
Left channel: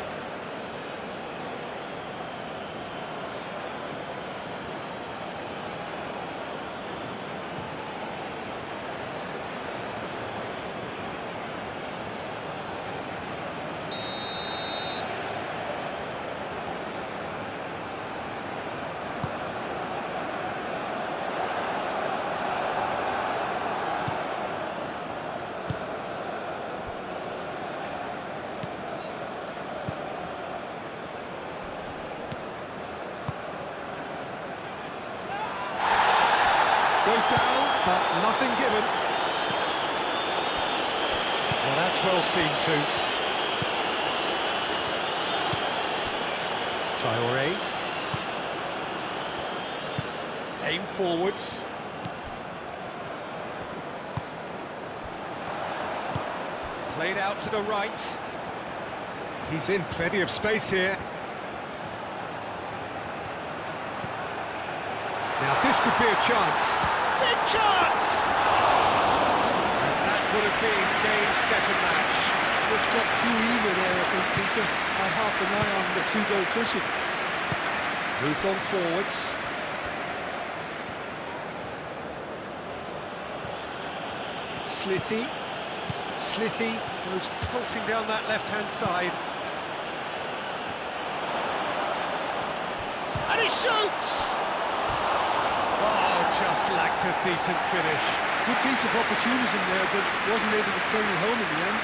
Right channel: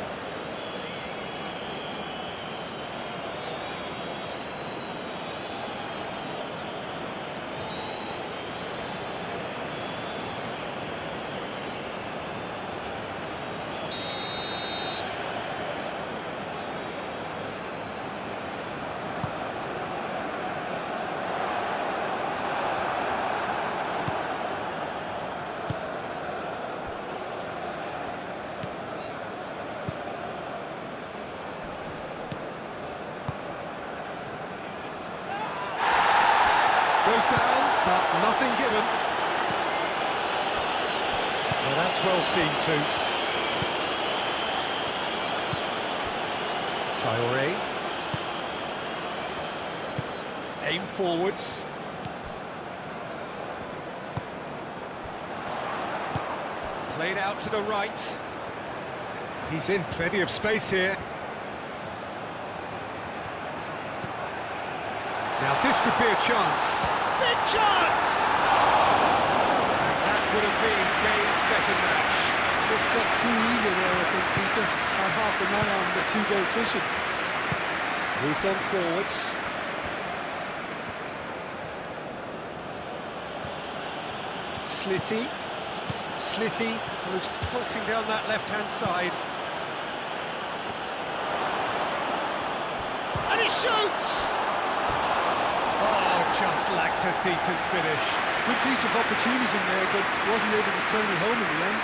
Goes down, but nothing given. Well, that's well seen too. Traoré. Aim forwards. Played out to the right. He's in plenty of space here. Now this could be a chance. Big chance! And that would have been game, set and match. Just got too eager there, I think, Peter. Had half an eye on the two-goal cushion. Moved on forwards. Slitty. Slitty goes pelting down that left-hand side. And he shoots! Oh, just lacked a decent finish. Good piece of opportunism there, but wasn't able to turn it home in the end.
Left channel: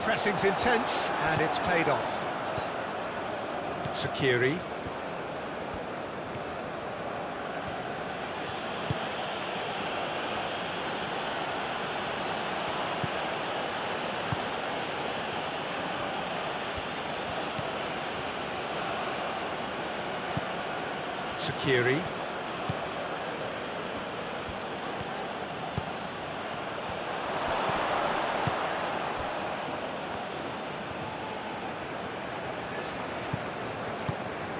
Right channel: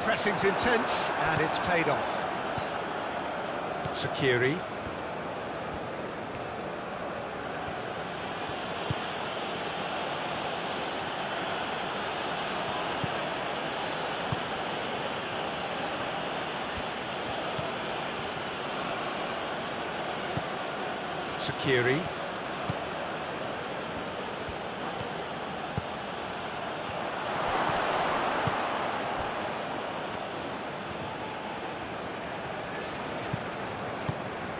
Pressing's intense, and it's paid off. Sakiri. Sakiri.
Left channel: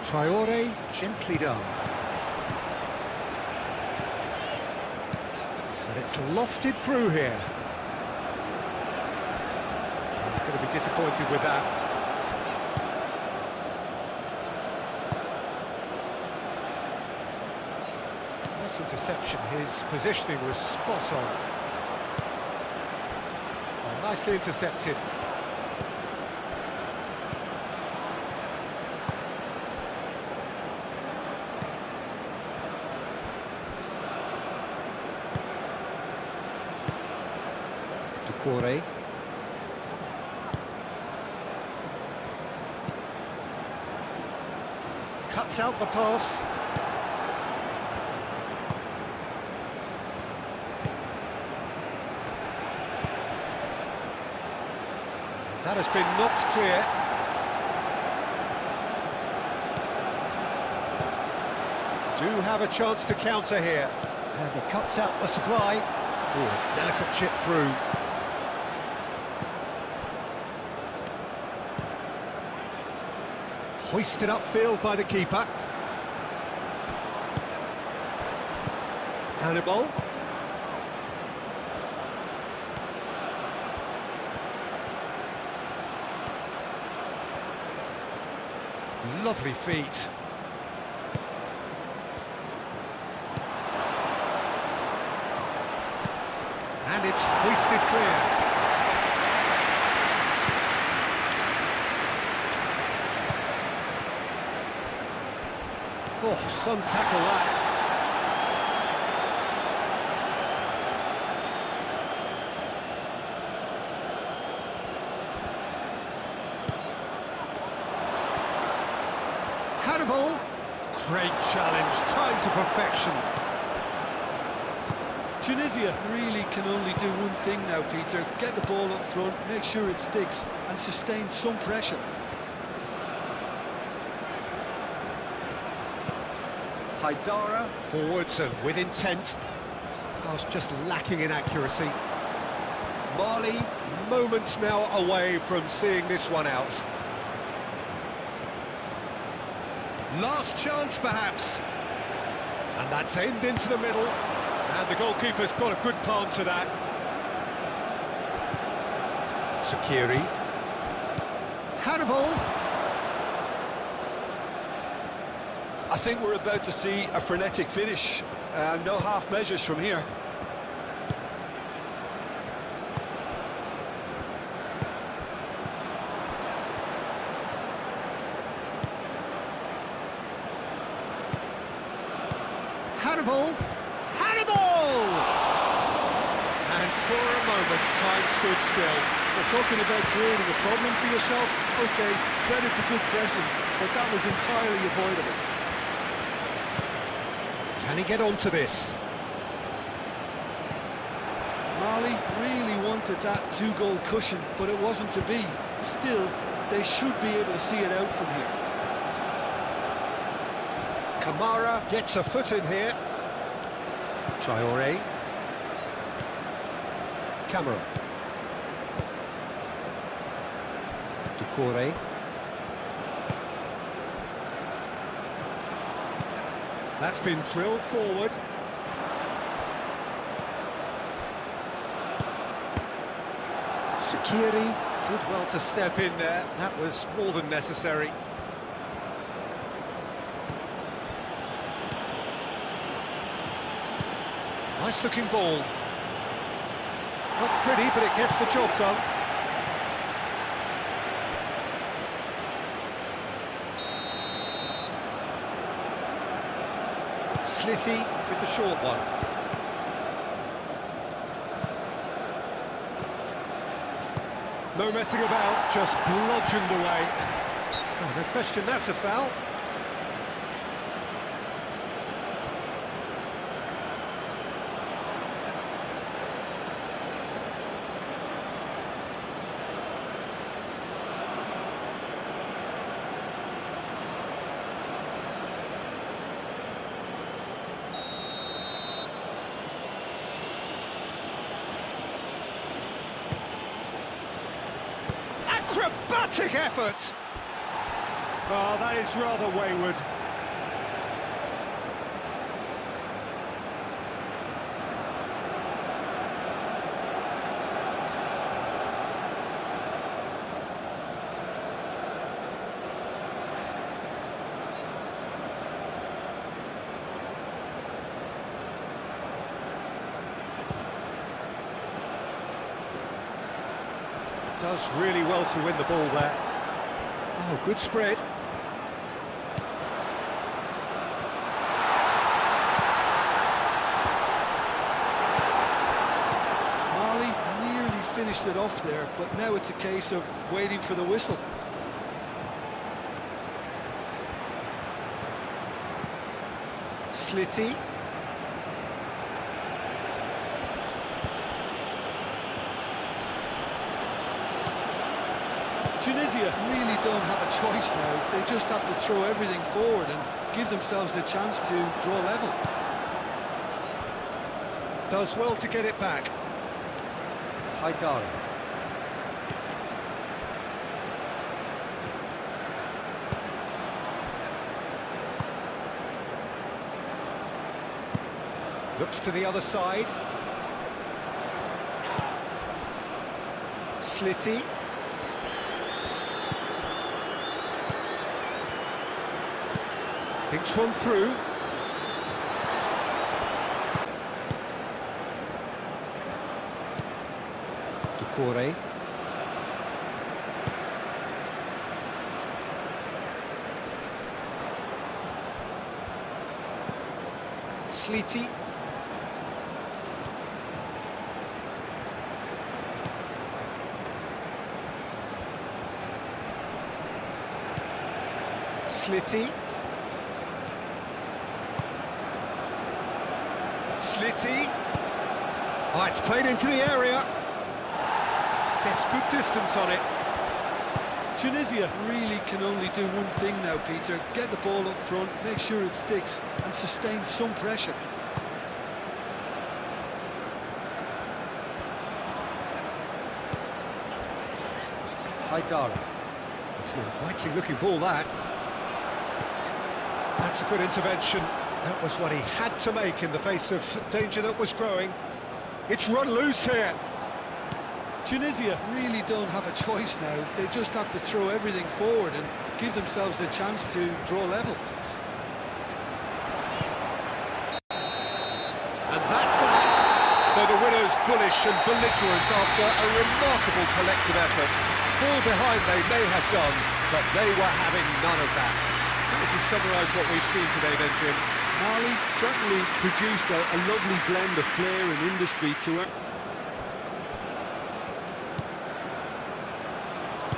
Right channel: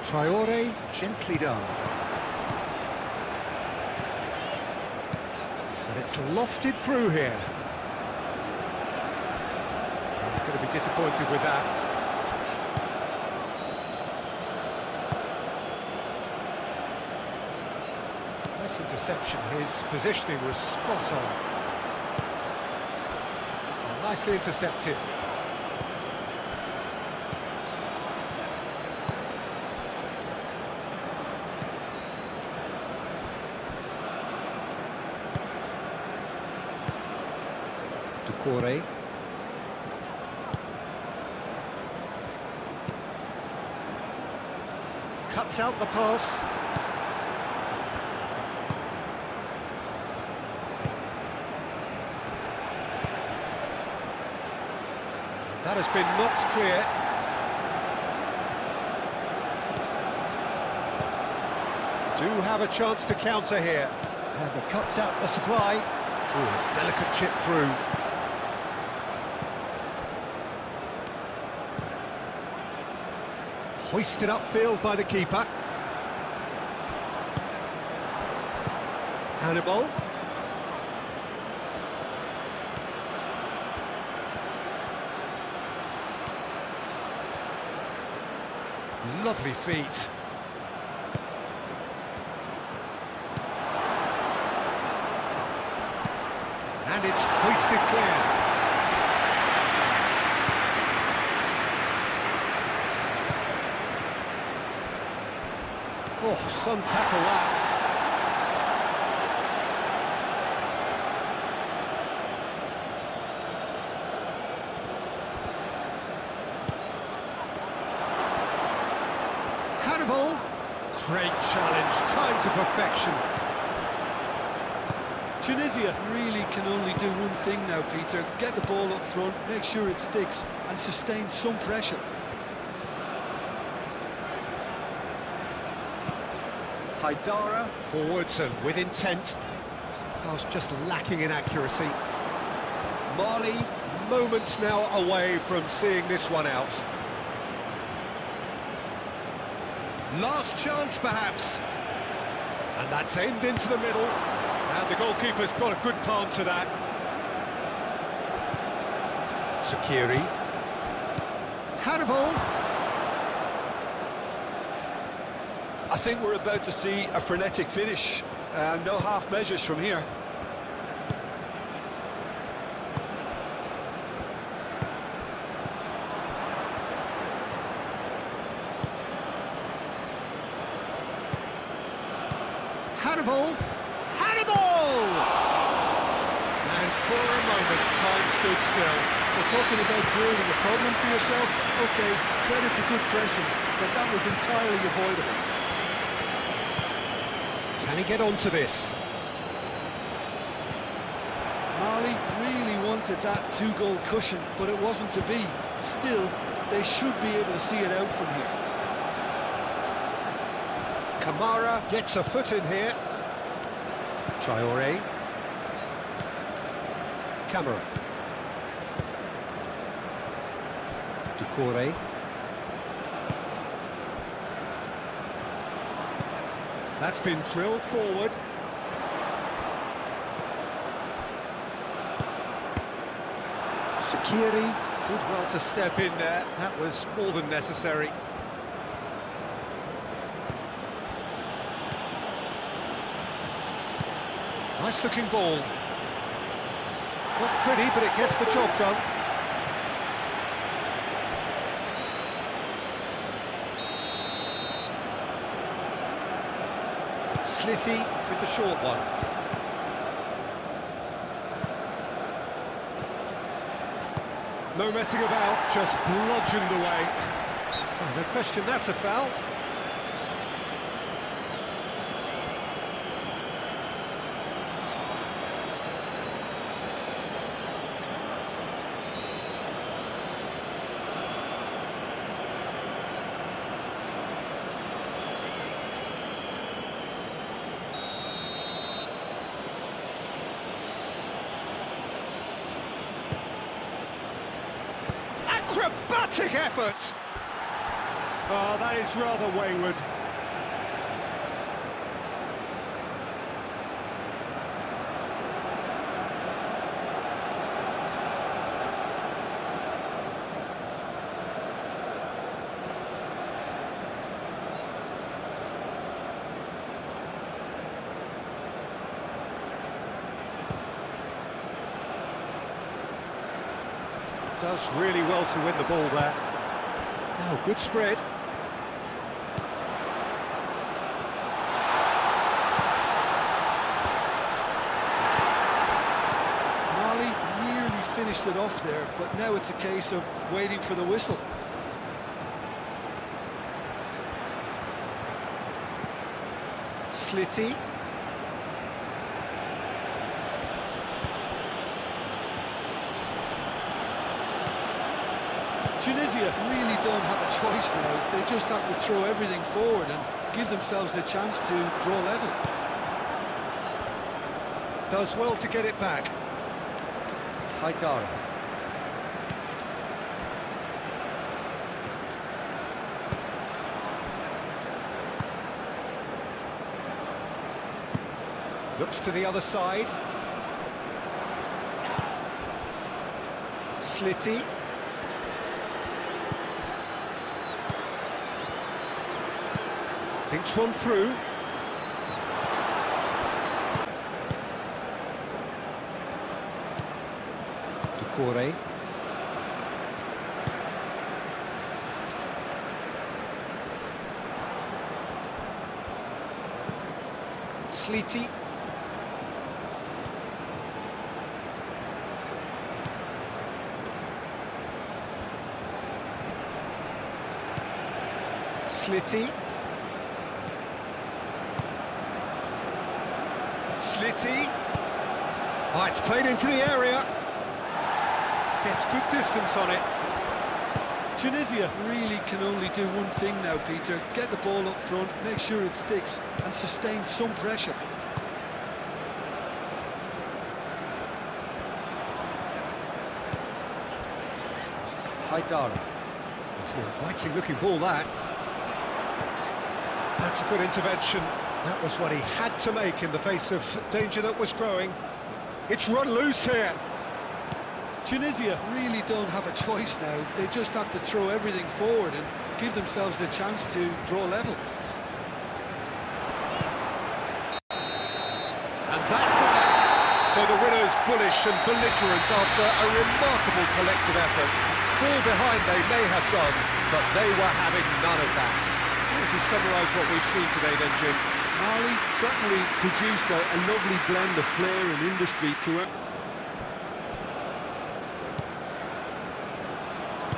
Traoré, gently done. But it's lofted through here. He's going to be disappointed with that. Nice interception, his positioning was spot on. Oh, nicely intercepted. Corey. Cuts out the pass. That has been knocked clear. Do have a chance to counter here. And he cuts out the supply. Ooh, a delicate chip through. Hoisted upfield by the keeper. Hannibal. Lovely feet. And it's hoisted clear. Oh, some tackle that. Hannibal. Great challenge, time to perfection. Tunisia really can only do one thing now, Peter. Get the ball up front, make sure it sticks, and sustain some pressure. Haidara. Forwards and with intent. Pass just lacking in accuracy. Mali. Moments now away from seeing this one out. Last chance, perhaps. And that's aimed into the middle. And the goalkeeper's got a good palm to that. Sakiri. Hannibal. I think we're about to see a frenetic finish. No half measures from here. Hannibal. Hannibal! And for a moment, time stood still. We're talking about creating a problem for yourself. OK, credit to good pressing, but that was entirely avoidable. Can he get onto this? Mali really wanted that two-goal cushion, but it wasn't to be. Still, they should be able to see it out from here. Kamara gets a foot in here. Traoré. Camera. Doucouré. That's been drilled forward. Sakiri Did well to step in there. That was more than necessary. Nice looking ball. Not pretty, but it gets the job done. Slitty with the short one. No messing about, just bludgeoned away. Oh, no question, that's a foul. Acrobatic effort! Oh, that is rather wayward. Does really well to win the ball there. Oh, good spread. Mali nearly finished it off there, but now it's a case of waiting for the whistle. Slitty. Tunisia really don't have a choice now. They just have to throw everything forward and give themselves a chance to draw level. Does well to get it back. Haidara. Looks to the other side. Slitty. Thinks one through. Doucouré. Sliti. Sliti. Sliti. Oh, it's played into the area. Gets good distance on it. Tunisia really can only do one thing now, Peter. Get the ball up front, make sure it sticks, and sustain some pressure. Haidara. It's an inviting looking ball, that. That's a good intervention. That was what he had to make in the face of danger that was growing. It's run loose here. Tunisia really don't have a choice now. They just have to throw everything forward and give themselves a chance to draw level. And that's that. So the winner's bullish and belligerent after a remarkable collective effort. Fall behind they may have done, but they were having none of that. How would you summarise what we've seen today then, Jim? Mali certainly produced a lovely blend of flair and industry to earn.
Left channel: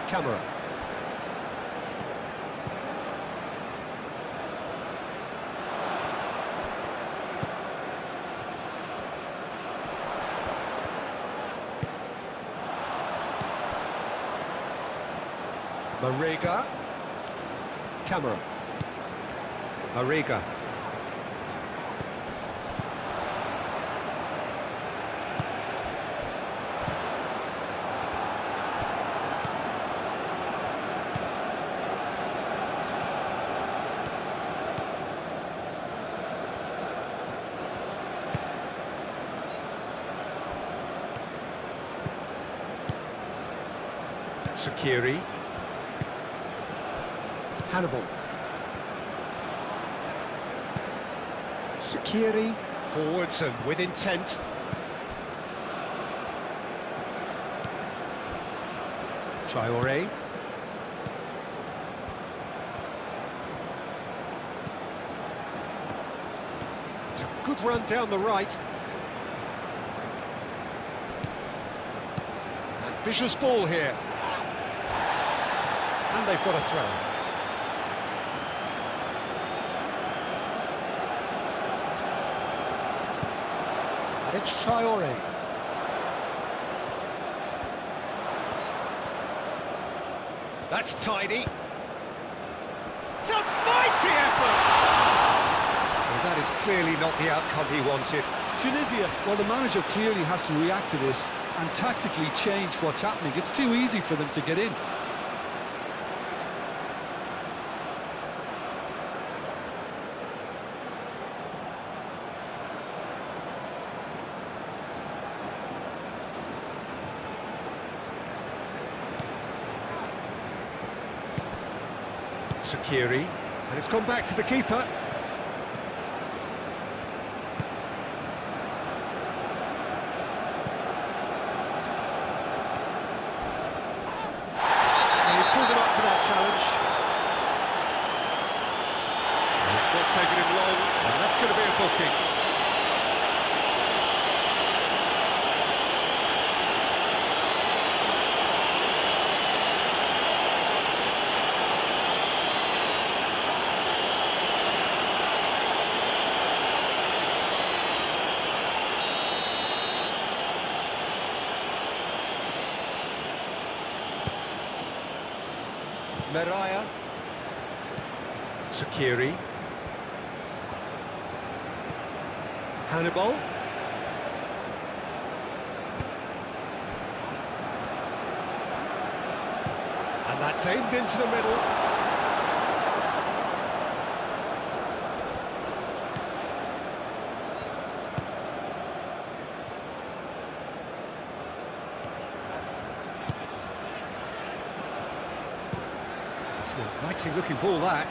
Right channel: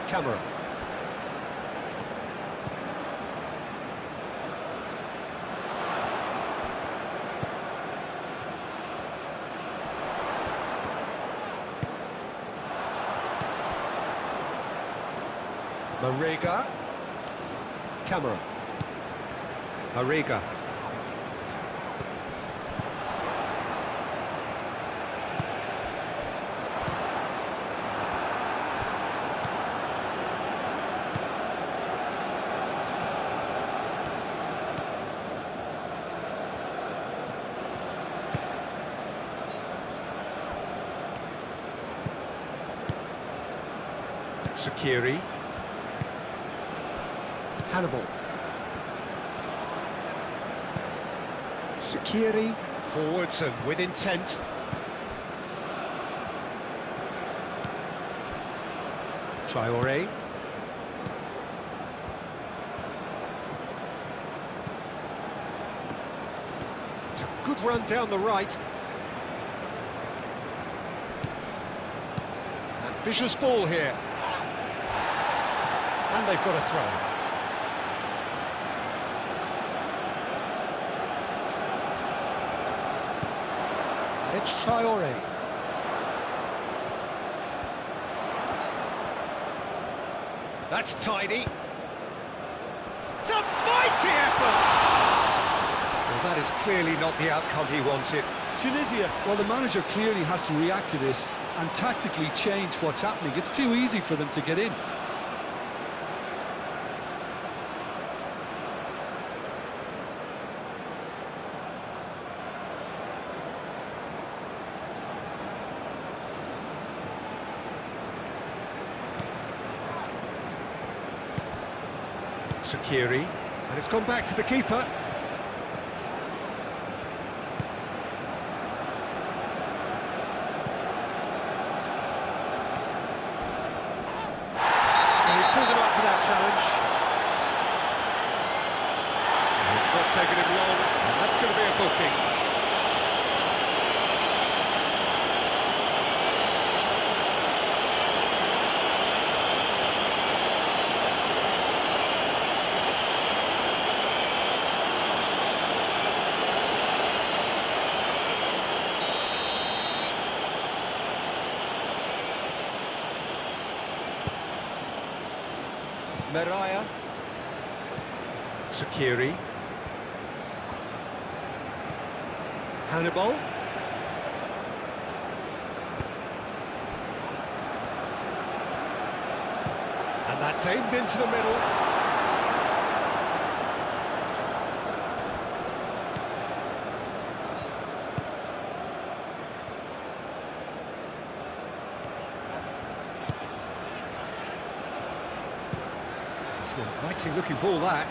Camera. Marega. Camera. Marega. Sakiri. Hannibal. Sakiri. Forwards and with intent. Traore. It's a good run down the right. Ambitious ball here. And they've got a throw. And it's Traore. That's tidy. It's a mighty effort! Well, that is clearly not the outcome he wanted. Tunisia, well, the manager clearly has to react to this and tactically change what's happening. It's too easy for them to get in. Sakiri, and it's gone back to the keeper. He's pulled him up for that challenge. It's not taken him long, and that's going to be a booking. Meraya. Sakiri. Hannibal. And that's aimed into the middle. It's an inviting looking ball, that.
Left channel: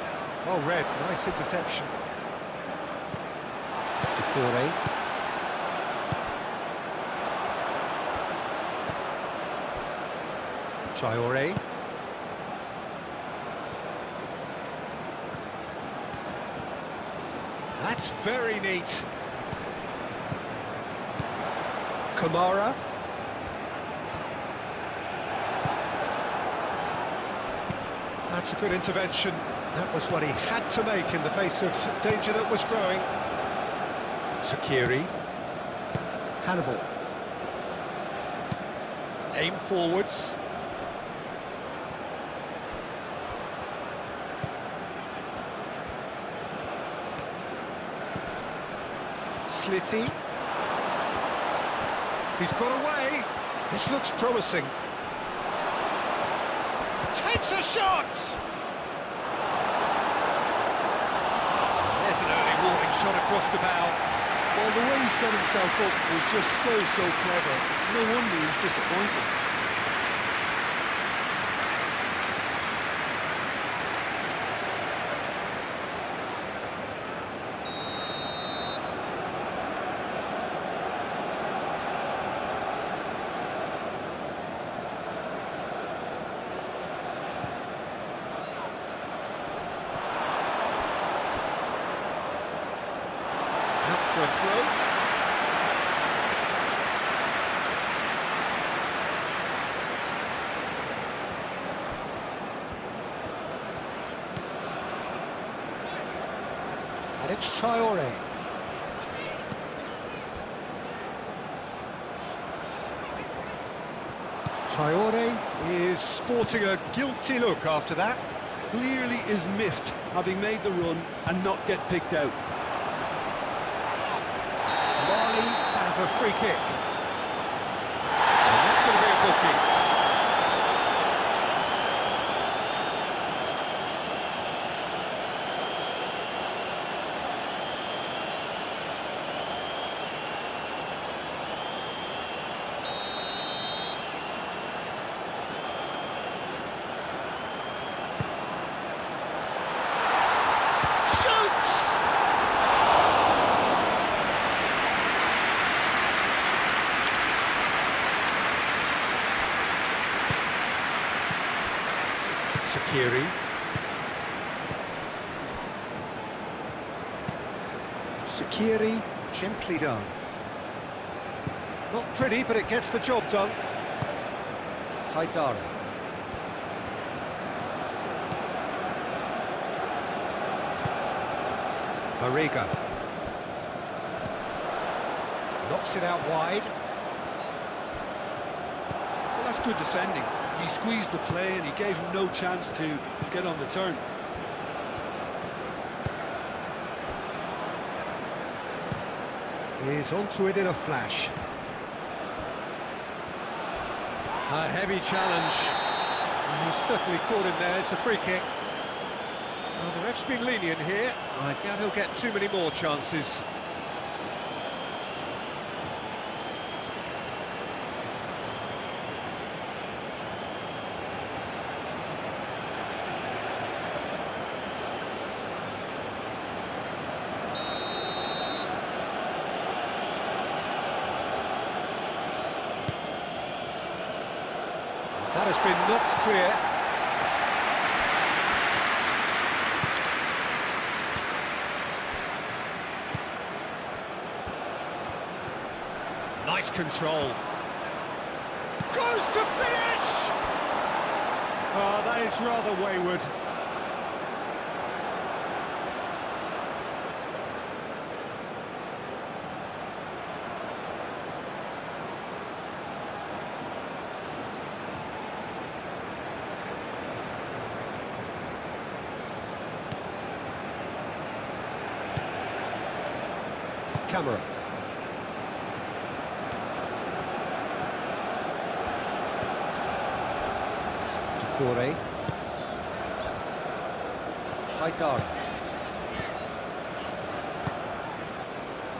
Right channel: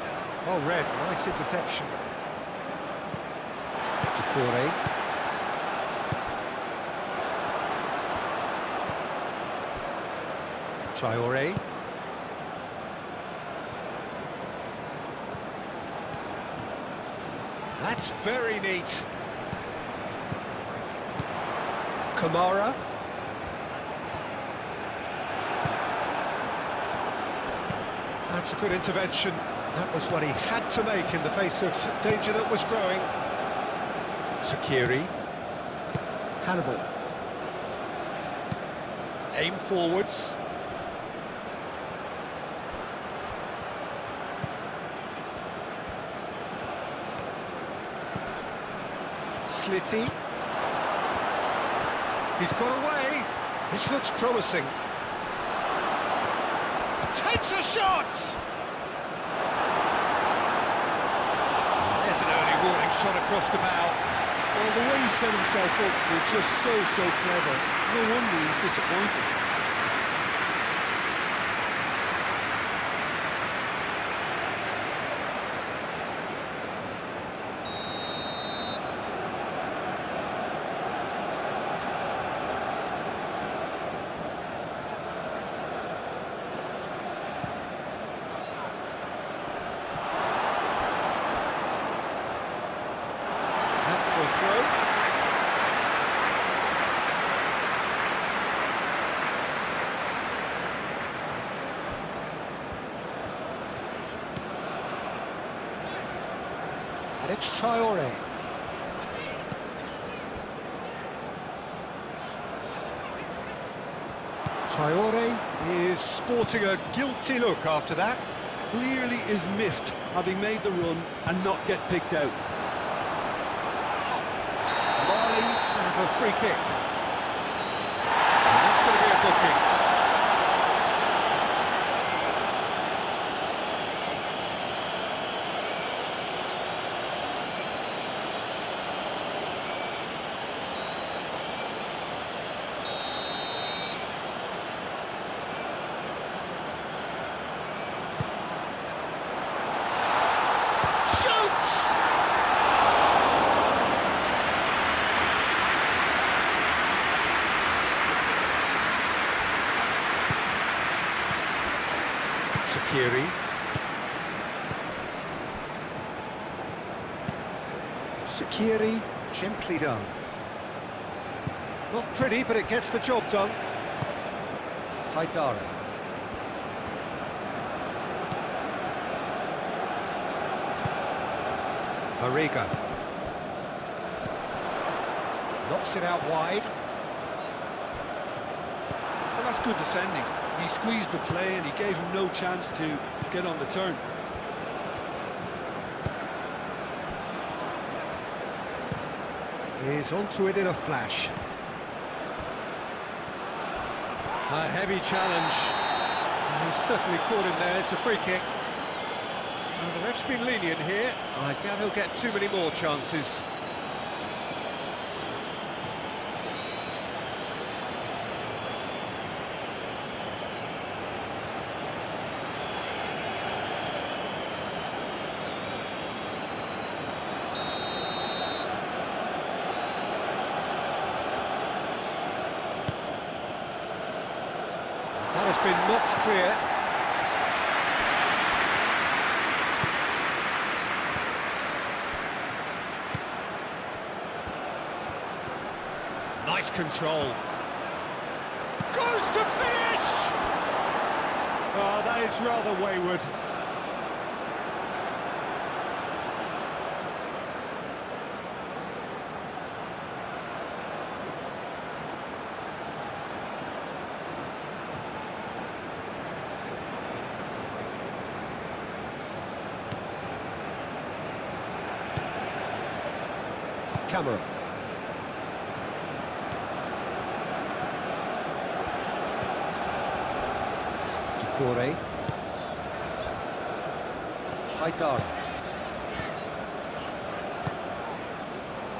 Well read, nice interception. Decore. Traore. That's very neat. Kamara. That's a good intervention. That was what he had to make in the face of danger that was growing. Sakiri. Hannibal. Aim forwards. Slitty. He's got away. This looks promising. Takes a shot! And there's an early warning shot across the bow. Well, the way he set himself up was just so clever. No wonder he's disappointed. Out for a throw. And it's Traore. Traore is sporting a guilty look after that. Clearly is miffed, having made the run and not get picked out. Mali have a free kick. And that's going to be a booking. Shoots! Sakiri. Sakiri, gently done. Not pretty, but it gets the job done. Haidara. Mariga. Knocks it out wide. Well, that's good defending. He squeezed the play and he gave him no chance to get on the turn. He's onto it in a flash. A heavy challenge. And he's certainly caught him there. It's a free kick. Well, the ref's been lenient here. I doubt he'll get too many more chances. That has been knocked clear. Nice control. Goes to finish! Oh, that is rather wayward. Camera. Ducouré. Haidara.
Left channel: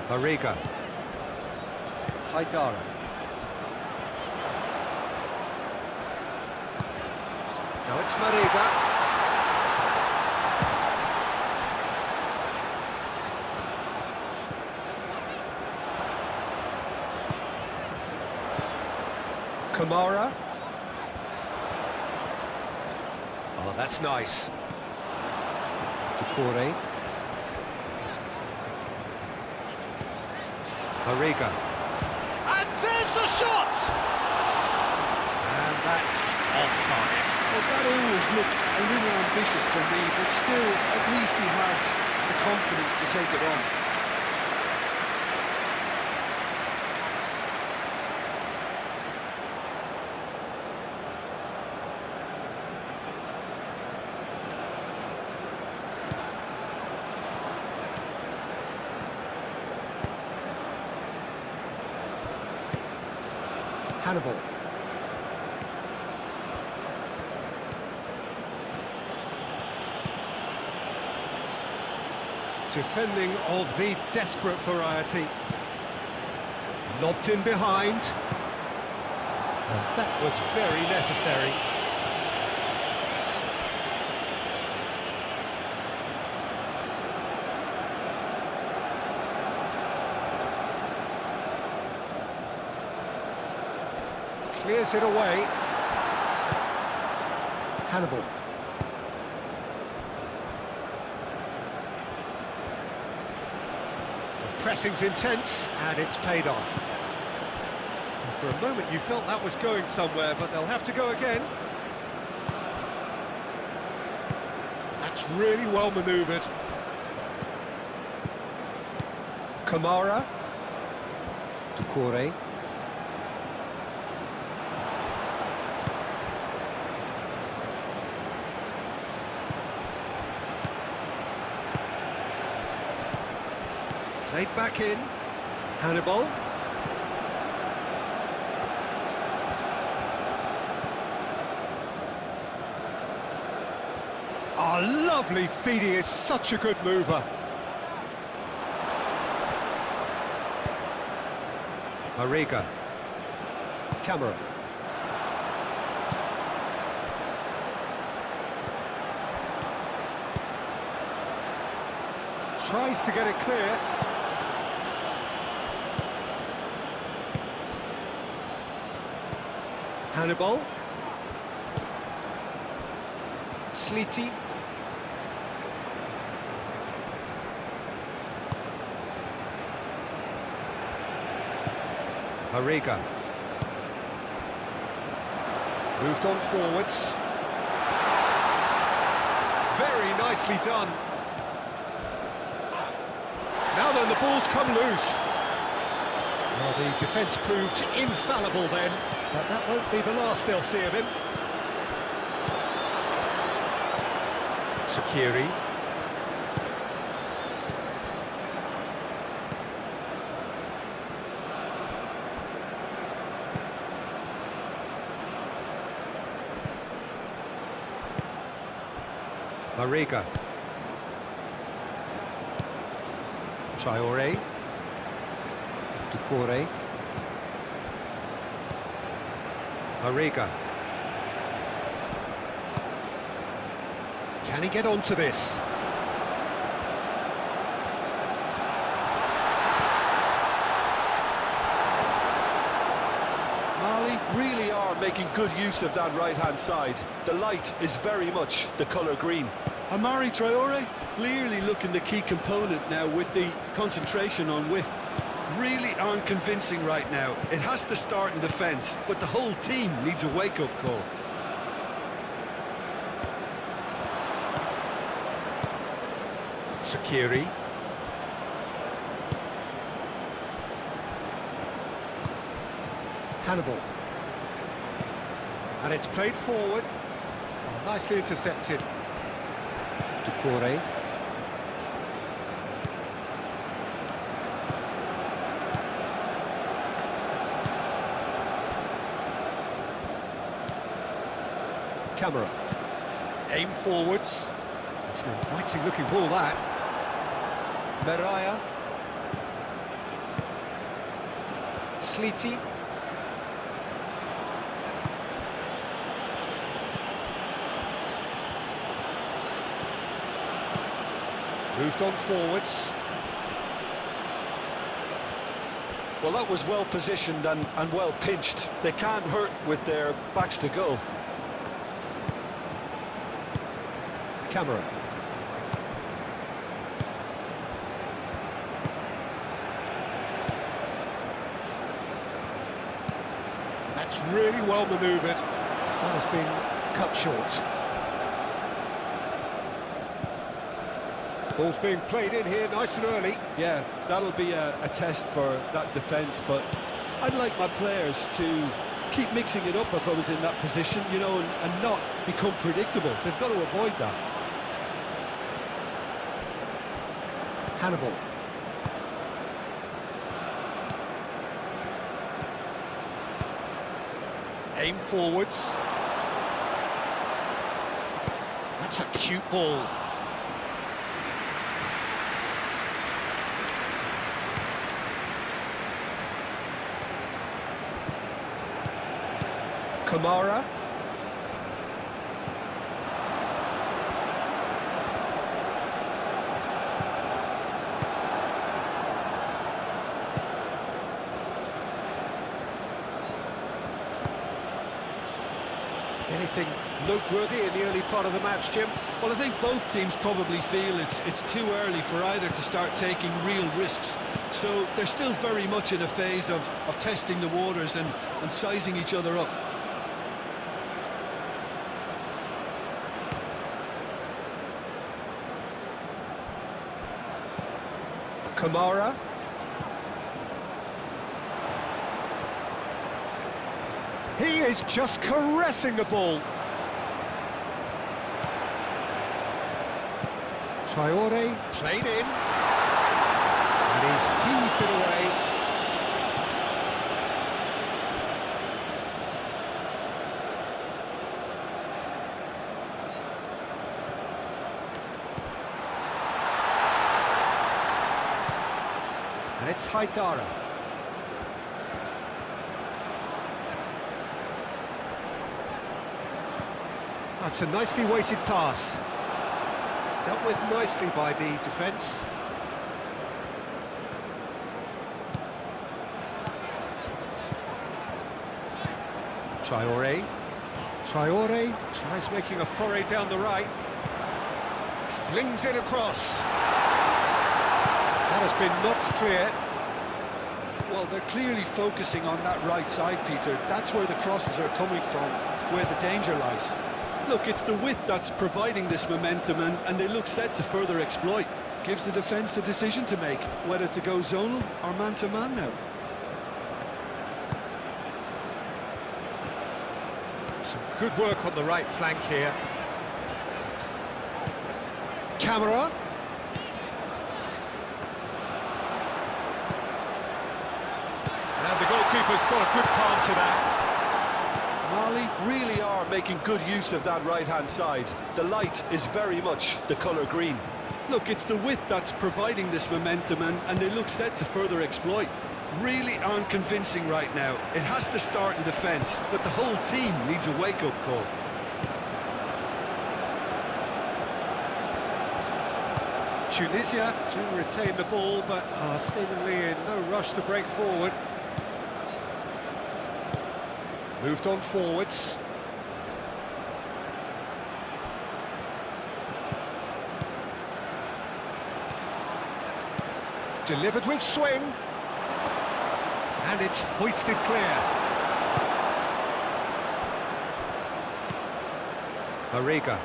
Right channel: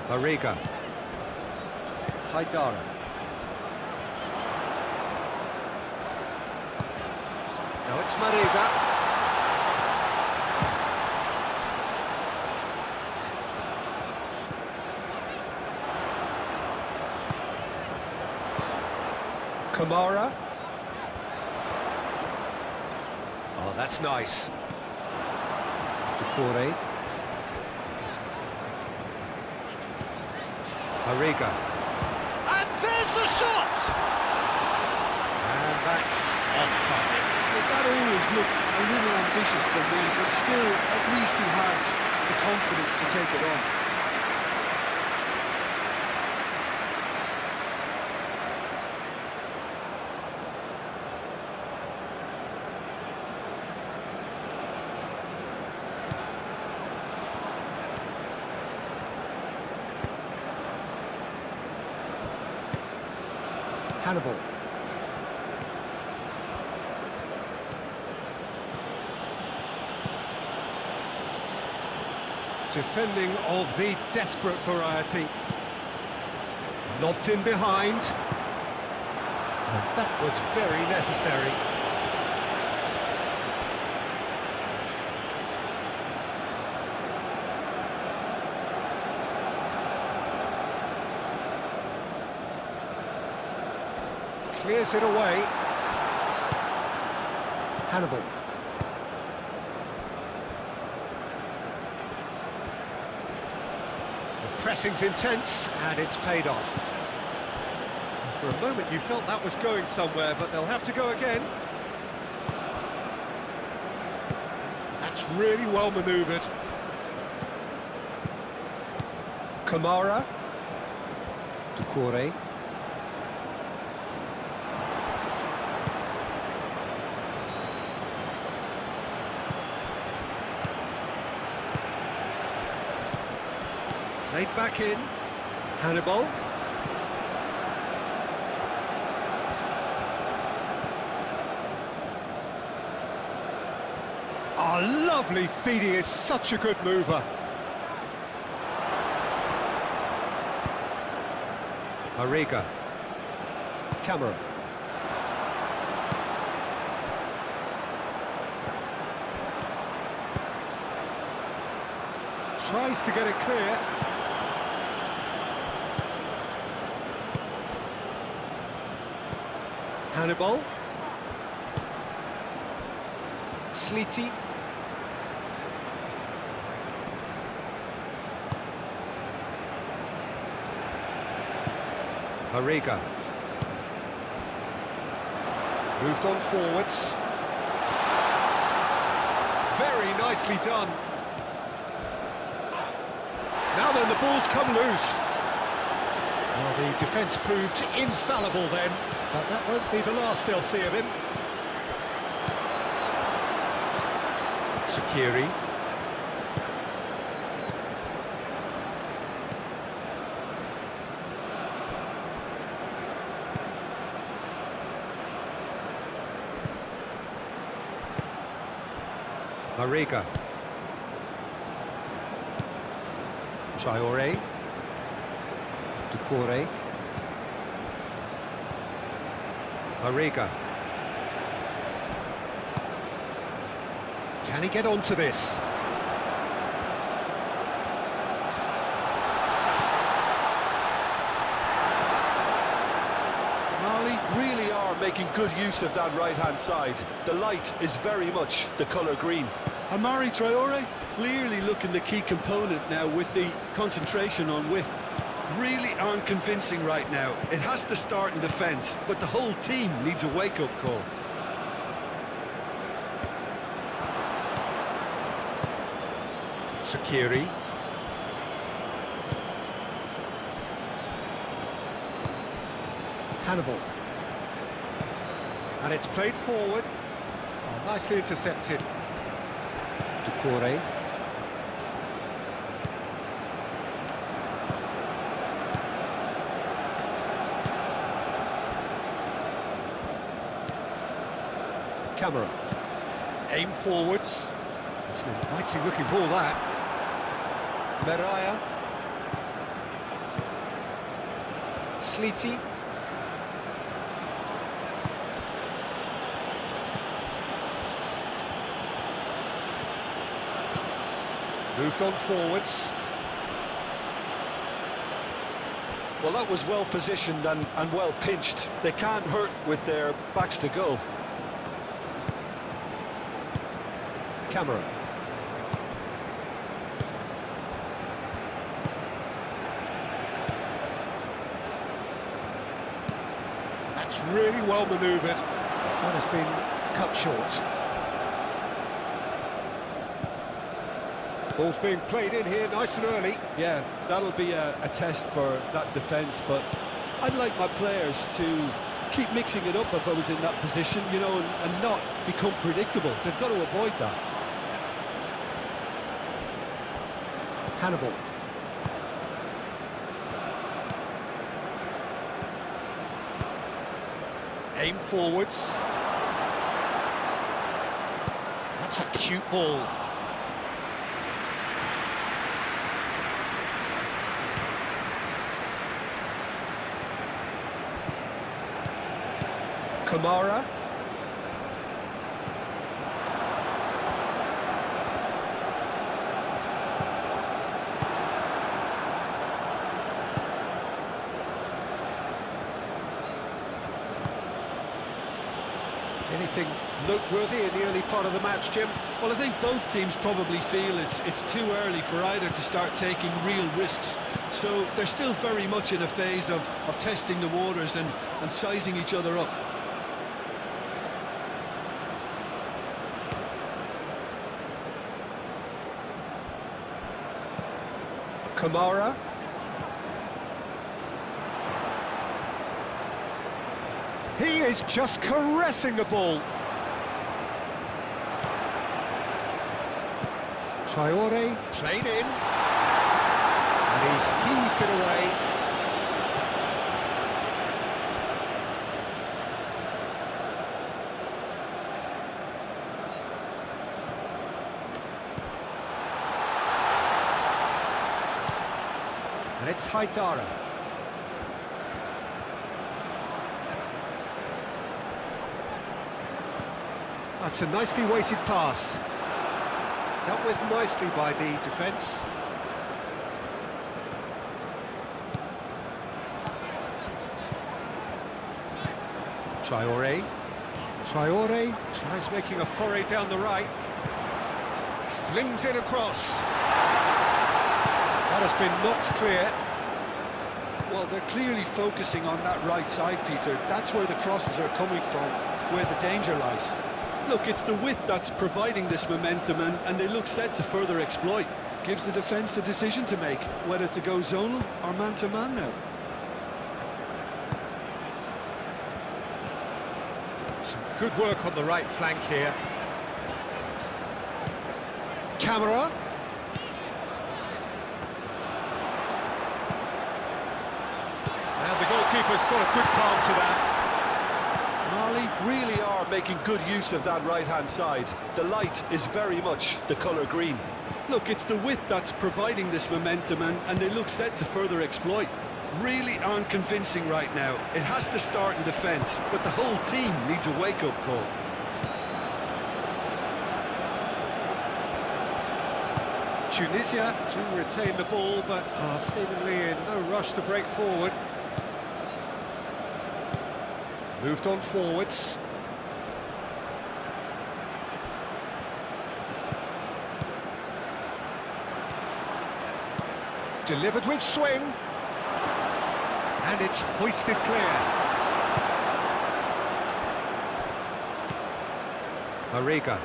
Mariga. Haidara. Now it's Mariga. Kamara. Oh, that's nice. Ducouré. Mariga. And there's the shot! And that's off target. Well, that always looked a little ambitious for me, but still, at least he had the confidence to take it on. Hannibal. Defending of the desperate variety. Lobbed in behind. And that was very necessary. Clears it away. Hannibal. The pressing's intense, and it's paid off. And for a moment you felt that was going somewhere, but they'll have to go again. That's really well manoeuvred. Kamara. Doucouré. Played back in. Hannibal. Oh, lovely feed. He is such a good mover. Mariga. Camera. Tries to get it clear. Hannibal. Sleety. Mariga. Moved on forwards. Very nicely done. Now then, the ball's come loose. Well, the defence proved infallible then, but that won't be the last they'll see of him. Shaqiri. Mariga. Traoré. Doucouré. Mariga. Can he get onto this? Mali really are making good use of that right-hand side. The light is very much the colour green. Amari Traore clearly looking the key component now with the concentration on width. Really aren't convincing right now. It has to start in defence, but the whole team needs a wake-up call. Shaqiri. Hannibal. And it's played forward. Oh, nicely intercepted. Doucouré. Camera. Aim forwards. It's an inviting looking ball, that. Meraya. Sleety. Moved on forwards. Well, that was well positioned and well pinched. They can't hurt with their backs to goal. Camera. That's really well manoeuvred. That has been cut short. Ball's being played in here nice and early. Yeah, that'll be a test for that defence, but I'd like my players to keep mixing it up if I was in that position, you know, and not become predictable. They've got to avoid that. Hannibal. Aim forwards. That's a cute ball. Kamara. Anything noteworthy in the early part of the match, Jim? Well, I think both teams probably feel it's too early for either to start taking real risks. So they're still very much in a phase of testing the waters and sizing each other up. Kamara. He is just caressing the ball. Traore played in. And he's heaved it away. And it's Haidara. That's a nicely weighted pass. Dealt with nicely by the defence. Traore. Traore tries making a foray down the right. Flings it across. That has been knocked clear. Well, they're clearly focusing on that right side, Peter. That's where the crosses are coming from, where the danger lies. Look, it's the width that's providing this momentum, and they look set to further exploit. Gives the defence a decision to make, whether to go zonal or man-to-man now. Some good work on the right flank here. Camera. And the goalkeeper's got a good palm to that. Mali really are making good use of that right-hand side. The light is very much the colour green. Look, it's the width that's providing this momentum, and they look set to further exploit. Really aren't convincing right now. It has to start in defence, but the whole team needs a wake-up call. Tunisia do retain the ball, but are seemingly in no rush to break forward. Moved on forwards. Delivered with swing. And it's hoisted clear. Mariga.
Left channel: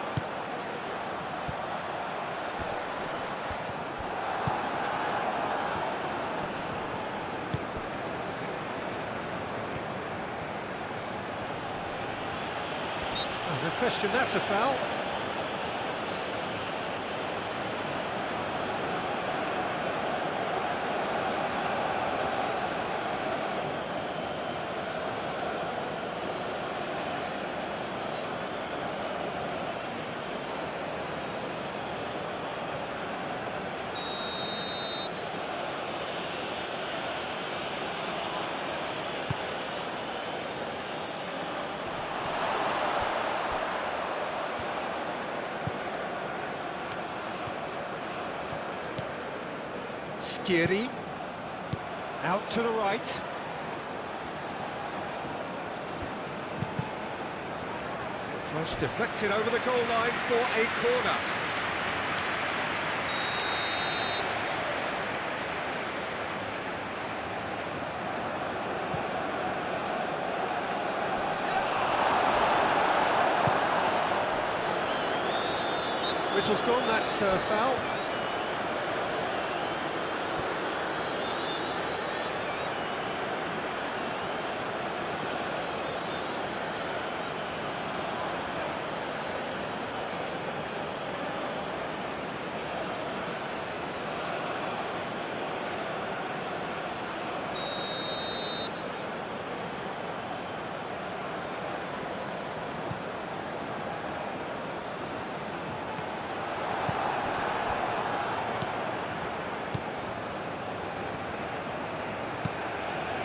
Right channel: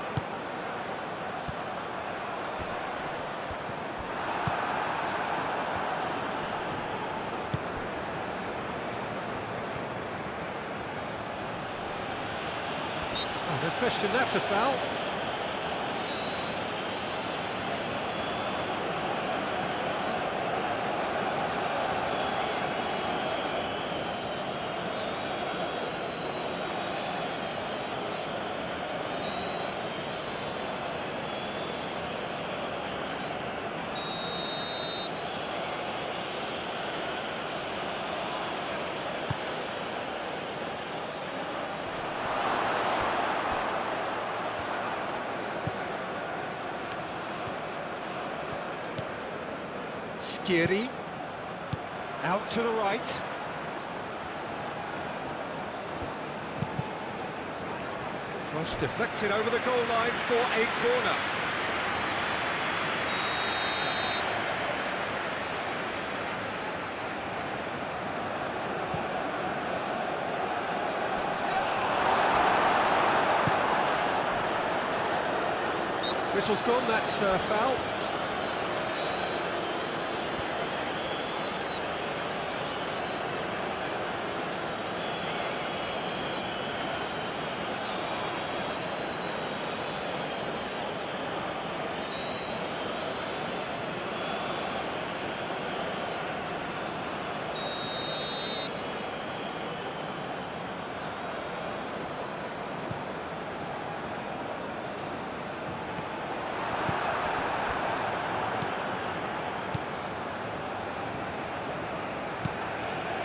No question, that's a foul. Skiri. Out to the right. Cross deflected over the goal line for a corner. Whistle's gone, that's foul.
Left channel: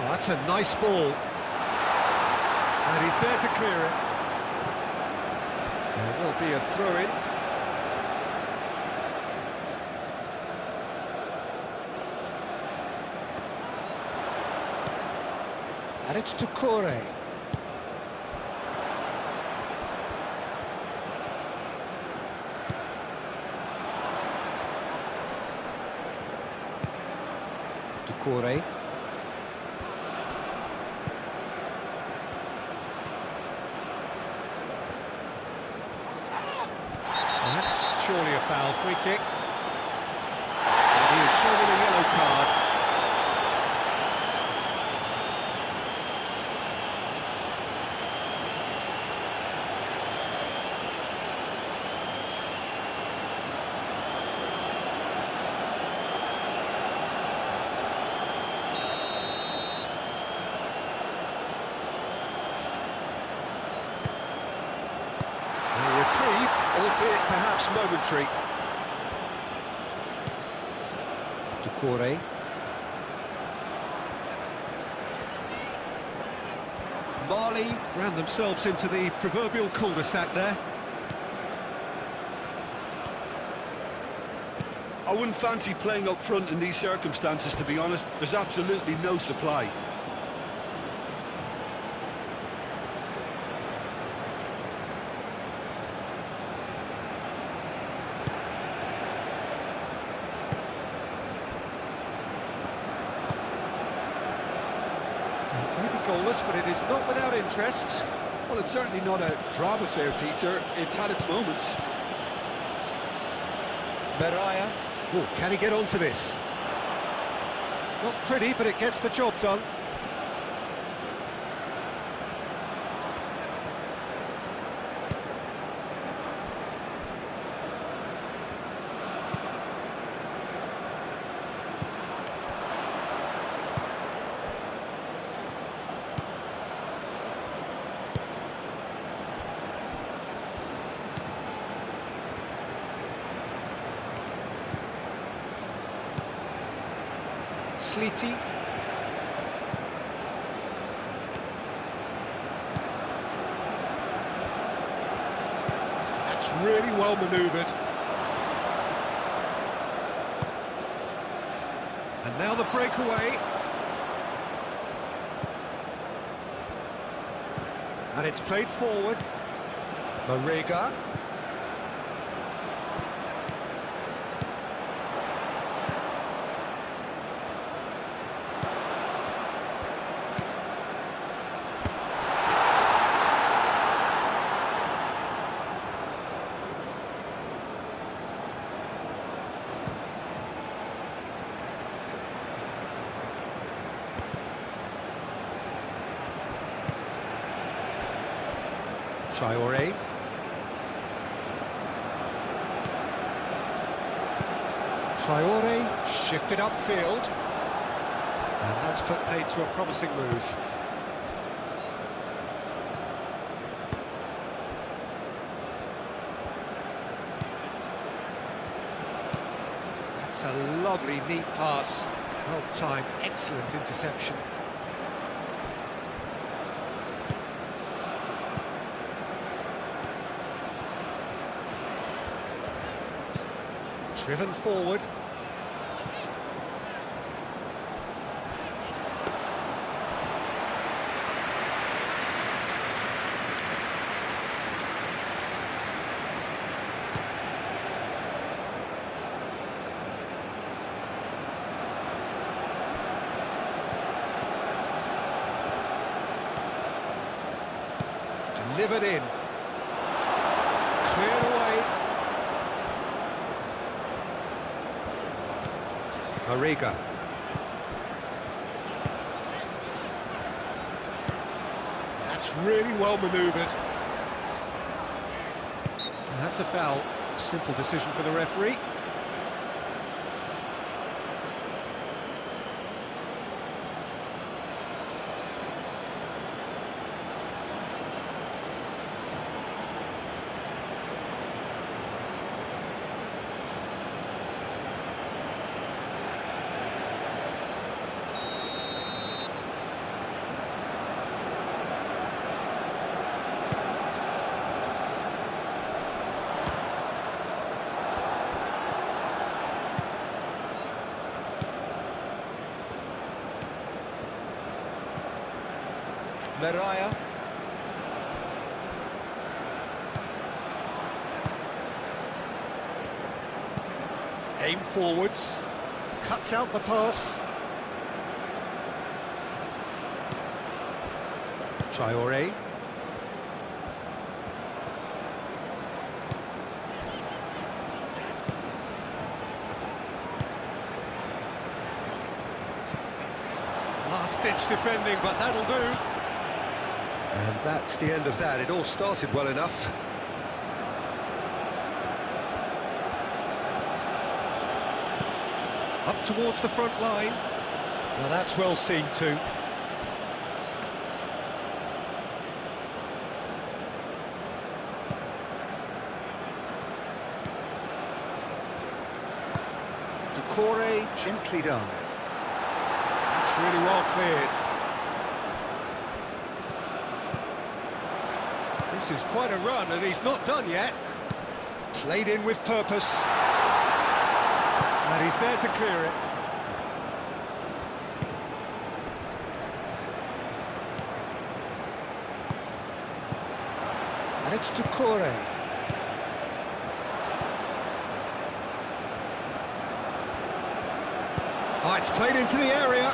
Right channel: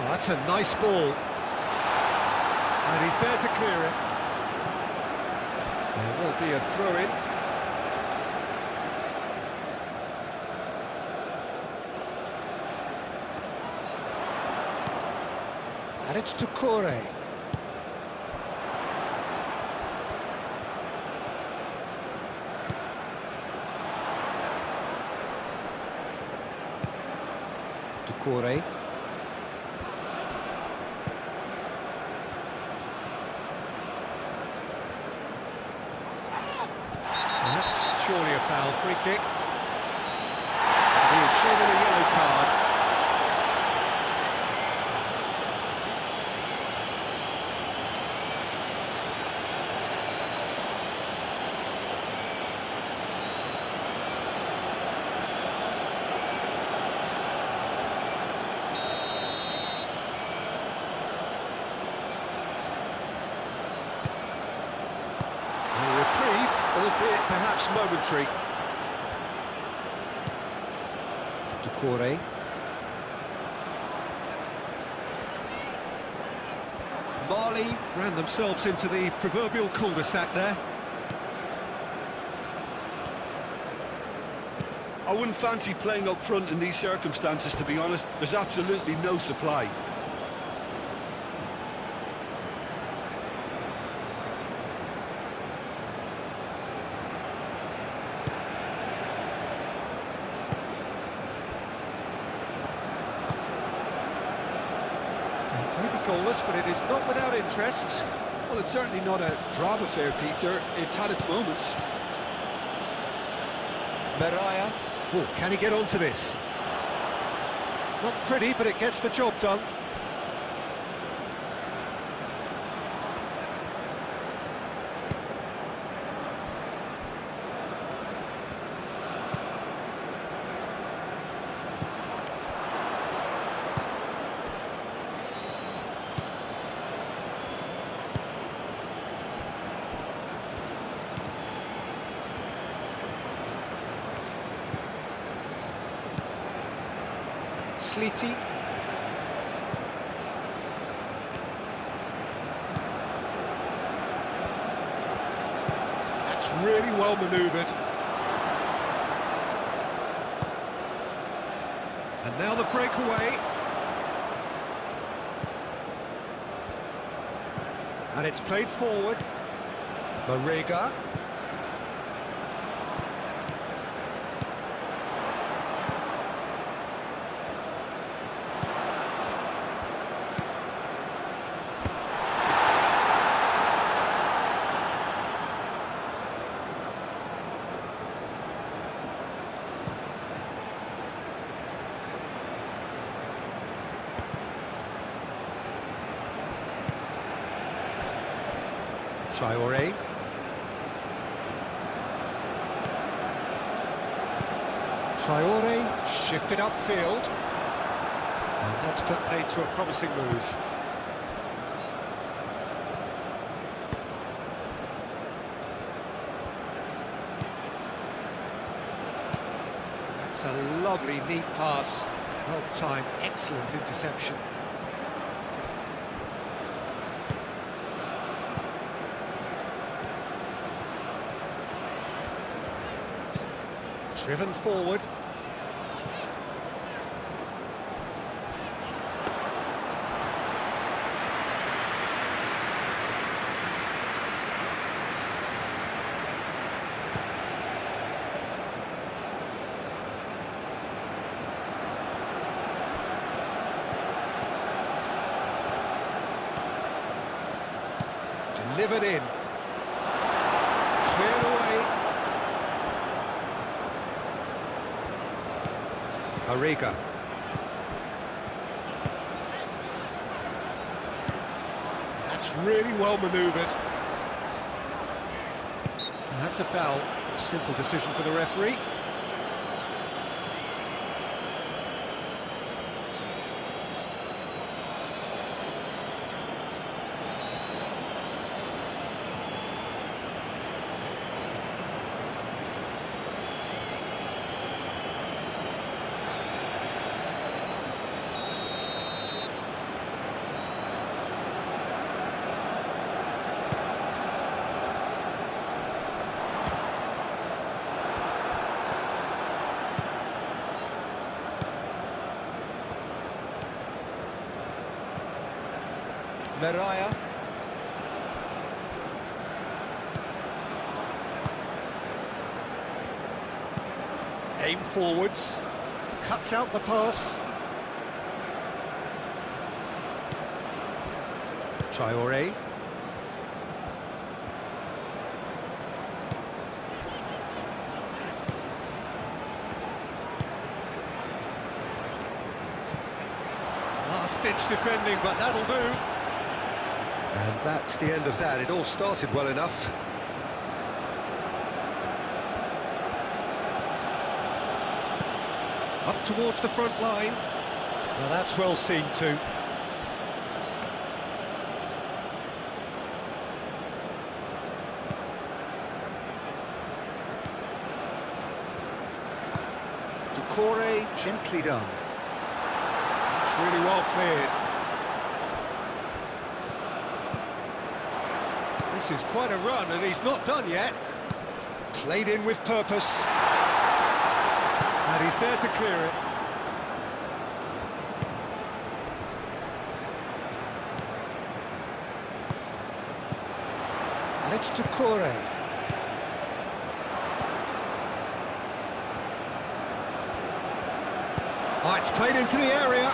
Oh, that's a nice ball. And he's there to clear it. There will be a throw-in. And it's to Corey. To Corey. That's surely a foul, free kick. And he is shown him a yellow card. A reprieve, albeit perhaps momentary. To Corey. Mali ran themselves into the proverbial cul-de-sac there. I wouldn't fancy playing up front in these circumstances, to be honest. There's absolutely no supply. Maybe goalless, but it is not without interest. Well, it's certainly not a drab affair, Peter. It's had its moments. Beraya. Oh, can he get onto this? Not pretty, but it gets the job done. Sleety. That's really well manoeuvred. And now the breakaway. And it's played forward. Marega. Traore. Traore shifted upfield. And that's put paid to a promising move. That's a lovely, neat pass. Well timed, excellent interception. Driven forward. Delivered in. Cleared away. Mariga. That's really well manoeuvred. And that's a foul. A simple decision for the referee. Meraya. Aim forwards. Cuts out the pass. Traoré. Last-ditch defending, but that'll do. And that's the end of that. It all started well enough. Up towards the front line. Now that's well seen too. Decore, gently done. That's really well cleared. This is quite a run, and he's not done yet. Played in with purpose. And he's there to clear it. And it's Decore. Oh, it's played into the area.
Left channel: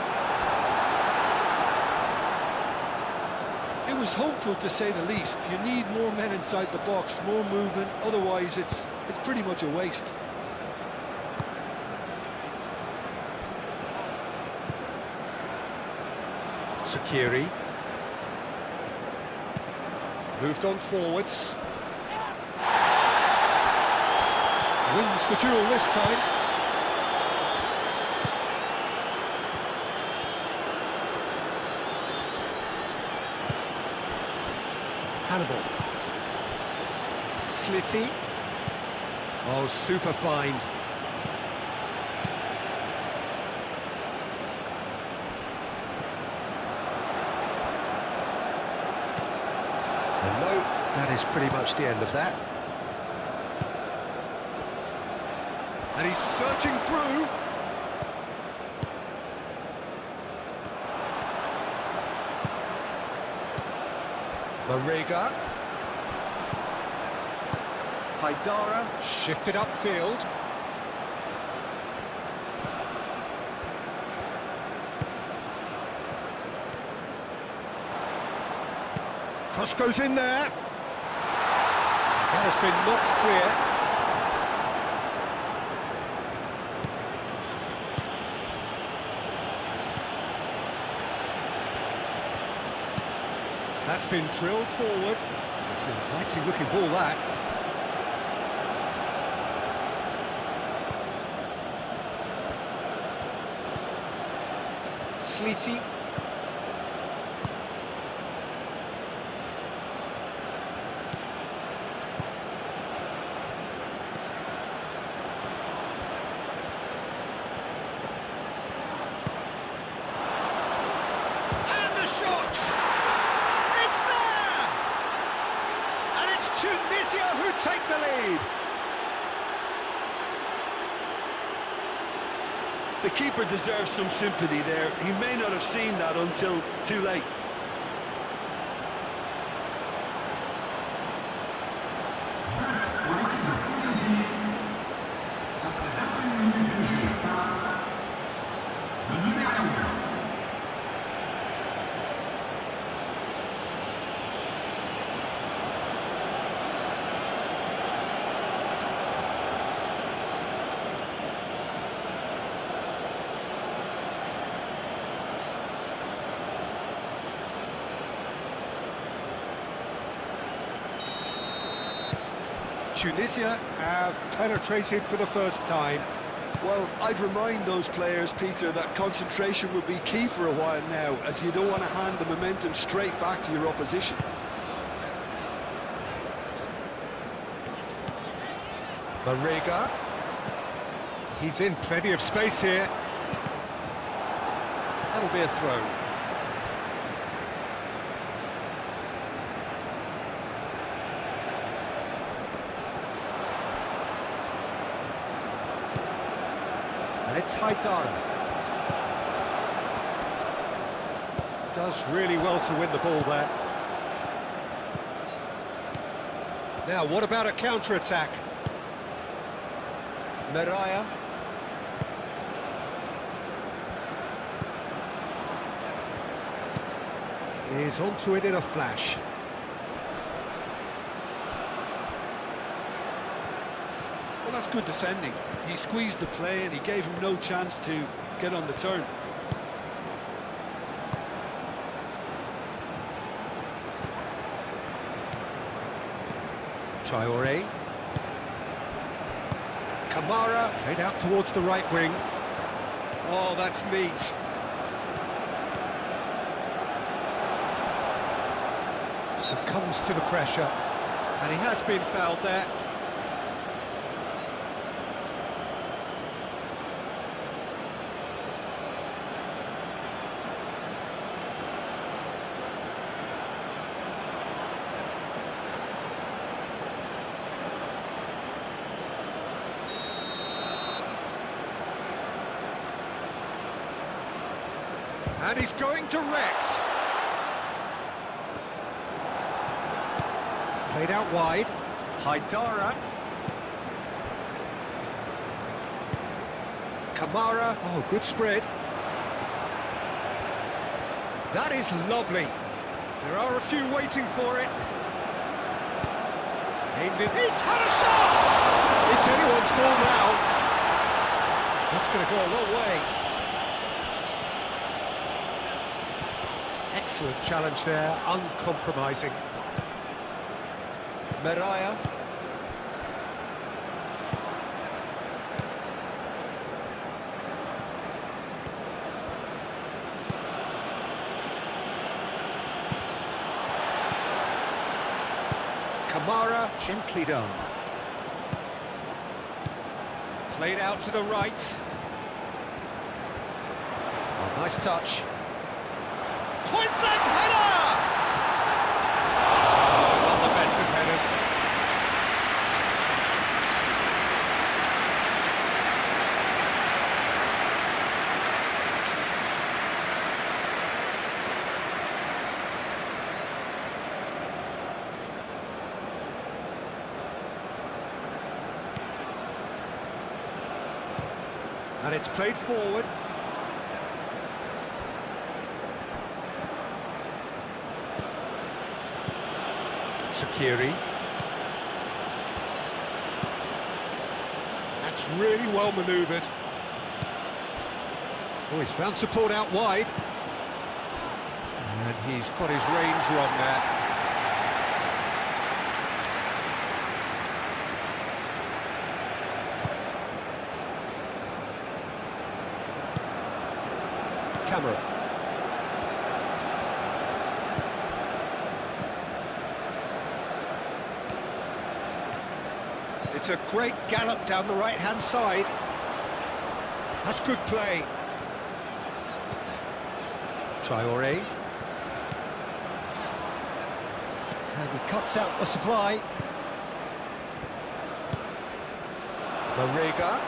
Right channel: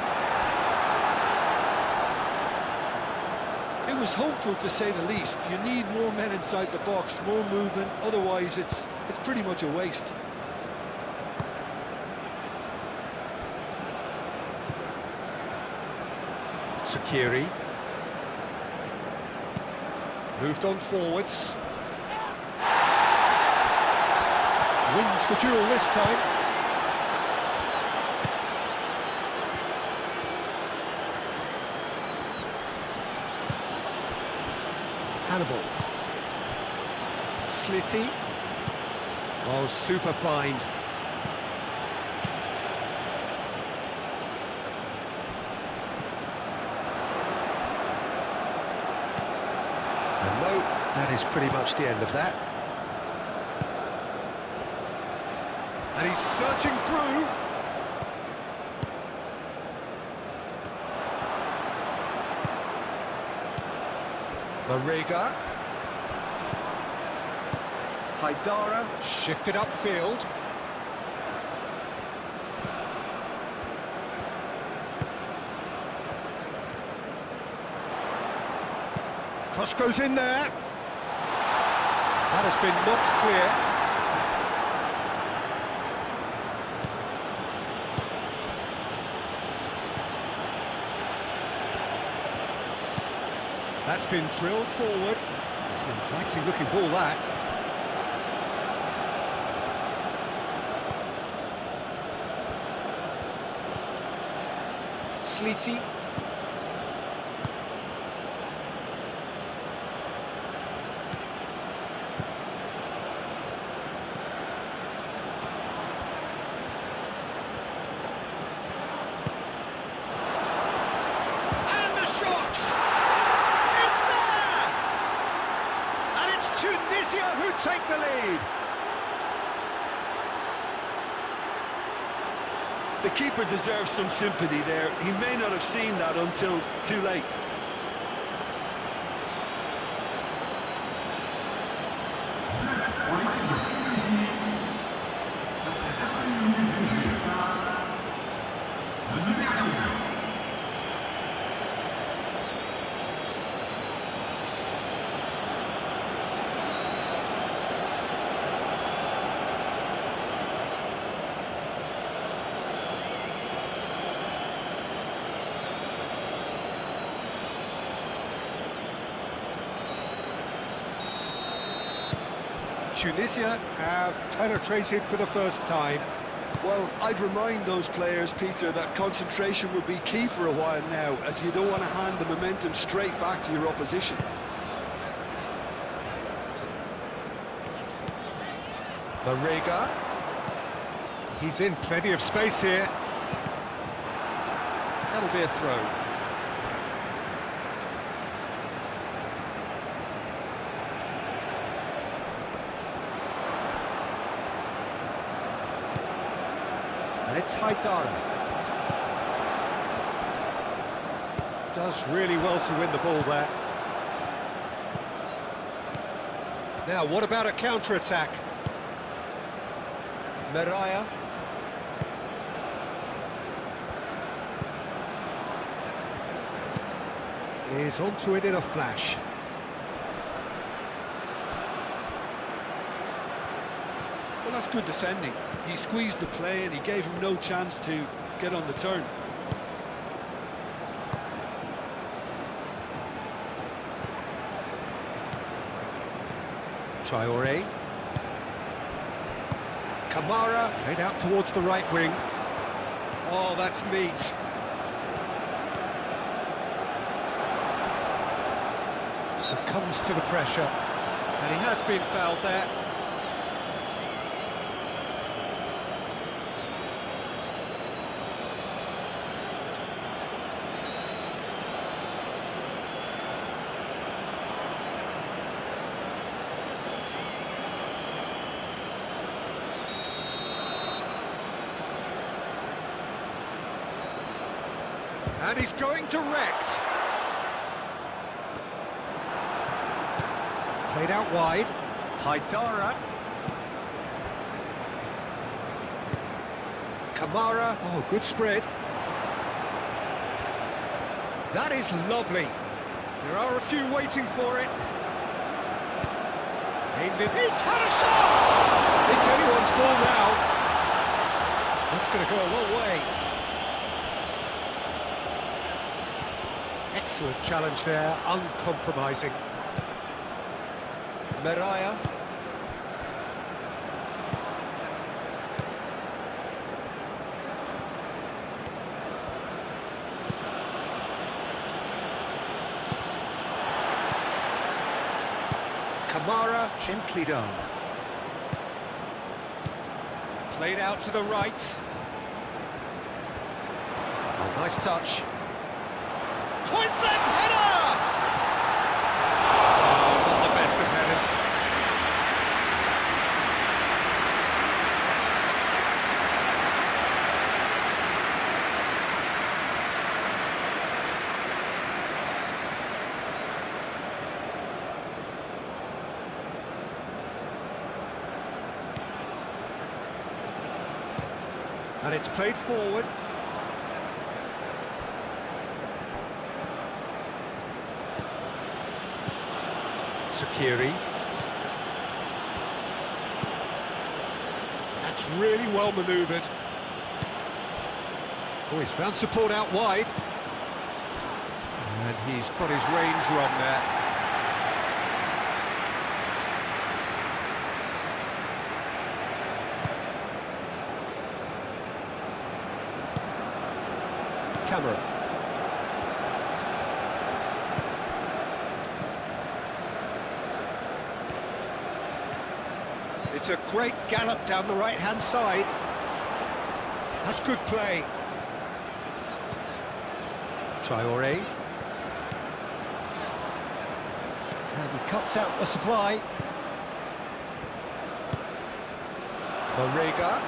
It was hopeful, to say the least. You need more men inside the box, more movement, otherwise it's pretty much a waste. Sakiri. Moved on forwards. Wins the duel this time. Hannibal. Slitty. Oh, super find. And no, that is pretty much the end of that. And he's searching through. Mariga. Haidara shifted upfield. Cross goes in there. That has been knocked clear. That's been drilled forward. It's an inviting looking ball, that. Slitty. And the shot! It's Tunisia who take the lead. The keeper deserves some sympathy there. He may not have seen that until too late. Tunisia have penetrated for the first time. Well, I'd remind those players, Peter, that concentration will be key for a while now, as you don't want to hand the momentum straight back to your opposition. Marega. He's in plenty of space here. That'll be a throw. And it's Haidara. Does really well to win the ball there. Now, what about a counter-attack? Meraya. Is onto it in a flash. Well, that's good defending. He squeezed the play and he gave him no chance to get on the turn. Traoré. Kamara, played out towards the right wing. Oh, that's neat. Succumbs to the pressure. And he has been fouled there. And he's going direct. Played out wide. Haidara. Kamara. Oh, good spread. That is lovely. There are a few waiting for it. Aimed in. He's had a shot! It's anyone's ball now. That's going to go a long way. Excellent challenge there, uncompromising. Meraya. Kamara, gently done. Played out to the right. Oh, nice touch. Point blank header! Oh, not the best of headers. And it's played forward. Sakiri. That's really well manoeuvred. Oh, he's found support out wide. And he's got his range wrong there. Camera. It's a great gallop down the right-hand side. That's good play. Traoré. And he cuts out the supply. Marega.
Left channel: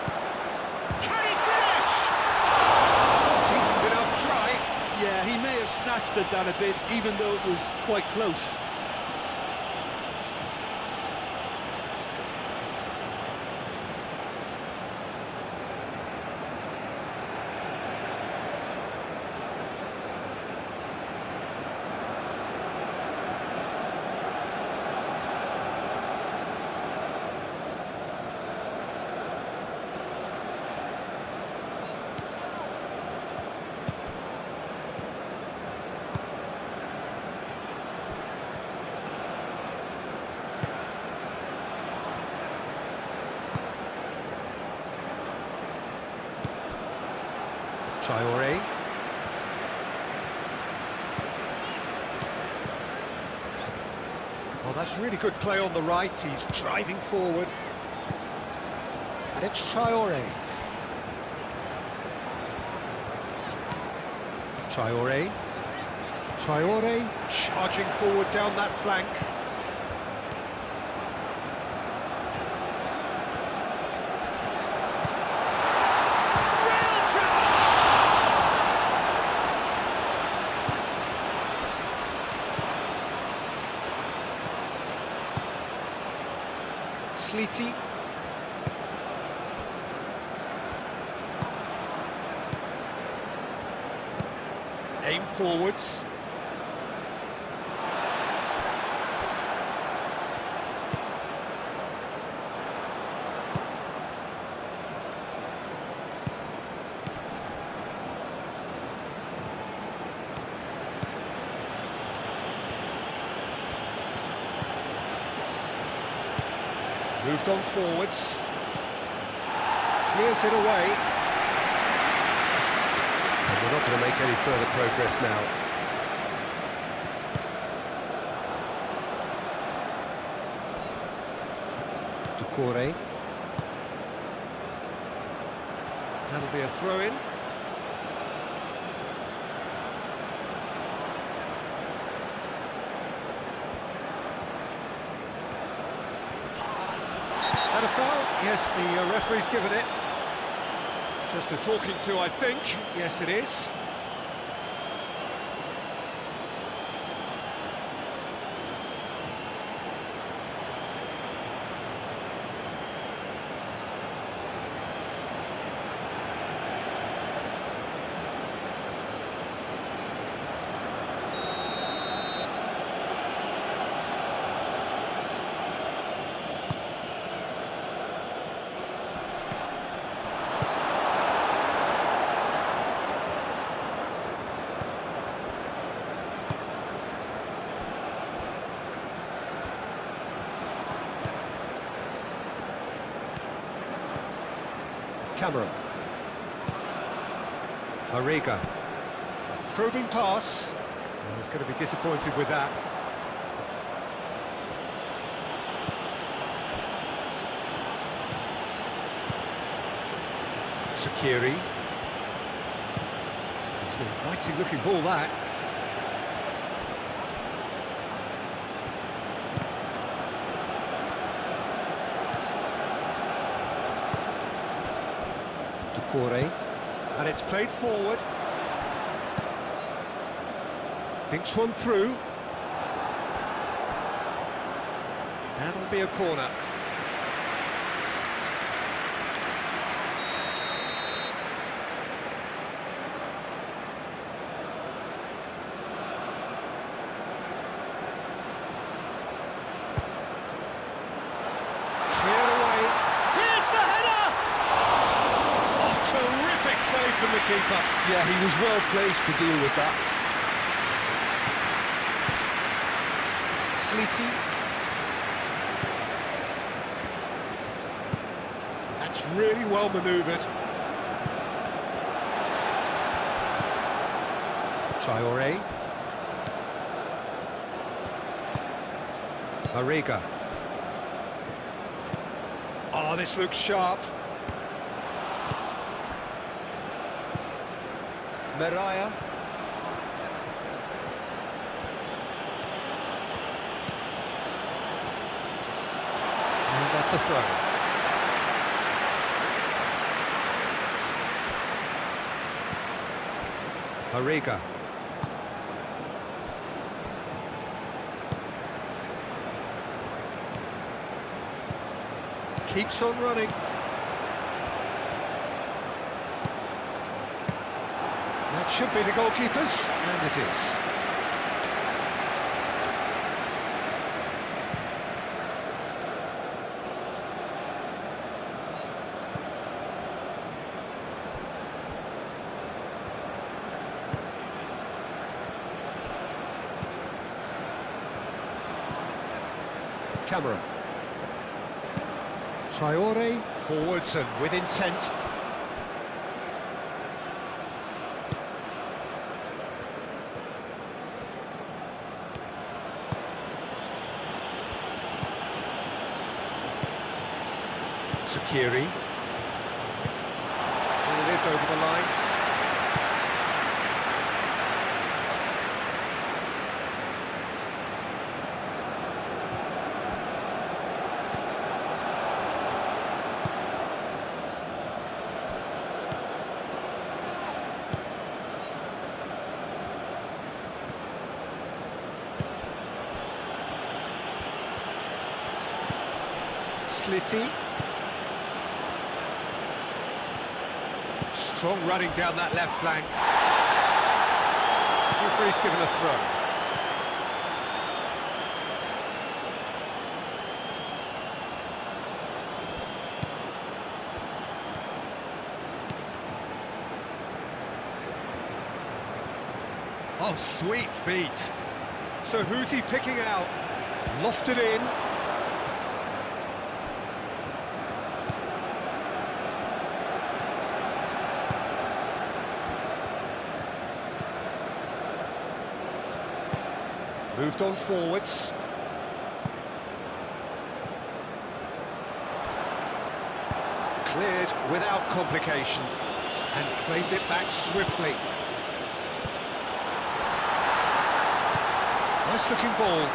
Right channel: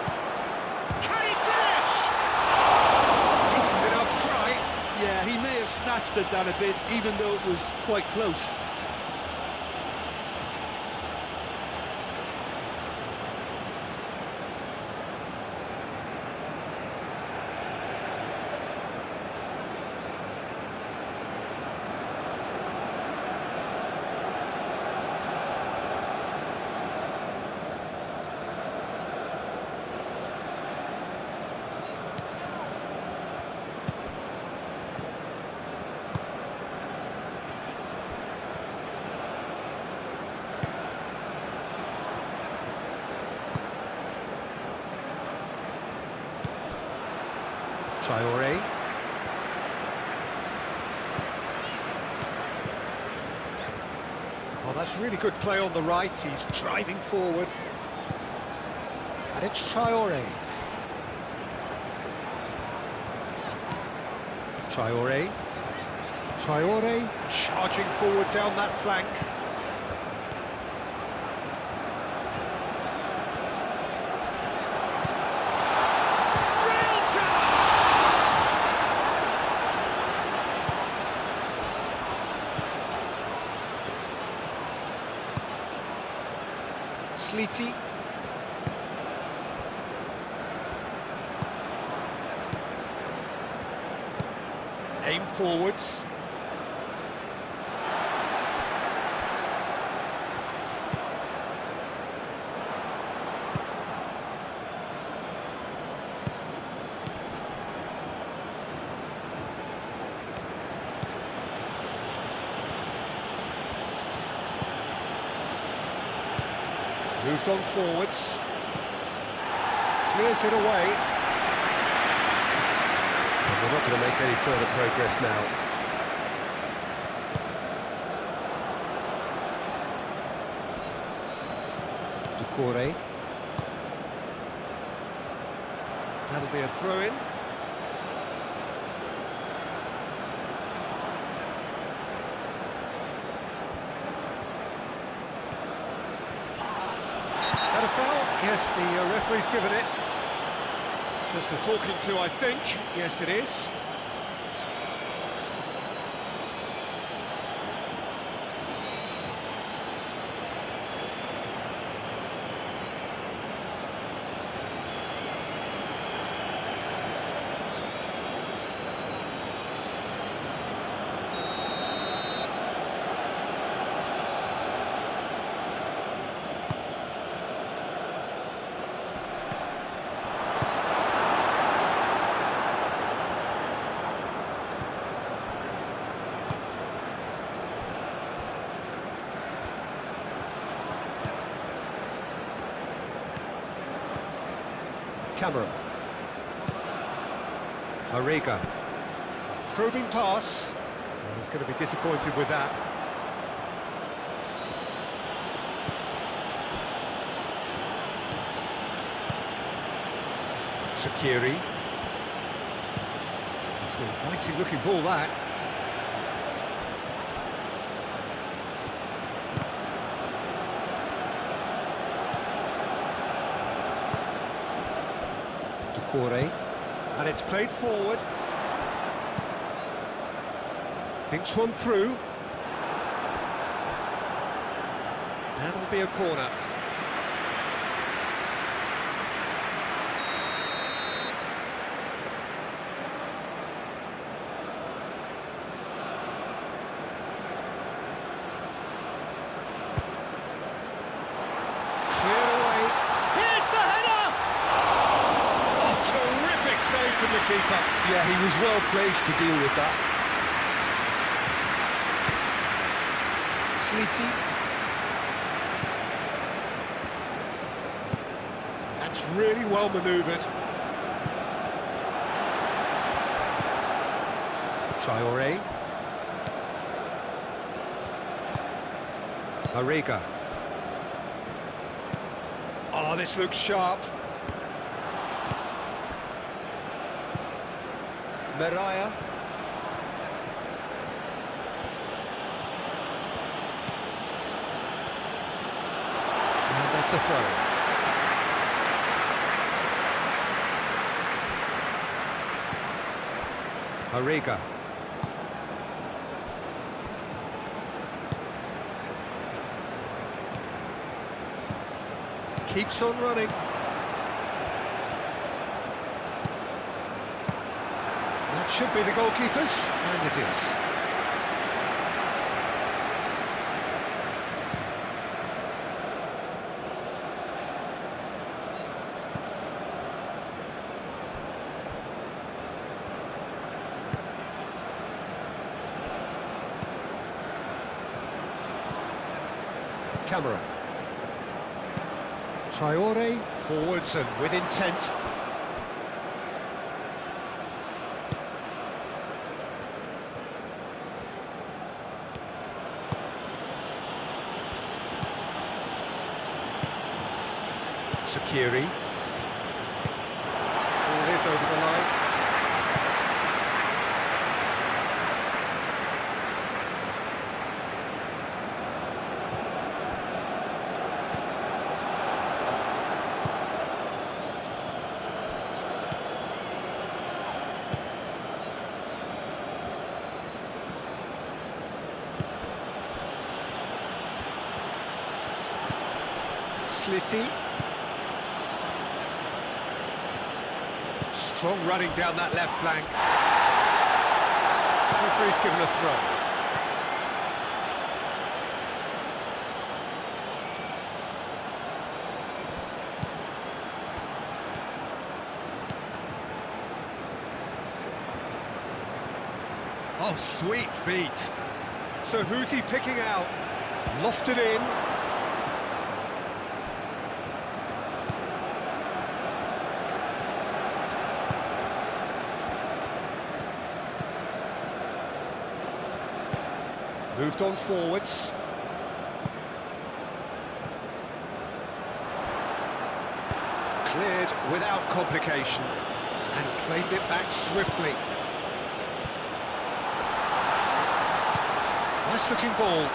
Can he finish? Decent enough try. Yeah, he may have snatched at that a bit, even though it was quite close. Traoré. Oh, that's really good play on the right. He's driving forward. And it's Traoré. Traoré. Traoré charging forward down that flank. Real chance! Sleety. Aim forwards. Moved on forwards. Clears it away. And we're not going to make any further progress now. Doucouré. That'll be a throw-in. That a foul? Yes, the referee's given it. Just a talking to, I think. Yes, it is. Camera. Arriga. Probing pass. Well, he's going to be disappointed with that. Shaqiri. It's an inviting looking ball, that. Doucouré. And it's played forward. Thinks one through. That'll be a corner. Cleared away. Here's the header! Oh, terrific save from the keeper. Yeah, he was well placed to deal with that. Sleety. That's really well manoeuvred. Traoré. Arriga. Oh, this looks sharp. Mariah. And that's a throw. Arriga. Keeps on running. That should be the goalkeepers, and it is. Camera. Traoré, forwards and with intent. Sakiri. Ball is over the line. Slitty. Strong running down that left flank. Referee's given a throw. Oh, sweet feet. So who's he picking out? Lofted in. Moved on forwards. Cleared without complication and claimed it back swiftly. Nice looking ball.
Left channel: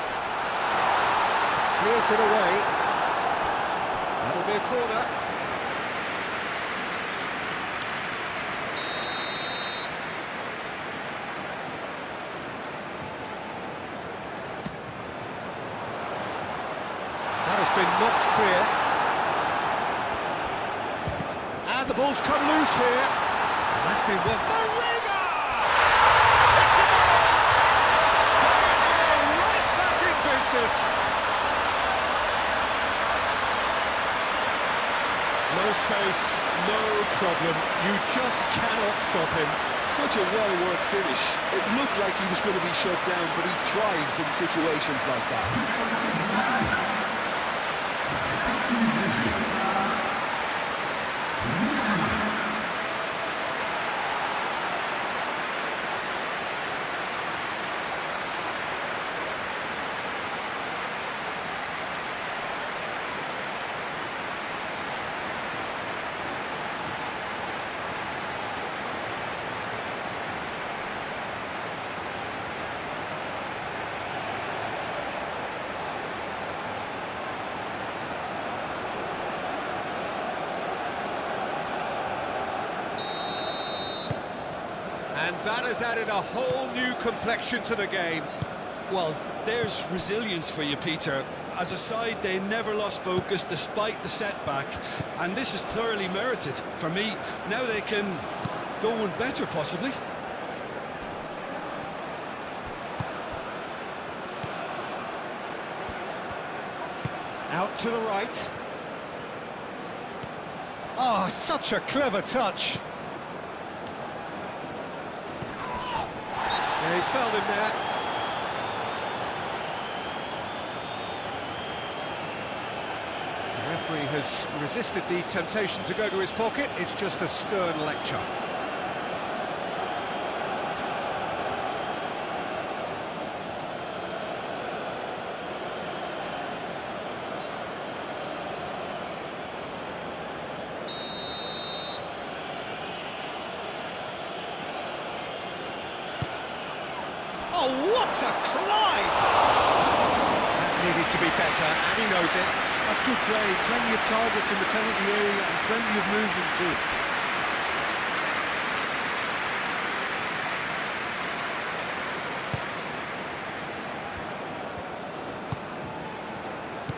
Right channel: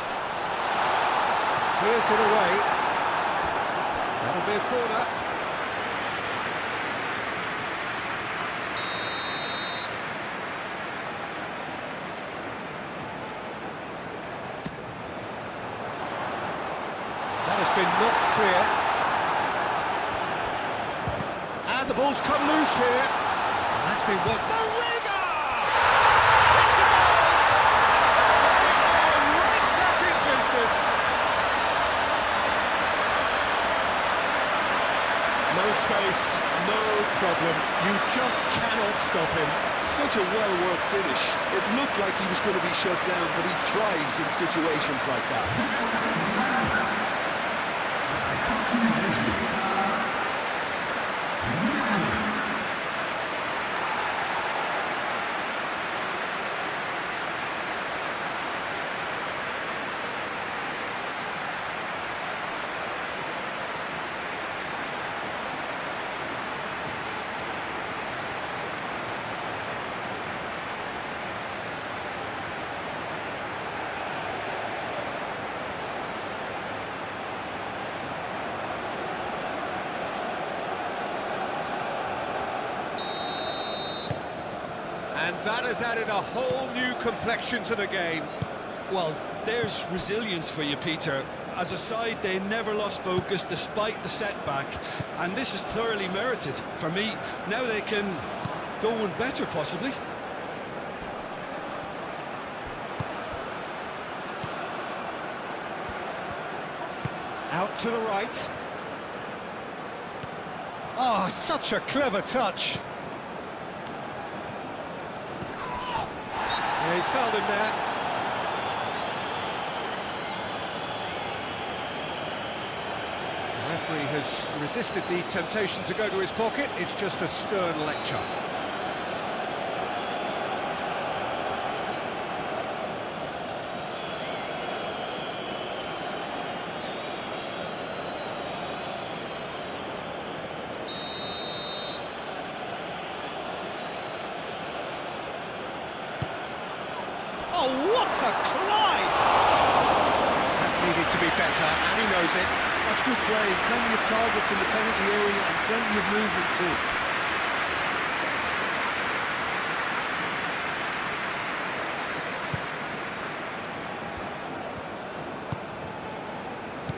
Clears it away. That'll be a corner. That has been knocked clear. And the ball's come loose here. And that's been won. Mariga! It's a goal! They are right back in business. No space, no problem. You just cannot stop him. Such a well-worked finish. It looked like he was going to be shut down, but he thrives in situations like that. And that has added a whole new complexion to the game. Well, there's resilience for you, Peter. As a side, they never lost focus despite the setback, and this is thoroughly merited. For me, now they can go one better, possibly. Out to the right. Oh, such a clever touch. Yeah, he's fouled him there. The referee has resisted the temptation to go to his pocket. It's just a stern lecture. Oh, what a climb! That needed to be better, and he knows it. That's good play. Plenty of targets in the penalty area and plenty of movement too.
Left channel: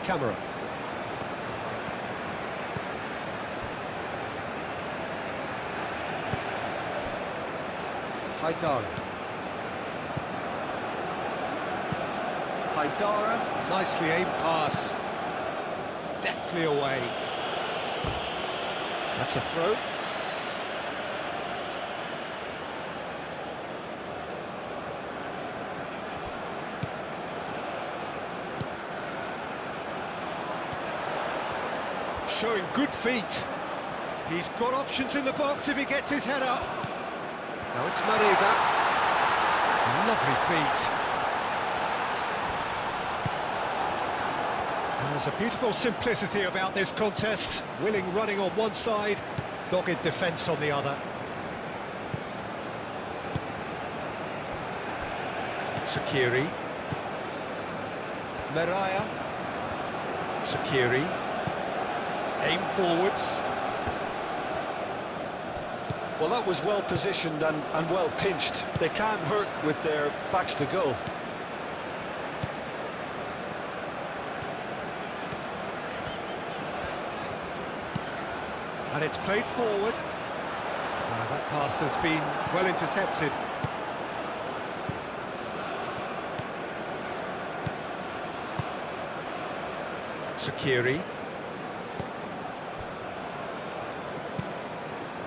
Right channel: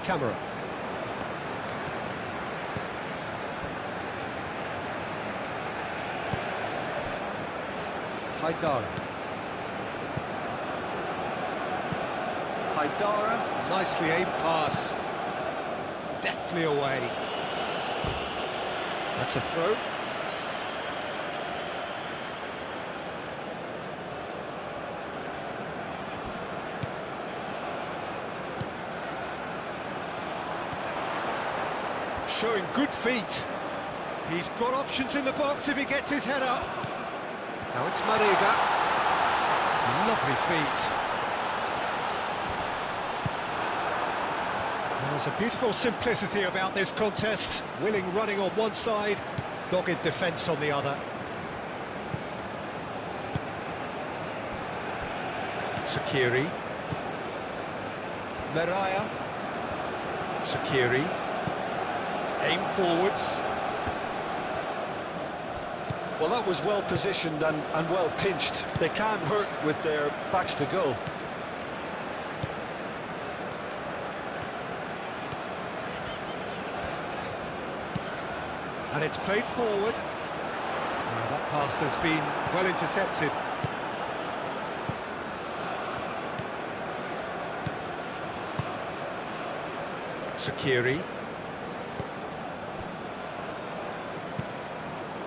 Camera. Haidara. Haidara, nicely aimed pass. Deftly away. That's a throw. Showing good feet. He's got options in the box if he gets his head up. Now it's Mariga. Lovely feet. There's a beautiful simplicity about this contest. Willing running on one side, dogged defence on the other. Sakiri. Meraya. Sakiri. Aim forwards. Well, that was well positioned and well pinched. They can't hurt with their backs to goal. And it's played forward. That pass has been well intercepted. Sakiri.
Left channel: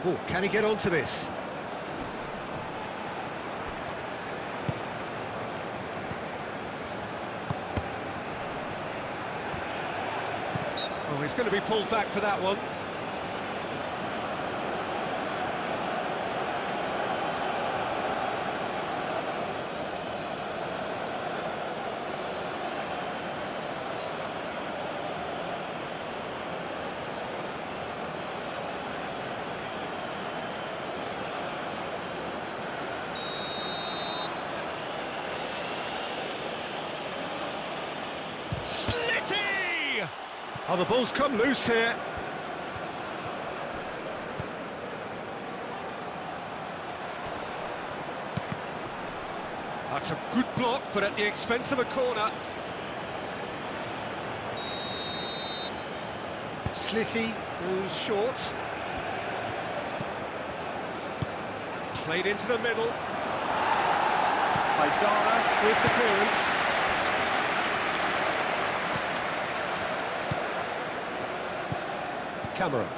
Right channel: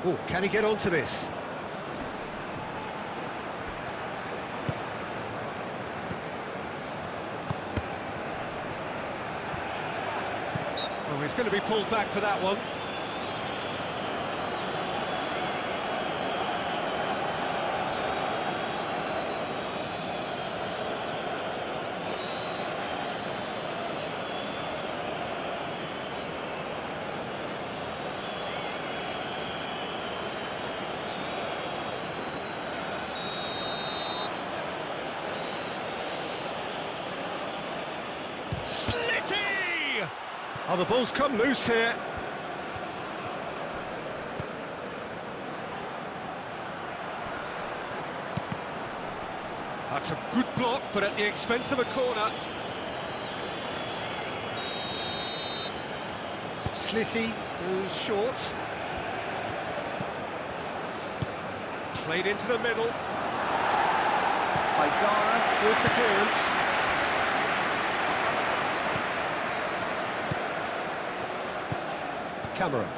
Oh, can he get onto this? Oh, he's going to be pulled back for that one. Slitty! Oh, the ball's come loose here. That's a good block, but at the expense of a corner. Slitty goes short. Played into the middle. Haidara with the clearance. Camera.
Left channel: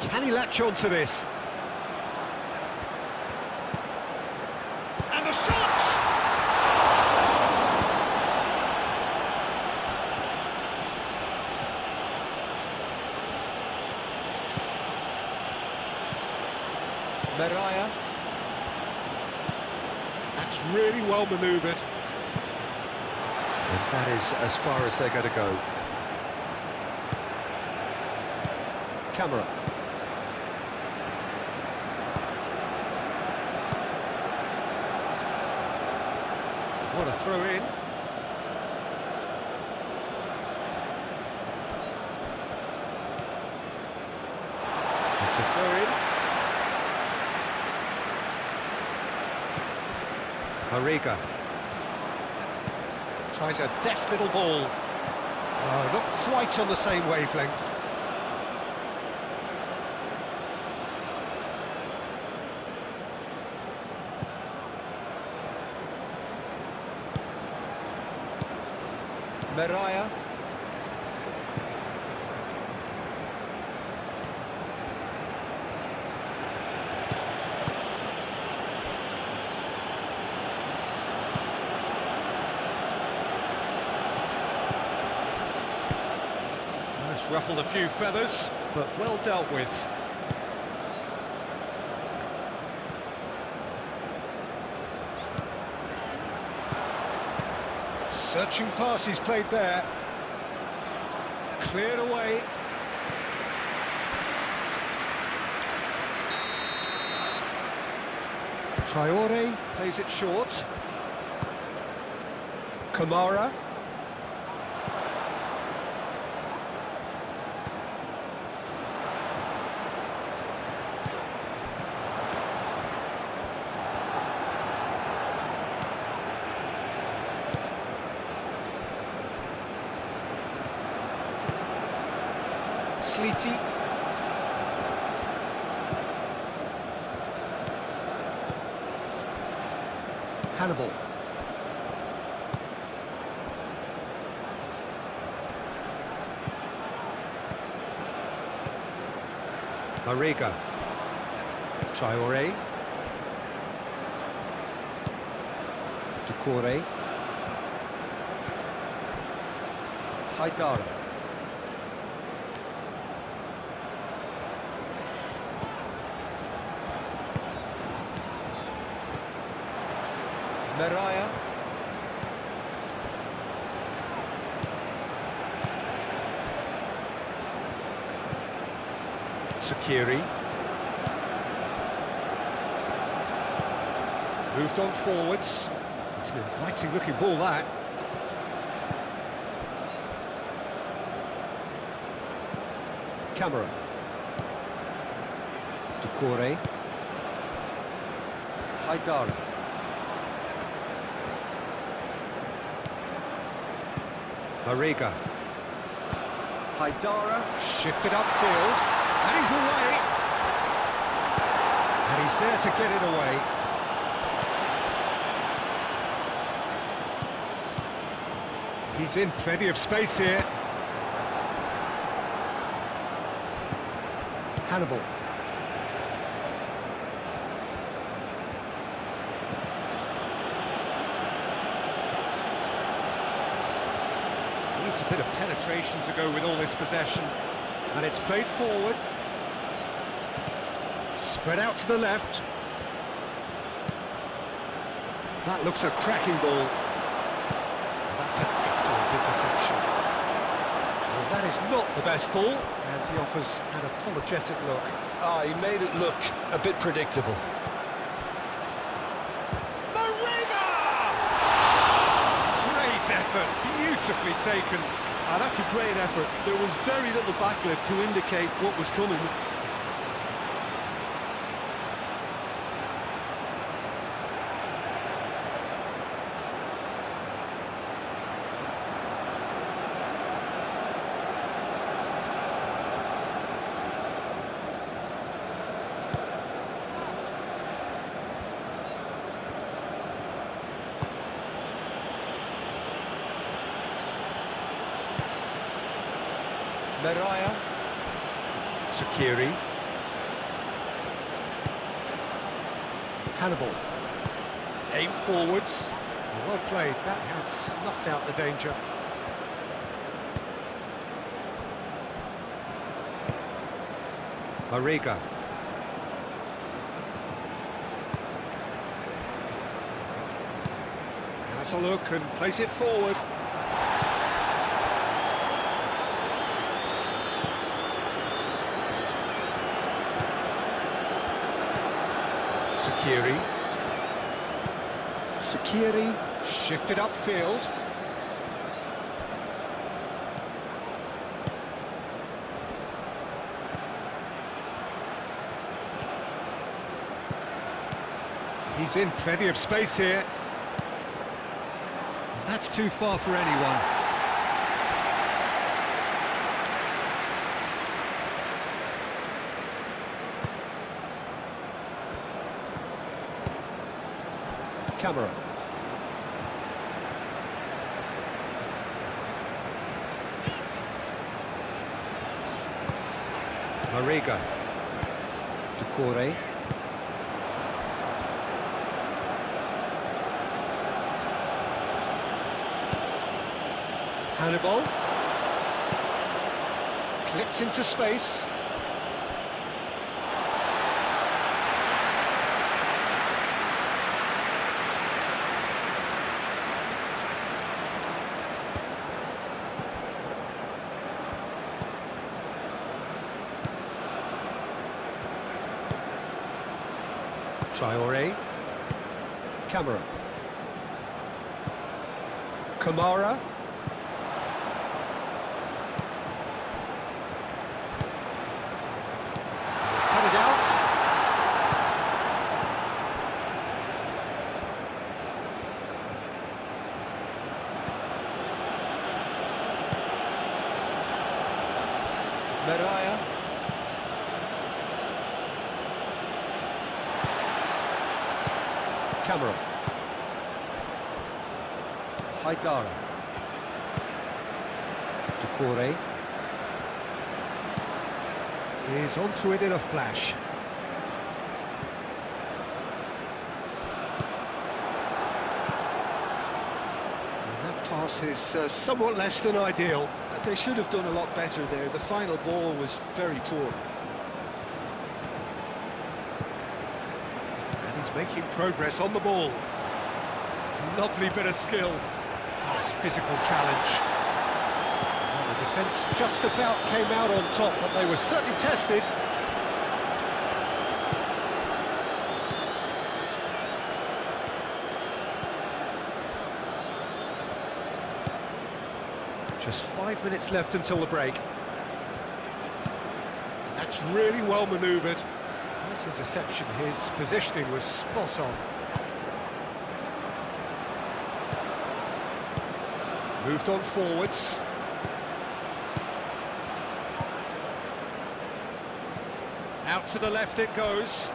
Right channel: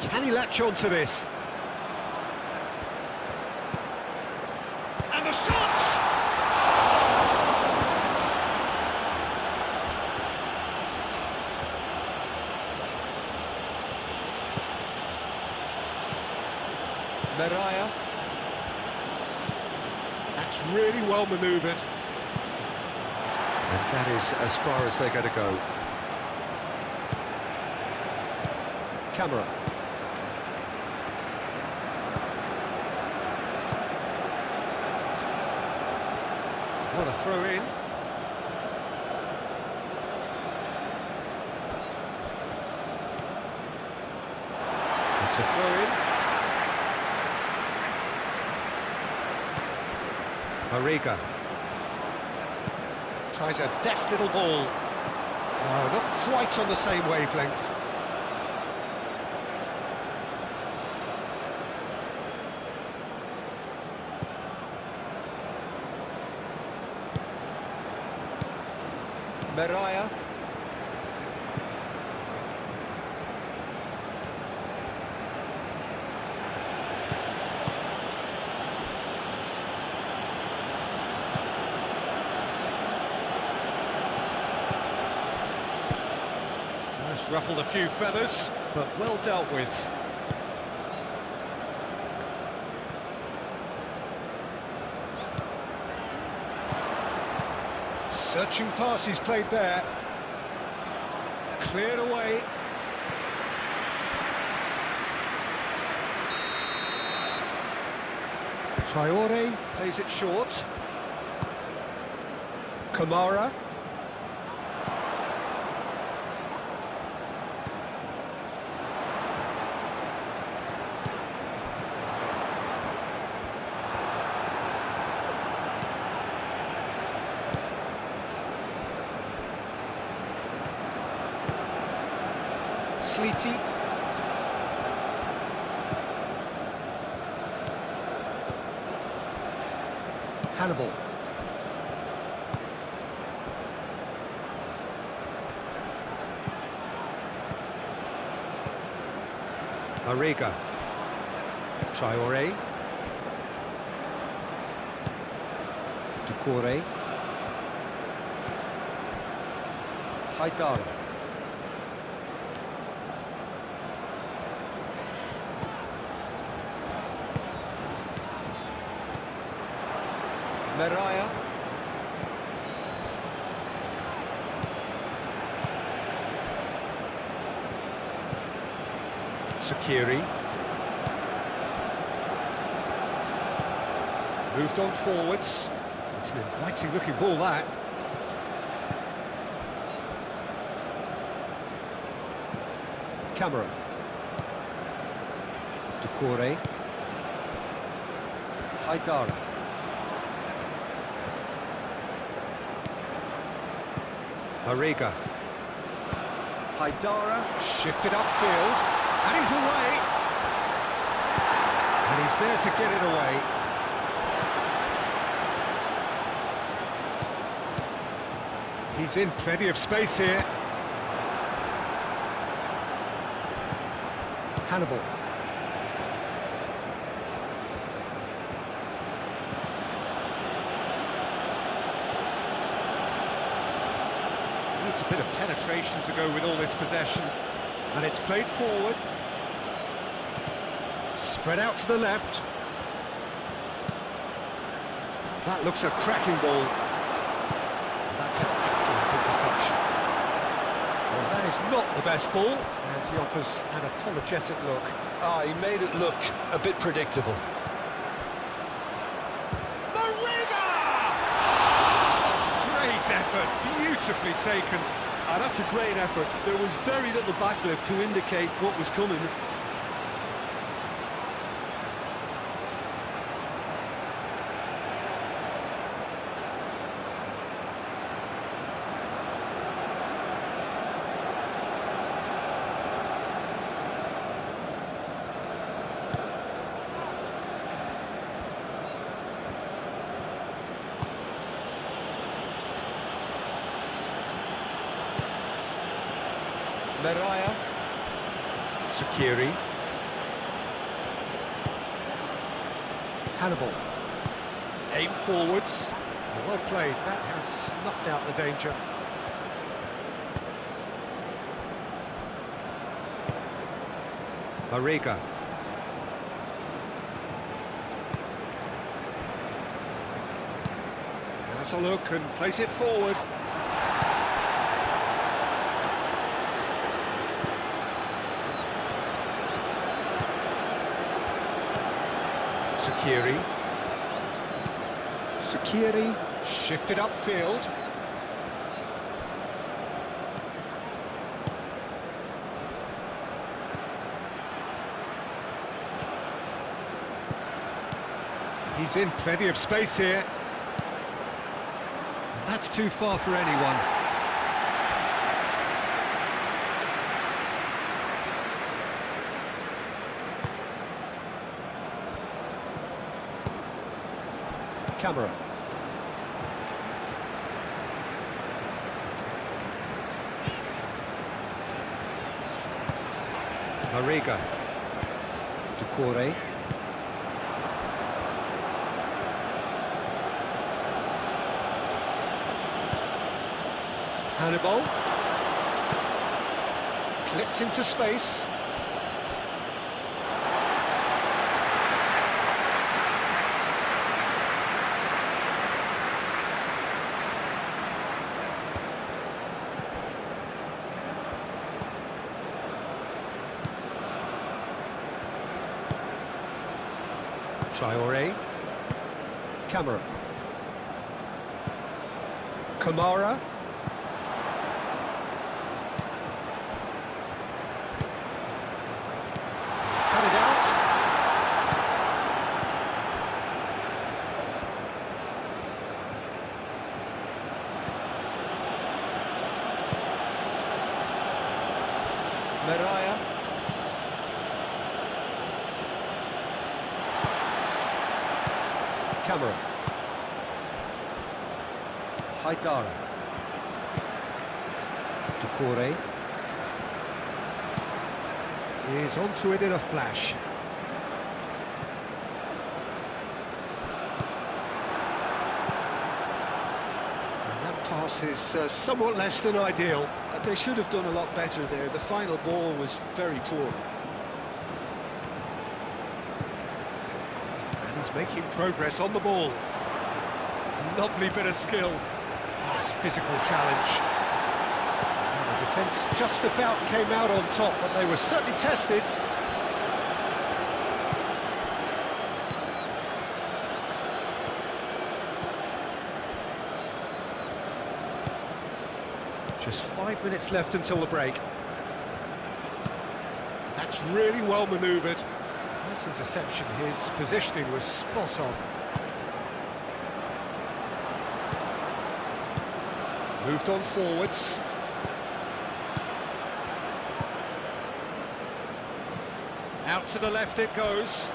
Can he latch on to this? And the shot! Meraya. That's really well manoeuvred. And that is as far as they're going to go. Camera. What a throw in. It's a throw in. Mariga tries a deft little ball. Oh, not quite on the same wavelength. Meraya. That's ruffled a few feathers, but well dealt with. Searching pass he's played there. Cleared away. Traore plays it short. Kamara. Slitty. Hannibal. Mariga. Traore. Doucouré. Haidara. Meraya. Sakiri. Moved on forwards. It's an inviting looking ball, that. Camera. Doucouré. Haidara. Mariga. Haidara. Shifted upfield. And he's away. And he's there to get it away. He's in plenty of space here. Hannibal. Needs a bit of penetration to go with all this possession. And it's played forward. Spread out to the left. That looks a cracking ball. That's an excellent interception. Well, that is not the best ball, and he offers an apologetic look. He made it look a bit predictable. Mariga! Great effort, beautifully taken. That's a great effort. There was very little backlift to indicate what was coming. Meraya. Sakiri. Hannibal. Aim forwards. Well played, that has snuffed out the danger. Mariga. Has a look and plays it forward. Sakiri. Sakiri shifted upfield. He's in plenty of space here. And that's too far for anyone. Camera. Mariga. Doucouré. Hannibal. Clipped into space. Traoré. Camera. Kamara. He's cut it out. Meraya. Camera. Haidara. Doucouré. Is onto it in a flash. And that pass is somewhat less than ideal. They should have done a lot better there. The final ball was very poor. And he's making progress on the ball. Lovely bit of skill. Nice physical challenge. Well, the defence just about came out on top, but they were certainly tested. Just 5 minutes left until the break. That's really well manoeuvred. Nice interception, his positioning was spot on. Moved on forwards. Out to the left it goes.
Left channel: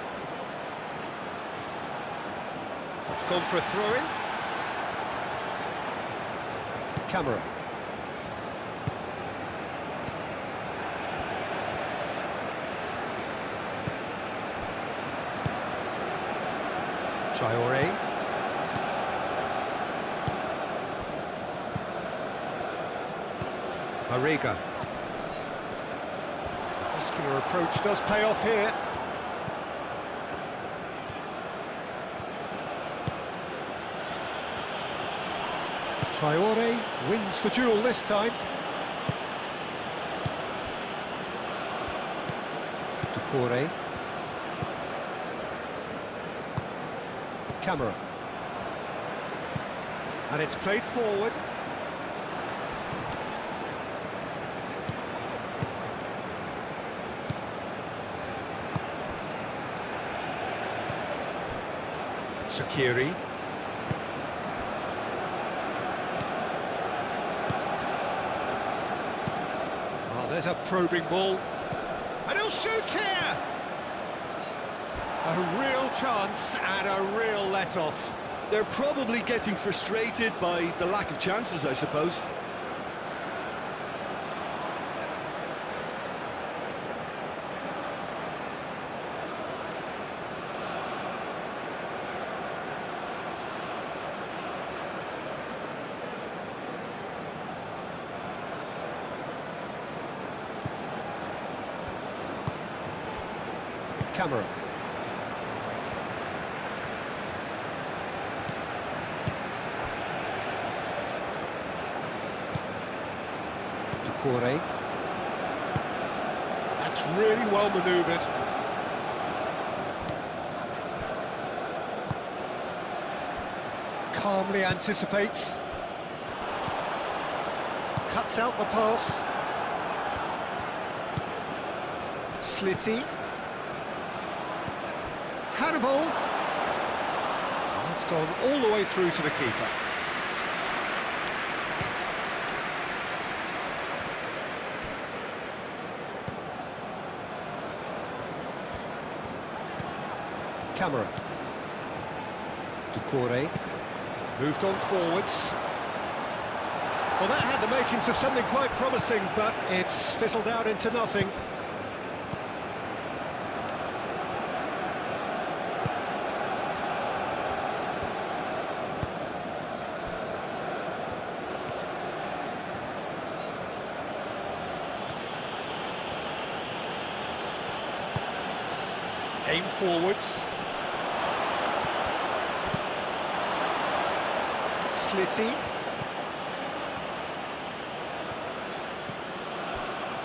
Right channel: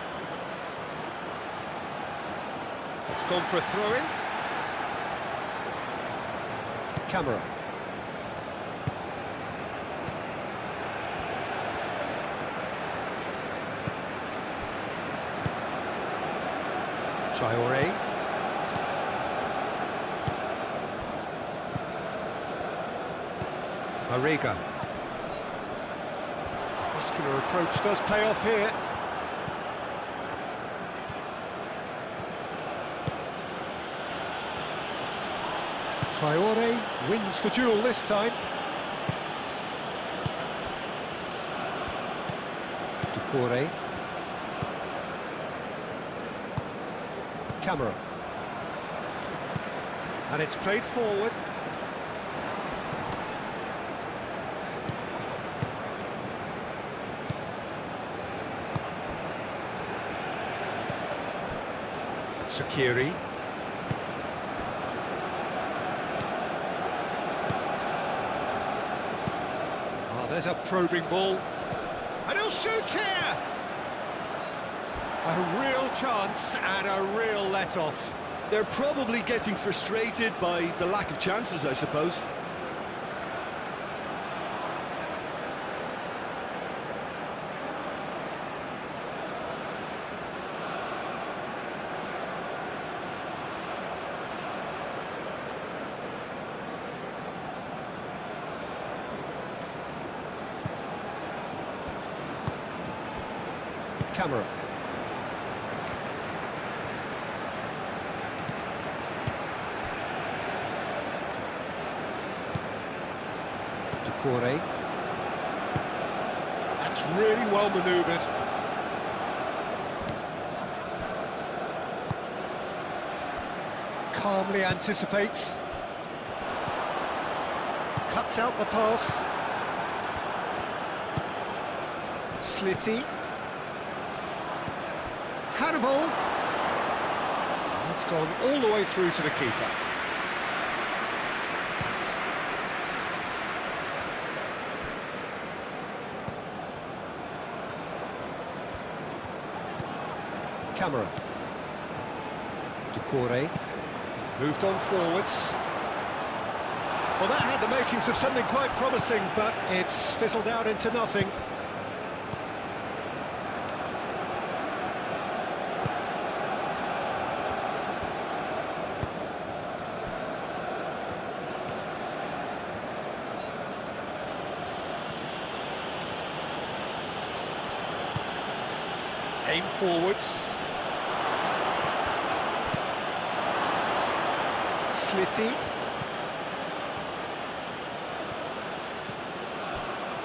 It's gone for a throw-in. Camera. Traoré. Mariga. Muscular approach does pay off here. Traoré wins the duel this time. Doucouré. Camera. And it's played forward. Sakiri. Oh, there's a probing ball. And he'll shoot here! A real chance and a real let-off. They're probably getting frustrated by the lack of chances, I suppose. Camera. Doucouré. That's really well manoeuvred. Calmly anticipates. Cuts out the pass. Slitty. Hannibal. It's gone all the way through to the keeper. Camera. Doucouré. Moved on forwards. Well, that had the makings of something quite promising, but it's fizzled out into nothing. Aim forwards. Slitty.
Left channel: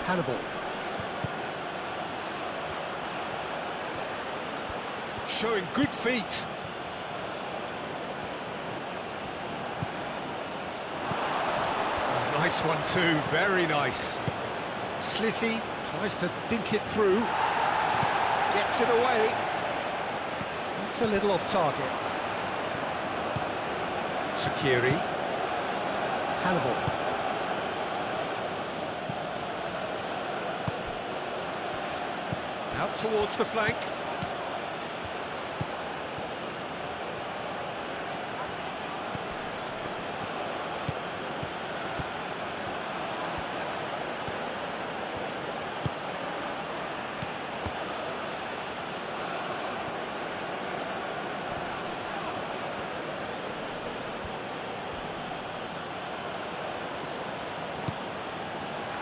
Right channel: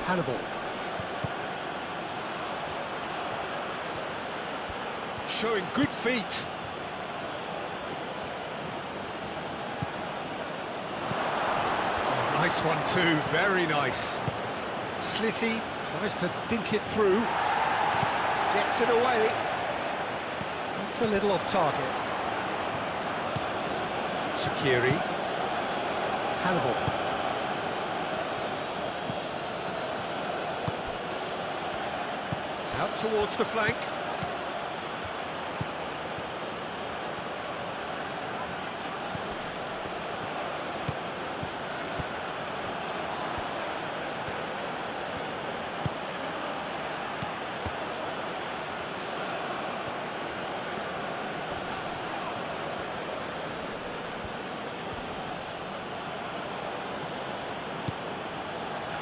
Hannibal. Showing good feet. Oh, nice one too, very nice. Slitty tries to dink it through. Gets it away. It's a little off target. Sakiri. Hannibal. Out towards the flank.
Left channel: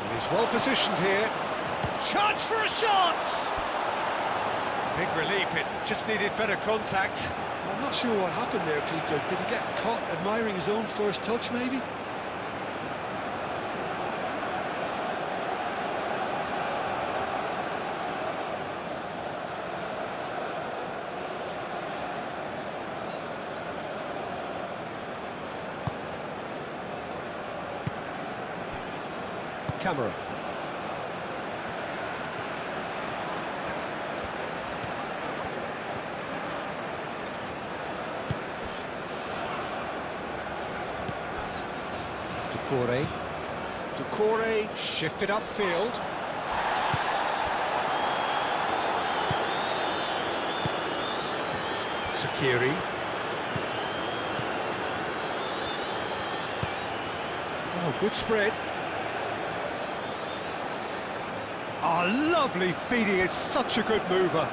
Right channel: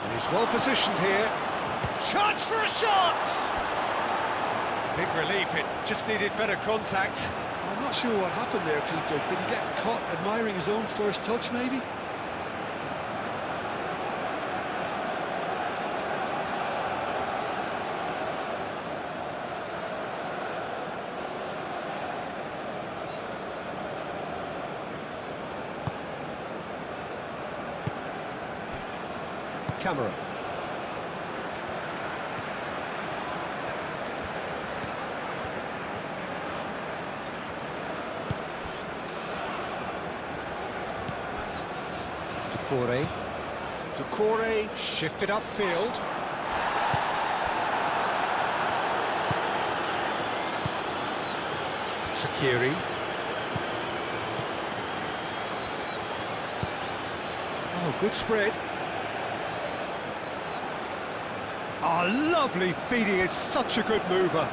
And he's well positioned here. Chance for a shot! Big relief, it just needed better contact. Well, Not sure what happened there, Peter. Did he get caught admiring his own first touch, maybe? Camera. Decore shifted upfield. Sakiri. Oh, good spread. Oh, lovely feeding, is such a good mover.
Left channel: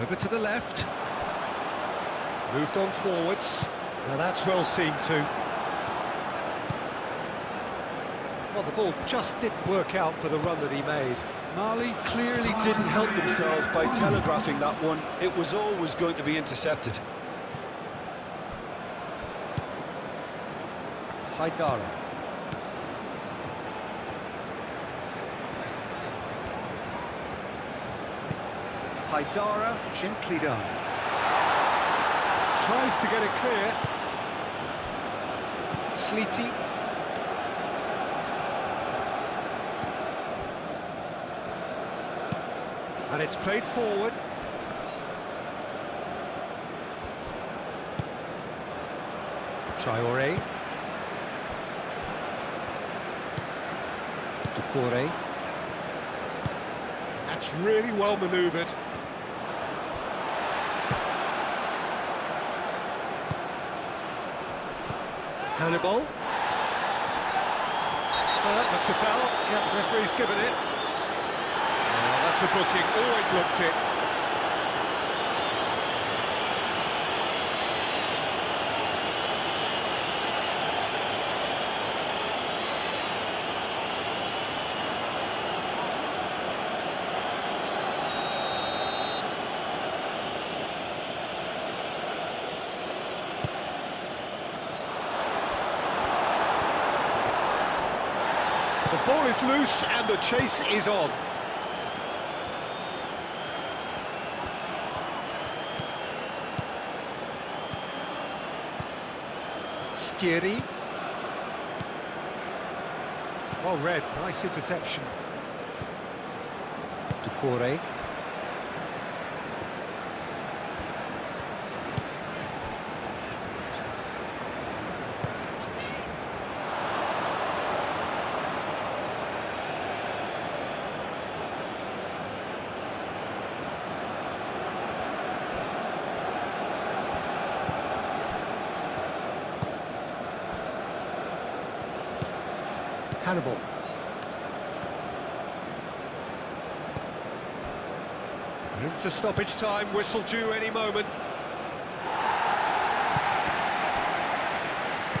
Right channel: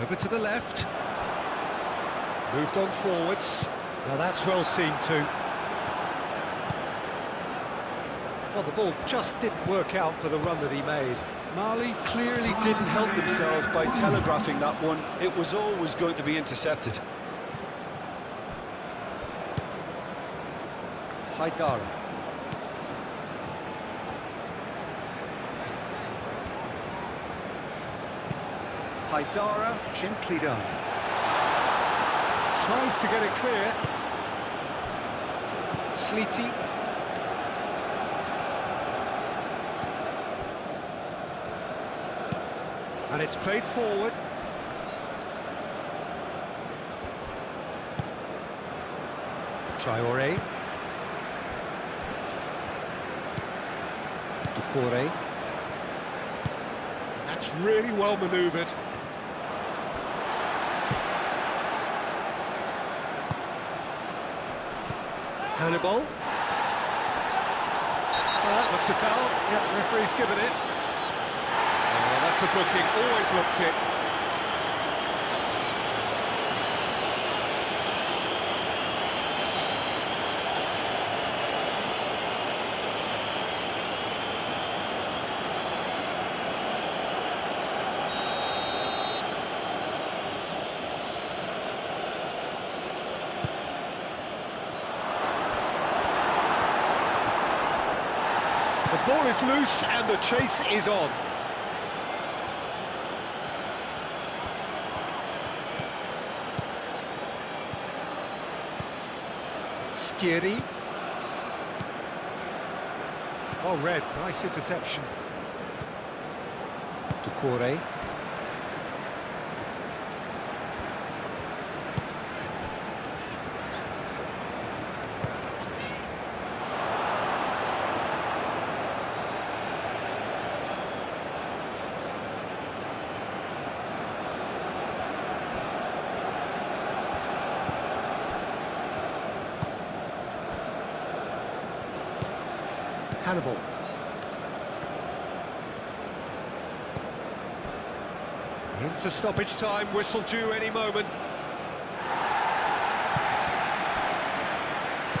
Over to the left. Moved on forwards. Now that's well seen too. Well, the ball just didn't work out for the run that he made. Mali clearly didn't help themselves by telegraphing that one. It was always going to be intercepted. Haidara. Haidara, gently done. Tries to get it clear. Sleety. And it's played forward. Traore. Decore. That's really well manoeuvred. Hannibal. That looks a foul. Yeah, referee's given it. Oh, that's a booking, always looked it. The ball is loose and the chase is on. Skiri. Well read, nice interception. Decore. Hannibal. Into stoppage time, whistle due any moment.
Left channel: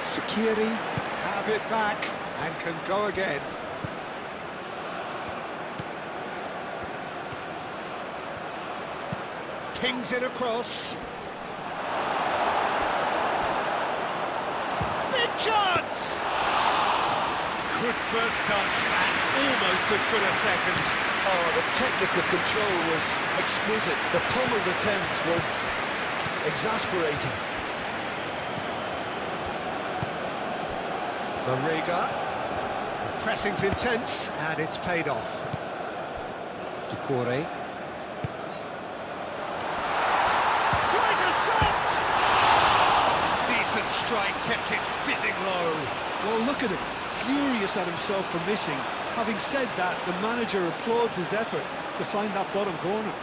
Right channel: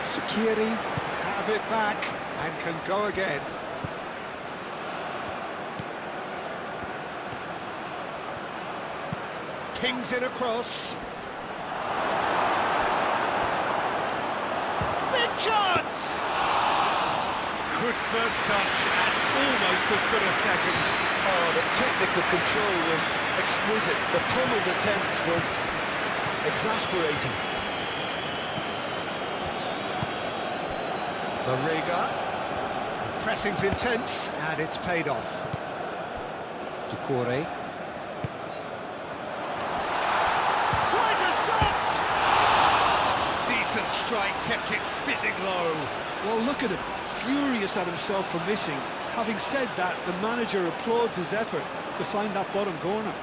Sakiri have it back and can go again. Pings it across. Big chance! Good first touch and almost as good a second. Oh, the technical control was exquisite. The pummeled attempt was exasperating. Mariga. The pressing's intense and it's paid off. Decore. Tries a shot! Decent strike, kept it fizzing low. Well, look at him, furious at himself for missing. Having said that, the manager applauds his effort to find that bottom corner.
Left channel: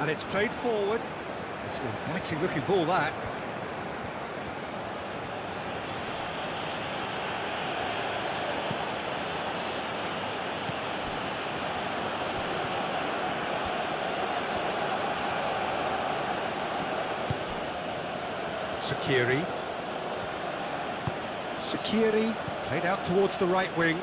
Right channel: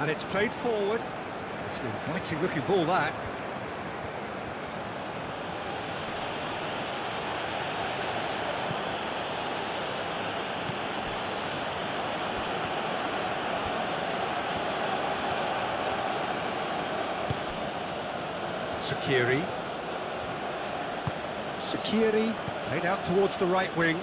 And it's played forward. It's an inviting looking ball, that. Sakiri. Sakiri, played out towards the right wing.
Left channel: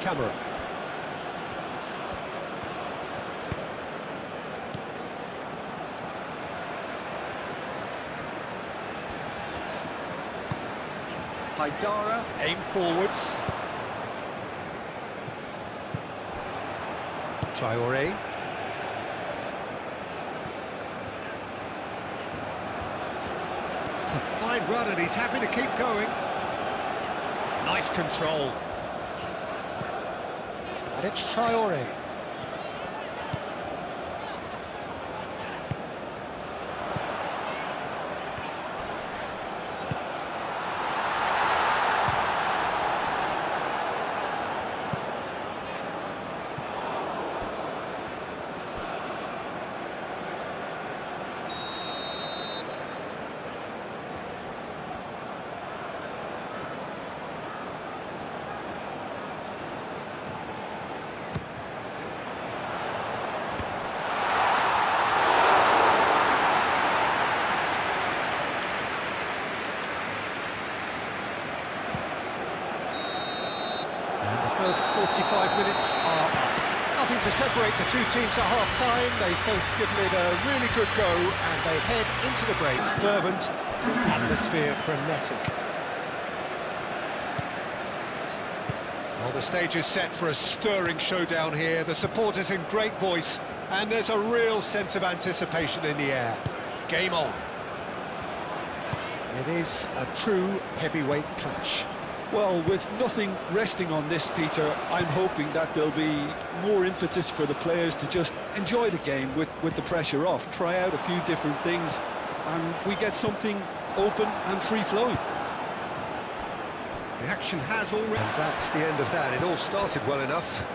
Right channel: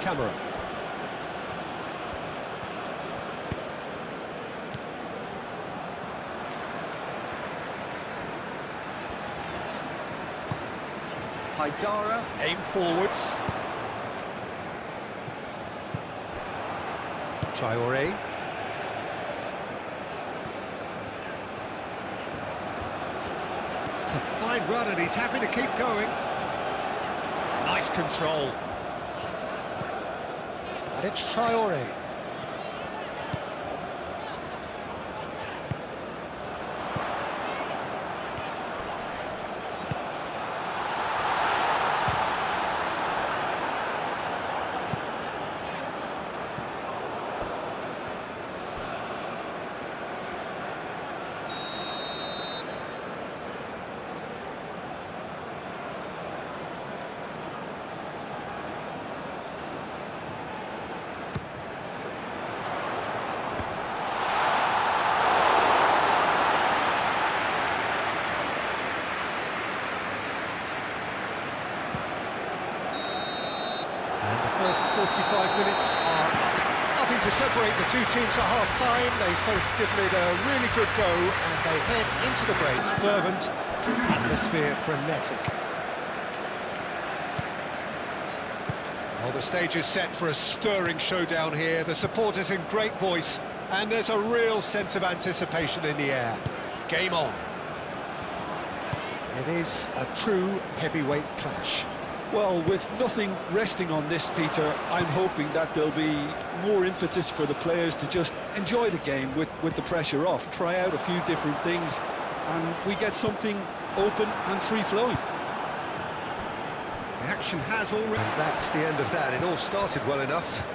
Camera. Haidara, aim forwards. Traore. It's a fine run and he's happy to keep going. Nice control. And it's Traore. And the first 45 minutes are up. Nothing to separate the two teams at half-time. They've both given it a really good go, and they head into the break. It's fervent, the atmosphere frenetic. Well, the stage is set for a stirring showdown here. The supporters in great voice, and there's a real sense of anticipation in the air. Game on. It is a true heavyweight clash. Well, with nothing resting on this, Peter, I'm hoping that there'll be more impetus for the players to just enjoy the game with the pressure off, try out a few different things, and we get something open and free-flowing. The action has already... And that's the end of that. It all started well enough.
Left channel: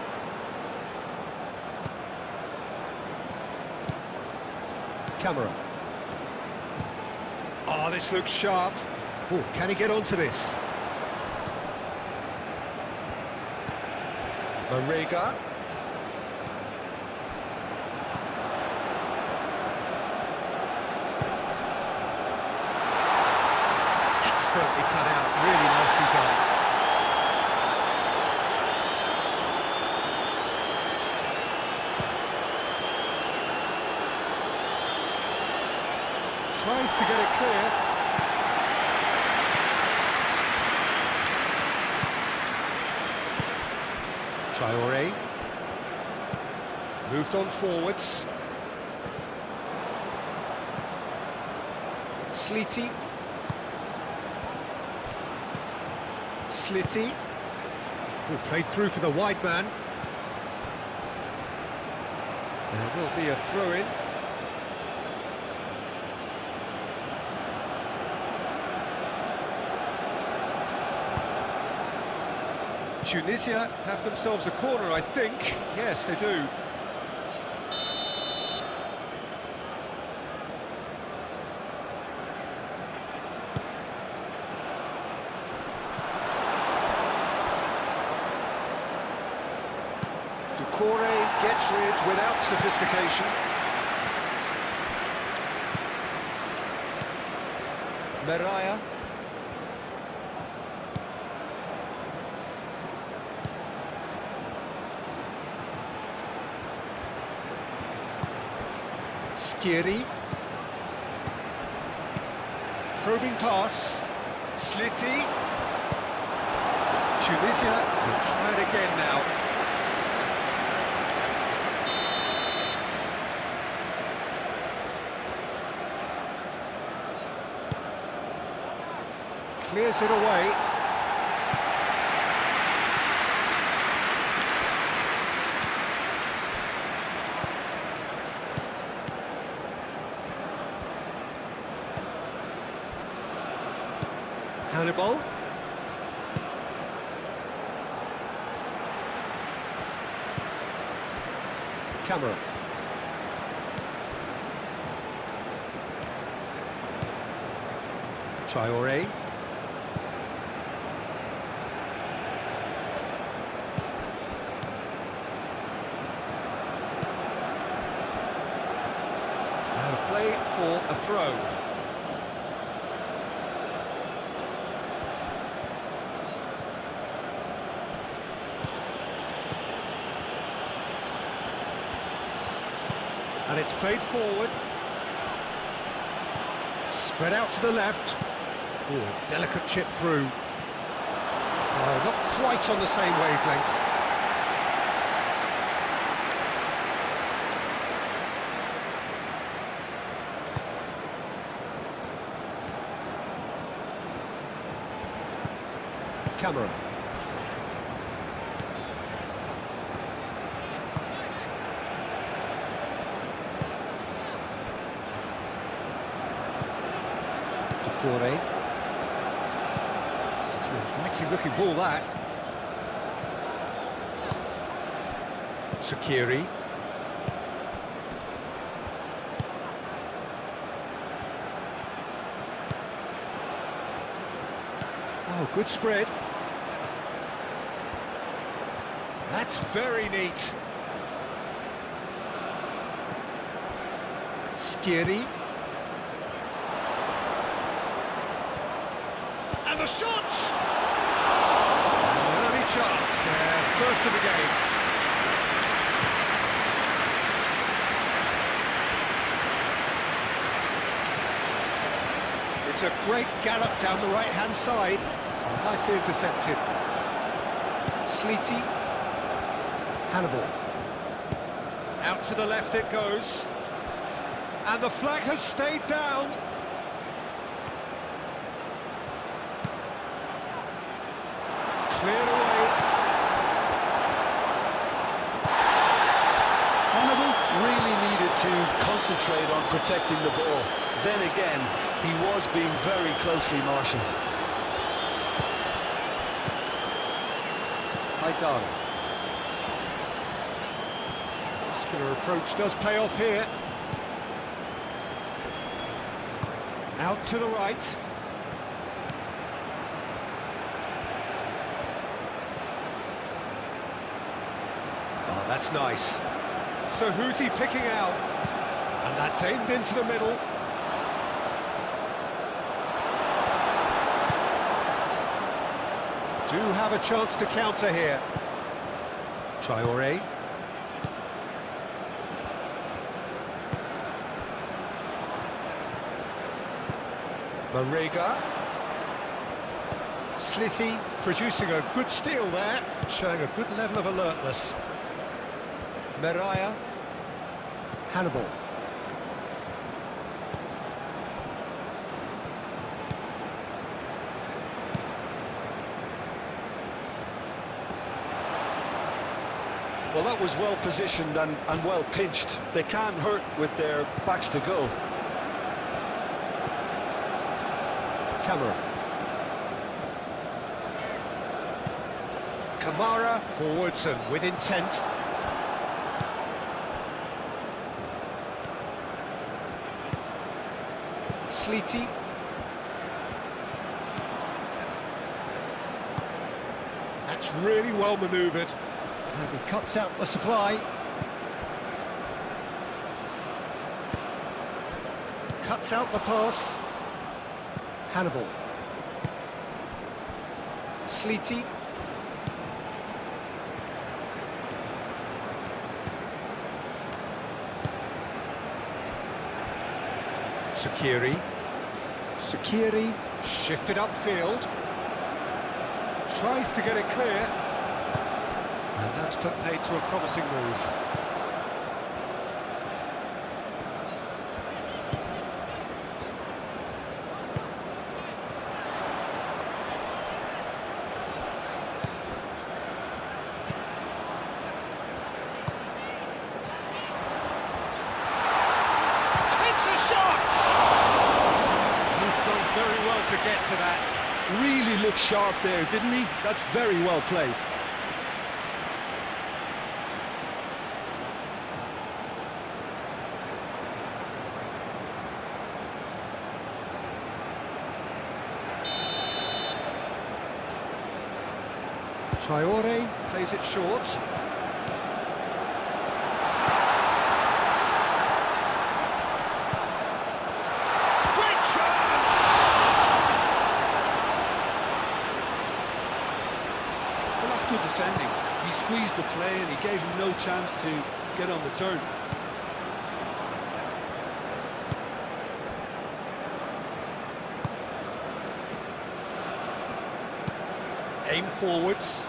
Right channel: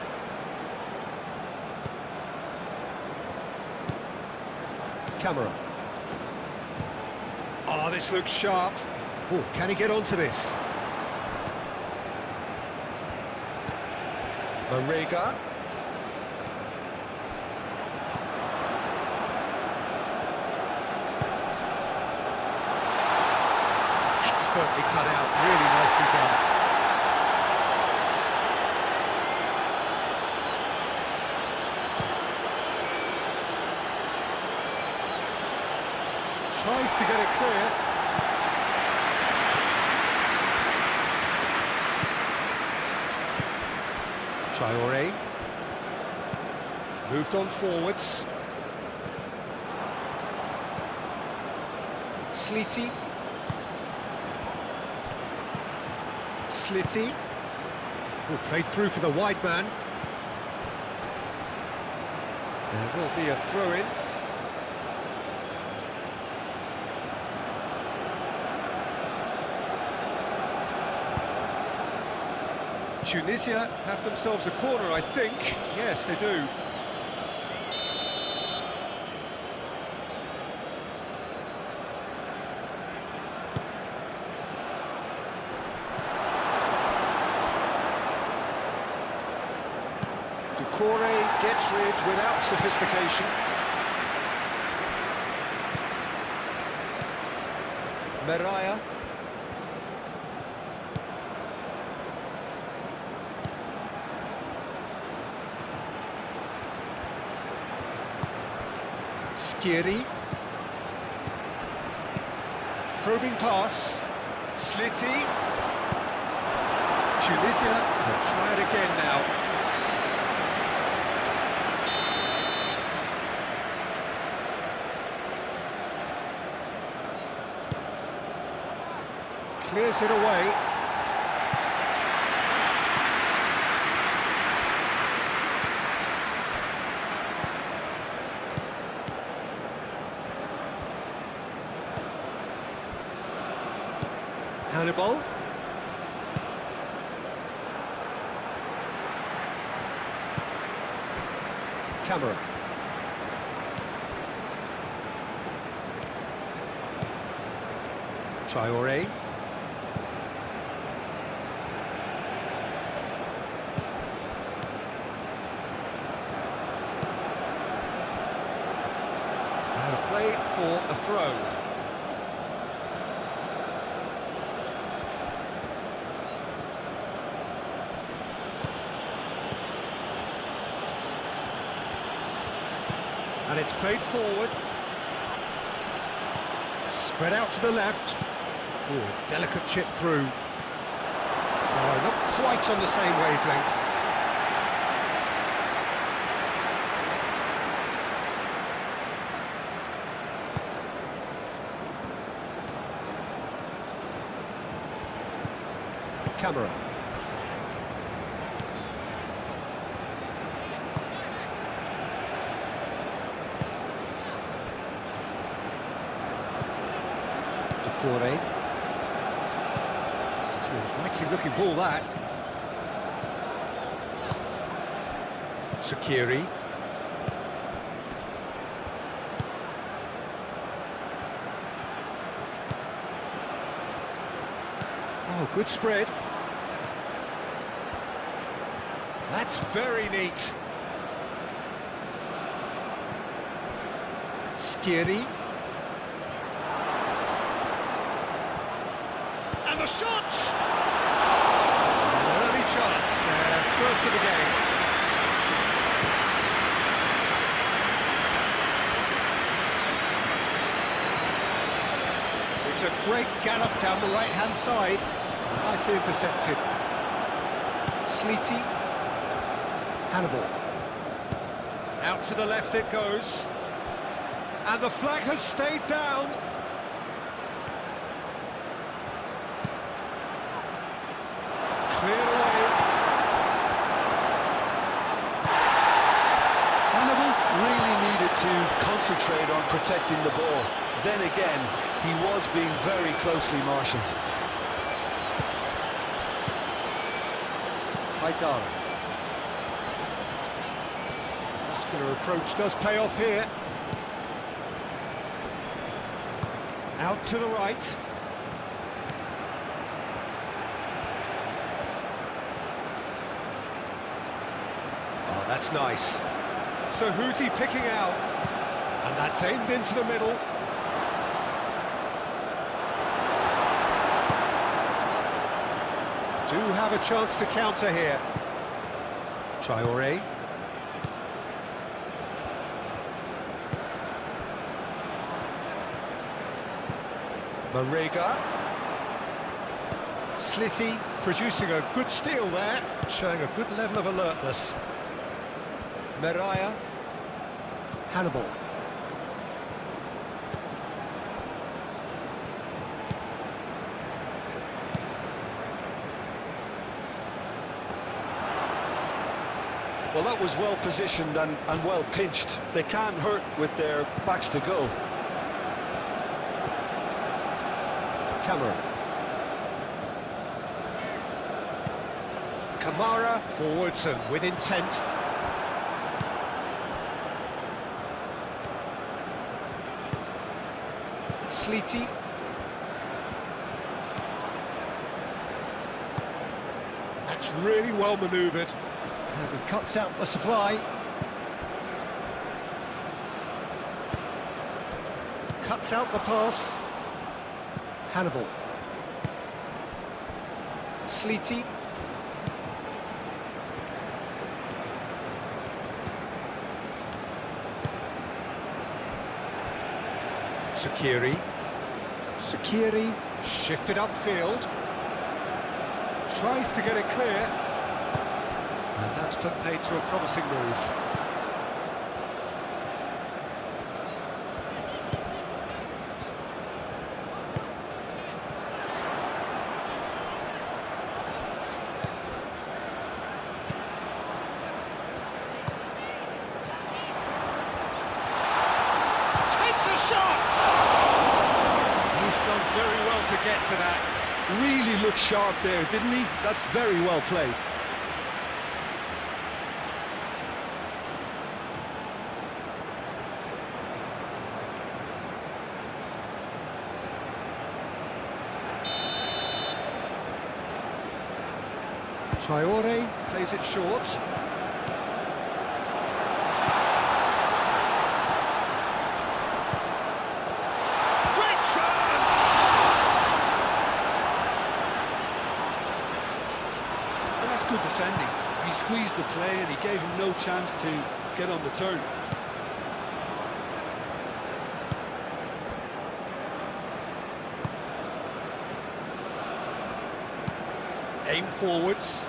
Camera. Oh, this looks sharp. Oh, can he get onto this? Marega. Expertly cut out, really nicely done. Tries to get it clear. Traore. Moved on forwards. Sliti. Slitty. Oh, played through for the wide man. There will be a throw-in. Tunisia have themselves a corner, I think. Yes, they do. Doucouré gets rid without sophistication. Meraya. Skiri. Probing pass. Slitty. Tunisia can try it again now. Clears it away. Hannibal. Camera. Traore. Out of play for a throw. And it's played forward. Spread out to the left. Oh, a delicate chip through. Oh, not quite on the same wavelength. Camera. Decore. It's an inviting looking ball, that. Sakiri. Oh, good spread. That's very neat. Skiri. And the shot! An early chance there, first of the game. It's a great gallop down the right-hand side. Nicely intercepted. Sleety. Hannibal. Out to the left it goes. And the flag has stayed down. Cleared away. Hannibal really needed to concentrate on protecting the ball. Then again, he was being very closely marshalled. Haidara. Muscular approach does pay off here. Out to the right. Oh, that's nice. So who's he picking out? And that's aimed into the middle. Do have a chance to counter here. Traore. Marega. Slitty producing a good steal there, showing a good level of alertness. Meraya. Hannibal. Well, that was well positioned and well pinched. They can't hurt with their backs to goal. Camera. Kamara forwards and with intent. Sleety. That's really well manoeuvred. And he cuts out the supply. Cuts out the pass. Hannibal. Sleety. Sakiri. Sakiri. Shifted upfield. Tries to get it clear. And that's put paid to a promising move. Takes a shot! He's done very well to get to that. Really looked sharp there, didn't he? That's very well played. Traore plays it short. Great chance! Well, that's good defending. He squeezed the play and he gave him no chance to get on the turn. Aim forwards.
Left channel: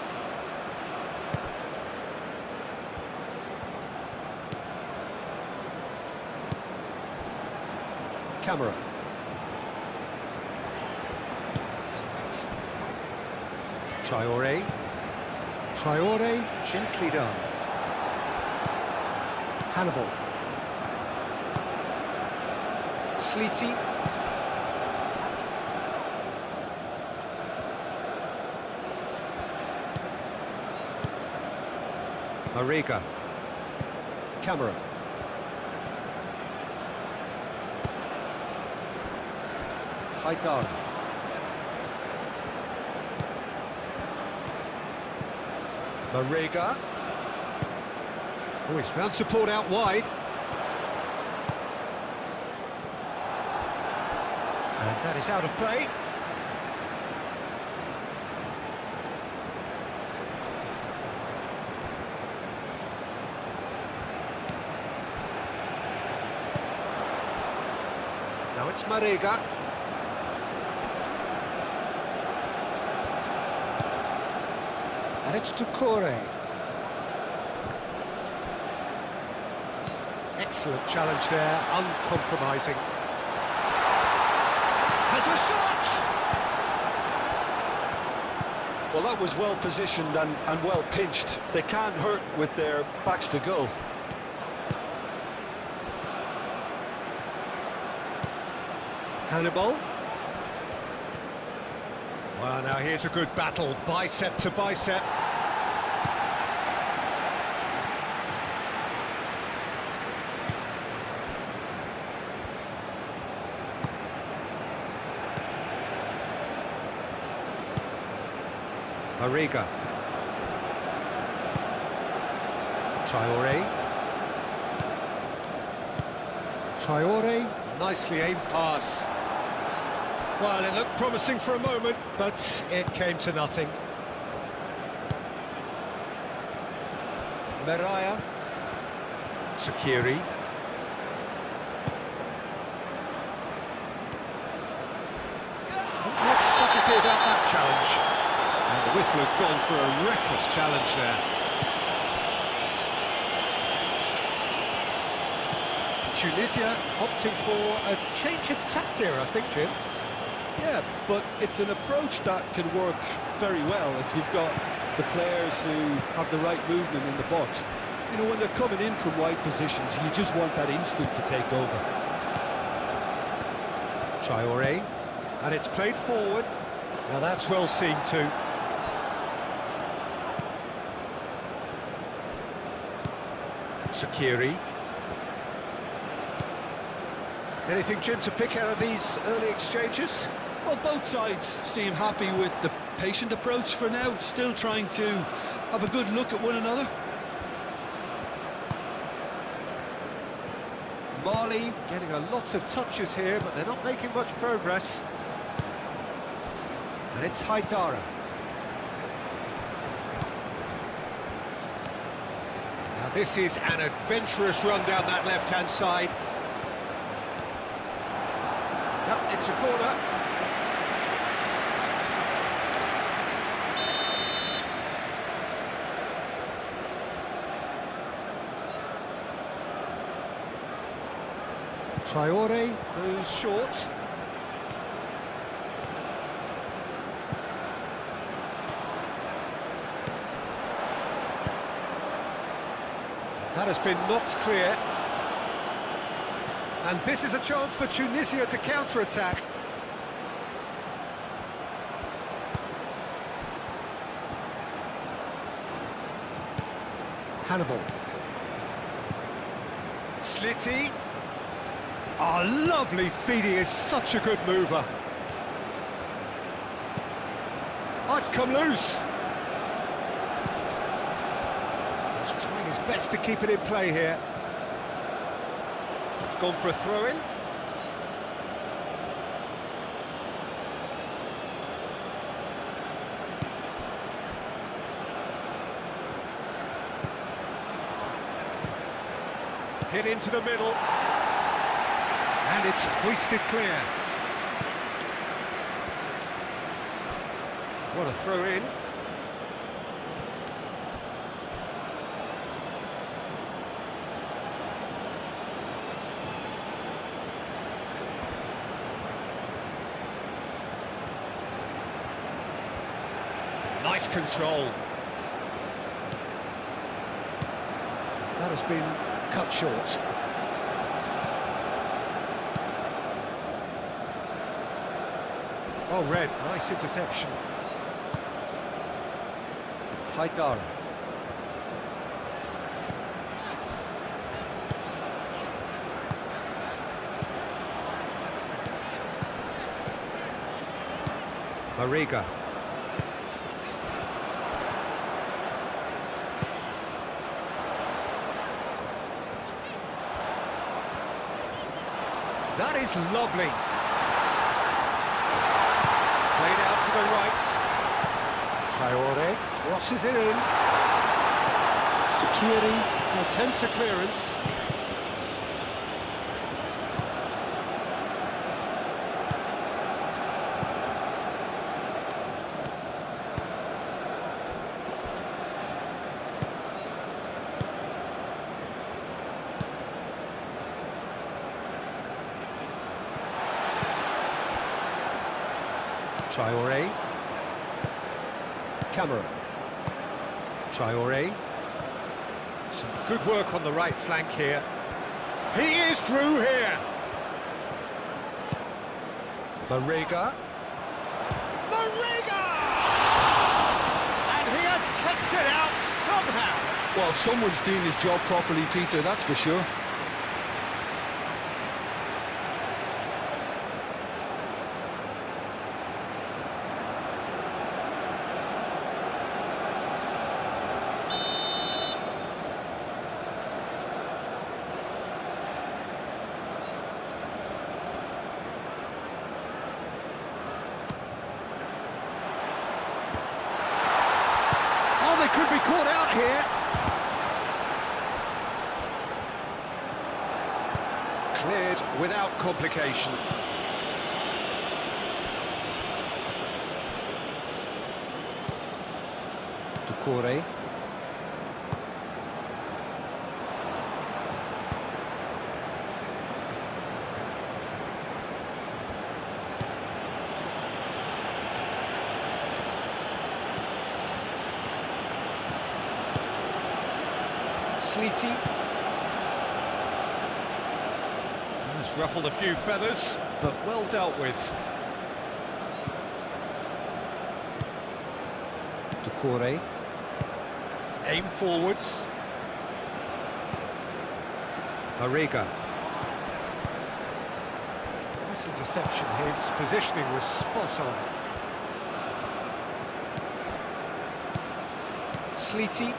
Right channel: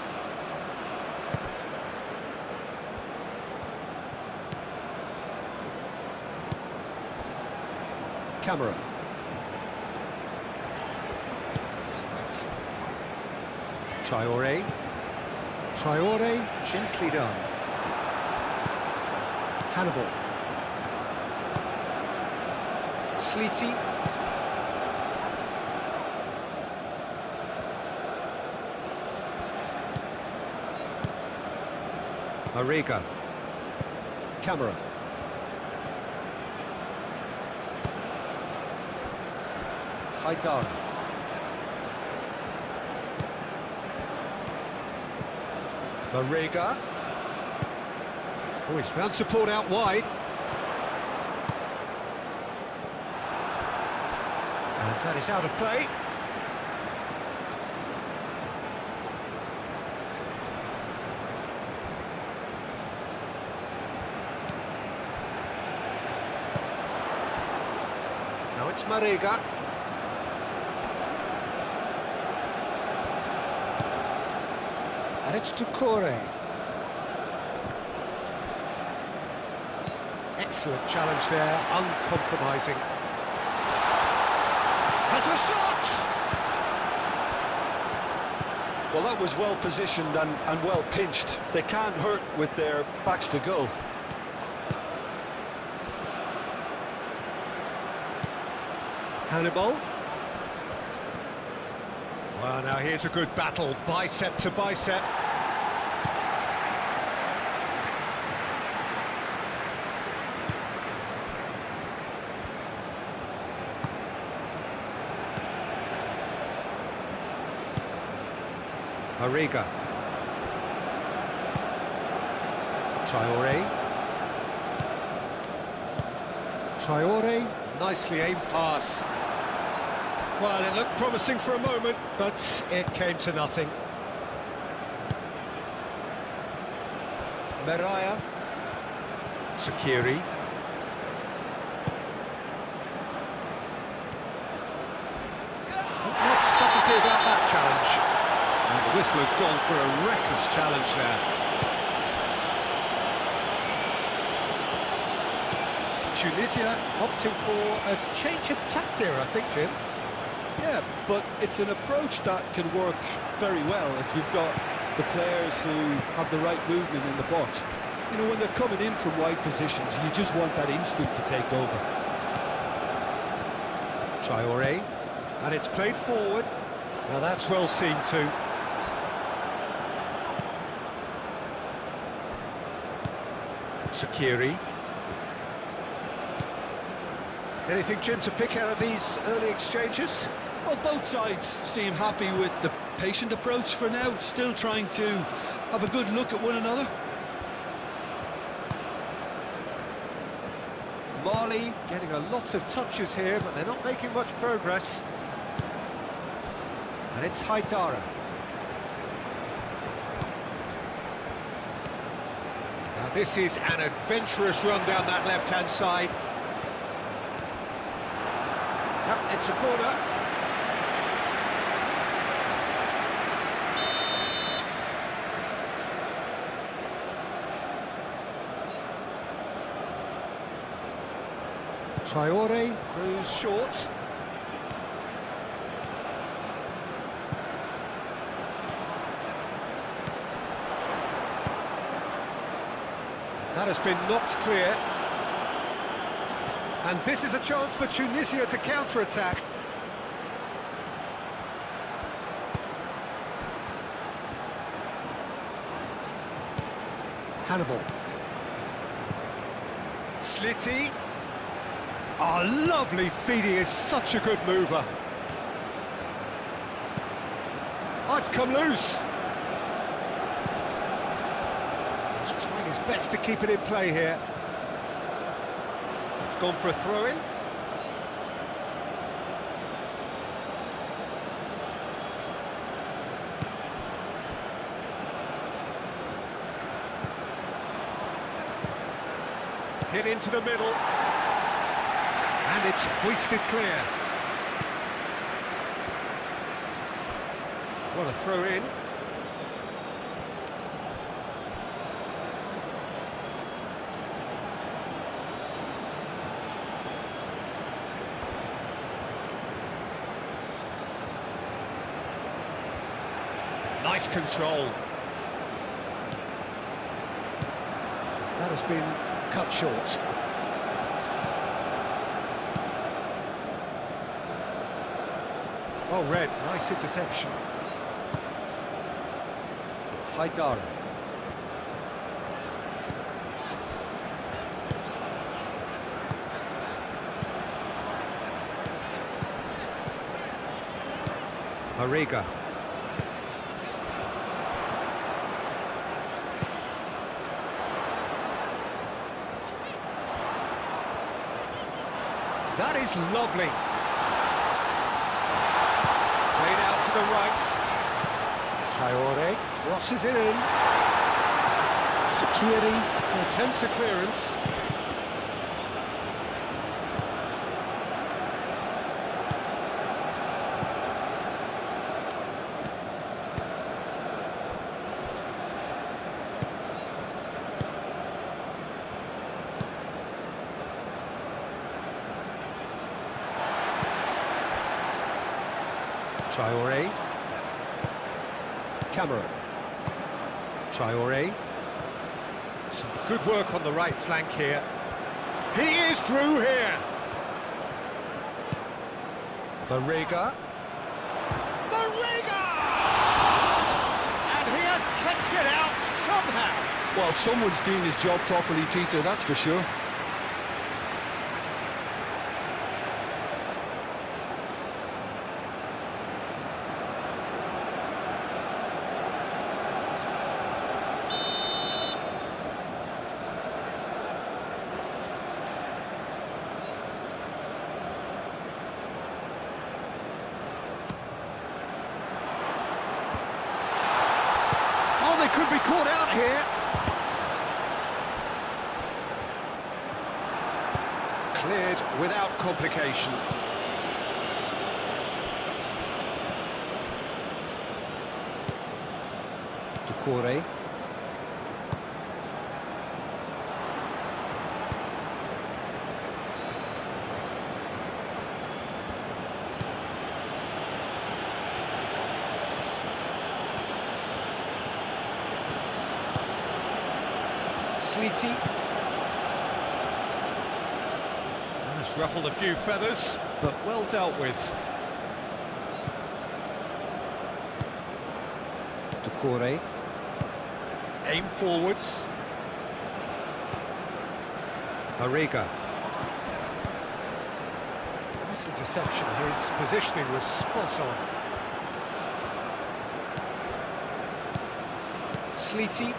Camera. Traore. Traore, gently done. Hannibal. Sleety. Mariga. Camera. Haidara. Mariga. Oh, he's found support out wide. And that is out of play. Now it's Mariga. And it's Tukore. Excellent challenge there, uncompromising. Has a shot! Well, that was well positioned and well pinched. They can't hurt with their backs to goal. Hannibal. Well, now here's a good battle, bicep to bicep. Mariga. Traore. Traore, nicely aimed pass. Well, it looked promising for a moment, but it came to nothing. Meraya. Sakiri. Not much subtlety about that challenge. And the whistler's gone for a reckless challenge there. Tunisia opting for a change of tack here, I think, Jim. Yeah, but it's an approach that can work very well if you've got the players who have the right movement in the box. You know, when they're coming in from wide positions, you just want that instinct to take over. Traore, and it's played forward. Now that's well seen too. Sakiri. Anything, Jim, to pick out of these early exchanges? Well, both sides seem happy with the patient approach for now, still trying to have a good look at one another. Mali getting a lot of touches here, but they're not making much progress. And it's Haidara. Now this is an adventurous run down that left-hand side. Yep, it's a corner. Traore goes short. That has been knocked clear. And this is a chance for Tunisia to counter-attack. Hannibal. Slitty. Oh, lovely feed, he is such a good mover. Oh, it's come loose. best to keep it in play here. It's gone for a throw-in. Hit into the middle. And it's hoisted clear. What a throw-in. Nice control. That has been cut short. Oh, red, nice interception. Haidara. Mariga. That is lovely. Played out to the right. Traore crosses it in. Sakiri attempts a clearance. Traore. Camera. Traore. Some good work on the right flank here. He is through here. Mariga. Mariga! And he has kept it out somehow. Well, someone's doing his job properly, Peter, that's for sure. Oh, they could be caught out here. Cleared without complication. Ducore. Sleety. Has ruffled a few feathers, but well dealt with. Ducore. Aim forwards. Mariga. Nice interception. His positioning was spot on. Sleety.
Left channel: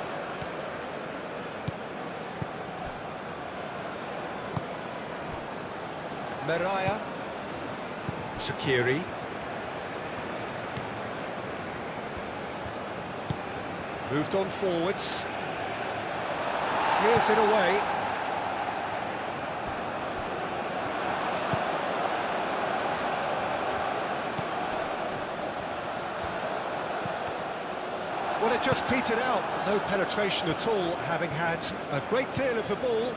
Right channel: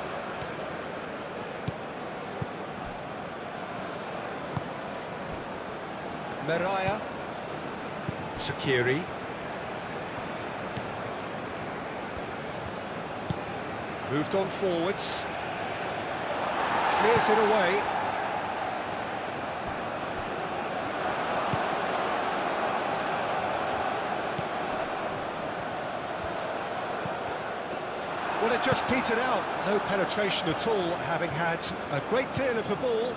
Meraya. Sakiri. Moved on forwards. Clears it away. Well, it just petered out. No penetration at all, having had a great deal of the ball.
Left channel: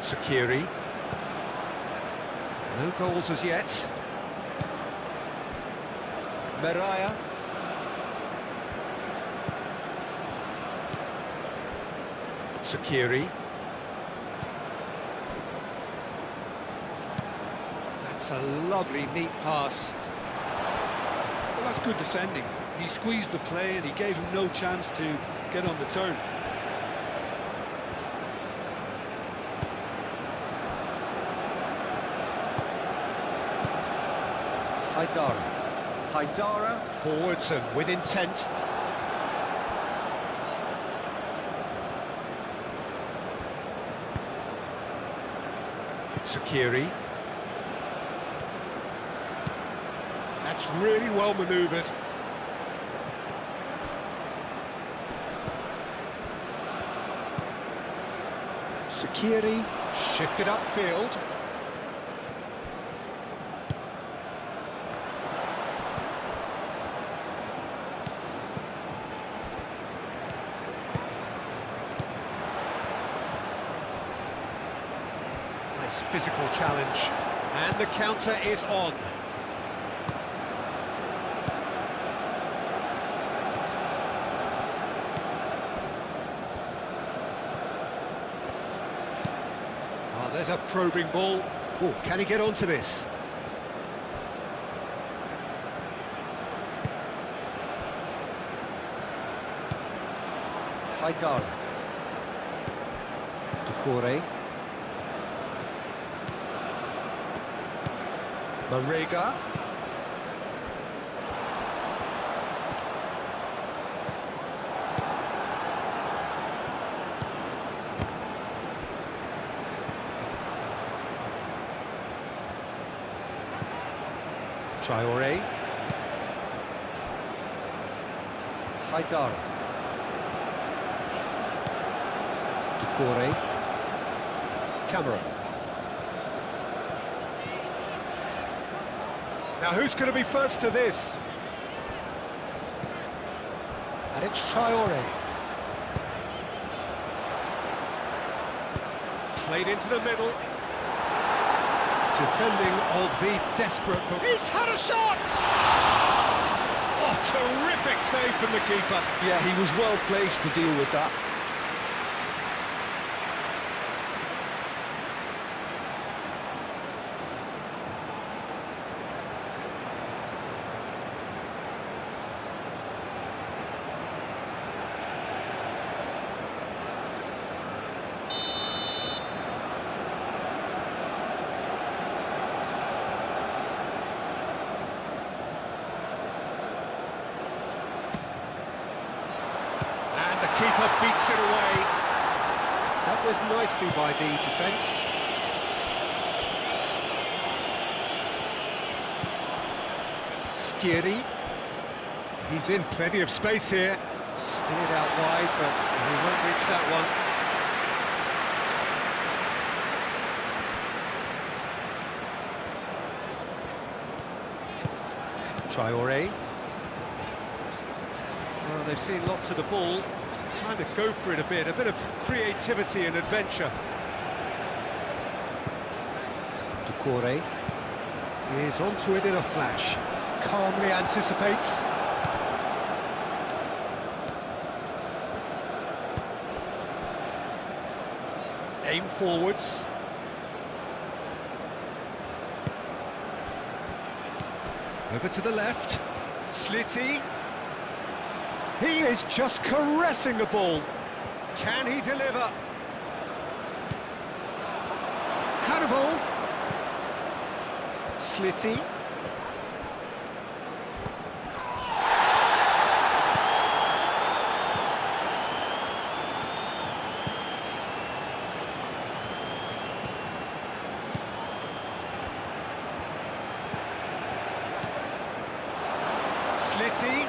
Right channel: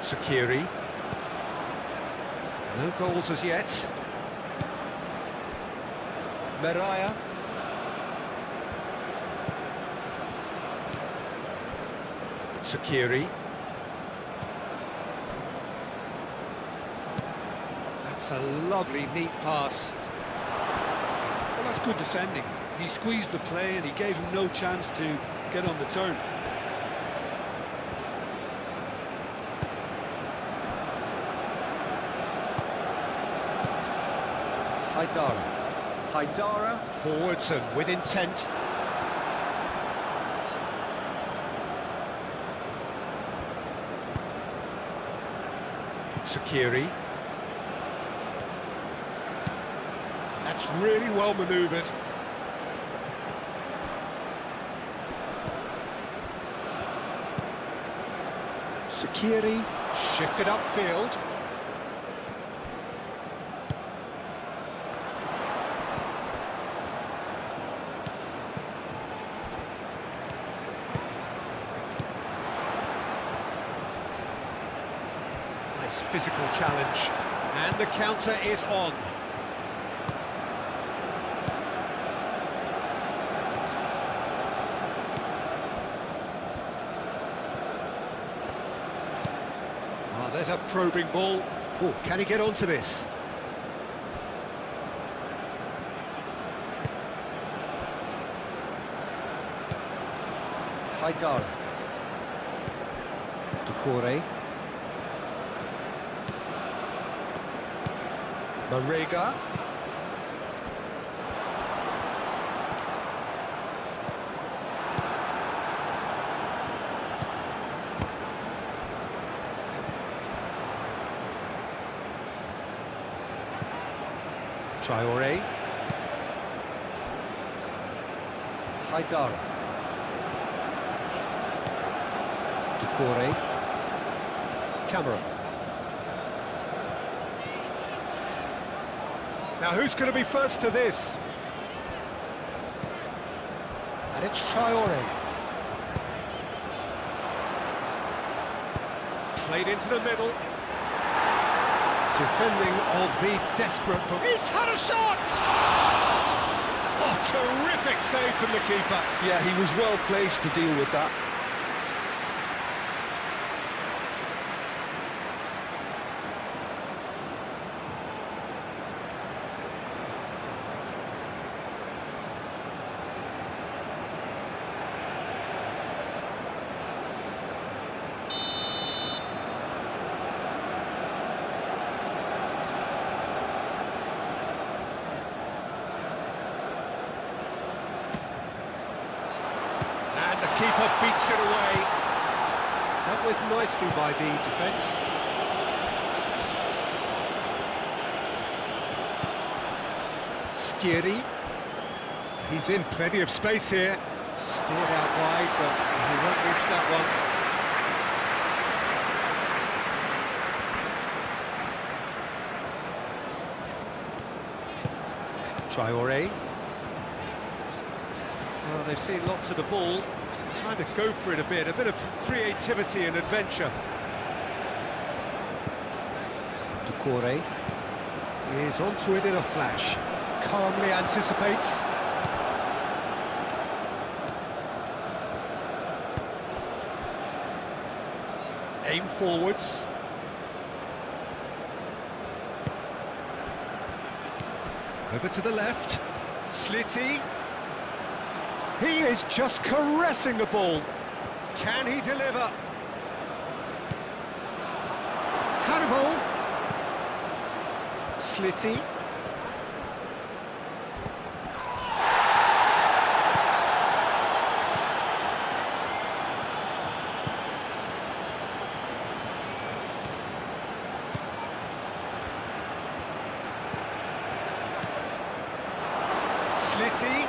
Sakiri. No goals as yet. Meraya. Sakiri. That's a lovely, neat pass. Well, that's good defending. He squeezed the play and he gave him no chance to get on the turn. Haidara. Haidara, forwards and with intent. Shaqiri. That's really well manoeuvred. Shaqiri shifted upfield. Nice physical challenge. And the counter is on. Oh, there's a probing ball. Oh, can he get onto this? Haidara. Doucouré. Marega. Traoré. Haidara. Doucouré. Camera. Now who's going to be first to this? And it's Traoré. Played into the middle. Defending of the desperate... He's had a shot! Oh, terrific save from the keeper. Yeah, he was well placed to deal with that. And the keeper beats it away. Dealt with nicely by the defence. Shaqiri. He's in plenty of space here. Steered out wide, but he won't reach that one. Traoré. Well, they've seen lots of the ball. Time to go for it a bit of creativity and adventure. Doucouré. He's onto it in a flash. Calmly anticipates. Aim forwards. Over to the left. Slitty. He is just caressing the ball. Can he deliver? Hannibal. Slitty. Slitty.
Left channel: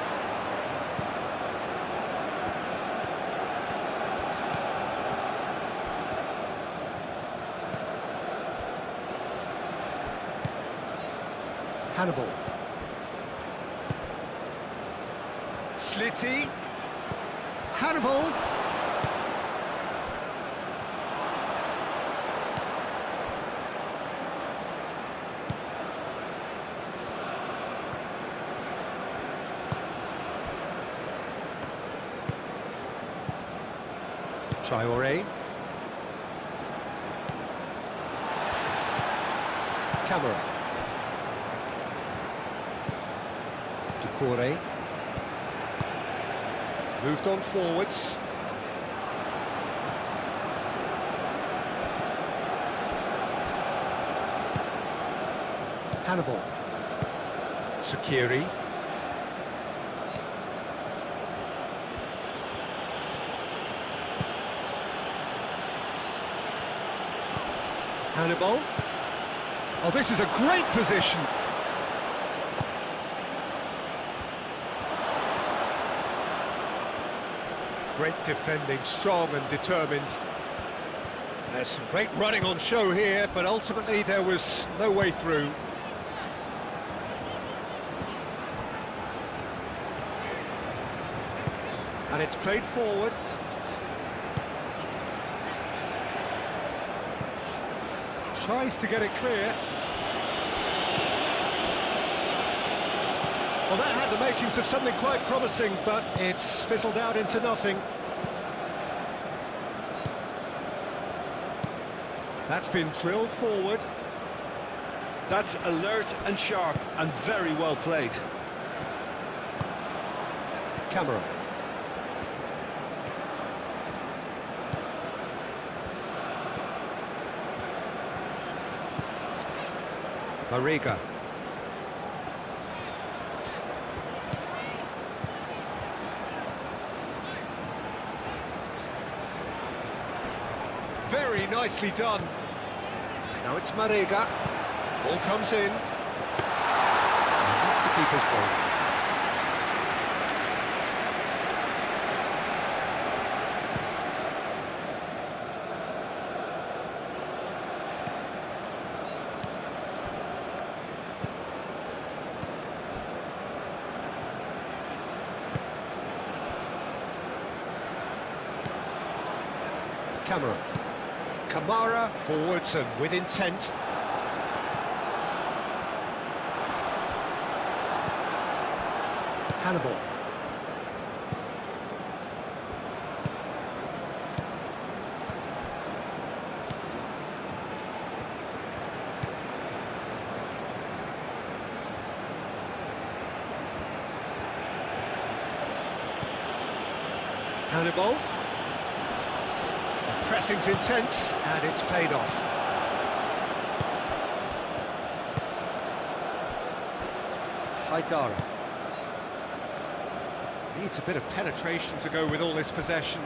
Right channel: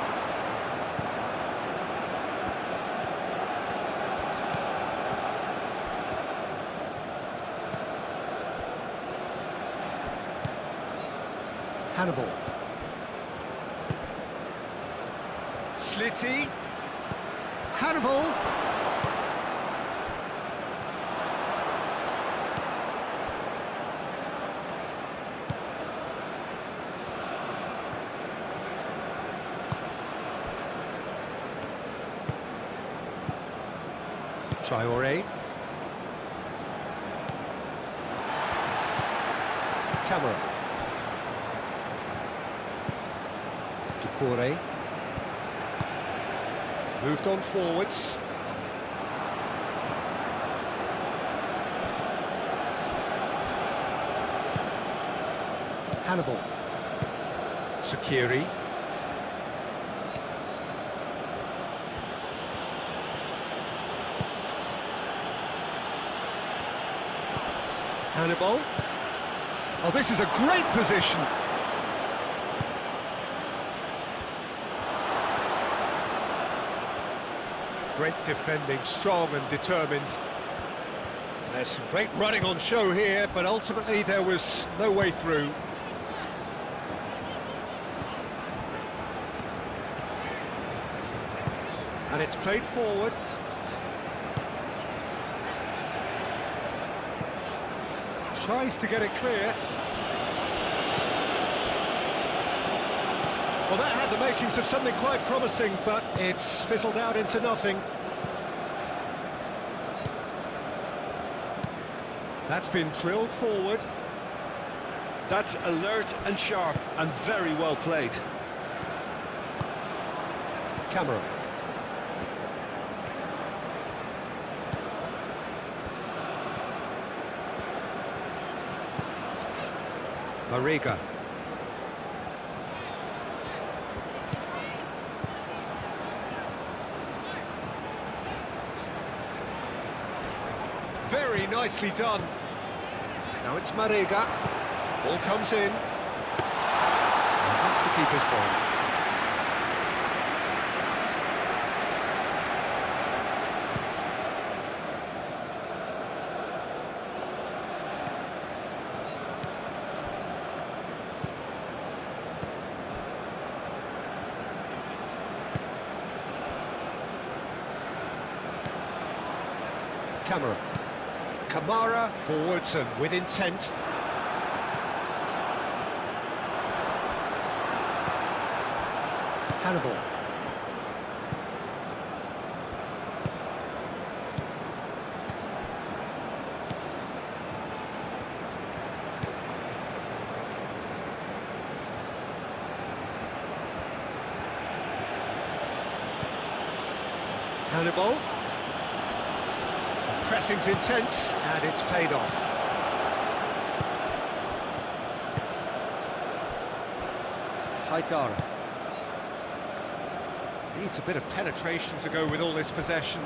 Hannibal. Slitty. Hannibal. Traoré. Camera. Doucouré. Moved on forwards. Hannibal. Shaqiri. Hannibal. Oh, this is a great position. Great defending, strong and determined. There's some great running on show here, but ultimately there was no way through. And it's played forward. Tries to get it clear. Well, that had the makings of something quite promising, but it's fizzled out into nothing. That's been drilled forward. That's alert and sharp and very well played. Camera. Mariga. Very nicely done. Now it's Mariga. Ball comes in. That's the keeper's ball. Camera. Kamara forwards and with intent. Hannibal. Hannibal. Pressing's intense, and it's paid off. Haidara. Needs a bit of penetration to go with all this possession.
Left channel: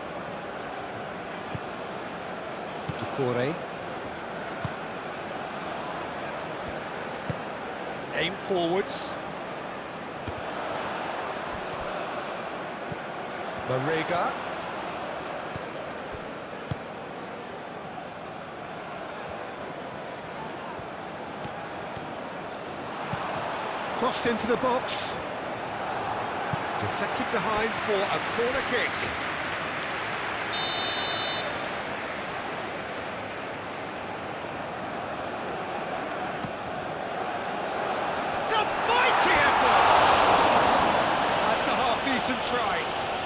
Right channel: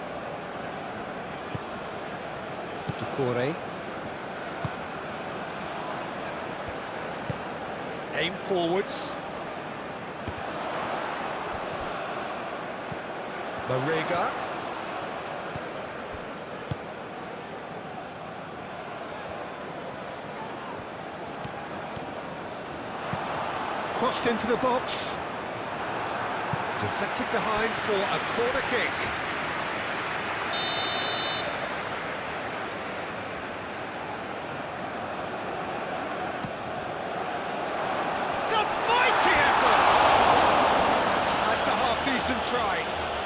Ducouré. Aim forwards. Mariga. Crossed into the box. Deflected behind for a corner kick. It's a mighty effort! That's a half-decent try.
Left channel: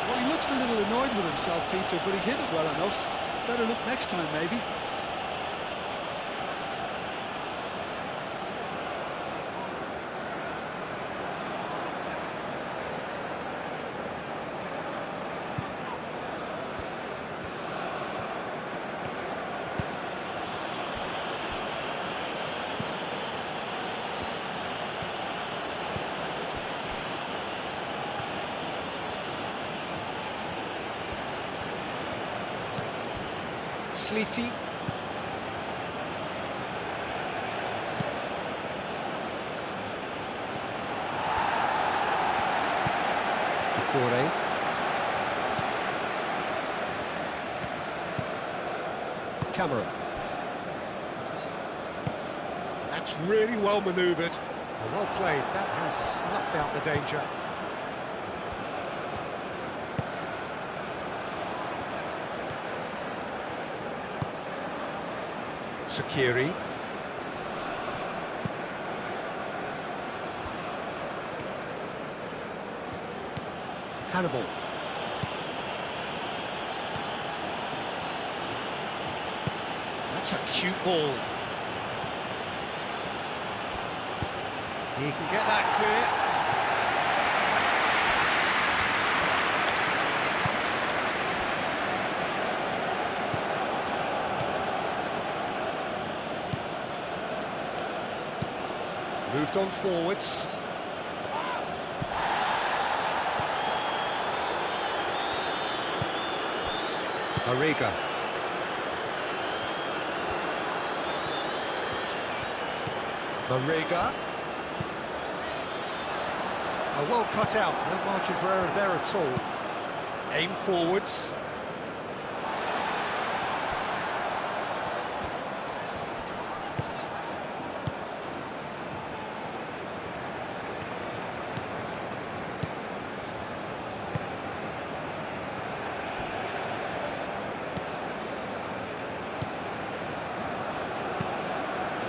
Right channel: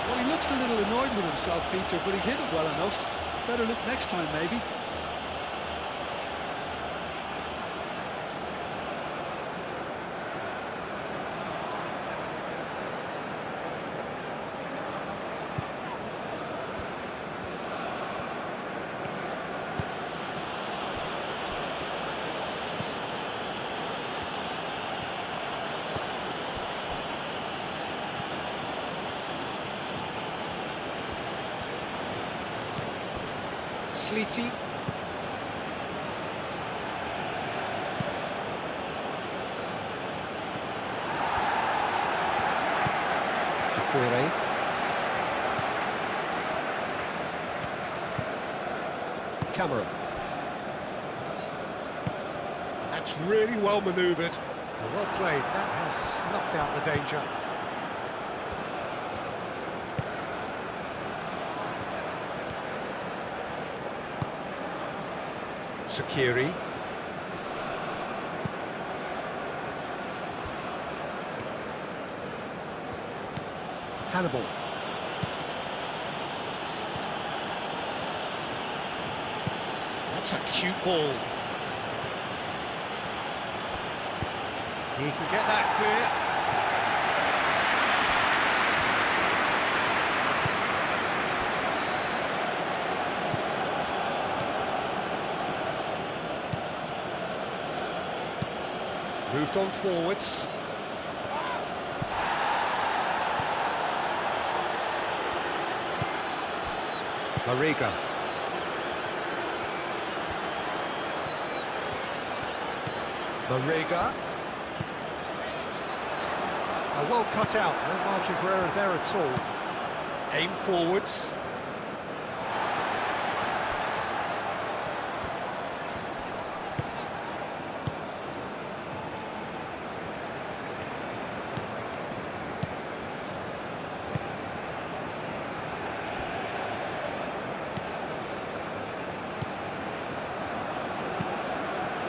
Well, he looks a little annoyed with himself, Peter, but he hit it well enough. Better look next time, maybe. Sleety. Ducouré. Camera. That's really well manoeuvred. Well played. That has snuffed out the danger. Sakiri. Hannibal. That's a cute ball. He can get that clear. Moved on forwards. Mariga. Mariga. Well cut out, no margin for error there at all. Aim forwards.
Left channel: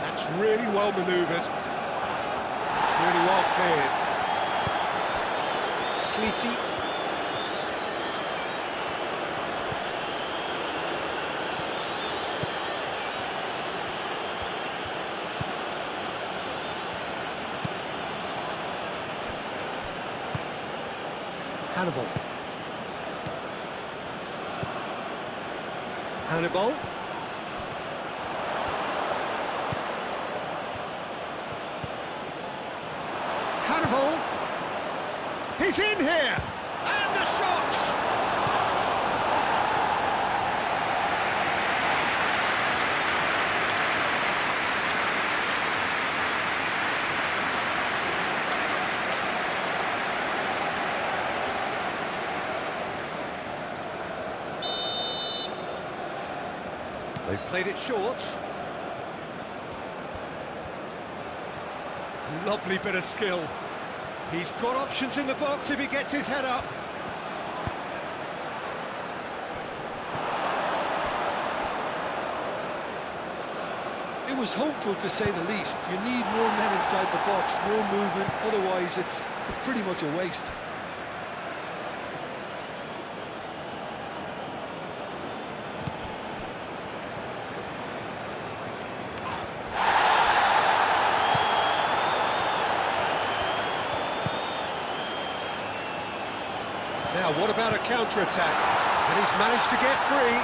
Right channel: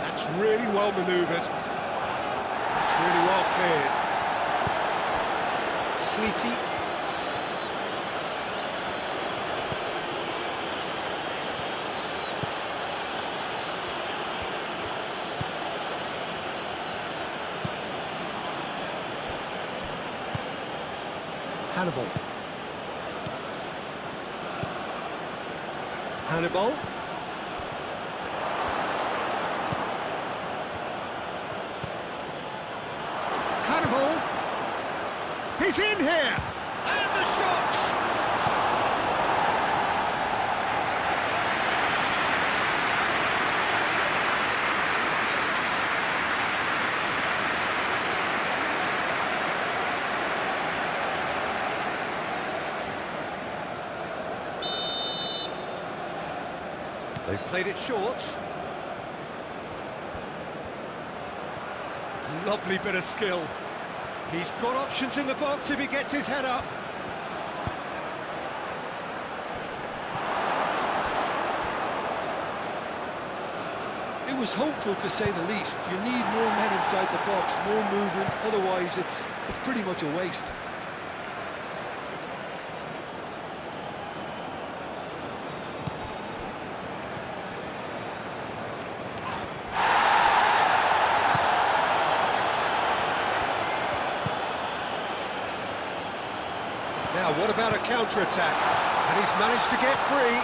That's really well manoeuvred. It's really well cleared. Sleety. Hannibal. Hannibal. Hannibal. He's in here! And the shots! They've played it short. Lovely bit of skill. He's got options in the box if he gets his head up. It was hopeful, to say the least. You need more men inside the box, more movement, otherwise it's pretty much a waste. Now, what about a counter-attack? And he's managed to get free.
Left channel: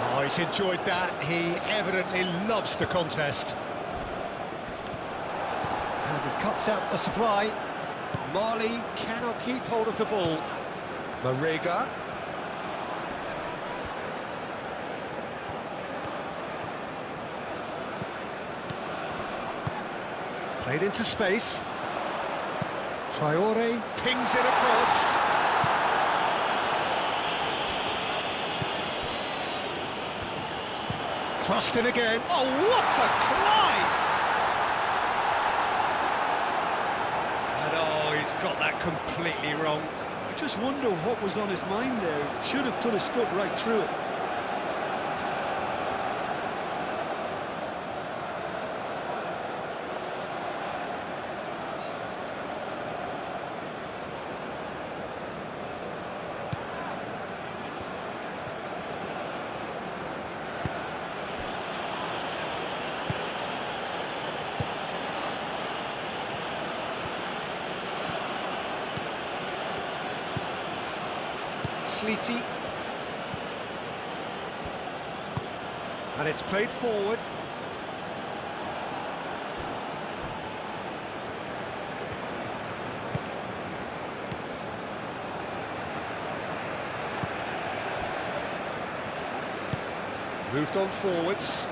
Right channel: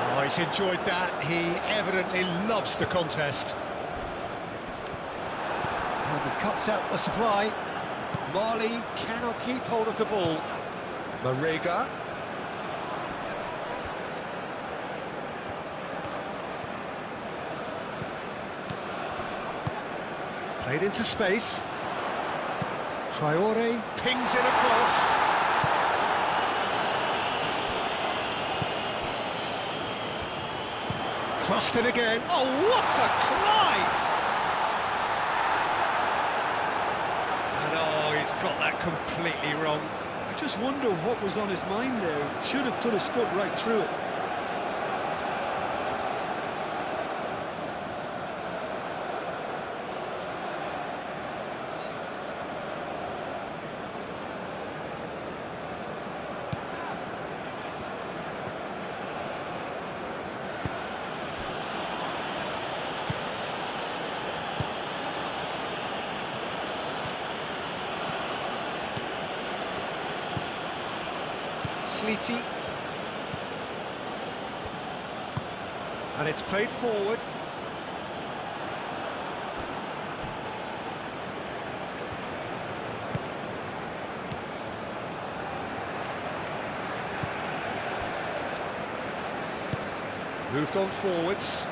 Oh, he's enjoyed that. He evidently loves the contest. And he cuts out the supply. Mali cannot keep hold of the ball. Mariga. Played into space. Traore pings it across. Crossed in again. Oh, what a climb! And oh, he's got that completely wrong. I just wonder what was on his mind there. Should have put his foot right through it. Sleety. And it's played forward. Moved on forwards.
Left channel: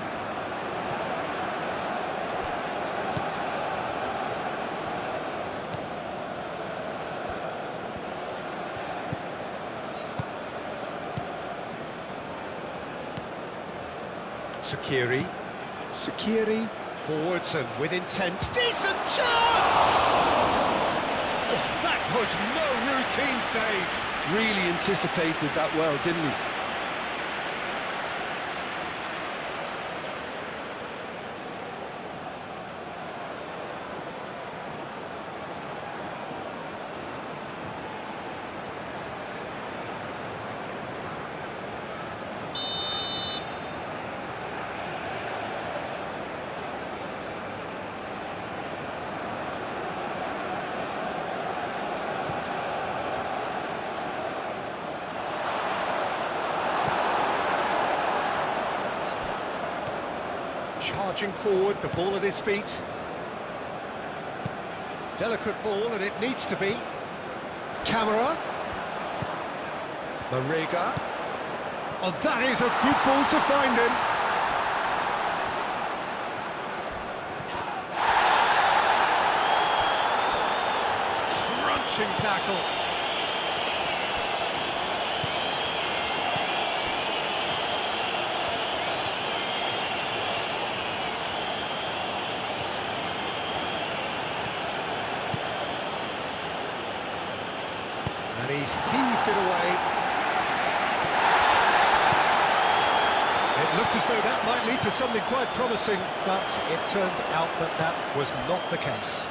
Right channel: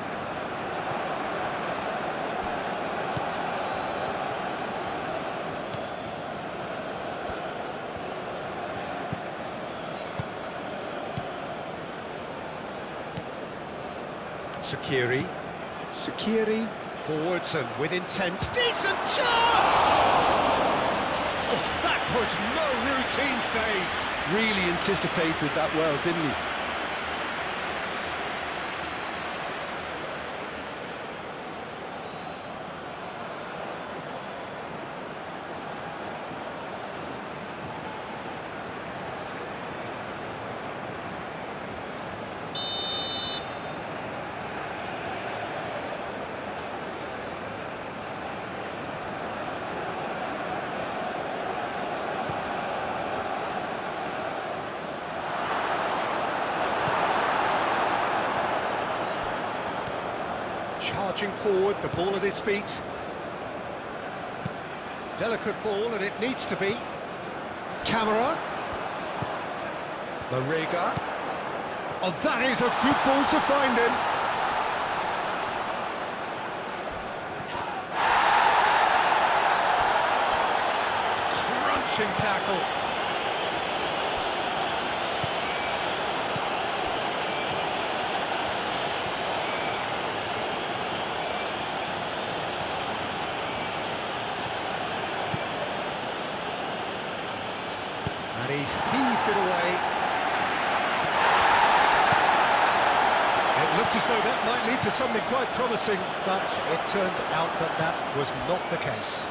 Sakiri, forwards and with intent. Decent chance! Oh, that was no routine save. Really anticipated that well, didn't he? Charging forward, the ball at his feet. Delicate ball, and it needs to be. Camera. Mariga. Oh, that is a good ball to find him. Crunching tackle. And he's heaved it away. It looked as though that might lead to something quite promising, but it turned out that that was not the case.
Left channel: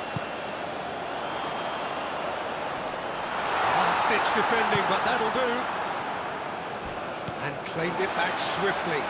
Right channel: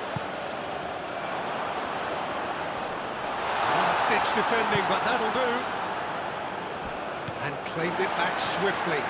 Last-ditch defending, but that'll do. And claimed it back swiftly.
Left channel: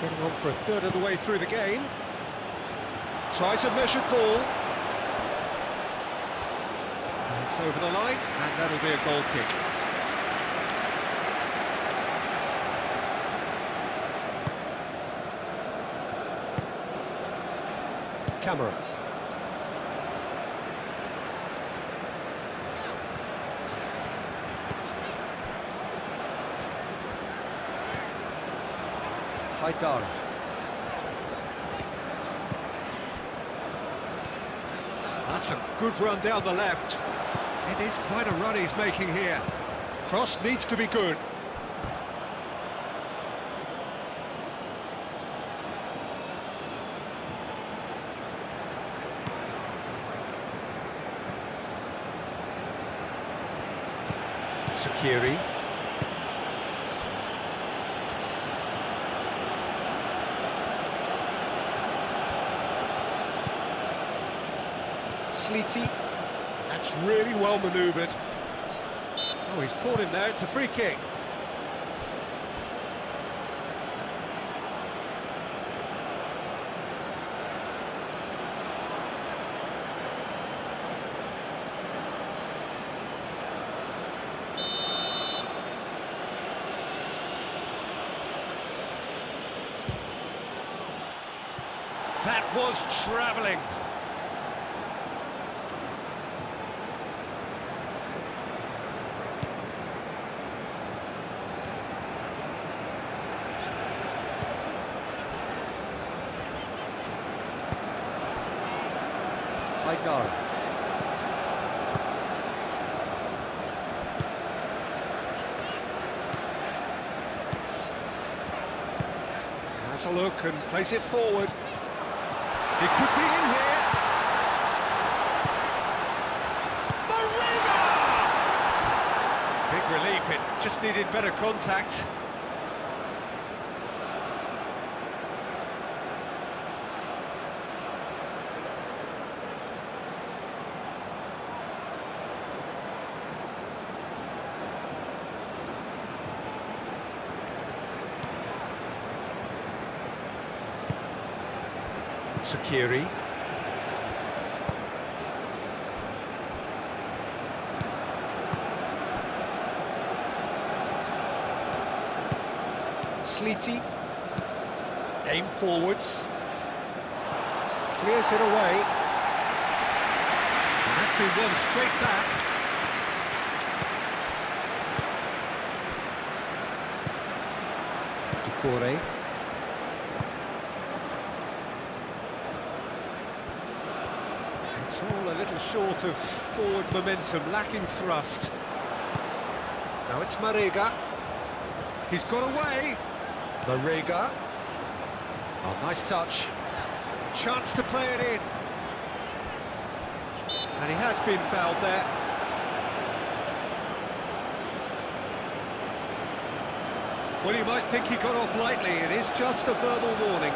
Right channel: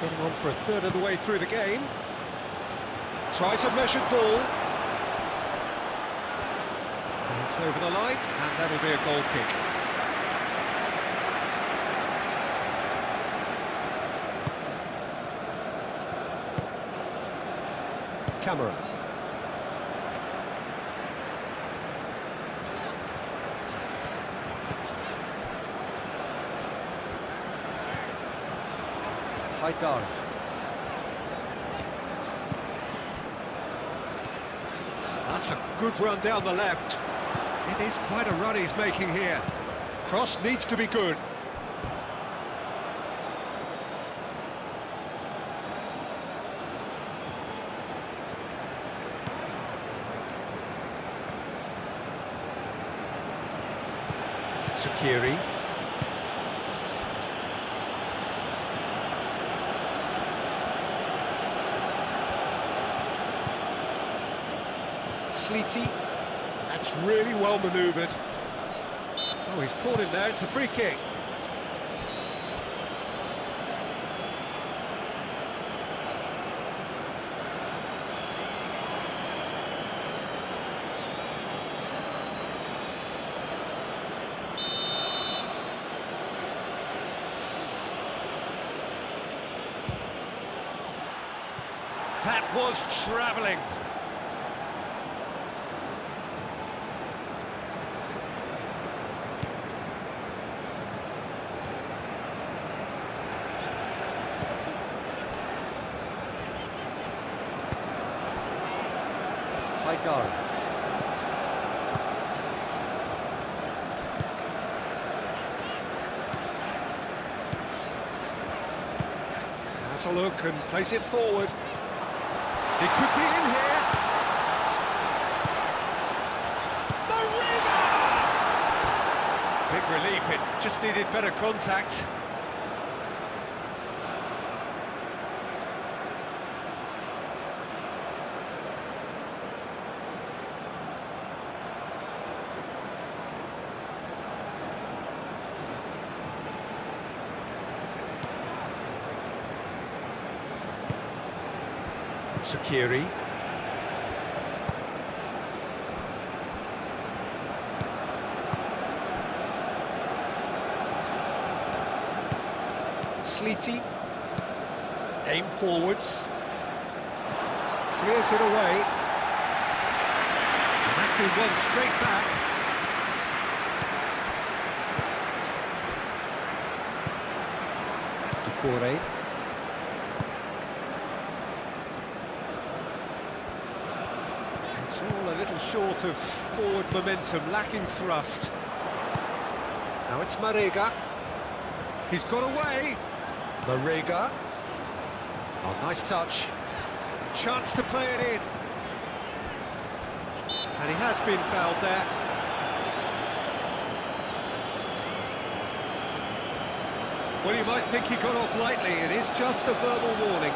Getting on for a third of the way through the game. Tries a measured ball. It's over the line, and that'll be a goal kick. Camera. Haidara. That's a good run down the left. It is quite a run he's making here. Cross needs to be good. Sakiri. Sleety. That's really well manoeuvred. Oh, he's caught him there. It's a free kick. That was travelling. Haidara. Has a look and plays it forward. He could be in here. Marina! Big relief, it just needed better contact. Sakiri. Sleety. Aim forwards. Clears it away. And that's been won straight back. Ducouré. It's all a little short of forward momentum, lacking thrust. Now it's Marega. He's got away. Marega. Oh, nice touch. A chance to play it in. And he has been fouled there. Well, you might think he got off lightly. It is just a verbal warning.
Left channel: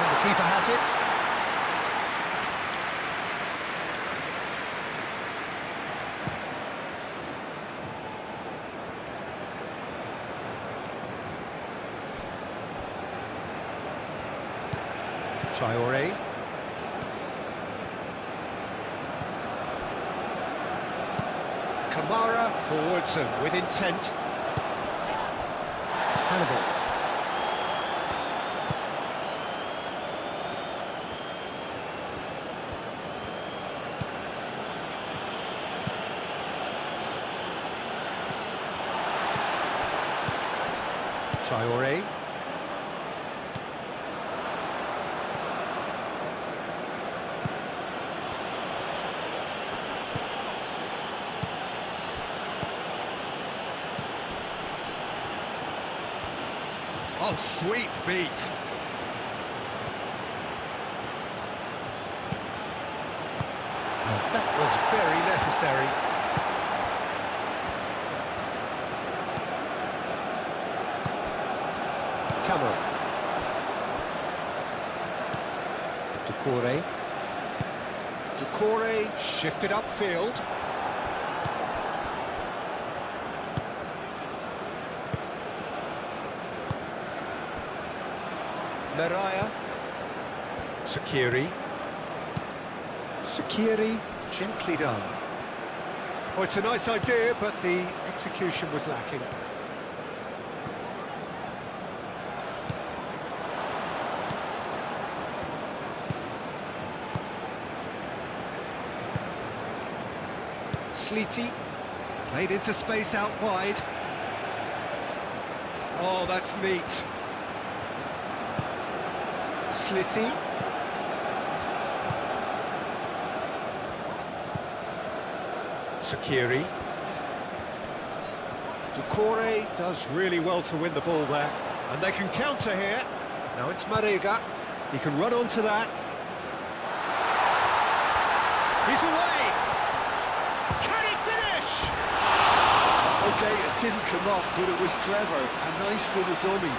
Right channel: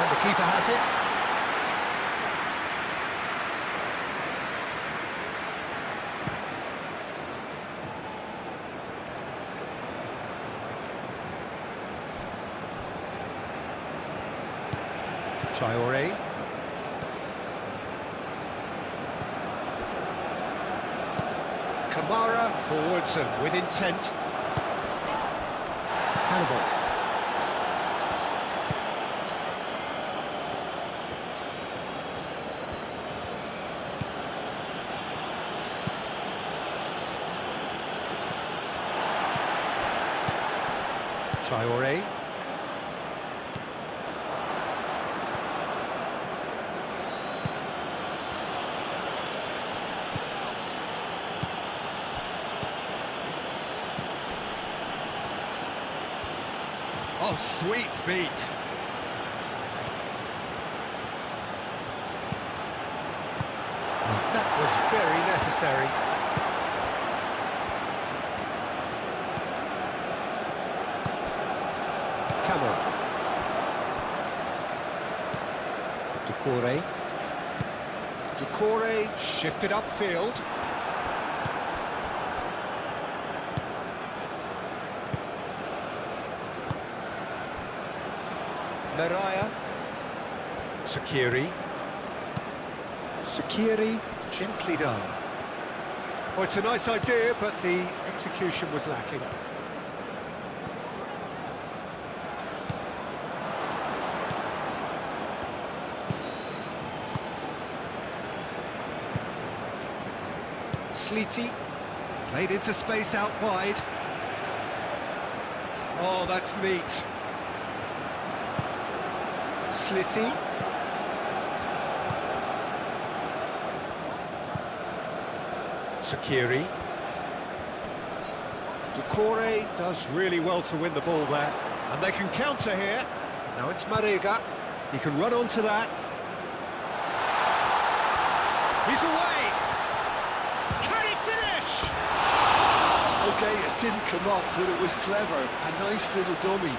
And the keeper has it. Traoré. Kamara forwards and with intent. Hannibal. Traoré. Oh, sweet feet. That was very necessary. Camera. Doucouré. Doucouré shifted upfield. Meraya. Sakiri. Sakiri, gently done. Oh, it's a nice idea, but the execution was lacking. Sleety, played into space out wide. Oh, that's neat. Slitty. Sakiri. Doucouré does really well to win the ball there. And they can counter here. Now it's Marega. He can run onto that. He's away! Can he finish? Okay, it didn't come off, but it was clever. A nice little dummy.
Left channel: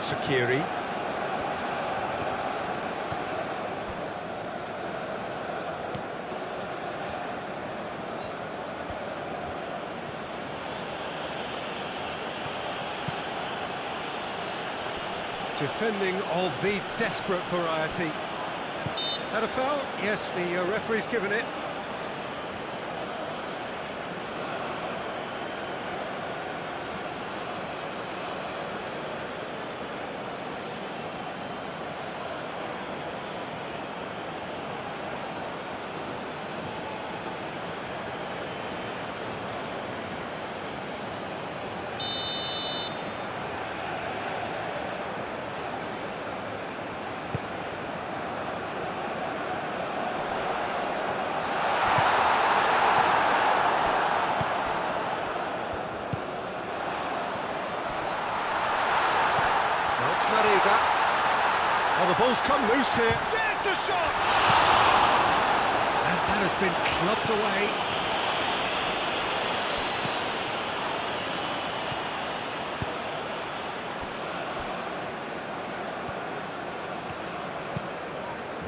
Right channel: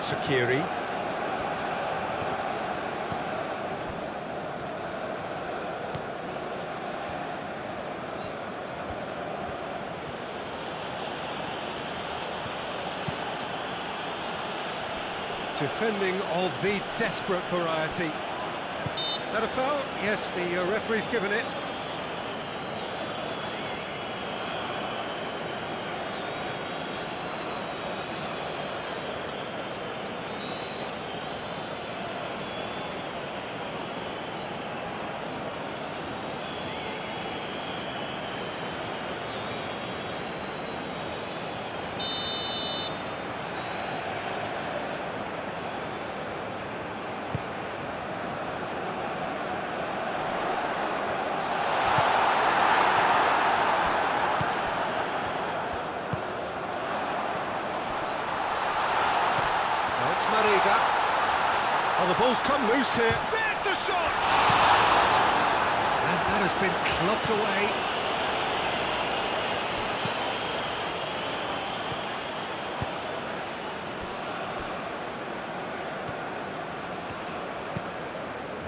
Sakiri. Defending of the desperate variety. That a foul? Yes, the referee's given it. Now it's Marega. Oh, the ball's come loose here. There's the shot! And that has been clubbed away.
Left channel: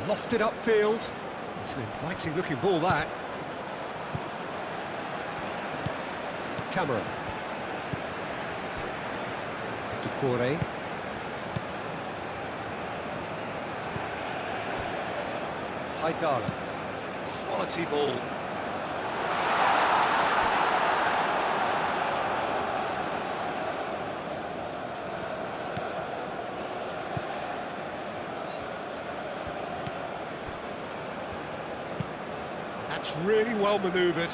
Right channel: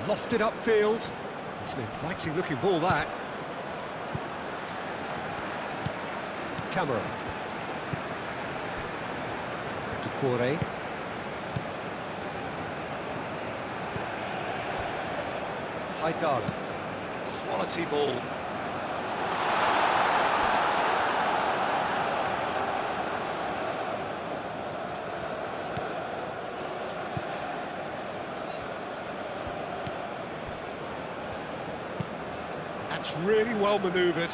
Lofted upfield. It's an inviting looking ball, that. Camera. Doucouré. Haidara. Quality ball. That's really well manoeuvred.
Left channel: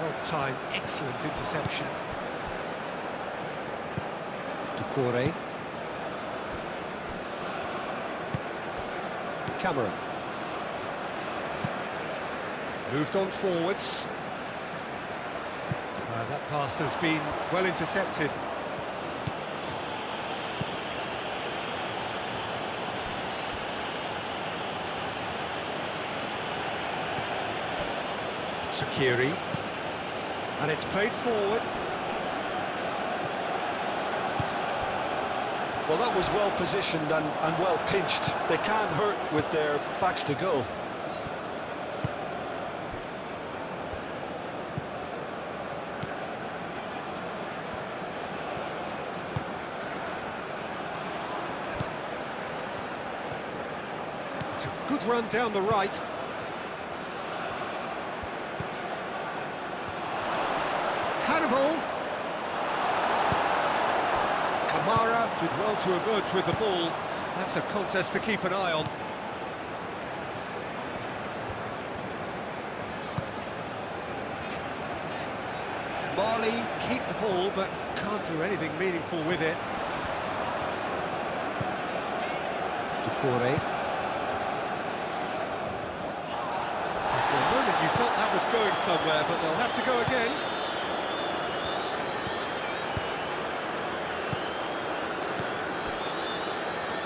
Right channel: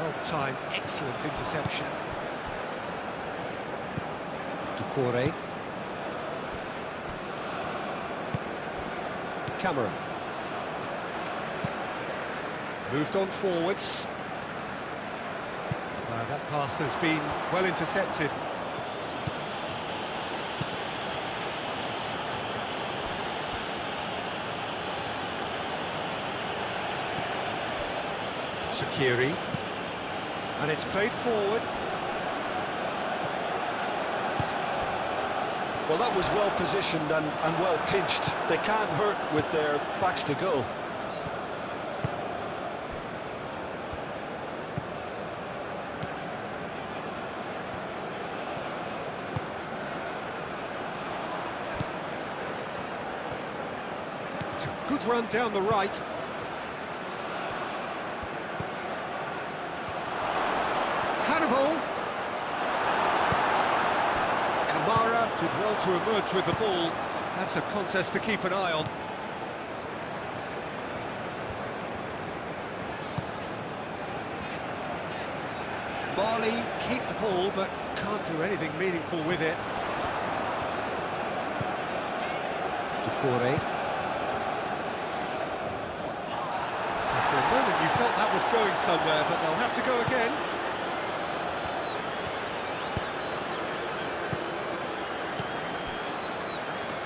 Well timed, excellent interception. Doucouré. Camera. Moved on forwards. That pass has been well intercepted. Sakiri. And it's played forward. Well, that was well positioned and well pinched. They can't hurt with their backs to goal. It's a good run down the right. Hannibal. Kamara did well to emerge with the ball. That's a contest to keep an eye on. Marley keep the ball, but can't do anything meaningful with it. Decore. For a moment you felt that was going somewhere, but they'll have to go again.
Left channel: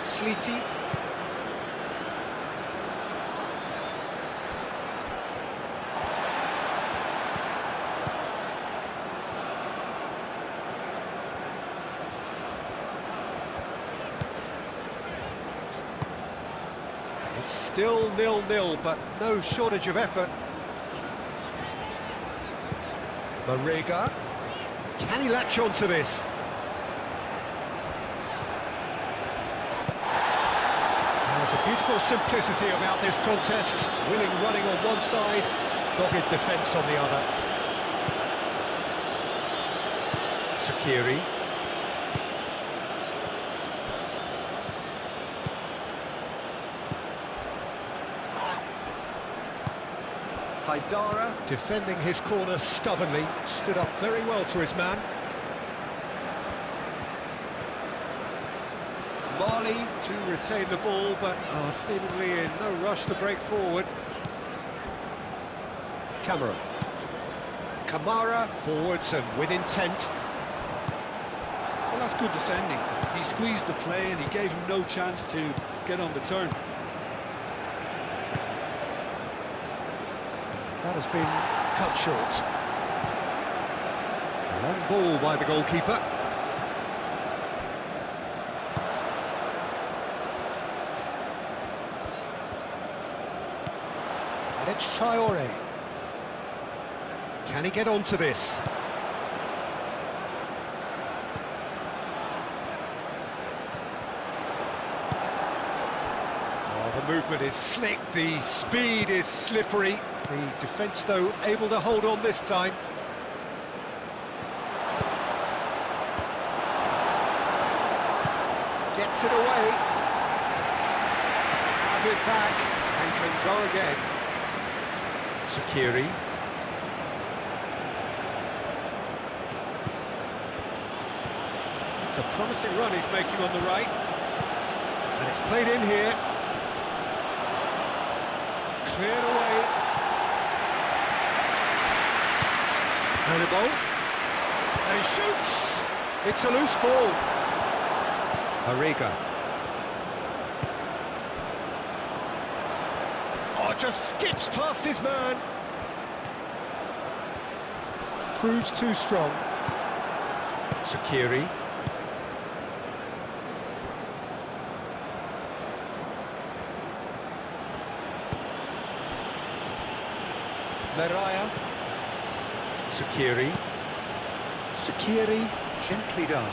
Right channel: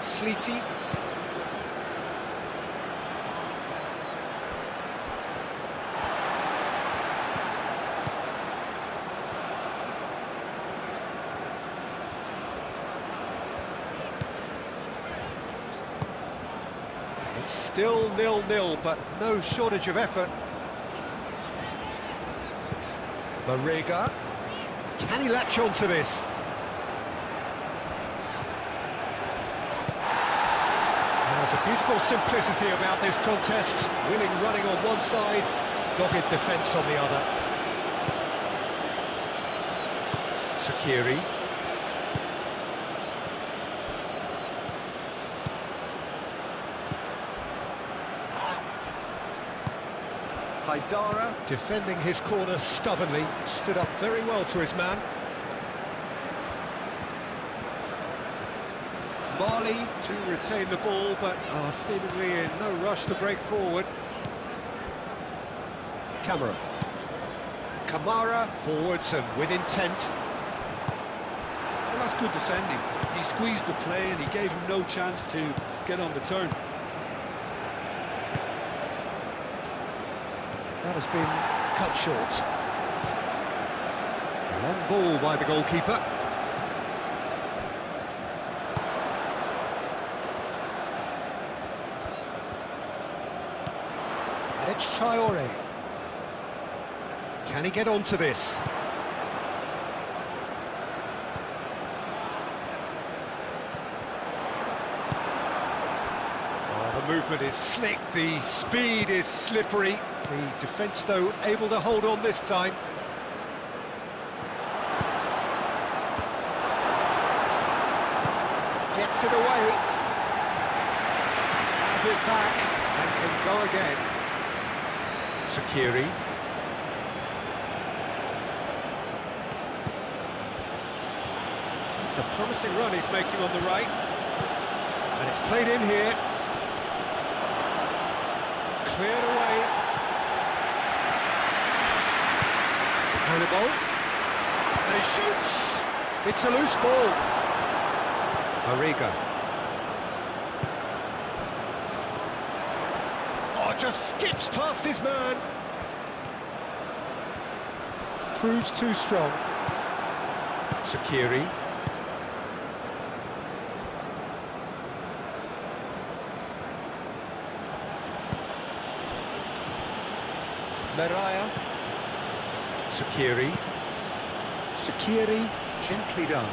Sleety. It's still 0-0, but no shortage of effort. Marega. Can he latch on to this? There's a beautiful simplicity about this contest. Willing running on one side, dogged defence on the other. Sakiri. Haidara defending his corner stubbornly, stood up very well to his man. Marley to retain the ball, but seemingly in no rush to break forward. Kamara forwards and with intent. Well, that's good defending. He squeezed the play and he gave him no chance to get on the turn. That has been cut short. Long ball by the goalkeeper. And it's Traore. Can he get onto this? Oh, the movement is slick, the speed is slippery. The defence, though, able to hold on this time. Gets it away. Have it back and can go again. Sakiri. It's a promising run he's making on the right. And it's played in here. Cleared away. Hannibal. And he shoots! It's a loose ball. Marega. Oh, just skips past his man. Proves too strong. Sakiri. Meraya. Sakiri. Sakiri, gently done.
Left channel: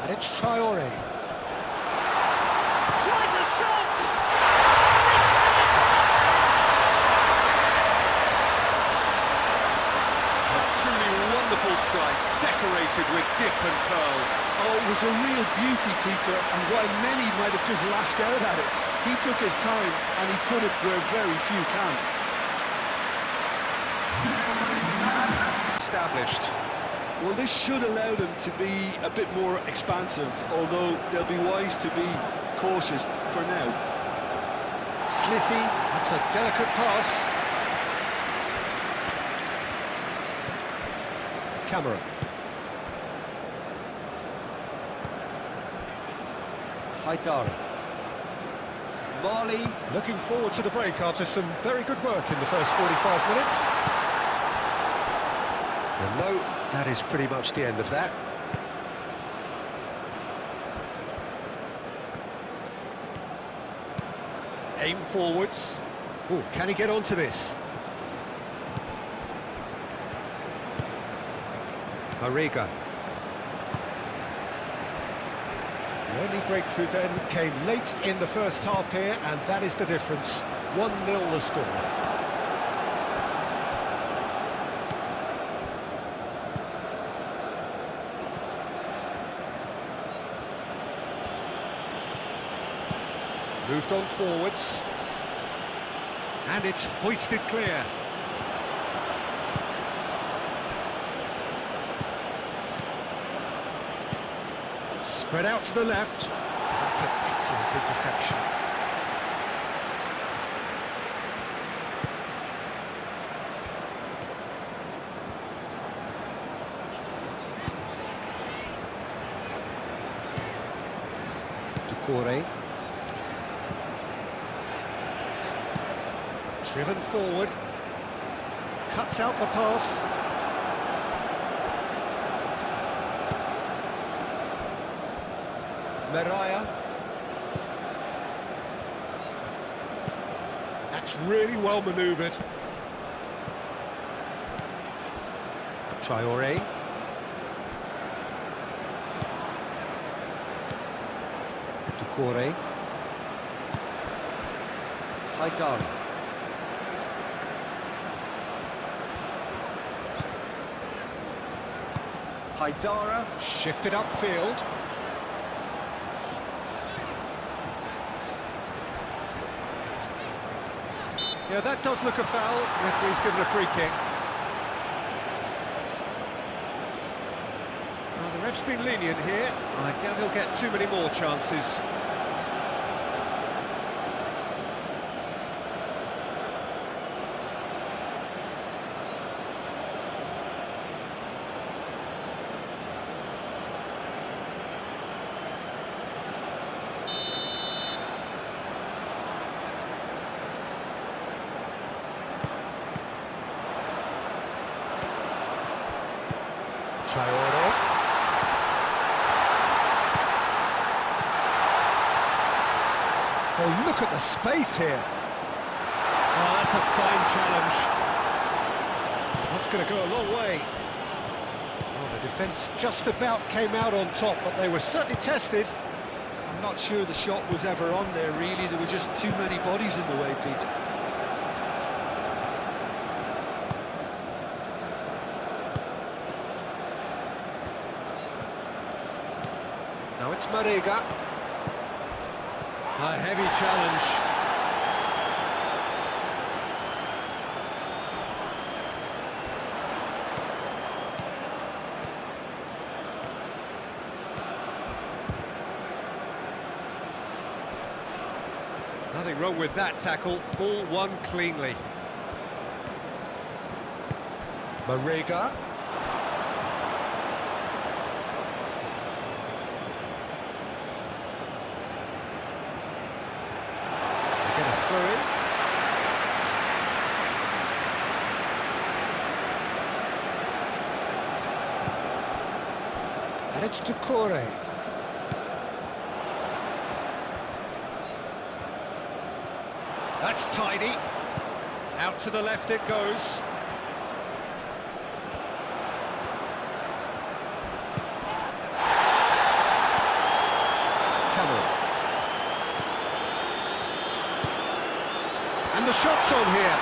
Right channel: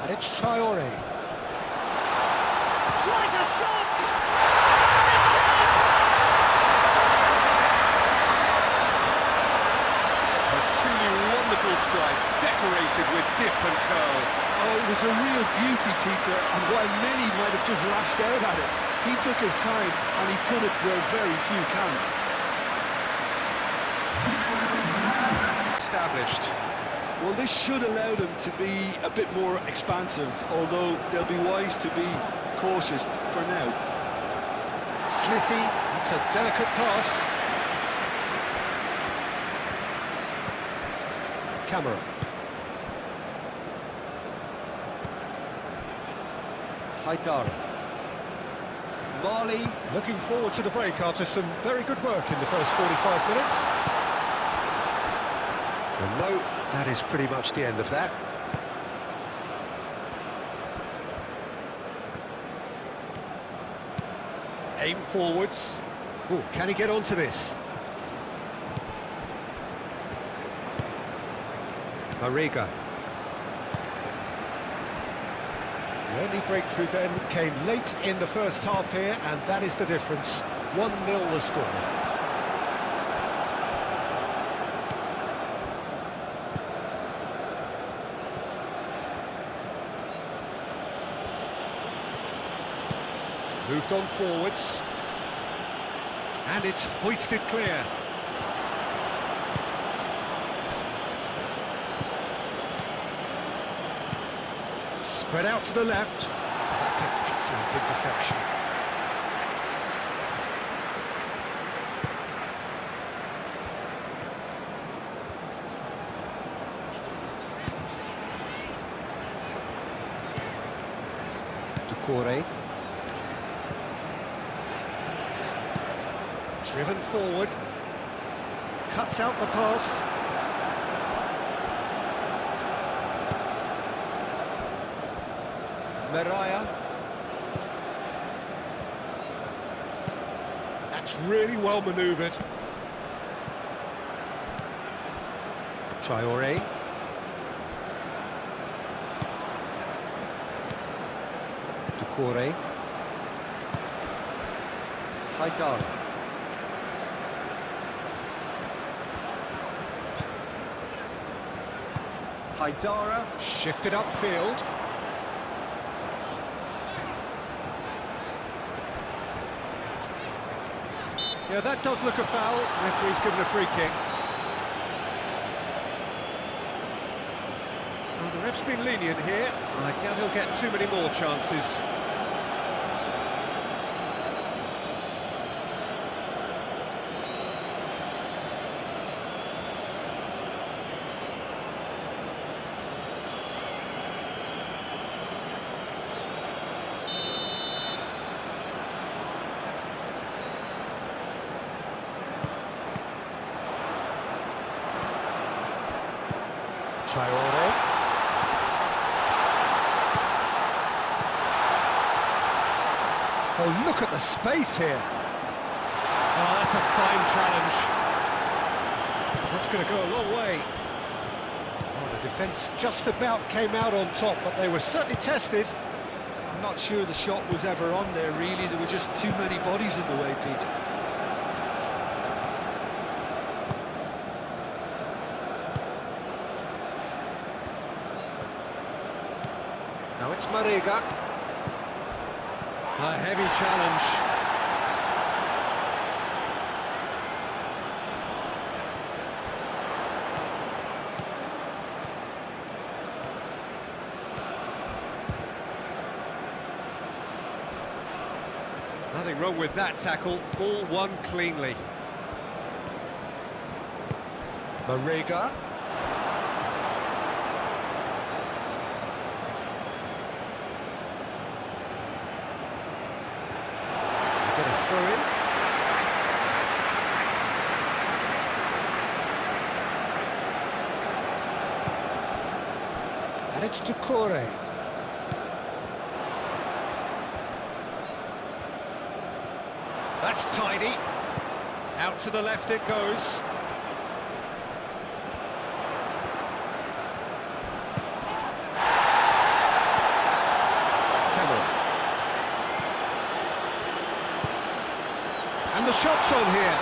And it's Traore. Tries a shot! It's in! A truly wonderful strike, decorated with dip and curl. Oh, it was a real beauty, Peter, and while many might have just lashed out at it, he took his time and he put it where very few can. Established. Well, this should allow them to be a bit more expansive, although they'll be wise to be cautious for now. Slitty, that's a delicate pass. Haidara. Mali. Looking forward to the break after some very good work in the first 45 minutes. And no, that is pretty much the end of that. Aim forwards. Oh, can he get onto this? Mariga. The only breakthrough then came late in the first half here, and that is the difference. 1-0 the score. Moved on forwards. And it's hoisted clear. Spread out to the left. That's an excellent interception. Doucouré. Driven forward. Cuts out the pass. Meraya. That's really well manoeuvred. Traoré. Doucouré. Haidara. Haidara shifted upfield. Yeah, that does look a foul. Referee's given a free kick. Well, the ref's been lenient here. I doubt he'll get too many more chances. Traoré. Oh, look at the space here. Oh, that's a fine challenge. That's going to go a long way. Oh, the defence just about came out on top, but they were certainly tested. I'm not sure the shot was ever on there, really. There were just too many bodies in the way, Pete. Now it's Mariga. A heavy challenge. Nothing wrong with that tackle. Ball won cleanly. Mariga. Get a throw in. And it's Doucouré. That's tidy. Out to the left it goes. Camera. And the shot's on here.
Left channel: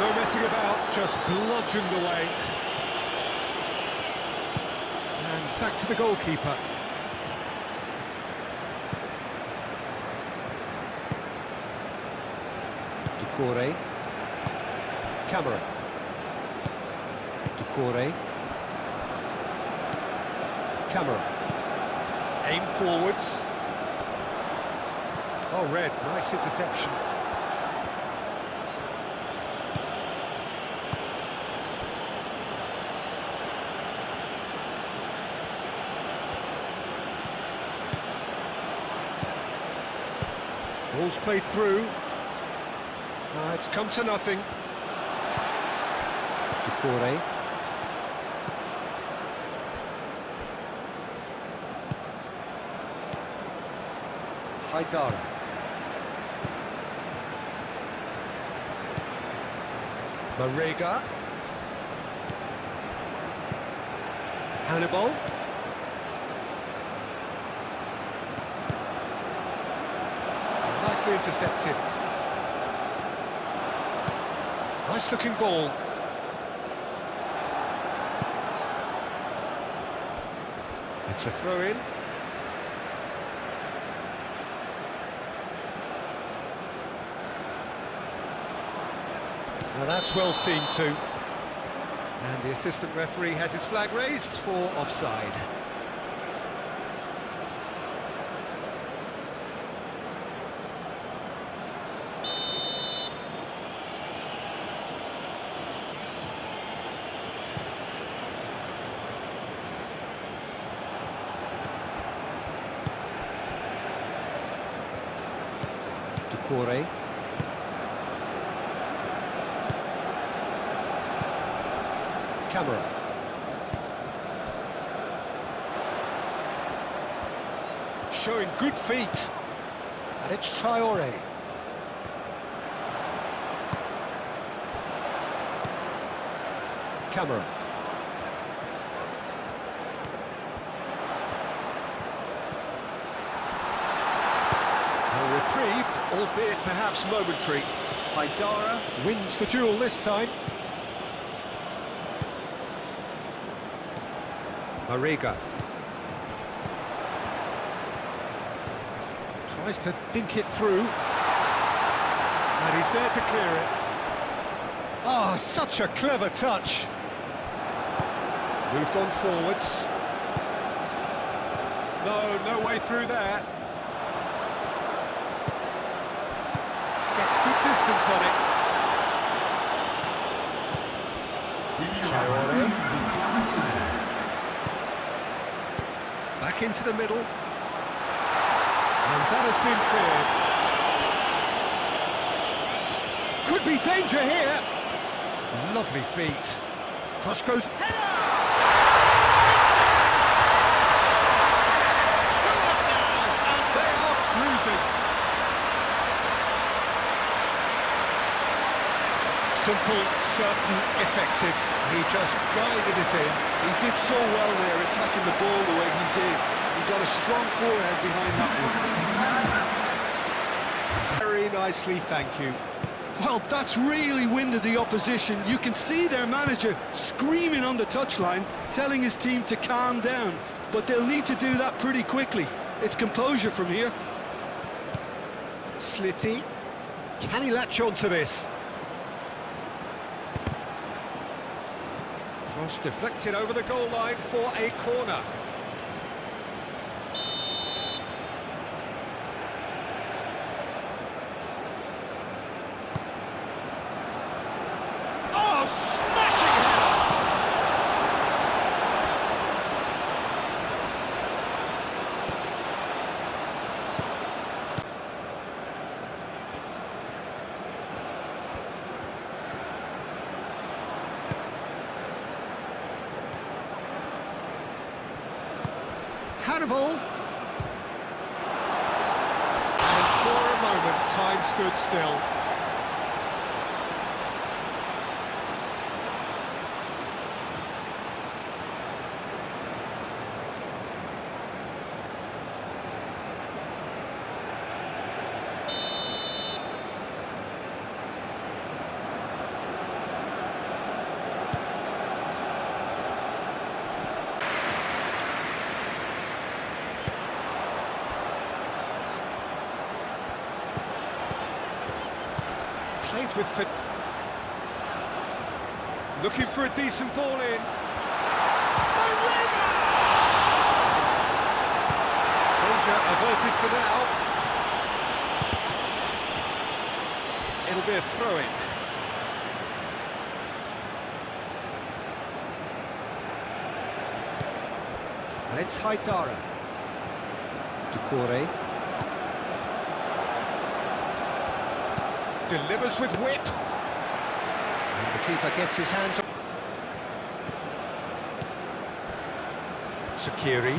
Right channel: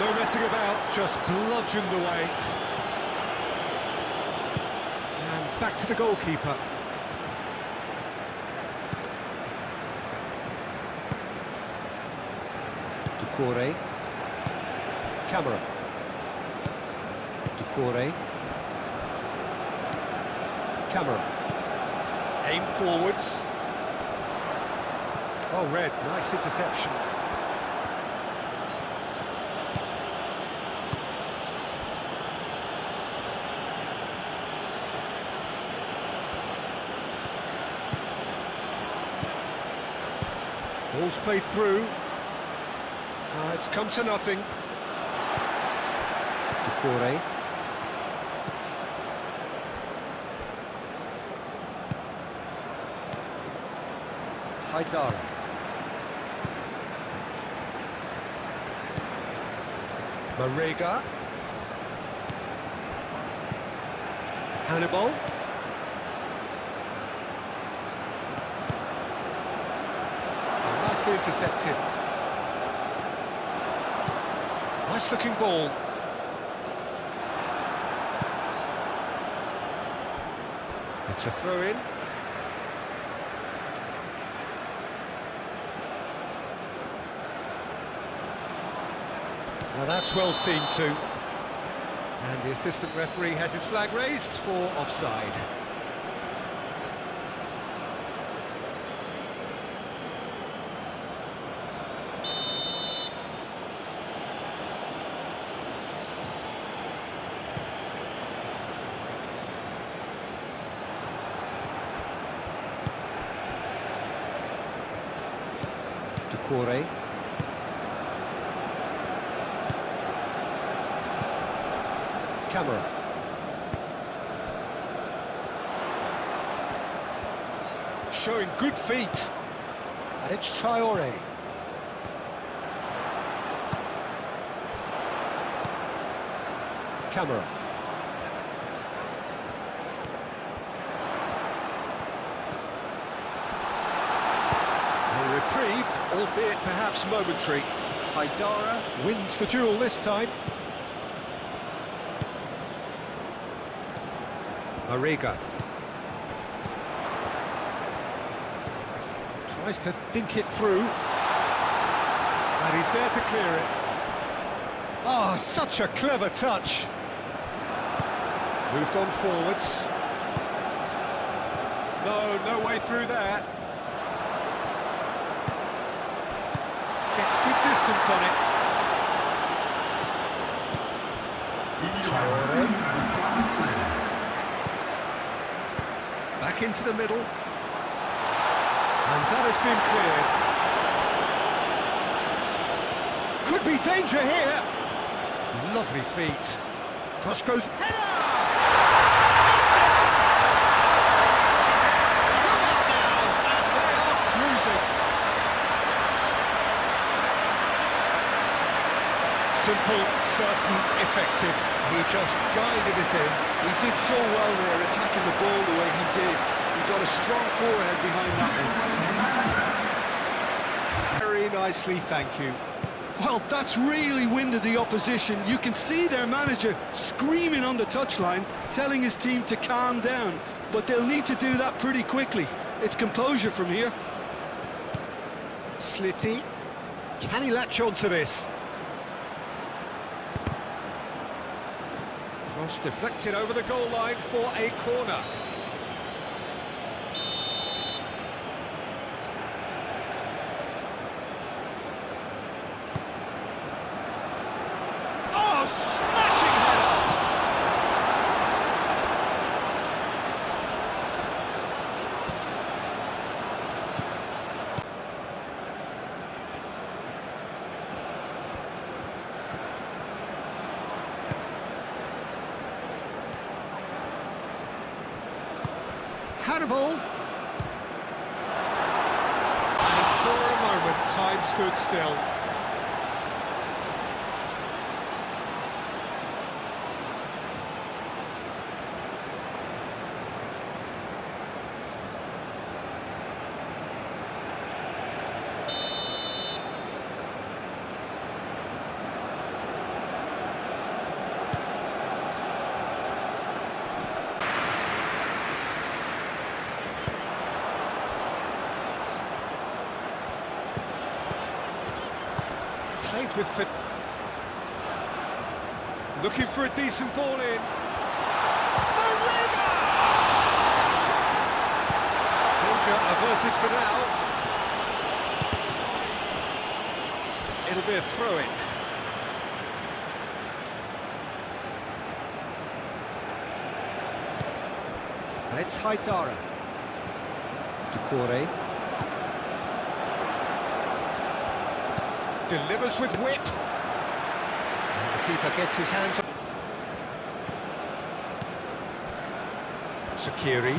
No messing about, just bludgeoned away. And back to the goalkeeper. Doucouré. Camera. Doucouré. Camera. Aim forwards. Oh, Red, nice interception. Ball's played through. It's come to nothing. Ducouré. Haidara. Marega. Hannibal. Nicely intercepted. Nice looking ball. It's a throw-in. Now that's well seen too. And the assistant referee has his flag raised for offside. Ducouré. Camera. Showing good feet. And it's Traoré. Camera. A reprieve, albeit perhaps momentary. Haidara wins the duel this time. Marega. Tries to dink it through. And he's there to clear it. Ah, such a clever touch. Moved on forwards. No way through there. Gets good distance on it. Traoré. Back into the middle. And that has been cleared. Could be danger here. Lovely feet. Cross goes, header! It's there! 2 up now, and they are cruising. Simple, certain, effective. He just guided it in. He did so well there, attacking the ball the way he did. He got a strong forehead behind that one. Very nicely, thank you. Well, that's really winded the opposition. You can see their manager screaming on the touchline, telling his team to calm down. But they'll need to do that pretty quickly. It's composure from here. Slitty. Can he latch on to this? Cross deflected over the goal line for a corner. Oh, smashing header! Hannibal. And for a moment, time stood still. Played with fit. Looking for a decent ball in. Marega! Danger averted for now. It'll be a throw-in. And it's Haidara. Ducouré. delivers with whip. And the keeper gets his hands on. Sakiri.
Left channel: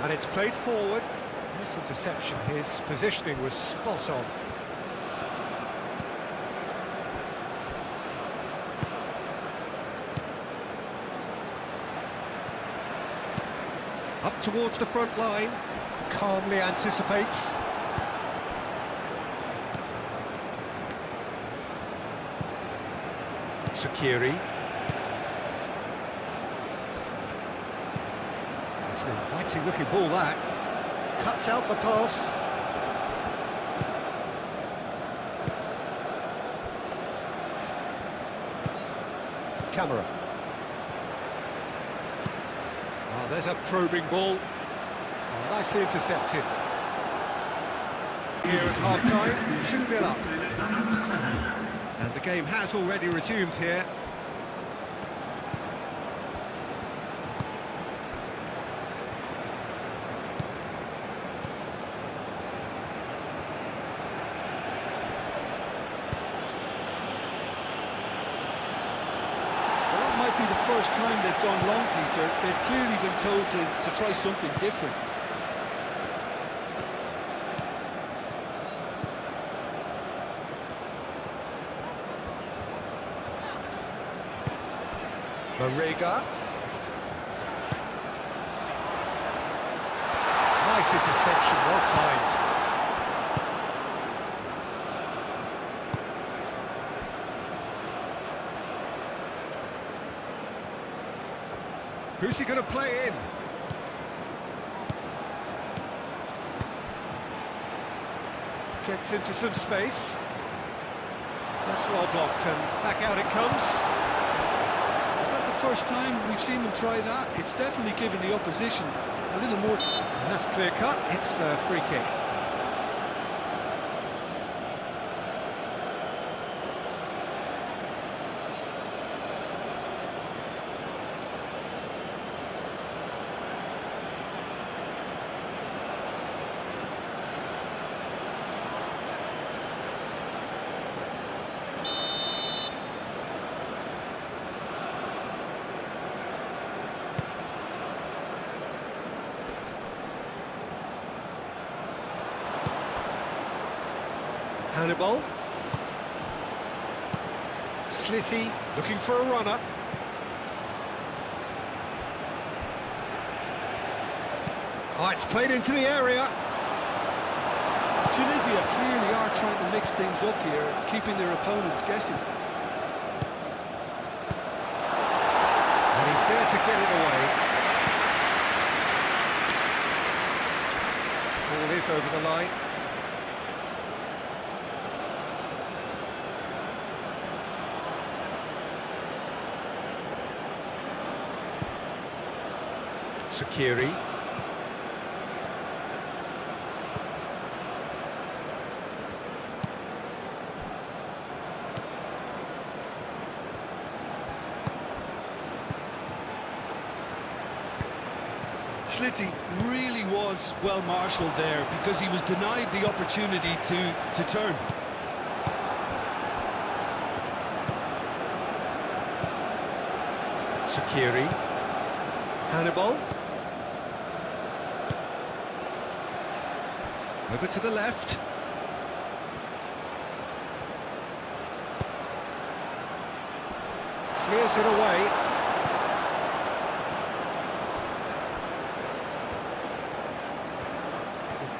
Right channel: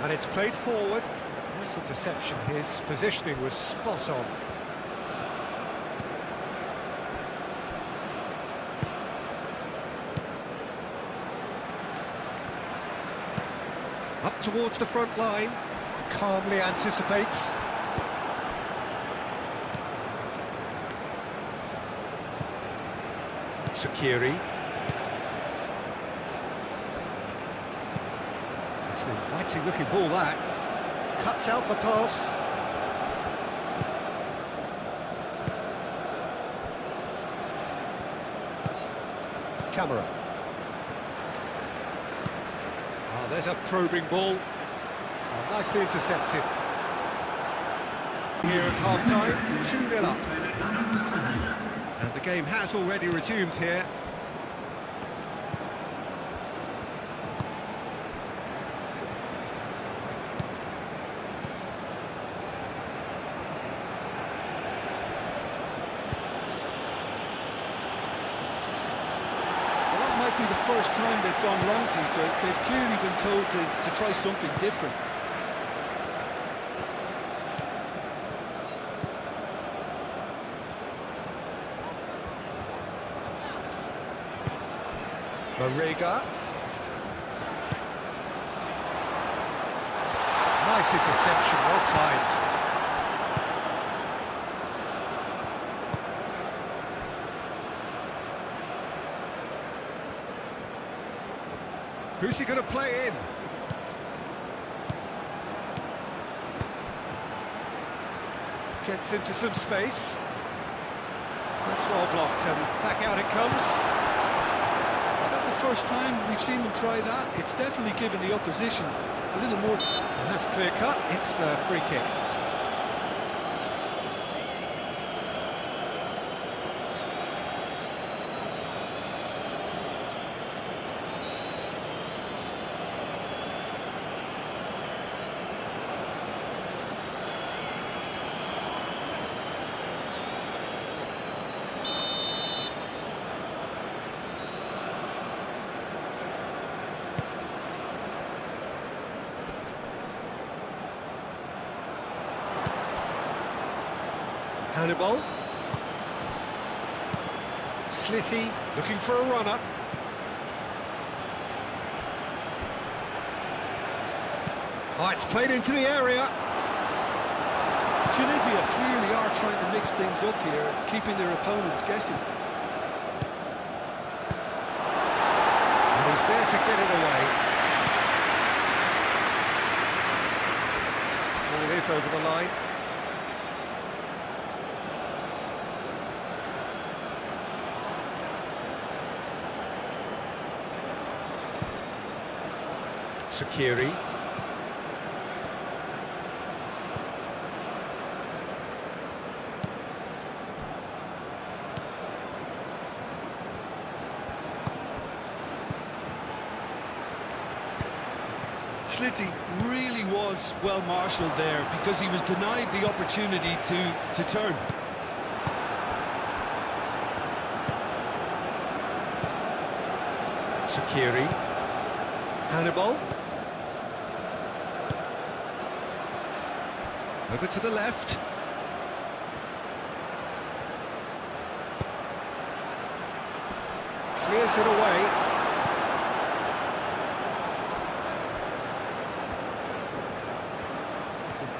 And it's played forward. Nice interception. His positioning was spot on. Up towards the front line. Calmly anticipates. Sakiri. It's an inviting looking ball, that. Cuts out the pass. Camera. Oh, there's a probing ball. Oh, nicely intercepted. Here at half-time, 2-0 up. And the game has already resumed here. Well, that might be the first time they've gone long, Peter. They've clearly been told to try something different. Marega. Nice interception, well timed. Who's he going to play in? Gets into some space. That's well blocked, and back out it comes. Is that the first time we've seen them try that? It's definitely given the opposition a little more... And that's clear cut, it's a free kick. Hannibal. Slitty looking for a runner. Oh, it's played into the area. Tunisia clearly are trying to mix things up here, keeping their opponents guessing. And he's there to get it away. Ball is over the line. Sakiri. Slitty really was well marshalled there because he was denied the opportunity to turn. Sakiri. Hannibal. Over to the left. Clears it away.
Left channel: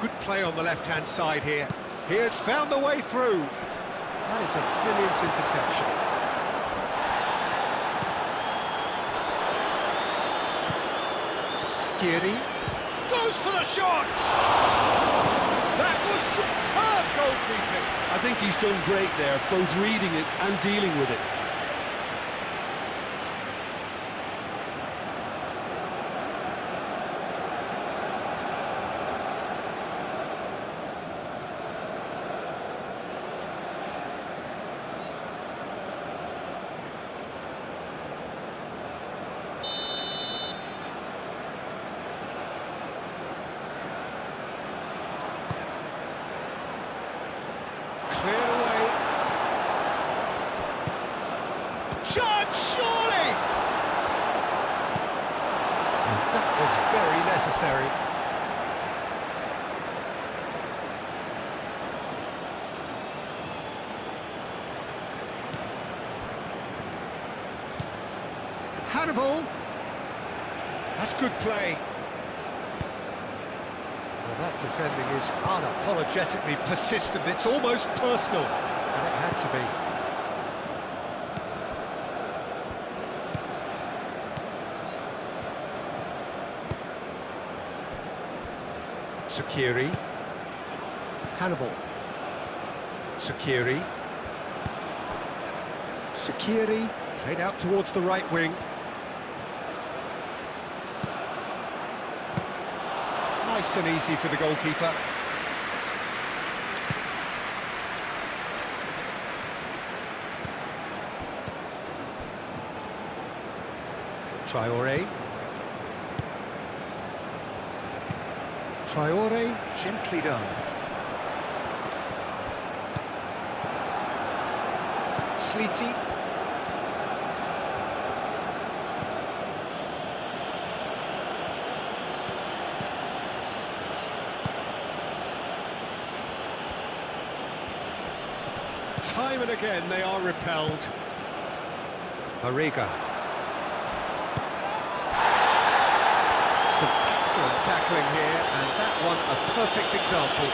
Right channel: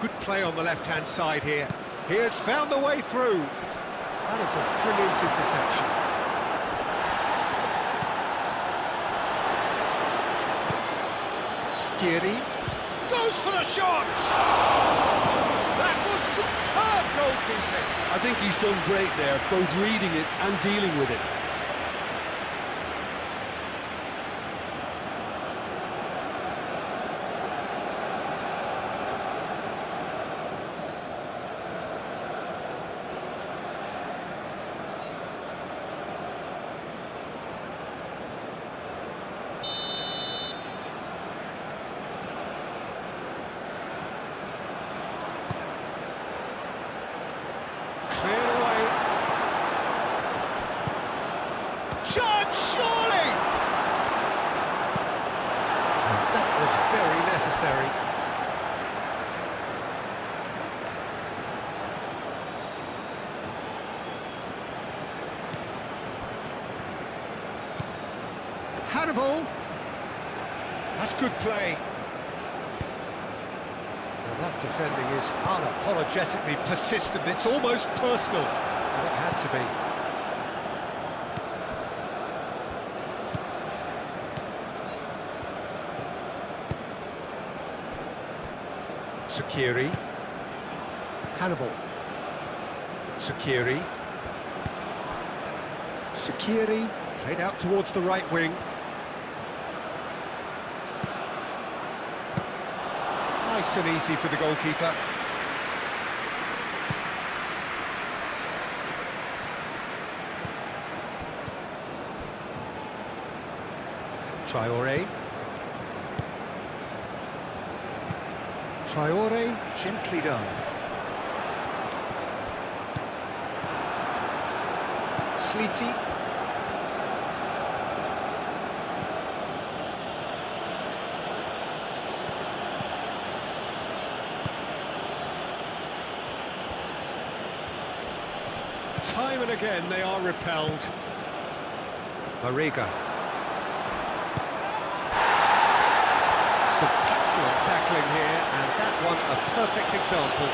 Good play on the left-hand side here. He has found the way through. That is a brilliant interception. Skiri goes for the shot! That was superb goalkeeping. I think he's done great there, both reading it and dealing with it. Cleared away. surely! And that was very necessary. Hannibal. That's good play. Well, that defending is unapologetically persistent. It's almost personal, and it had to be. Sakiri. Hannibal. Sakiri. Sakiri. Played out towards the right wing. Nice and easy for the goalkeeper. Traoré. Traoré, gently done. Sleety. Time and again they are repelled. Mariga. Some excellent tackling here, and that one a perfect example.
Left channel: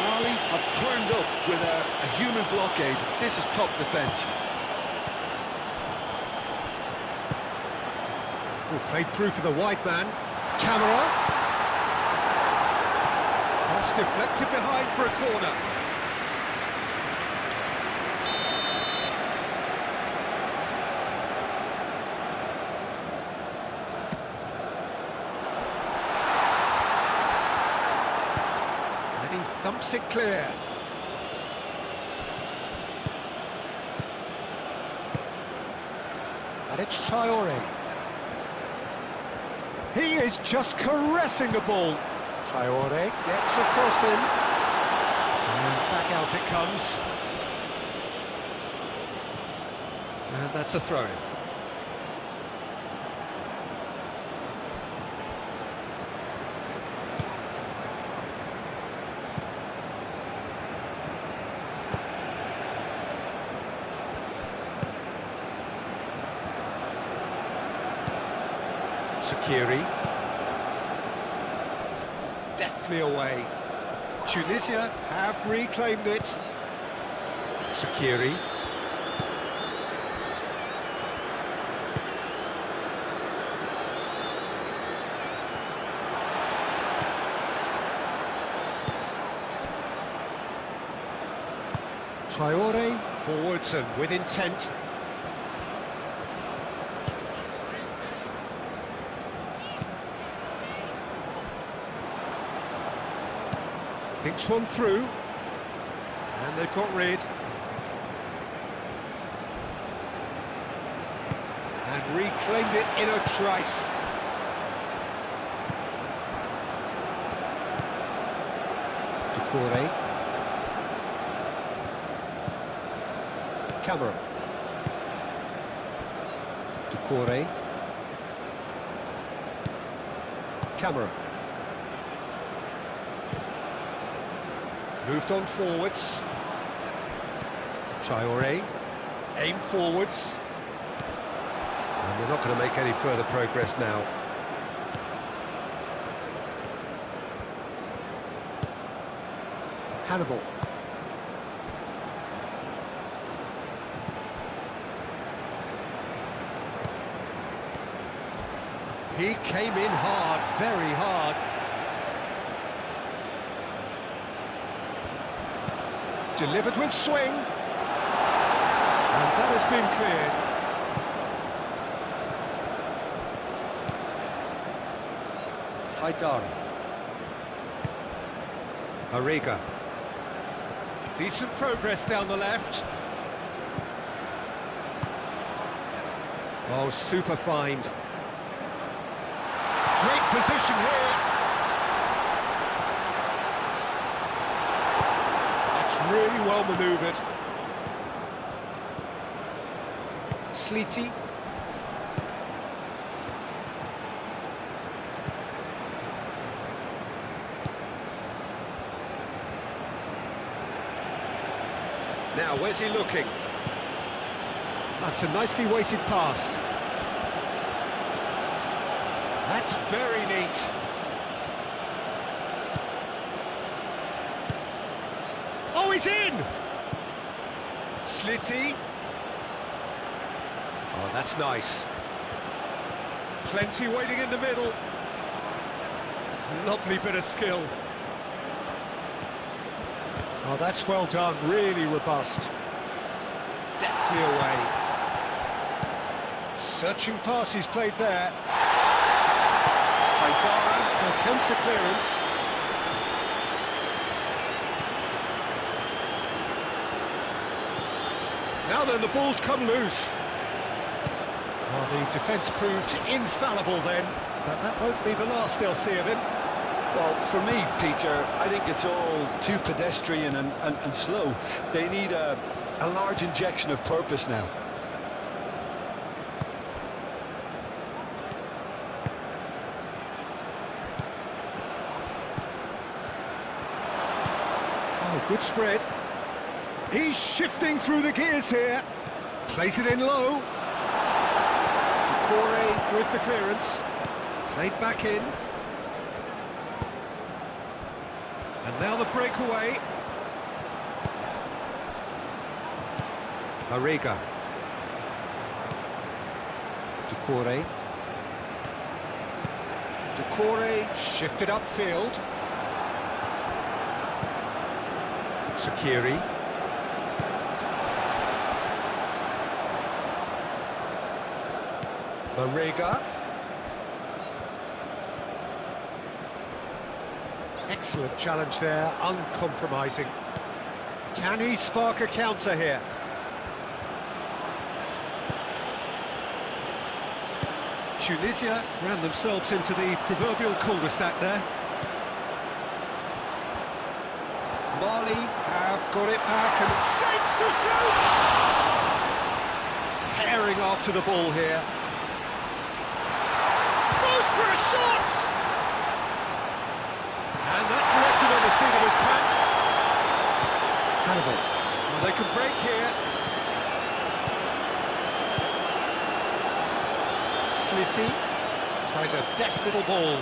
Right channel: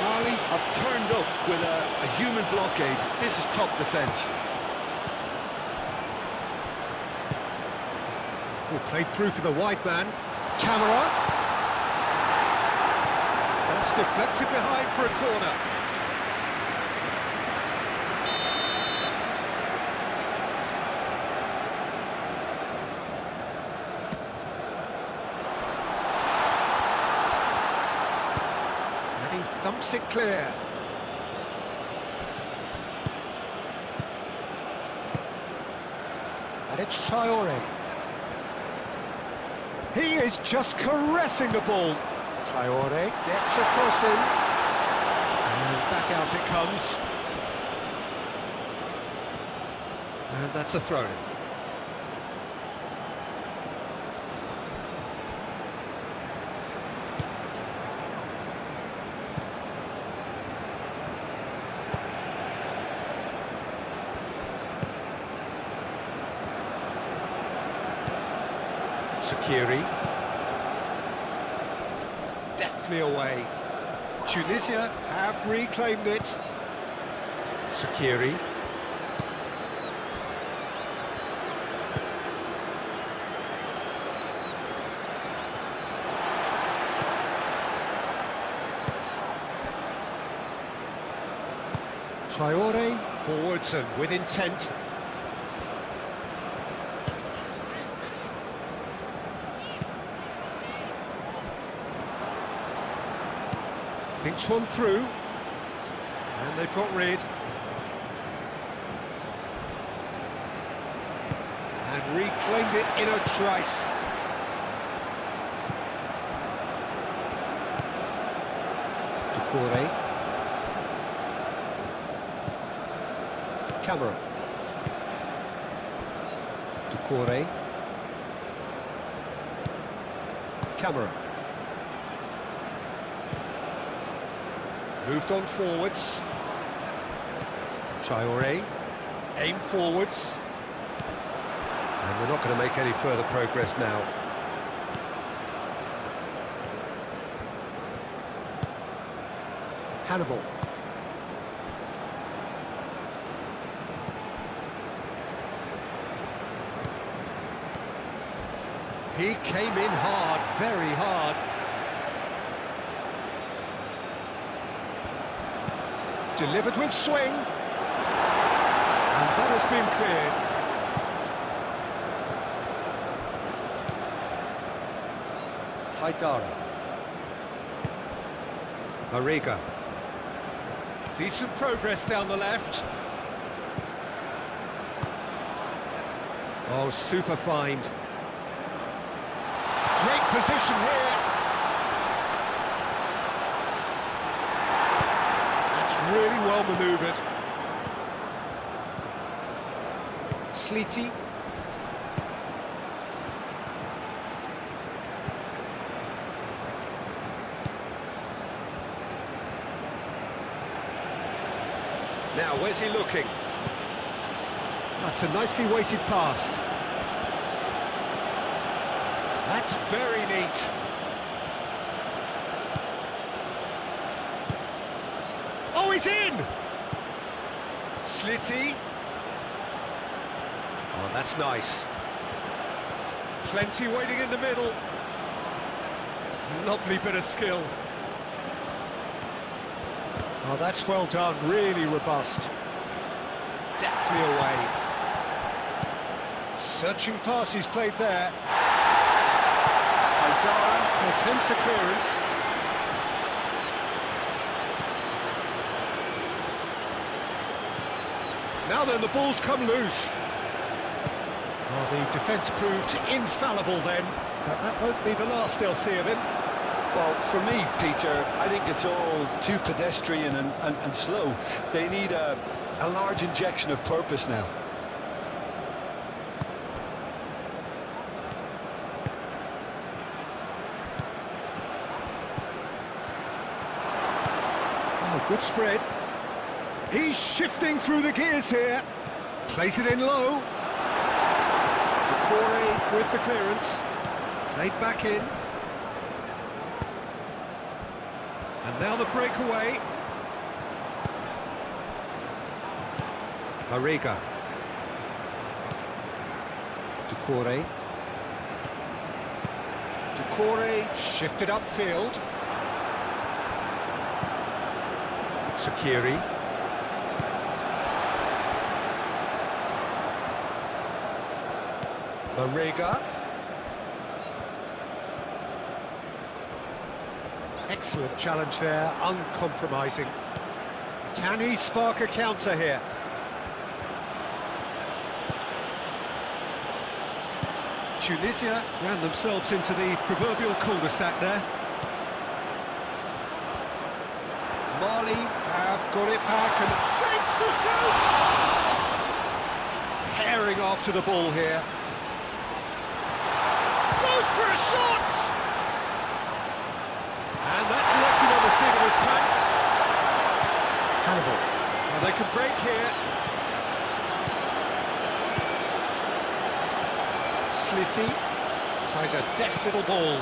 Marley have turned up with a human blockade. This is top defence. Oh, played through for the wide man. Camera. Cross deflected behind for a corner. And he thumps it clear. And it's Traoré. He is just caressing the ball. Traoré gets across him. And back out it comes. And that's a throw-in. Sakiri. Deftly away. Tunisia have reclaimed it. Sakiri. Traoré forwards and with intent. Thinks one through, and they've got rid. And reclaimed it in a trice. Doucouré. Camera. Doucouré. Camera. Moved on forwards. Traoré, aim forwards. And they're not going to make any further progress now. Hannibal. He came in hard, very hard. Delivered with swing. And that has been cleared. Haidara. Mariga. Decent progress down the left. Oh, super find. Great position here. That's It's really well manoeuvred. Sleety. Now, where's he looking? That's a nicely weighted pass. That's very neat. Oh, he's in! Slitty. Oh, that's nice. Plenty waiting in the middle. Lovely bit of skill. Oh, that's well done, really robust. Deftly away. Searching pass he's played there. Haidara attempts a clearance. Now then, the ball's come loose. Well, the defence proved infallible then, but that won't be the last they'll see of him. Well, for me, Peter, I think it's all too pedestrian and slow. They need a large injection of purpose now. Oh, good spread. He's shifting through the gears here. Plays it in low. Decore with the clearance. Played back in. And now the breakaway. Mariga. Decore. Decore shifted upfield. Sakiri. Mariga. Excellent challenge there, uncompromising. Can he spark a counter here? Tunisia ran themselves into the proverbial cul-de-sac there. Mali have got it back and shapes to shoot! Herring after the ball here. Goes for a shot! And that's left him on the seat of his pants. Hannibal. Well, they can break here. Slitty tries a deft little ball.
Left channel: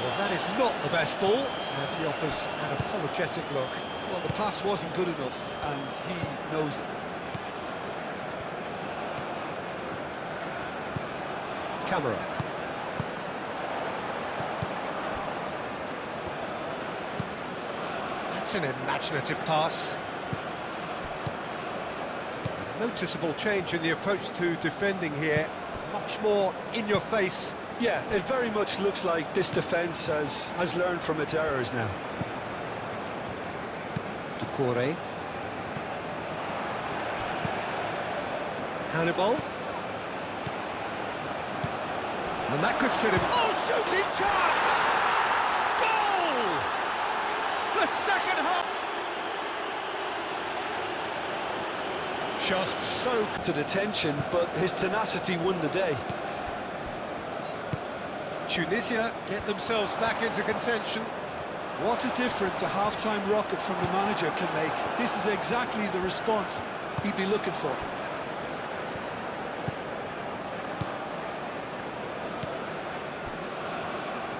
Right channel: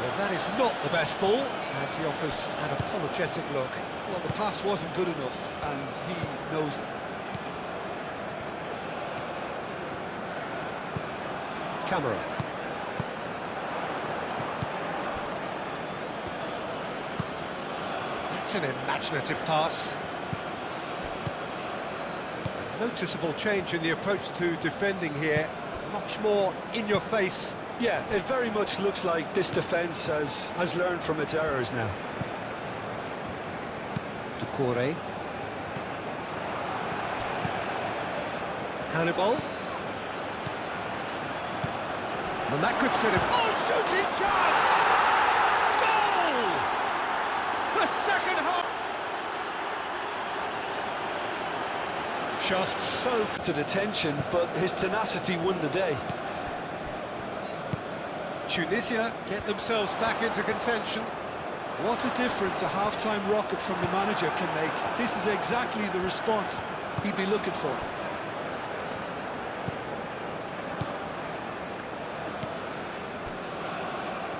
Well, that is not the best ball, and he offers an apologetic look. Well, the pass wasn't good enough, and he knows it. Camera. That's an imaginative pass. A noticeable change in the approach to defending here. Much more in your face. Yeah, it very much looks like this defence has learned from its errors now. Decore. Hannibal. And that could sit him. Oh, shooting chance! Goal! The second half. Just so To detention, but his tenacity won the day. Tunisia get themselves back into contention. What a difference a half-time rocket from the manager can make. This is exactly the response he'd be looking for.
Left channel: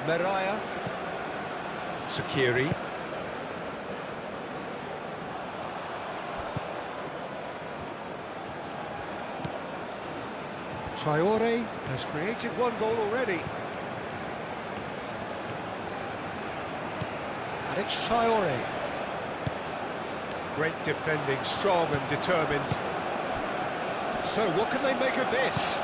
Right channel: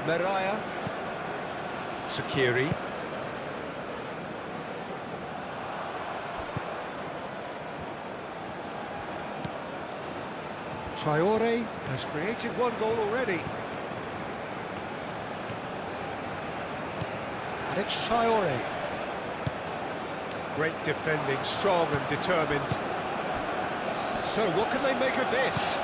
Meraya. Sakiri. Traore has created one goal already. And it's Traore. Great defending, strong and determined. So what can they make of this?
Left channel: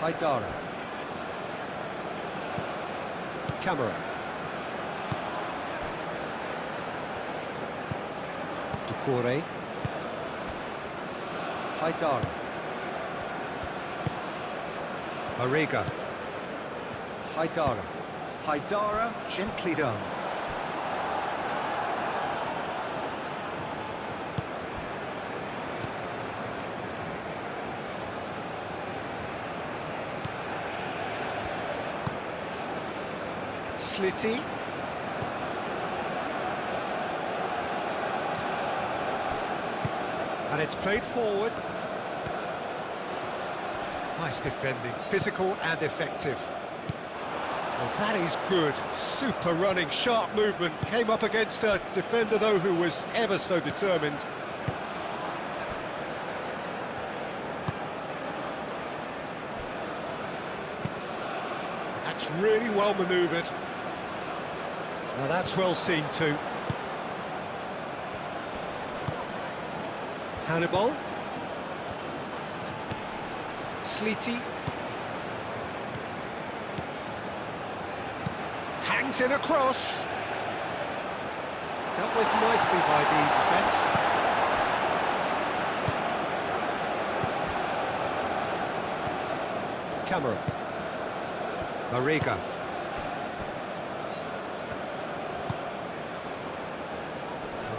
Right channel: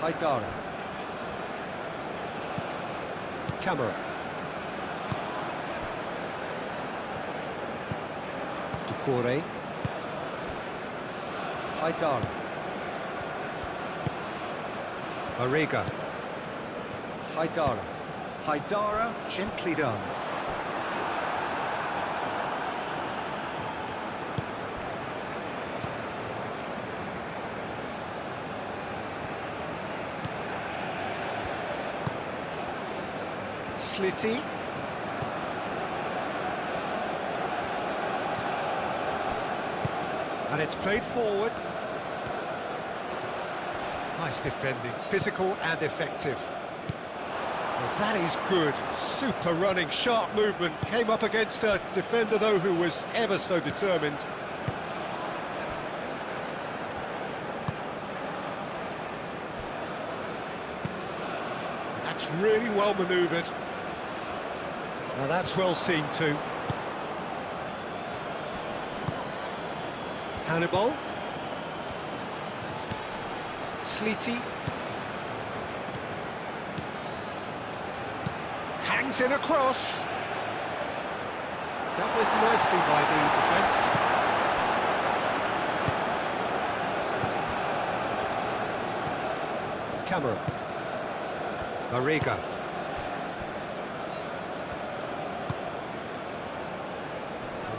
Haidara. Camera. Decore. Haidara. Mariga. Haidara. Haidara, gently done. Slitty. And it's played forward. Nice defending, physical and effective. Well, that is good. Super running, sharp movement. Came up against a defender, though, who was ever so determined. That's really well manoeuvred. Now that's well seen too. Hannibal. Slitty. Hangs in across. Dealt with nicely by the defence. Camera. Mariga.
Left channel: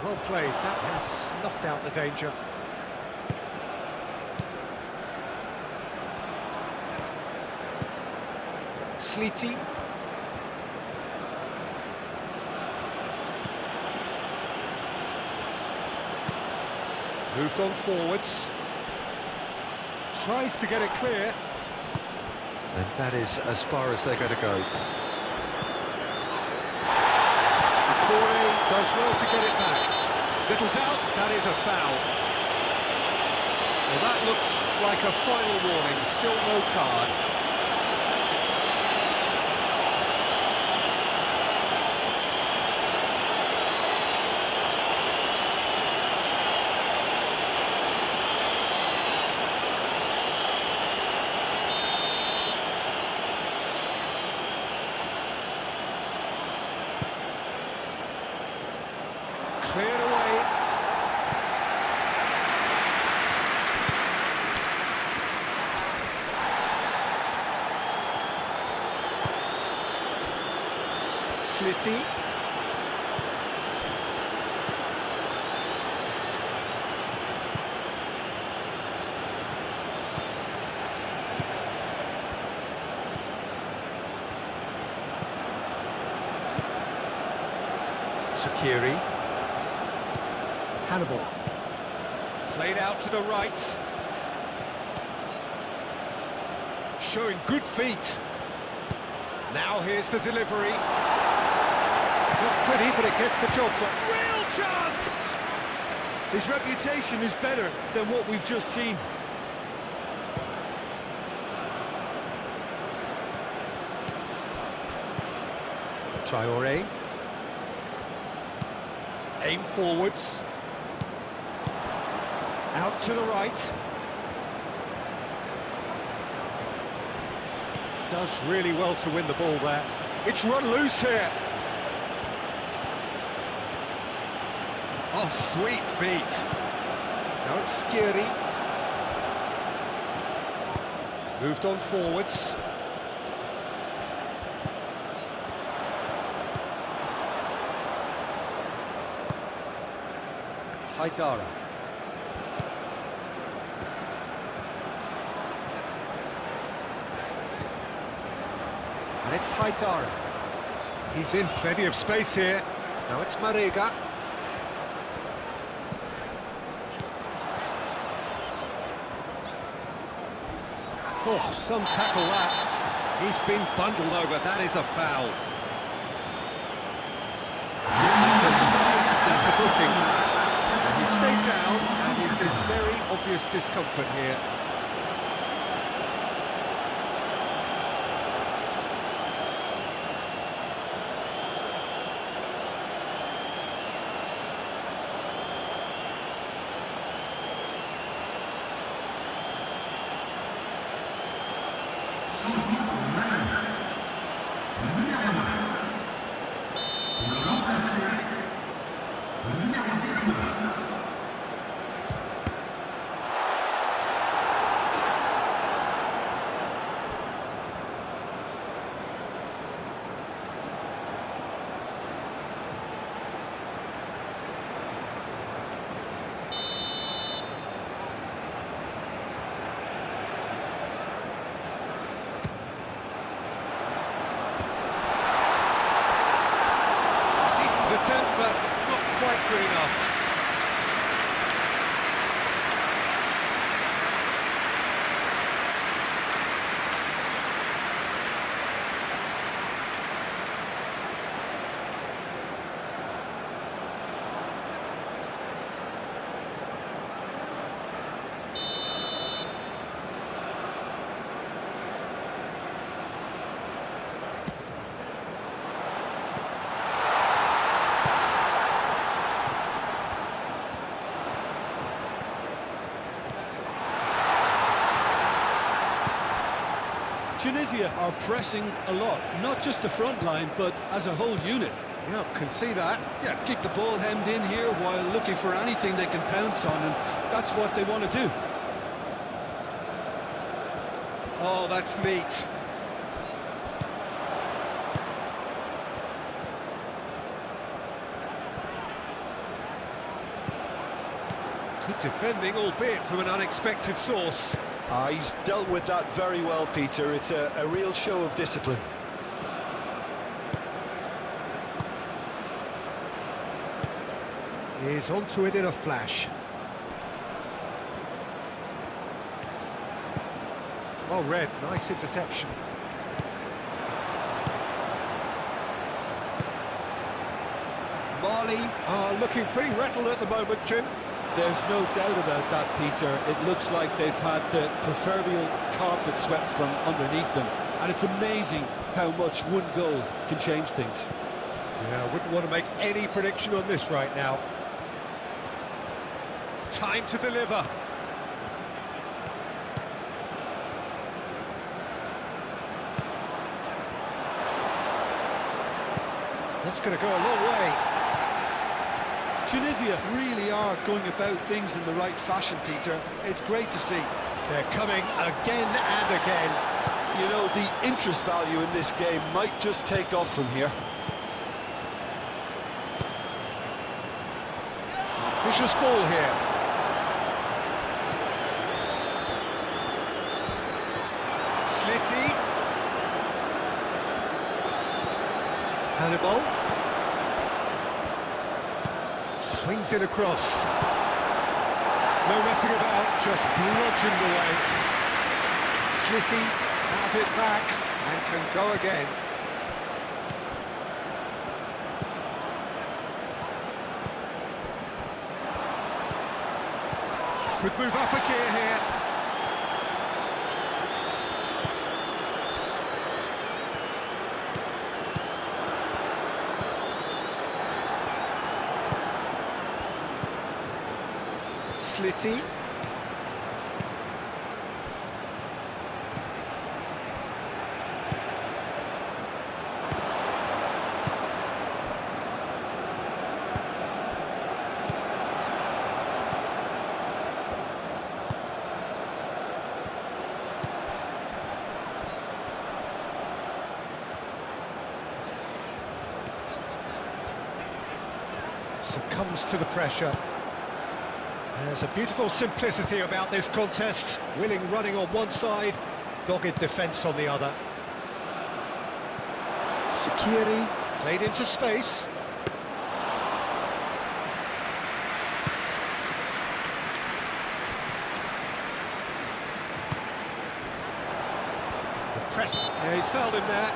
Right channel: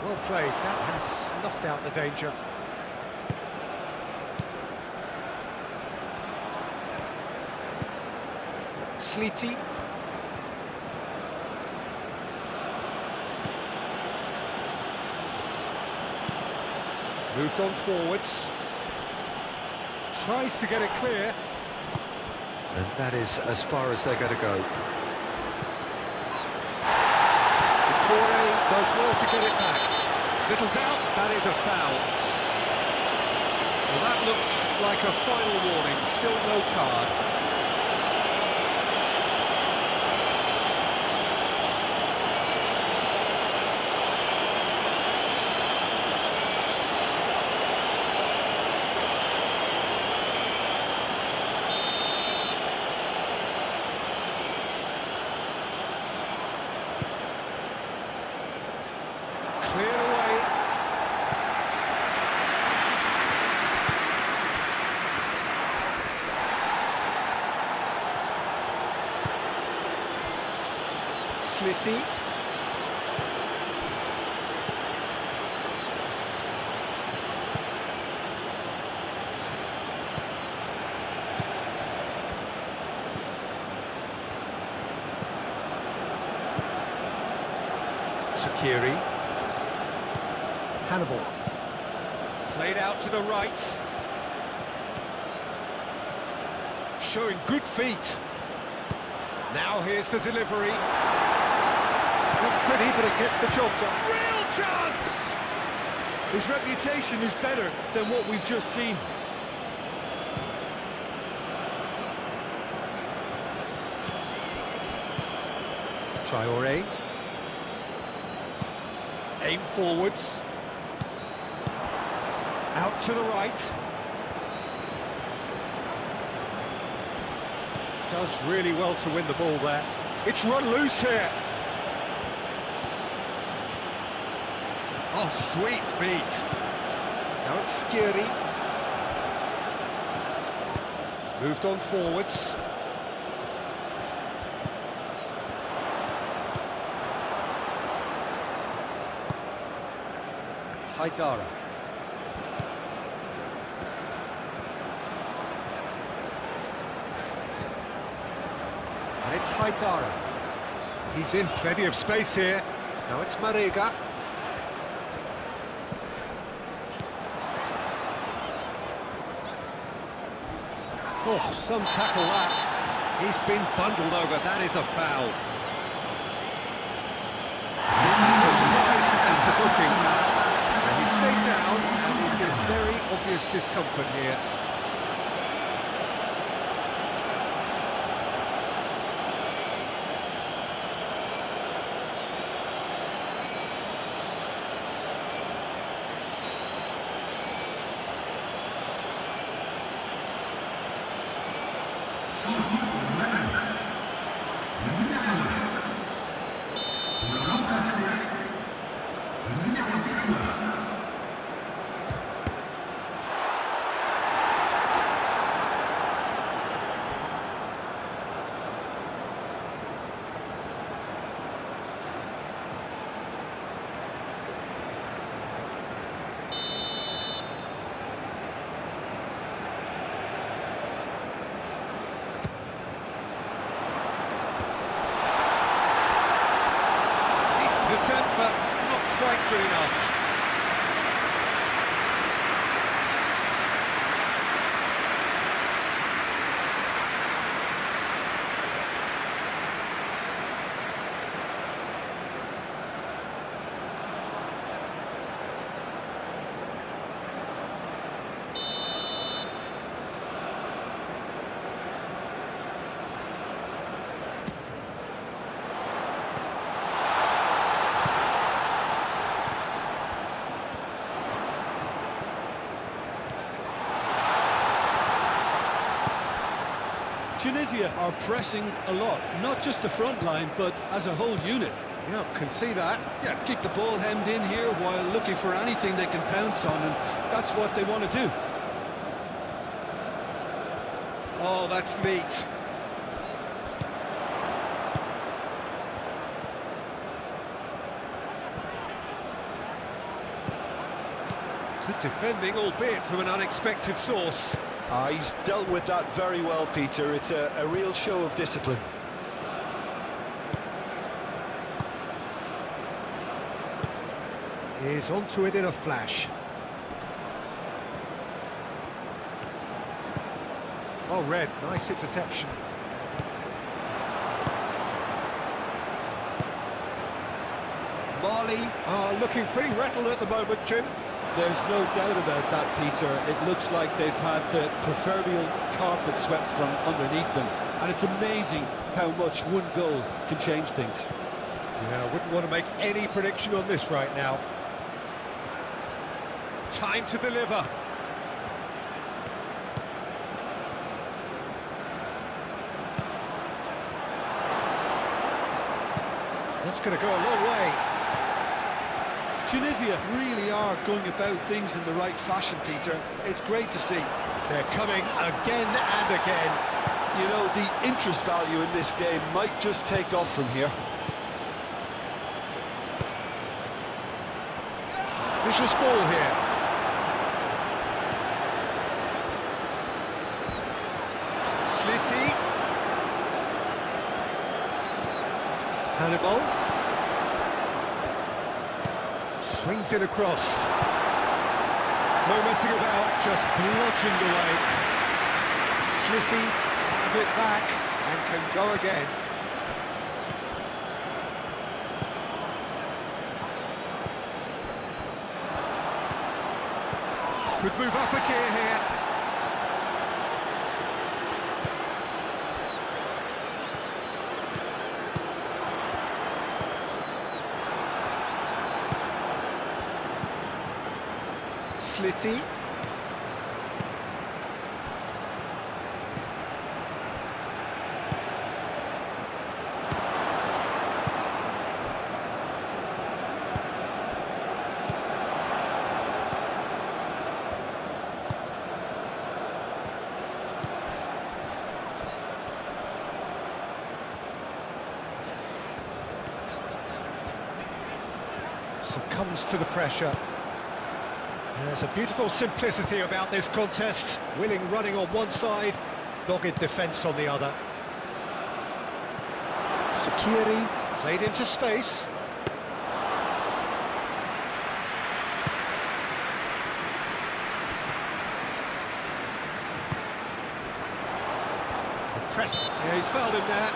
Well played, that has snuffed out the danger. Slitty. Moved on forwards. Tries to get it clear. And that is as far as they're going to go. Corey does well to get it back. Little doubt, that is a foul. Well, that looks like a final warning, still no card. Cleared away. Slitty. Sakiri. Hannibal. Played out to the right. Showing good feet. Now here's the delivery. Not pretty, but it gets the job done. Real chance! His reputation is better than what we've just seen. Traore. Aim forwards. Out to the right. Does really well to win the ball there. It's run loose here. Oh, sweet feet. Now it's Skiri. Moved on forwards. Haidara. And it's Haidara. He's in plenty of space here. Now it's Mariga. Oh, some tackle that. He's been bundled over. That is a foul. No surprise, that's a booking. And he stayed down and is in very obvious discomfort here. good enough. Tunisia are pressing a lot, not just the front line, but as a whole unit. Yeah, can see that. Yeah, keep the ball hemmed in here while looking for anything they can pounce on, and that's what they want to do. Oh, that's neat. Good defending, albeit from an unexpected source. He's dealt with that very well, Peter. It's a real show of discipline. He's onto it in a flash. Well read, nice interception. Mali are looking pretty rattled at the moment, Jim. There's no doubt about that, Peter. It looks like they've had the proverbial carpet swept from underneath them. And it's amazing how much one goal can change things. Yeah, I wouldn't want to make any prediction on this right now. Time to deliver. That's going to go a long way. Tunisia really are going about things in the right fashion, Peter. It's great to see. They're coming again and again. You know, the interest value in this game might just take off from here. Vicious ball here. Slitty. Hannibal. Swings it across. No messing about, just bludgeoned away. Slitty have it back and can go again. Could move up a gear here. Slitty. Succumbs to the pressure. There's a beautiful simplicity about this contest. Willing running on one side, dogged defence on the other. Sakiri played into space. The press. Yeah, he's fouled him there.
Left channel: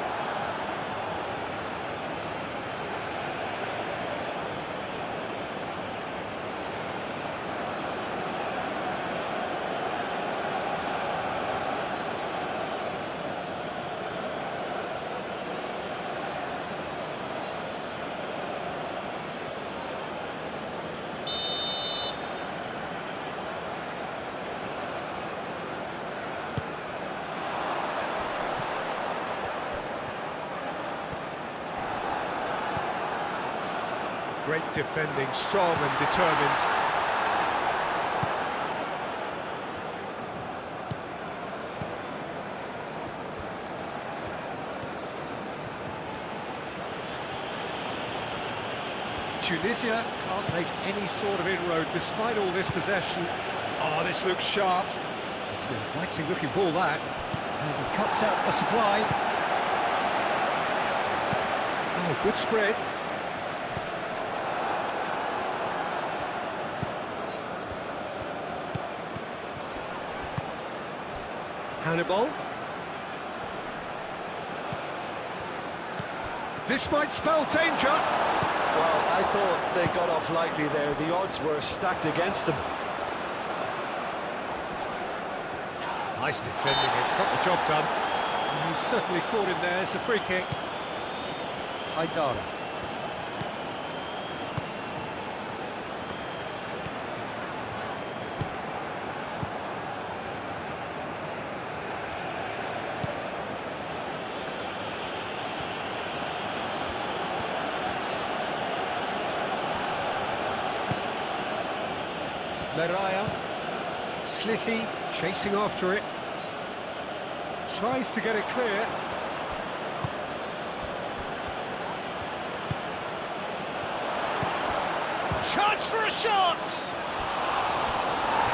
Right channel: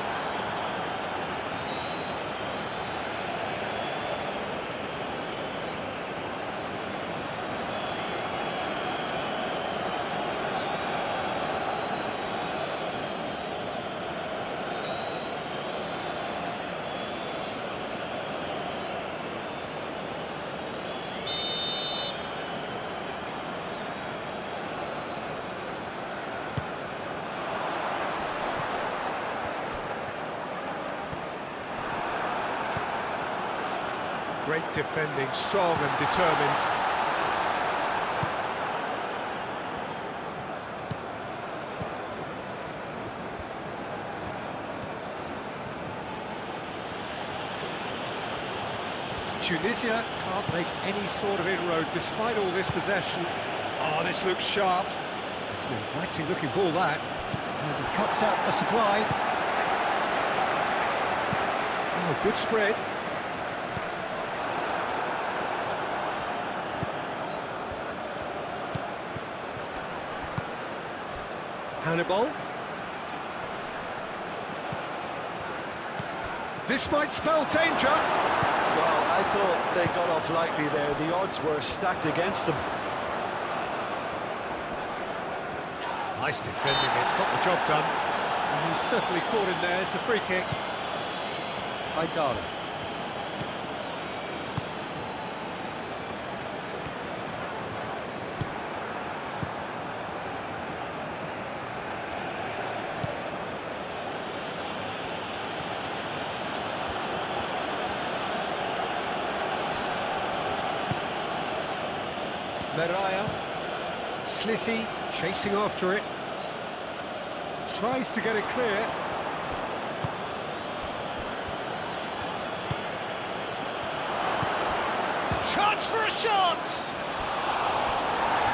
Great defending, strong and determined. Tunisia can't make any sort of inroad despite all this possession. Oh, this looks sharp. It's an inviting looking ball, that. And he cuts out the supply. Oh, good spread. Hannibal. This might spell danger. Well, I thought they got off lightly there. The odds were stacked against them. Nice defending, it's got the job done. And he's certainly caught him there, it's a free kick. Haidara. Meraya, Slitty chasing after it, tries to get it clear. Chance for a shot!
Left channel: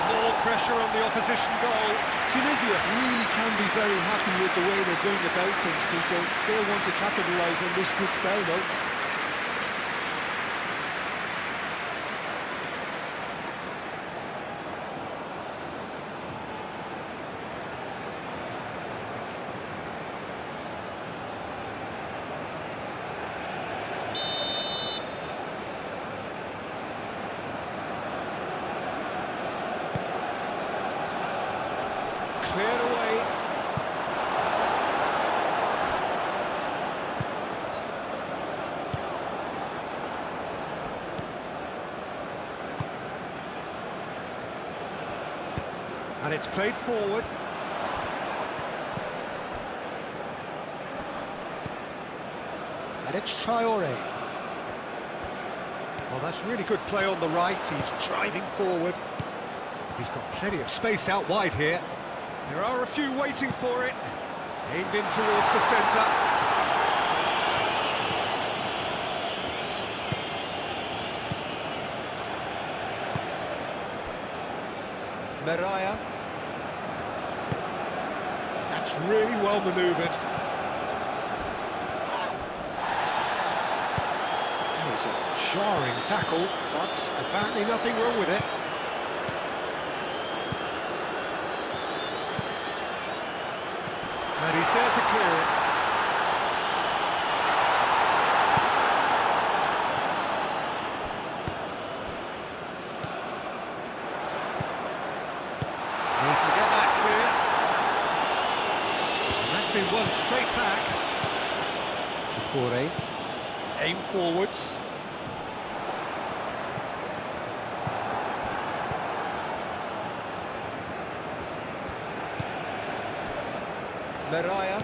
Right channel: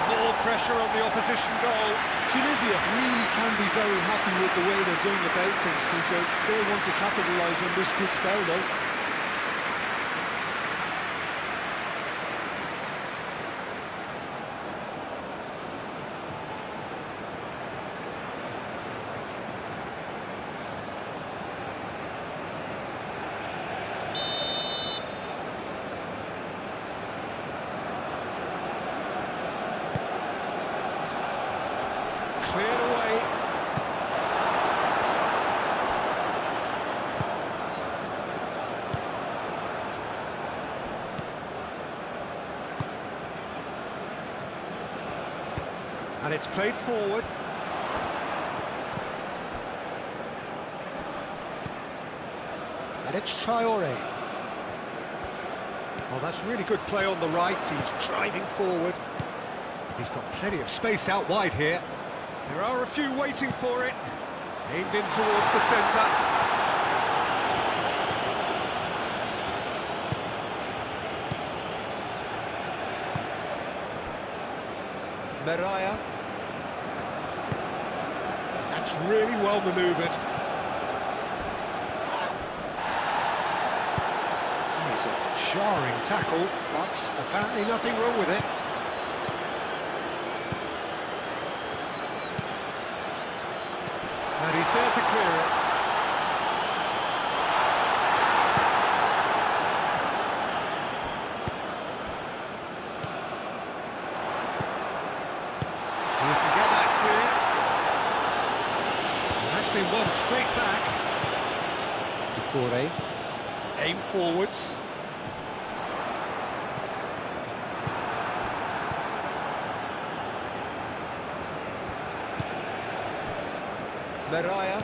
More pressure on the opposition goal. Tunisia really can be very happy with the way they're going about things, Peter. They'll want to capitalise on this good spell, though. Cleared away. And it's played forward. And it's Traore. Well, that's really good play on the right. He's driving forward. He's got plenty of space out wide here. There are a few waiting for it. Aimed in towards the centre. Meraya. That's really well manoeuvred. That is a jarring tackle, but apparently nothing wrong with it. And he's there to clear it. He can get that clear. And that's been won straight back. Ducouré, aim forwards. Meraya.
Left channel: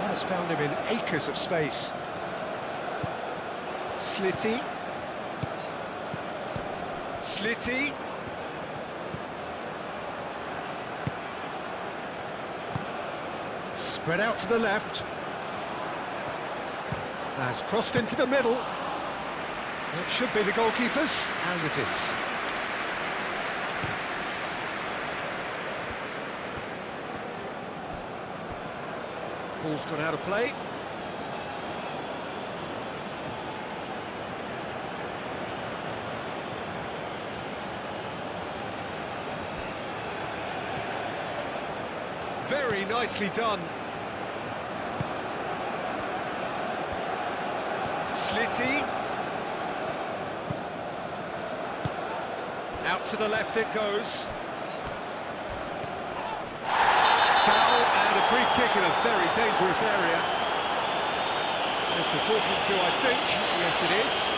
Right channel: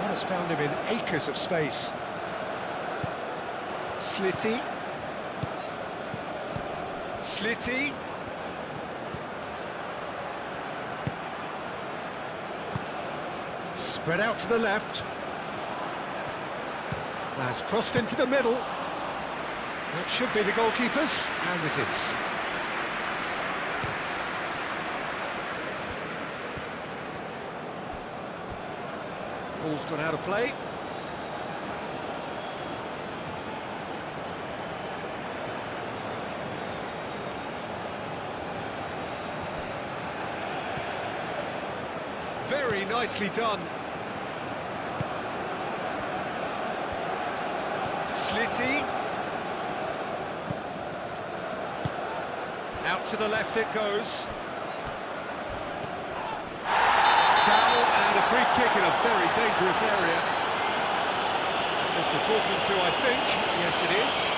That has found him in acres of space. Slitty. Slitty. Spread out to the left. That's crossed into the middle. That should be the goalkeeper's, and it is. Ball's gone out of play. Very nicely done. Slitty. Out to the left it goes. Foul and a free kick in a very dangerous area. Just a talking to, I think. Yes, it is.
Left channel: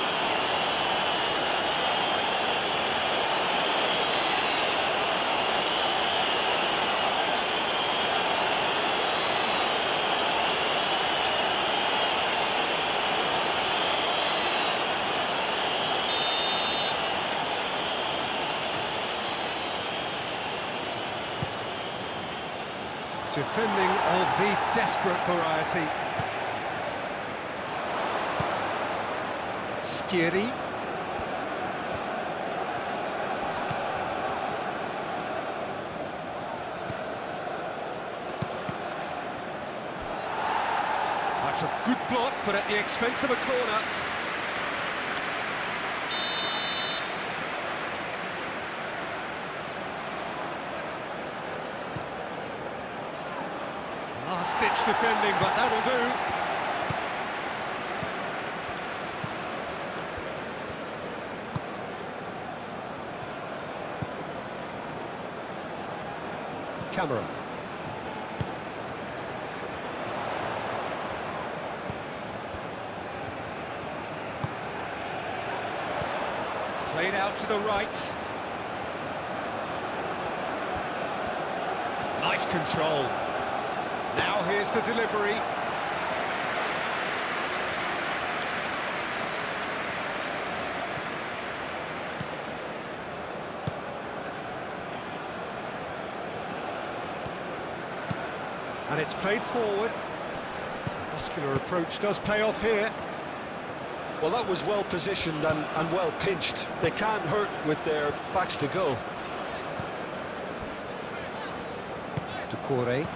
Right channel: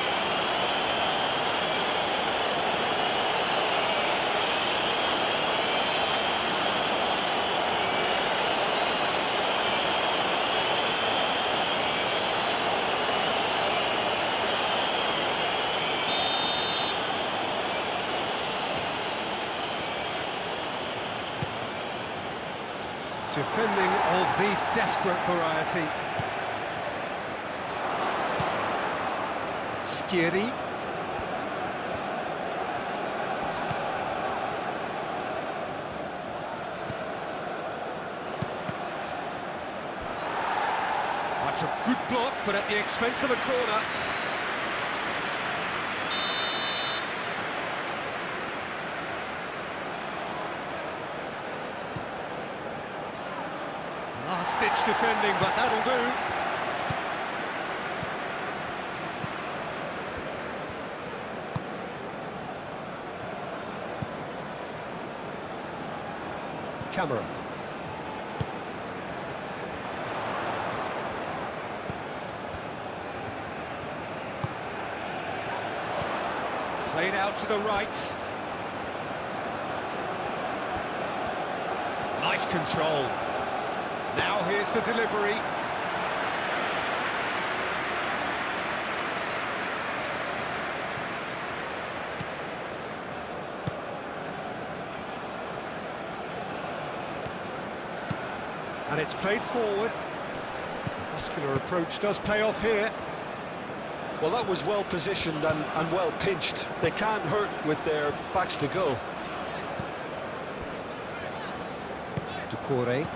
Defending of the desperate variety. Skiri. That's a good block, but at the expense of a corner. last-ditch defending, but that'll do. Camera. Played out to the right. Nice control. Now here's the delivery. And it's played forward. Muscular approach does pay off here. Well, that was well positioned and well pinched. They can't hurt with their backs to go. Ducouré.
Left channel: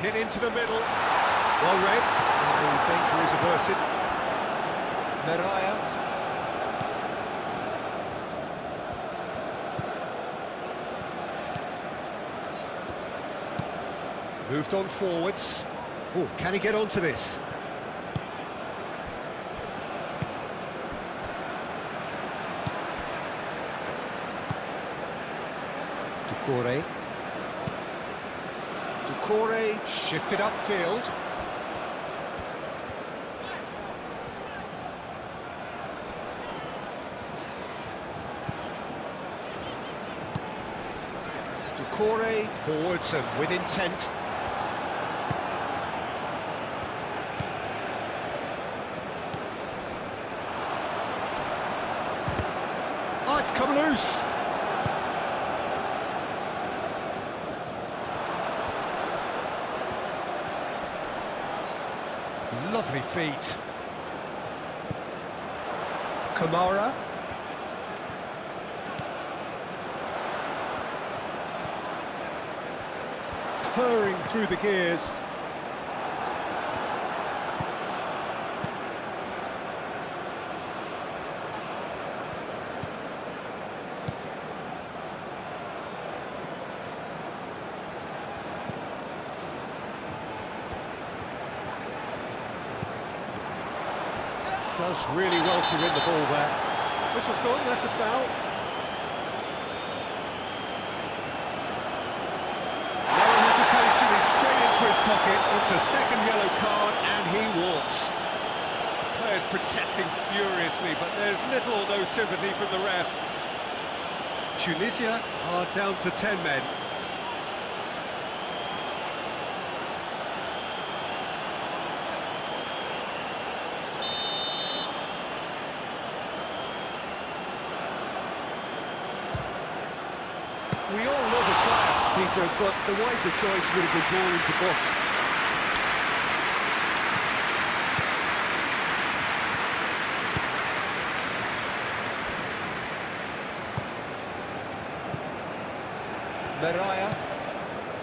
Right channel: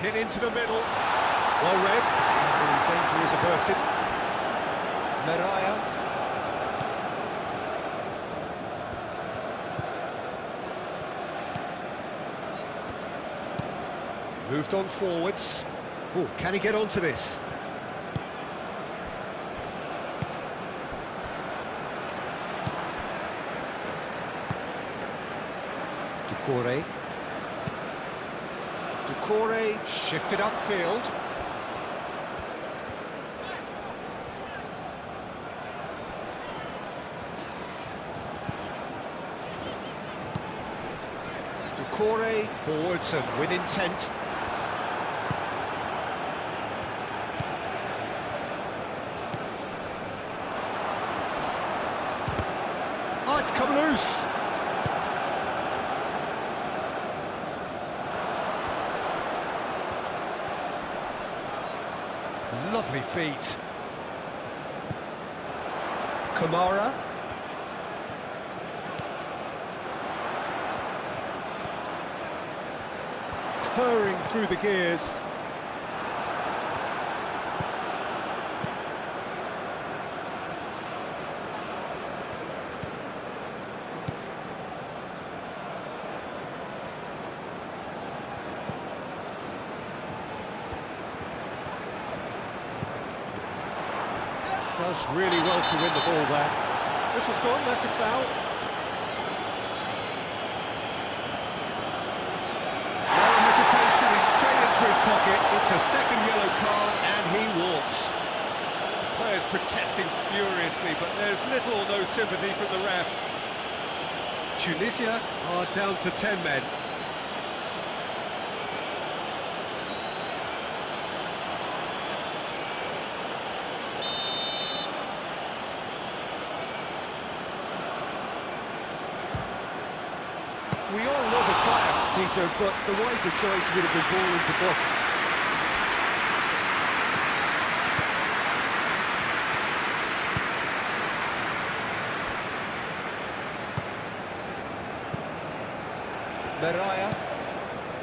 Hit into the middle. Well read. And the danger is averted. Meraya. Moved on forwards. Oh, can he get onto this? Ducouré. Ducouré shifted upfield. Ducouré forwards and with intent. Oh, it's come loose. Lovely feet. Kamara. Purring through the gears. Does really well to win the ball there. Whistle's gone, that's a foul. No hesitation, he's straight into his pocket. It's a second yellow card and he walks. The players protesting furiously, but there's little or no sympathy from the ref. Tunisia are down to 10 men. We all love a tryout, Peter, but the wiser choice would have been ball into box. Meraya.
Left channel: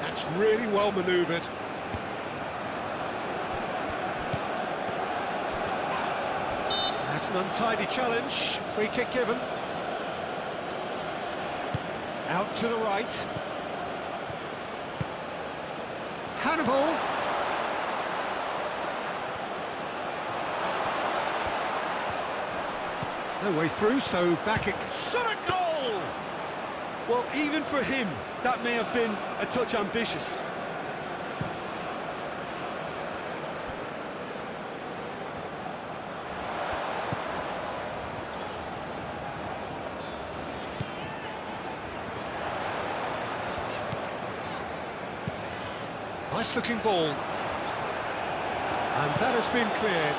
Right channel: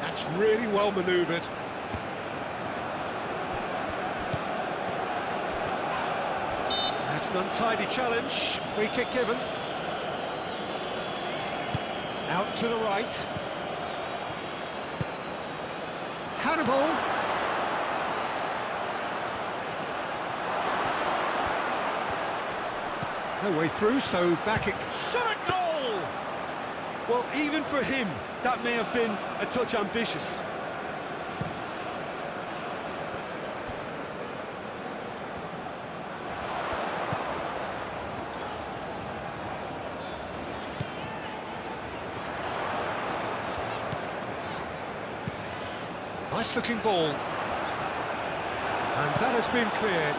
That's really well manoeuvred. That's an untidy challenge. Free kick given. Out to the right. Hannibal. No way through, so back it... Shot a goal! Well, even for him, that may have been a touch ambitious. Nice looking ball. And that has been cleared.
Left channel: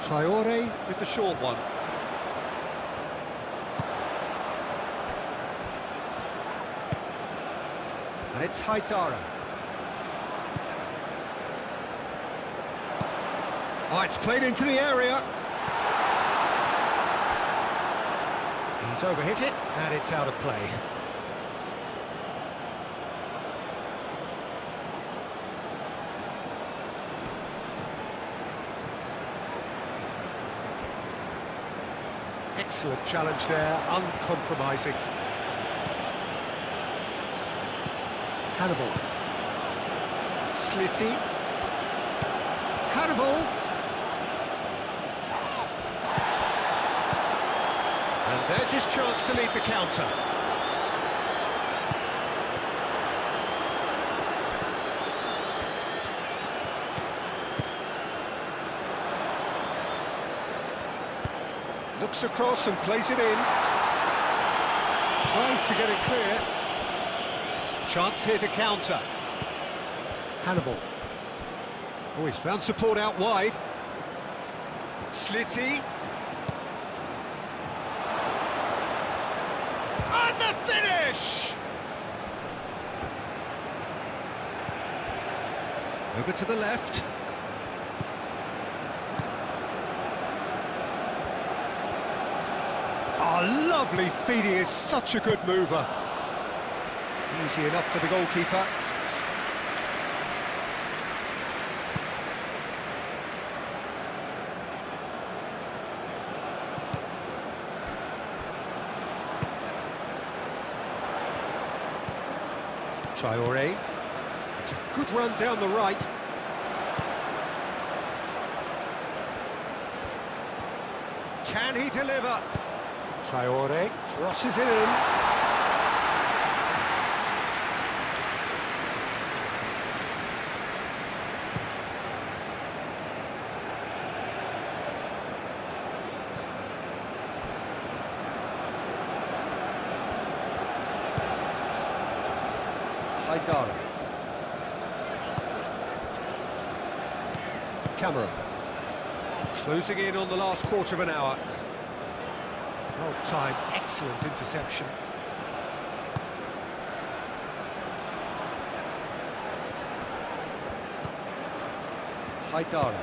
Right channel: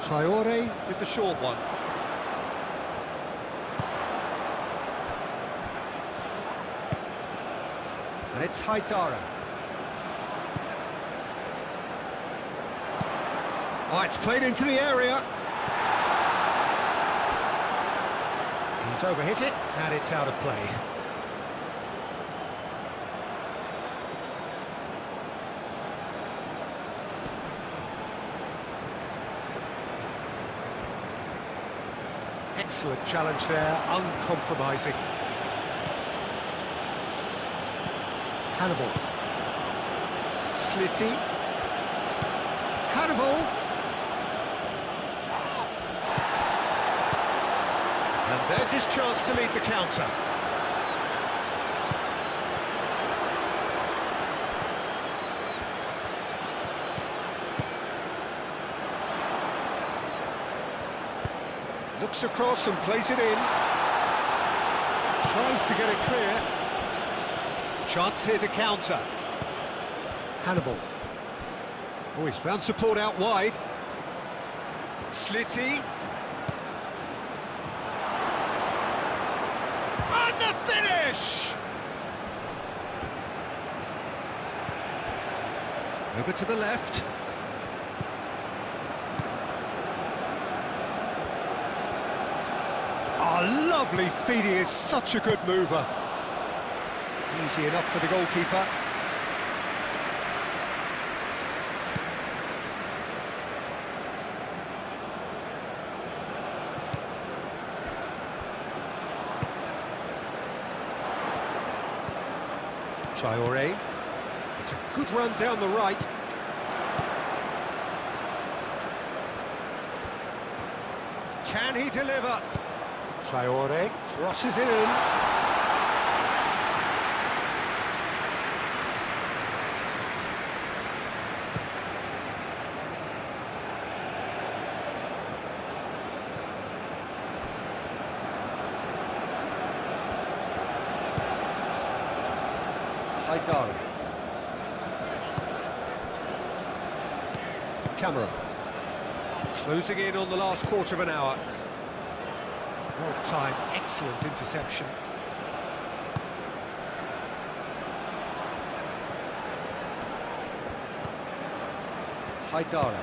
Traore with the short one. And it's Haidara. Oh, it's played into the area. He's overhit it, and it's out of play. Excellent challenge there, uncompromising. Hannibal. Slitty. Hannibal. And there's his chance to lead the counter. Looks across and plays it in. Tries to get it clear. Chance here to counter. Hannibal. Oh, he's found support out wide. Slitty. And the finish! Over to the left. Oh, lovely feed, he is such a good mover. Easy enough for the goalkeeper. Traoré. It's a good run down the right. Can he deliver? Traoré crosses it in. Haidara. Camera. Closing in on the last quarter of an hour. Well timed, excellent interception. Haidara.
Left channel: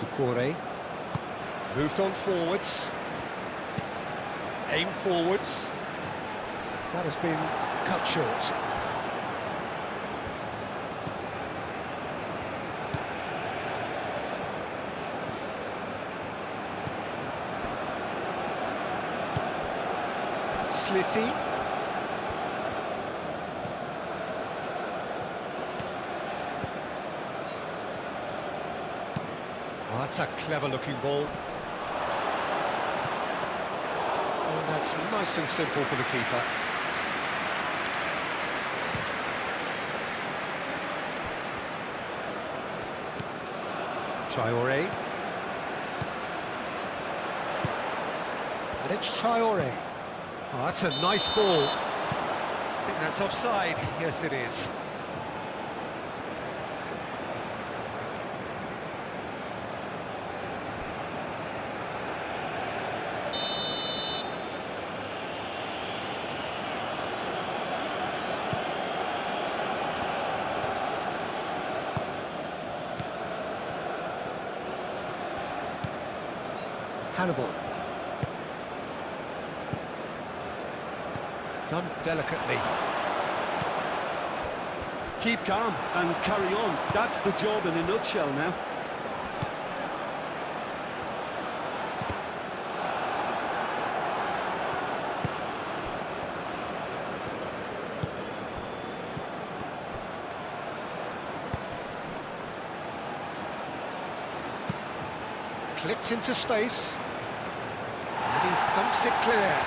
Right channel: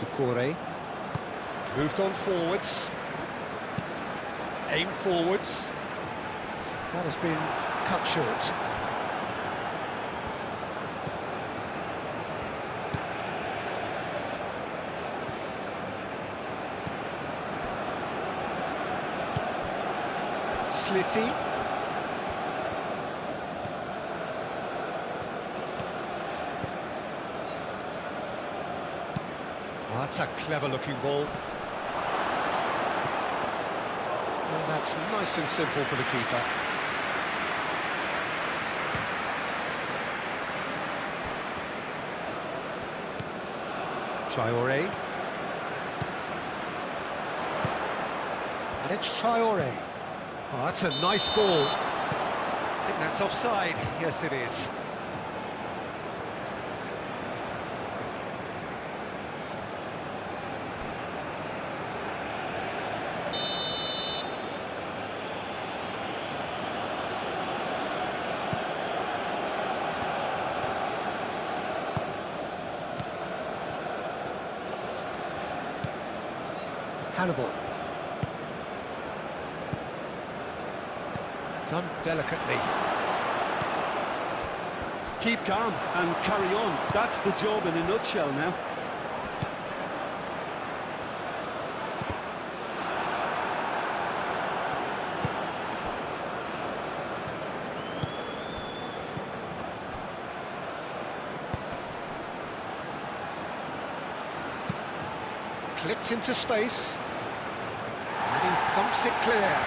Doucouré. Moved on forwards. Aim forwards. That has been cut short. Slitty. Oh, that's a clever-looking ball. And that's nice and simple for the keeper. Traoré. And it's Traoré. Oh, that's a nice ball. I think that's offside. Yes, it is. Hannibal. Done delicately. Keep calm and carry on. That's the job in a nutshell now. Clipped into space. And he thumps it clear.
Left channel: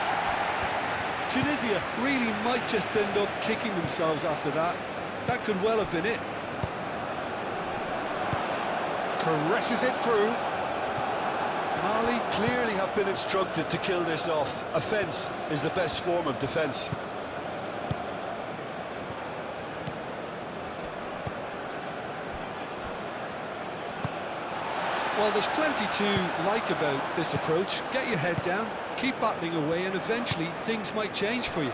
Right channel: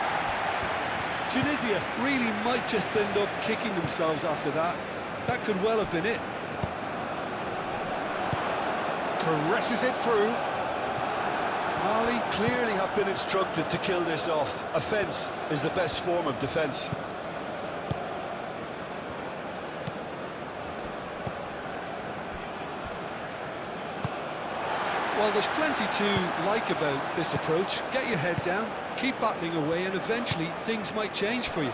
Tunisia really might just end up kicking themselves after that. That could well have been it. Caresses it through. Mali clearly have been instructed to kill this off. Offence is the best form of defence. Well, there's plenty to like about this approach. Get your head down, keep battling away, and eventually things might change for you.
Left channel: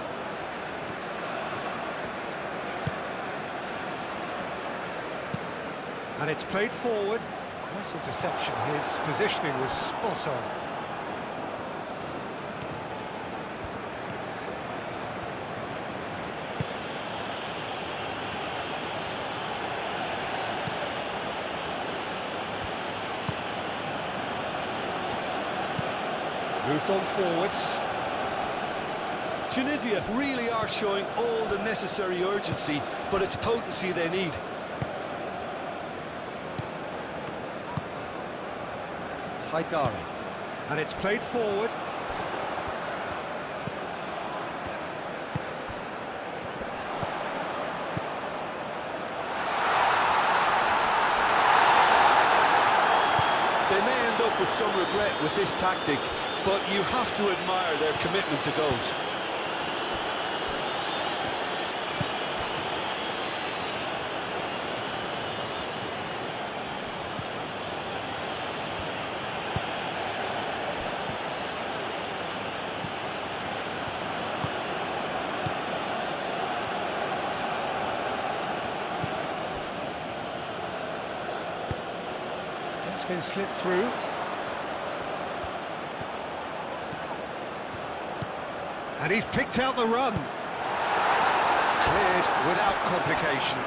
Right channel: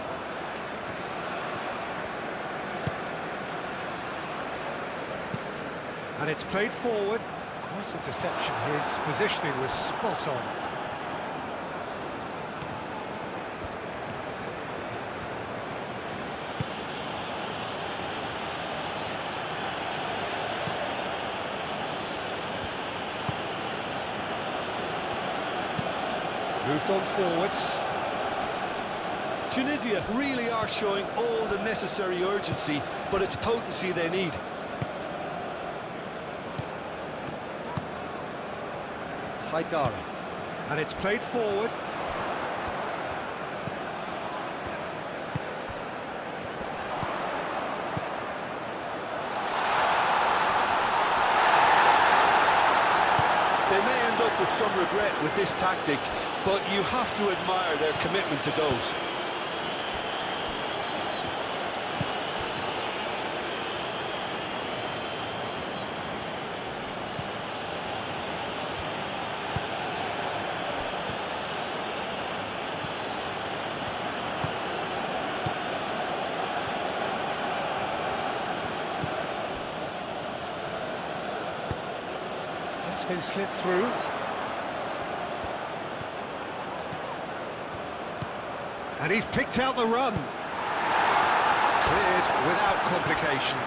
And it's played forward. Nice interception, his positioning was spot on. Moved on forwards. Tunisia really are showing all the necessary urgency, but it's potency they need. Haidara. And it's played forward. They may end up with some regret with this tactic, but you have to admire their commitment to goals. It's been slipped through. And he's picked out the run. Cleared without complication.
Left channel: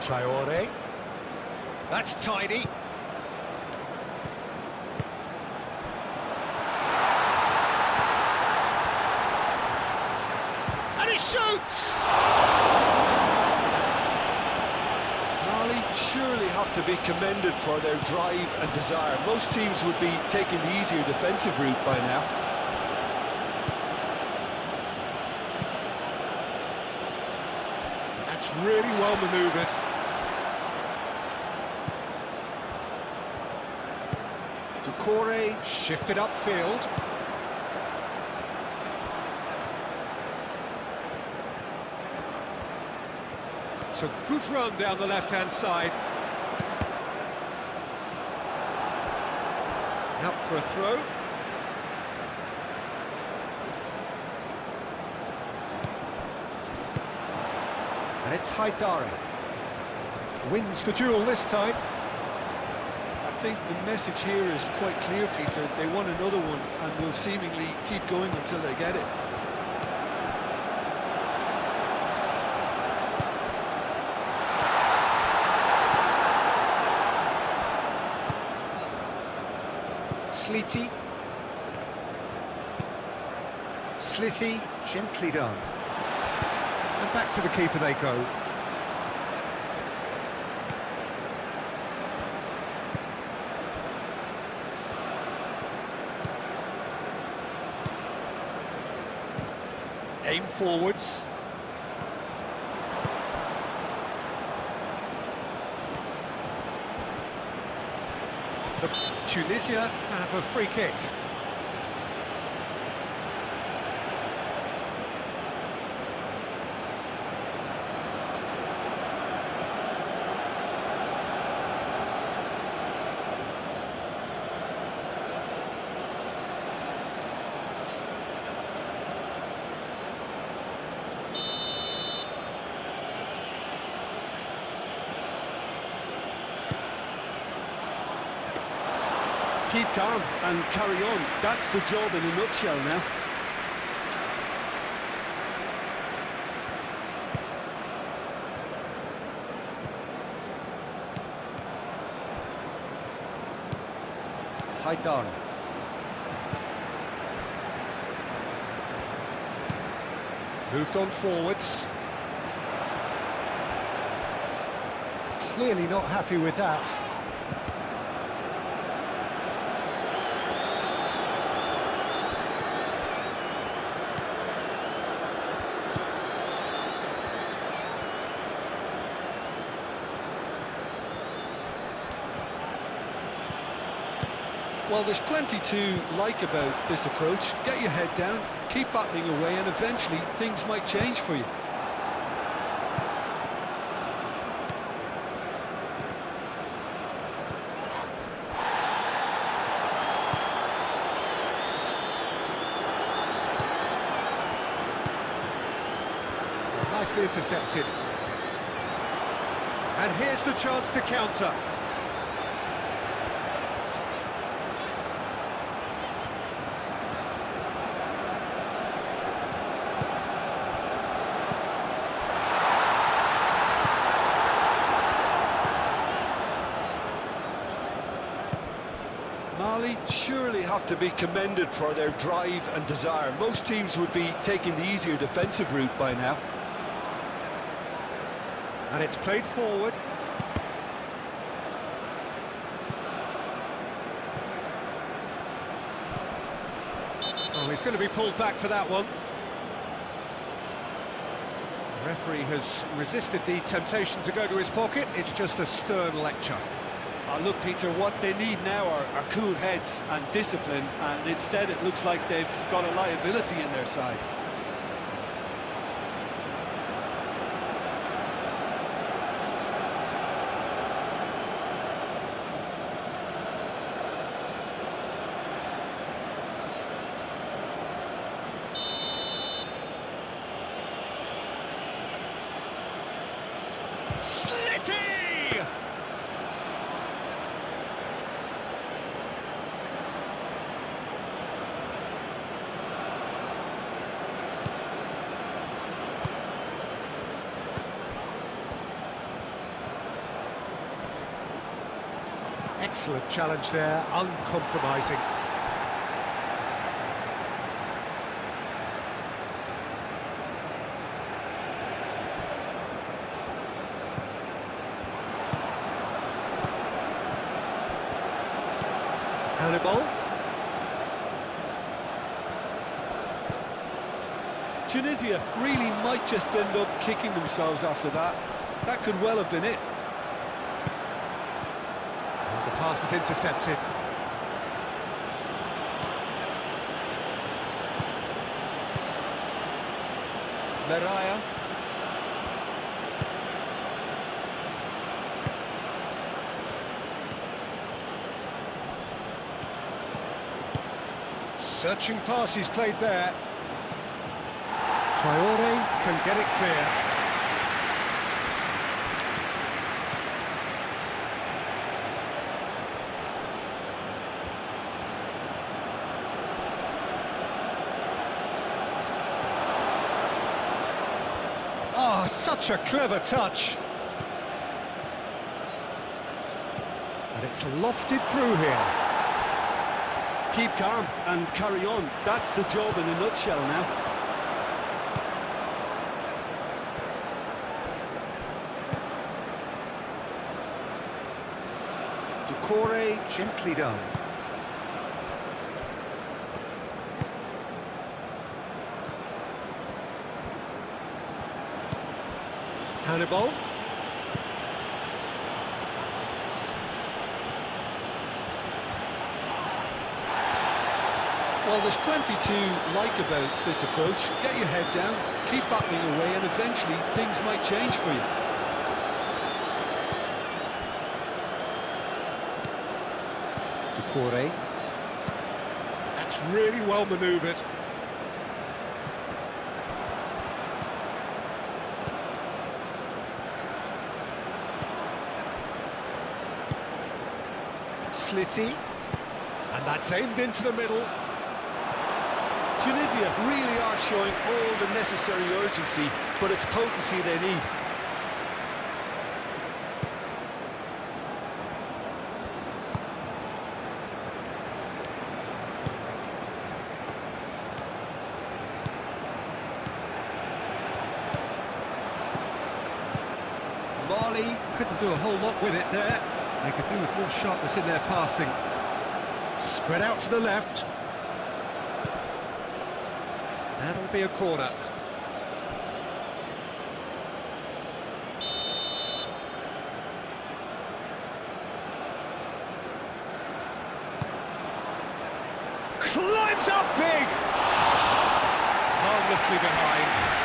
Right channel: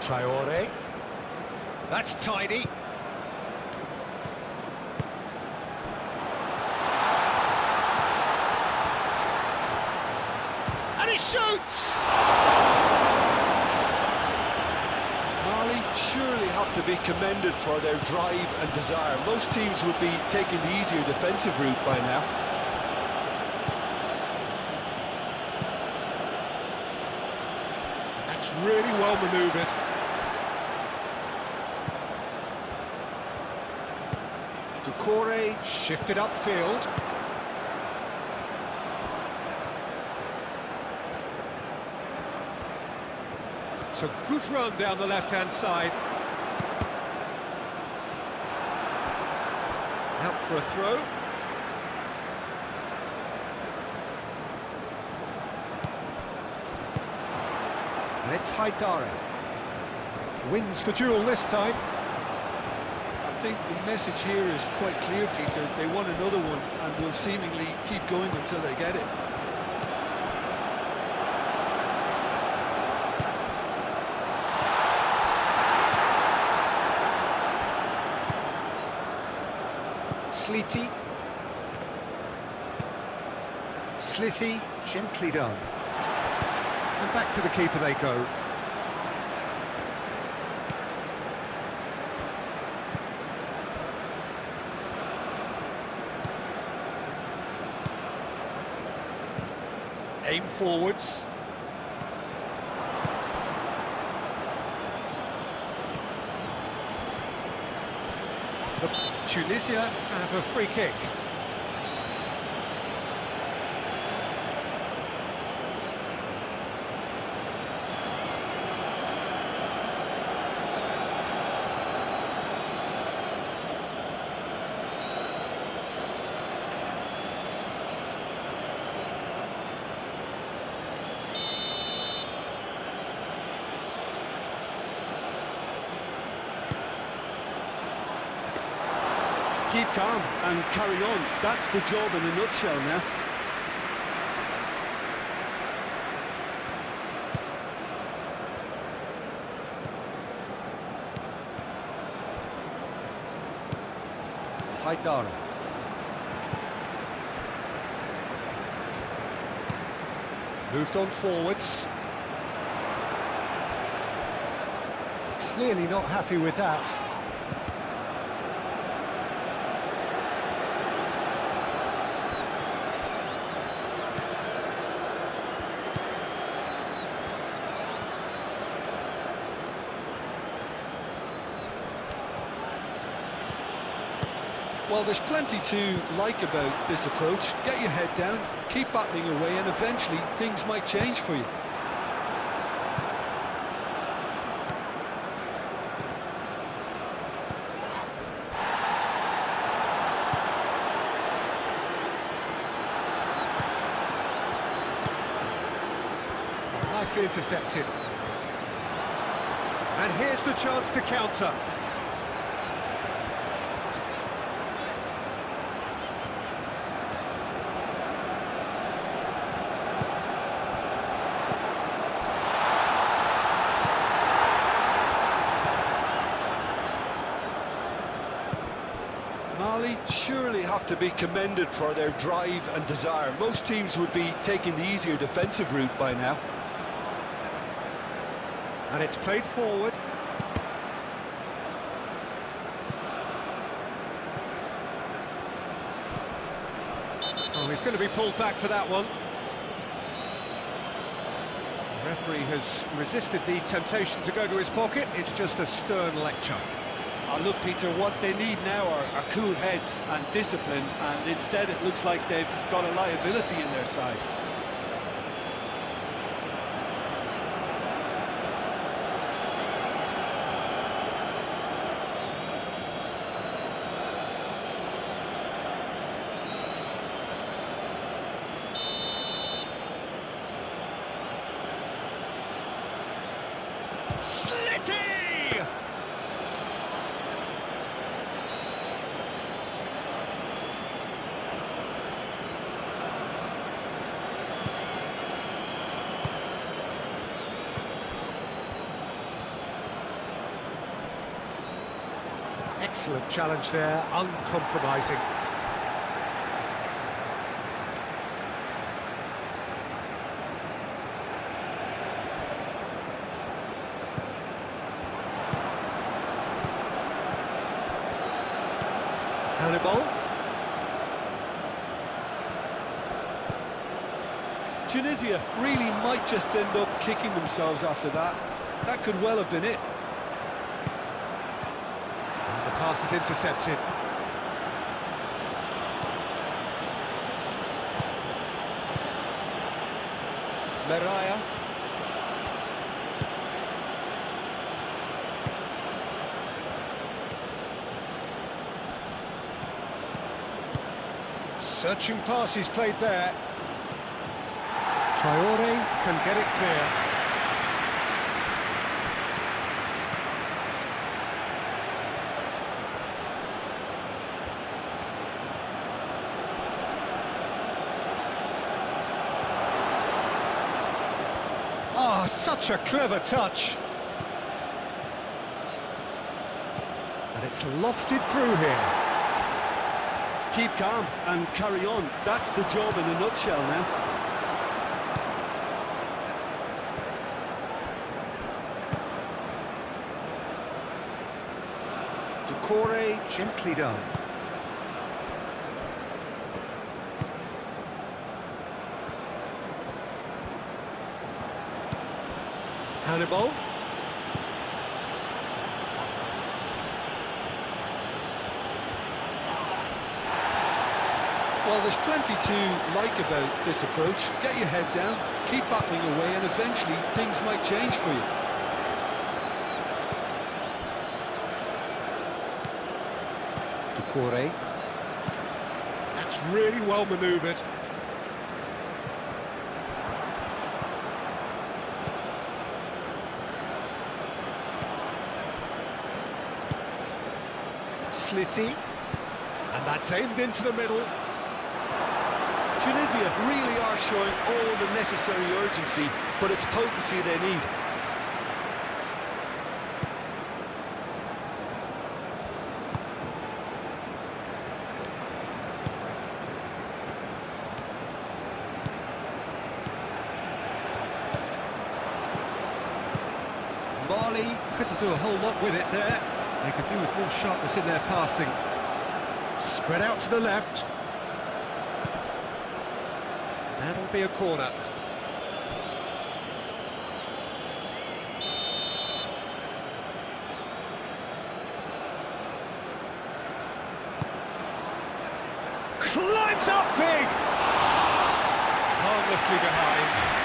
Traore. That's tidy. And he shoots! Mali surely have to be commended for their drive and desire. Most teams would be taking the easier defensive route by now. That's really well manoeuvred. Doucouré shifted upfield. It's a good run down the left-hand side. Out for a throw. And it's Haidara. Wins the duel this time. I think the message here is quite clear, Peter. They want another one and will seemingly keep going until they get it. Sliti. Sliti, gently done. And back to the keeper they go. Aim forwards. Tunisia have a free kick. Keep calm and carry on. That's the job in a nutshell now. Haidara. Moved on forwards. Clearly not happy with that. Well, there's plenty to like about this approach. Get your head down, keep battling away, and eventually things might change for you. nicely intercepted. And here's the chance to counter. Mali surely have to be commended for their drive and desire. Most teams would be taking the easier defensive route by now. And it's played forward. Oh, he's going to be pulled back for that one. The referee has resisted the temptation to go to his pocket. It's just a stern lecture. Look, Peter, what they need now are cool heads and discipline, and instead it looks like they've got a liability in their side. Excellent challenge there, uncompromising. Hannibal. Tunisia really might just end up kicking themselves after that. That could well have been it. And the pass is intercepted. Meraya. Searching pass he's played there. Traore can get it clear. Oh, such a clever touch. And it's lofted through here. Keep calm and carry on. That's the job in a nutshell now. Doucouré, gently done. Hannibal. Well, there's plenty to like about this approach. Get your head down, keep battling away, and eventually things might change for you. Doucouré. That's really well manoeuvred. Slitty. And that's aimed into the middle. Tunisia really are showing all the necessary urgency, but it's potency they need. Mali couldn't do a whole lot with it there. They could do with more sharpness in their passing. Spread out to the left. That'll be a corner. Climbs up big! Harmlessly behind.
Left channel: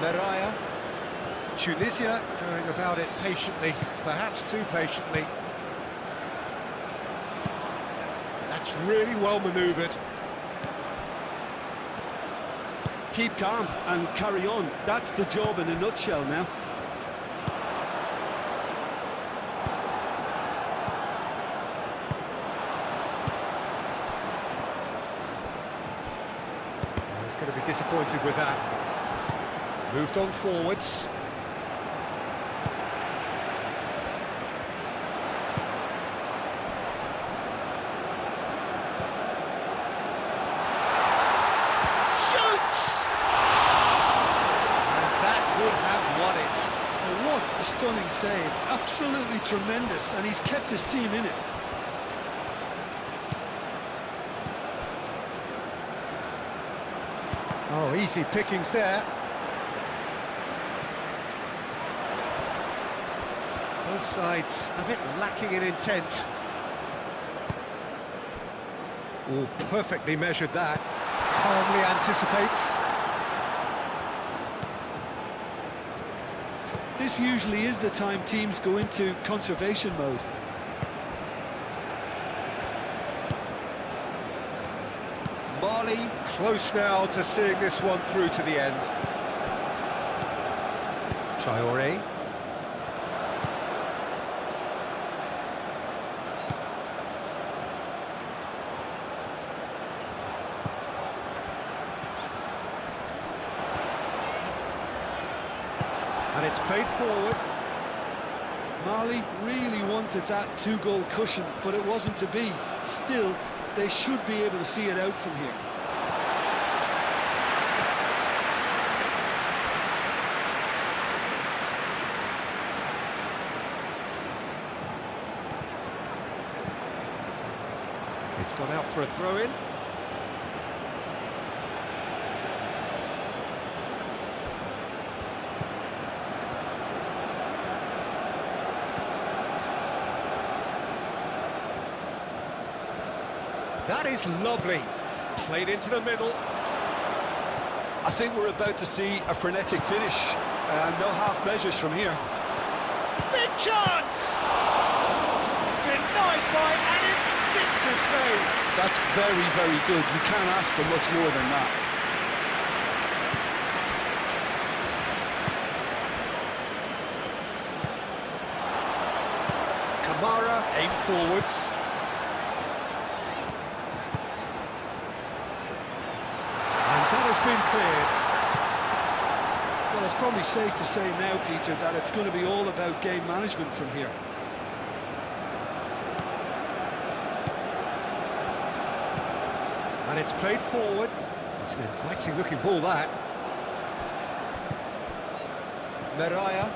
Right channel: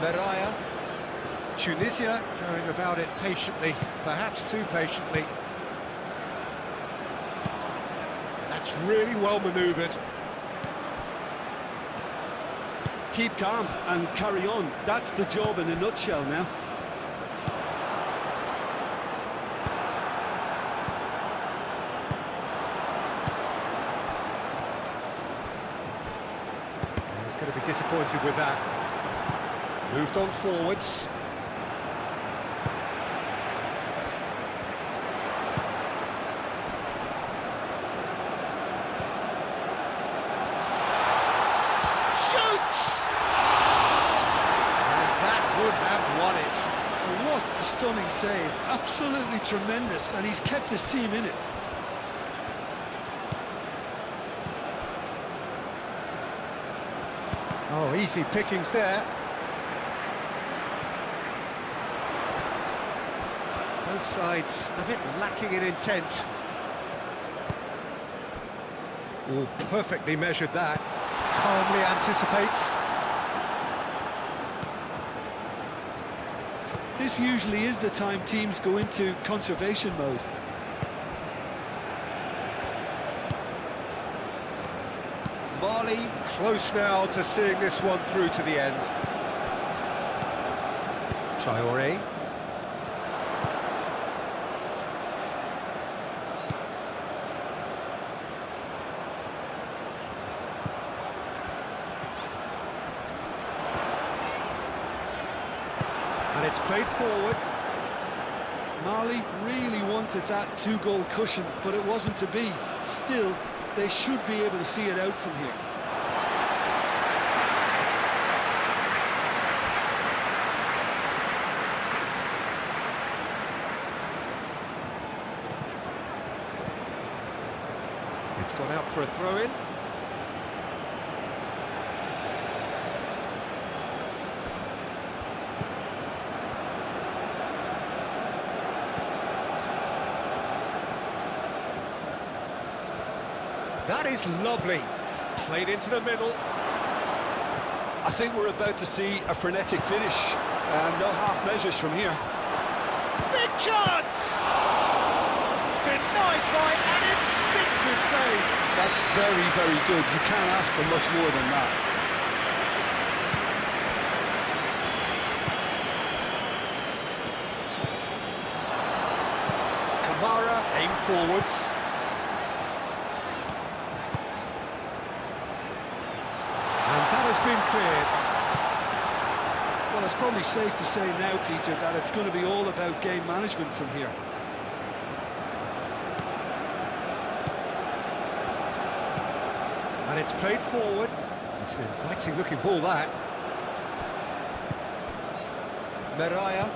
Meraya. Tunisia going about it patiently, perhaps too patiently. That's really well manoeuvred. Keep calm and carry on. That's the job in a nutshell now. He's going to be disappointed with that. Moved on forwards. Would have won it. Oh, what a stunning save. Absolutely tremendous, and he's kept his team in it. Oh, easy pickings there. Both sides a bit lacking in intent. Oh, perfectly measured that. Calmly anticipates. This usually is the time teams go into conservation mode. Mali close now to seeing this one through to the end. Traoré. And it's played forward. Mali really wanted that two-goal cushion, but it wasn't to be. Still, they should be able to see it out from here. It's gone out for a throw-in. That is lovely. Played into the middle. I think we're about to see a frenetic finish. No half measures from here. Big chance! Denied by an instinctive save. That's very, very good. You can't ask for much more than that. Kamara aim forwards. And that has been cleared. Well, it's probably safe to say now, Peter, that it's going to be all about game management from here. And it's played forward. It's an inviting looking ball, that. Meraya.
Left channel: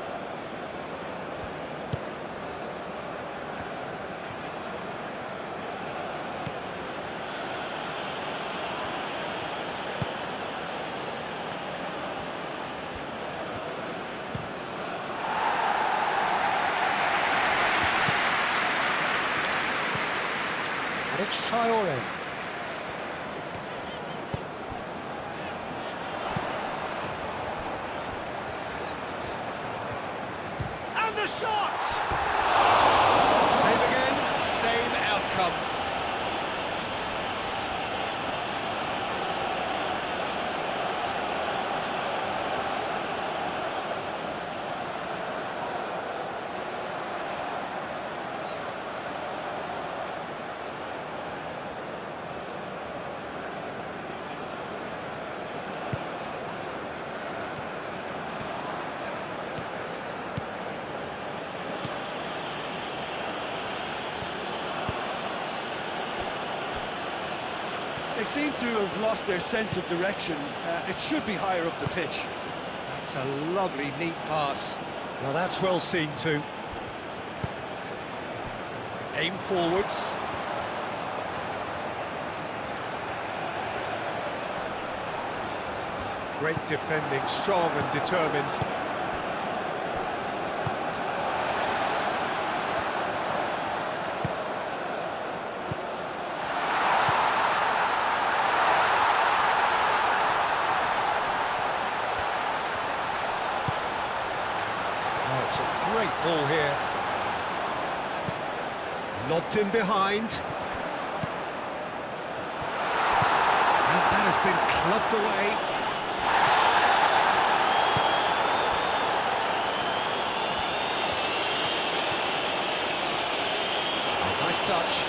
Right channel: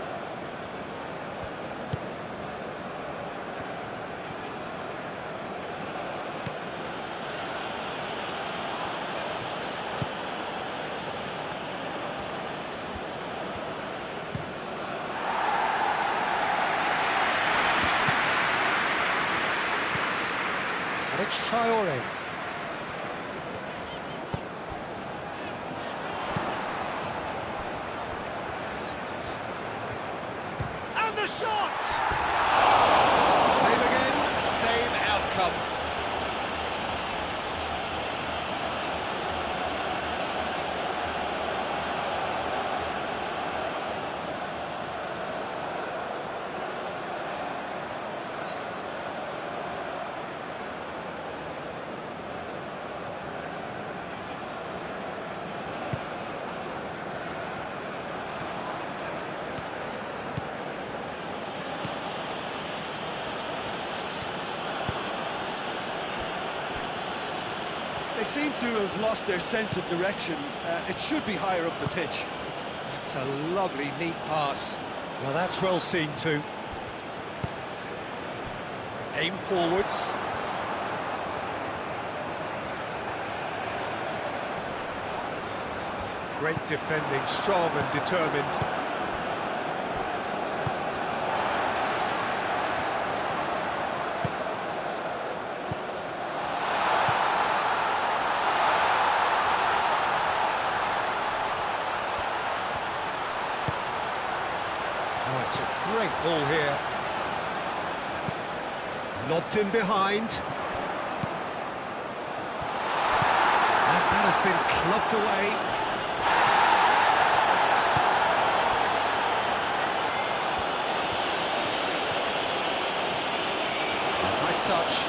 And it's Traoré. And the shot! Same again, same outcome. They seem to have lost their sense of direction. It should be higher up the pitch. That's a lovely, neat pass. Now that's well seen too. Aim forwards. Great defending, strong and determined. It's a great ball here. Lobbed in behind. And that has been clubbed away. Oh, nice touch.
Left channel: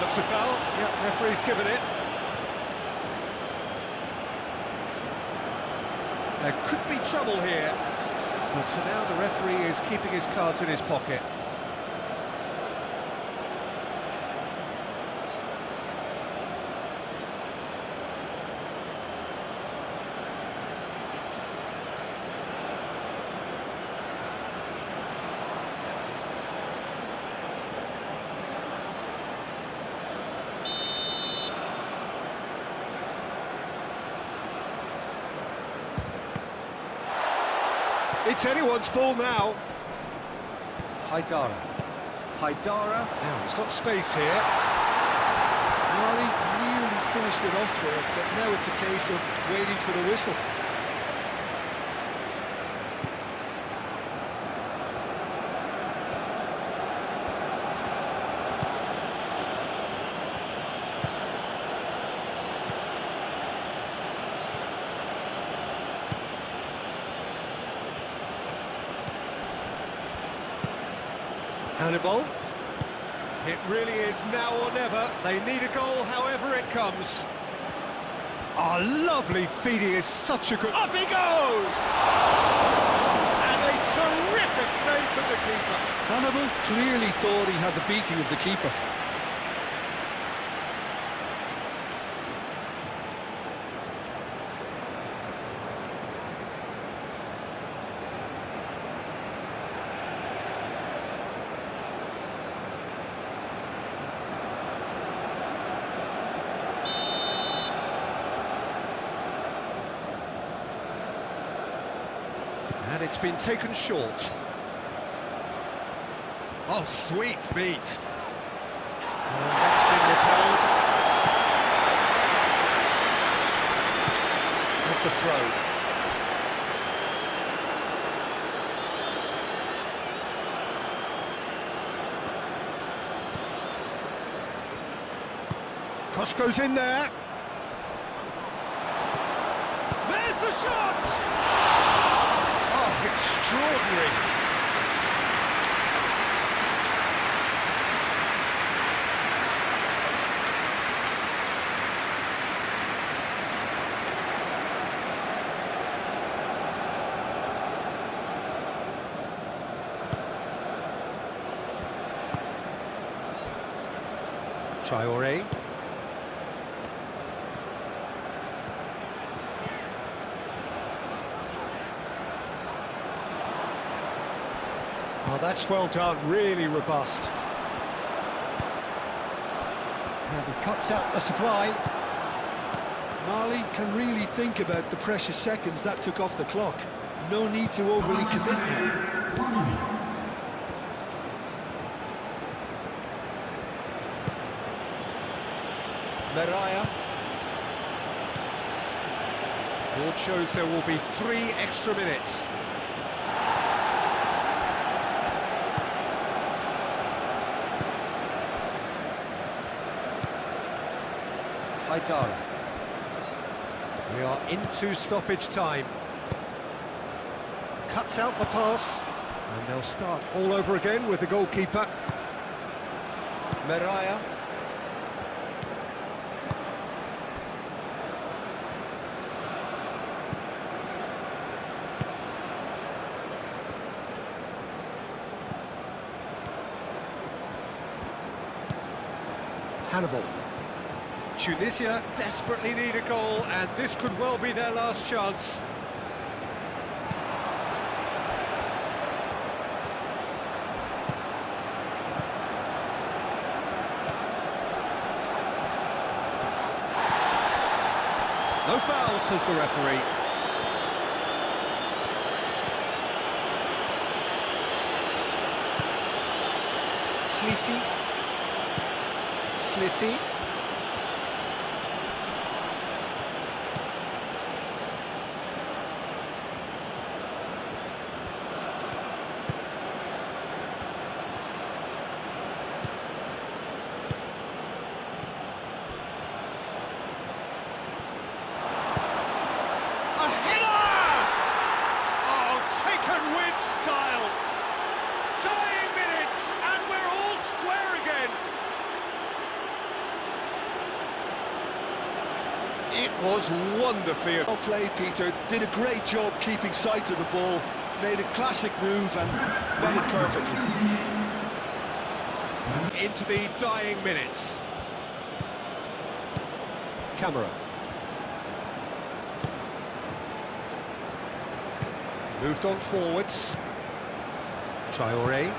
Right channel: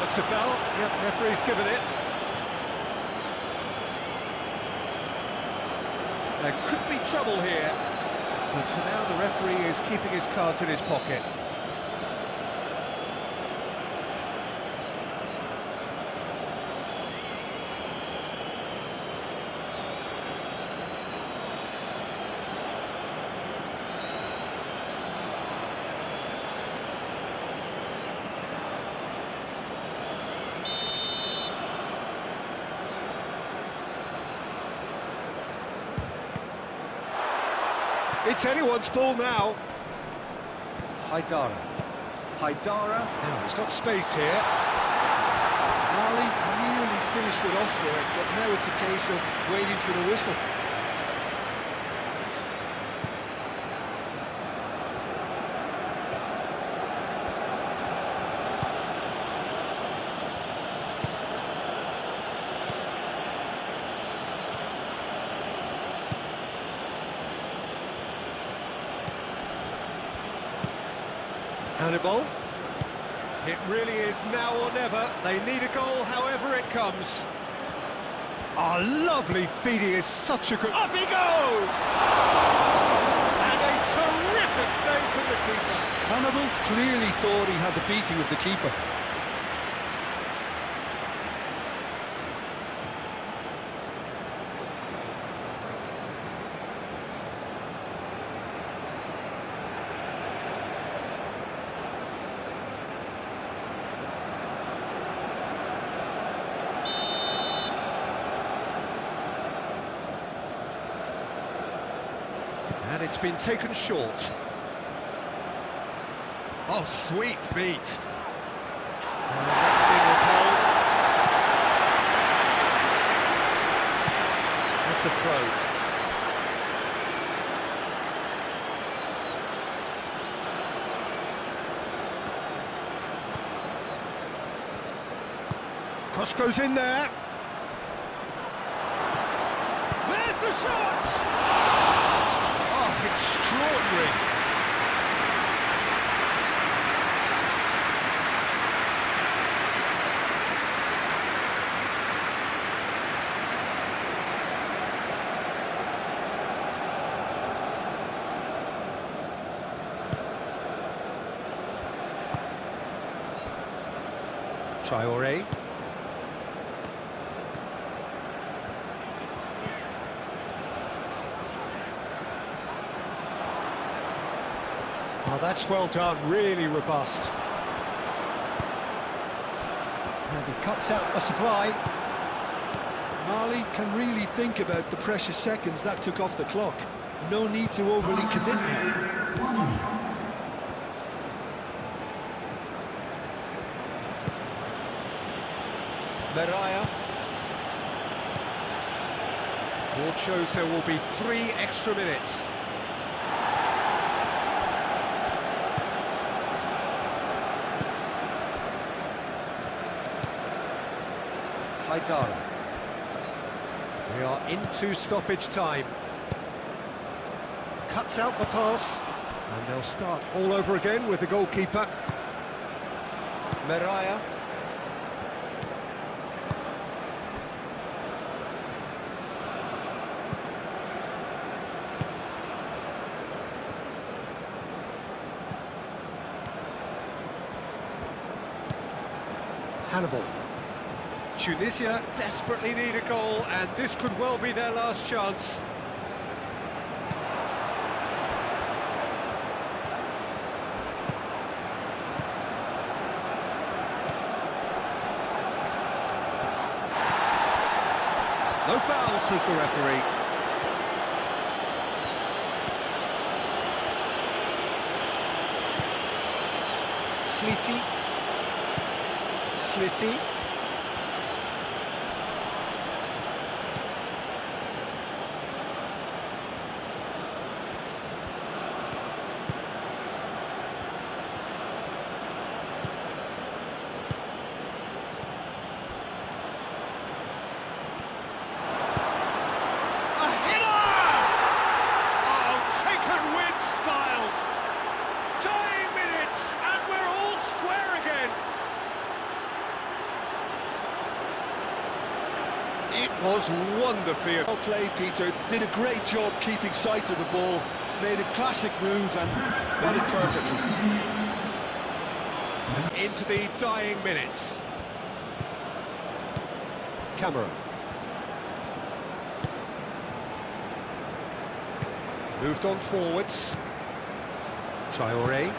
Looks a foul. Yep, referee's given it. There could be trouble here, but for now the referee is keeping his cards in his pocket. It's anyone's ball now. Haidara. Now he's got space here. Mali nearly finished it off there, but now it's a case of waiting for the whistle. Hannibal. It really is now or never. They need a goal however it comes. Oh, lovely feed. He is such a good... Up he goes! And a terrific save from the keeper. Hannibal clearly thought he had the beating of the keeper. And it's been taken short. Oh, sweet feet. And that's been repelled. That's a throw. Cross goes in there. There's the shot! Oh, extraordinary. Traoré. Oh, that's well done, really robust. And he cuts out the supply. Mali can really think about the precious seconds that took off the clock. No need to overly commit now. Meraya. Board shows there will be 3 extra minutes. Haidara. We are into stoppage time. Cuts out the pass, and they'll start all over again with the goalkeeper. Meraya. Hannibal. Tunisia desperately need a goal, and this could well be their last chance. No foul, says the referee. Slitty. style. Dying minutes, and we're all square again. It was wonderfully Well played, Peter. Did a great job keeping sight of the ball. Made a classic move and met it perfectly. into the dying minutes. Camera. Moved on forwards. Traoré.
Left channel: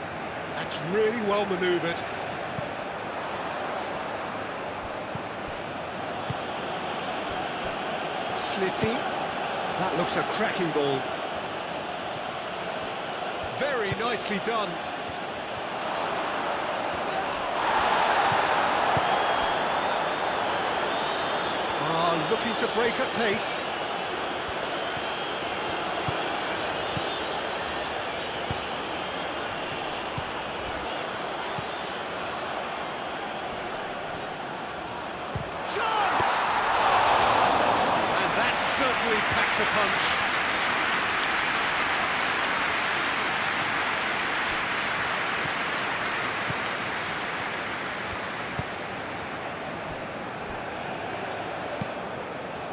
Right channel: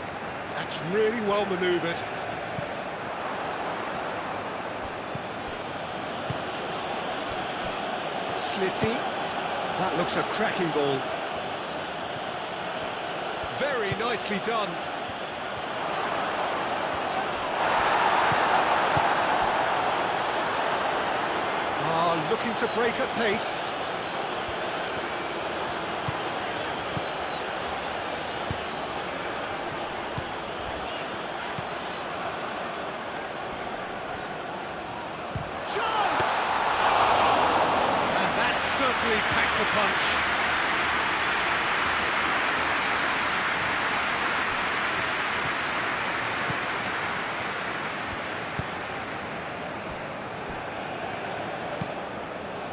That's really well manoeuvred. Slitty. That looks a cracking ball. Very nicely done. Looking to break at pace. Chance! And that certainly packed a punch.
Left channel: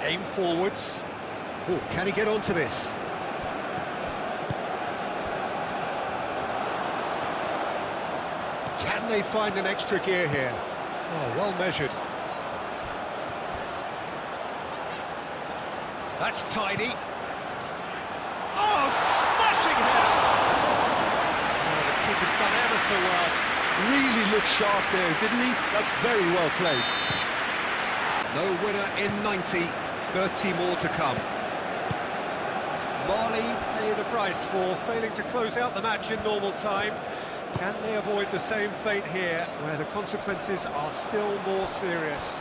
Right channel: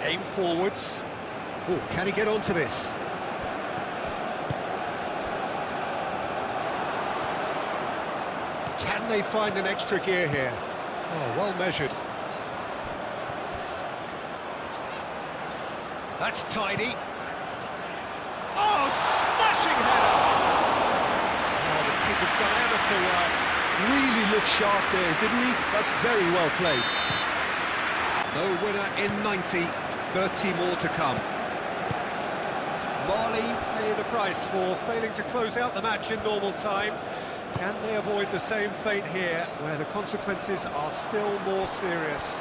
Aim forwards. Oh, can he get onto this? Can they find an extra gear here? Oh, well measured. That's tidy. Oh, smashing header! Oh, the keeper's done ever so well. Really looked sharp there, didn't he? That's very well played. No winner in 90, 30 more to come. Mali pay the price for failing to close out the match in normal time. Can they avoid the same fate here, where the consequences are still more serious?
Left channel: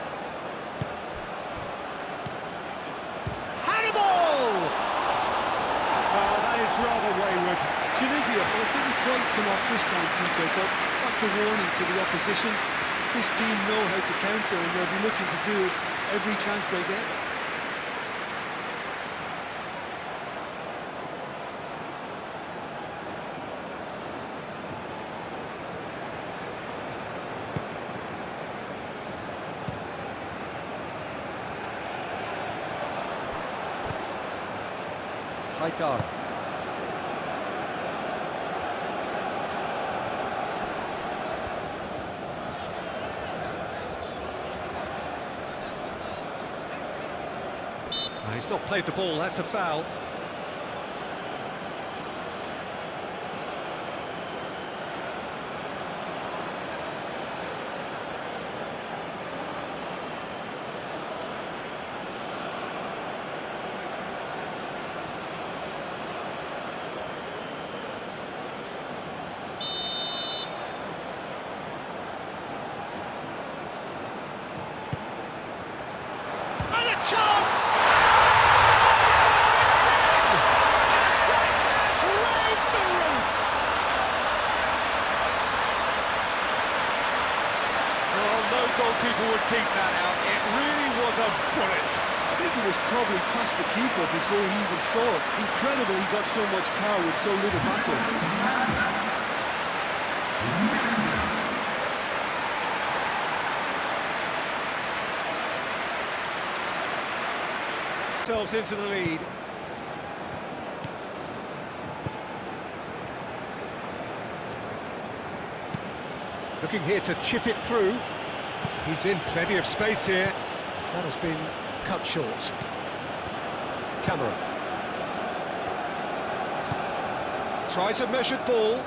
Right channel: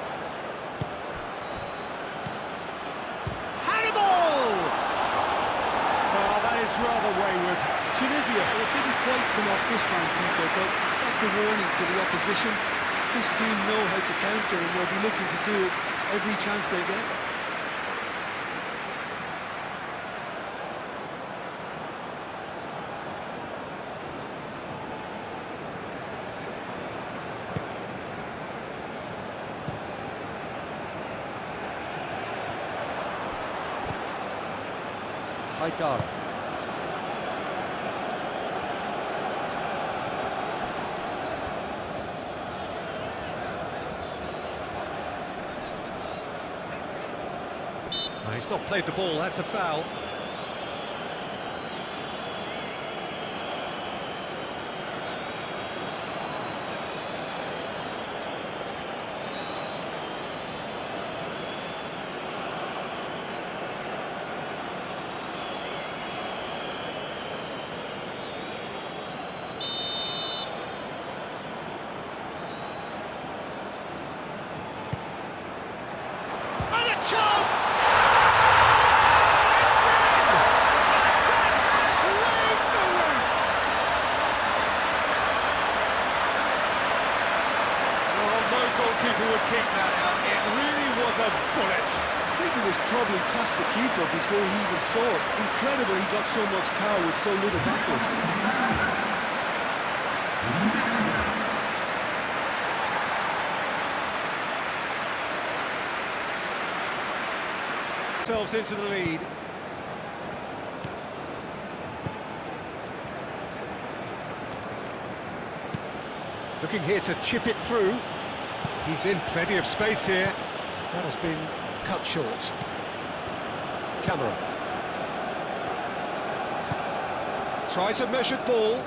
Hannibal! Well, that is rather wayward. Tunisia, well, it didn't quite come off this time, Peter, but that's a warning to the opposition. This team know how to counter, and they'll be looking to do it every chance they get. Haidara. He's not played the ball, that's a foul. And a chance! No goalkeeper would keep that out. It really was a bullet. I think it was probably past the keeper before he even saw it. Incredible he got so much power with so little backlift. Themselves into the lead. Looking here to chip it through. He's in plenty of space here. That has been cut short. Camera. Tries a measured ball.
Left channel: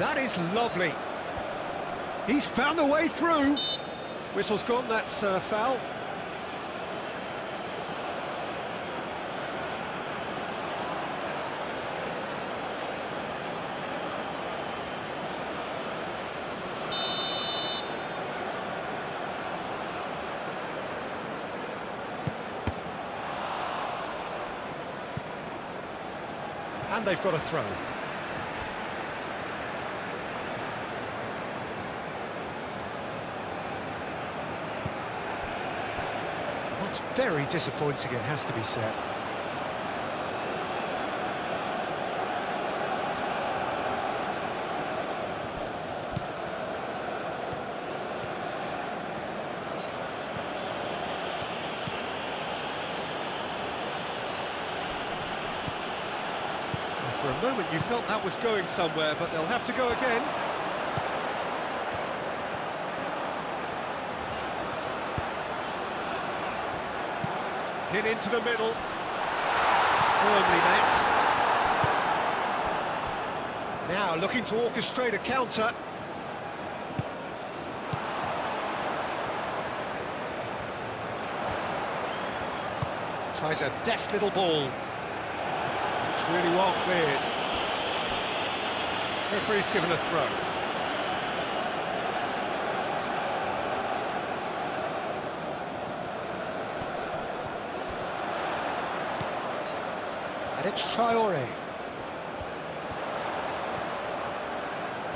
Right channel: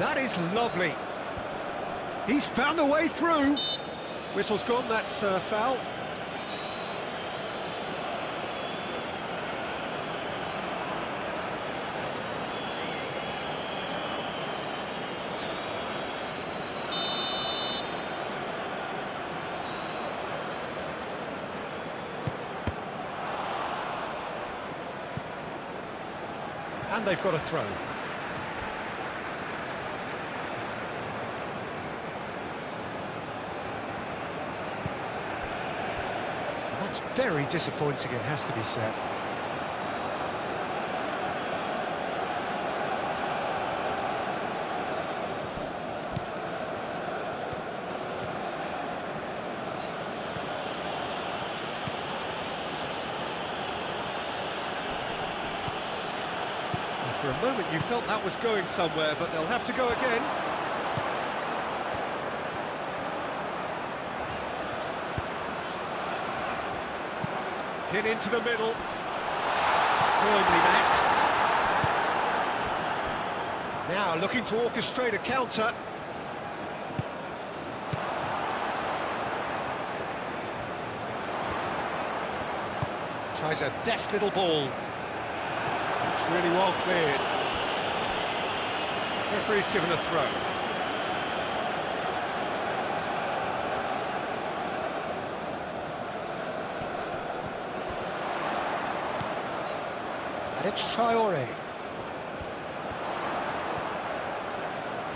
That is lovely. He's found a way through. Whistle's gone, that's a foul. And they've got a throw. That's very disappointing, it has to be said. For a moment you felt that was going somewhere, but they'll have to go again. Hit into the middle. Firmly met. Now looking to orchestrate a counter. Tries a deft little ball. It's really well cleared. Referee's given a throw. And it's Traoré.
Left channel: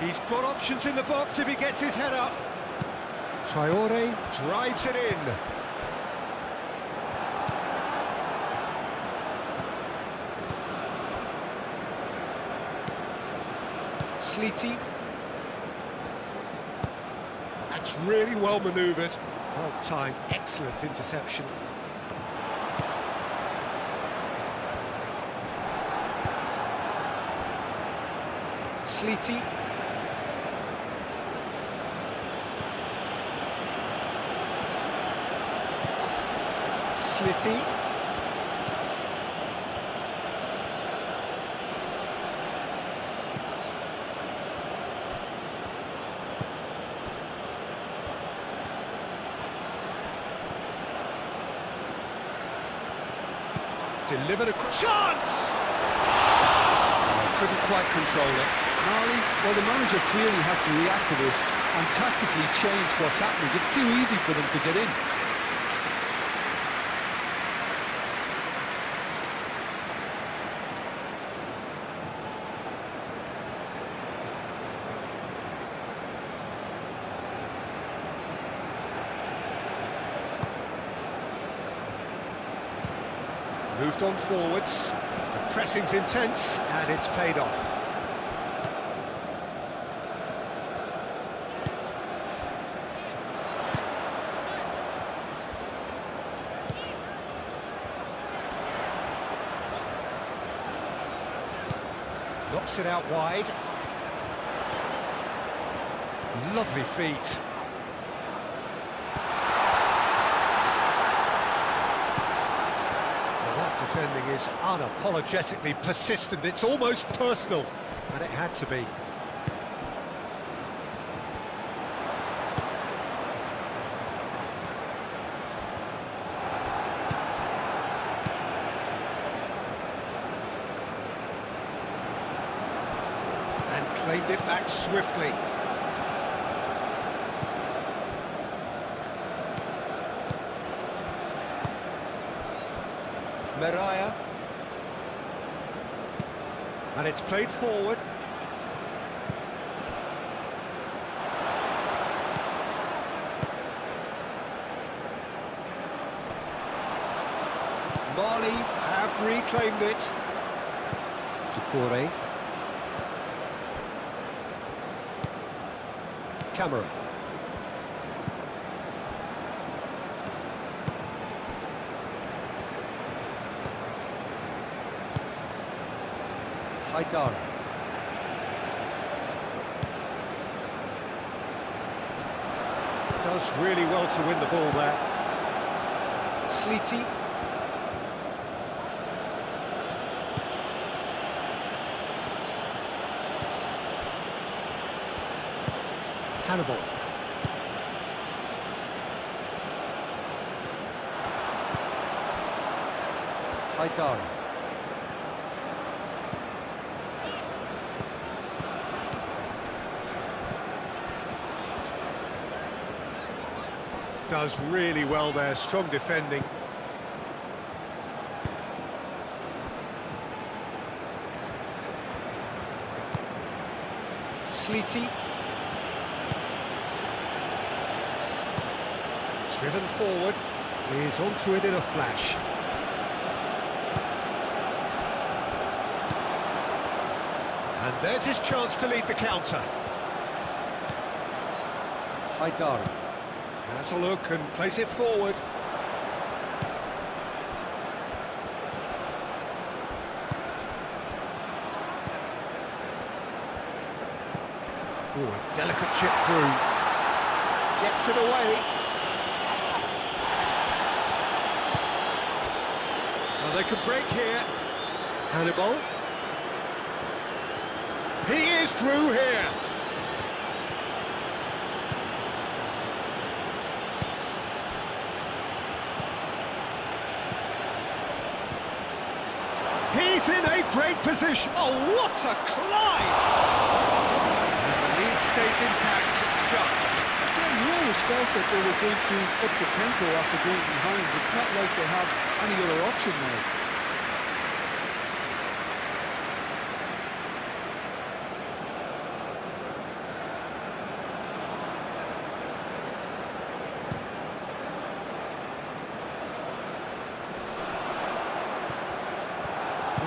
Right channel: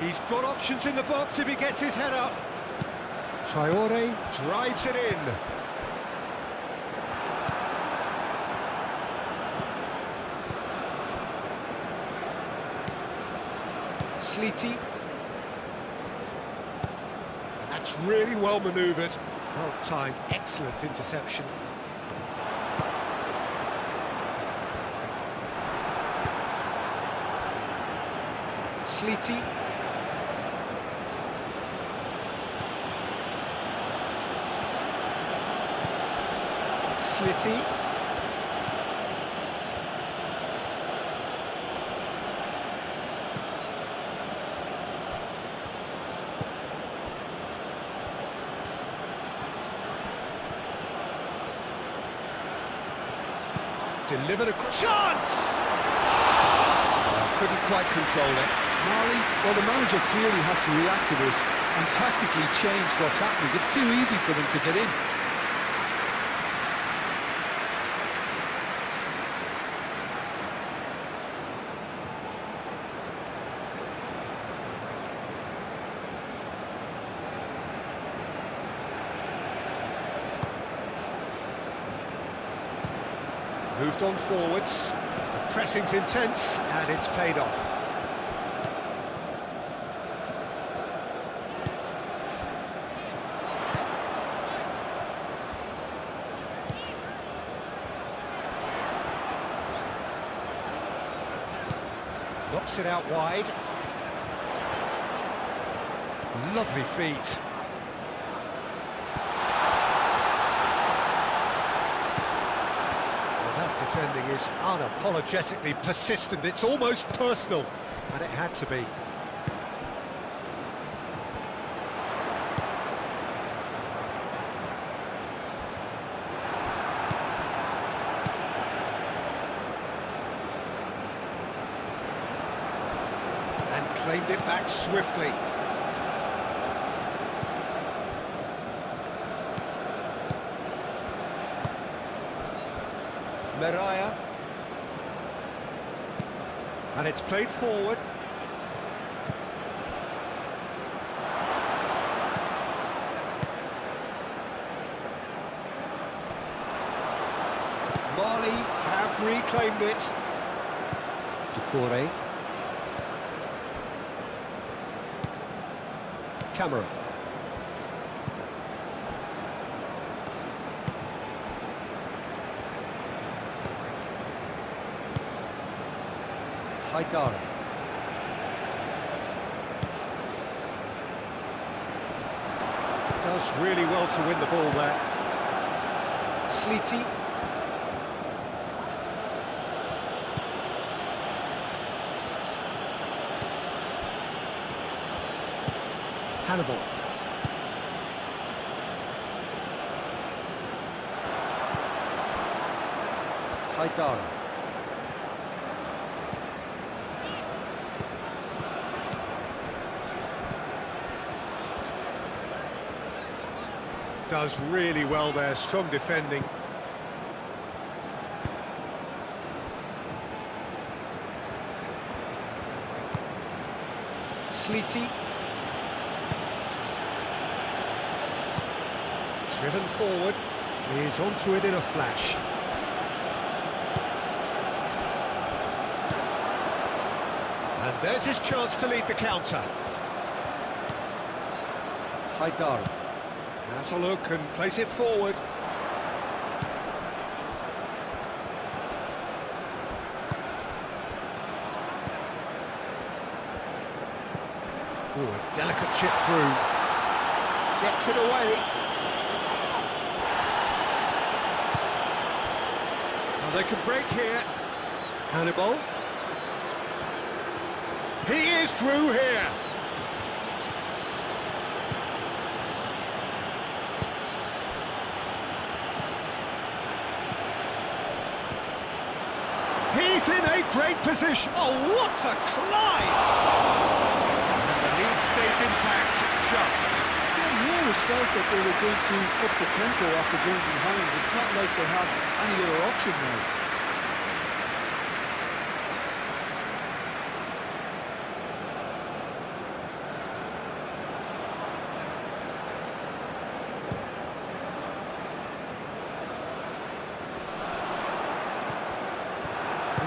He's got options in the box if he gets his head up. Traoré drives it in. Sleety. And that's really well manoeuvred. Well timed, excellent interception. Sleety. Slitty. Delivered a chance! Oh, couldn't quite control it. Marley, well, the manager clearly has to react to this and tactically change what's happening. It's too easy for them to get in. Moved on forwards, the pressing's intense, and it's paid off. Knocks it out wide. Lovely feet. That defending is unapologetically persistent. It's almost personal, and it had to be. And claimed it back swiftly. Meraya. And it's played forward. Mali have reclaimed it. Doucouré. Camera. Haidara. Does really well to win the ball there. Sleety. Hannibal. Haidara. Does really well there, strong defending. Sleety. Driven forward, is onto it in a flash. And there's his chance to lead the counter. Haidara. Has a look and plays it forward. a delicate chip through. Gets it away. Oh, they can break here. Hannibal. He is through here. He's in a great position. Oh, what a climb! And the lead stays intact, just. Yeah, you always felt that they were going to up the tempo after going behind. It's not like they have any other option now.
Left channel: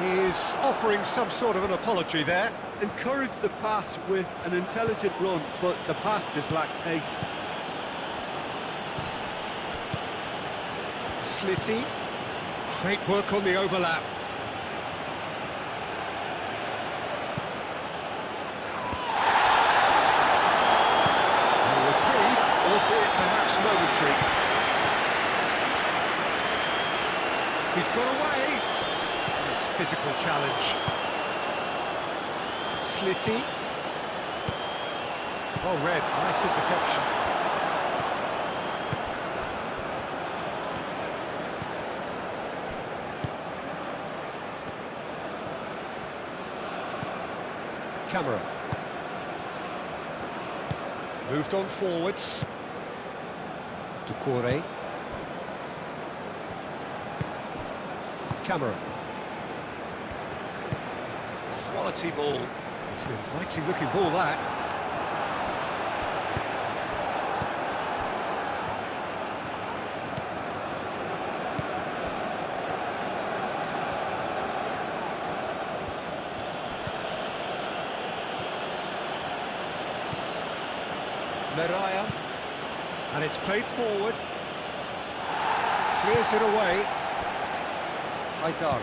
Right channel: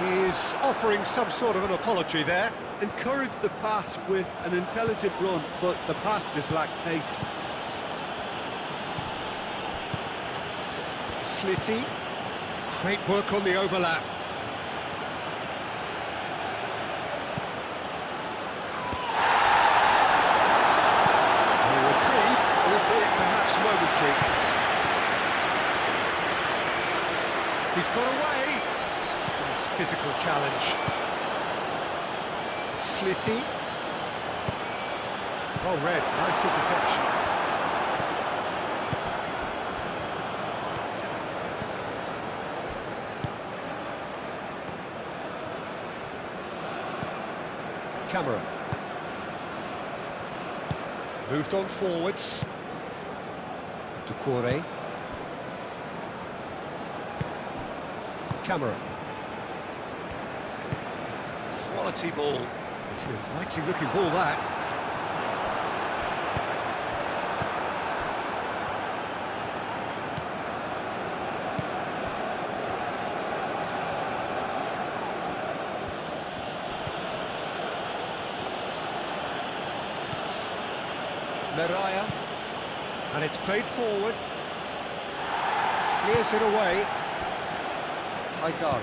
He's offering some sort of an apology there. Encouraged the pass with an intelligent run, but the pass just lacked pace. Slitty. Great work on the overlap. A reprieve, albeit perhaps momentary. He's got away. Nice physical challenge. Slitty. Well read, nice interception. Camera. Moved on forwards. Ducouré. Camera. Quality ball. It's an inviting looking ball, that. Meraya, and it's played forward. Clears it away. Haidara.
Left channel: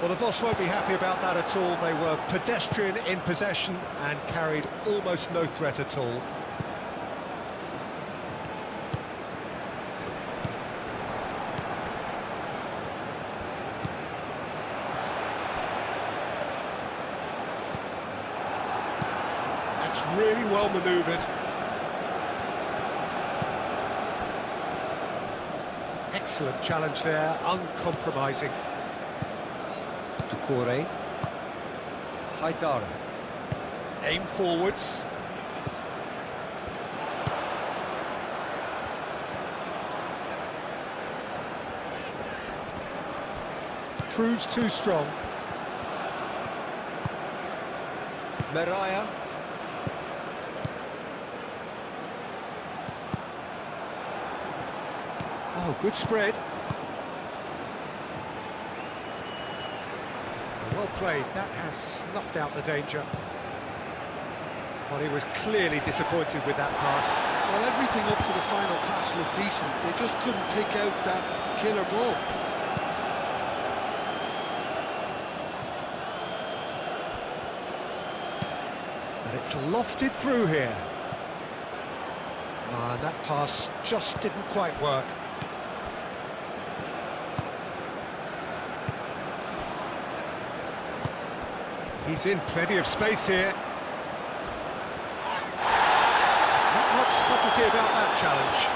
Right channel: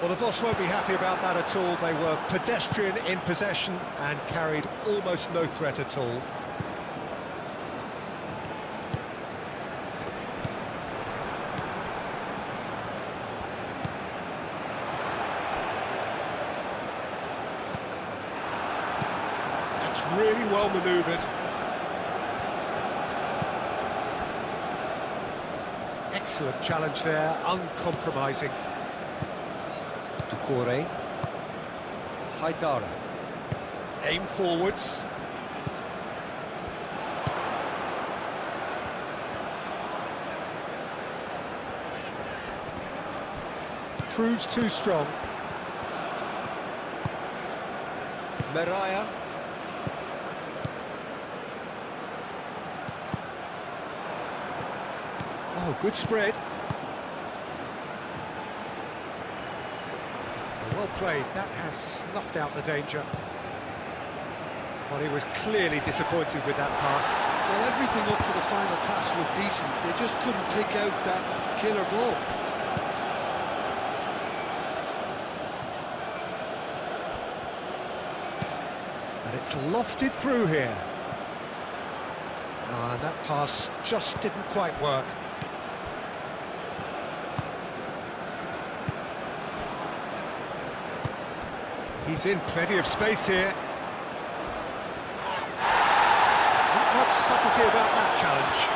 Well, the boss won't be happy about that at all. They were pedestrian in possession and carried almost no threat at all. That's really well manoeuvred. Excellent challenge there, uncompromising. Ducouré. Haidara. Aim forwards. Proves too strong. Meraya. Oh, good spread. Well played, that has snuffed out the danger. Well, he was clearly disappointed with that pass. Well, everything up to the final pass looked decent. They just couldn't take out that killer ball. And it's lofted through here. And that pass just didn't quite work. He's in plenty of space here. Not much subtlety about that challenge.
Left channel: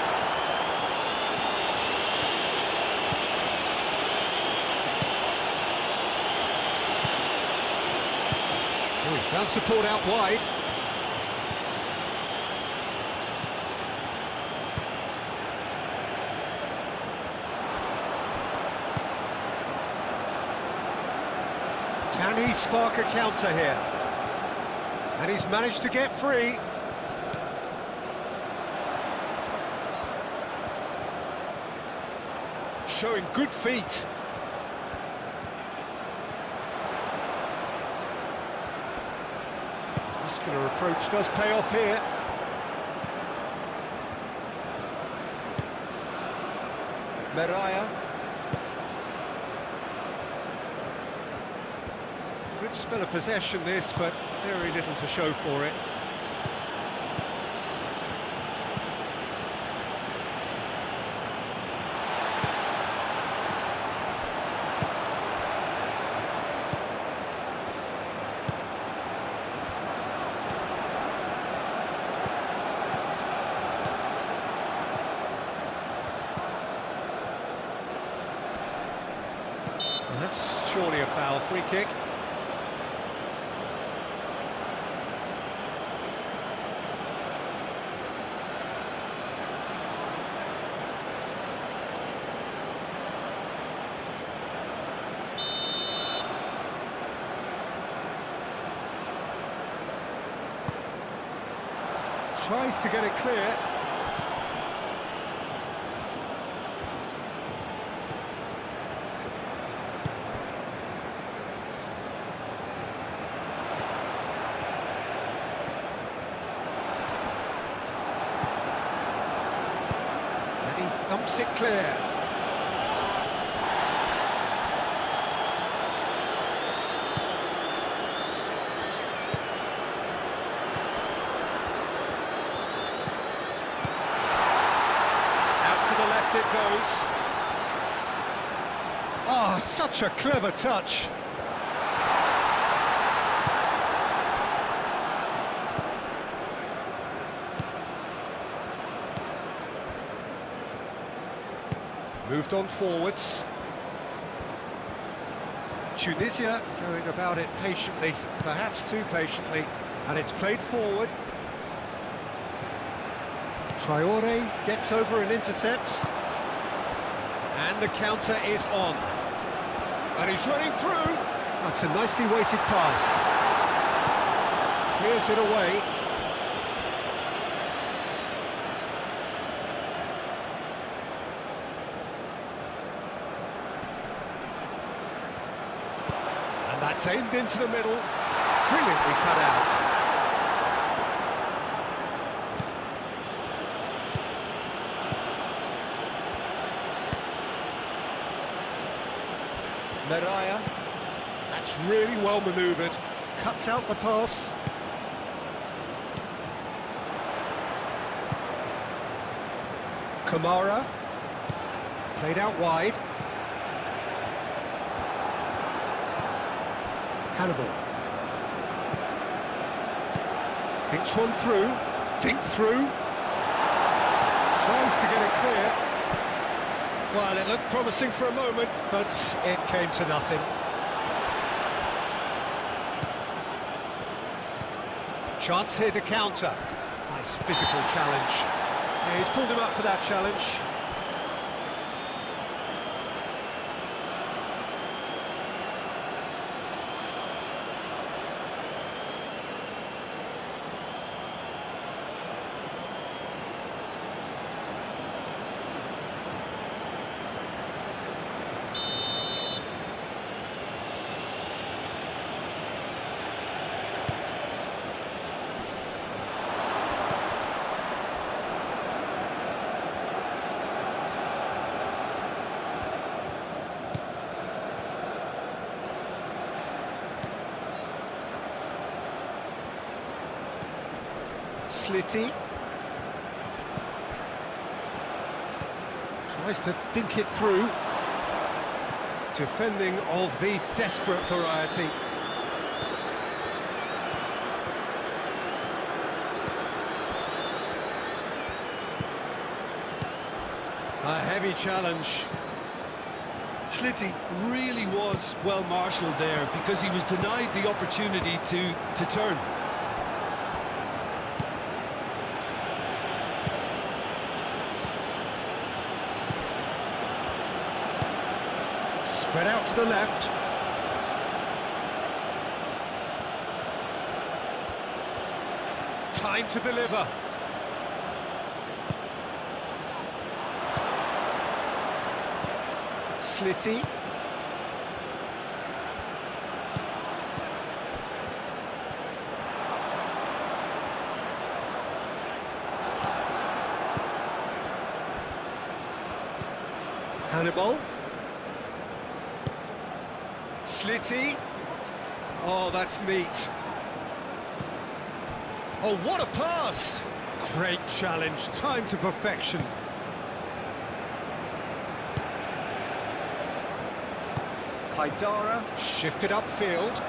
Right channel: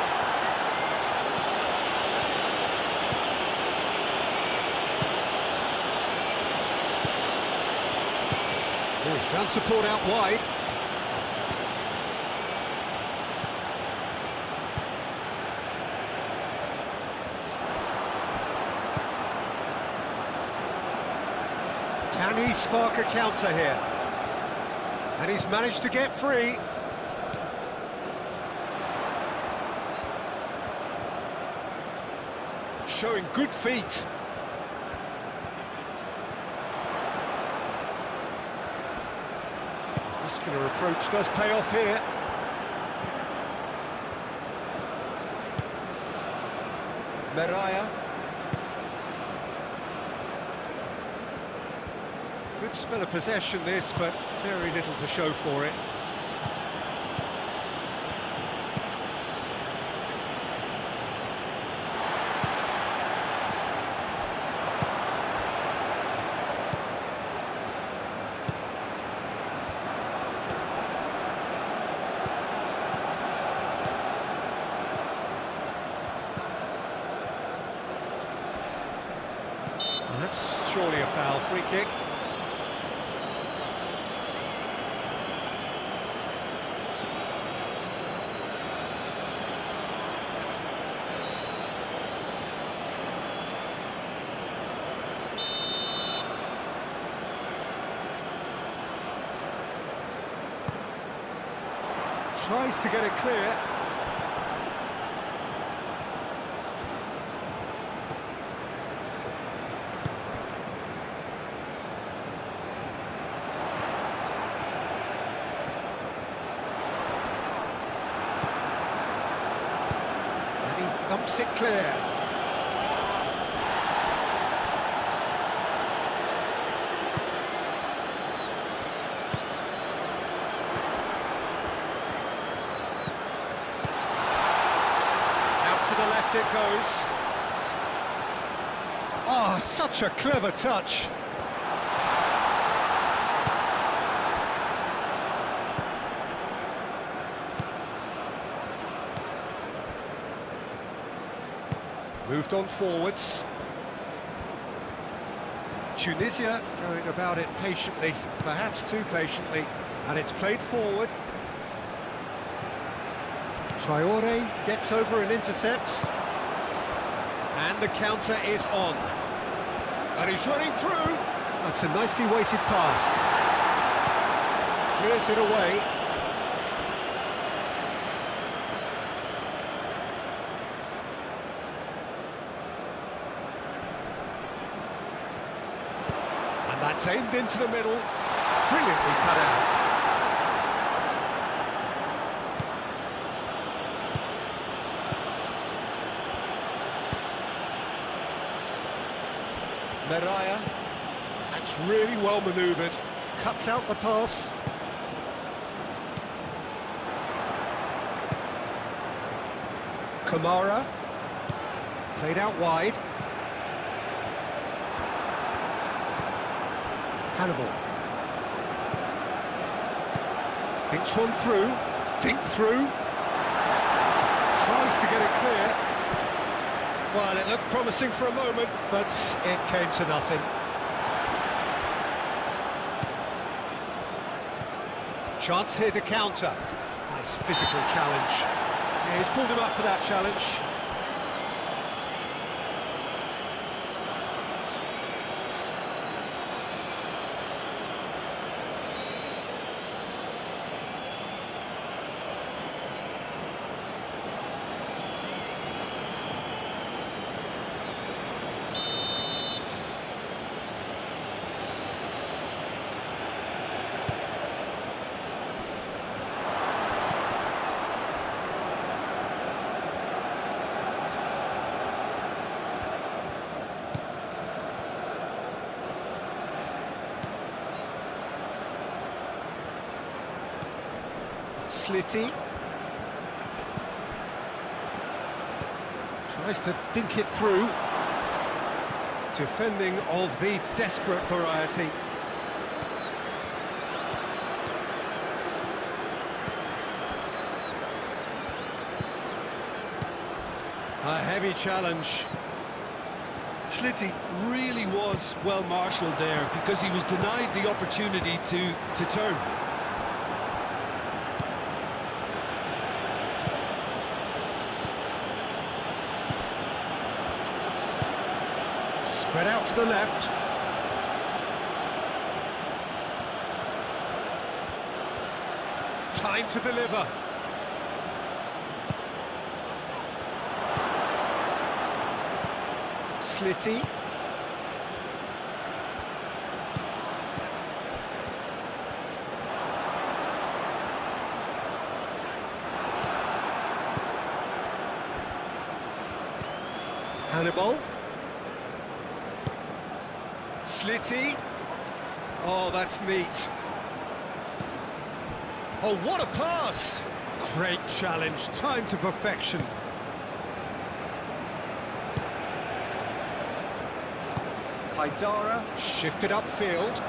Oh, he's found support out wide. Can he spark a counter here? And he's managed to get free. Showing good feet. Muscular approach does pay off here. Meraya. Good spell of possession this, but very little to show for it. That's surely a foul. Free kick. Tries to get it clear. And he thumps it clear. To the left it goes. Oh, such a clever touch. Moved on forwards. Tunisia going about it patiently, perhaps too patiently, and it's played forward. Traore gets over and intercepts. And the counter is on. And he's running through. That's a nicely weighted pass. Clears it away. And that's aimed into the middle. Brilliantly cut out. Meraya, that's really well manoeuvred, cuts out the pass. Kamara, played out wide. Hannibal. Dinks one through, dink through. Tries to get it clear. Well, it looked promising for a moment, but it came to nothing. Chance here to counter. Nice physical challenge. Yeah, he's pulled him up for that challenge. Slitty. Tries to dink it through. Defending of the desperate variety. A heavy challenge. Slitty really was well marshalled there because he was denied the opportunity to turn. Spread out to the left. Time to deliver. Slitty. Hannibal. Slitty. Oh, that's neat. Oh, what a pass! Great challenge, time to perfection. Haidara shifted upfield.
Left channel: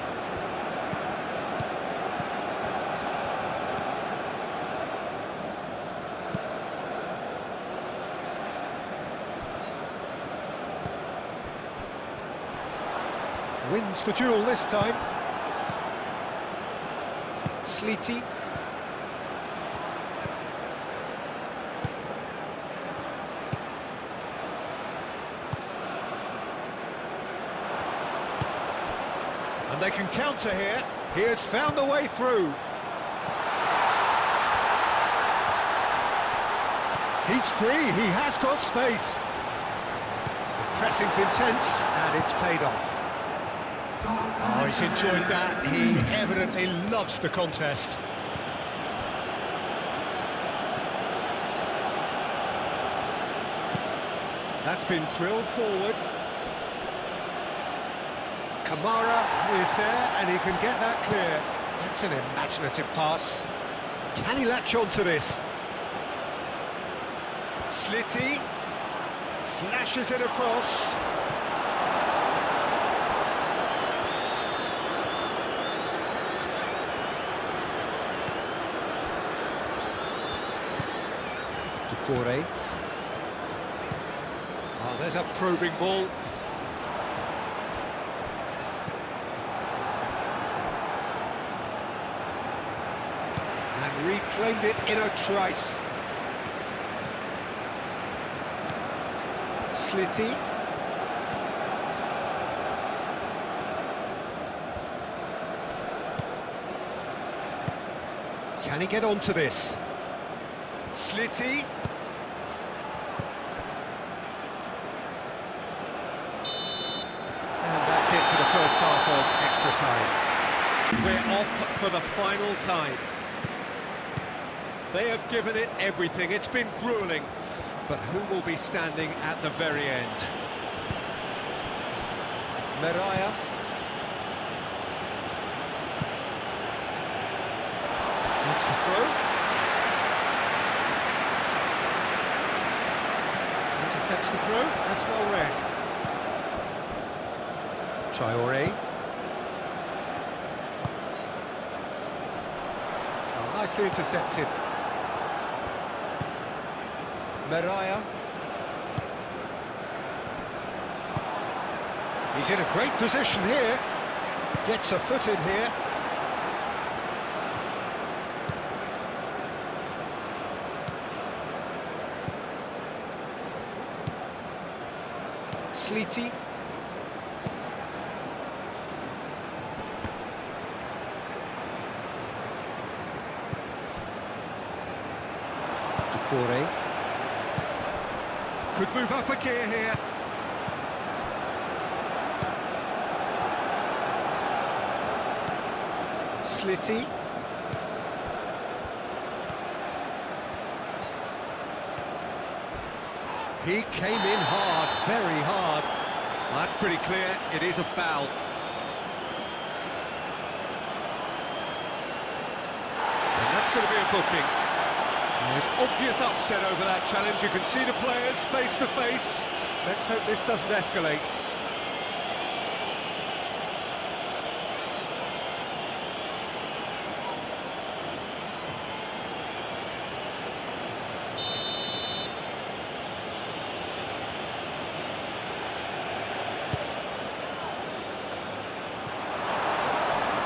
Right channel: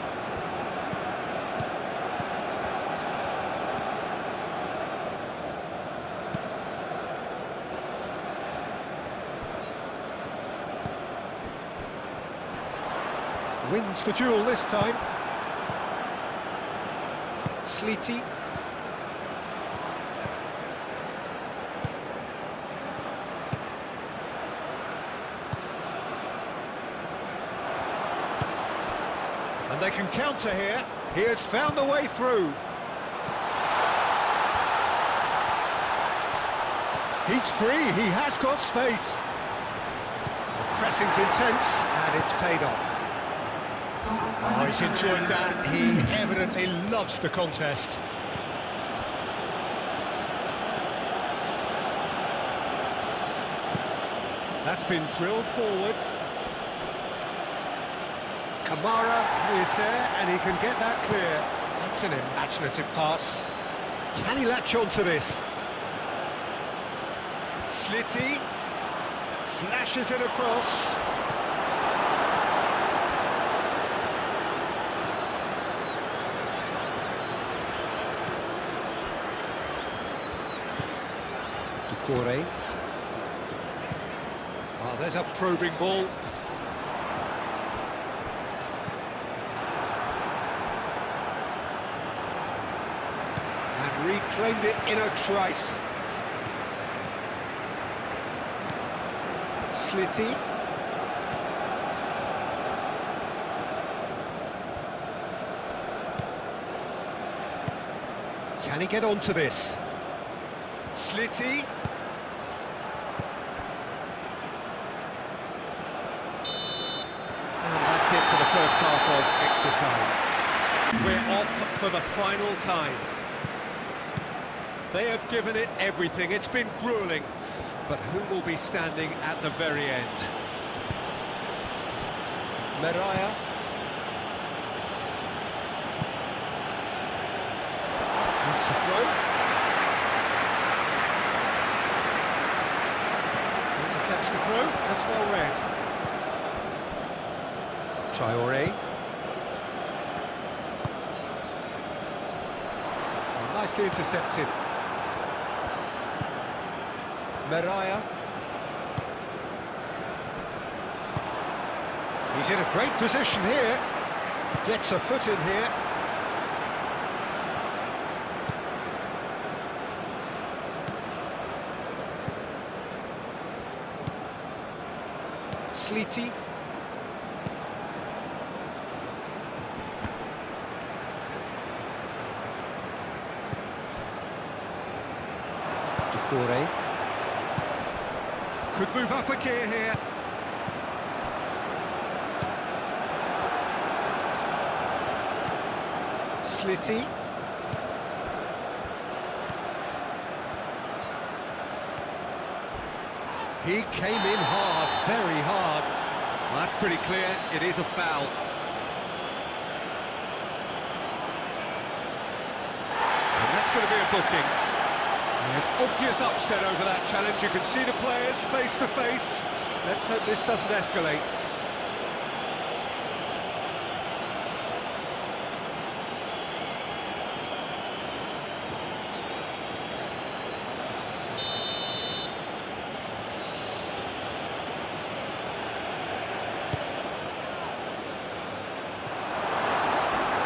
Wins the duel this time. Slitty. And they can counter here. He has found a way through. He's free, he has got space. The pressing's intense, and it's paid off. Oh, he's enjoyed that. He evidently loves the contest. That's been drilled forward. Kamara Is there, and he can get that clear. That's an imaginative pass. Can he latch on to this? Slitty. Flashes it across. Ducouré. Oh, there's a probing ball. And reclaimed it in a trice. Slitty. Can he get onto this? Slitty. And that's it for the first half of extra time. We're off for the final time. They have given it everything. It's been grueling. But who will be standing at the very end? Meraya. That's the throw. Intercepts the throw. That's well read. Traoré. Oh, nicely intercepted. Meraya. He's in a great position here. Gets a foot in here. Slitty. Ducouré. Could move up a gear here. Slitty. He came in hard, very hard. Well, that's pretty clear, it is a foul. And that's going to be a booking. There's obvious upset over that challenge. You can see the players face to face. Let's hope this doesn't escalate.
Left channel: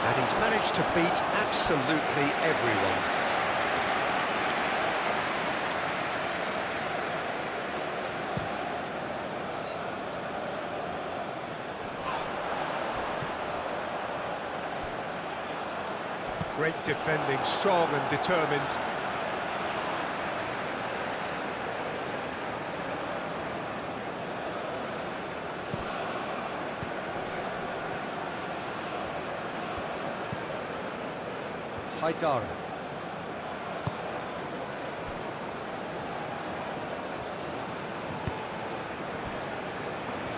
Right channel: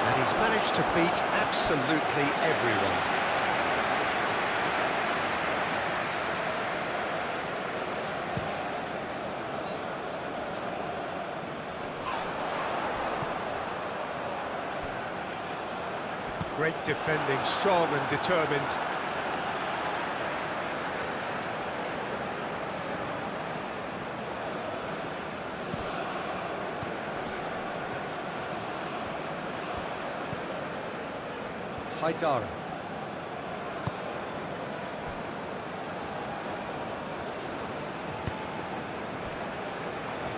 And he's managed to beat absolutely everyone. Great defending, strong and determined. Haidara.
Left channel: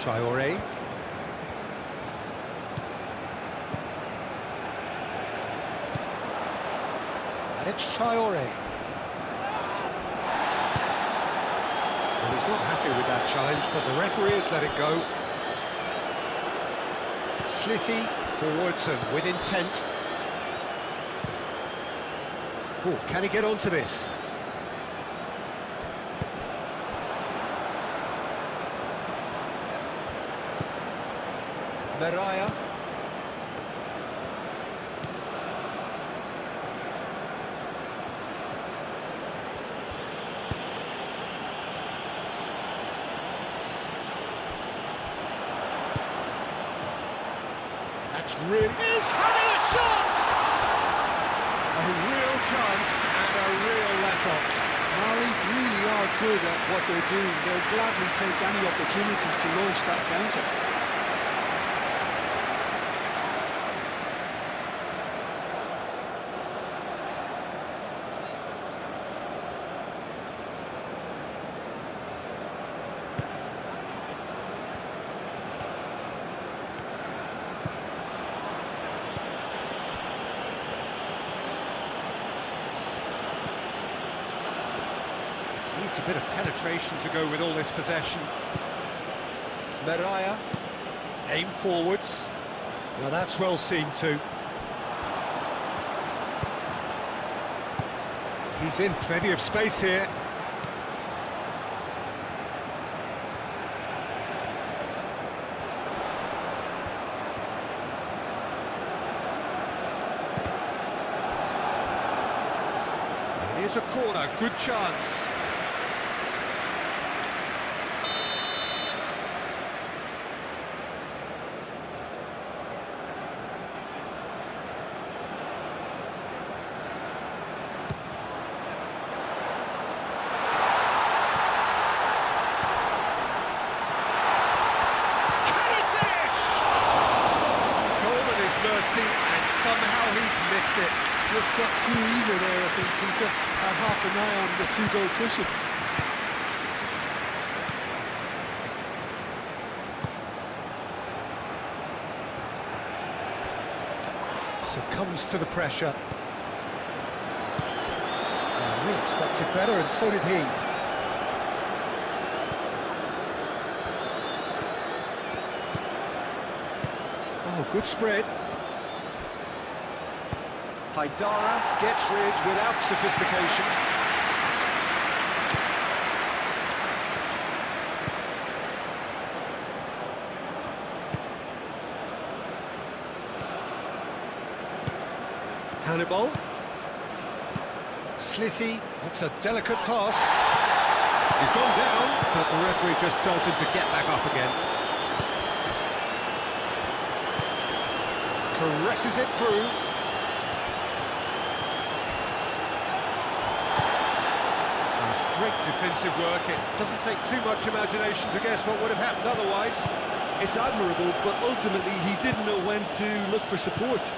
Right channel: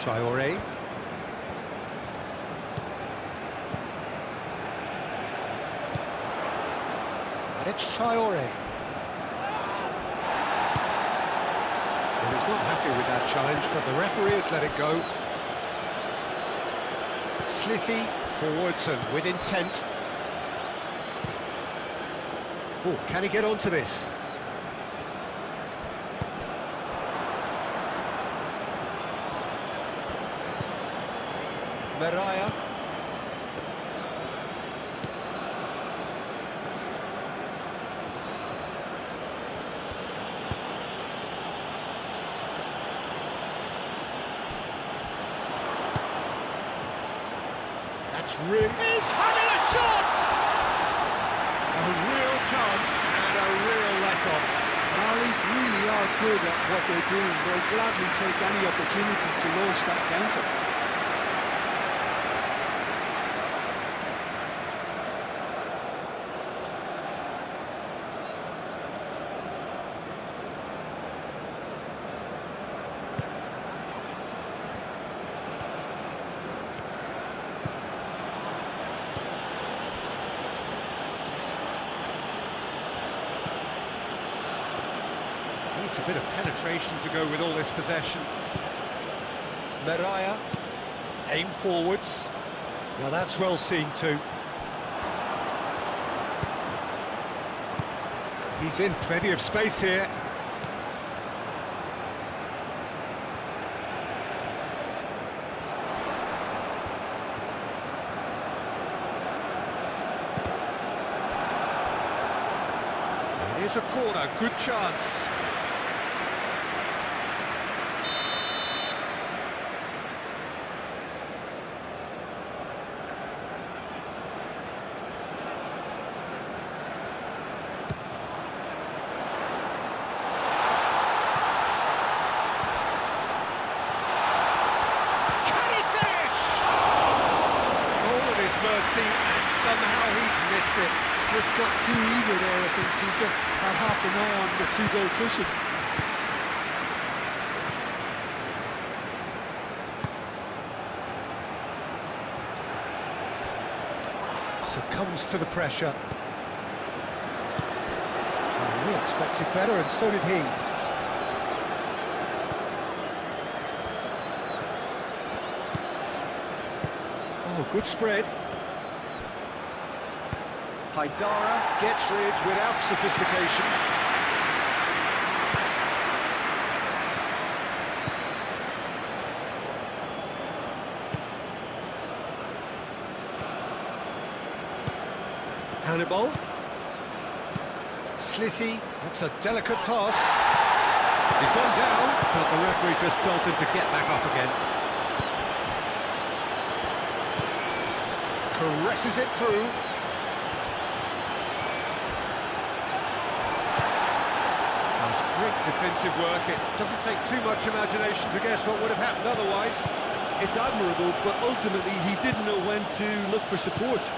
Traoré. And it's Traoré. Well, he's not happy with that challenge, but the referee has let it go. Slitty forwards and with intent. Oh, can he get onto this? Mariah. That's really... He's having a shot! A real chance and a real let-off. Mali really are good at what they're doing. They'll gladly take any opportunity to launch that counter. Needs a bit of penetration to go with all this possession. Mariah. Aim forwards. Now that's well seen too. He's in plenty of space here. Here's a corner, good chance. Mercy, and somehow he's missed it. Just got too eager there, I think, Peter. Had half an eye on the two-goal cushion. Succumbs to the pressure. Well, we expected better, and so did he. Oh, good spread. Haidara gets rid without sophistication. Hannibal. Slitty, that's a delicate pass. He's gone down, but the referee just tells him to get back up again. Caresses it through. That's great defensive work. It doesn't take too much imagination to guess what would have happened otherwise. It's admirable, but ultimately he didn't know when to look for support.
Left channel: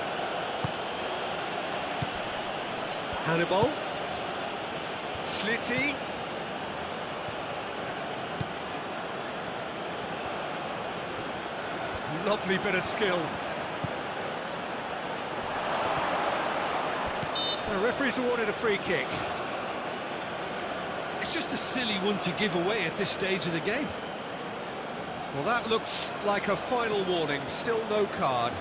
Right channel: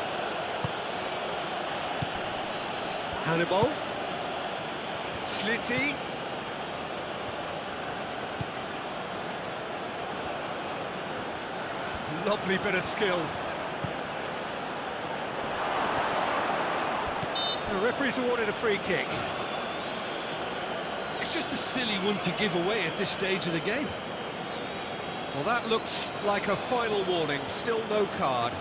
Hannibal. Slitty. Lovely bit of skill. The referee's awarded a free kick. It's just a silly one to give away at this stage of the game. Well, that looks like a final warning. Still no card.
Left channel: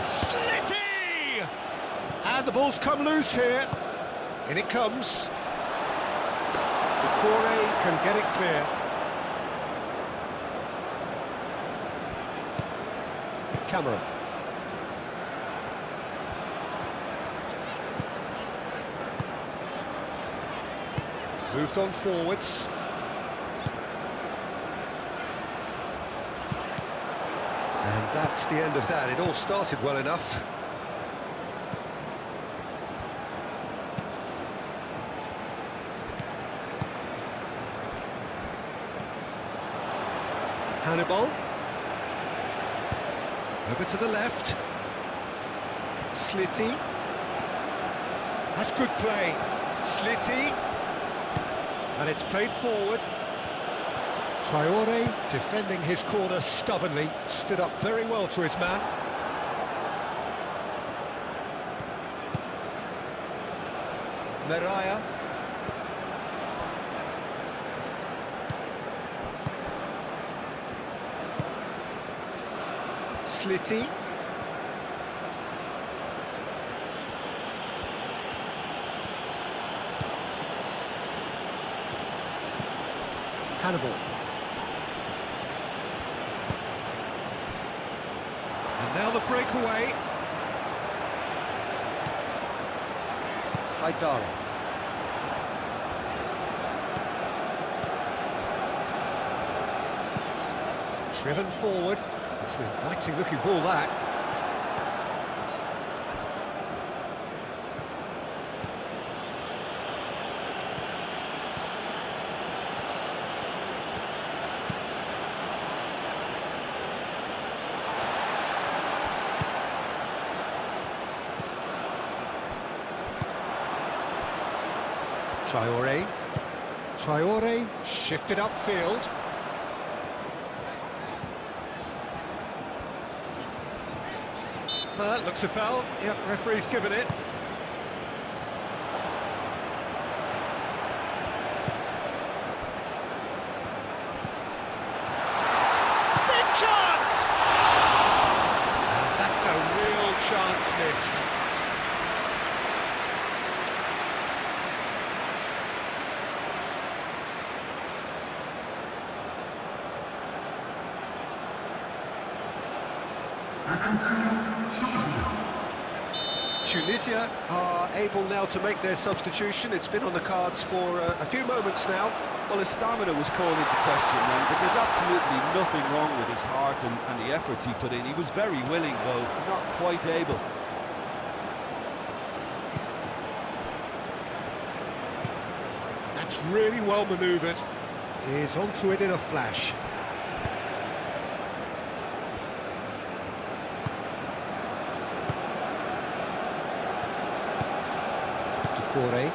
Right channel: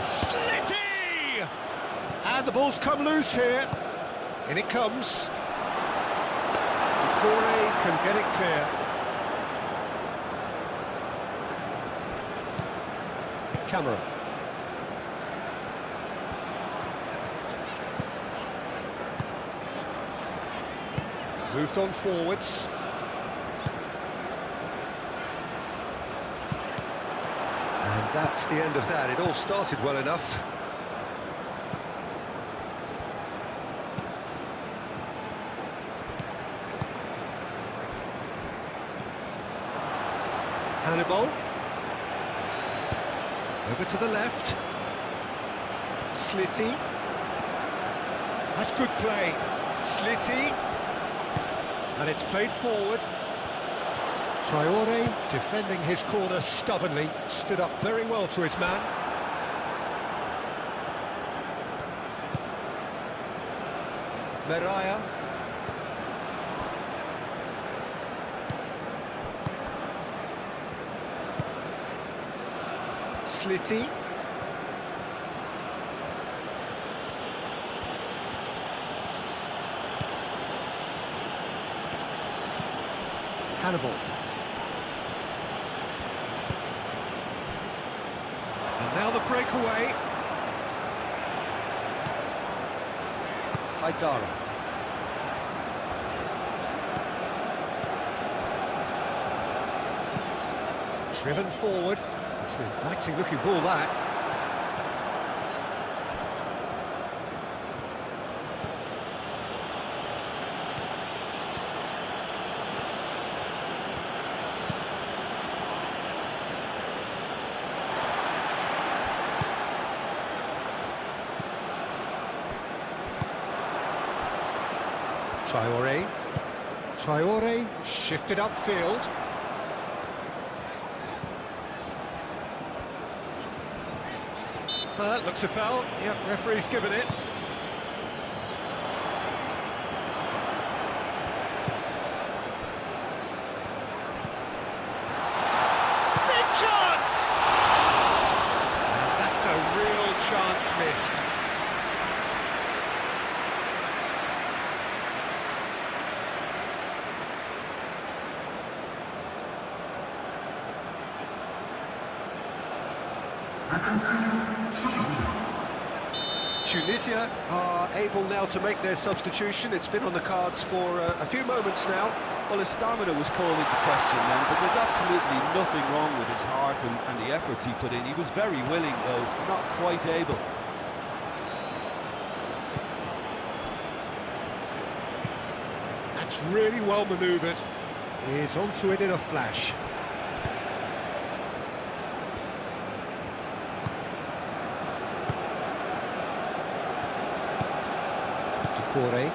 Slitty! And the ball's come loose here. In it comes. Decore can get it clear. Camera. Moved on forwards. And that's the end of that. It all started well enough. Hannibal. Over to the left. Slitty. That's good play. Slitty. And it's played forward. Traore, defending his corner stubbornly, stood up very well to his man. Meraya. Slitty. Hannibal. And now the breakaway. Haidara. Driven forward. It's an inviting looking ball, that. Traore. Traore shifted upfield. That looks a foul. Yep, referee's given it. Big chance! And that's a real chance missed. Tunisia are able now to make their substitution. It's been on the cards for a few moments now. Well, his stamina was called into question then, but there's absolutely nothing wrong with his heart and the efforts he put in. He was very willing, though, not quite able. That's really well manoeuvred. He's onto it in a flash. Traore.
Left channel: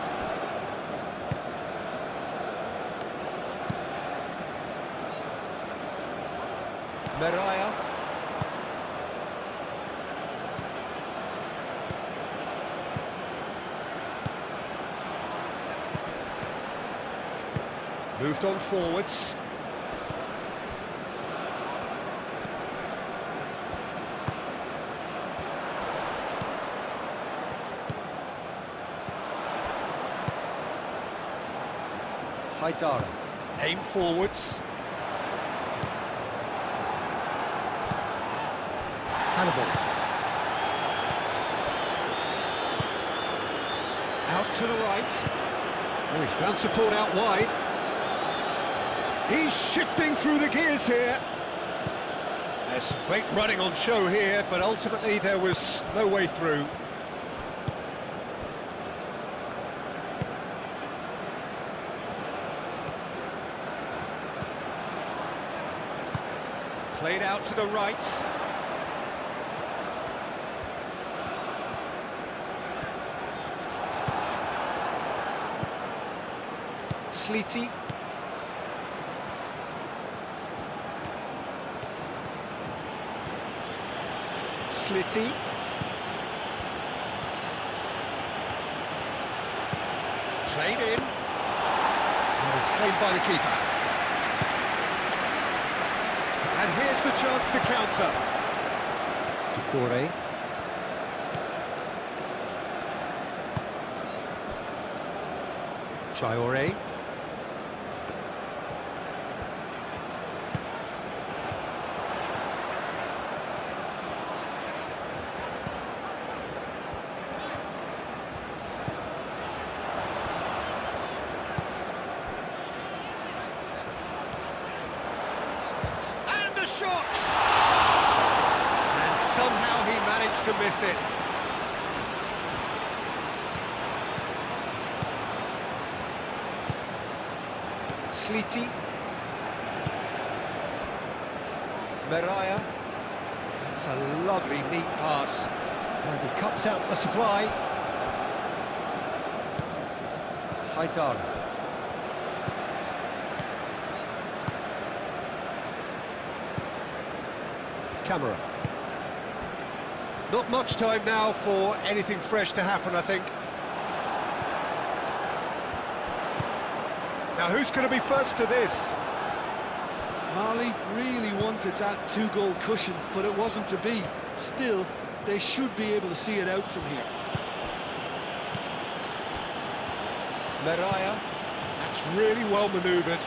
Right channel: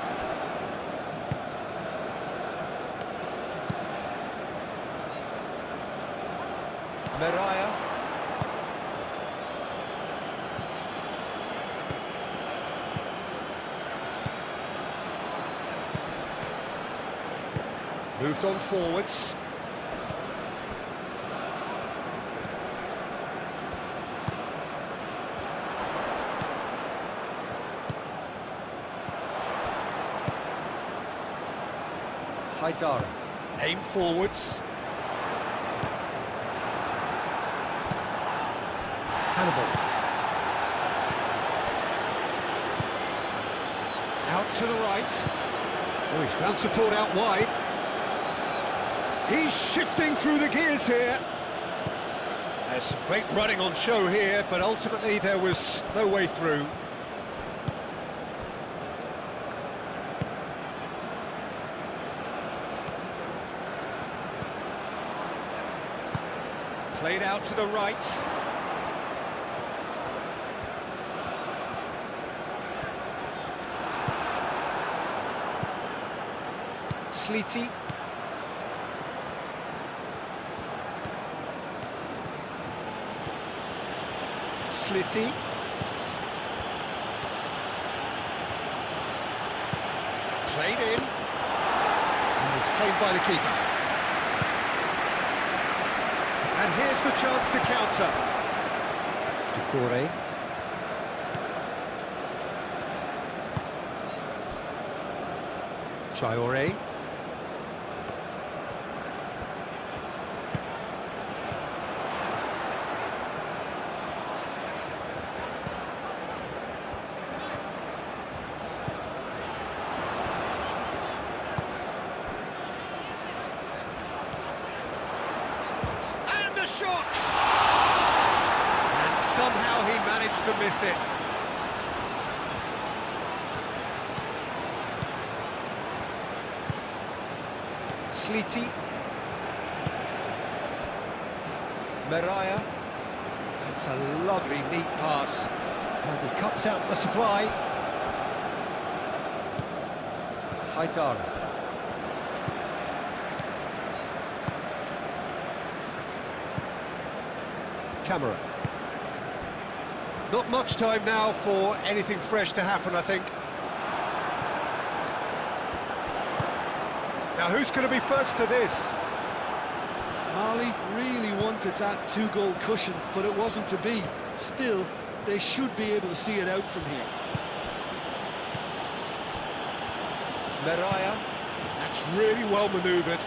Meraya. Moved on forwards. Haidara. Aim forwards. Hannibal. Out to the right. Oh, he's found support out wide. He's shifting through the gears here. There's some great running on show here, but ultimately there was no way through. Played out to the right. Slitty. Slitty. Played in. And it's claimed by the keeper. And here's the chance to counter. Traore. Traore. Shot! And somehow he managed to miss it. Slitty. Mariah. That's a lovely, neat pass. And he cuts out the supply. Haidara. Camera. Not much time now for anything fresh to happen, I think. Now, who's going to be first to this? Mali really wanted that two-goal cushion, but it wasn't to be. Still, they should be able to see it out from here. Mariah. That's really well manoeuvred.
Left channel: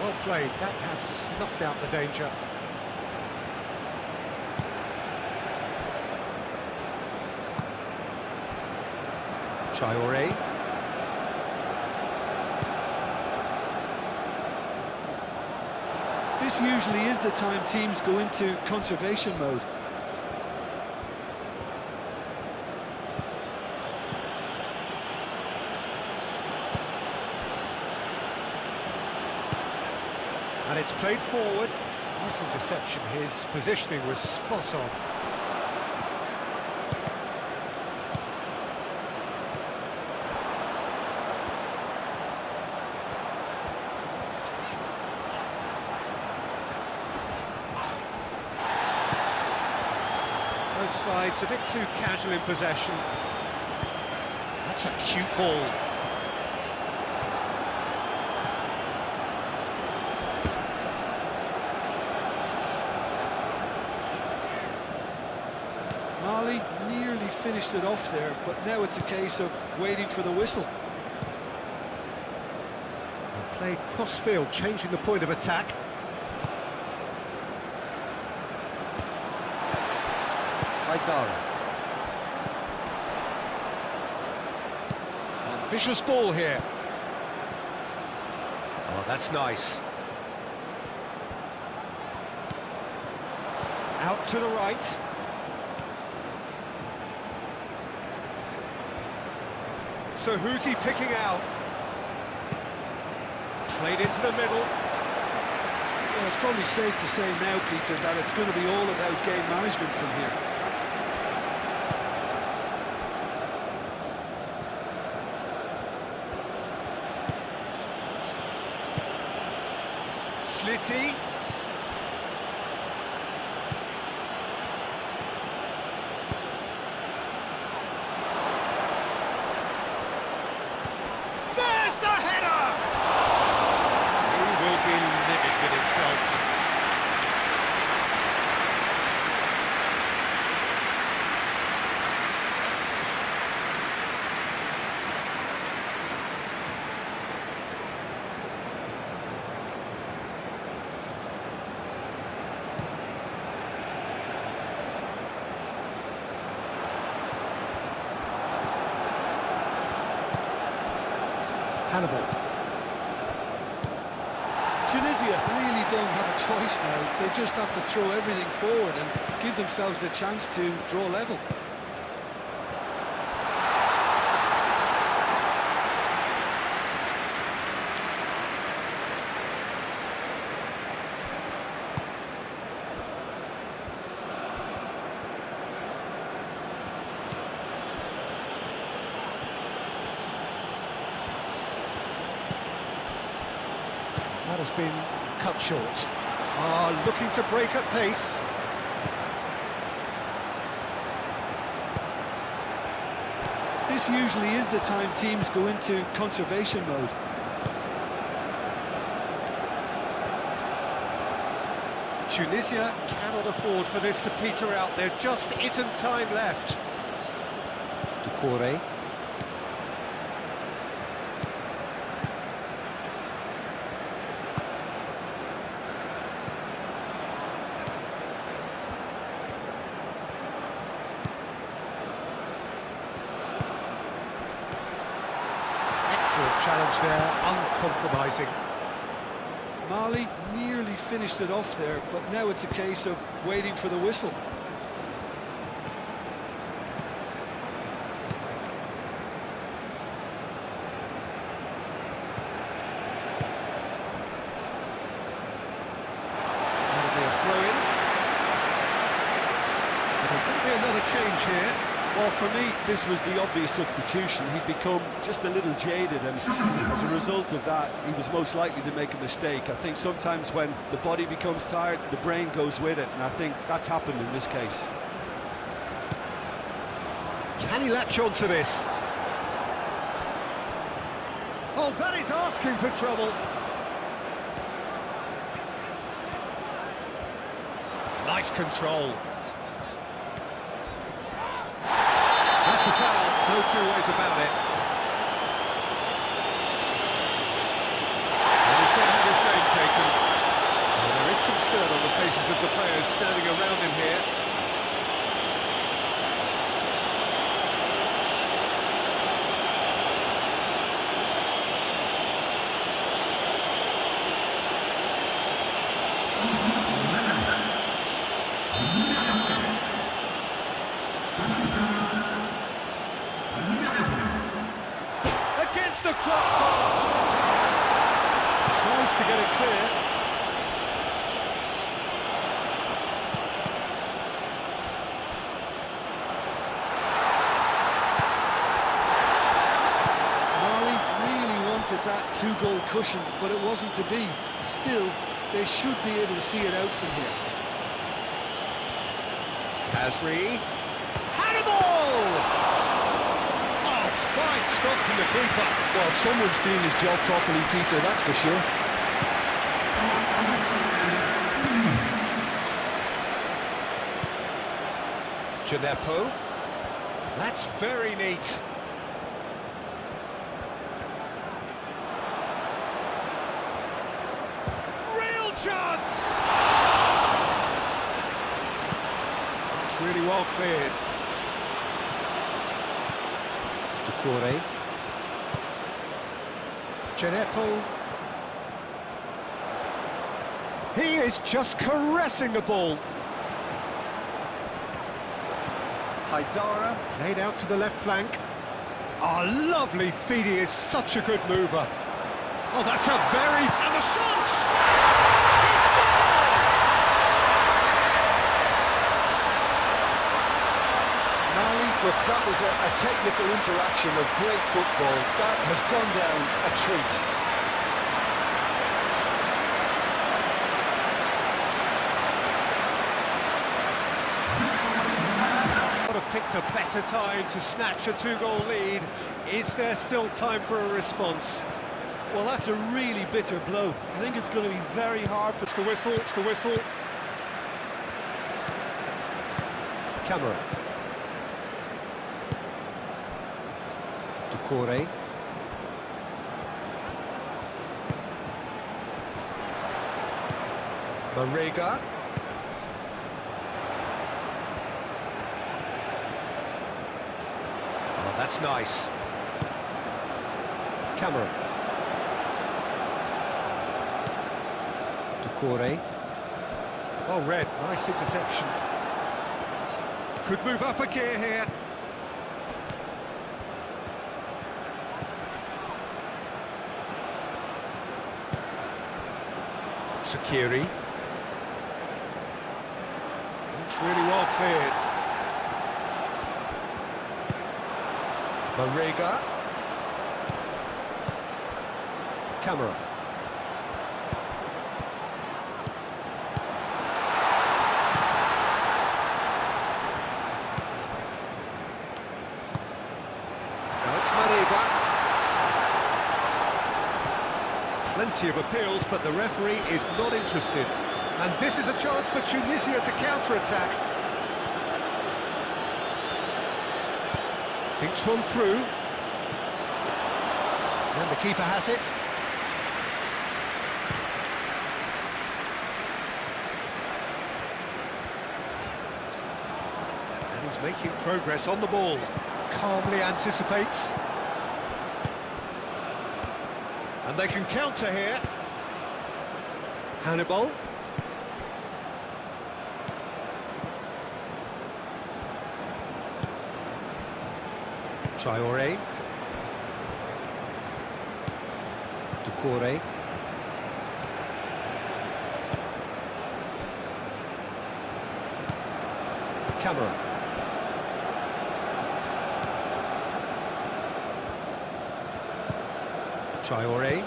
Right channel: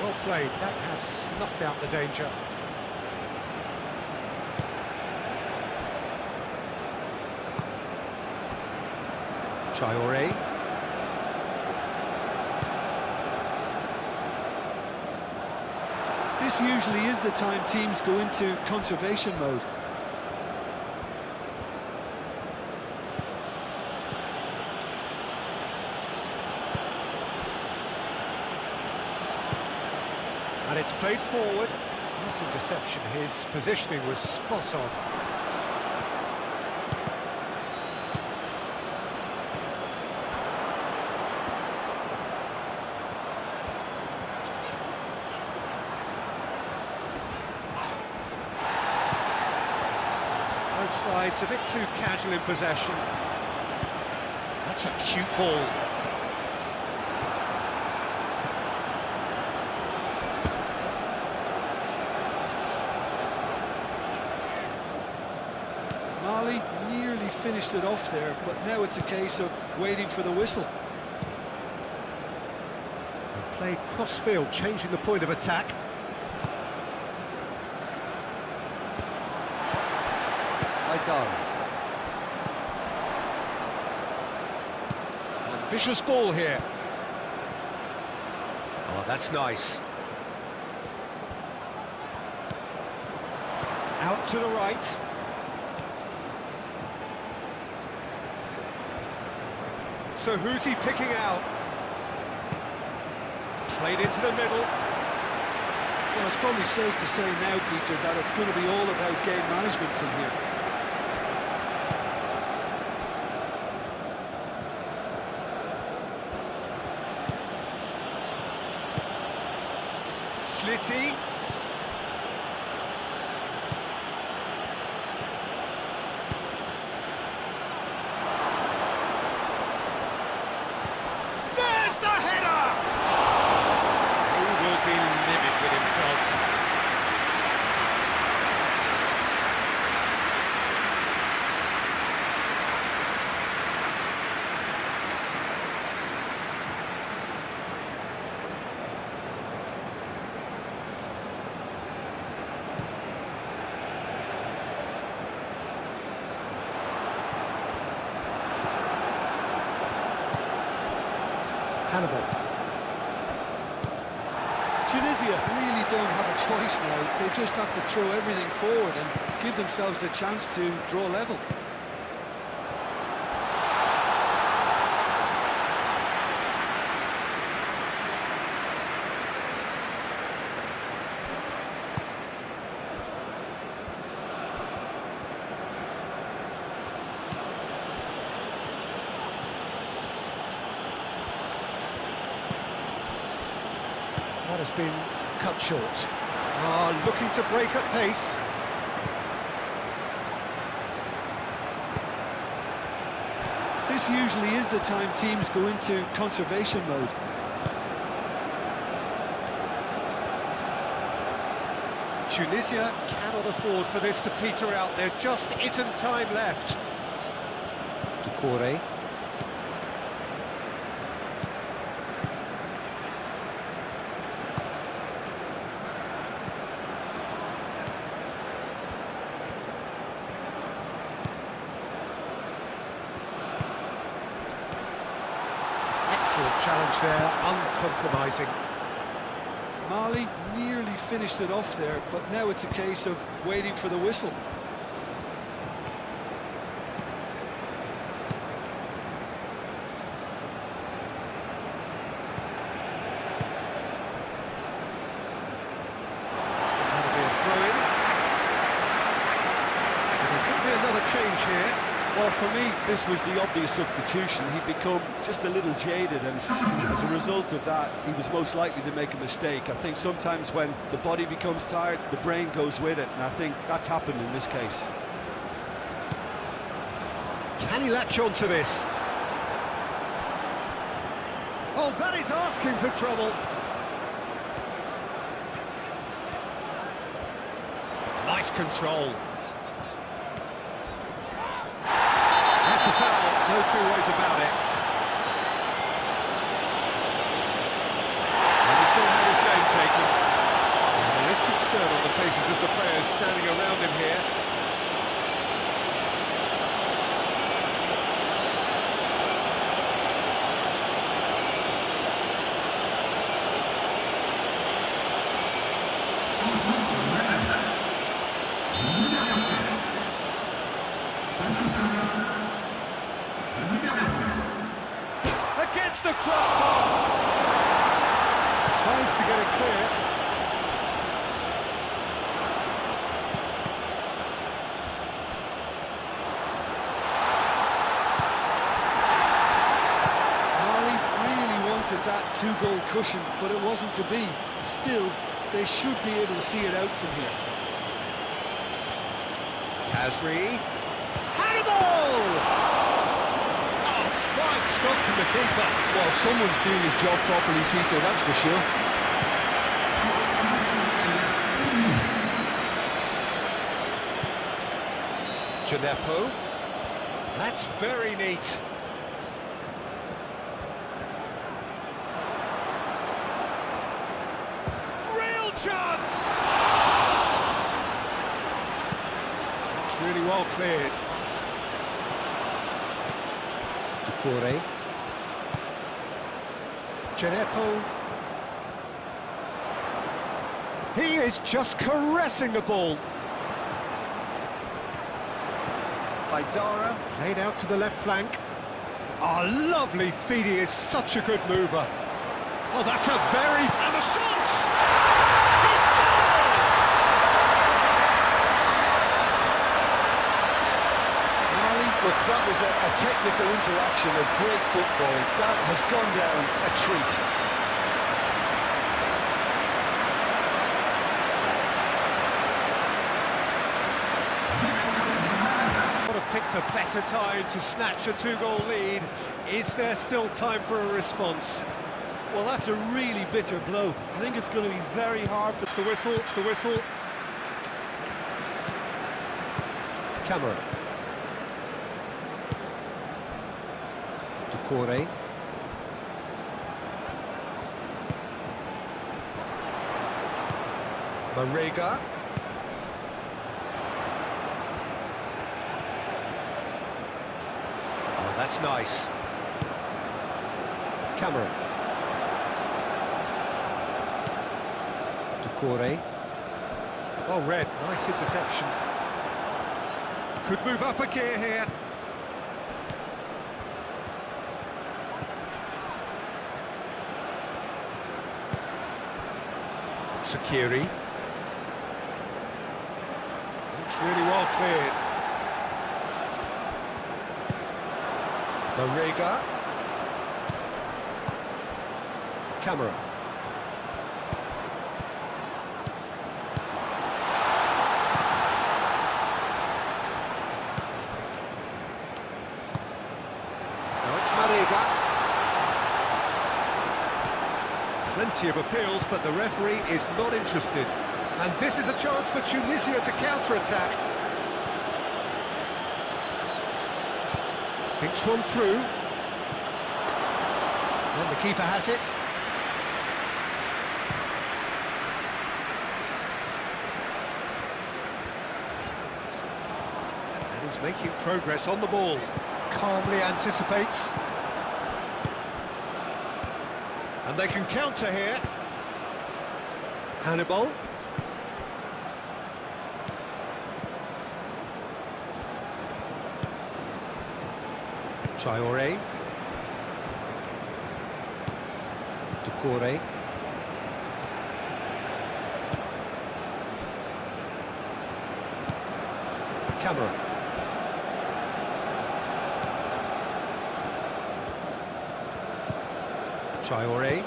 Well played. That has snuffed out the danger. Traoré. This usually is the time teams go into conservation mode. And it's played forward. Nice interception. His positioning was spot on. Both sides a bit too casual in possession. That's a cute ball. Mali nearly finished it off there, but now it's a case of waiting for the whistle. And played cross-field, changing the point of attack. Haidara. Ambitious ball here. Oh, that's nice. Out to the right. So who's he picking out? Played into the middle. Well, it's probably safe to say now, Peter, that it's going to be all about game management from here. Slitty. There's the header! He will be livid with himself. Hannibal. Tunisia really don't have a choice now. They just have to throw everything forward and give themselves a chance to draw level. That has been cut short. Looking to break at pace. This usually is the time teams go into conservation mode. Tunisia cannot afford for this to peter out. There just isn't time left. Decore. Excellent challenge there, uncompromising. Mali nearly finished it off there, but now it's a case of waiting for the whistle. That'll be a throw-in. be another change here. Well, for me, this was the obvious substitution. He'd become just a little jaded, and as a result of that, he was most likely to make a mistake. I think sometimes when the body becomes tired, the brain goes with it, and I think that's happened in this case. Can he latch on to this? Oh, that is asking for trouble. Nice control. That's a foul, no two ways about it. And he's going to have his name taken. Well, there is concern on the faces of the players standing around him here. Against the crossbar. Tries to get it clear. Mali really wanted that two-goal cushion, but it wasn't to be. Still, they should be able to see it out from here. Kazri. Hannibal! Fine stop from the keeper. Well, someone's doing his job properly, Peter, that's for sure. Gineppo. That's very neat. Real chance! That's really well cleared. Decore. Gineppo. He is just caressing the ball. Haidara played out to the left flank. Oh, lovely feed, he is such a good mover. Oh, that's a very... and the shot! He scores! Mali, look, that was a technical interaction of great football. That has gone down a treat. Would have picked a better time to snatch a two-goal lead. Is there still time for a response? Well, that's a really bitter blow. I think it's going to be very hard for... It's the whistle, it's the whistle. Camera. Decore. Marega. Oh, that's nice. Camera. Decore. Oh, red, nice interception. Could move up a gear here. Sakiri. It's really well cleared. Marega. Camera. Now it's Marega. Plenty of appeals, but the referee is not interested. And this is a chance for Tunisia to counter-attack. Thinks one through. And the keeper has it. And he's making progress on the ball. Calmly anticipates. And they can counter here. Hannibal. Traoré. Decore. Camera. Traoré.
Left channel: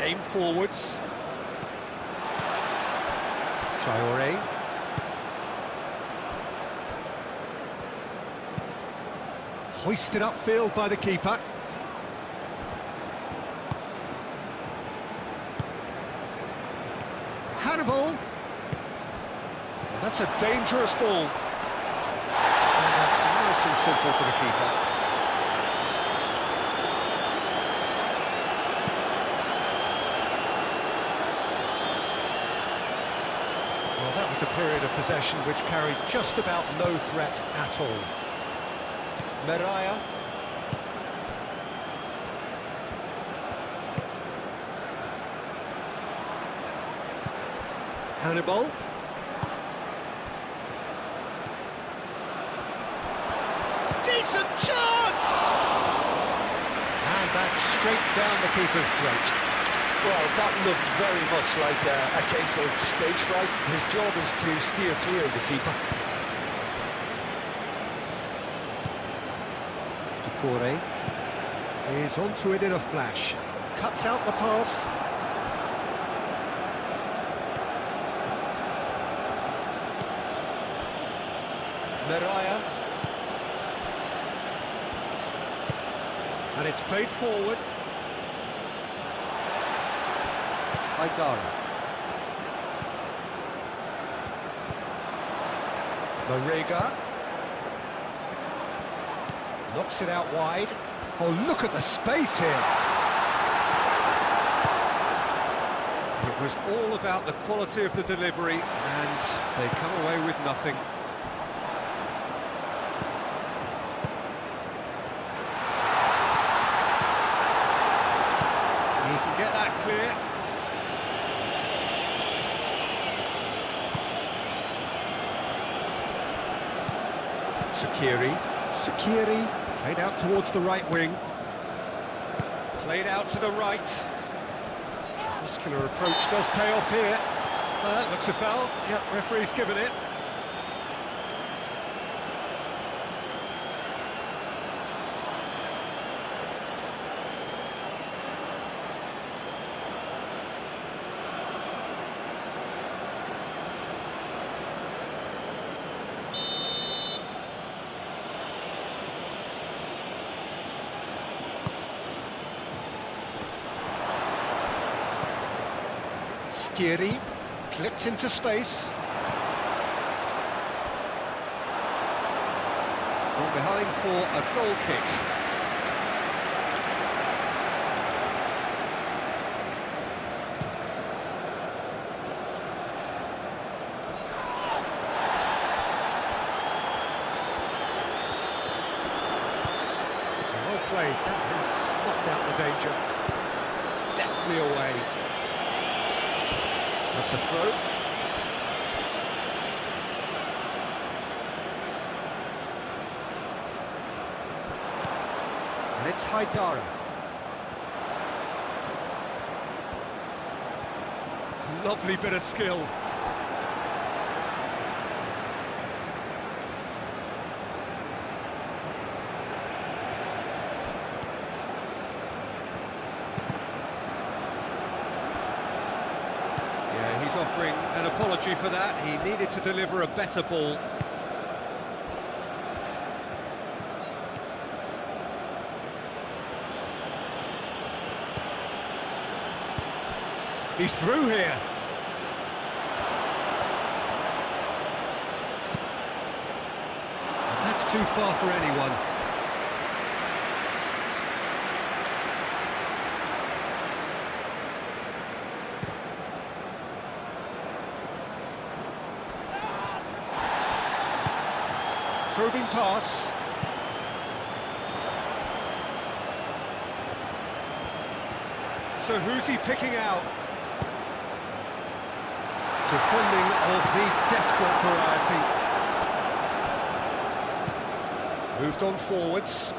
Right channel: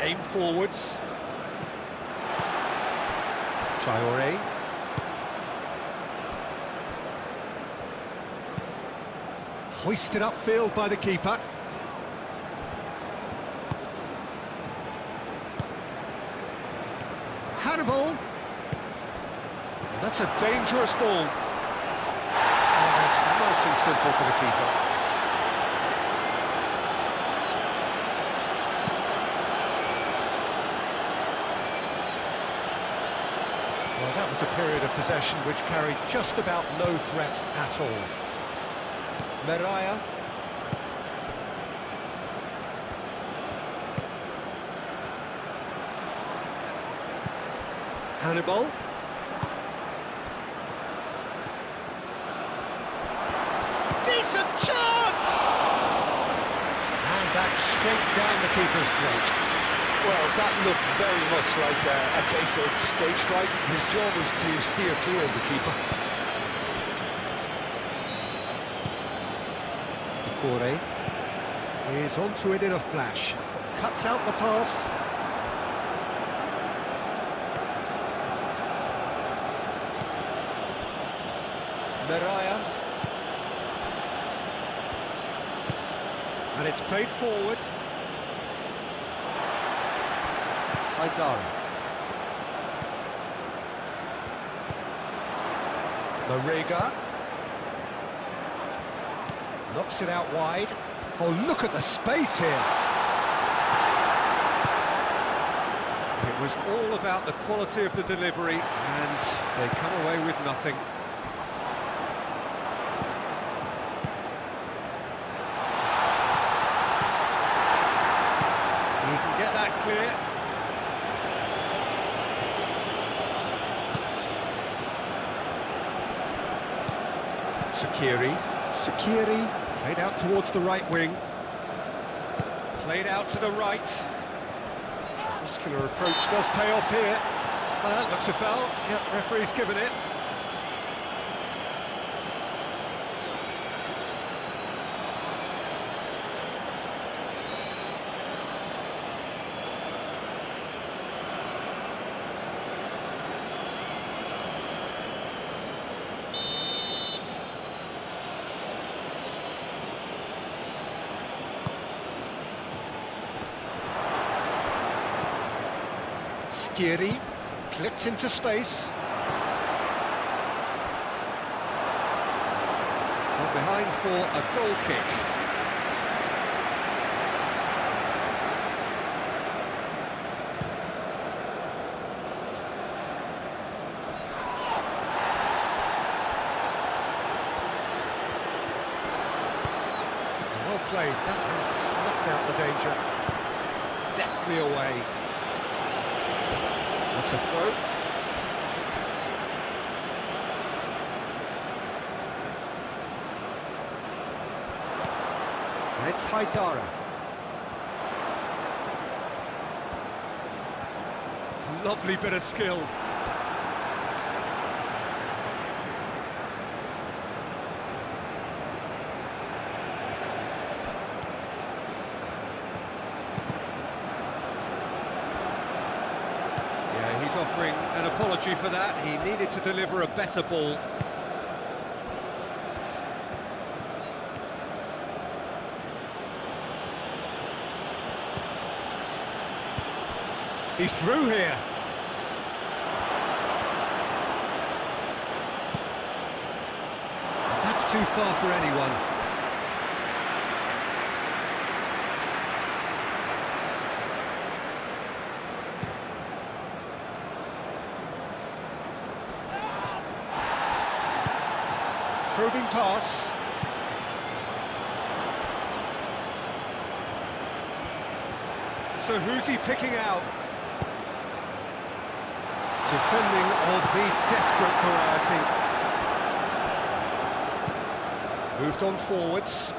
Aim forwards. Traoré. Hoisted upfield by the keeper. Hannibal. And that's a dangerous ball. And that's nice and simple for the keeper. Well, that was a period of possession which carried just about no threat at all. Meraya. Hannibal. Decent chance! And that's straight down the keeper's throat. Well, that looked very much like a case of stage fright. His job is to steer clear of the keeper. Corey is onto it in a flash. Cuts out the pass. Meraya. And it's played forward. Haidara. Marega. Knocks it out wide. Oh, look at the space here. It was all about the quality of the delivery, and they come away with nothing. He can get that clear. Sakiri played out towards the right wing. Played out to the right. Muscular approach does pay off here. That looks a foul. Yep, referee's given it. Skiri clipped into space. Got behind for a goal kick. Well played. That has snuffed out the danger. Deftly away. That's a throw. And it's Haidara. Lovely bit of skill. He's offering an apology for that. He needed to deliver a better ball. He's through here. And that's too far for anyone. Probing pass. So who's he picking out? Defending of the desperate variety. Moved on forwards.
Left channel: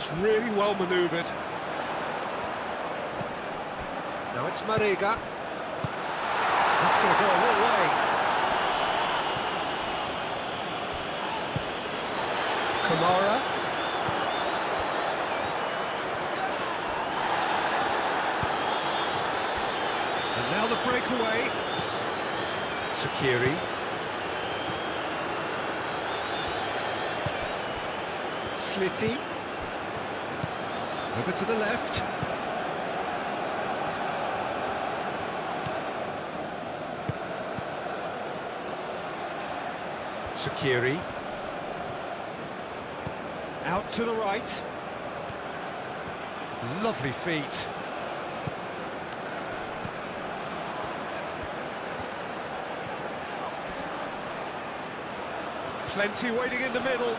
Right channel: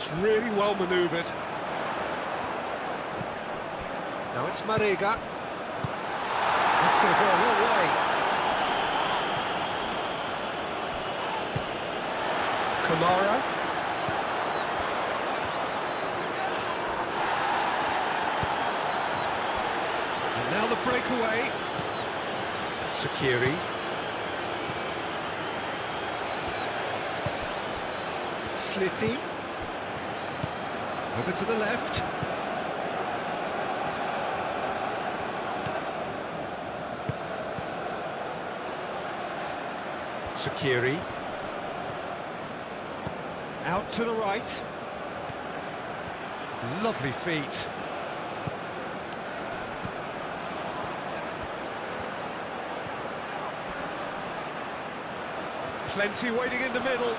That's really well manoeuvred. Now it's Mariga. That's going to go a long way. Kamara. And now the breakaway. Shaqiri. Slitty. Over to the left. Shaqiri. Out to the right. Lovely feet. Plenty waiting in the middle.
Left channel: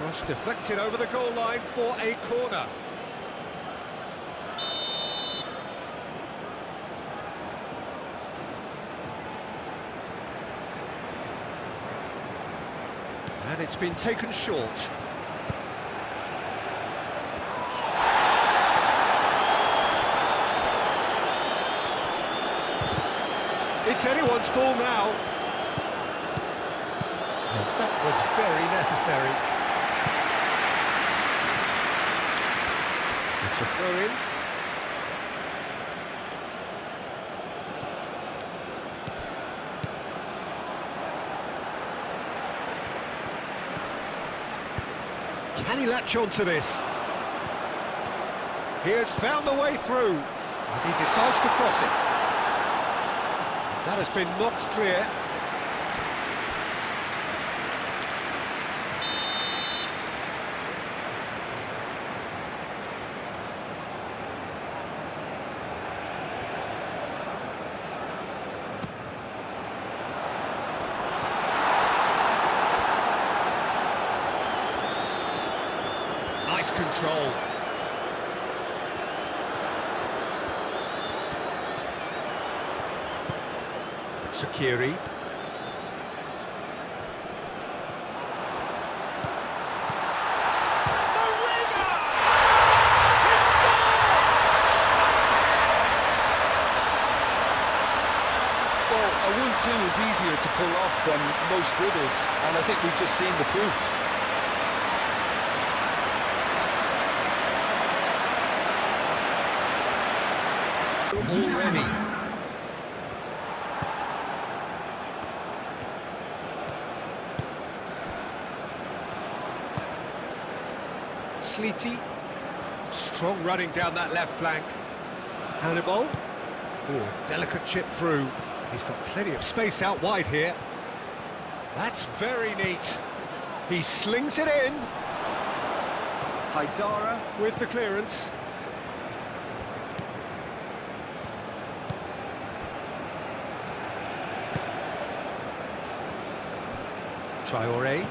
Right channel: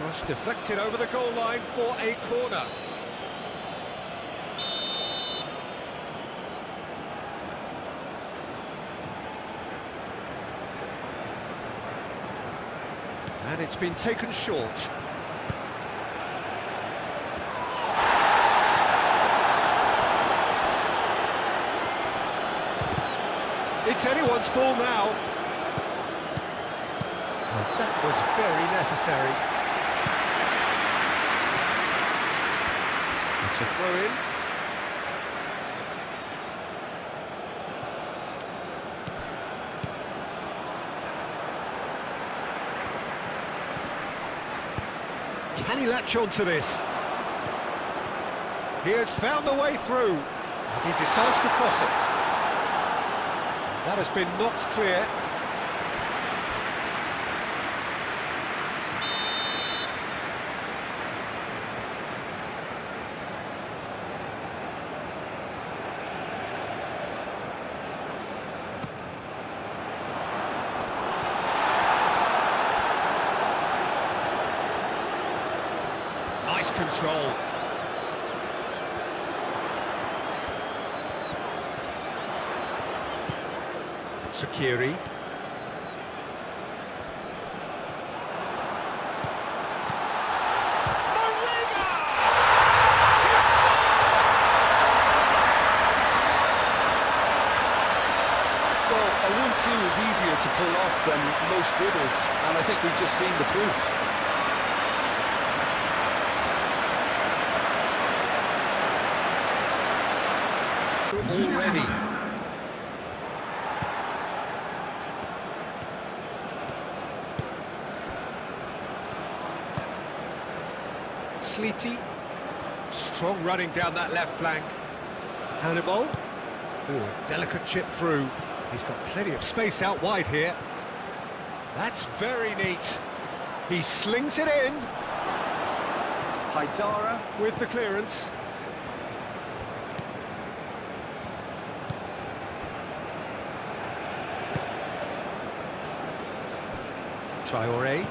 Cross deflected over the goal line for a corner. And it's been taken short. It's anyone's ball now. Well, that was very necessary. It's a throw-in. Can he latch on to this? He has found the way through, and he decides to cross it. That has been knocked clear. Nice control. Shaqiri. Mariga! He scored! Well, a 1-2 is easier to pull off than most dribbles, and I think we've just seen the proof. Already. Slitty. Strong running down that left flank. Hannibal. Oh, delicate chip through. He's got plenty of space out wide here. That's very neat. He slings it in. Haidara with the clearance. Traoré.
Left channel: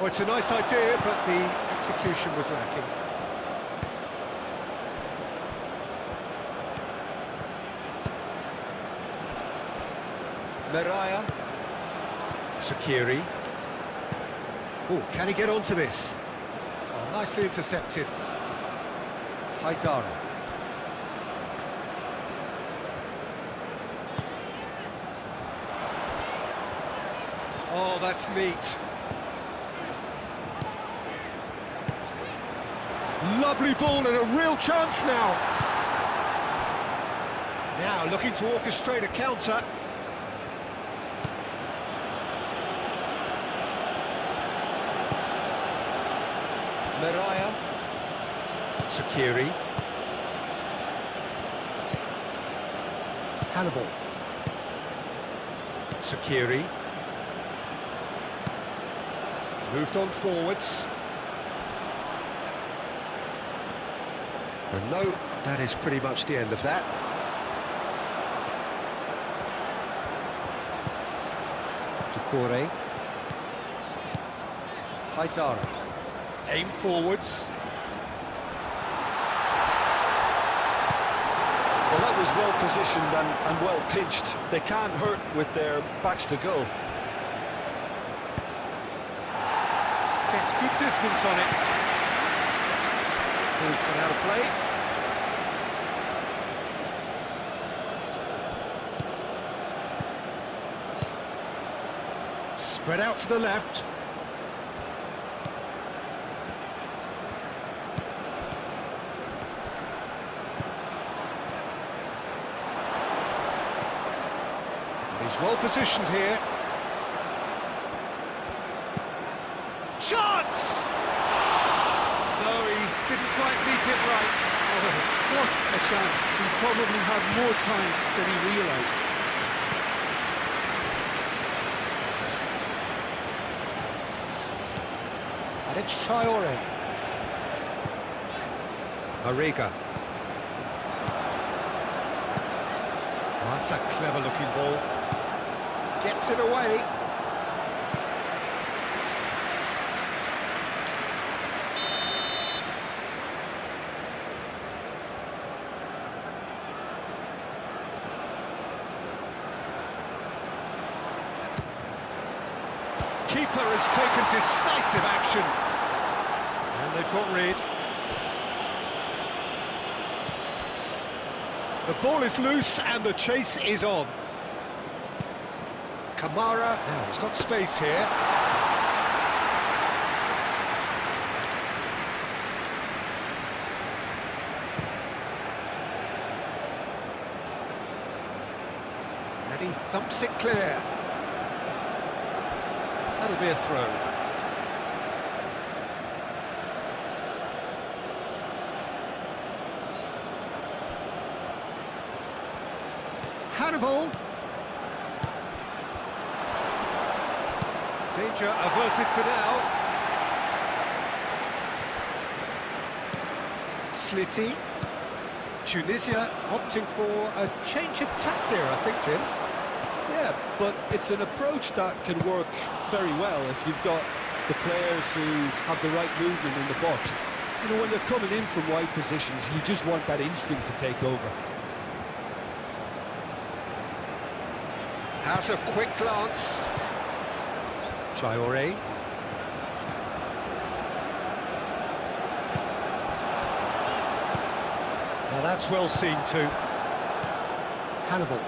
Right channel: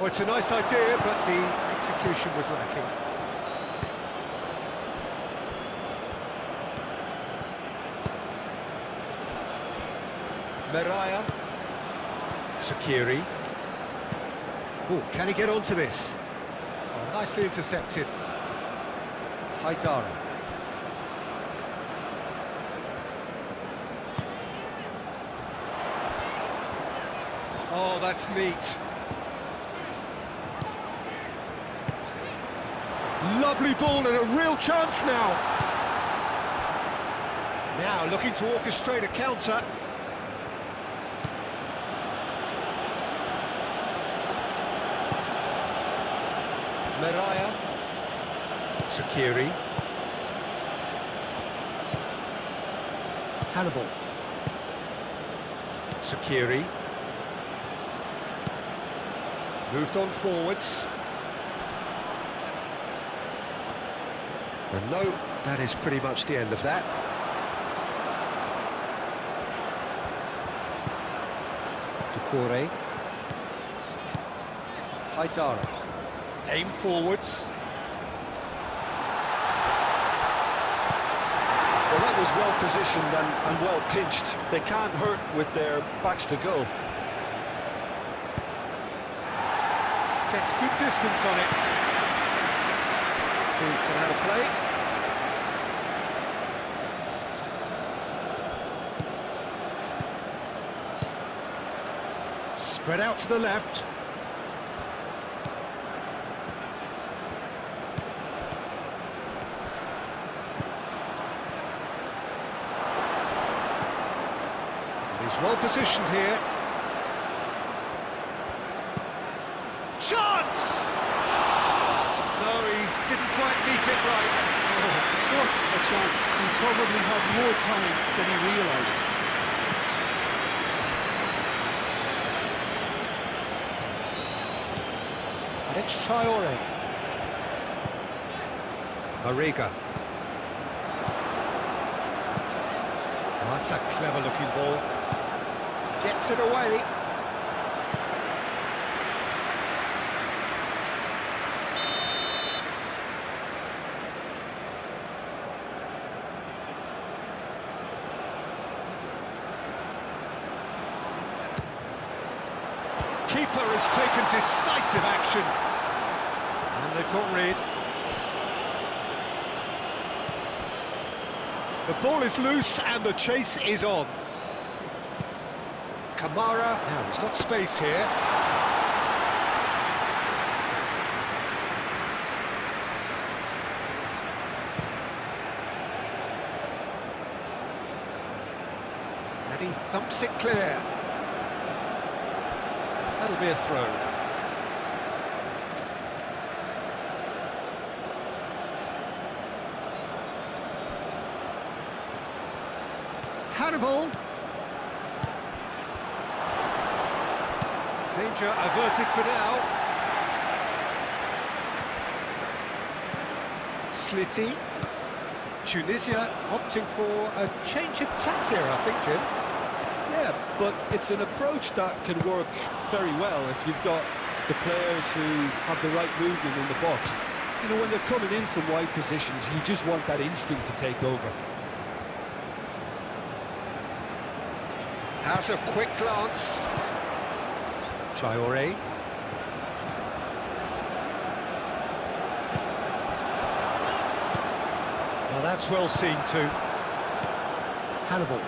Oh, it's a nice idea, but the execution was lacking. Meraya. Shaqiri. Oh, can he get onto this? Oh, nicely intercepted. Haidara. Oh, that's neat. Lovely ball and a real chance now. Now looking to orchestrate a counter. Meraya. Shaqiri. Hannibal. Shaqiri. Moved on forwards. And no, that is pretty much the end of that. Doucouré. Haidara. Aim forwards. Well, that was well positioned and well pinched. They can't hurt with their backs to goal. Gets good distance on it. Ball's gone out of play. Spread out to the left. He's well positioned here. Chance! No, he didn't quite meet it right. Oh, what a chance. He probably had more time than he realised. And it's Traore. Mariga. Oh, that's a clever-looking ball. Gets it away. Keeper has taken decisive action. And they've got rid. The ball is loose and the chase is on. Kamara, now he's got space here. And he thumps it clear. That'll be a throw. Hannibal. Danger averted for now. Slitty. Tunisia opting for a change of tack here, I think, Jim. Yeah, but it's an approach that can work very well if you've got the players who have the right movement in the box. You know, when they're coming in from wide positions, you just want that instinct to take over. Has a quick glance. Traore. Now that's well seen too. Hannibal.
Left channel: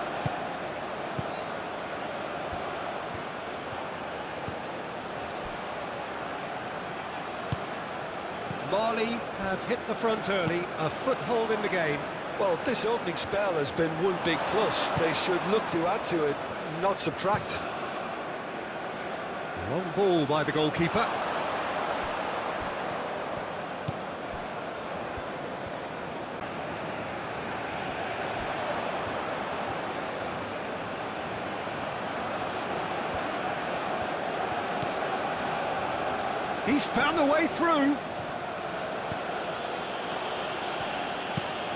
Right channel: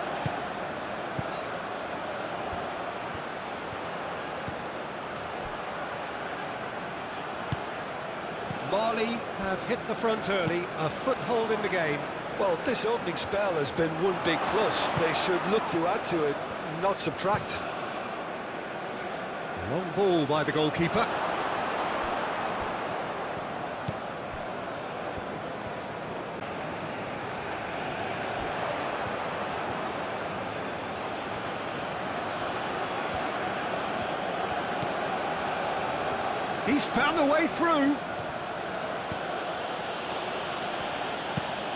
Mali have hit the front early, a foothold in the game. Well, this opening spell has been one big plus. They should look to add to it, not subtract. Long ball by the goalkeeper. He's found the way through.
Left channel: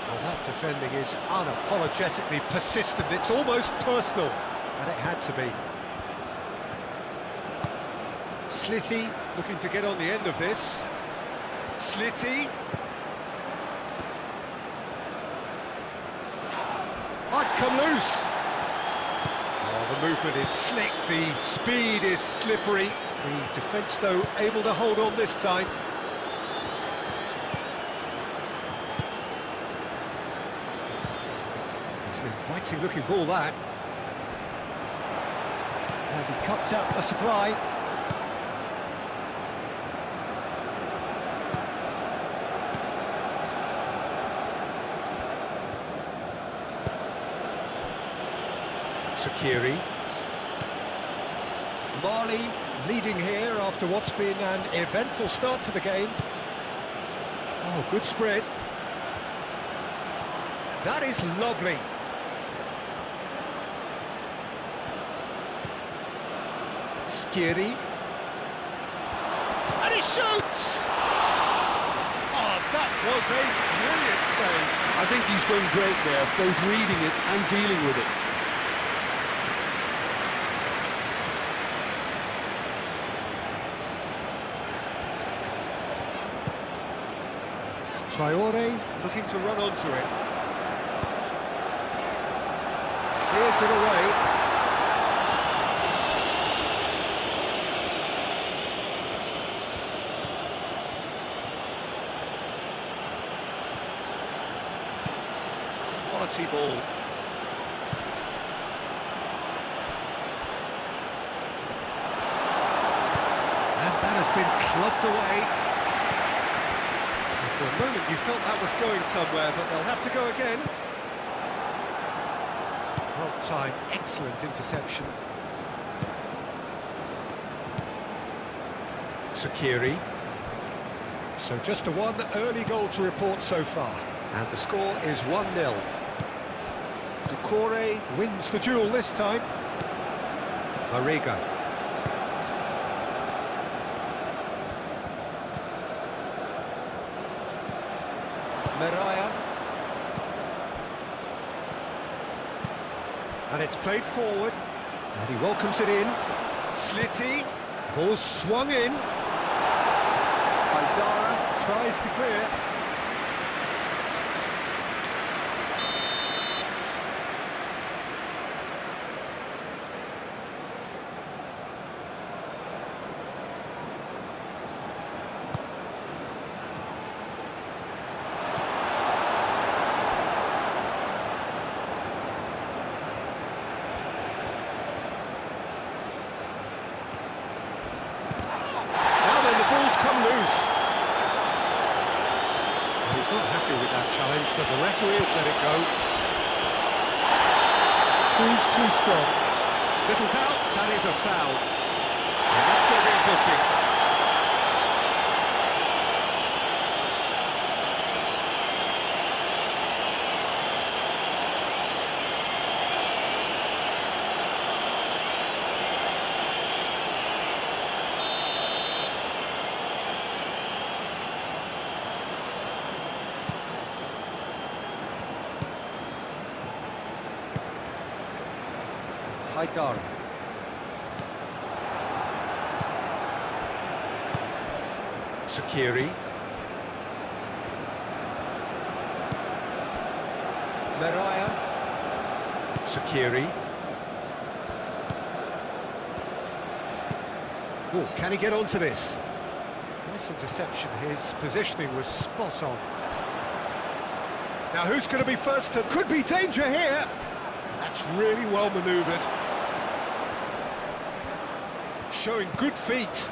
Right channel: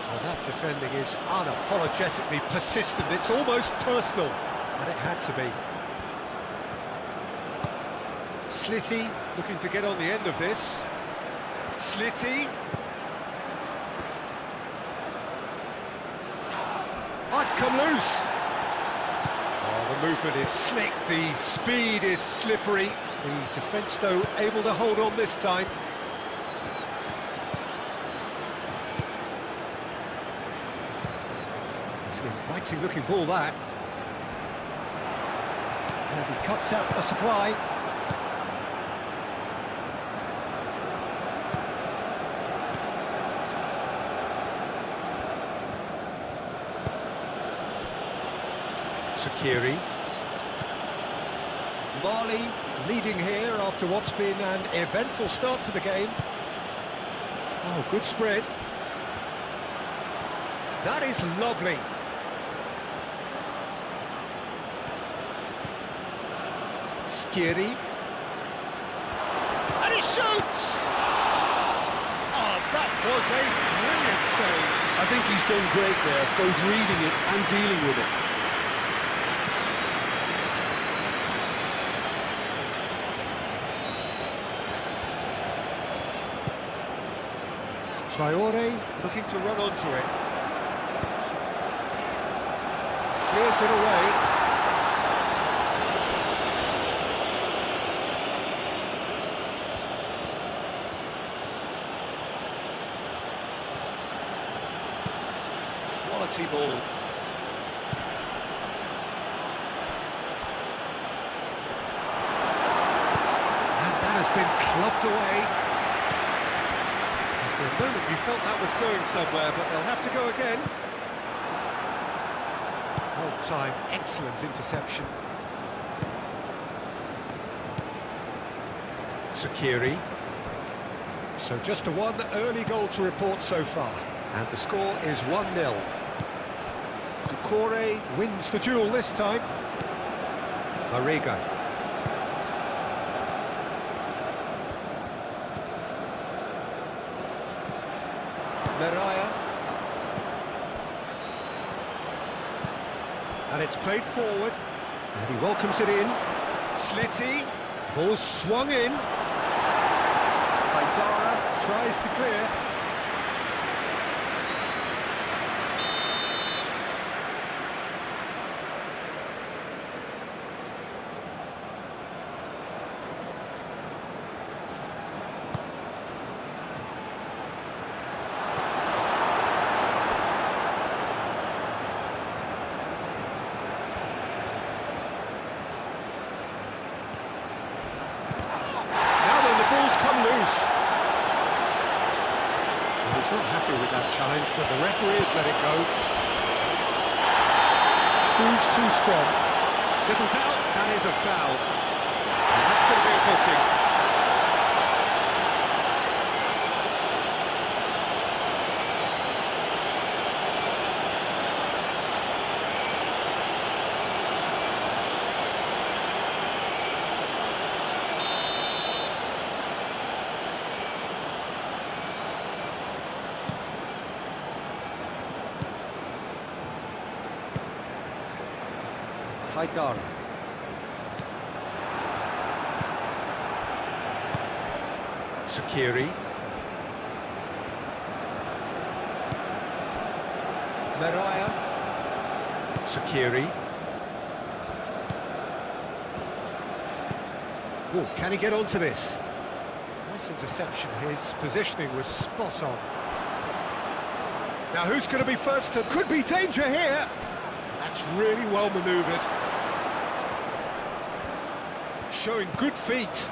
Well, that defending is unapologetically persistent. It's almost personal, and it had to be. Slitty looking to get on the end of this. Slitty. Oh, it's come loose. Oh, the movement is slick, the speed is slippery. The defence, though, able to hold on this time. It's an inviting looking ball, that. And he cuts out the supply. Sakiri. Mali leading here after what's been an eventful start to the game. Oh, good spread. That is lovely. Skiri. And he shoots! Oh, that was a brilliant save. I think he's done great there, both reading it and dealing with it. Traore Looking to run onto it. clears it away. Quality ball. And that has been clubbed away. For a moment you felt that was going somewhere, but they'll have to go again. Well timed, excellent interception. Sakiri. So just a one early goal to report so far. And the score is 1-0. Doucouré wins the duel this time. Mariga. Meraya. And it's played forward. And he welcomes it in. Slitty. Ball swung in. Haidara tries to clear. Ball's come loose. Well, he's not happy with that challenge, but the referee has let it go. Proves too strong. Little doubt, that is a foul. And that's going to be a booking. Haidara. Sakiri. Meraya. Sakiri. Oh, can he get onto this? Nice interception. His positioning was spot on. Now who's going to be first? Could be danger here. That's really well manoeuvred. Showing good feet.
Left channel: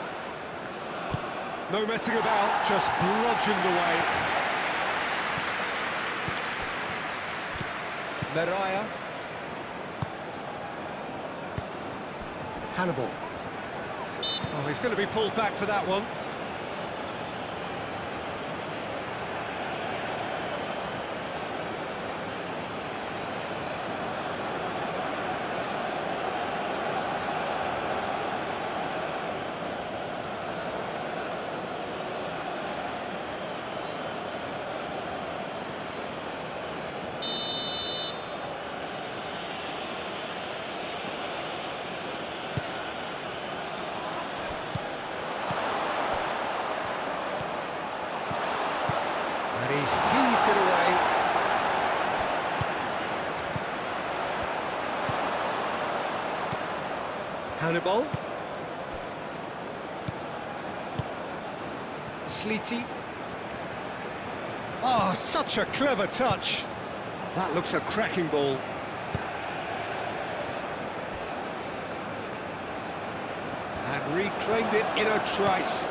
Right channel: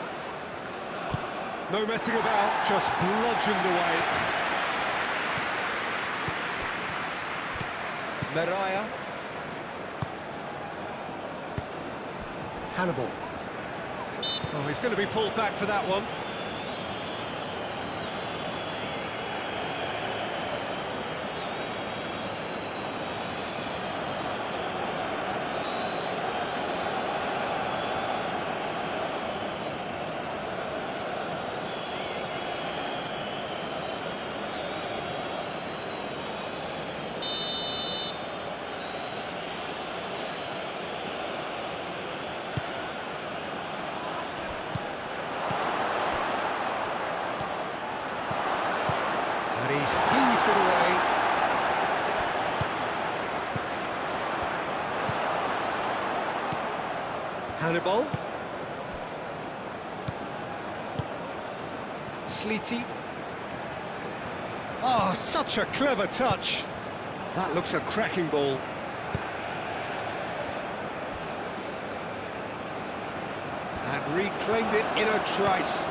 No messing about, just bludgeoned away. Meraya. Hannibal. Oh, he's going to be pulled back for that one. And he's heaved it away. Hannibal. Sliti. Oh, such a clever touch. That looks a cracking ball. And reclaimed it in a trice.